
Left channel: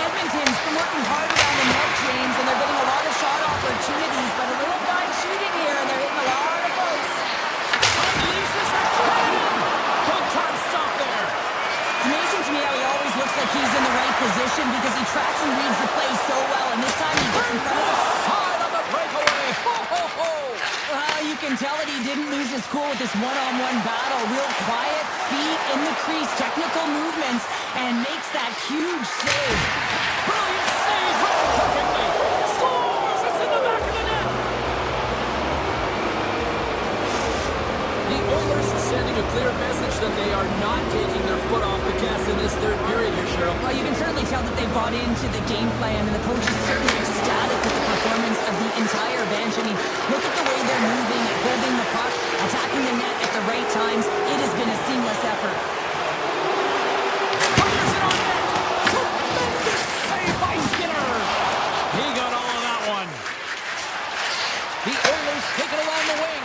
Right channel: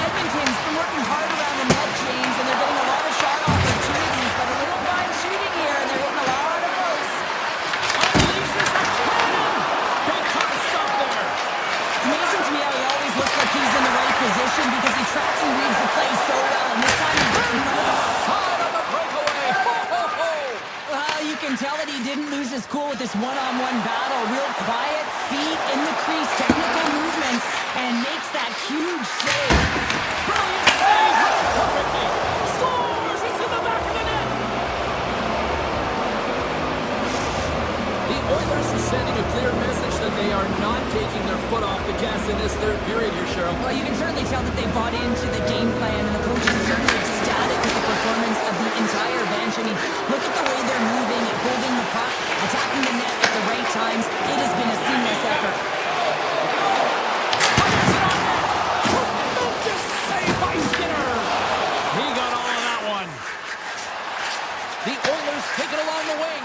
Edmonton's been working hard around the net, James, and they're getting a lot of shot opportunities, but a little fine shooting here, and they're hitting a lot of posts. Unleashes the cannon. Big time stop there. It's amazing to me how he always looks like he's in the right position because he tracks and reads the play so well, and this time he gets in front of the Side on the breakaway. Ho, ho, ho. Well, you can tell that he didn't lose his cool with this one-on-one battle. Real quiet, feet in the crease, technical movements, and makes that huge save. Brilliant save, right perfectly. Scores! It's in the back of the net. The Oilers are sending a clear message that they are not taking their foot off the gas in this third period here, Cheryl. Well, you can certainly tell that they bought into the game plan, and the coach is certainly ecstatic with the performance of the entire bench. I mean, look at the way they're moving, holding the puck, attacking the net at the right times. It has been a seamless effort. Fires it on net. Tremendous save by Skinner. He got all of that one. The Oilers take it along the wing.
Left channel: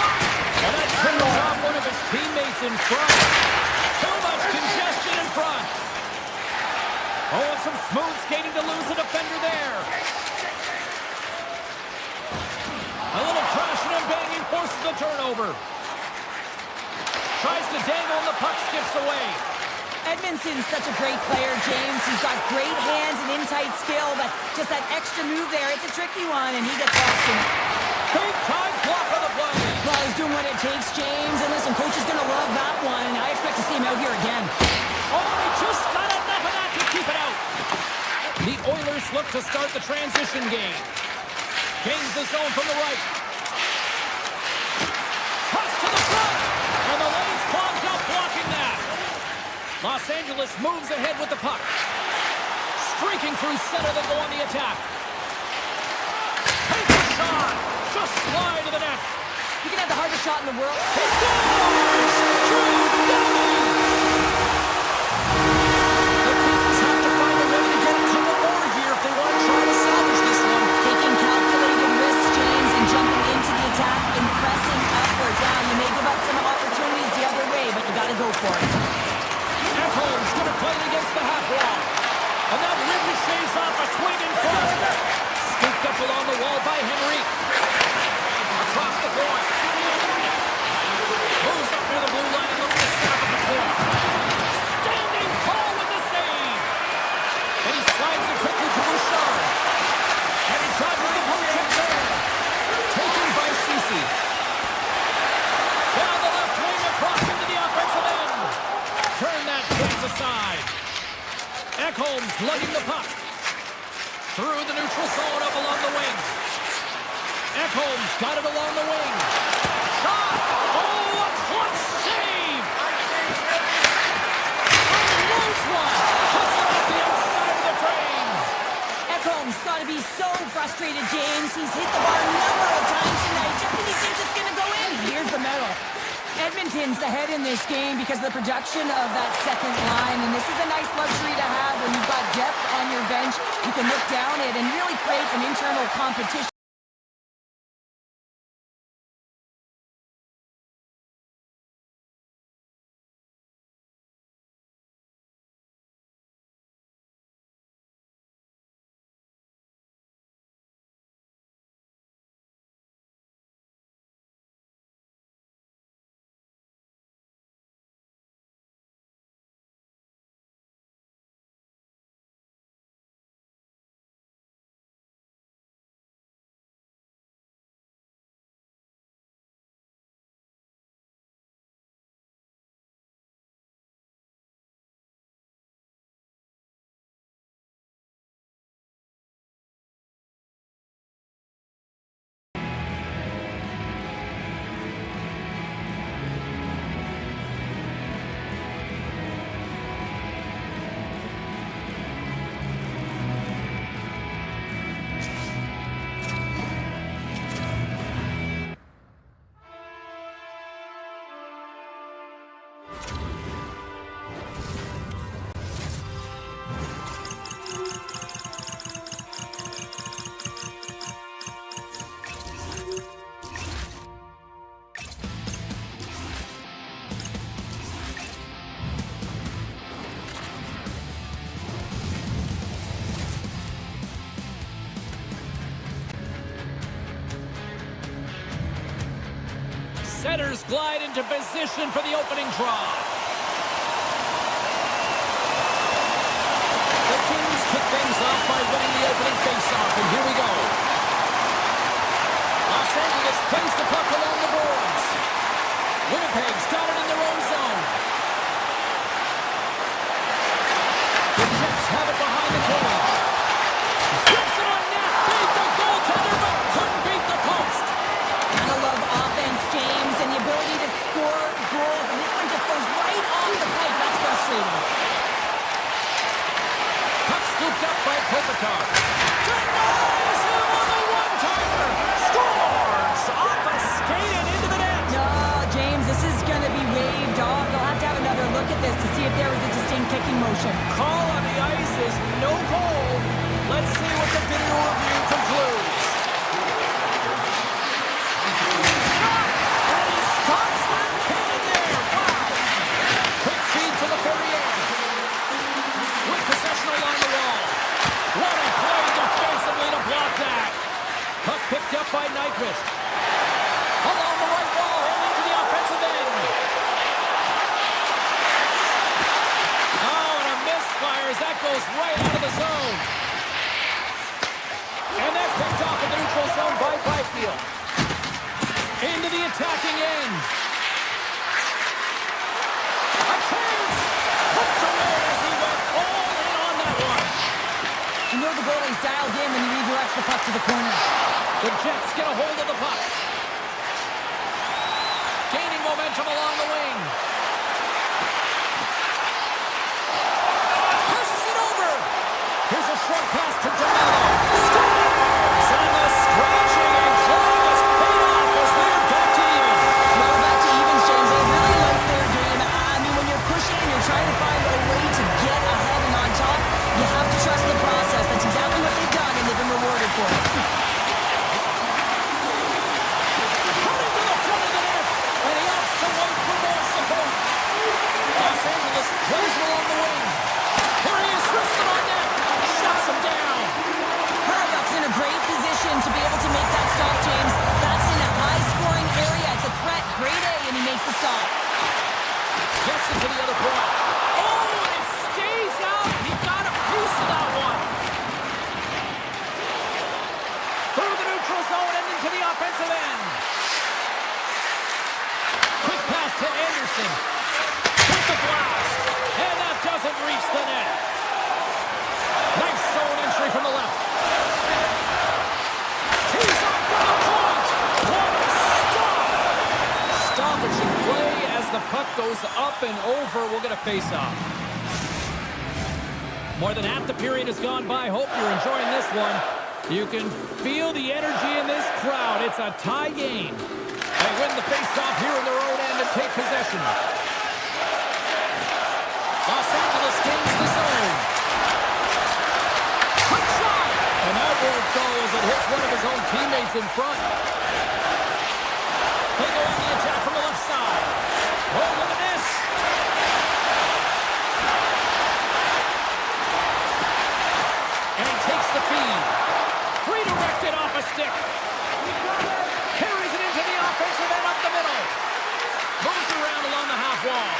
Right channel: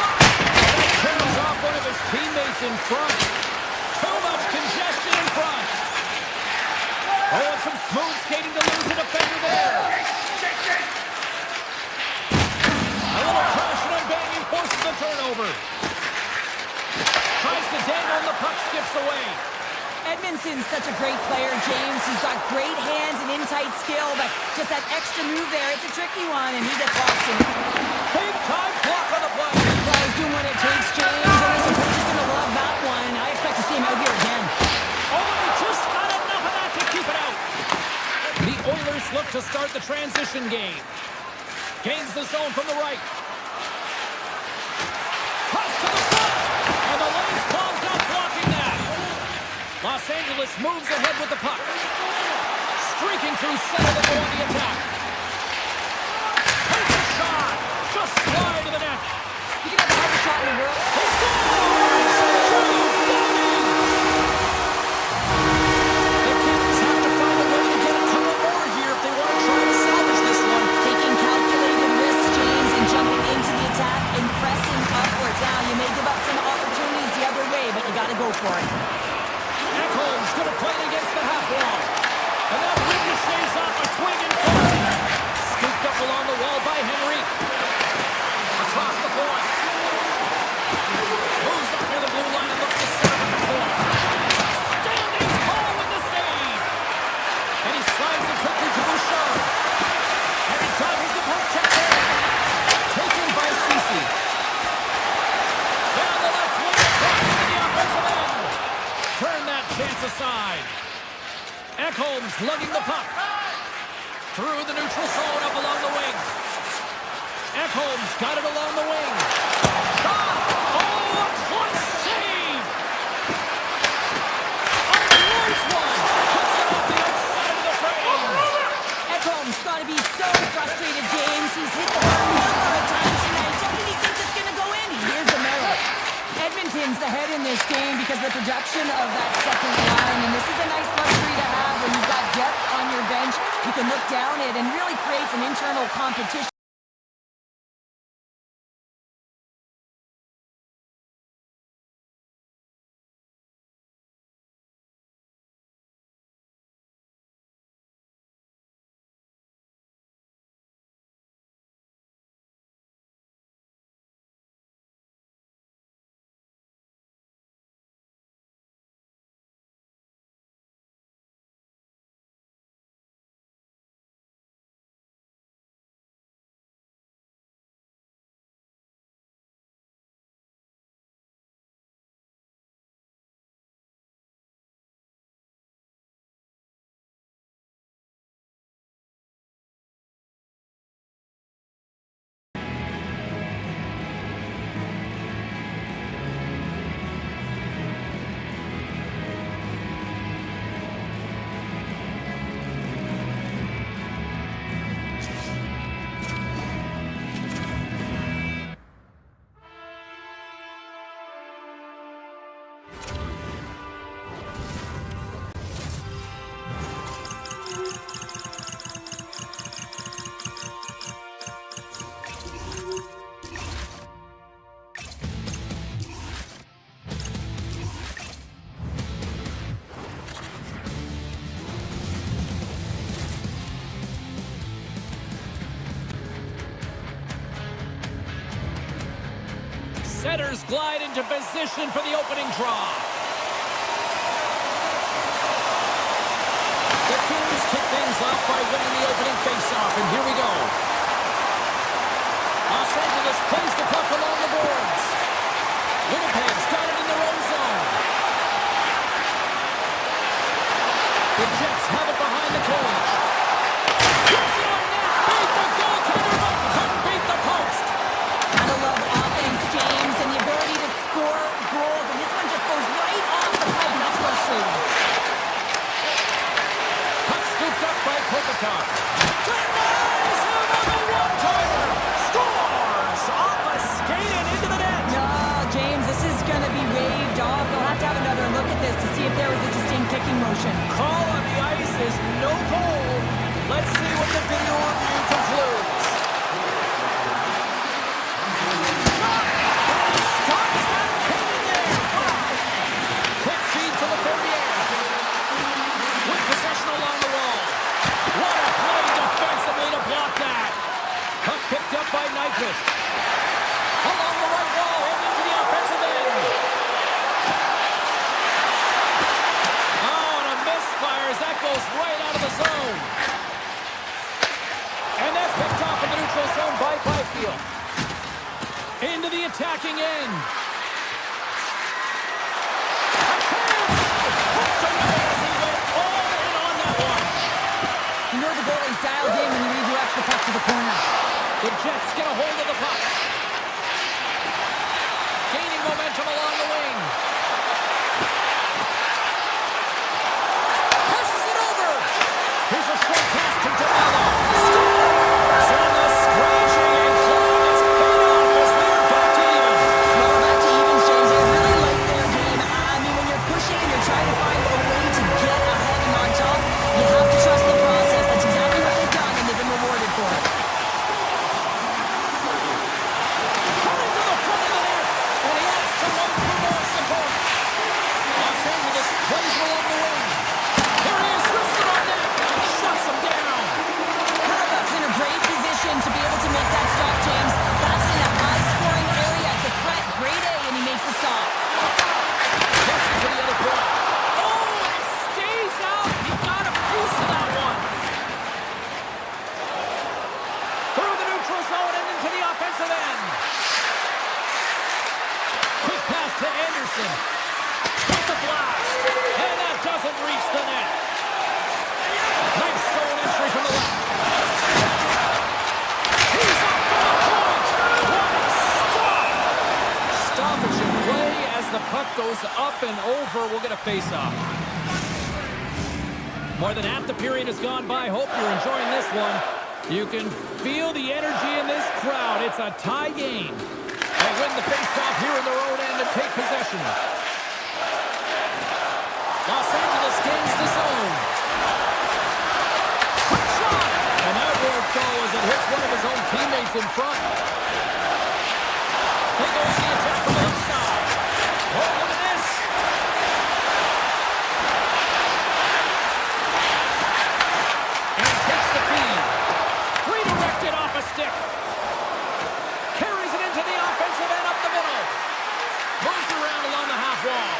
And that kills off one of his teammates in front. Too much congestion in front. Oh, and some smooth skating to lose a defender there. A little crashing and banging forces the turnover. Tries to dangle and the puck skips away. Edmonton's such a great player, James. He's got great hands and in-tight skill, but just that extra move there, it's a tricky one, and he gets lost in it. Big time block on the play. Well, he's doing what it takes, James, and listen, coach is going to love that one. I expect to see him out here again. Oh, and he just got enough of that to keep it out. The Oilers look to start the transition game. Gains the zone from the right. Toss to the front, and the lane's clogged up blocking that. Los Angeles moves ahead with the puck. Streaking through center, they go on the attack. Takes a shot. Just wide of the net. You can have the hardest shot in the world. He scores! Drew Downing! The Kings have to find a way to get a couple more here if they want to try to salvage this one. Taking calculated risks, James, and jumping into the attack and pressing upwards. Now, you may give up some opportunities the other way, but you got to go for it. Ekholm's going to play it against the half wall. And that ricochets off a twig in front. Scooped up along the wall by Henrique. Across the point. Moves up near the blue line and looks to set up at the point. Standing tall with the save. And he slides it quickly to Bouchard. And he dodges the poke check there. Taken by Ceci. Down the left wing across into the offensive end. Turn that chance aside. Ekholm's lugging the puck. Through the neutral zone up along the wing. Ekholm's got it along the wing. Shot! Oh, a clutch save! Unloads one! Puts it off the outside of the frame! Ekholm's got to be so frustrated, James. He's hit the bar a number of times tonight. Just when he thinks it's going to go in, here's the medal. Edmonton's ahead in this game because of the production of that second line, and this is a nice luxury to have when you've got depth on your bench. You can look down it and really create some internal competition. Setters glide into position for the opening draw. The Kings kick things off by winning the opening faceoff, and here we go. Los Angeles plays the puck along the boards. Winnipeg's got it in their own zone. The Jets have it behind the cage. Flips it on net, beat the goaltender, but couldn't beat the post. Gotta love offense, James, and the ability to score goals, and this one just goes right off the pipe. That's frustrating. Puck scooped up by Kopitar. Denies him on the one-timer. Scores off a skate and into the net. No, James, this is going to be waved off. They'll have to have another look at this to see if there was a distinct kicking motion. Call on the ice is no goal. Let's see what the video review concludes. Shot! And he stops that cannon there. Wow! Quick feed to Laferriere. With possession along the wall. What a play defensively to block that. Puck picked up by Nyquist. Along the right wall and into the offensive end. Oh, and a misfire as that goes right out of the zone. And that's picked off in the neutral zone by Byfield. Into the attacking end. A chance! Hooked away as he went all in on that one. You know the goalie's dialed in when he redirects the puck to the corner. The Jets get a hold of the puck. Gaining momentum along the wing. Passes it over. Here's a short pass to DeMello. Scores! And the scratching and clawing is paid off as they're back to even. Well, back to evens, James. They really like their game. I mean, when you're pushing and you're trying to find a way to get ahead and on top, you have to trust the process. That's exactly what they've done, and they've been rewarded for it. Cutting to the front of the net, and he opts to wait for more support. Los Angeles plays along the wing. Here he is, wrists it on net, shuts him down. Hurlbuck's in a great position to be able to make that stop, James. That's in a high-scoring area. It's a threat, grade A, and he makes the stop. Gets it to the other point. Oh, and it stays out. He got a piece of that one. Through the neutral zone and into the offensive end. Quick pass to Anderson. With the blast. And that doesn't reach the net. Nice zone entry from the left. He's up from the point. What a stop. Stoppage in play as the puck goes up and over. We'll get a face-off. More than half the period has gone by. Hope you're enjoying this one. You can feel the energy in this crowd. It's a tie game. They win the face-off here in their own end and take possession. Los Angeles gains the zone. Quick shot! And that won't go as it hits one of his own teammates in front. They go on the attack from the left side. Oh, look at this. And takes the feed. Redirected off a stick. Carries it into the offensive end up the middle. Moves around along the half wall.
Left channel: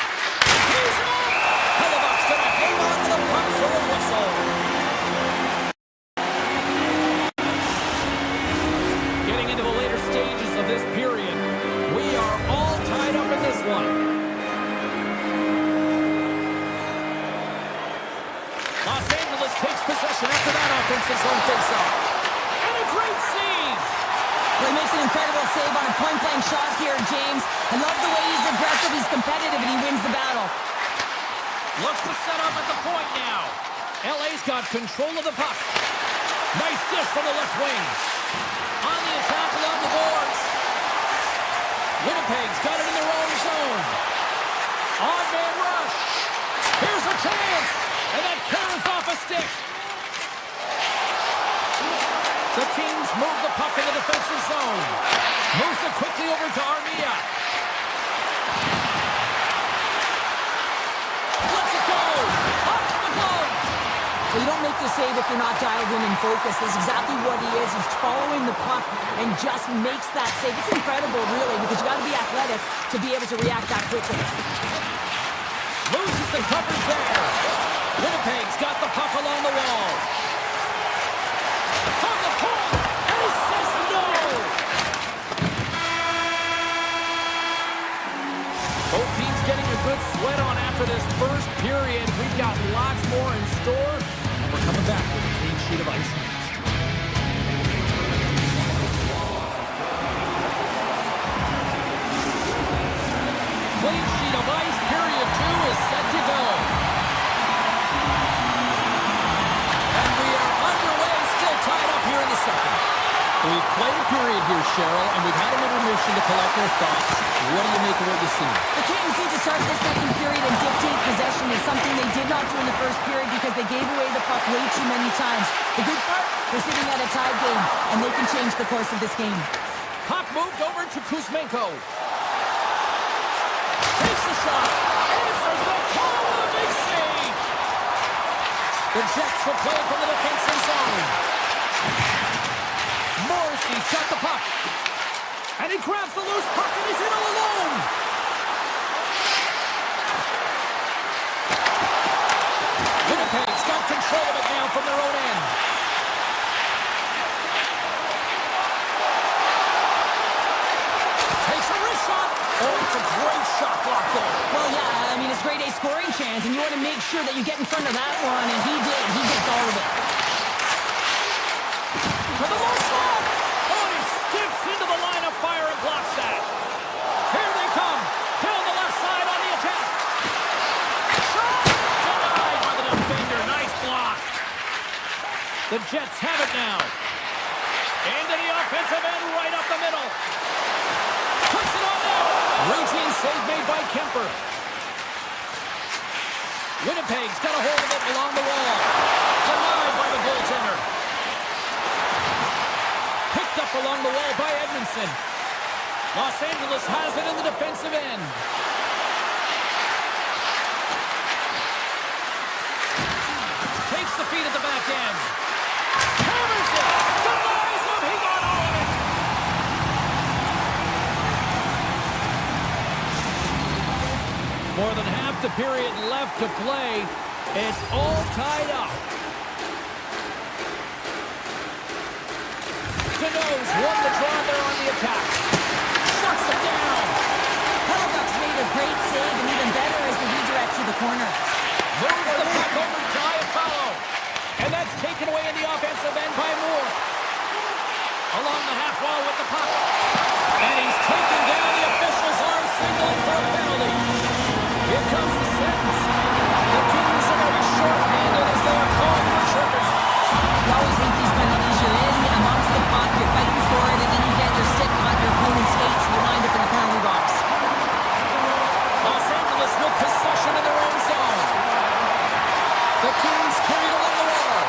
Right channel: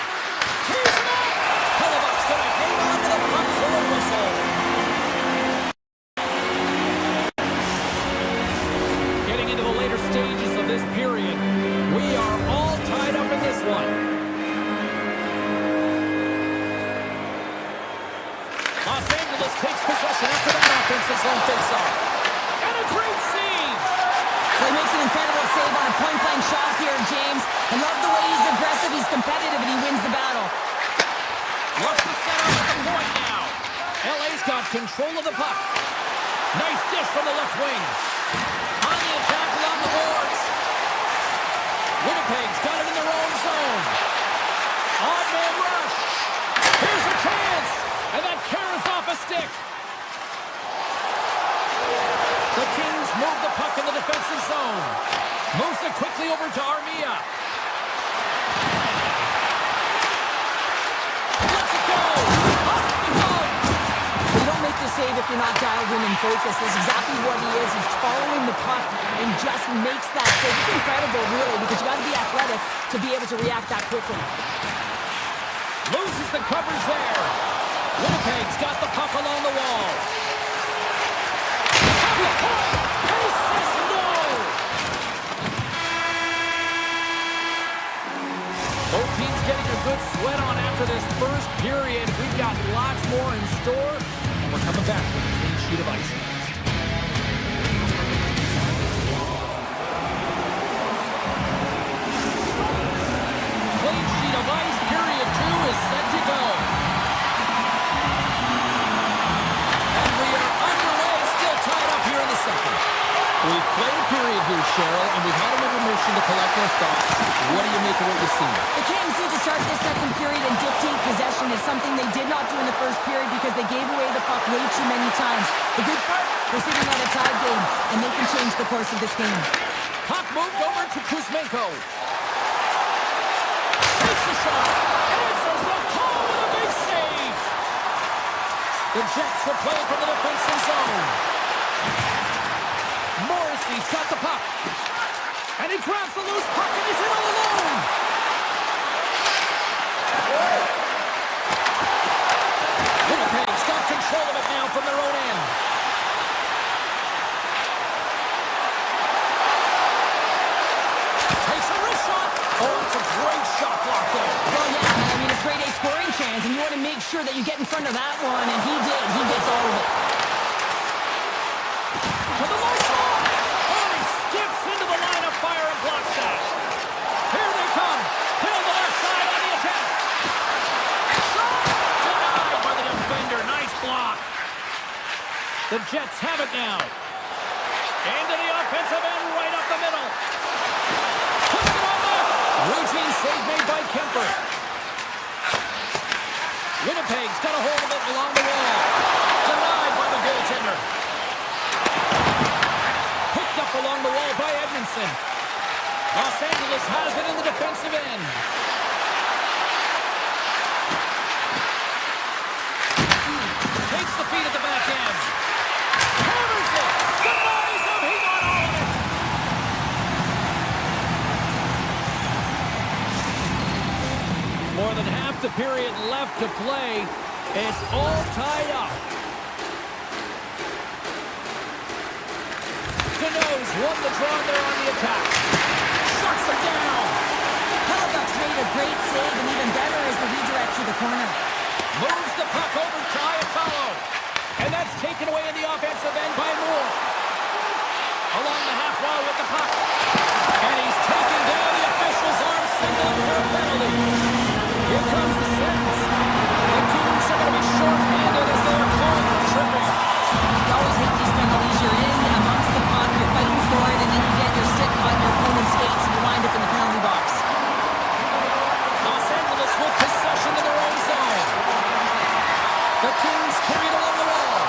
Tees him up. Hellebuck's going to hang on to the puck for a whistle. Getting into the later stages of this period, we are all tied up in this one. Los Angeles takes possession after that offensive zone faceoff. And a great save. Well, he makes an incredible save on a point-blank shot here, James. I love the way he's aggressive, he's competitive, and he wins the battle. Looks to set up at the point now. LA's got control of the puck. Nice dish from the left wing. On the attack along the boards. Winnipeg's got it in their own zone. Odd man rush. Here's a chance. And that carries off a stick. The Kings move the puck in the defensive zone. Moves it quickly over to Armia. Let's it go. Off the glove. You don't make this save if you're not dialed in and focused. That's exactly what he is. He's following the puck and just makes that save. It's incredible, really, because you got to be athletic to be able to react that quickly. Loses the coverage there. Winnipeg's got the puck along the wall. From the point, and he says no! Both teams getting a good sweat on after this first period. We've got lots more in store, and we're coming back with a clean sheet of ice next. Clean sheet of ice, period 2 is set to go. And we are underway, still tied up here in the second. We've played a period here, Cheryl, and we've had an intermission to collect our thoughts. What do you make of what you've seen? The Kings need to start this second period and dictate possession. Is something they did not do in the first period because they gave away the puck way too many times. The good part, we're sitting at a tied game, and they can change the course of this game. Puck moved over to Kuzmenko. Takes a shot. Answers the call with a big save. The Jets will play it from the defensive zone. Morrissey's got the puck. And he grabs the loose puck and he's in all alone. Winnipeg's got control of it now from their own end. Takes a wrist shot. Oh, it's a great shot block there. Well, yeah, I mean, it's grade A scoring chance, and you want to make sure that you get in front of that one, and he did. He gets all of it. To the low slot. Oh, and he skips into the line of fire and blocks that. Here they come. Down the left side on the attack. Shot! Denied by the defender. Nice block. The Jets have it now. Into the offensive end, right up the middle. Puts it on net. Routine save made by Kemper. Winnipeg's got a hold of it along the wall. Denied by the goaltender. Picked up along the wall by Edmondson. Los Angeles has it in the defensive end. Takes the feed at the back end. Hammers it. Denies him. He got all of it. More than half the period left to play. It's all tied up. Canoes won the draw there on the attack. Shuts him down. Hellebuyck's made a great save, and even better is the redirect to the corner. Moves the puck over to Iafallo. And that's taken away in the offensive end by Moore. Along the half wall with the puck. And he's taken down. The official's arm signaling for a penalty. Here comes the sentence. The Kings are going to be short-handed as they are called for tripping. You always hate these penalties. You're in amongst the puck, you're fighting for it, and then you get your stick on your opponent's skates, and you wind up in the penalty box. Los Angeles with possession in their own zone. The Kings carried along the wall.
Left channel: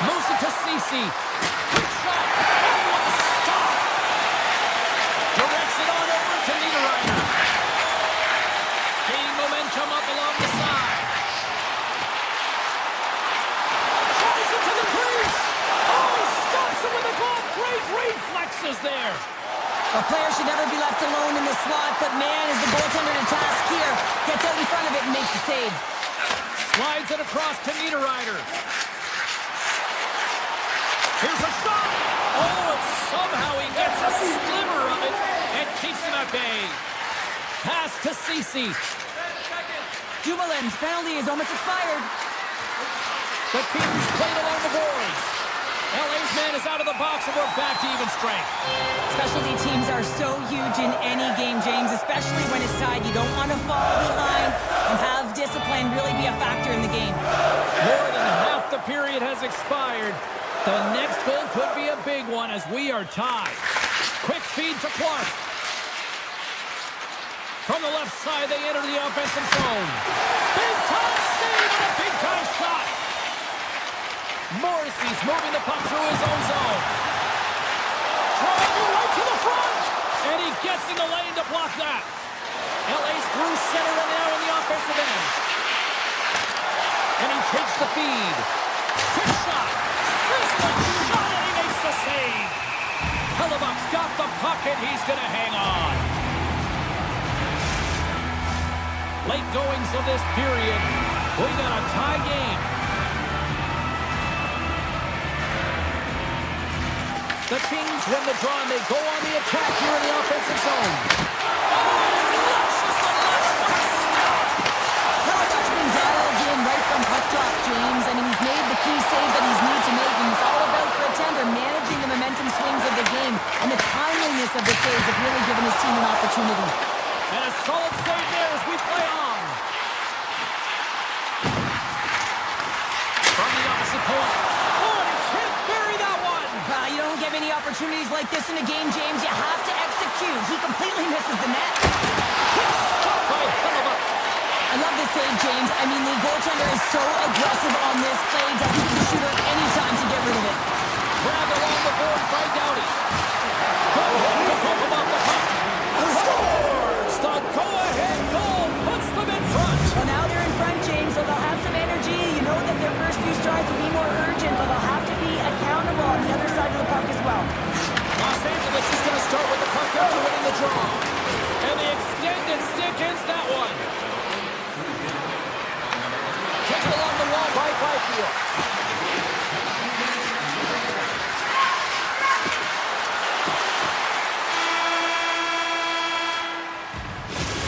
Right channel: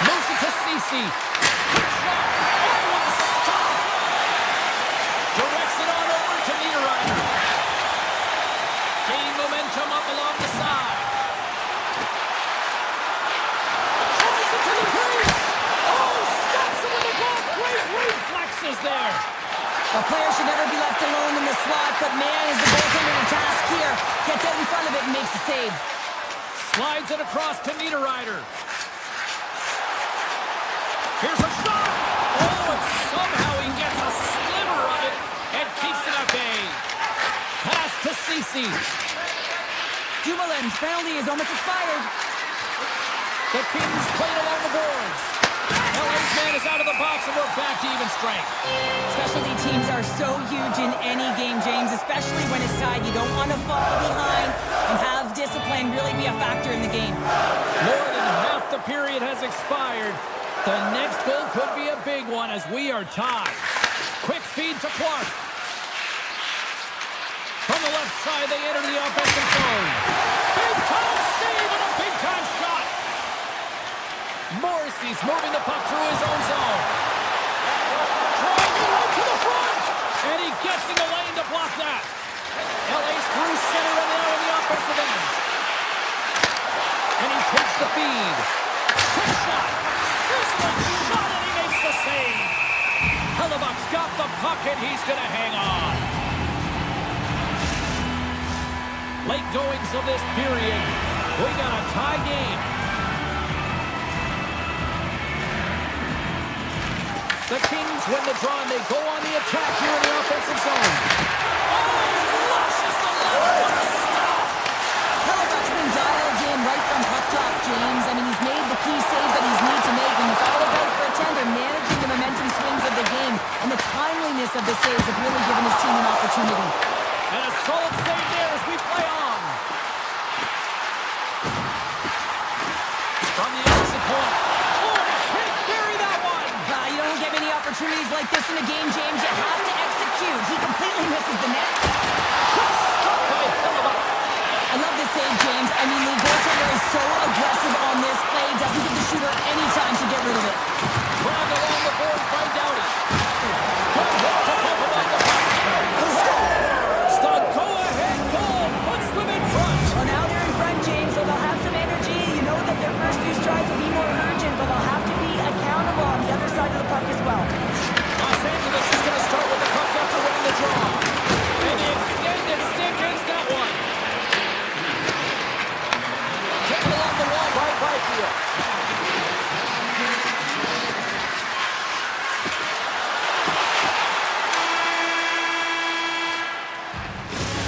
Moves it to Ceci. Quick shot. Oh, what a stop. Directs it on over to Niederreiter. Gaining momentum up along the side. Tries it to the crease. Oh, he stops it with the glove. Great reflexes there. A player should never be left alone in the slot, but man, is the goaltender to task here. Gets out in front of it and makes the save. Slides it across to Niederreiter. Here's a shot. Oh, and somehow he gets a sliver of it and keeps it at bay. Pass to Ceci. Dumoulin's penalty is almost expired. The Kings played along the boards. LA's man is out of the box, and we're back to even strength. Specialty teams are so huge in any game, James, especially when it's tied. You don't want to fall behind and have discipline really be a factor in the game. More than half the period has expired. The next goal could be a big one as we are tied. Quick feed to Clark. From the left side, they enter the offensive zone. Big-time save and a big-time shot. Morrissey's moving the puck through his own zone. Driving right to the front. And he gets in the lane to block that. LA's through center and now in the offensive end. the feed. Quick shot. Sizzling shot, and he makes the save. Hellebuck's got the puck, and he's going to hang on. Late goings of this period. We got a tie game. The Kings win the draw, and they go on the attack here in the offensive zone. Oh, flushes the letter. What a stop! Hellebuck's been dialed in right from puck drop, James. I mean, he's made the key saves that he's need to make, and it's all about for a tender, managing the momentum swings of the game, and the timeliness of the saves have really given his team an opportunity. And a solid save there as we play on. From the opposite point. Oh, and he can't bury that one! You don't get many opportunities like this in a game, James. You have to execute. He completely misses the net. Quick stop by Hellebuck. I love this save, James. I mean, the goaltender is so aggressive on this play. Doesn't give the shooter any time to get rid of it. Grabbed along the boards by Doughty. Good hit to pump him off the puck. Scores! The go-ahead goal puts them in front. Well, now they're in front, James, so they'll have some energy. You know that their first few strides will be more urgent, but they'll have to be accountable on the other side of the puck as well. Los Angeles is going to start with the puck after winning the draw. And the extended stick ends that one. Taken along the wall by Byfield.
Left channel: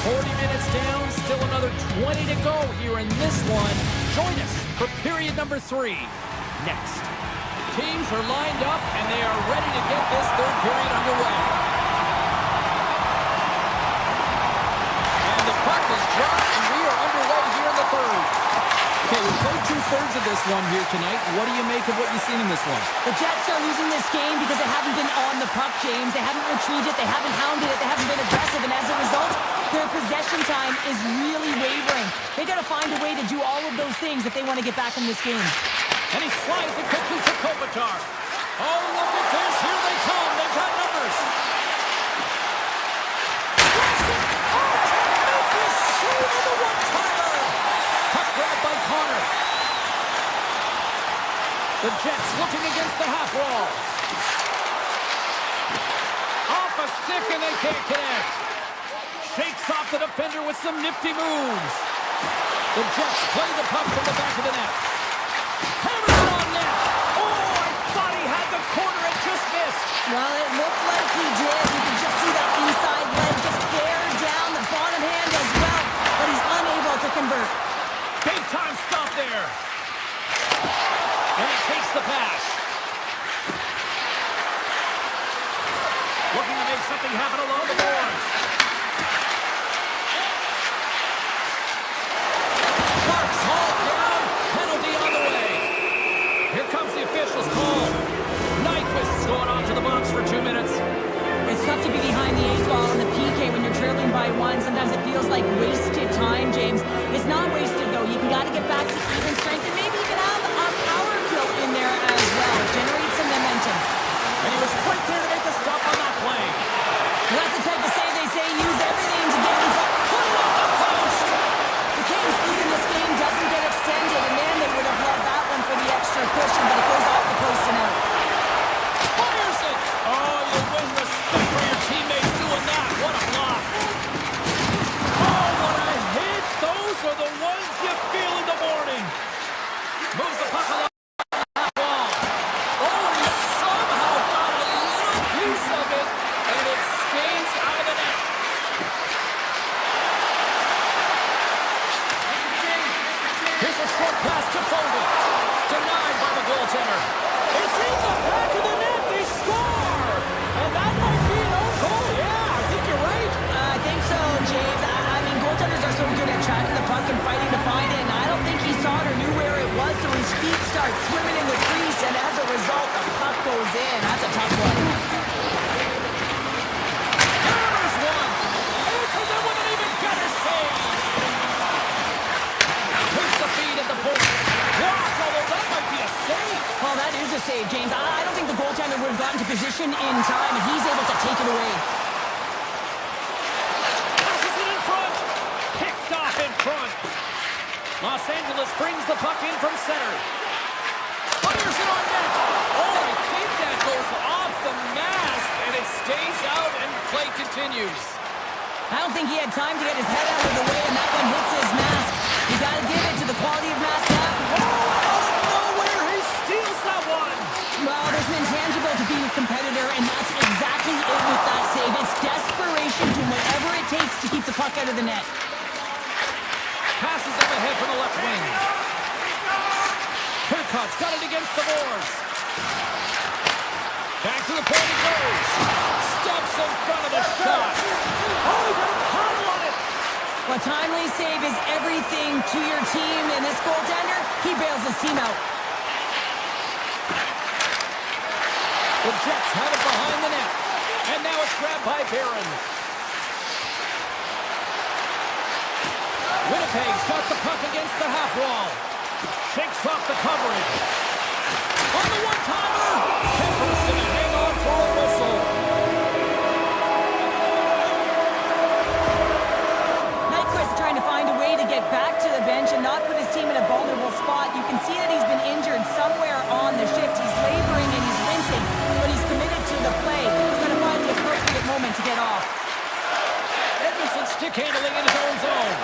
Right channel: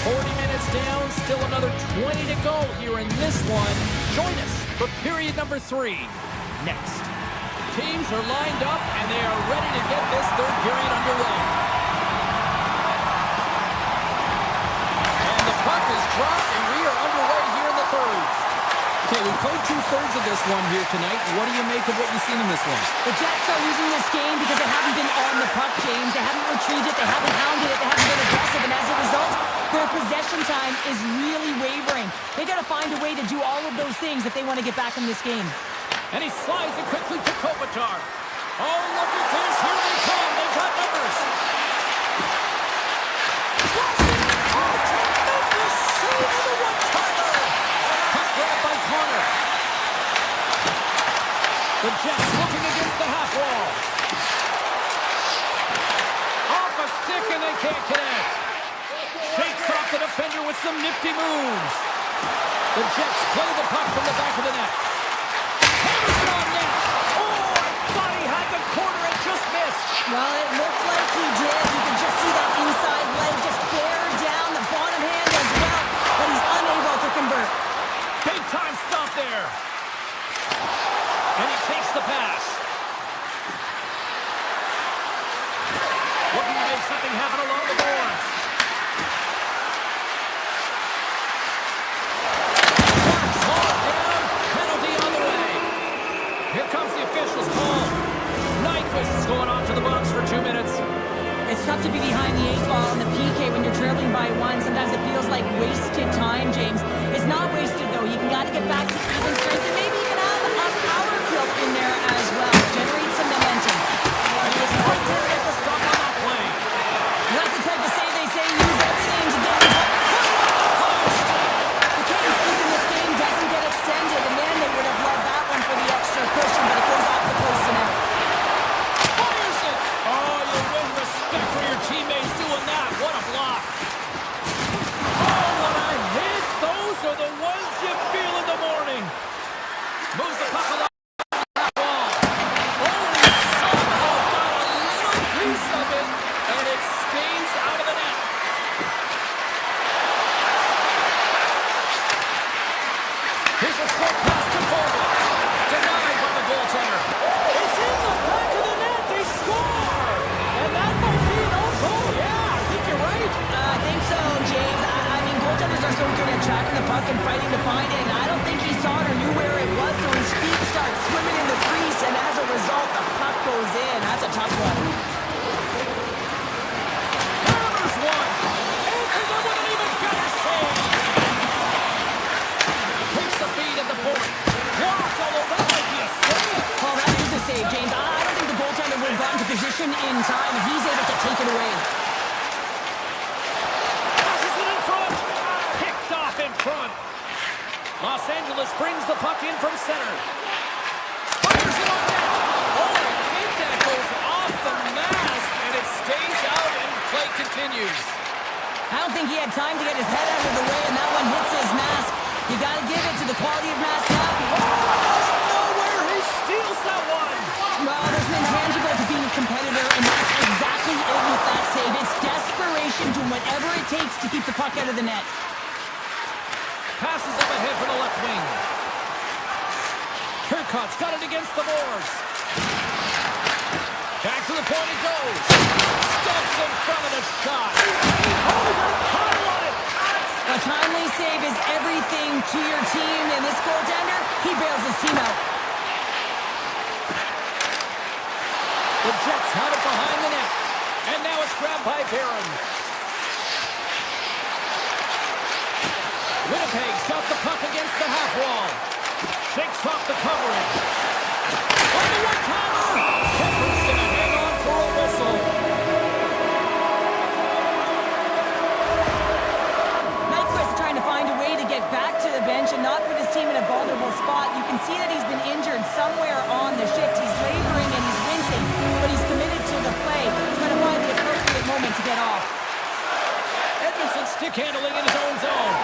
40 minutes down, still another 20 to go here in this one. Join us for period number 3 next. Teams are lined up, and they are ready to get this third period underway. And the puck is dropped, and we are underway here in the third. Okay, we played 2/3 of this one here tonight. What do you make of what you've seen in this one? The Jets are losing this game because they haven't been on the puck, James. They haven't retrieved it. They haven't hounded it. They haven't been aggressive. And as a result, their possession time is really wavering. They got to find a way to do all of those things if they want to get back in this game. And he slides it quickly to Kopitar. Oh, look at this. Here they come. They've got numbers. Oh, tremendous save on the one-timer. Puck grabbed by Connor. The Jets looking against the half wall. Off a stick, and they can't connect. Shakes off the defender with some nifty moves. The Jets play the puck from the back of the net. Hammers it on net. Oh, I thought he had the corner and just missed. Well, it looked like he did. You could just see that inside leg just bear down the bottom hand as well, but he's unable to convert. Big time stop there. And he takes the pass. Looking to make something happen along the boards. Clark's hauled down. Penalty on the way. Here comes the official's call. Nyquist is going off to the box for 2 minutes. It's tough to be behind the 8-ball in the PK when you're trailing by 1. Sometimes it feels like wasted time, James. It's not wasted, though. You got to get back to even strength and maybe even have a power kill in there as well. Generate some momentum. And he was right there to make the stop on that play. That's the type of save they say use everything to get in front. Put it on the post. The Kings lead in this game doesn't get extended, and man, they would have loved that one for the extra cushion, but it goes off the post and out. Fires it. Oh, you win respect for your teammates doing that. What a block. Oh, what a hit. Those are the ones you feel in the morning. Moves the puck along the half wall. Oh, and he somehow got a little piece of it, and it stays out of the net. Here's a short pass to Fogle. Denied by the goaltender. It's in the back of the net. They score. And that might be an own goal. Yeah, I think you're right. I think so, James. I mean, goaltenders are so good at tracking the puck and fighting to find it, and I don't think he saw it or knew where it was, so his feet start swimming in the crease, and as a result, the puck goes in. That's a tough one. Hammers one. Answers it with an even better save. Takes the feed at the point. Blocked, although that might be a save. Well, that is a save, James. I don't think the goaltender would have gotten to position in time, and he's able to take it away. Passes it in front. Picked off in front. Los Angeles brings the puck in from center. Fires it on net. Oh, I think that goes off the mask, and it stays out, and play continues. I don't think he had time to get his head out of the way, and that one hits his mask. You got to give it to the quality of mask now. Oh, out of nowhere, he steals that one. Well, there's an intangible to being a competitor, and that's exactly it with that save. It's desperation to whatever it takes to keep the puck out of the net. Passes up ahead from the left wing. Turcotte's got it against the boards. Back to the point it goes. Steps in front of the shot. Oh, he got a paddle on it. A timely save is everything to your team, and this goaltender, he bails his team out. The Jets have it behind the net. And now it's grabbed by Barron. Winnipeg's got the puck against the half wall. Shakes off the coverage. On the one-timer! Kemper's gonna hang on for a whistle. Nyquist trying to find a way to get back to the bench and not put his team in a vulnerable spot. You can see that he's been injured somewhere on the shift. He's laboring and he's wincing, but he's committed to the play. He's going to find the appropriate moment to get off. Edmondson stick handling in his own zone.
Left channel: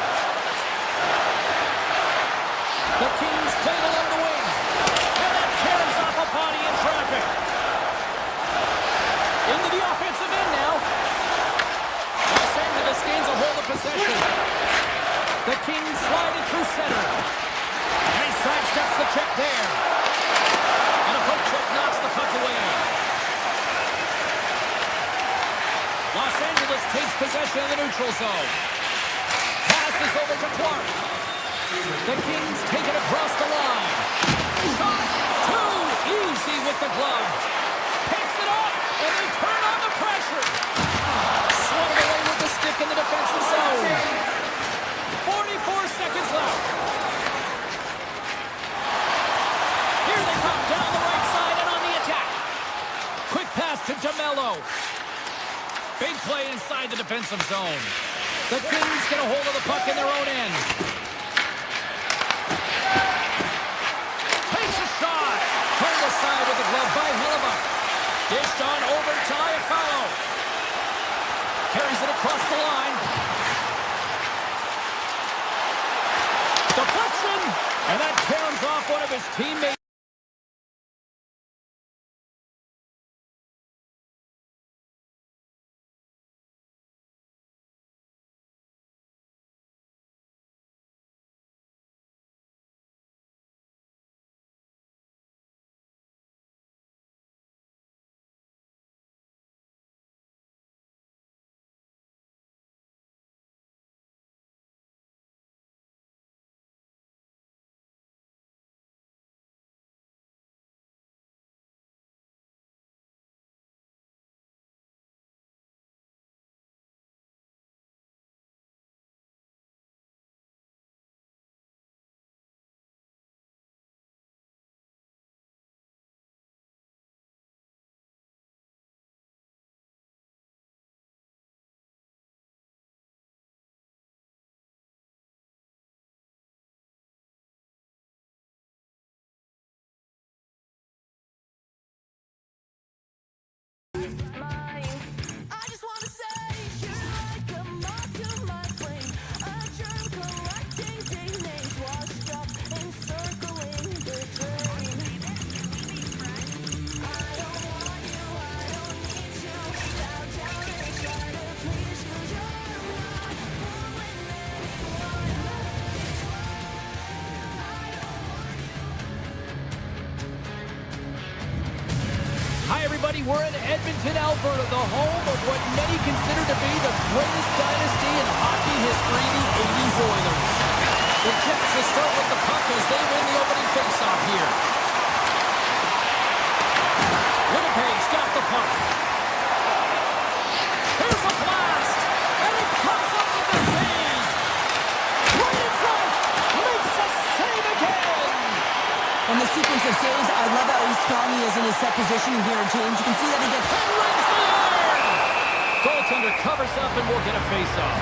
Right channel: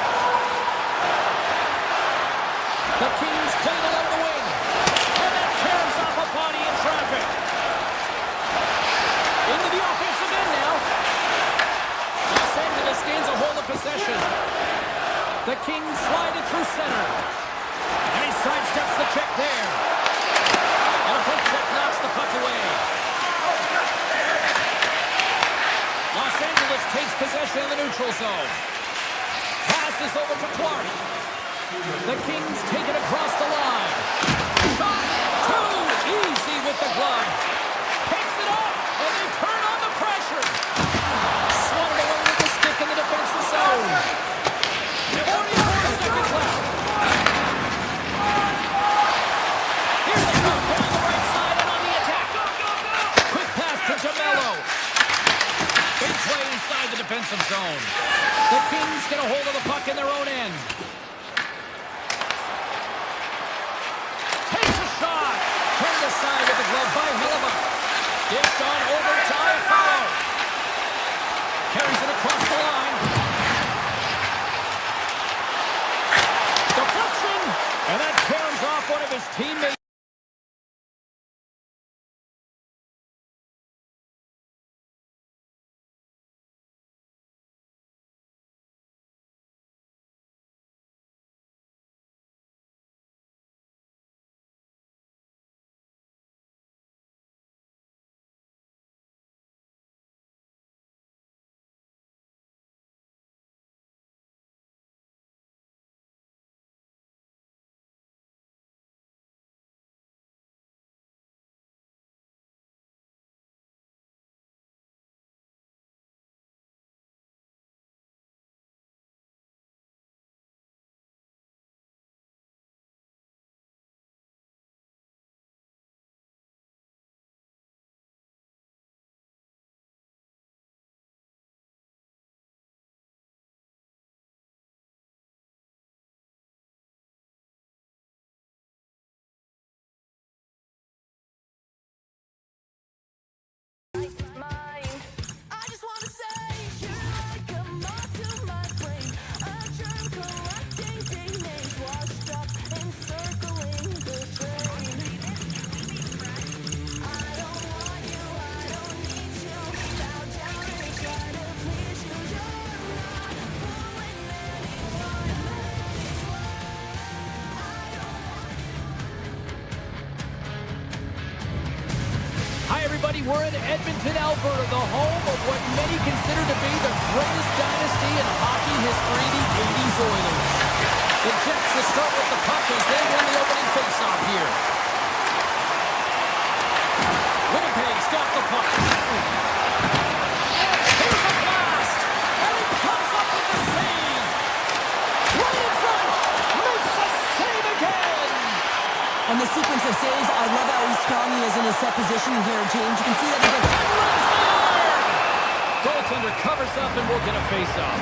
The Kings played along the wing. And that caroms off a body in traffic. Into the offensive end now. Los Angeles gains a hold of possession. The Kings slide it through center. And he sidesteps the check there. And a poke check knocks the puck away. Los Angeles takes possession of the neutral zone. Passes over to Clark. The Kings take it across the line. Shot! Too easy with the glove. Takes it off, and they turn on the pressure. Swung away with the stick in the defensive zone. 44 seconds left. Here they come down the right side and on the attack. Quick pass to DeMello. Big play inside the defensive zone. The Kings get a hold of the puck in their own end. Takes a shot. Turned aside with the glove by Hellebuck. Dished on over to Iafallo. Carries it across the line. Deflection. And that caroms off one of his teammates. Hi, everybody. We're in Edmonton, Alberta, the home of what many consider to be the greatest dynasty in hockey history, the 80s Oilers. The Jets will start with the puck as they win the opening faceoff here. Winnipeg's got the puck. Here's a blast, and it comes up with the save. Right in front, makes a save again. On the sequence of saves, I love how strong he is in his set positioning here, James. You can see that he gets... And rings the iron! Goaltender covers up and we'll get a face-off.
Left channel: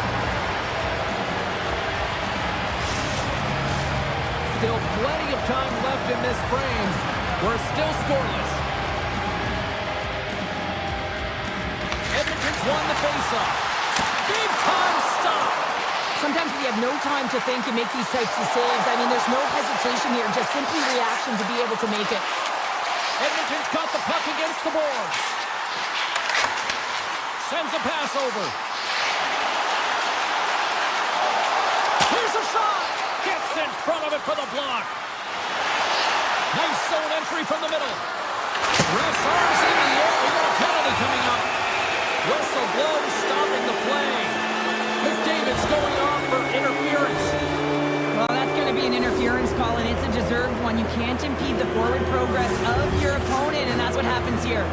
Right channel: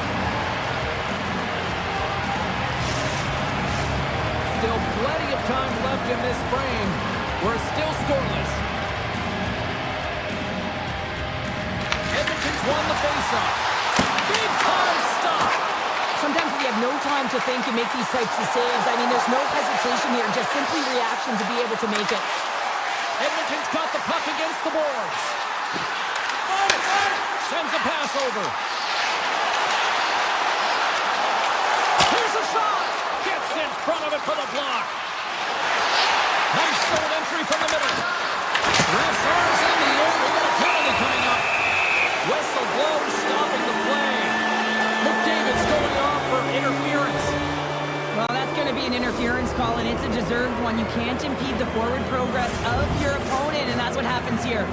Still plenty of time left in this frame. We're still scoreless. Edmonton's won the faceoff. Big time stop. Sometimes when you have no time to think and make these types of saves, I mean, there's no hesitation here, just simply reaction to be able to make it. Edmonton's got the puck against the boards. Sends a pass over. Here's a shot. Gets in front of it for the block. Nice zone entry from the middle. Ref's arms in the air. We got a penalty coming up. Whistle blows, stopping the play. McDavid's going off for interference. Well, that's going to be an interference call, and it's a deserved one. You can't impede the forward progress of your opponent, and that's what happens here.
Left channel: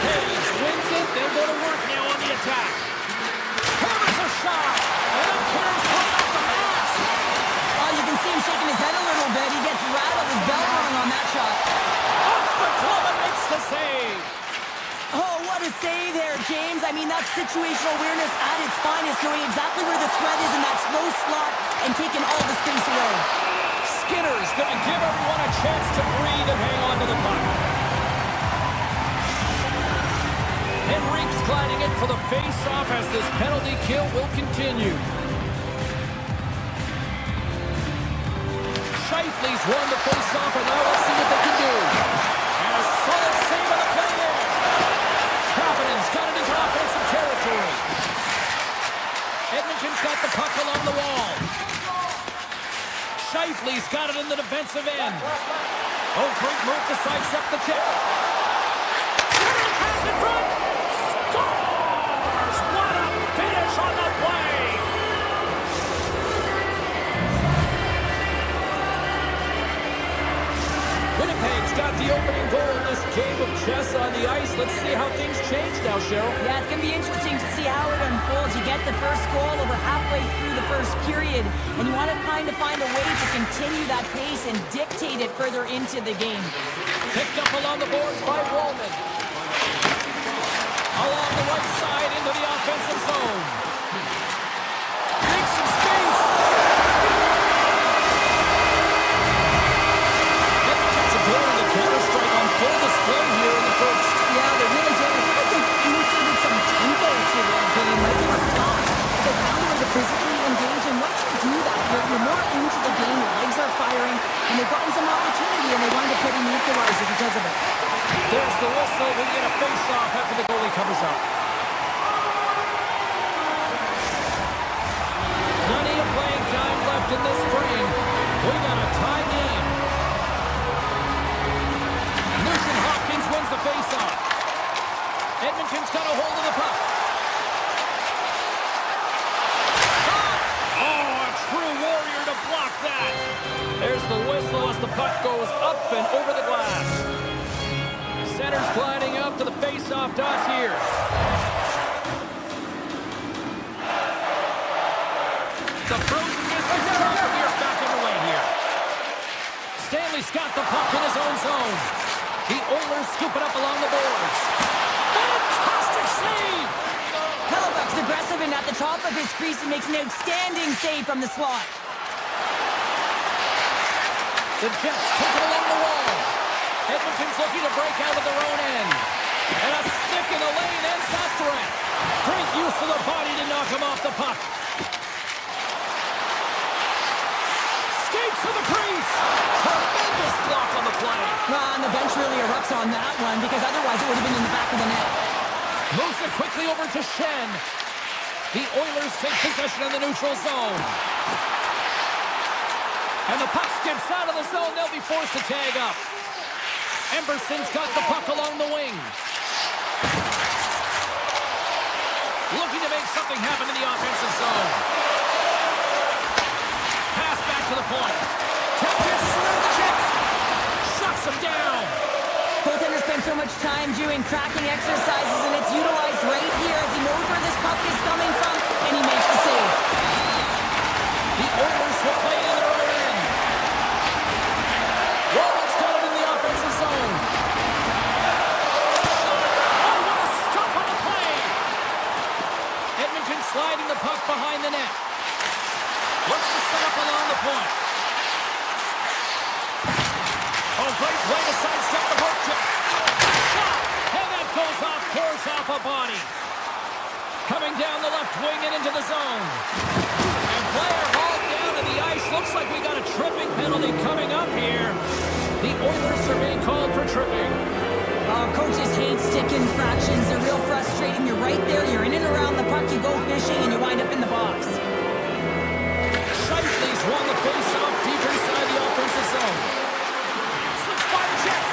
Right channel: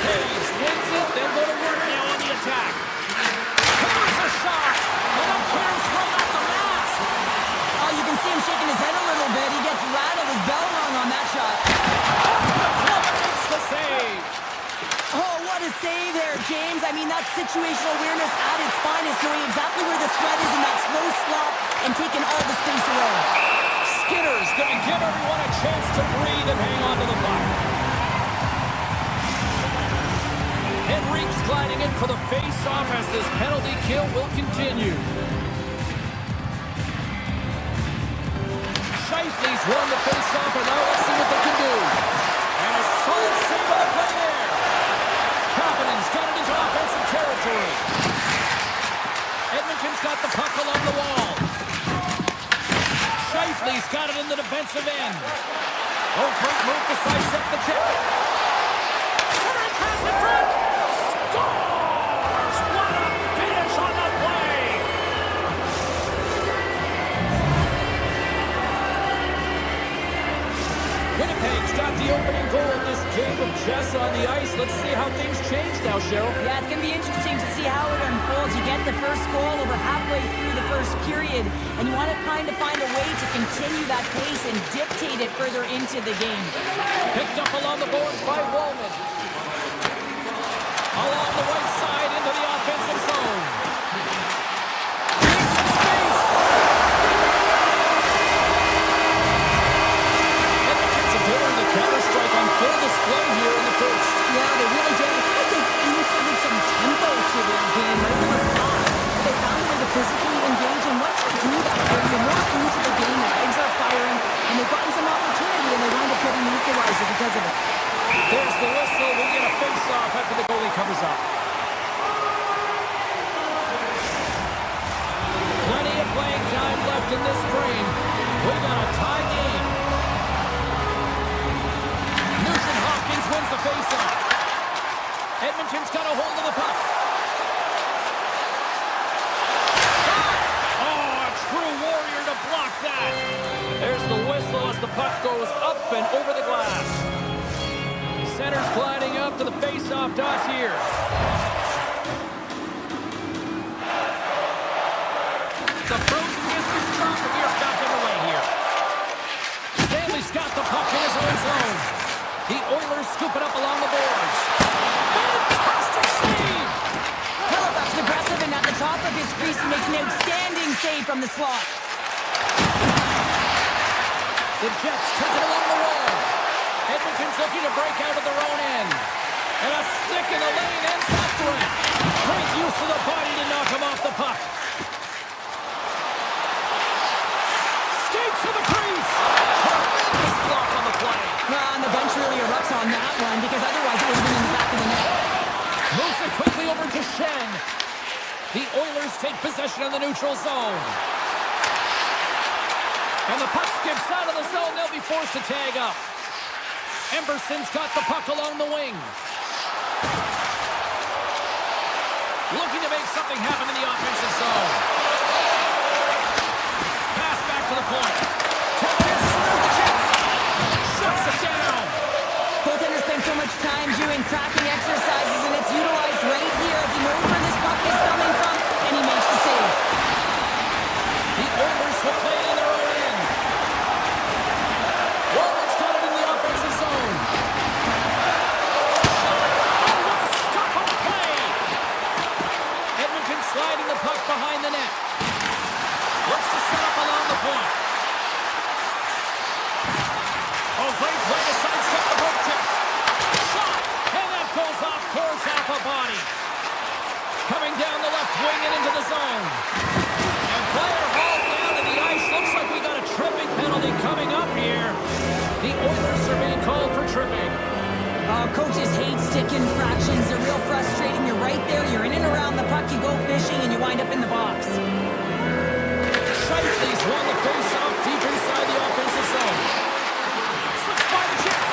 Hayes wins it. They'll go to work now on the attack. Hammers a shot, and then caroms right off the mask. Oh, you can see him shaking his head a little bit. He gets rattled, his bell rung on that shot. Off the glove and makes the save. Oh, what a save there, James. I mean, that's situational awareness at its finest, knowing exactly where the threat is in that slow slot and taking all the space away. Skinner's going to give everyone a chance to breathe and hang on to the puck. Henrique's gliding in for the face-off as this penalty kill will continue. Scheifele's won the face-off, and now let's see what they can do. And a solid save on the play there. Kapanen's got it into offensive territory. Edmonton's got the puck along the wall. Scheifele's got it in the defensive end. Oh, great move to sidestep the check. Center pass in front. Scores! What a finish on the play! Winnipeg's got the opening goal in this game of chess on the ice. Let's see how things change now, Cheryl. Yeah, it's going to be interesting to see how it unfolds. You get the first goal over halfway through the first period, and you want to kind of find a way to continue that pace and dictate it further into the game. Picked up along the boards by Roman. Along the right side into the offensive zone. Makes some space. Edmonton's ability to counter-strike on full display here in the first. Yeah, they really did. I feel like they've inserted some tempo to their game, right? They were fast. They found a way to physically engage, and once you do that, you're more into the game, your legs are firing, and they've gotten some opportunity, and they wind up getting the equalizer because of it. There's the whistle. We get a face-off after the goalie covers up. Plenty of playing time left in this frame. We got a tie game. Nugent-Hopkins wins the face-off. Edmonton's got a hold of the puck. Shot! Oh, a true warrior to block that. There's the whistle as the puck goes up and over the glass. Center's gliding up to the face-off dot here. The frozen distance drop, and we are back underway here. Stanley's got the puck in his own zone. The Oilers scoop it up along the boards. Fantastic save! Hellebuck's aggressive, and at the top of his crease, he makes an outstanding save from the slot. The Jets take it along the wall. Edmonton's looking to break out of their own end. And a stick in the lane ends that threat. Great use of the body to knock him off the puck. Skates to the crease. Tremendous block on the play. And the bench really erupts on that one, because otherwise it would have been in the back of the net. Moves it quickly over to Shen. The Oilers take possession in the neutral zone. And the puck skips out of the zone. They'll be forced to tag up. Emberson's got the puck along the wing. Looking to make something happen in the offensive zone. Pass back to the point. Chances around the check. Shuts him down. Goaltender spends so much time doing cracking exercises, and it's utilized right here as he knows where this puck is coming from, and he makes the save. The Oilers will play in their own end. Roman's got it in the offensive zone. Shot. Oh, what a stop on the play. Edmonton sliding the puck behind the net. Looks to set up along the point. Oh, great play to sidestep the poke check. Shot! And that goes off course half a body. Coming down the left wing and into the zone. And player hauled down to the ice. Looks like we got a tripping penalty coming up here. The Oilers are being called for tripping. Oh, coaches hate stick infractions. They're real frustrating. You're right there. You're in and around the puck. You go fishing and you wind up in the box. Shifley's won the face-off deep inside the offensive zone. Slips by the Jets.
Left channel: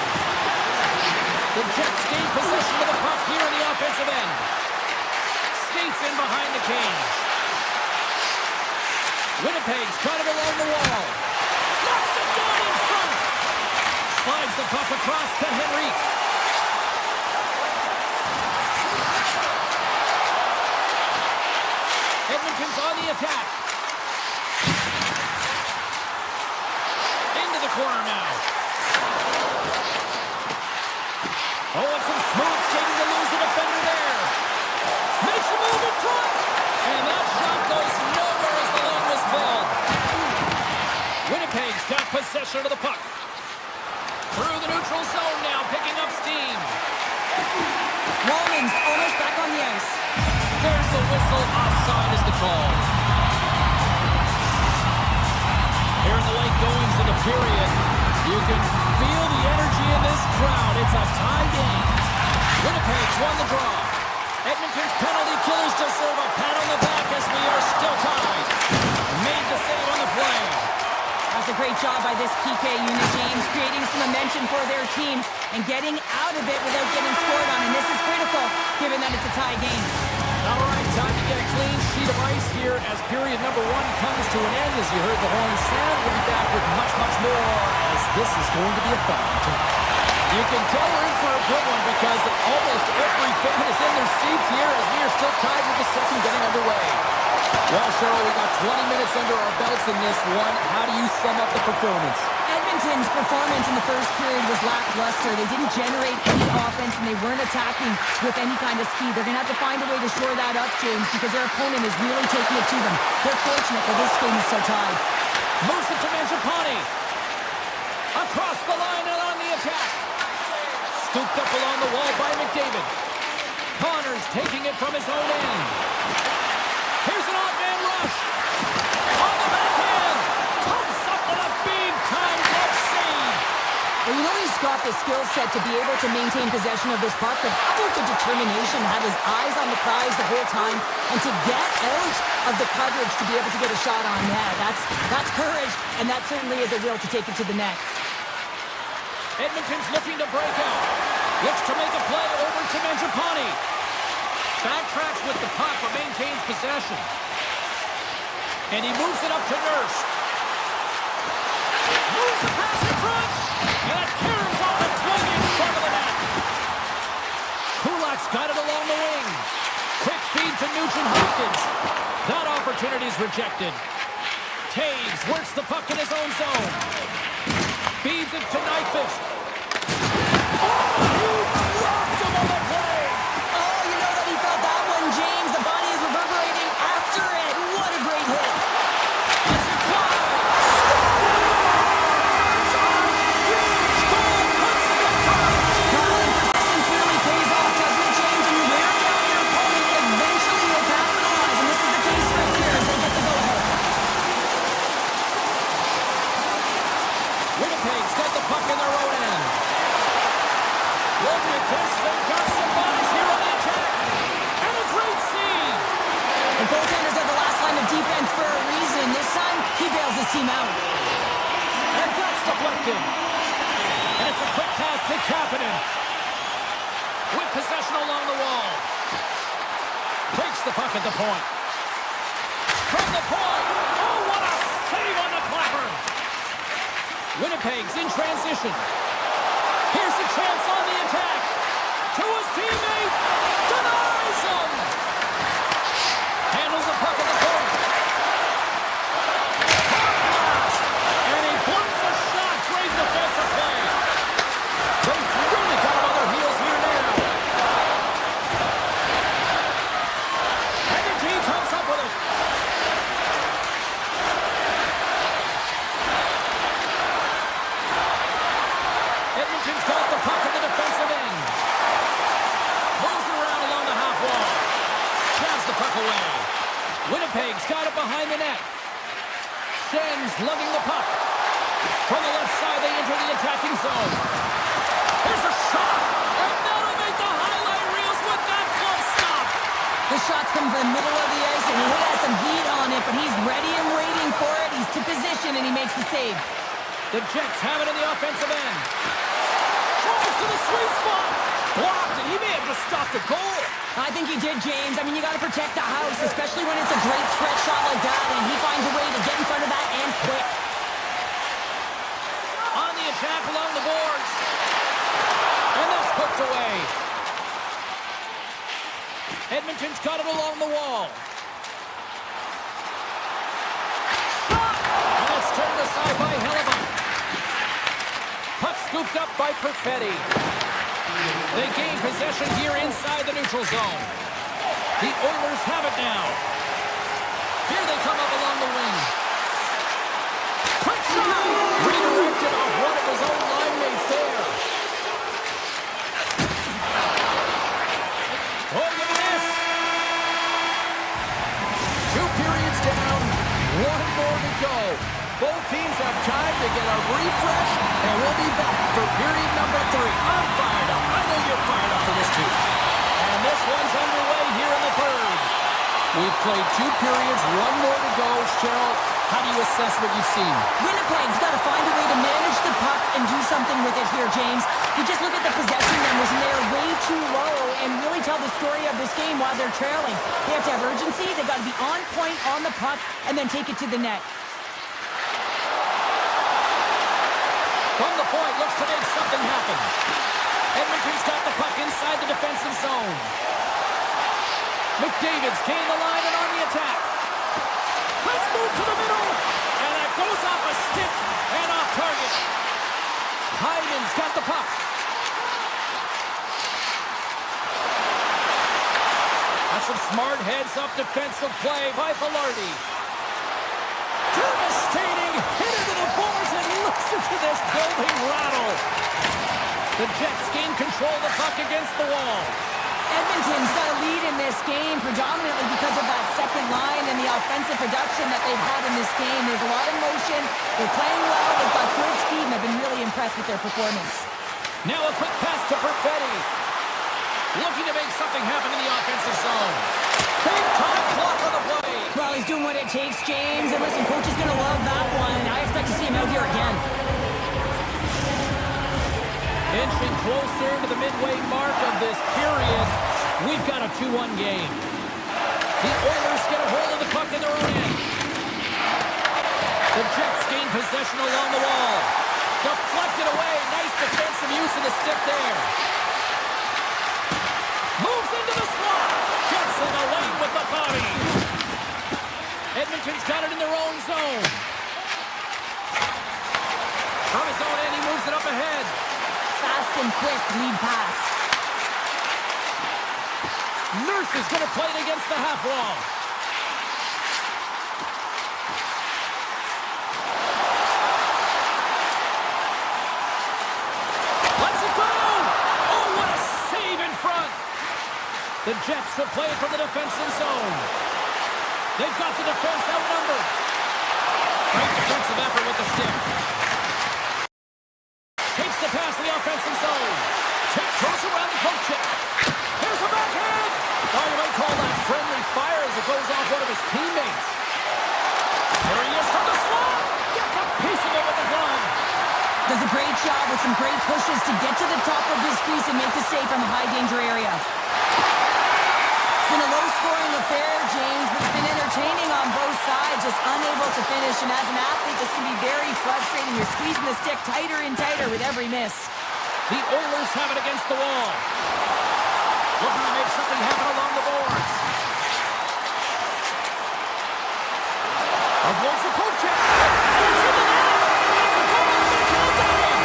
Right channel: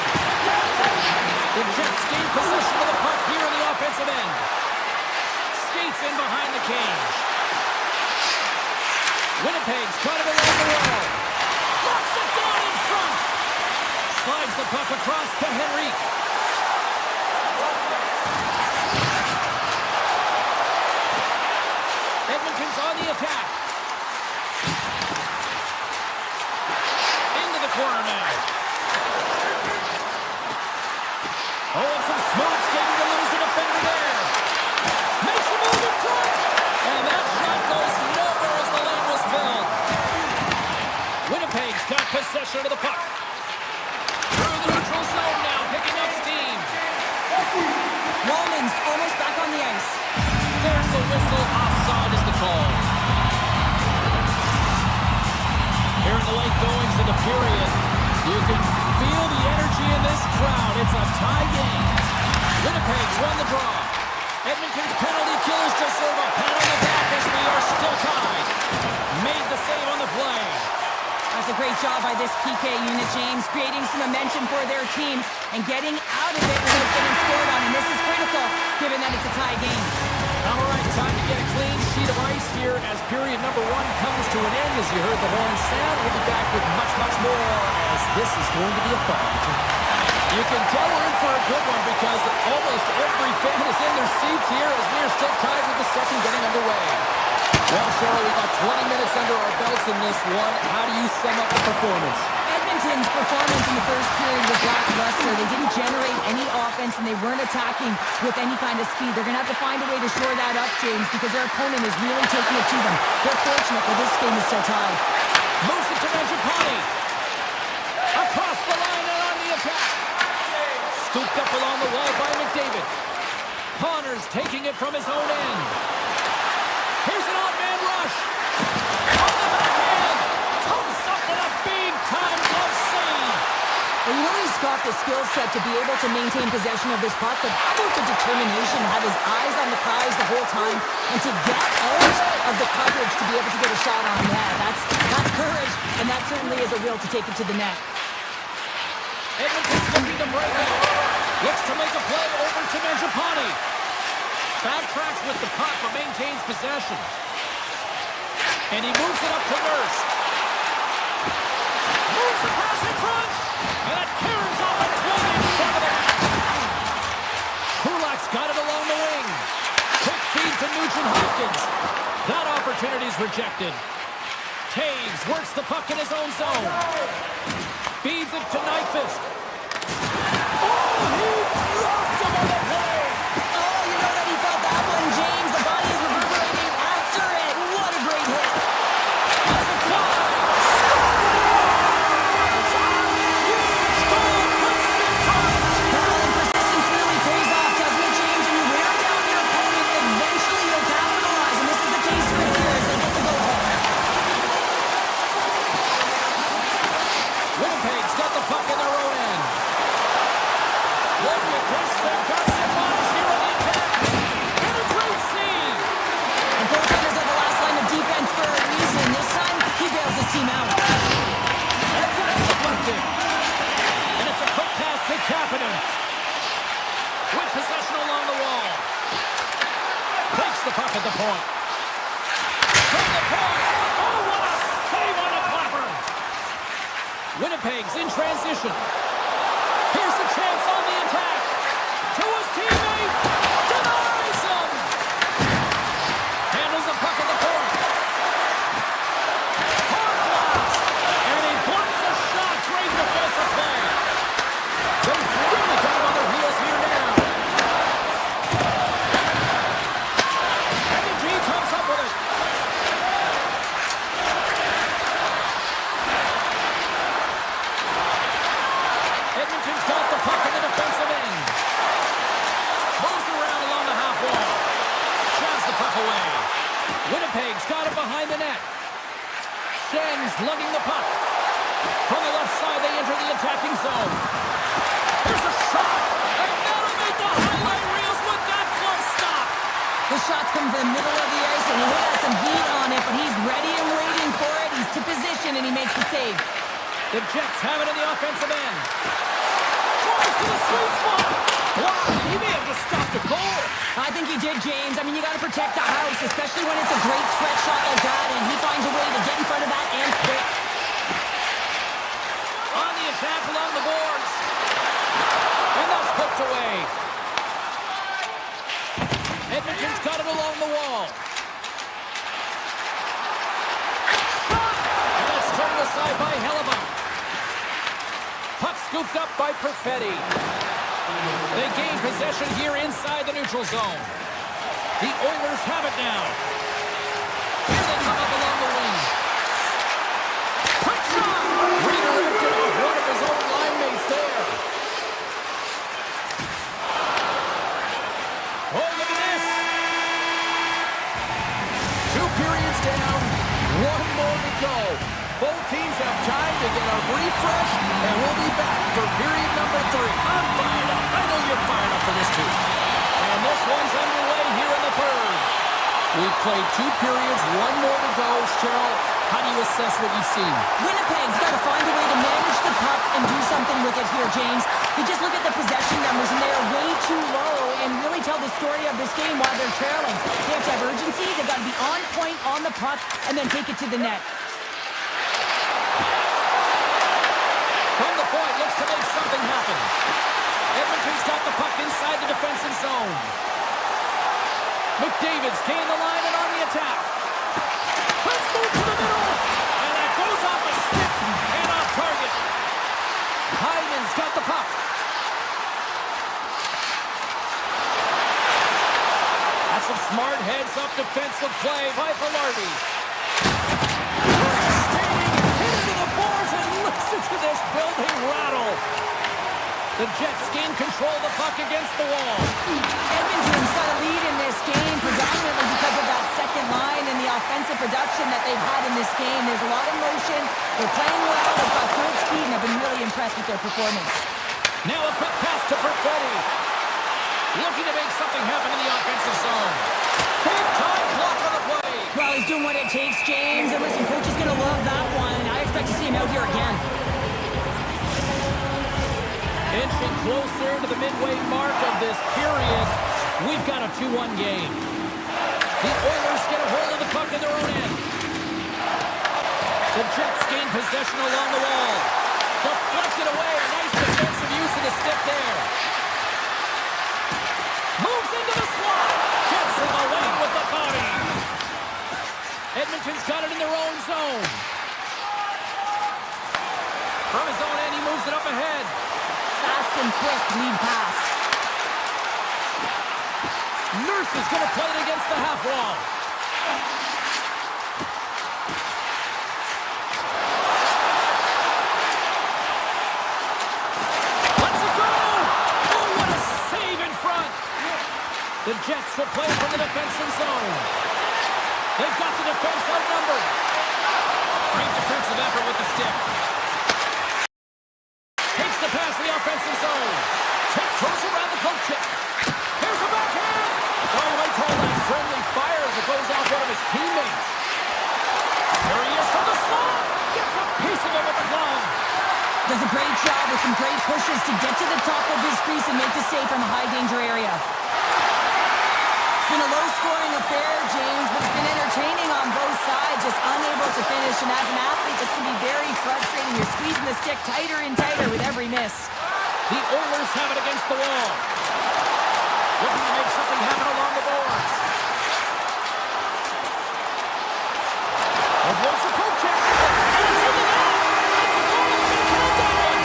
The Jets gain possession of the puck here in the offensive end. Skates in behind the cage. Winnipeg's got it along the wall. Locks it down in front. Slides the puck across to Henrique. Edmonton's on the attack. Into the corner now. Oh, and some smooth skating to lose the defender there. Makes a move in front. And that shot goes nowhere as the lane was filled. Winnipeg's got possession of the puck. Through the neutral zone now, picking up steam. Roman's almost back on the ice. There's the whistle. Offside is the call. Here in the late goings of the period, you can feel the energy in this crowd. It's a tie game. Winnipeg's won the draw. Edmonton's penalty killers deserve a pat on the back as we are still tied. Made the save on the play. That's a great job by this PK unit, James, creating some momentum for their team and getting out of it without getting scored on. And this is critical, given that it's a tie game. All right, time to get a clean sheet of ice here as period number 1 comes to an end. As you heard the horn sound, we'll be back with much, much more as this is going to be a fun one. You can tell we're in for a good one because almost every fan is in their seats here as we are still tied with the second getting underway. Well, Cheryl, we got 20 minutes under our belts in this one. How do you sum up the performance? Edmonton's performance in the first period was lackluster. They didn't generate any offense, and they weren't attacking with any kind of speed. They're going to have to find a way to shore that up, James, because their opponent is really taking it to them. They're fortunate that this game is still tied. Moves it to Mangiapane. Across the line and on the attack. Scooped up along the wall by McDavid. Connors taking it from his own end. Here's an odd man rush. On the backhand. Comes up with a big-time glove save. Well, you know he's got the skill set to be able to maintain possession of this puck, but how about the determination to have his eyes on the prize the whole time and to get out of the coverage to be able to get a shot on net? That's courage, and that certainly is a will to take it to the net. Edmonton's looking to break out. Looks to make a play over to Mangiapane. Backtracks with the puck but maintains possession. And he moves it up to Nurse. Moves the pass in front. And it caroms off a twing in front of the net. Kulak's got it along the wing. Quick feed to Nugent-Hopkins. That opportunity's rejected. Taves works the puck in his own zone. Feeds it to Nyquist. Oh, he blocked him on the play. Oh, you know that he felt that one, James. The body is reverberating after it. What a great hit. Let's it fly. Scores! A huge goal puts him in front. Well, and persistence really pays off, doesn't it, James? And you wear down your opponent, eventually you'll capitalize. And this is the case right here as they get the go-ahead. Winnipeg's got the puck in their own end. Look at this. They've got some bodies here on the attack. And a great save. And goaltenders are the last line of defense for a reason. This time, he bails his team out. And that's deflected. And it's a quick pass to Kapanen. With possession along the wall. Takes the puck at the point. From the point. Oh, what a save on the clapper. Winnipeg's in transition. Here's a chance on the attack. To his teammate. Denies him. Handles the puck at the point. Hard blast. And he blocks a shot. Great defensive play. They've really got him on their heels here now. And the team comes up with it. away. Winnipeg's got it behind the net. Schen's lugging the puck. From the left side, they enter the attacking zone. Here's a shot, and that'll make the highlight reels with that close stop. The shot's coming from the middle of the ice, and he has some heat on it, but he's ready and waiting for it. He's to position, and he makes the save. The Jets have it in the offensive end. Tries to the sweet spot. Blocked, and he may have just stopped a goal. I think he did, James. I mean, you got to protect the house, especially when it's a great stretch shot like that, and he finds a way to get in front of that and quick. On the attack along the boards. And that's poked away. Edmonton's got it along the wall. Shot! And that's turned aside by Hellebuck. Puck scooped up by Perfetti. They gain possession here inside the neutral zone. The Oilers have it now. Here they come up along the wing. Quick shot! Redirected off one of his own line mates there. Oh, look at this! 2 periods down, 1 more to go. Both teams have time to get a refresh, and we'll be back for period number 3. I'm fired up. I know you're fired up for this too. And this one's underway here in the third. We've played 2 periods, 1 more to go. Cheryl, how do you assess what you've seen? Winnipeg's got to find a way to manage the puck and do something with it here, James. You just look at the possession numbers, and they are way too low and really tell the story of this game while they're trailing. They have to have urgency. They've got to be on point on the puck and then take it to the net. From the point, looks to make something happen. Edmonton's got the puck inside the defensive zone. McDavid's gained the line and on the attack. Let's move to the middle. And that goes off a stick and off target. Hyman's got the puck. That's some smart heads-up defensive play by Velarde. Devastating hit into the boards, and listen to this building rattle. The Jets gain control of the puck against the wall. Edmonton's got a lead in this game predominantly because of that second line and the offensive production that they've had in this game. There's a lot of motion. They're playing well. They've got good speed, and I've been really impressed with their performance. Now a quick pass to Perfetti. Looking to make something happen in the offensive zone. Big time block on the play. Well, he's doing what it takes, James. And listen, coach is going to love that one. I expect to see him out here again. Inching closer to the midway mark of this period. We've got a 2-1 game. The Oilers get a hold of the puck in their own end. The Jets gain possession along the wall. Deflected away. Nice defensive use of the stick there. Moves into the slot. Gets in the lane with the body. Edmonton's got it in their own zone. From his own end, he moves it up ahead. Fast and quick lead pass. Nurse is going to play it against the half wall. Let's it go! Oh, what a save in front! The Jets will play it from the defensive zone. They've got the defense outnumbered. Great defensive effort with the stick. Takes the pass in the offensive zone. Tiptoes around the poke check. Here's a backhand. Oh, you might call that friendly fire as it goes off one of his teammates. There he is from the slot. Gets a piece of it with the glove. Does a great job with some great pushes to get to the top of his crease and make the save from a high-danger area. It's been a low-scoring affair, James, but it's been entertaining on both sides, just unable to finish. And as an athlete, this can be very frustrating. You're squeezing the stick tighter and tighter with every miss. The Oilers have it against the wall. Looking to make something happen along the boards. Avoids the poke check. And it's in the net. It's a goal. They're going to count that one.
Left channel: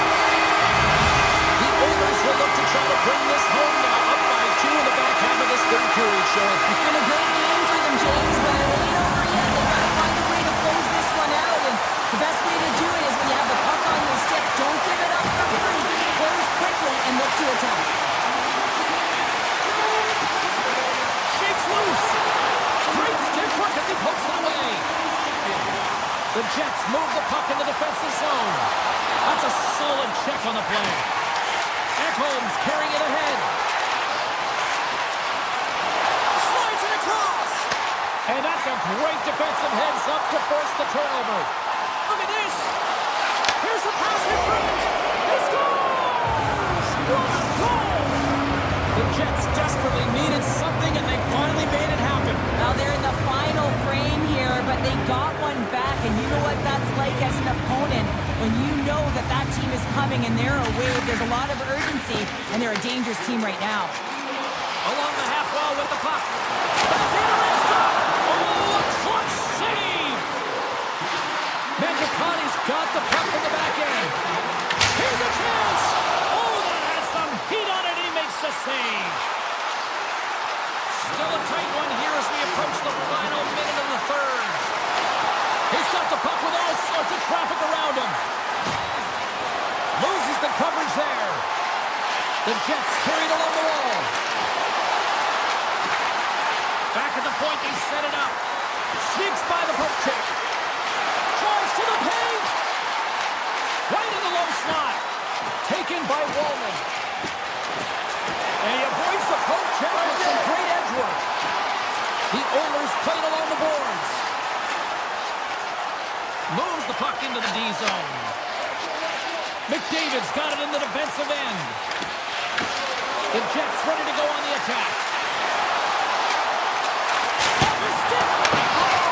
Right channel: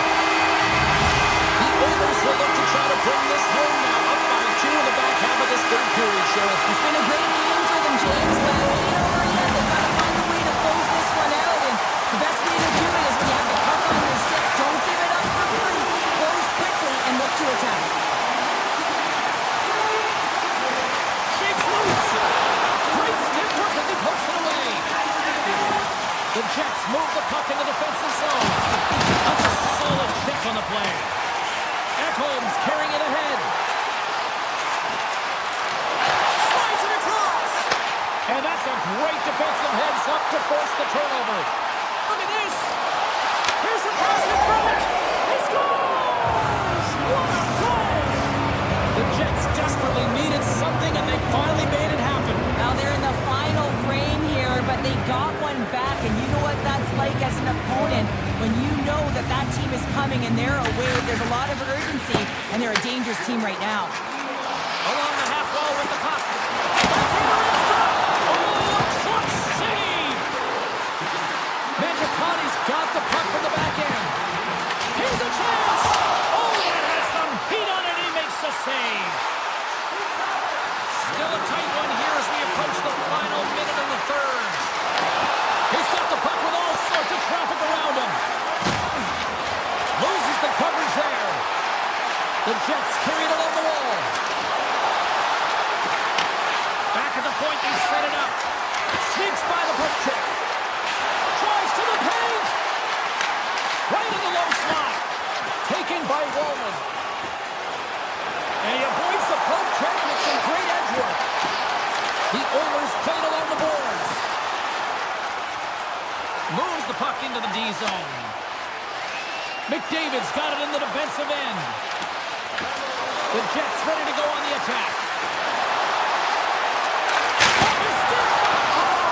The Oilers will look to try to bring this home now, up by 2 in the back half of this third period, Cheryl. It's been a great game for them, James, but it ain't over yet. They've got to find a way to close this one out, and the best way to do it is when you have the puck on your stick. Don't give it up for free. Close quickly and look to attack. Shakes loose. he pokes it away. The Jets move the puck in the defensive zone. That's a solid check on the play. Ekholm's carrying it ahead. Slides it across. And that's a great defensive heads-up to force the turnover. Look at this. Here's the pass in front. He scores! What a goal! The Jets desperately needed something, and they finally made it happen. Now they're in the final frame here, but they got one back, and you know what that's like as an opponent when you know that that team is coming and they're away. There's a lot of urgency, and they're a dangerous team right now. Along the half wall with the puck. Backhander in front. Oh, a clutch save! Mangiapane's got the puck from the back end. Here's a chance! Oh, that has some heat on it. He makes the save. Still a tight one here as we approach the final minute of the third. He's got the puck with all sorts of traffic around him. Loses the coverage there. The Jets carried along the wall. Back at the point, they set it up. Sneaks by the poke check. Drives to the paint. Right in the low slot. Taken by Wallman. And he avoids the poke check with some great edge work. The Oilers played along the boards. Moves the puck into the D zone. McDavid's got it in the defensive end. The Jets ready to go on the attack. Off his stick. Oh!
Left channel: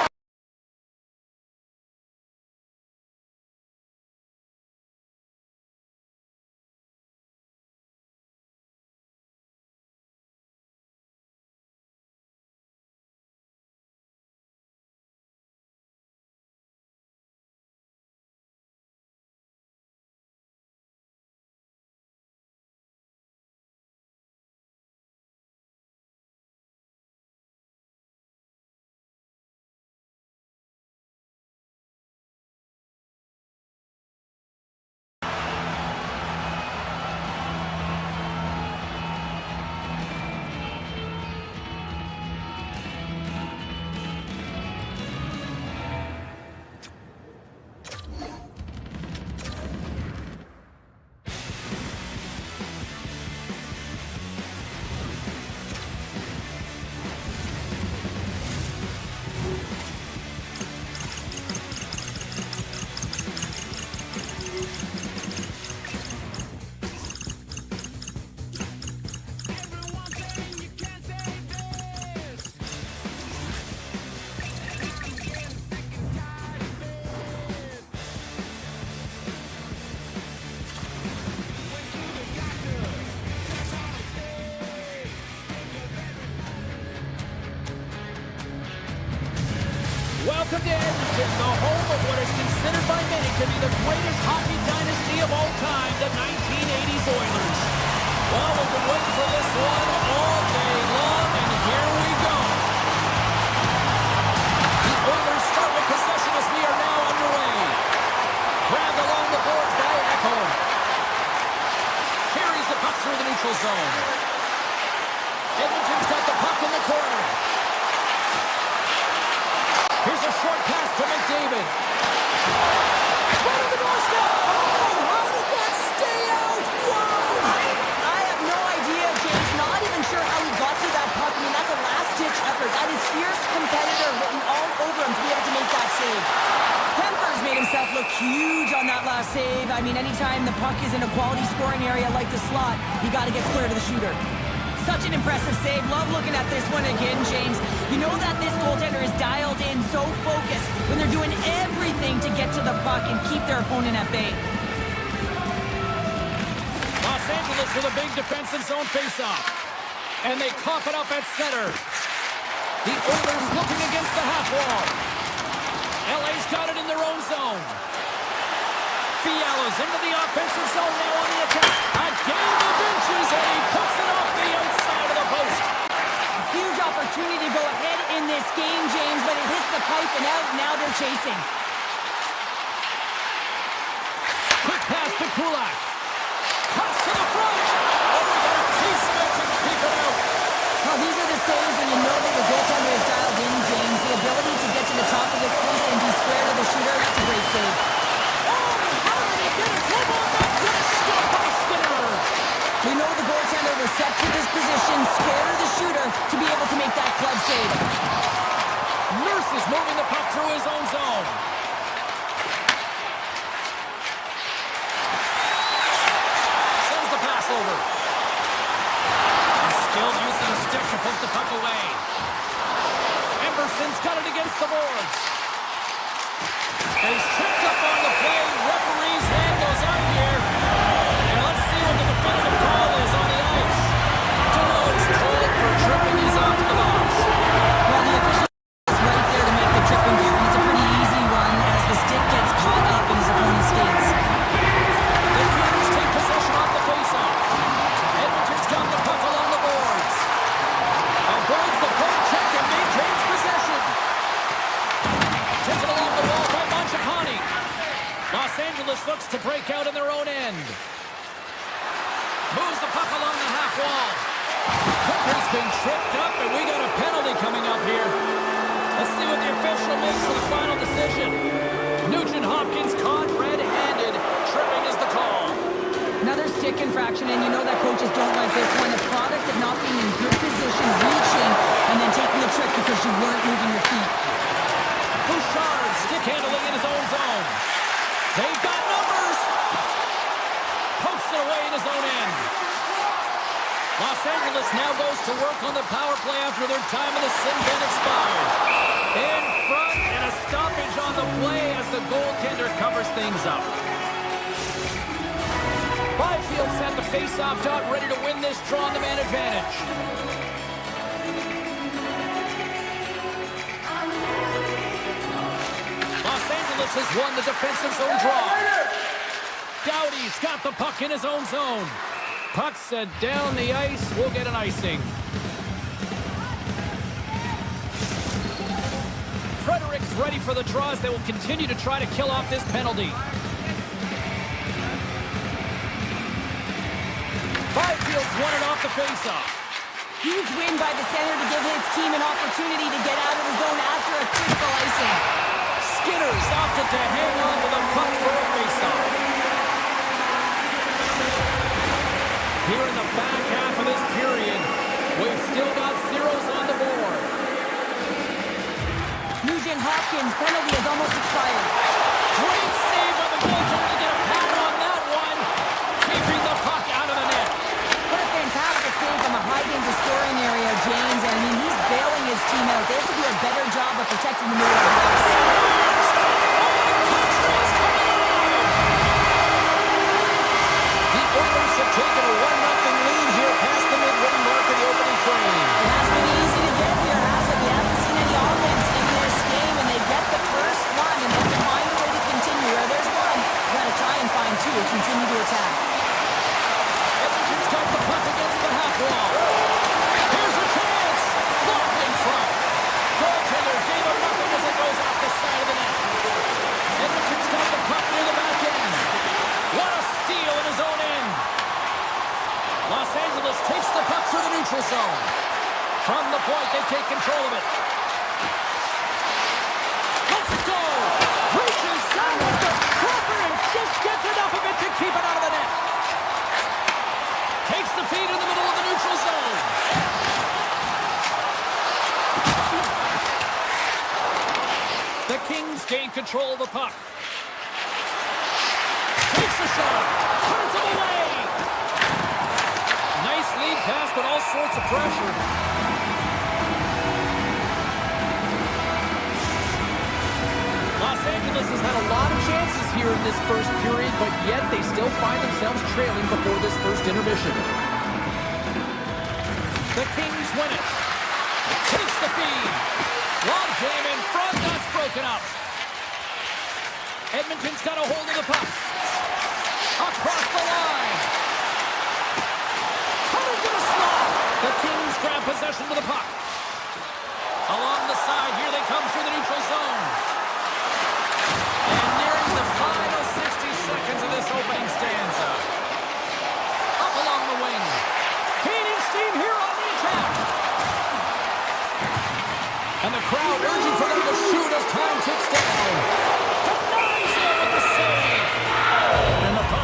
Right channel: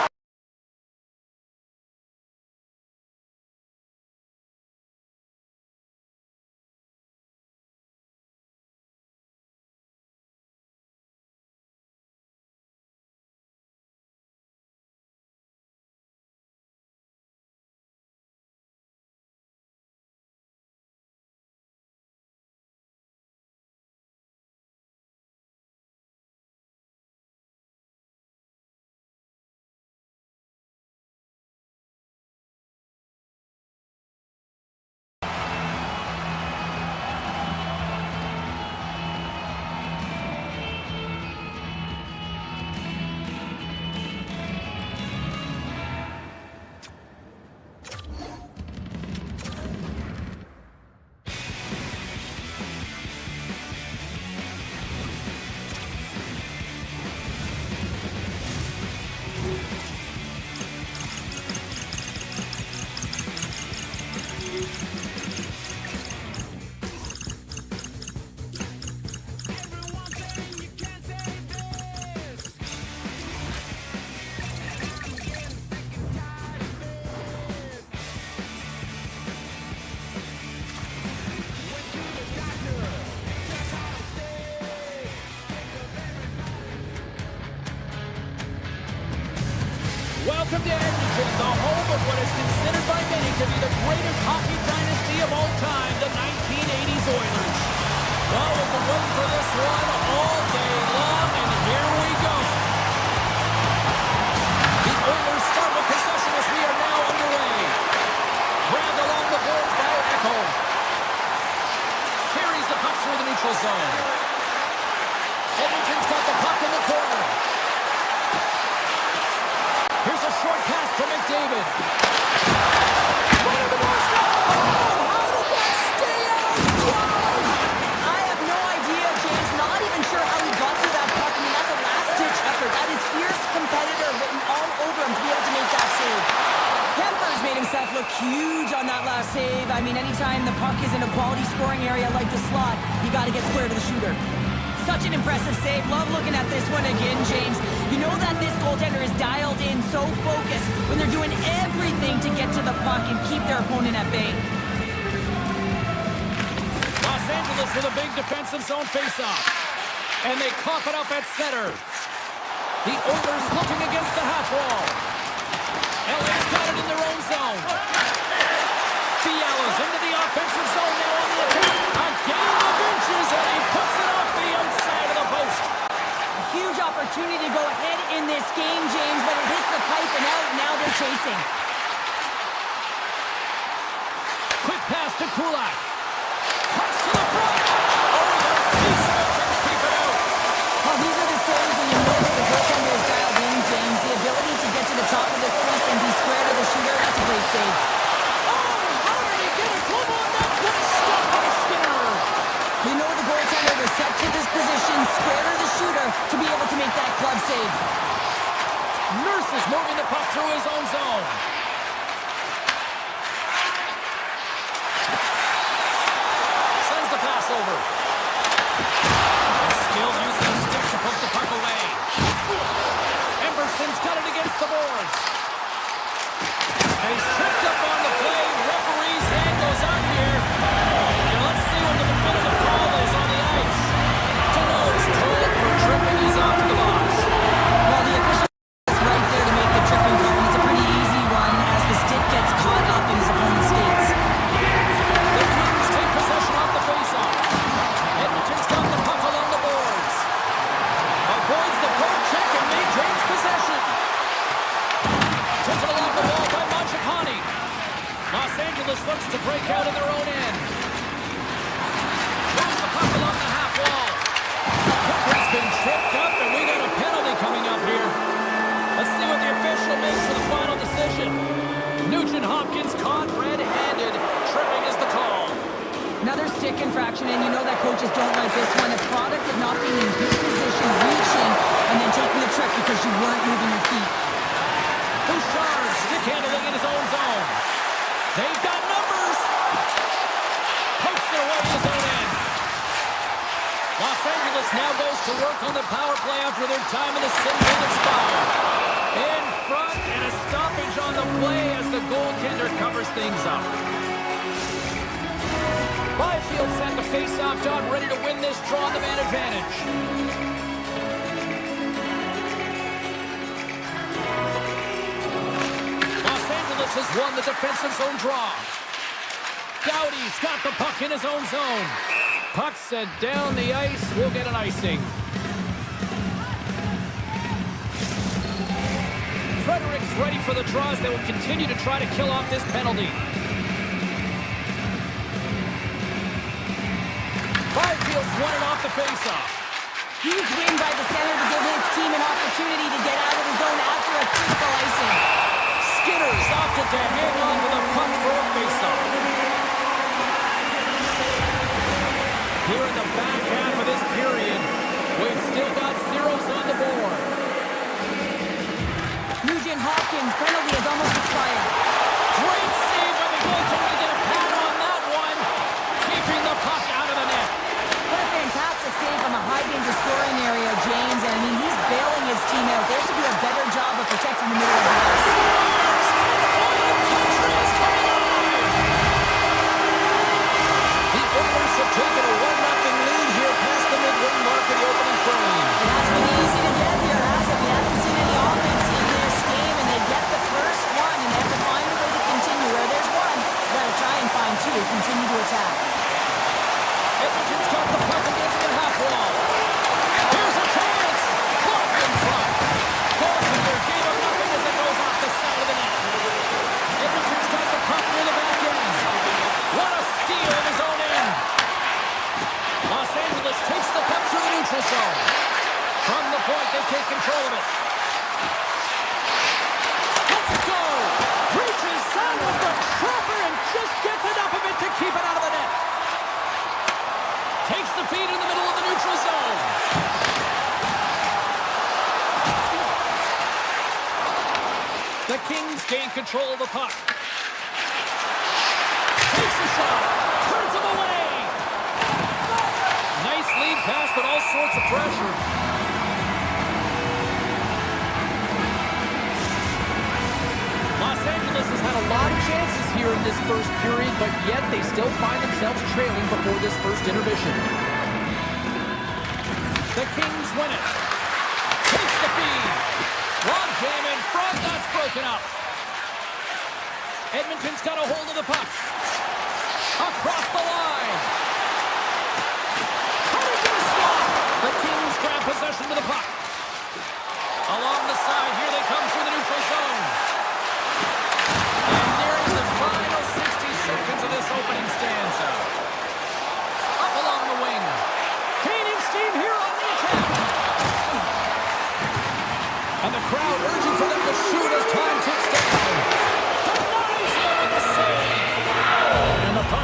Welcome to Edmonton, the home of what is considered by many to be the greatest hockey dynasty of all time, the 1980s Oilers. Well, we've been waiting for this one all day long, and here we go. The Oilers start with possession as we are now underway. Grabbed along the boards by Ekholm. Carries the puck through the neutral zone. Edmonton's got the puck in the corner. Here's a short pass to McDavid. Right on the doorstep. Oh, how did that stay out? Whoa! I have no idea, James. Not even sure how he got to that puck. I mean, that's a last-ditch effort. That is fierce competitor written all over him to be able to make that save. Kemper's made himself look huge on that last save. I mean, anytime the puck is in a quality scoring area like the slot, you got to get square to the shooter. Such an impressive save. Love looking at this one again, James. You know that this goaltender is dialed in, so focused when they're doing everything to get to the puck and keep their opponent at bay. Los Angeles with a big defensive zone faceoff. And they cough it up at center. The Oilers looking against the half wall. LA's got it in their own zone. Fiala's into the offensive zone now on the attack. A game of inches, and he puts it off the outside of the post. A huge opportunity to go ahead in this game, James, but it hits the pipe and out. Now they're chasing. Quick pass to Kulak. Cuts to the front. Oh, he got a piece of it to keep it out. Well, these are the saves when you know that the goaltender is dialed in, James. The ability to get save. Oh, how did he get a glove on that? What a stop by Skinner! We know the goaltender was set to this position, scared of the shooter, to be able to make that glove save. Nurse is moving the puck through his own zone. Sends the pass over. A skilled use of the stick to poke the puck away. Emberson's got it against the boards. And he's tripped up on the play. Referee's hand goes up here. And let's see what the definitive call is on the ice. Deneau's called for tripping. He's off to the box. Well, the official is right there to make the tripping call, and it's a pretty easy one as the stick gets caught up in his opponent's skates. The Kings take possession off the faceoff. Edmonton's got the puck along the boards. Avoids the poke check and maintains possession. Taken along the wall by Mangiapane. Los Angeles looks to break out in their own end. Moves the puck along the half wall. Kipper's been tripped up, and we got a penalty coming up here. Let's see what the official makes for the final decision. Nugent Hopkins caught red-handed. Tripping is the call. Another stick infraction, and you know that coaches don't like this one. A product of not being in good position, reaching, and then taking the trick because you weren't moving your feet. Bouchard stick handling in his own zone. They've got numbers. Pokes it away in his own end. Los Angeles now goes to work on the power play after their time in the sin-bin expired. In front and a stoppage on the play as the goaltender covers things up. Byfield's at the face-off dot, ready to win this draw on the man advantage. Los Angeles has won the defensive zone draw. Doughty's got the puck in his own zone. Puck sent down the ice. We'll get an icing. Frederick's ready for the draws. They will continue to try to kill off this penalty. Byfield's won it off the faceoff. Huge win by the center to give his team an opportunity to get out of the zone after a critical icing. Skinner's opted to hang on to the puck for a faceoff. Here in the back half of this period, we've still got zeros on the board. Nugent Hopkins' penalty has almost expired. Great save by the goaltender to get a pad on that one. Keeping the puck out of the net. What a fantastic save from a high-danger scoring area, James. And, I mean, he's bailing his team out. They have to do a better job of protecting the middle of the ice. Oilers have taken a 1-0 lead here past the midway mark of the opening frame. It has been easy to get here, has it? We haven't seen any offense in this game, and they get the first one, and they have to find a way to continue. Or there's one, you got to try and find two, continue to attack. Edmonton's got the puck against the half wall. Here's a chance. Blocked in front. Goaltender gave him nothing as it goes off the side of the net. Edmonton's got the puck near the back end. What a steal in his own end. Los Angeles takes the puck through the neutral zone. From the point, they take control of it. Let's go. Reaches down with the trapper and just gets enough of it to keep it out of the net. Takes the feed in the middle of the neutral zone. The Kings gain control of the puck. Takes a shot. Turns him away. Nice lead pass, but all sorts of pressure. Los Angeles has had a lot of chances here in this first period, but yet they still find themselves trailing before this first intermission. The Kings win it. Takes the feed. Long jam in front. That's broken up. Edmonton's got a hold of the puck. Across the line. Coming to the slot. The Kings grab possession to the puck. Along the side, here they come through the neutral zone. And nearing the final 60 seconds of this opening stanza. Up along the wing. Gaining steam here on the attack. And the crowd urging for them to shoot as time ticks down. Denies it.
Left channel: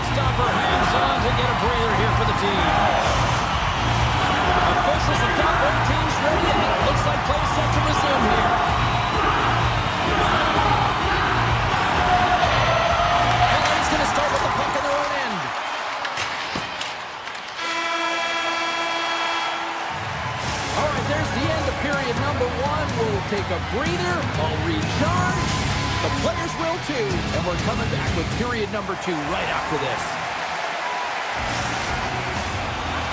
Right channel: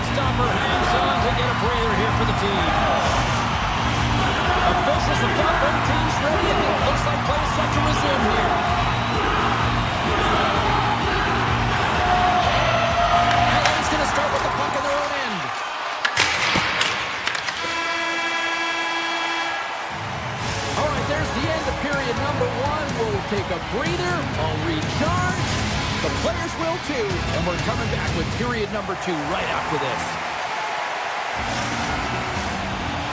Shotstopper hangs on to get a breather here for the team. Officials have got both teams ready, and it looks like play is set to resume here. LA's going to start with the puck in their own end. All right, there's the end of period number 1. We'll take a breather. I'll recharge. The players will too, and we're coming back with period number 2 right after this.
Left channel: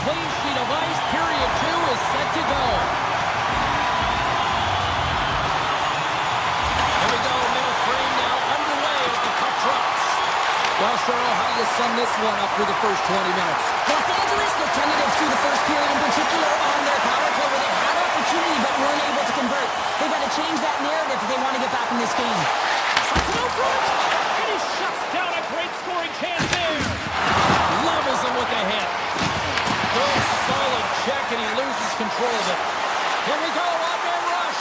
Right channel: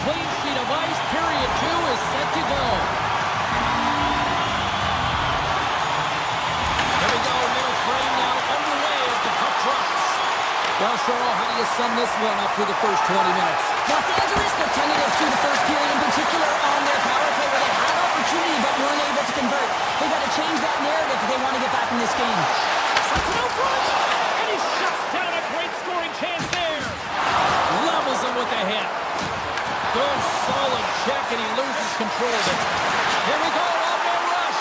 Clean sheet of ice, period 2 is set to go. There we go, middle frame now underway as the puck drops. Well, Cheryl, how do you sum this one up through the first 20 minutes? Los Angeles, they're tentative through the first period, in particular on their power play where they had opportunity but weren't able to convert. They've got to change that narrative if they want to get back in this game. Sets it out front, and he shuts down a great scoring chance there. Levels him with the hit. Good solid check, and he loses control of it. Here we go, one-man rush.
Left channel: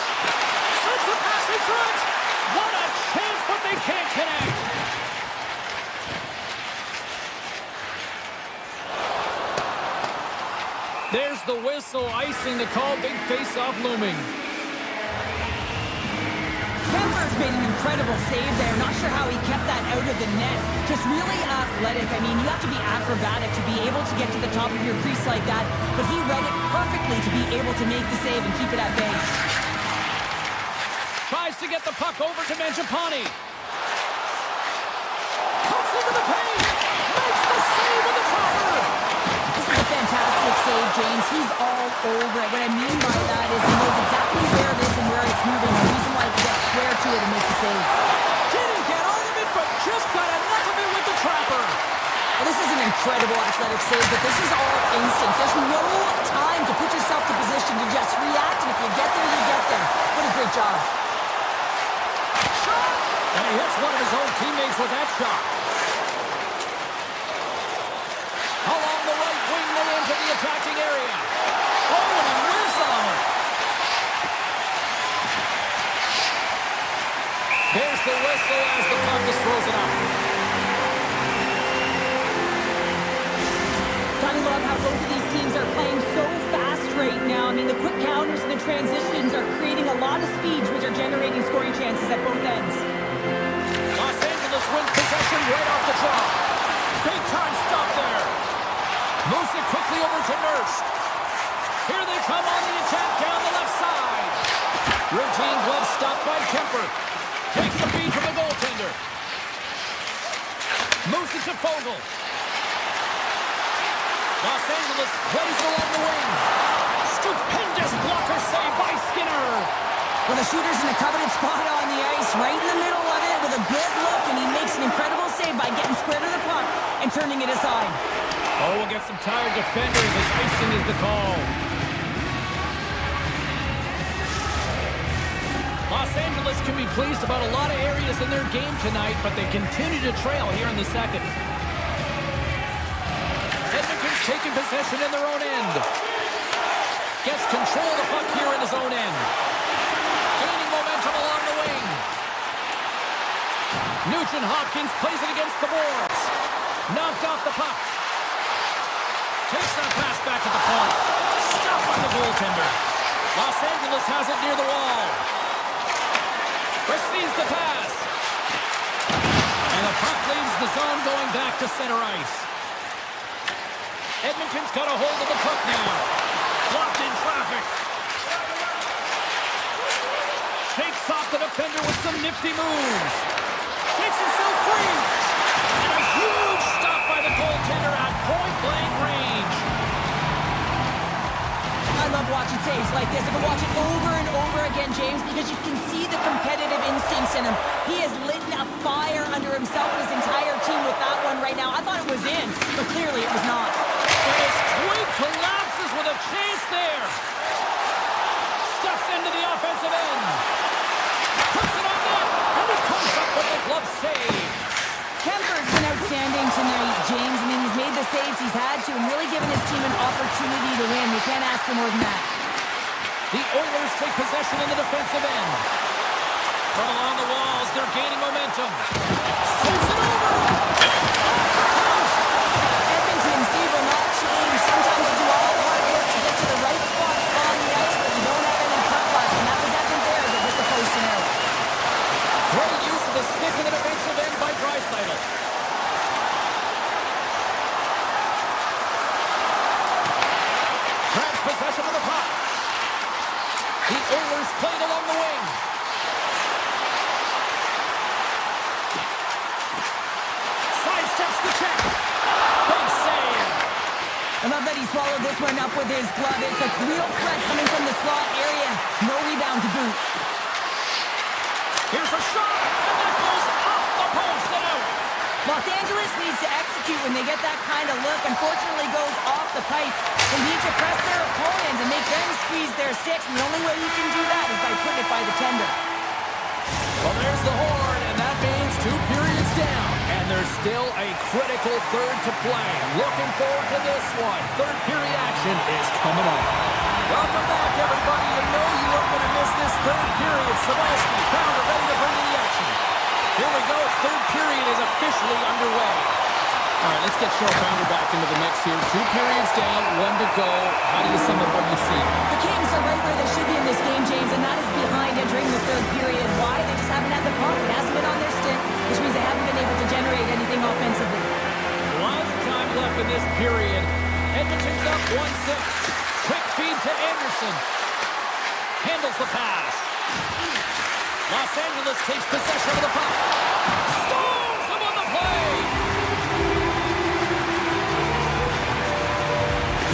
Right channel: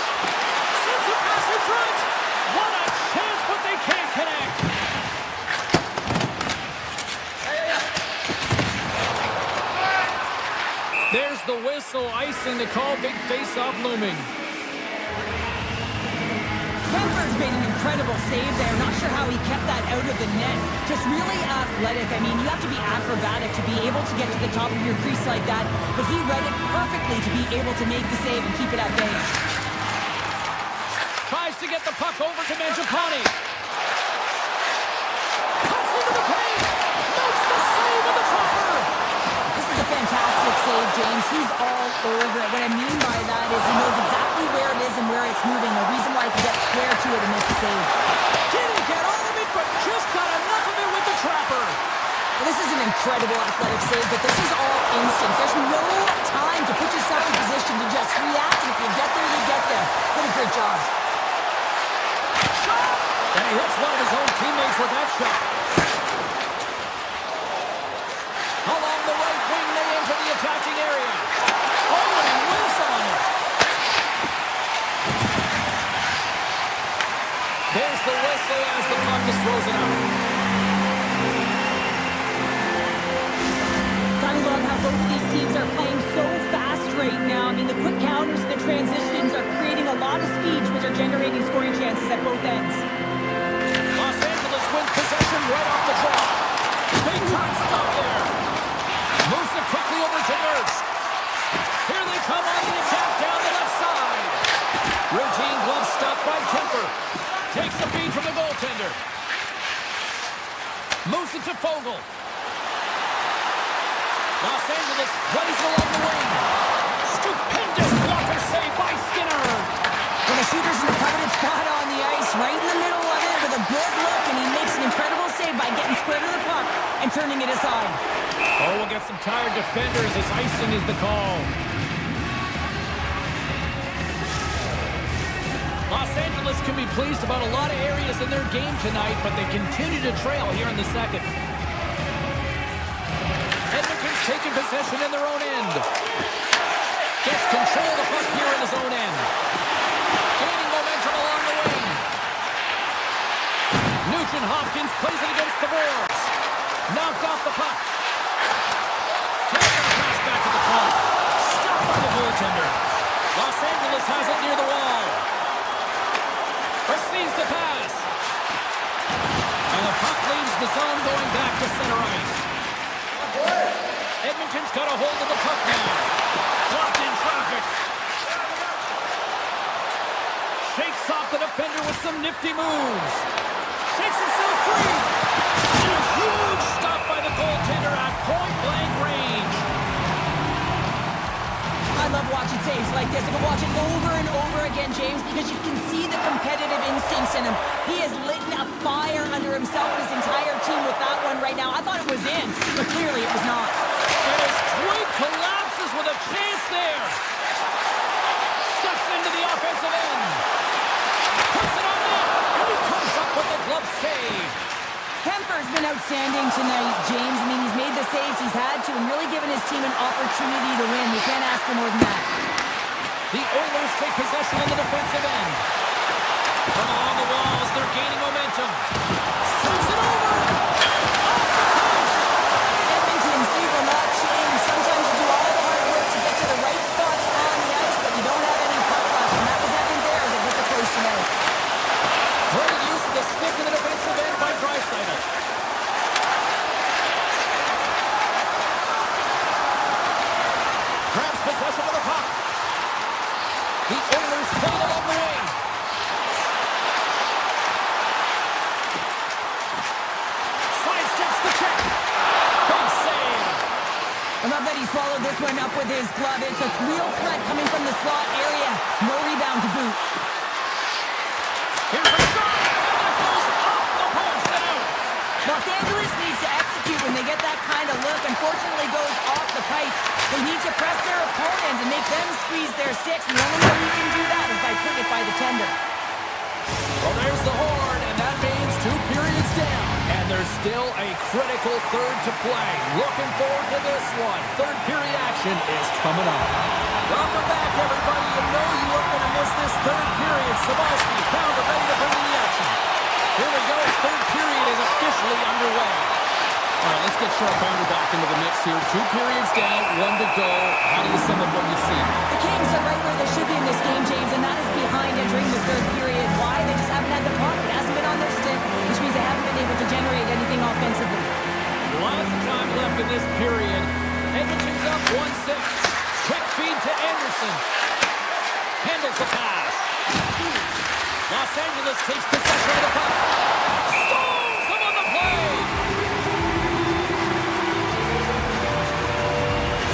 Sends the pass in front. What a chance, but they can't connect. There's the whistle, icing the call, big face-off looming. Kemper's made an incredible save there. Not sure how he kept that out of the net. Just really athletic. I mean, you have to be acrobatic to be able to get to the top of your crease like that. But he read it perfectly to be able to make the save and keep it at bay. Tries to get the puck over to Mangiapane. Cuts into the paint. Makes the save with the dropper. This is a fantastic save, James. He's all over it. What I mean by that is he knows exactly where it is and where it's moving. The reason why he can get square to it and make the save. Didn't get all of it, but just got enough of it with the trapper. Well, this is an incredible athletic save, but this is all instinct. There's no time to put yourself in position to just react, and if you get there, you get there. What a great job. Shot! And he hits one of his own teammates with that shot. Along the right wing, they enter the attacking area. Oh, and he whiffs on it. There's the whistle as the puck is frozen out. I love how both of these teams are playing so fast right now. I mean, the quick counters and the transitions are creating a lot of speeds, which are generating scoring chances at both ends. Los Angeles wins possession right off the draw. Big time stop there. Moves it quickly over to Nurse. Here they come on the attack down the left side. Routine glove stop by Kemper. Takes the feed from the goaltender. Moves it to Fogle. Los Angeles plays along the wing. Stupendous blocker save by Skinner. Well, the shooter's in a coveted spot on the ice, right in the middle of it with a good look, and he makes an incredible save by getting square to the puck and turning it aside. Oh, we'll get some tired defenders as icing is the call. Los Angeles can be pleased about a lot of areas in their game tonight, but they continue to trail here in the second. Edmonton's taking possession in their own end. Gets control of the puck here in his own end. Gaining momentum along the wing. Nugent-Hopkins plays it against the boards. Knocked off the puck. Takes that pass back at the point. Stopped by the goaltender. Los Angeles has it near the wall. Receives the pass. And the puck leaves the zone going back to center ice. Edmonton's got a hold of the puck now. Blocked in traffic. Shakes off the defender with some nifty moves. Shakes himself free. And a huge stop by the goaltender at point-blank range. I love watching saves like this. I can watch it over and over again, James, because you can see the competitive instincts in him. He has lit a fire under himself and his entire team with that one right now. I thought it was in, but clearly it was not. And his twig collapses with a chance there. Steps into the offensive end. Puts it on net, and he comes up with the glove save. Kemper's been outstanding tonight, James. I mean, he's made the saves he's had to and really given his team an opportunity to win. You can't ask for more than that. The Oilers take possession in the defensive end. From along the walls, they're gaining momentum. Sends it over. Off the post. Great use of the stick in the defensive end by Draisaitl. Grabs possession of the puck. The Oilers played along the wing. Sidesteps the check. Big save. I love that he swallowed this one up with his glove. It's a real threat coming from the slot area. No rebound to boot. Here's a shot, and that goes off the post and out. Los Angeles needs to execute when they get that kind of look. Unfortunately, goes off the pipe. They need to press their opponent and make them squeeze their sticks. And the only way you can do that is by putting it by the tender. Well, there's the horn, and that means 2 periods down. And there's still a critical third to play. Looking forward to this one. Third period action is coming up. Welcome back, everybody. You know you weren't going to miss this third period. Sabalski, Pounder ready to bring in the action. Here we go. Third period is officially underway. All right, let's get Cheryl Pounder back into the mix here. 2 periods down, 1 to go. How do you sum up what you see? The Kings are right where they should be in this game, James, and that is behind entering the third period. Why? They just haven't had the puck. It hasn't been on their stick, which means they haven't been able to generate anything offensively. Lots of time left in this period. Edmonton's up 1-6. Quick feed to Anderson. Handles the pass. Los Angeles takes possession of the puck. Stalls him on the play.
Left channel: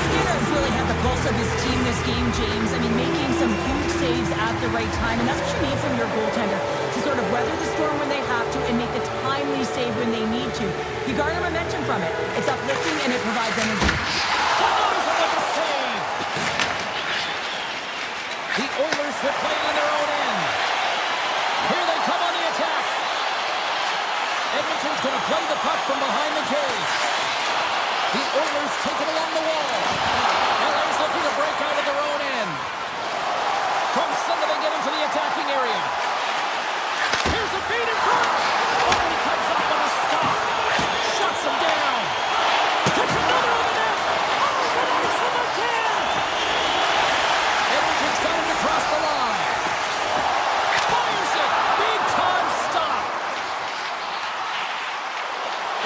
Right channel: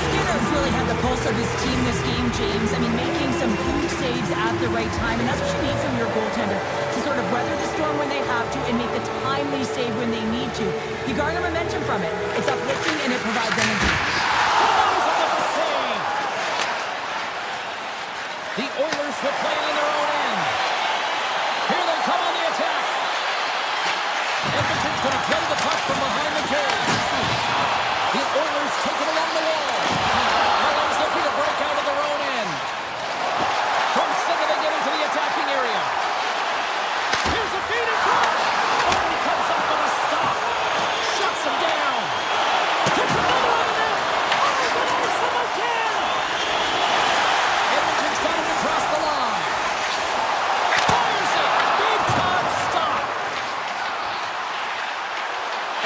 Skinner's really had the pulse of his team this game, James. I mean, making some huge saves at the right time, and that's what you need from your goaltender, to sort of weather the storm when they have to and make the timely save when they need to. You garner momentum from it. It's uplifting and it provides energy. Tanoza with the save. The Oilers will play it in their own end. Here they come on the attack. Edmonton's going to play the puck from behind the cage. The Oilers take it along the wall. LA's looking to break out of their own end. From center, they get into the attacking area. Here's a feed in front. Oh, he comes up with a stop. Shuts him down. Puts another on the net. Oh, good ice him again. Edmonton's got him to cross the line. Fires it. Big time stop.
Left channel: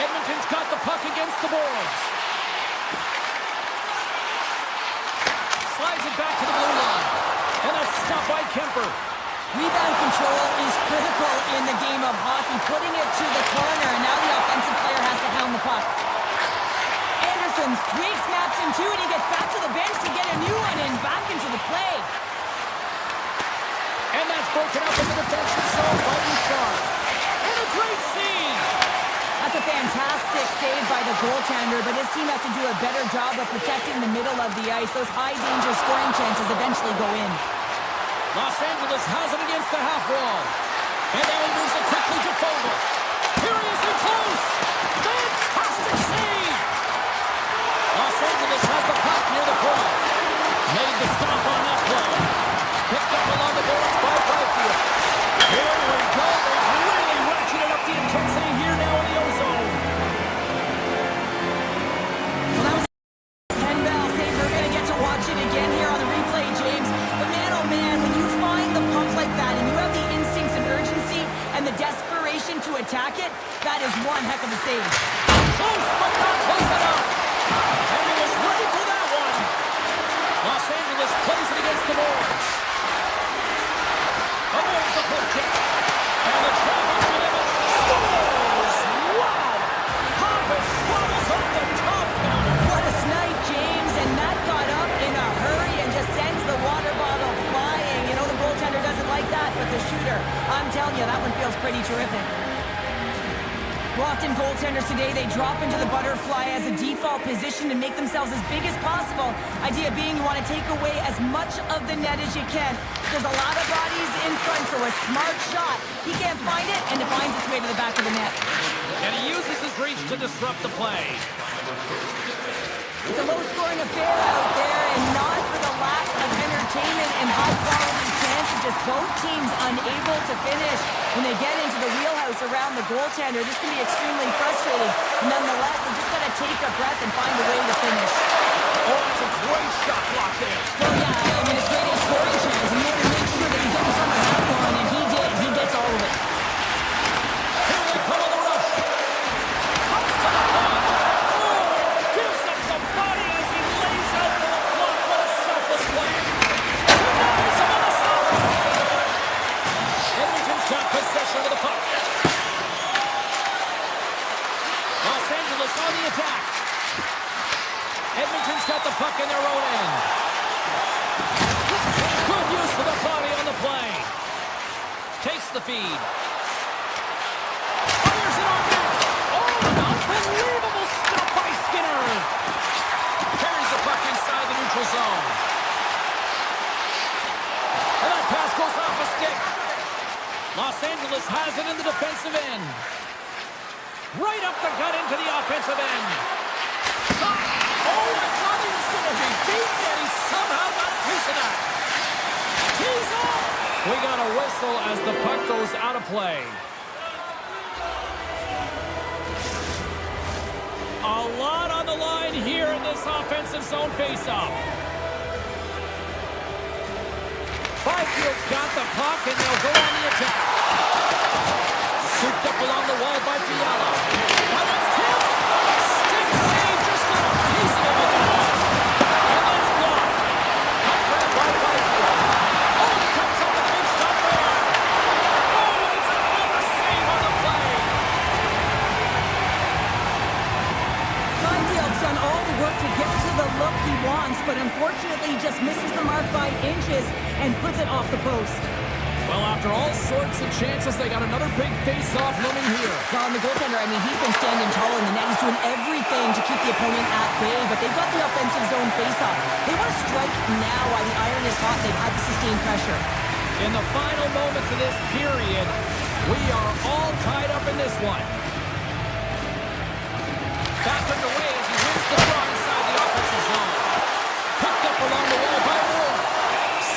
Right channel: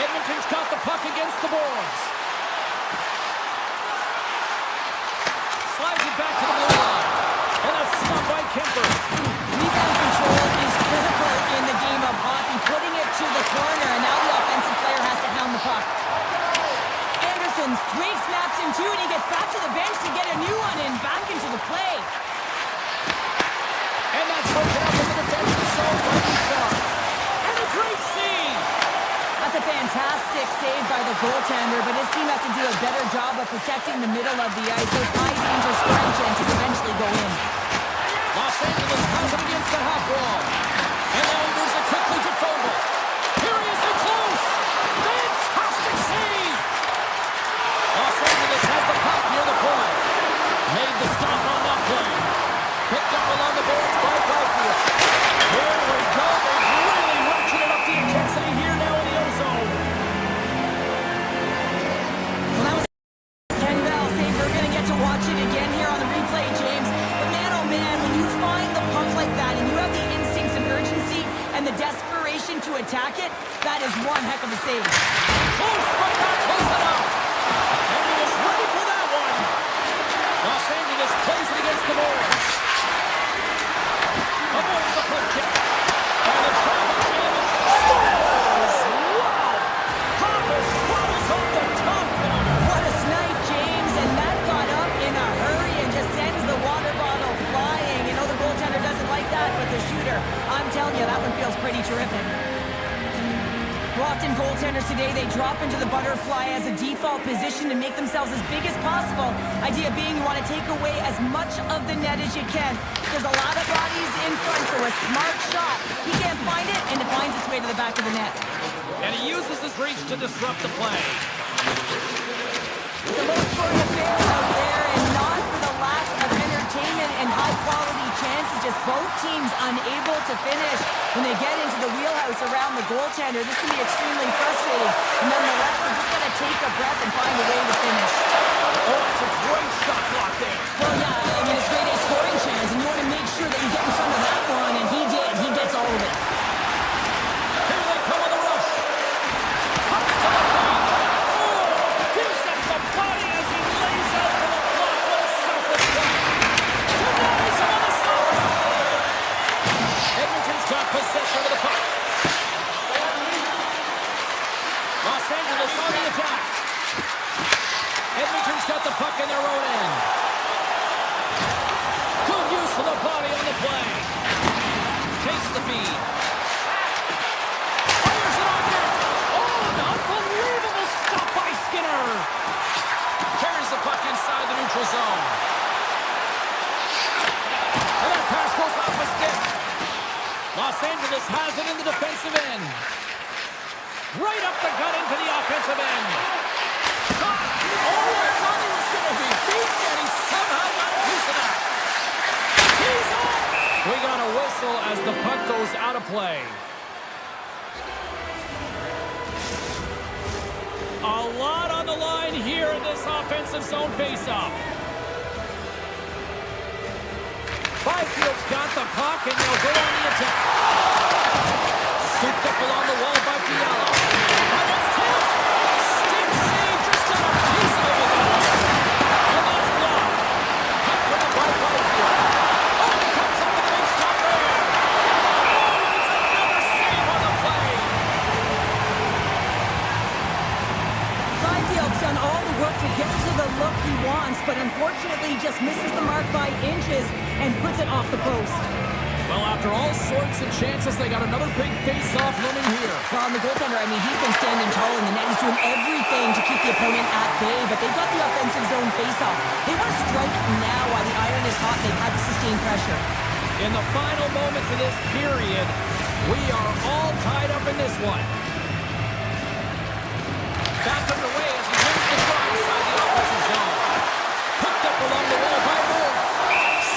Edmonton's got the puck against the boards. Slides it back to the blue line. And that's stopped by Kemper. Rebound control is critical in the game of hockey, putting it to the corner, and now the offensive player has to hound the puck. Anderson's twig snaps him too, and he gets back to the bench to get a new one and back into the play. And that's broken up in the defensive zone by Bouchard. And a great save. That's a fantastic save by the goaltender, but his team has to do a better job of protecting the middle of the ice. Those high-danger scoring chances eventually go in. Los Angeles has it against the half wall. And now he moves it quickly to Fogle. Here he is in close. Fantastic save. Los Angeles has the puck near the point. Made the stop on that play. Picked up along the boards by Byfield. Here we go. They've really ratcheted up the intensity here now in the ozone. Well, that was a 10-bell save. We're going to get to watch it again here on the replay, James. But man, oh man, when you find the puck like that and you have the instincts and urgency and the desperation to attack it, that is one heck of a save. Close, but not close enough. And he was ready for that one. Los Angeles plays it against the boards. Avoids the puck kick. And the traffic jam scores! Wow! Hoppus bobbles off the top counter. What a snipe, James, and that got up in a hurry and just sends the water bottle flying. You know the goaltender doesn't like that, but the shooter, I'm telling you, that one feels pretty terrific. Well, often goaltenders today, they drop into the butterfly as a default position to make themselves as big as possible. Idea being you want to take away as much of the net as you can. There's a lot of bodies in front, so a smart shot. He can't find it, and it finds its way to the back of the net. And he uses his reach to disrupt the play. It's a low-scoring affair out there, and not for the lack of entertainment and high-quality chances. Just both teams unable to finish. When they get into the wheelhouse around the goaltender, this can be extremely frustrating. Nonetheless, they just got to take a breath and find a way to finish. Oh, that's a great shot block there. Well, yeah, I mean, it's grade A scoring chance, and you want to make sure that you get in front of that one, and he did. He gets all of it. possession of the puck. Los Angeles on the attack. Edmonton's got the puck in their own end. Good use of the body on the play. Takes the feed. Fires it on net. Oh, an unbelievable stop by Skinner. Carries the puck inside the neutral zone. And that pass goes off a stick. Los Angeles has it in the defensive end. Right up the gut into the offensive end. Shot. Oh, I thought he was going to be beaten, and he somehow got a piece of that. He's off. We got a whistle as the puck goes out of play. A lot on the line here in this offensive zone faceoff. Byfield's got the puck, and they'll go on the attack. Scooped up along the wall by Fiala. Oh, that's tipped. Stick save, just got a piece of it with that one. And that's blocked. Puck grabbed by Byfield. Oh, he comes up with a big stop there. Oh, and it's another save on the play. Byfield's done all the work to get to the look he wants, but unfortunately just misses the mark by inches and puts it off the post. Well, after all sorts of chances, they got another big face-off looming here. Well, and the goaltender, I mean, he's been standing tall in the net. He's doing everything to keep the opponent at bay, but they've got the offensive zone face-off. They want to strike now while the iron is hot. They've had to sustain pressure. In the final moments of this period, we are all tied up in this one. Back underway as he wins the draw inside the offensive zone. Picked up along the wall by Moore.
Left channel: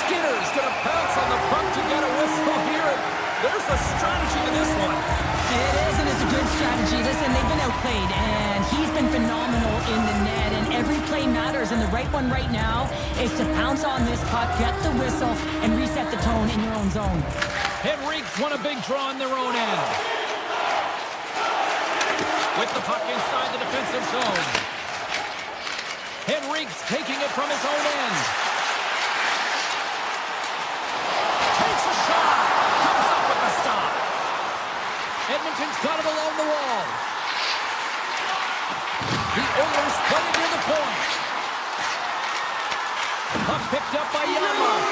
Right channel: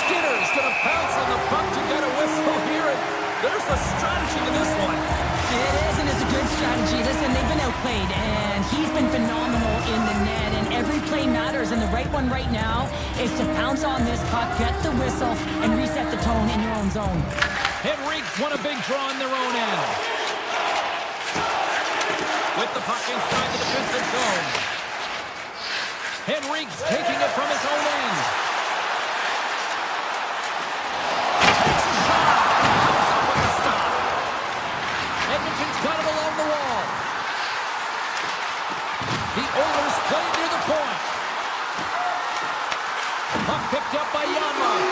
Skinner's going to pounce on the puck to get a whistle here. And there's a strategy to this one. It is, and it's a good strategy. Listen, they've been outplayed, and he's been phenomenal in the net, and every play matters, and the right one right now is to pounce on this puck, get the whistle, and reset the tone in your own zone. Henrique's won a big draw in their own end. With the puck inside the defensive zone. Henrique's taking it from his own end. Takes a shot. Comes up with the stop. Edmonton's got it along the wall. The Oilers play it near the point. Puck picked up by Janmark.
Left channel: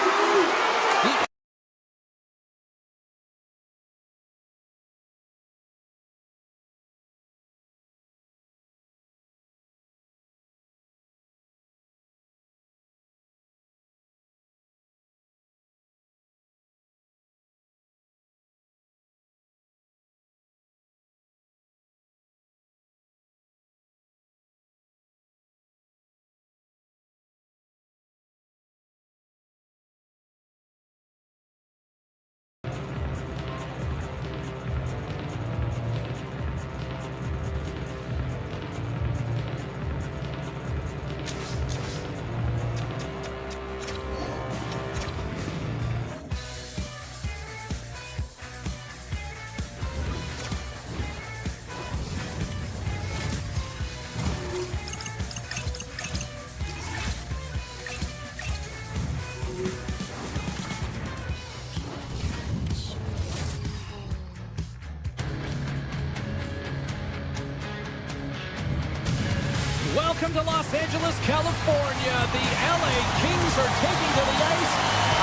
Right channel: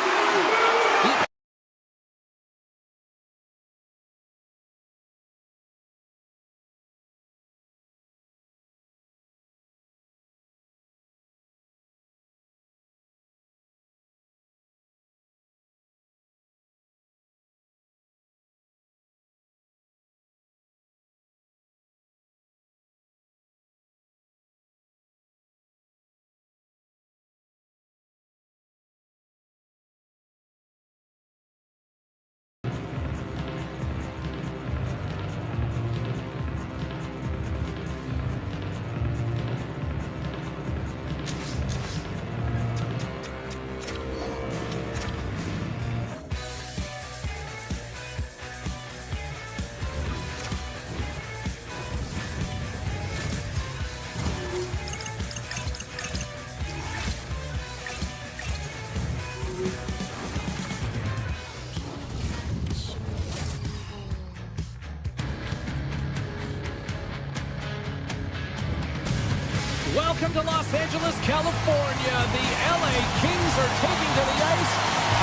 Welcome to Los Angeles, California. The LA Kings are taking to the ice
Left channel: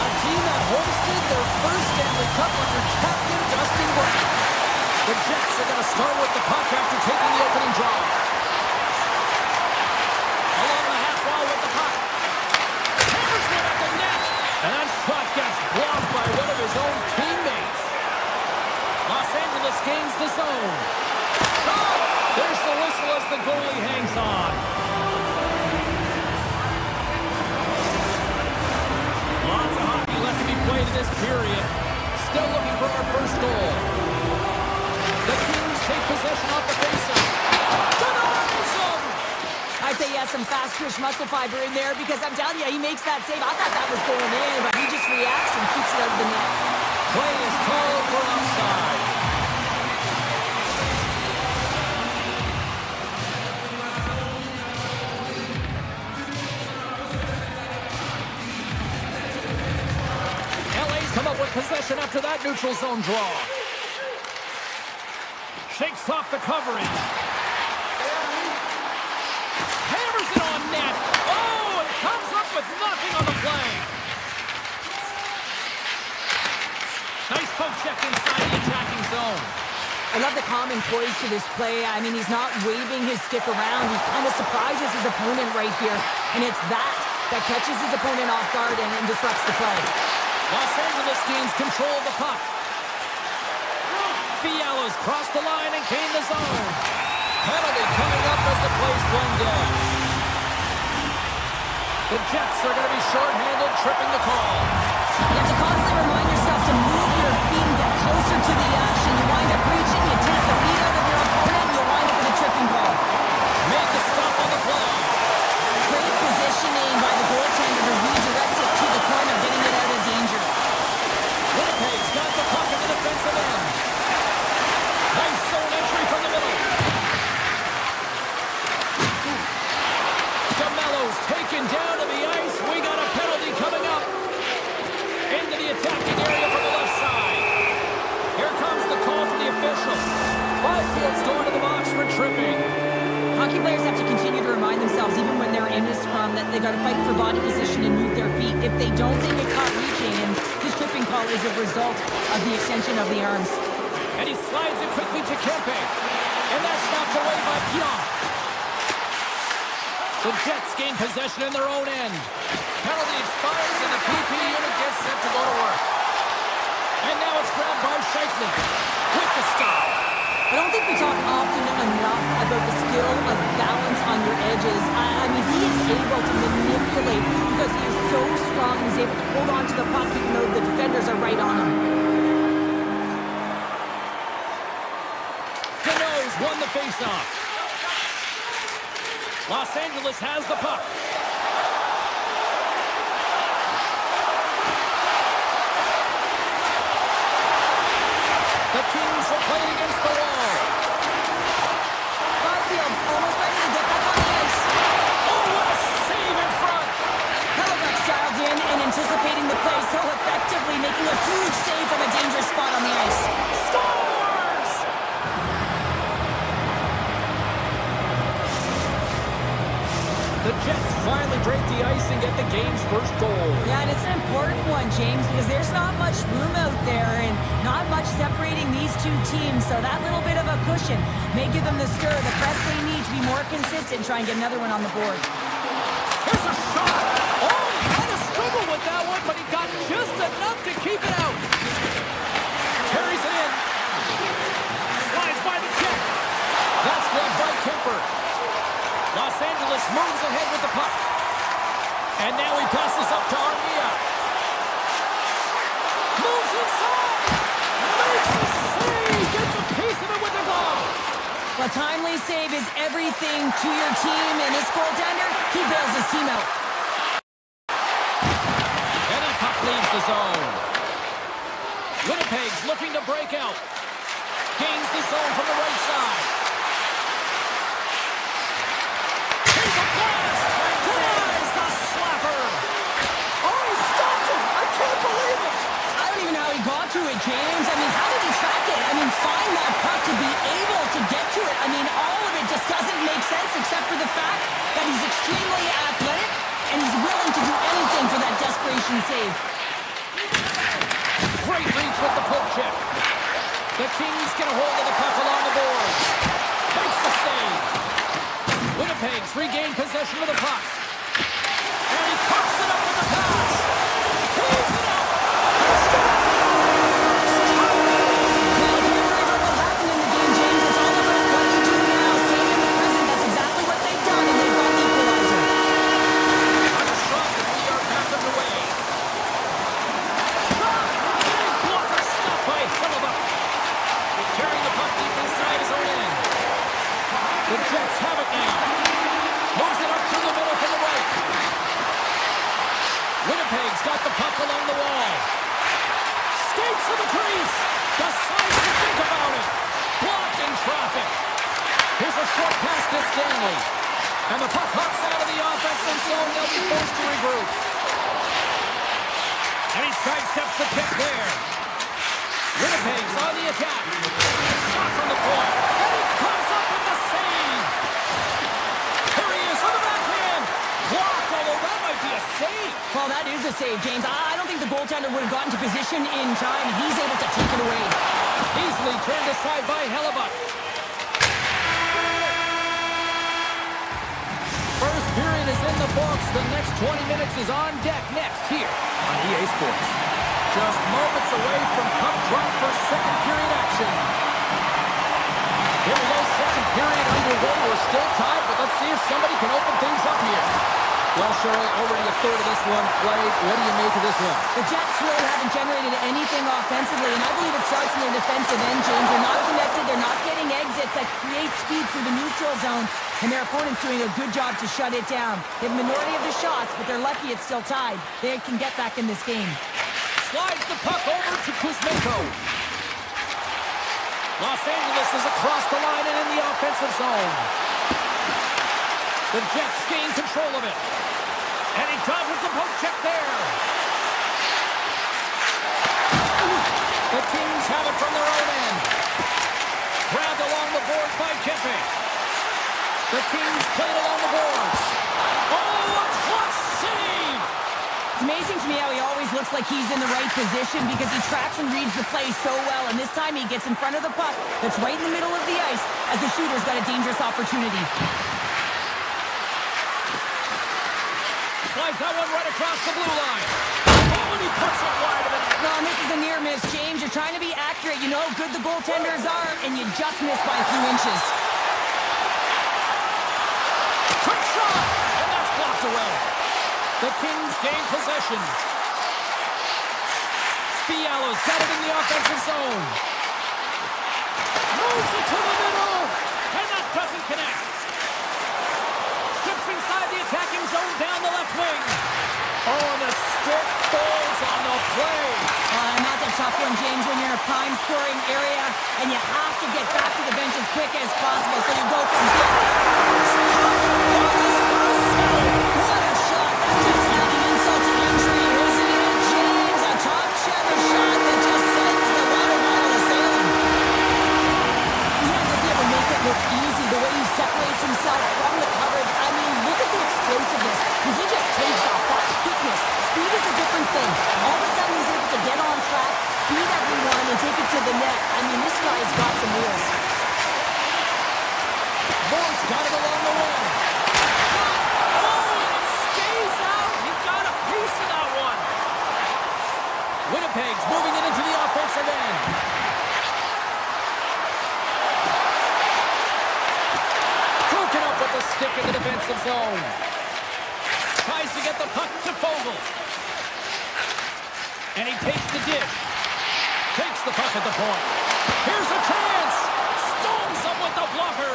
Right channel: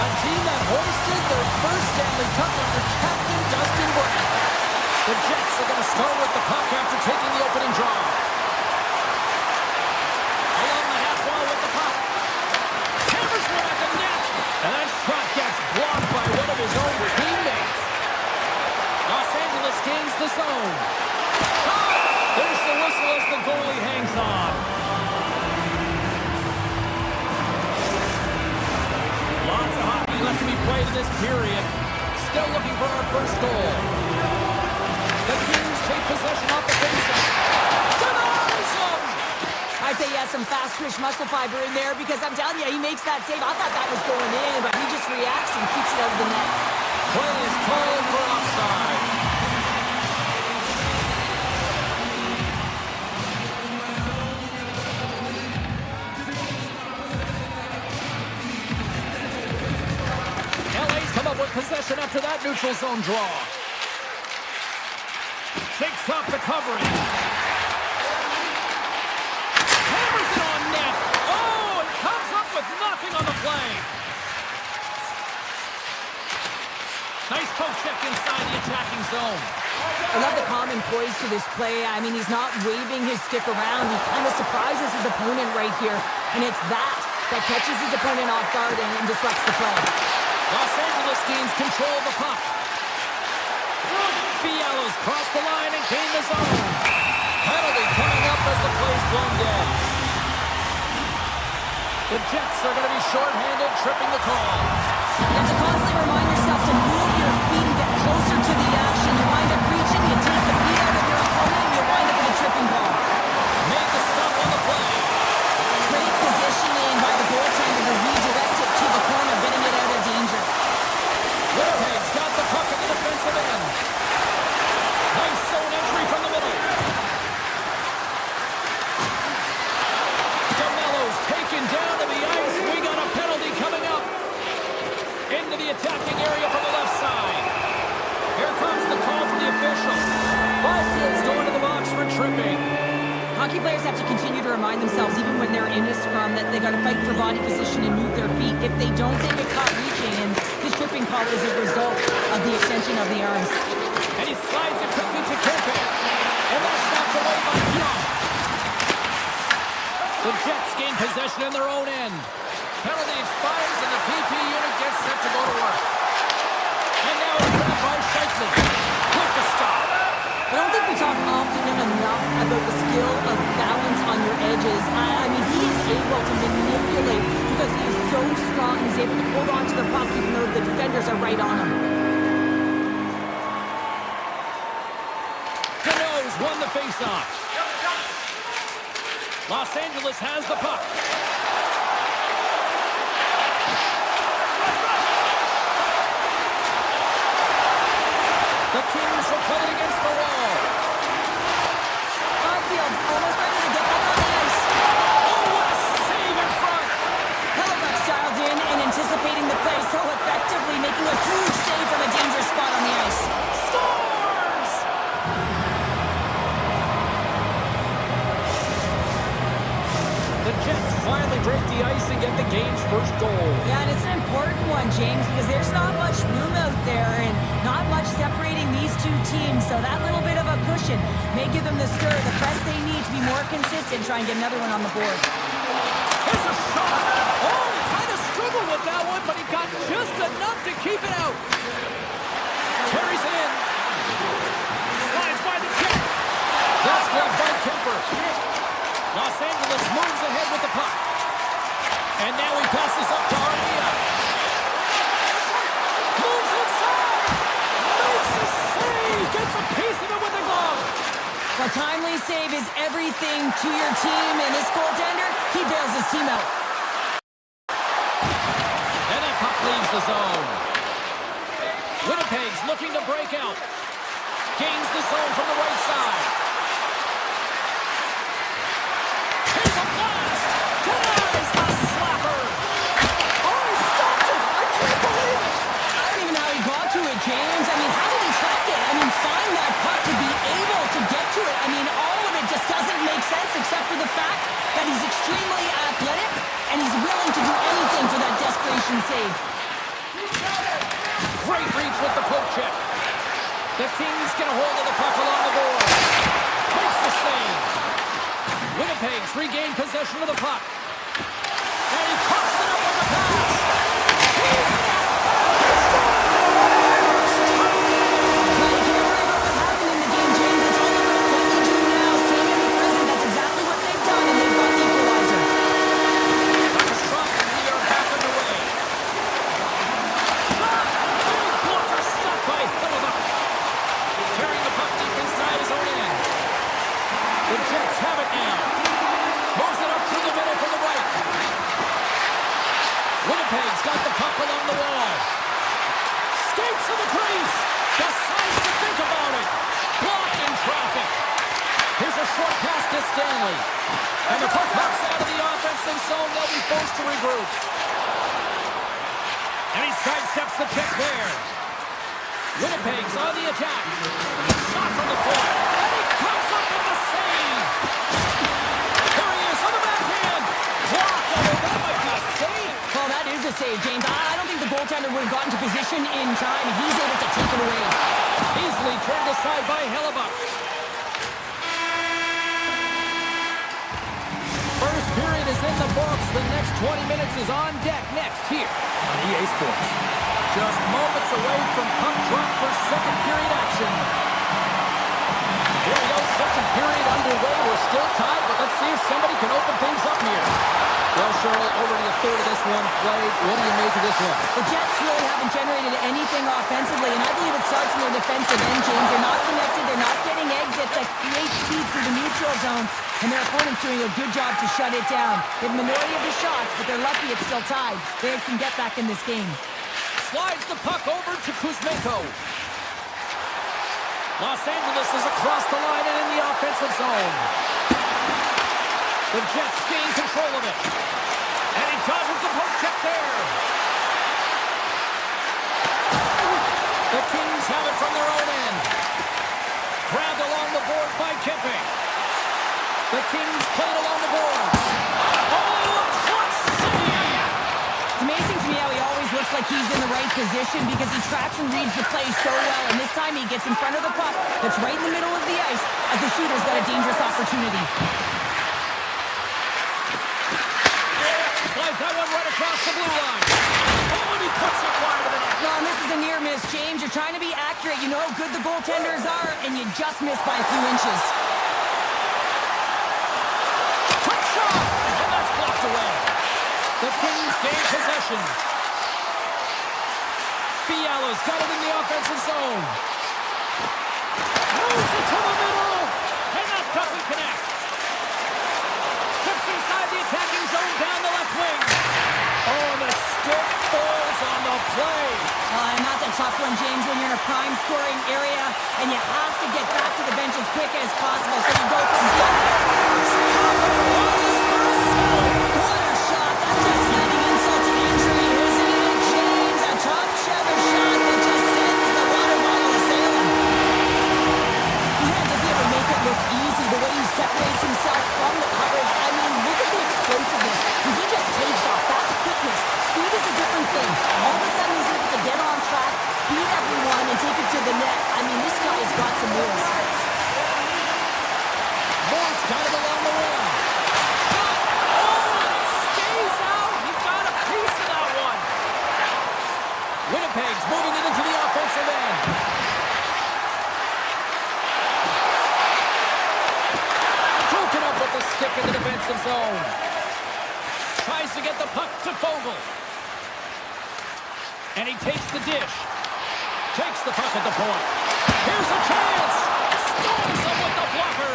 a team that hoisted their first Stanley Cup under Captain Dustin Brown. The Jets are going to start with the puck after taking the opening draw. Along the half wall with the puck. Hammers one at the net. And that shot gets blocked by one of his own teammates. Los Angeles gains the zone. Shot! There's the whistle as the goalie hangs on. Lots of hockey left to be played in this period. Still looking for our first goal. The Kings take possession off the faceoff. Denies him! I'd say he has some fast-twitch muscle fiber in there because I'm telling you, he makes that save. I thought that was going in, but he just reacts and keeps it out of the net. Play is called for offside. LA's come up with possession after that neutral zone draw. Shakes off the coverage. Hammers it on net. Oh, and comes up with nothing on the play. Nice poke check inside the attacking zone. I love the calm and poise to this play. I mean, he's not waving his stick around. He kind of surprises his opponent right here. And it's that catches his opponent off guard and disrupts the play. Los Angeles gains control of the puck. Fiala's crossed the line and gained the zone. Penalty coming up as the play's blown dead. The Jets are going to be shorthanded, tripping the call. You have to constantly remind yourself to move your feet and get closer to the action. You wind up reaching, you tap the feet out of your opponent, and you wind up with a tripping call. Made the stop on the play. Great positioning by the goaltender to redirect it to the corner, getting it out of danger. Winnipeg's got the puck at the defensive end. Nice zone entry from the middle. DeMello's taken down to the ice. We got a penalty coming up. Into the attacking area from the left side. Here comes the call from the official. Byfield's going to the box for tripping. Hockey players have to continue to remind themselves, even when they're in a scrum, that they got to fight for body position and move their feet. If they don't, they get caught reaching, and his tripping call is a result of the extension of the arms. And he slides it quickly to Kempe. And that's knocked away by Pion. The Jets gain possession in their own end. Penalty expires and the PP unit gets set to go to work. And now it's grabbed by Scheifele with the stop. I don't think we talk often enough about the skill of balance on your edges. I mean, he is able to manipulate because he is so strong. He's able to hold on to the puck even though the defenders are right on him. Cano's won the faceoff. Los Angeles has the puck. The Kings will play it against the wall. Byfield almost ready to get back on the ice. Oh, what a save in front! Hellebuyck's dialed in and anticipating the play so effectively, making a huge save from a dangerous spot on the ice. Scores! The Jets finally break the ice and get the game's first goal. Yeah, and it's an important one, James, because there's not much room out there and not much separating these two teams. So that little bit of a cushion may give them the stir, the press they need to be more consistent, try and get another one on the board. Here's a shot. Oh, he kind of struggled with that one, but he got just enough to keep it out. Carries it in. Slides by the check. That's grabbed by Kemper. Los Angeles moves ahead with the puck. And now he passes up to Armia. Moves inside. Makes a save. Gets a piece of it with the glove. A timely save is everything to your team, and this goaltender, he bails his team out. And that puck leaves the zone. Winnipeg's looking to break out. Gains the zone from the right side. Here's a blast! Denies the slapper! Oh, he stopped it! I can't believe it! I don't even know how he got to it, James. I mean, how did he track it? I mean, find that puck to be able to get to it. I mean, all of it just doesn't make sense except for the fact that he's extremely athletic and he's willing to do anything for that desperation save. Great reach with the poke check. The Kings get a hold of the puck along the board. Makes the save. Winnipeg's regained possession of the puck. And he coughs it up with the pass. He's it up. He scores! Well, you can't worry about what happened in the game, James. It's all about what you do now. Staying in the present. That's exactly what they've done, and they've got the equalizer. Puck is dropped, and we are back underway. Shot! Big blocker stopped by Hellebuyck. Carrying the puck deep inside his own end. The Jets have it now. Moves it up through the middle from the right. Winnipeg's got the puck along the wall. Skates to the crease. Decides to think about it. Blocked in traffic. Here's a short pass to Stanley. And the puck hops out of the offensive zone. They'll be forced to regroup. And he sidesteps the pick there. Winnipeg's on the attack. Shot from the point. And he comes up with the save. Here he is on the backhand. Blocked, although that might be a save. Well, that is a save, James. I don't think the goaltender would have gotten to position in time, and he's able to take it away. Easily turned aside by Hellebuck. First period is in the books. The next 20 minutes is on deck next here on EA Sports. Just moments away from puck drop for second period action. Here we go, second period underway. We're still tied, but let's see if somebody can open things up here. Well, Cheryl, already a third of this one played. What do you make of this one? The Jets really haven't generated anything offensively, and I believe it starts in their defensive end, James. They're not connected. They're not getting exits that create speed through the neutral zone, and their opponent's doing a good job to shut it down. They have a minority of the shots, but they're lucky it's still tied. They can get back in this game. Slides the puck over to Kuzmenko. Los Angeles is across the line and in the offensive zone. The Jets gain control of it. And he dodges the poke check there. The Kings have it from their own end. Grabbed along the boards by Kempe. The Kings played along the boards. Oh, a clutch save! It's amazing to me how he always looks like he's in the right position because he tracks and reads the play so well. And this time he gets in front of the puck that's right in the middle of the ice as the shooter's got a dangerous opportunity. Slides that one right across the blue line. Oh, and he puts it wide of the net. No, and this is a near miss, James. You're trying to be accurate. You know how good the goaltenders are, and you just miss by a few inches. Quick shot! And that's blocked away. The Kings gain possession. Fiala's got it in the offensive zone. Moves it to the middle. And that doesn't connect. Steps inside the attacking zone down the left wing. Oh, and the stick falls on the play. And that's a tough one, James, when you're in a prime scoring area and you have to get back to the bench as quick as possible. So you go from what a shot. That's just adding insult to injury, isn't it, James? A top cheddar shot that just sends the water bottle a-sailing. Man, does he ever make it look easy? The way he separates himself from the coverage. I mean, look at the explosiveness. When he just takes off, that's quickness. Speed is a different thing. All of a sudden, he's able to get on track, beat everyone, and take it to the net. I mean, this guy's got some wheels. Moore's got it along the wing. Shot! Oh, and it stays out. He got a piece of that one. Winnipeg's moving it into the offensive end. Broken up with the stick in the defensive zone. Tries to get the puck to Fogle. And he takes the dish. Takes the puck at the point. Here's a chance. Stones him with the blocker.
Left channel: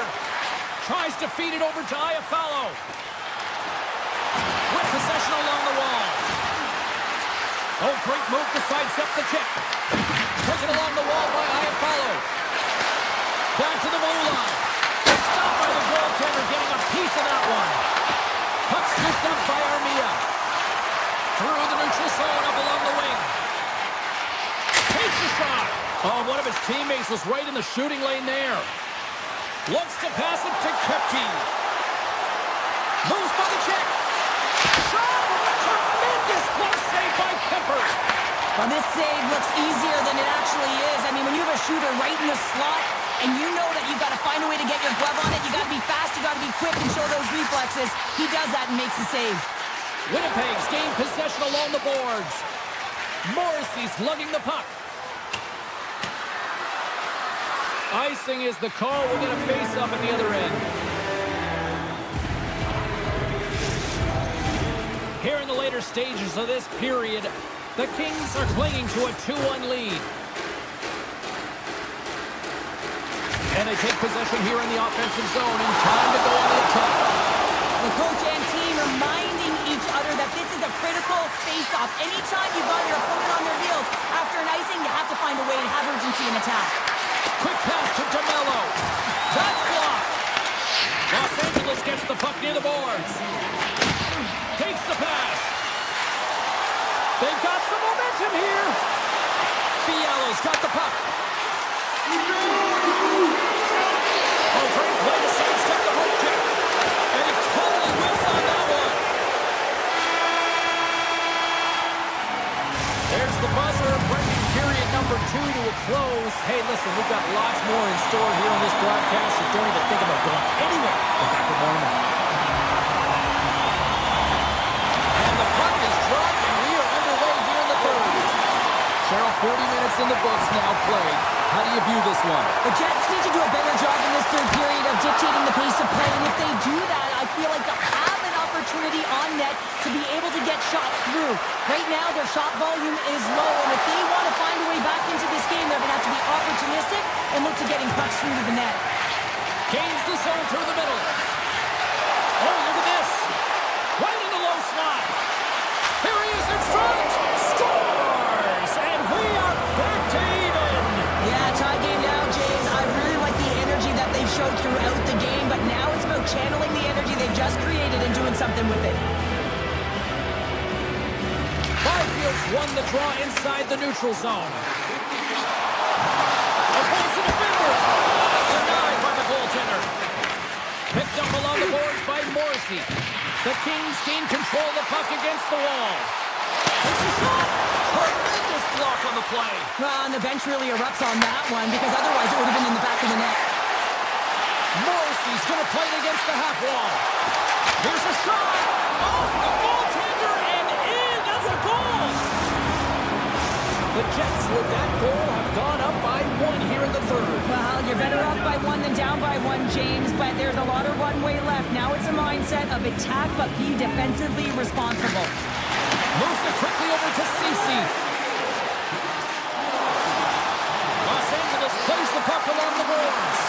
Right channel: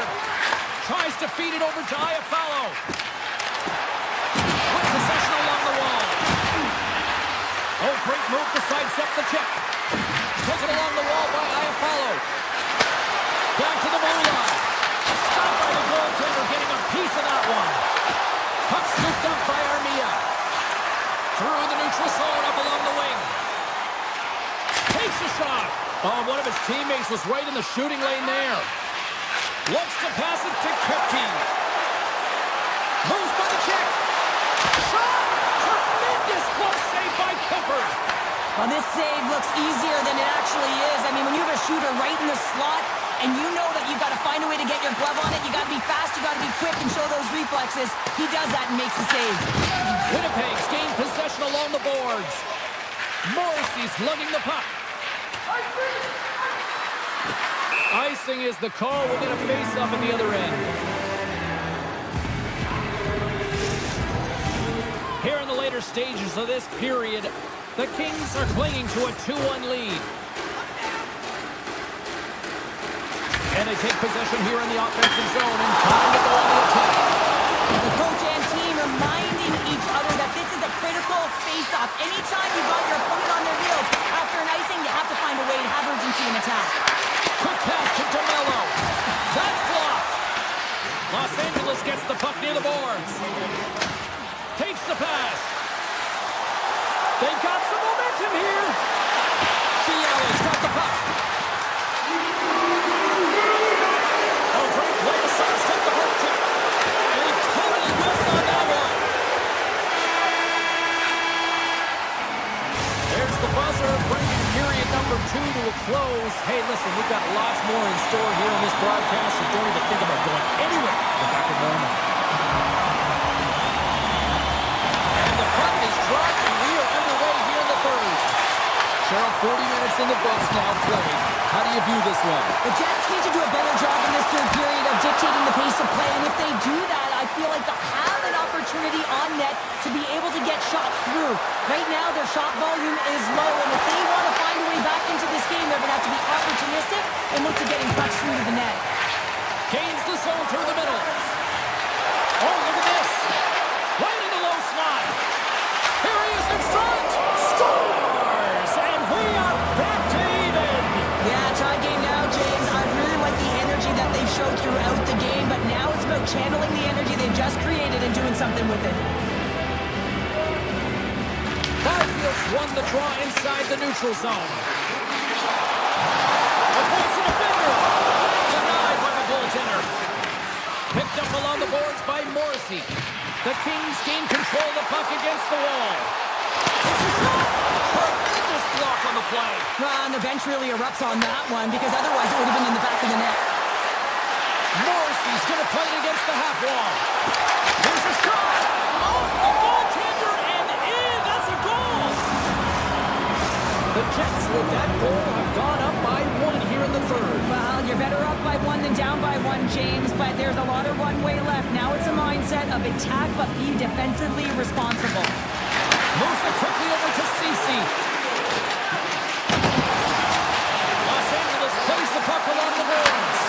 Tries to feed it over to Iafallo. With possession along the wall. Oh, great move to sidestep the check. Taken along the wall by Iafallo. Back to the blue line. Stopped by the goaltender, getting a piece of that one. Puck scooped up by Armia. Through the neutral zone, up along the wing. Takes a shot. Oh, one of his teammates was right in the shooting lane there. Looks to pass it to Kepke. Moves by the check. Shot! Tremendous close save by Kemper. Well, this save looks easier than it actually is. I mean, when you have a shooter right in the slot, and you know that you've got to find a way to get your glove on it, you got to be fast, you got to be quick and show those reflexes. He does that and makes the save. Winnipeg's gained possession along the boards. Morrissey's lugging the puck. Icing is the call. We'll get a face-up at the other end. Here in the later stages of this period, the Kings are clinging to a 2-1 lead. And they take possession here in the offensive zone, and time to go on the attack. The coach and team reminding each other that this is a critical face-off. Anytime you've got your opponent on their heels after an icing, you have to find a way to have urgency in attack. Quick pass to DeMello. That's blocked. Los Angeles gets the puck near the boards. Takes the pass. They've got some momentum here. Fiala's got the puck. Oh, great play to sidestep the hook check. And he totally whiffs on that one. There's the buzzer, bringing period number 2 to a close. Hey, listen, we've got lots more in store here on this broadcast, so don't even think about going anywhere. We're back with more in a moment. And the puck is dropped, and we are underway here in the third. Cheryl, 40 minutes in the books now played. How do you view this one? The Jets need to do a better job in this third period of dictating the pace of play, and if they do that, I feel like they'll have an opportunity on net to be able to get shots through. Right now, their shot volume is low, and if they want to find a way back into this game, they're going to have to be opportunistic and look to getting pucks through to the net. Gains the zone through the middle. Oh, look at this. Right in the low slot. Here he is in front. Scores! And we are back to even. Yeah, tie game now, James. I really like the energy that they've showed throughout the game, but now it's about channeling the energy they've just created and doing something with it. Byfield's won the draw inside the neutral zone. Avoids the defender. Denied by the goaltender. Picked up along the boards by Morrissey. The Kings gain control of the puck against the wall. It's a shot! Tremendous block on the play. Well, and the bench really erupts on that one, because otherwise it would have been in the back of the net. Morrissey's going to play it against the half wall. Here's a shot! Off the goaltender and in! That's a goal! The Jets, with that goal, have gone up by 1 here in the third. Well, you're better up by 1 than down by 1, James, but there's a lot of runway left. Now it's a mindset of attack, but be defensively responsible. Moves it quickly over to Ceci. Los Angeles plays the puck along the boards.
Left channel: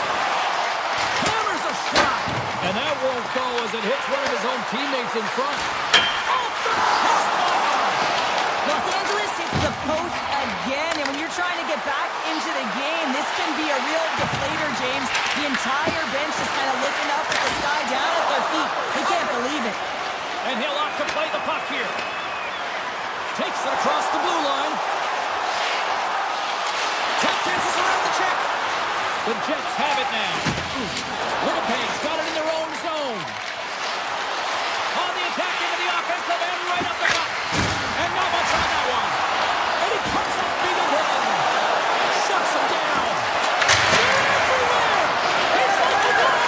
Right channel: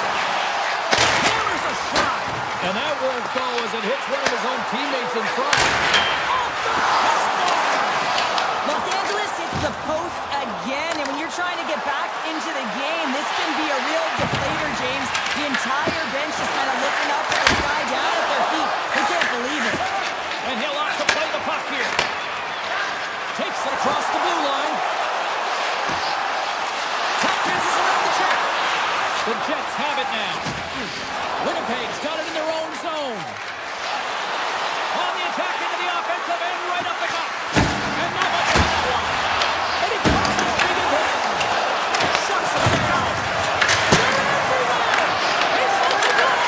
Hammers a shot. And that won't go as it hits one of his own teammates in front. Off the crossbar! Los Angeles hits the post again, and when you're trying to get back into the game, this can be a real deflator, James. The entire bench is kind of looking up at the sky, down at their feet. They can't believe it. And he'll opt to play the puck here. Takes it across the blue line. Tap dances around the check. The Jets have it now. Winnipeg's got it in their own zone. On the attack into the offensive end, right up the gut. And not much on that one. And he comes up big again. Shuts him down. They're everywhere. He sends the goal.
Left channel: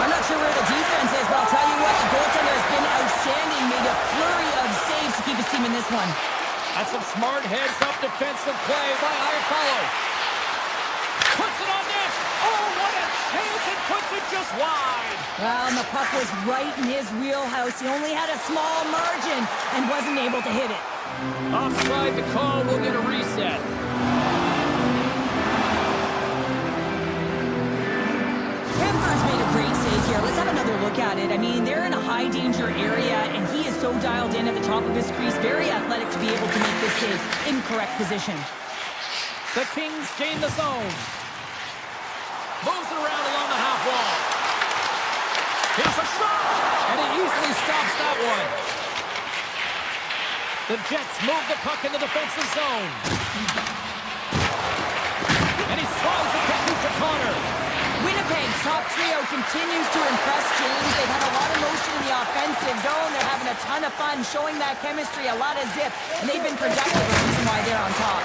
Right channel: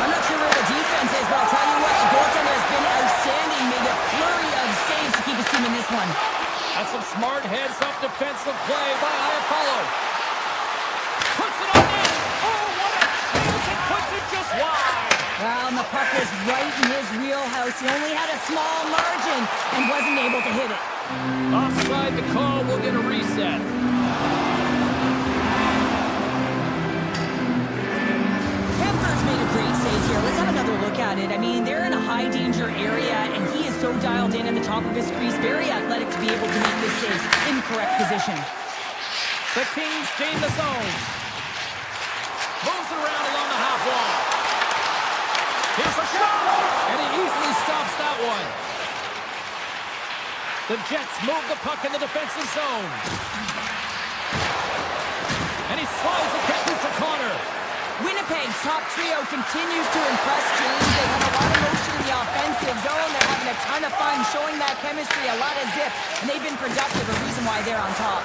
I'm not sure where the defense is, but I'll tell you what, the goaltender has been outstanding. Made a flurry of saves to keep his team in this one. That's some smart heads-up defensive play by Iafallo. Puts it on net. Oh, what a chance. It puts it just wide. Well, and the puck was right in his wheelhouse. He only had a small margin and wasn't able to hit it. Offside the call. We'll get a reset. Kemper's made a great save here. Let's have another look at it. I mean, they're in a high-danger area, and he is so dialed in at the top of his crease. Very athletic to be able to make this save in correct position. The Kings gain the zone. Moves it around along the half wall. Here's a shot! And he easily stops that one. The Jets move the puck in the defensive zone. And he slides it quickly to Connor. Winnipeg's top trio continues to impress, James. They've had a lot of motion in the offensive zone. They're having a ton of fun, showing that chemistry, a lot of zip, and they've been productive, a reason why they're on top.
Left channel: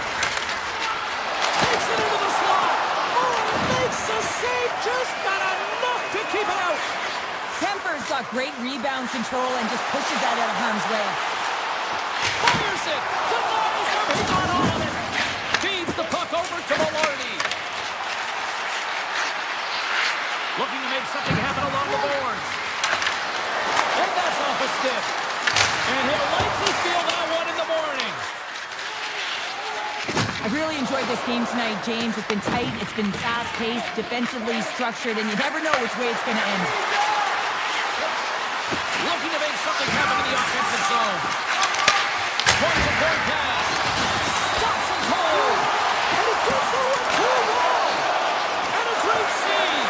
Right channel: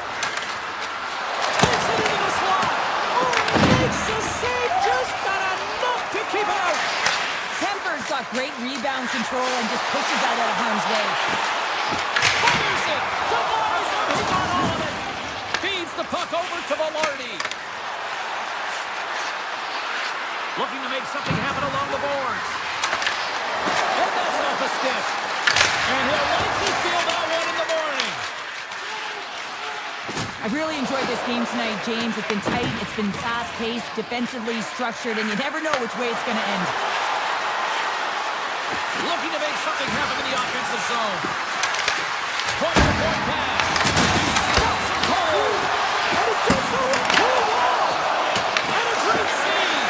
Takes it into the slot. Oh, makes the save, just not enough to keep it out. Kemper's got great rebound control and just pushes that out of harm's way. Fires it. Denies him. He got all of it. Feeds the puck over to Velarde. Looking to make something happen along the boards. And that's off a stick. And he'll likely feel that one in the morning. I've really enjoyed this game tonight, James. It's been tight, it's been fast-paced, defensively structured, and you never know which way it's going to end. Looking to make something happen in the offensive zone. Point-to-point pass. Stops him cold. And he gets over 2-1. And a great save.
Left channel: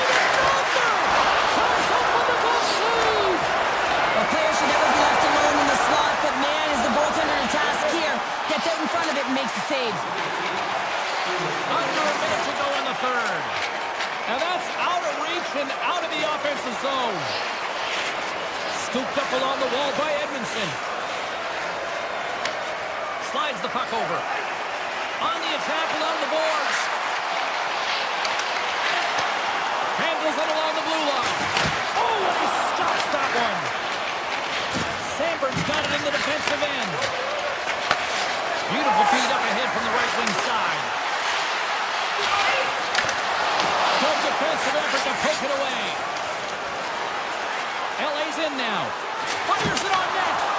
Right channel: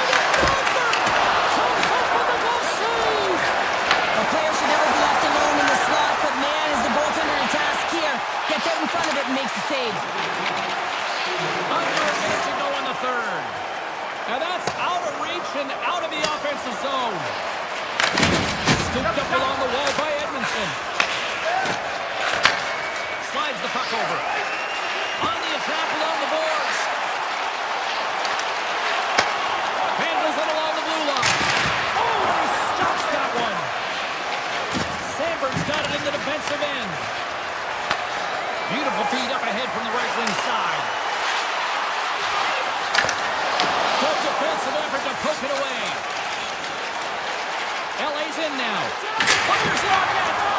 And another comes up with a glove save. A player should never be left alone in the slot, but man, is the goaltender in task here. Gets out in front of it and Under a minute to go in the third. And that's out of reach and out of the offensive zone. Scooped up along the wall by Edmondson. Slides the puck over. On the attack along the boards. Handles it along the blue line. Oh, and he stops that one. Sandberg's got it in the defensive end. Beautiful feed up ahead from the right wing side. Good defensive effort to poke it away. LA's in now. Fires it on net.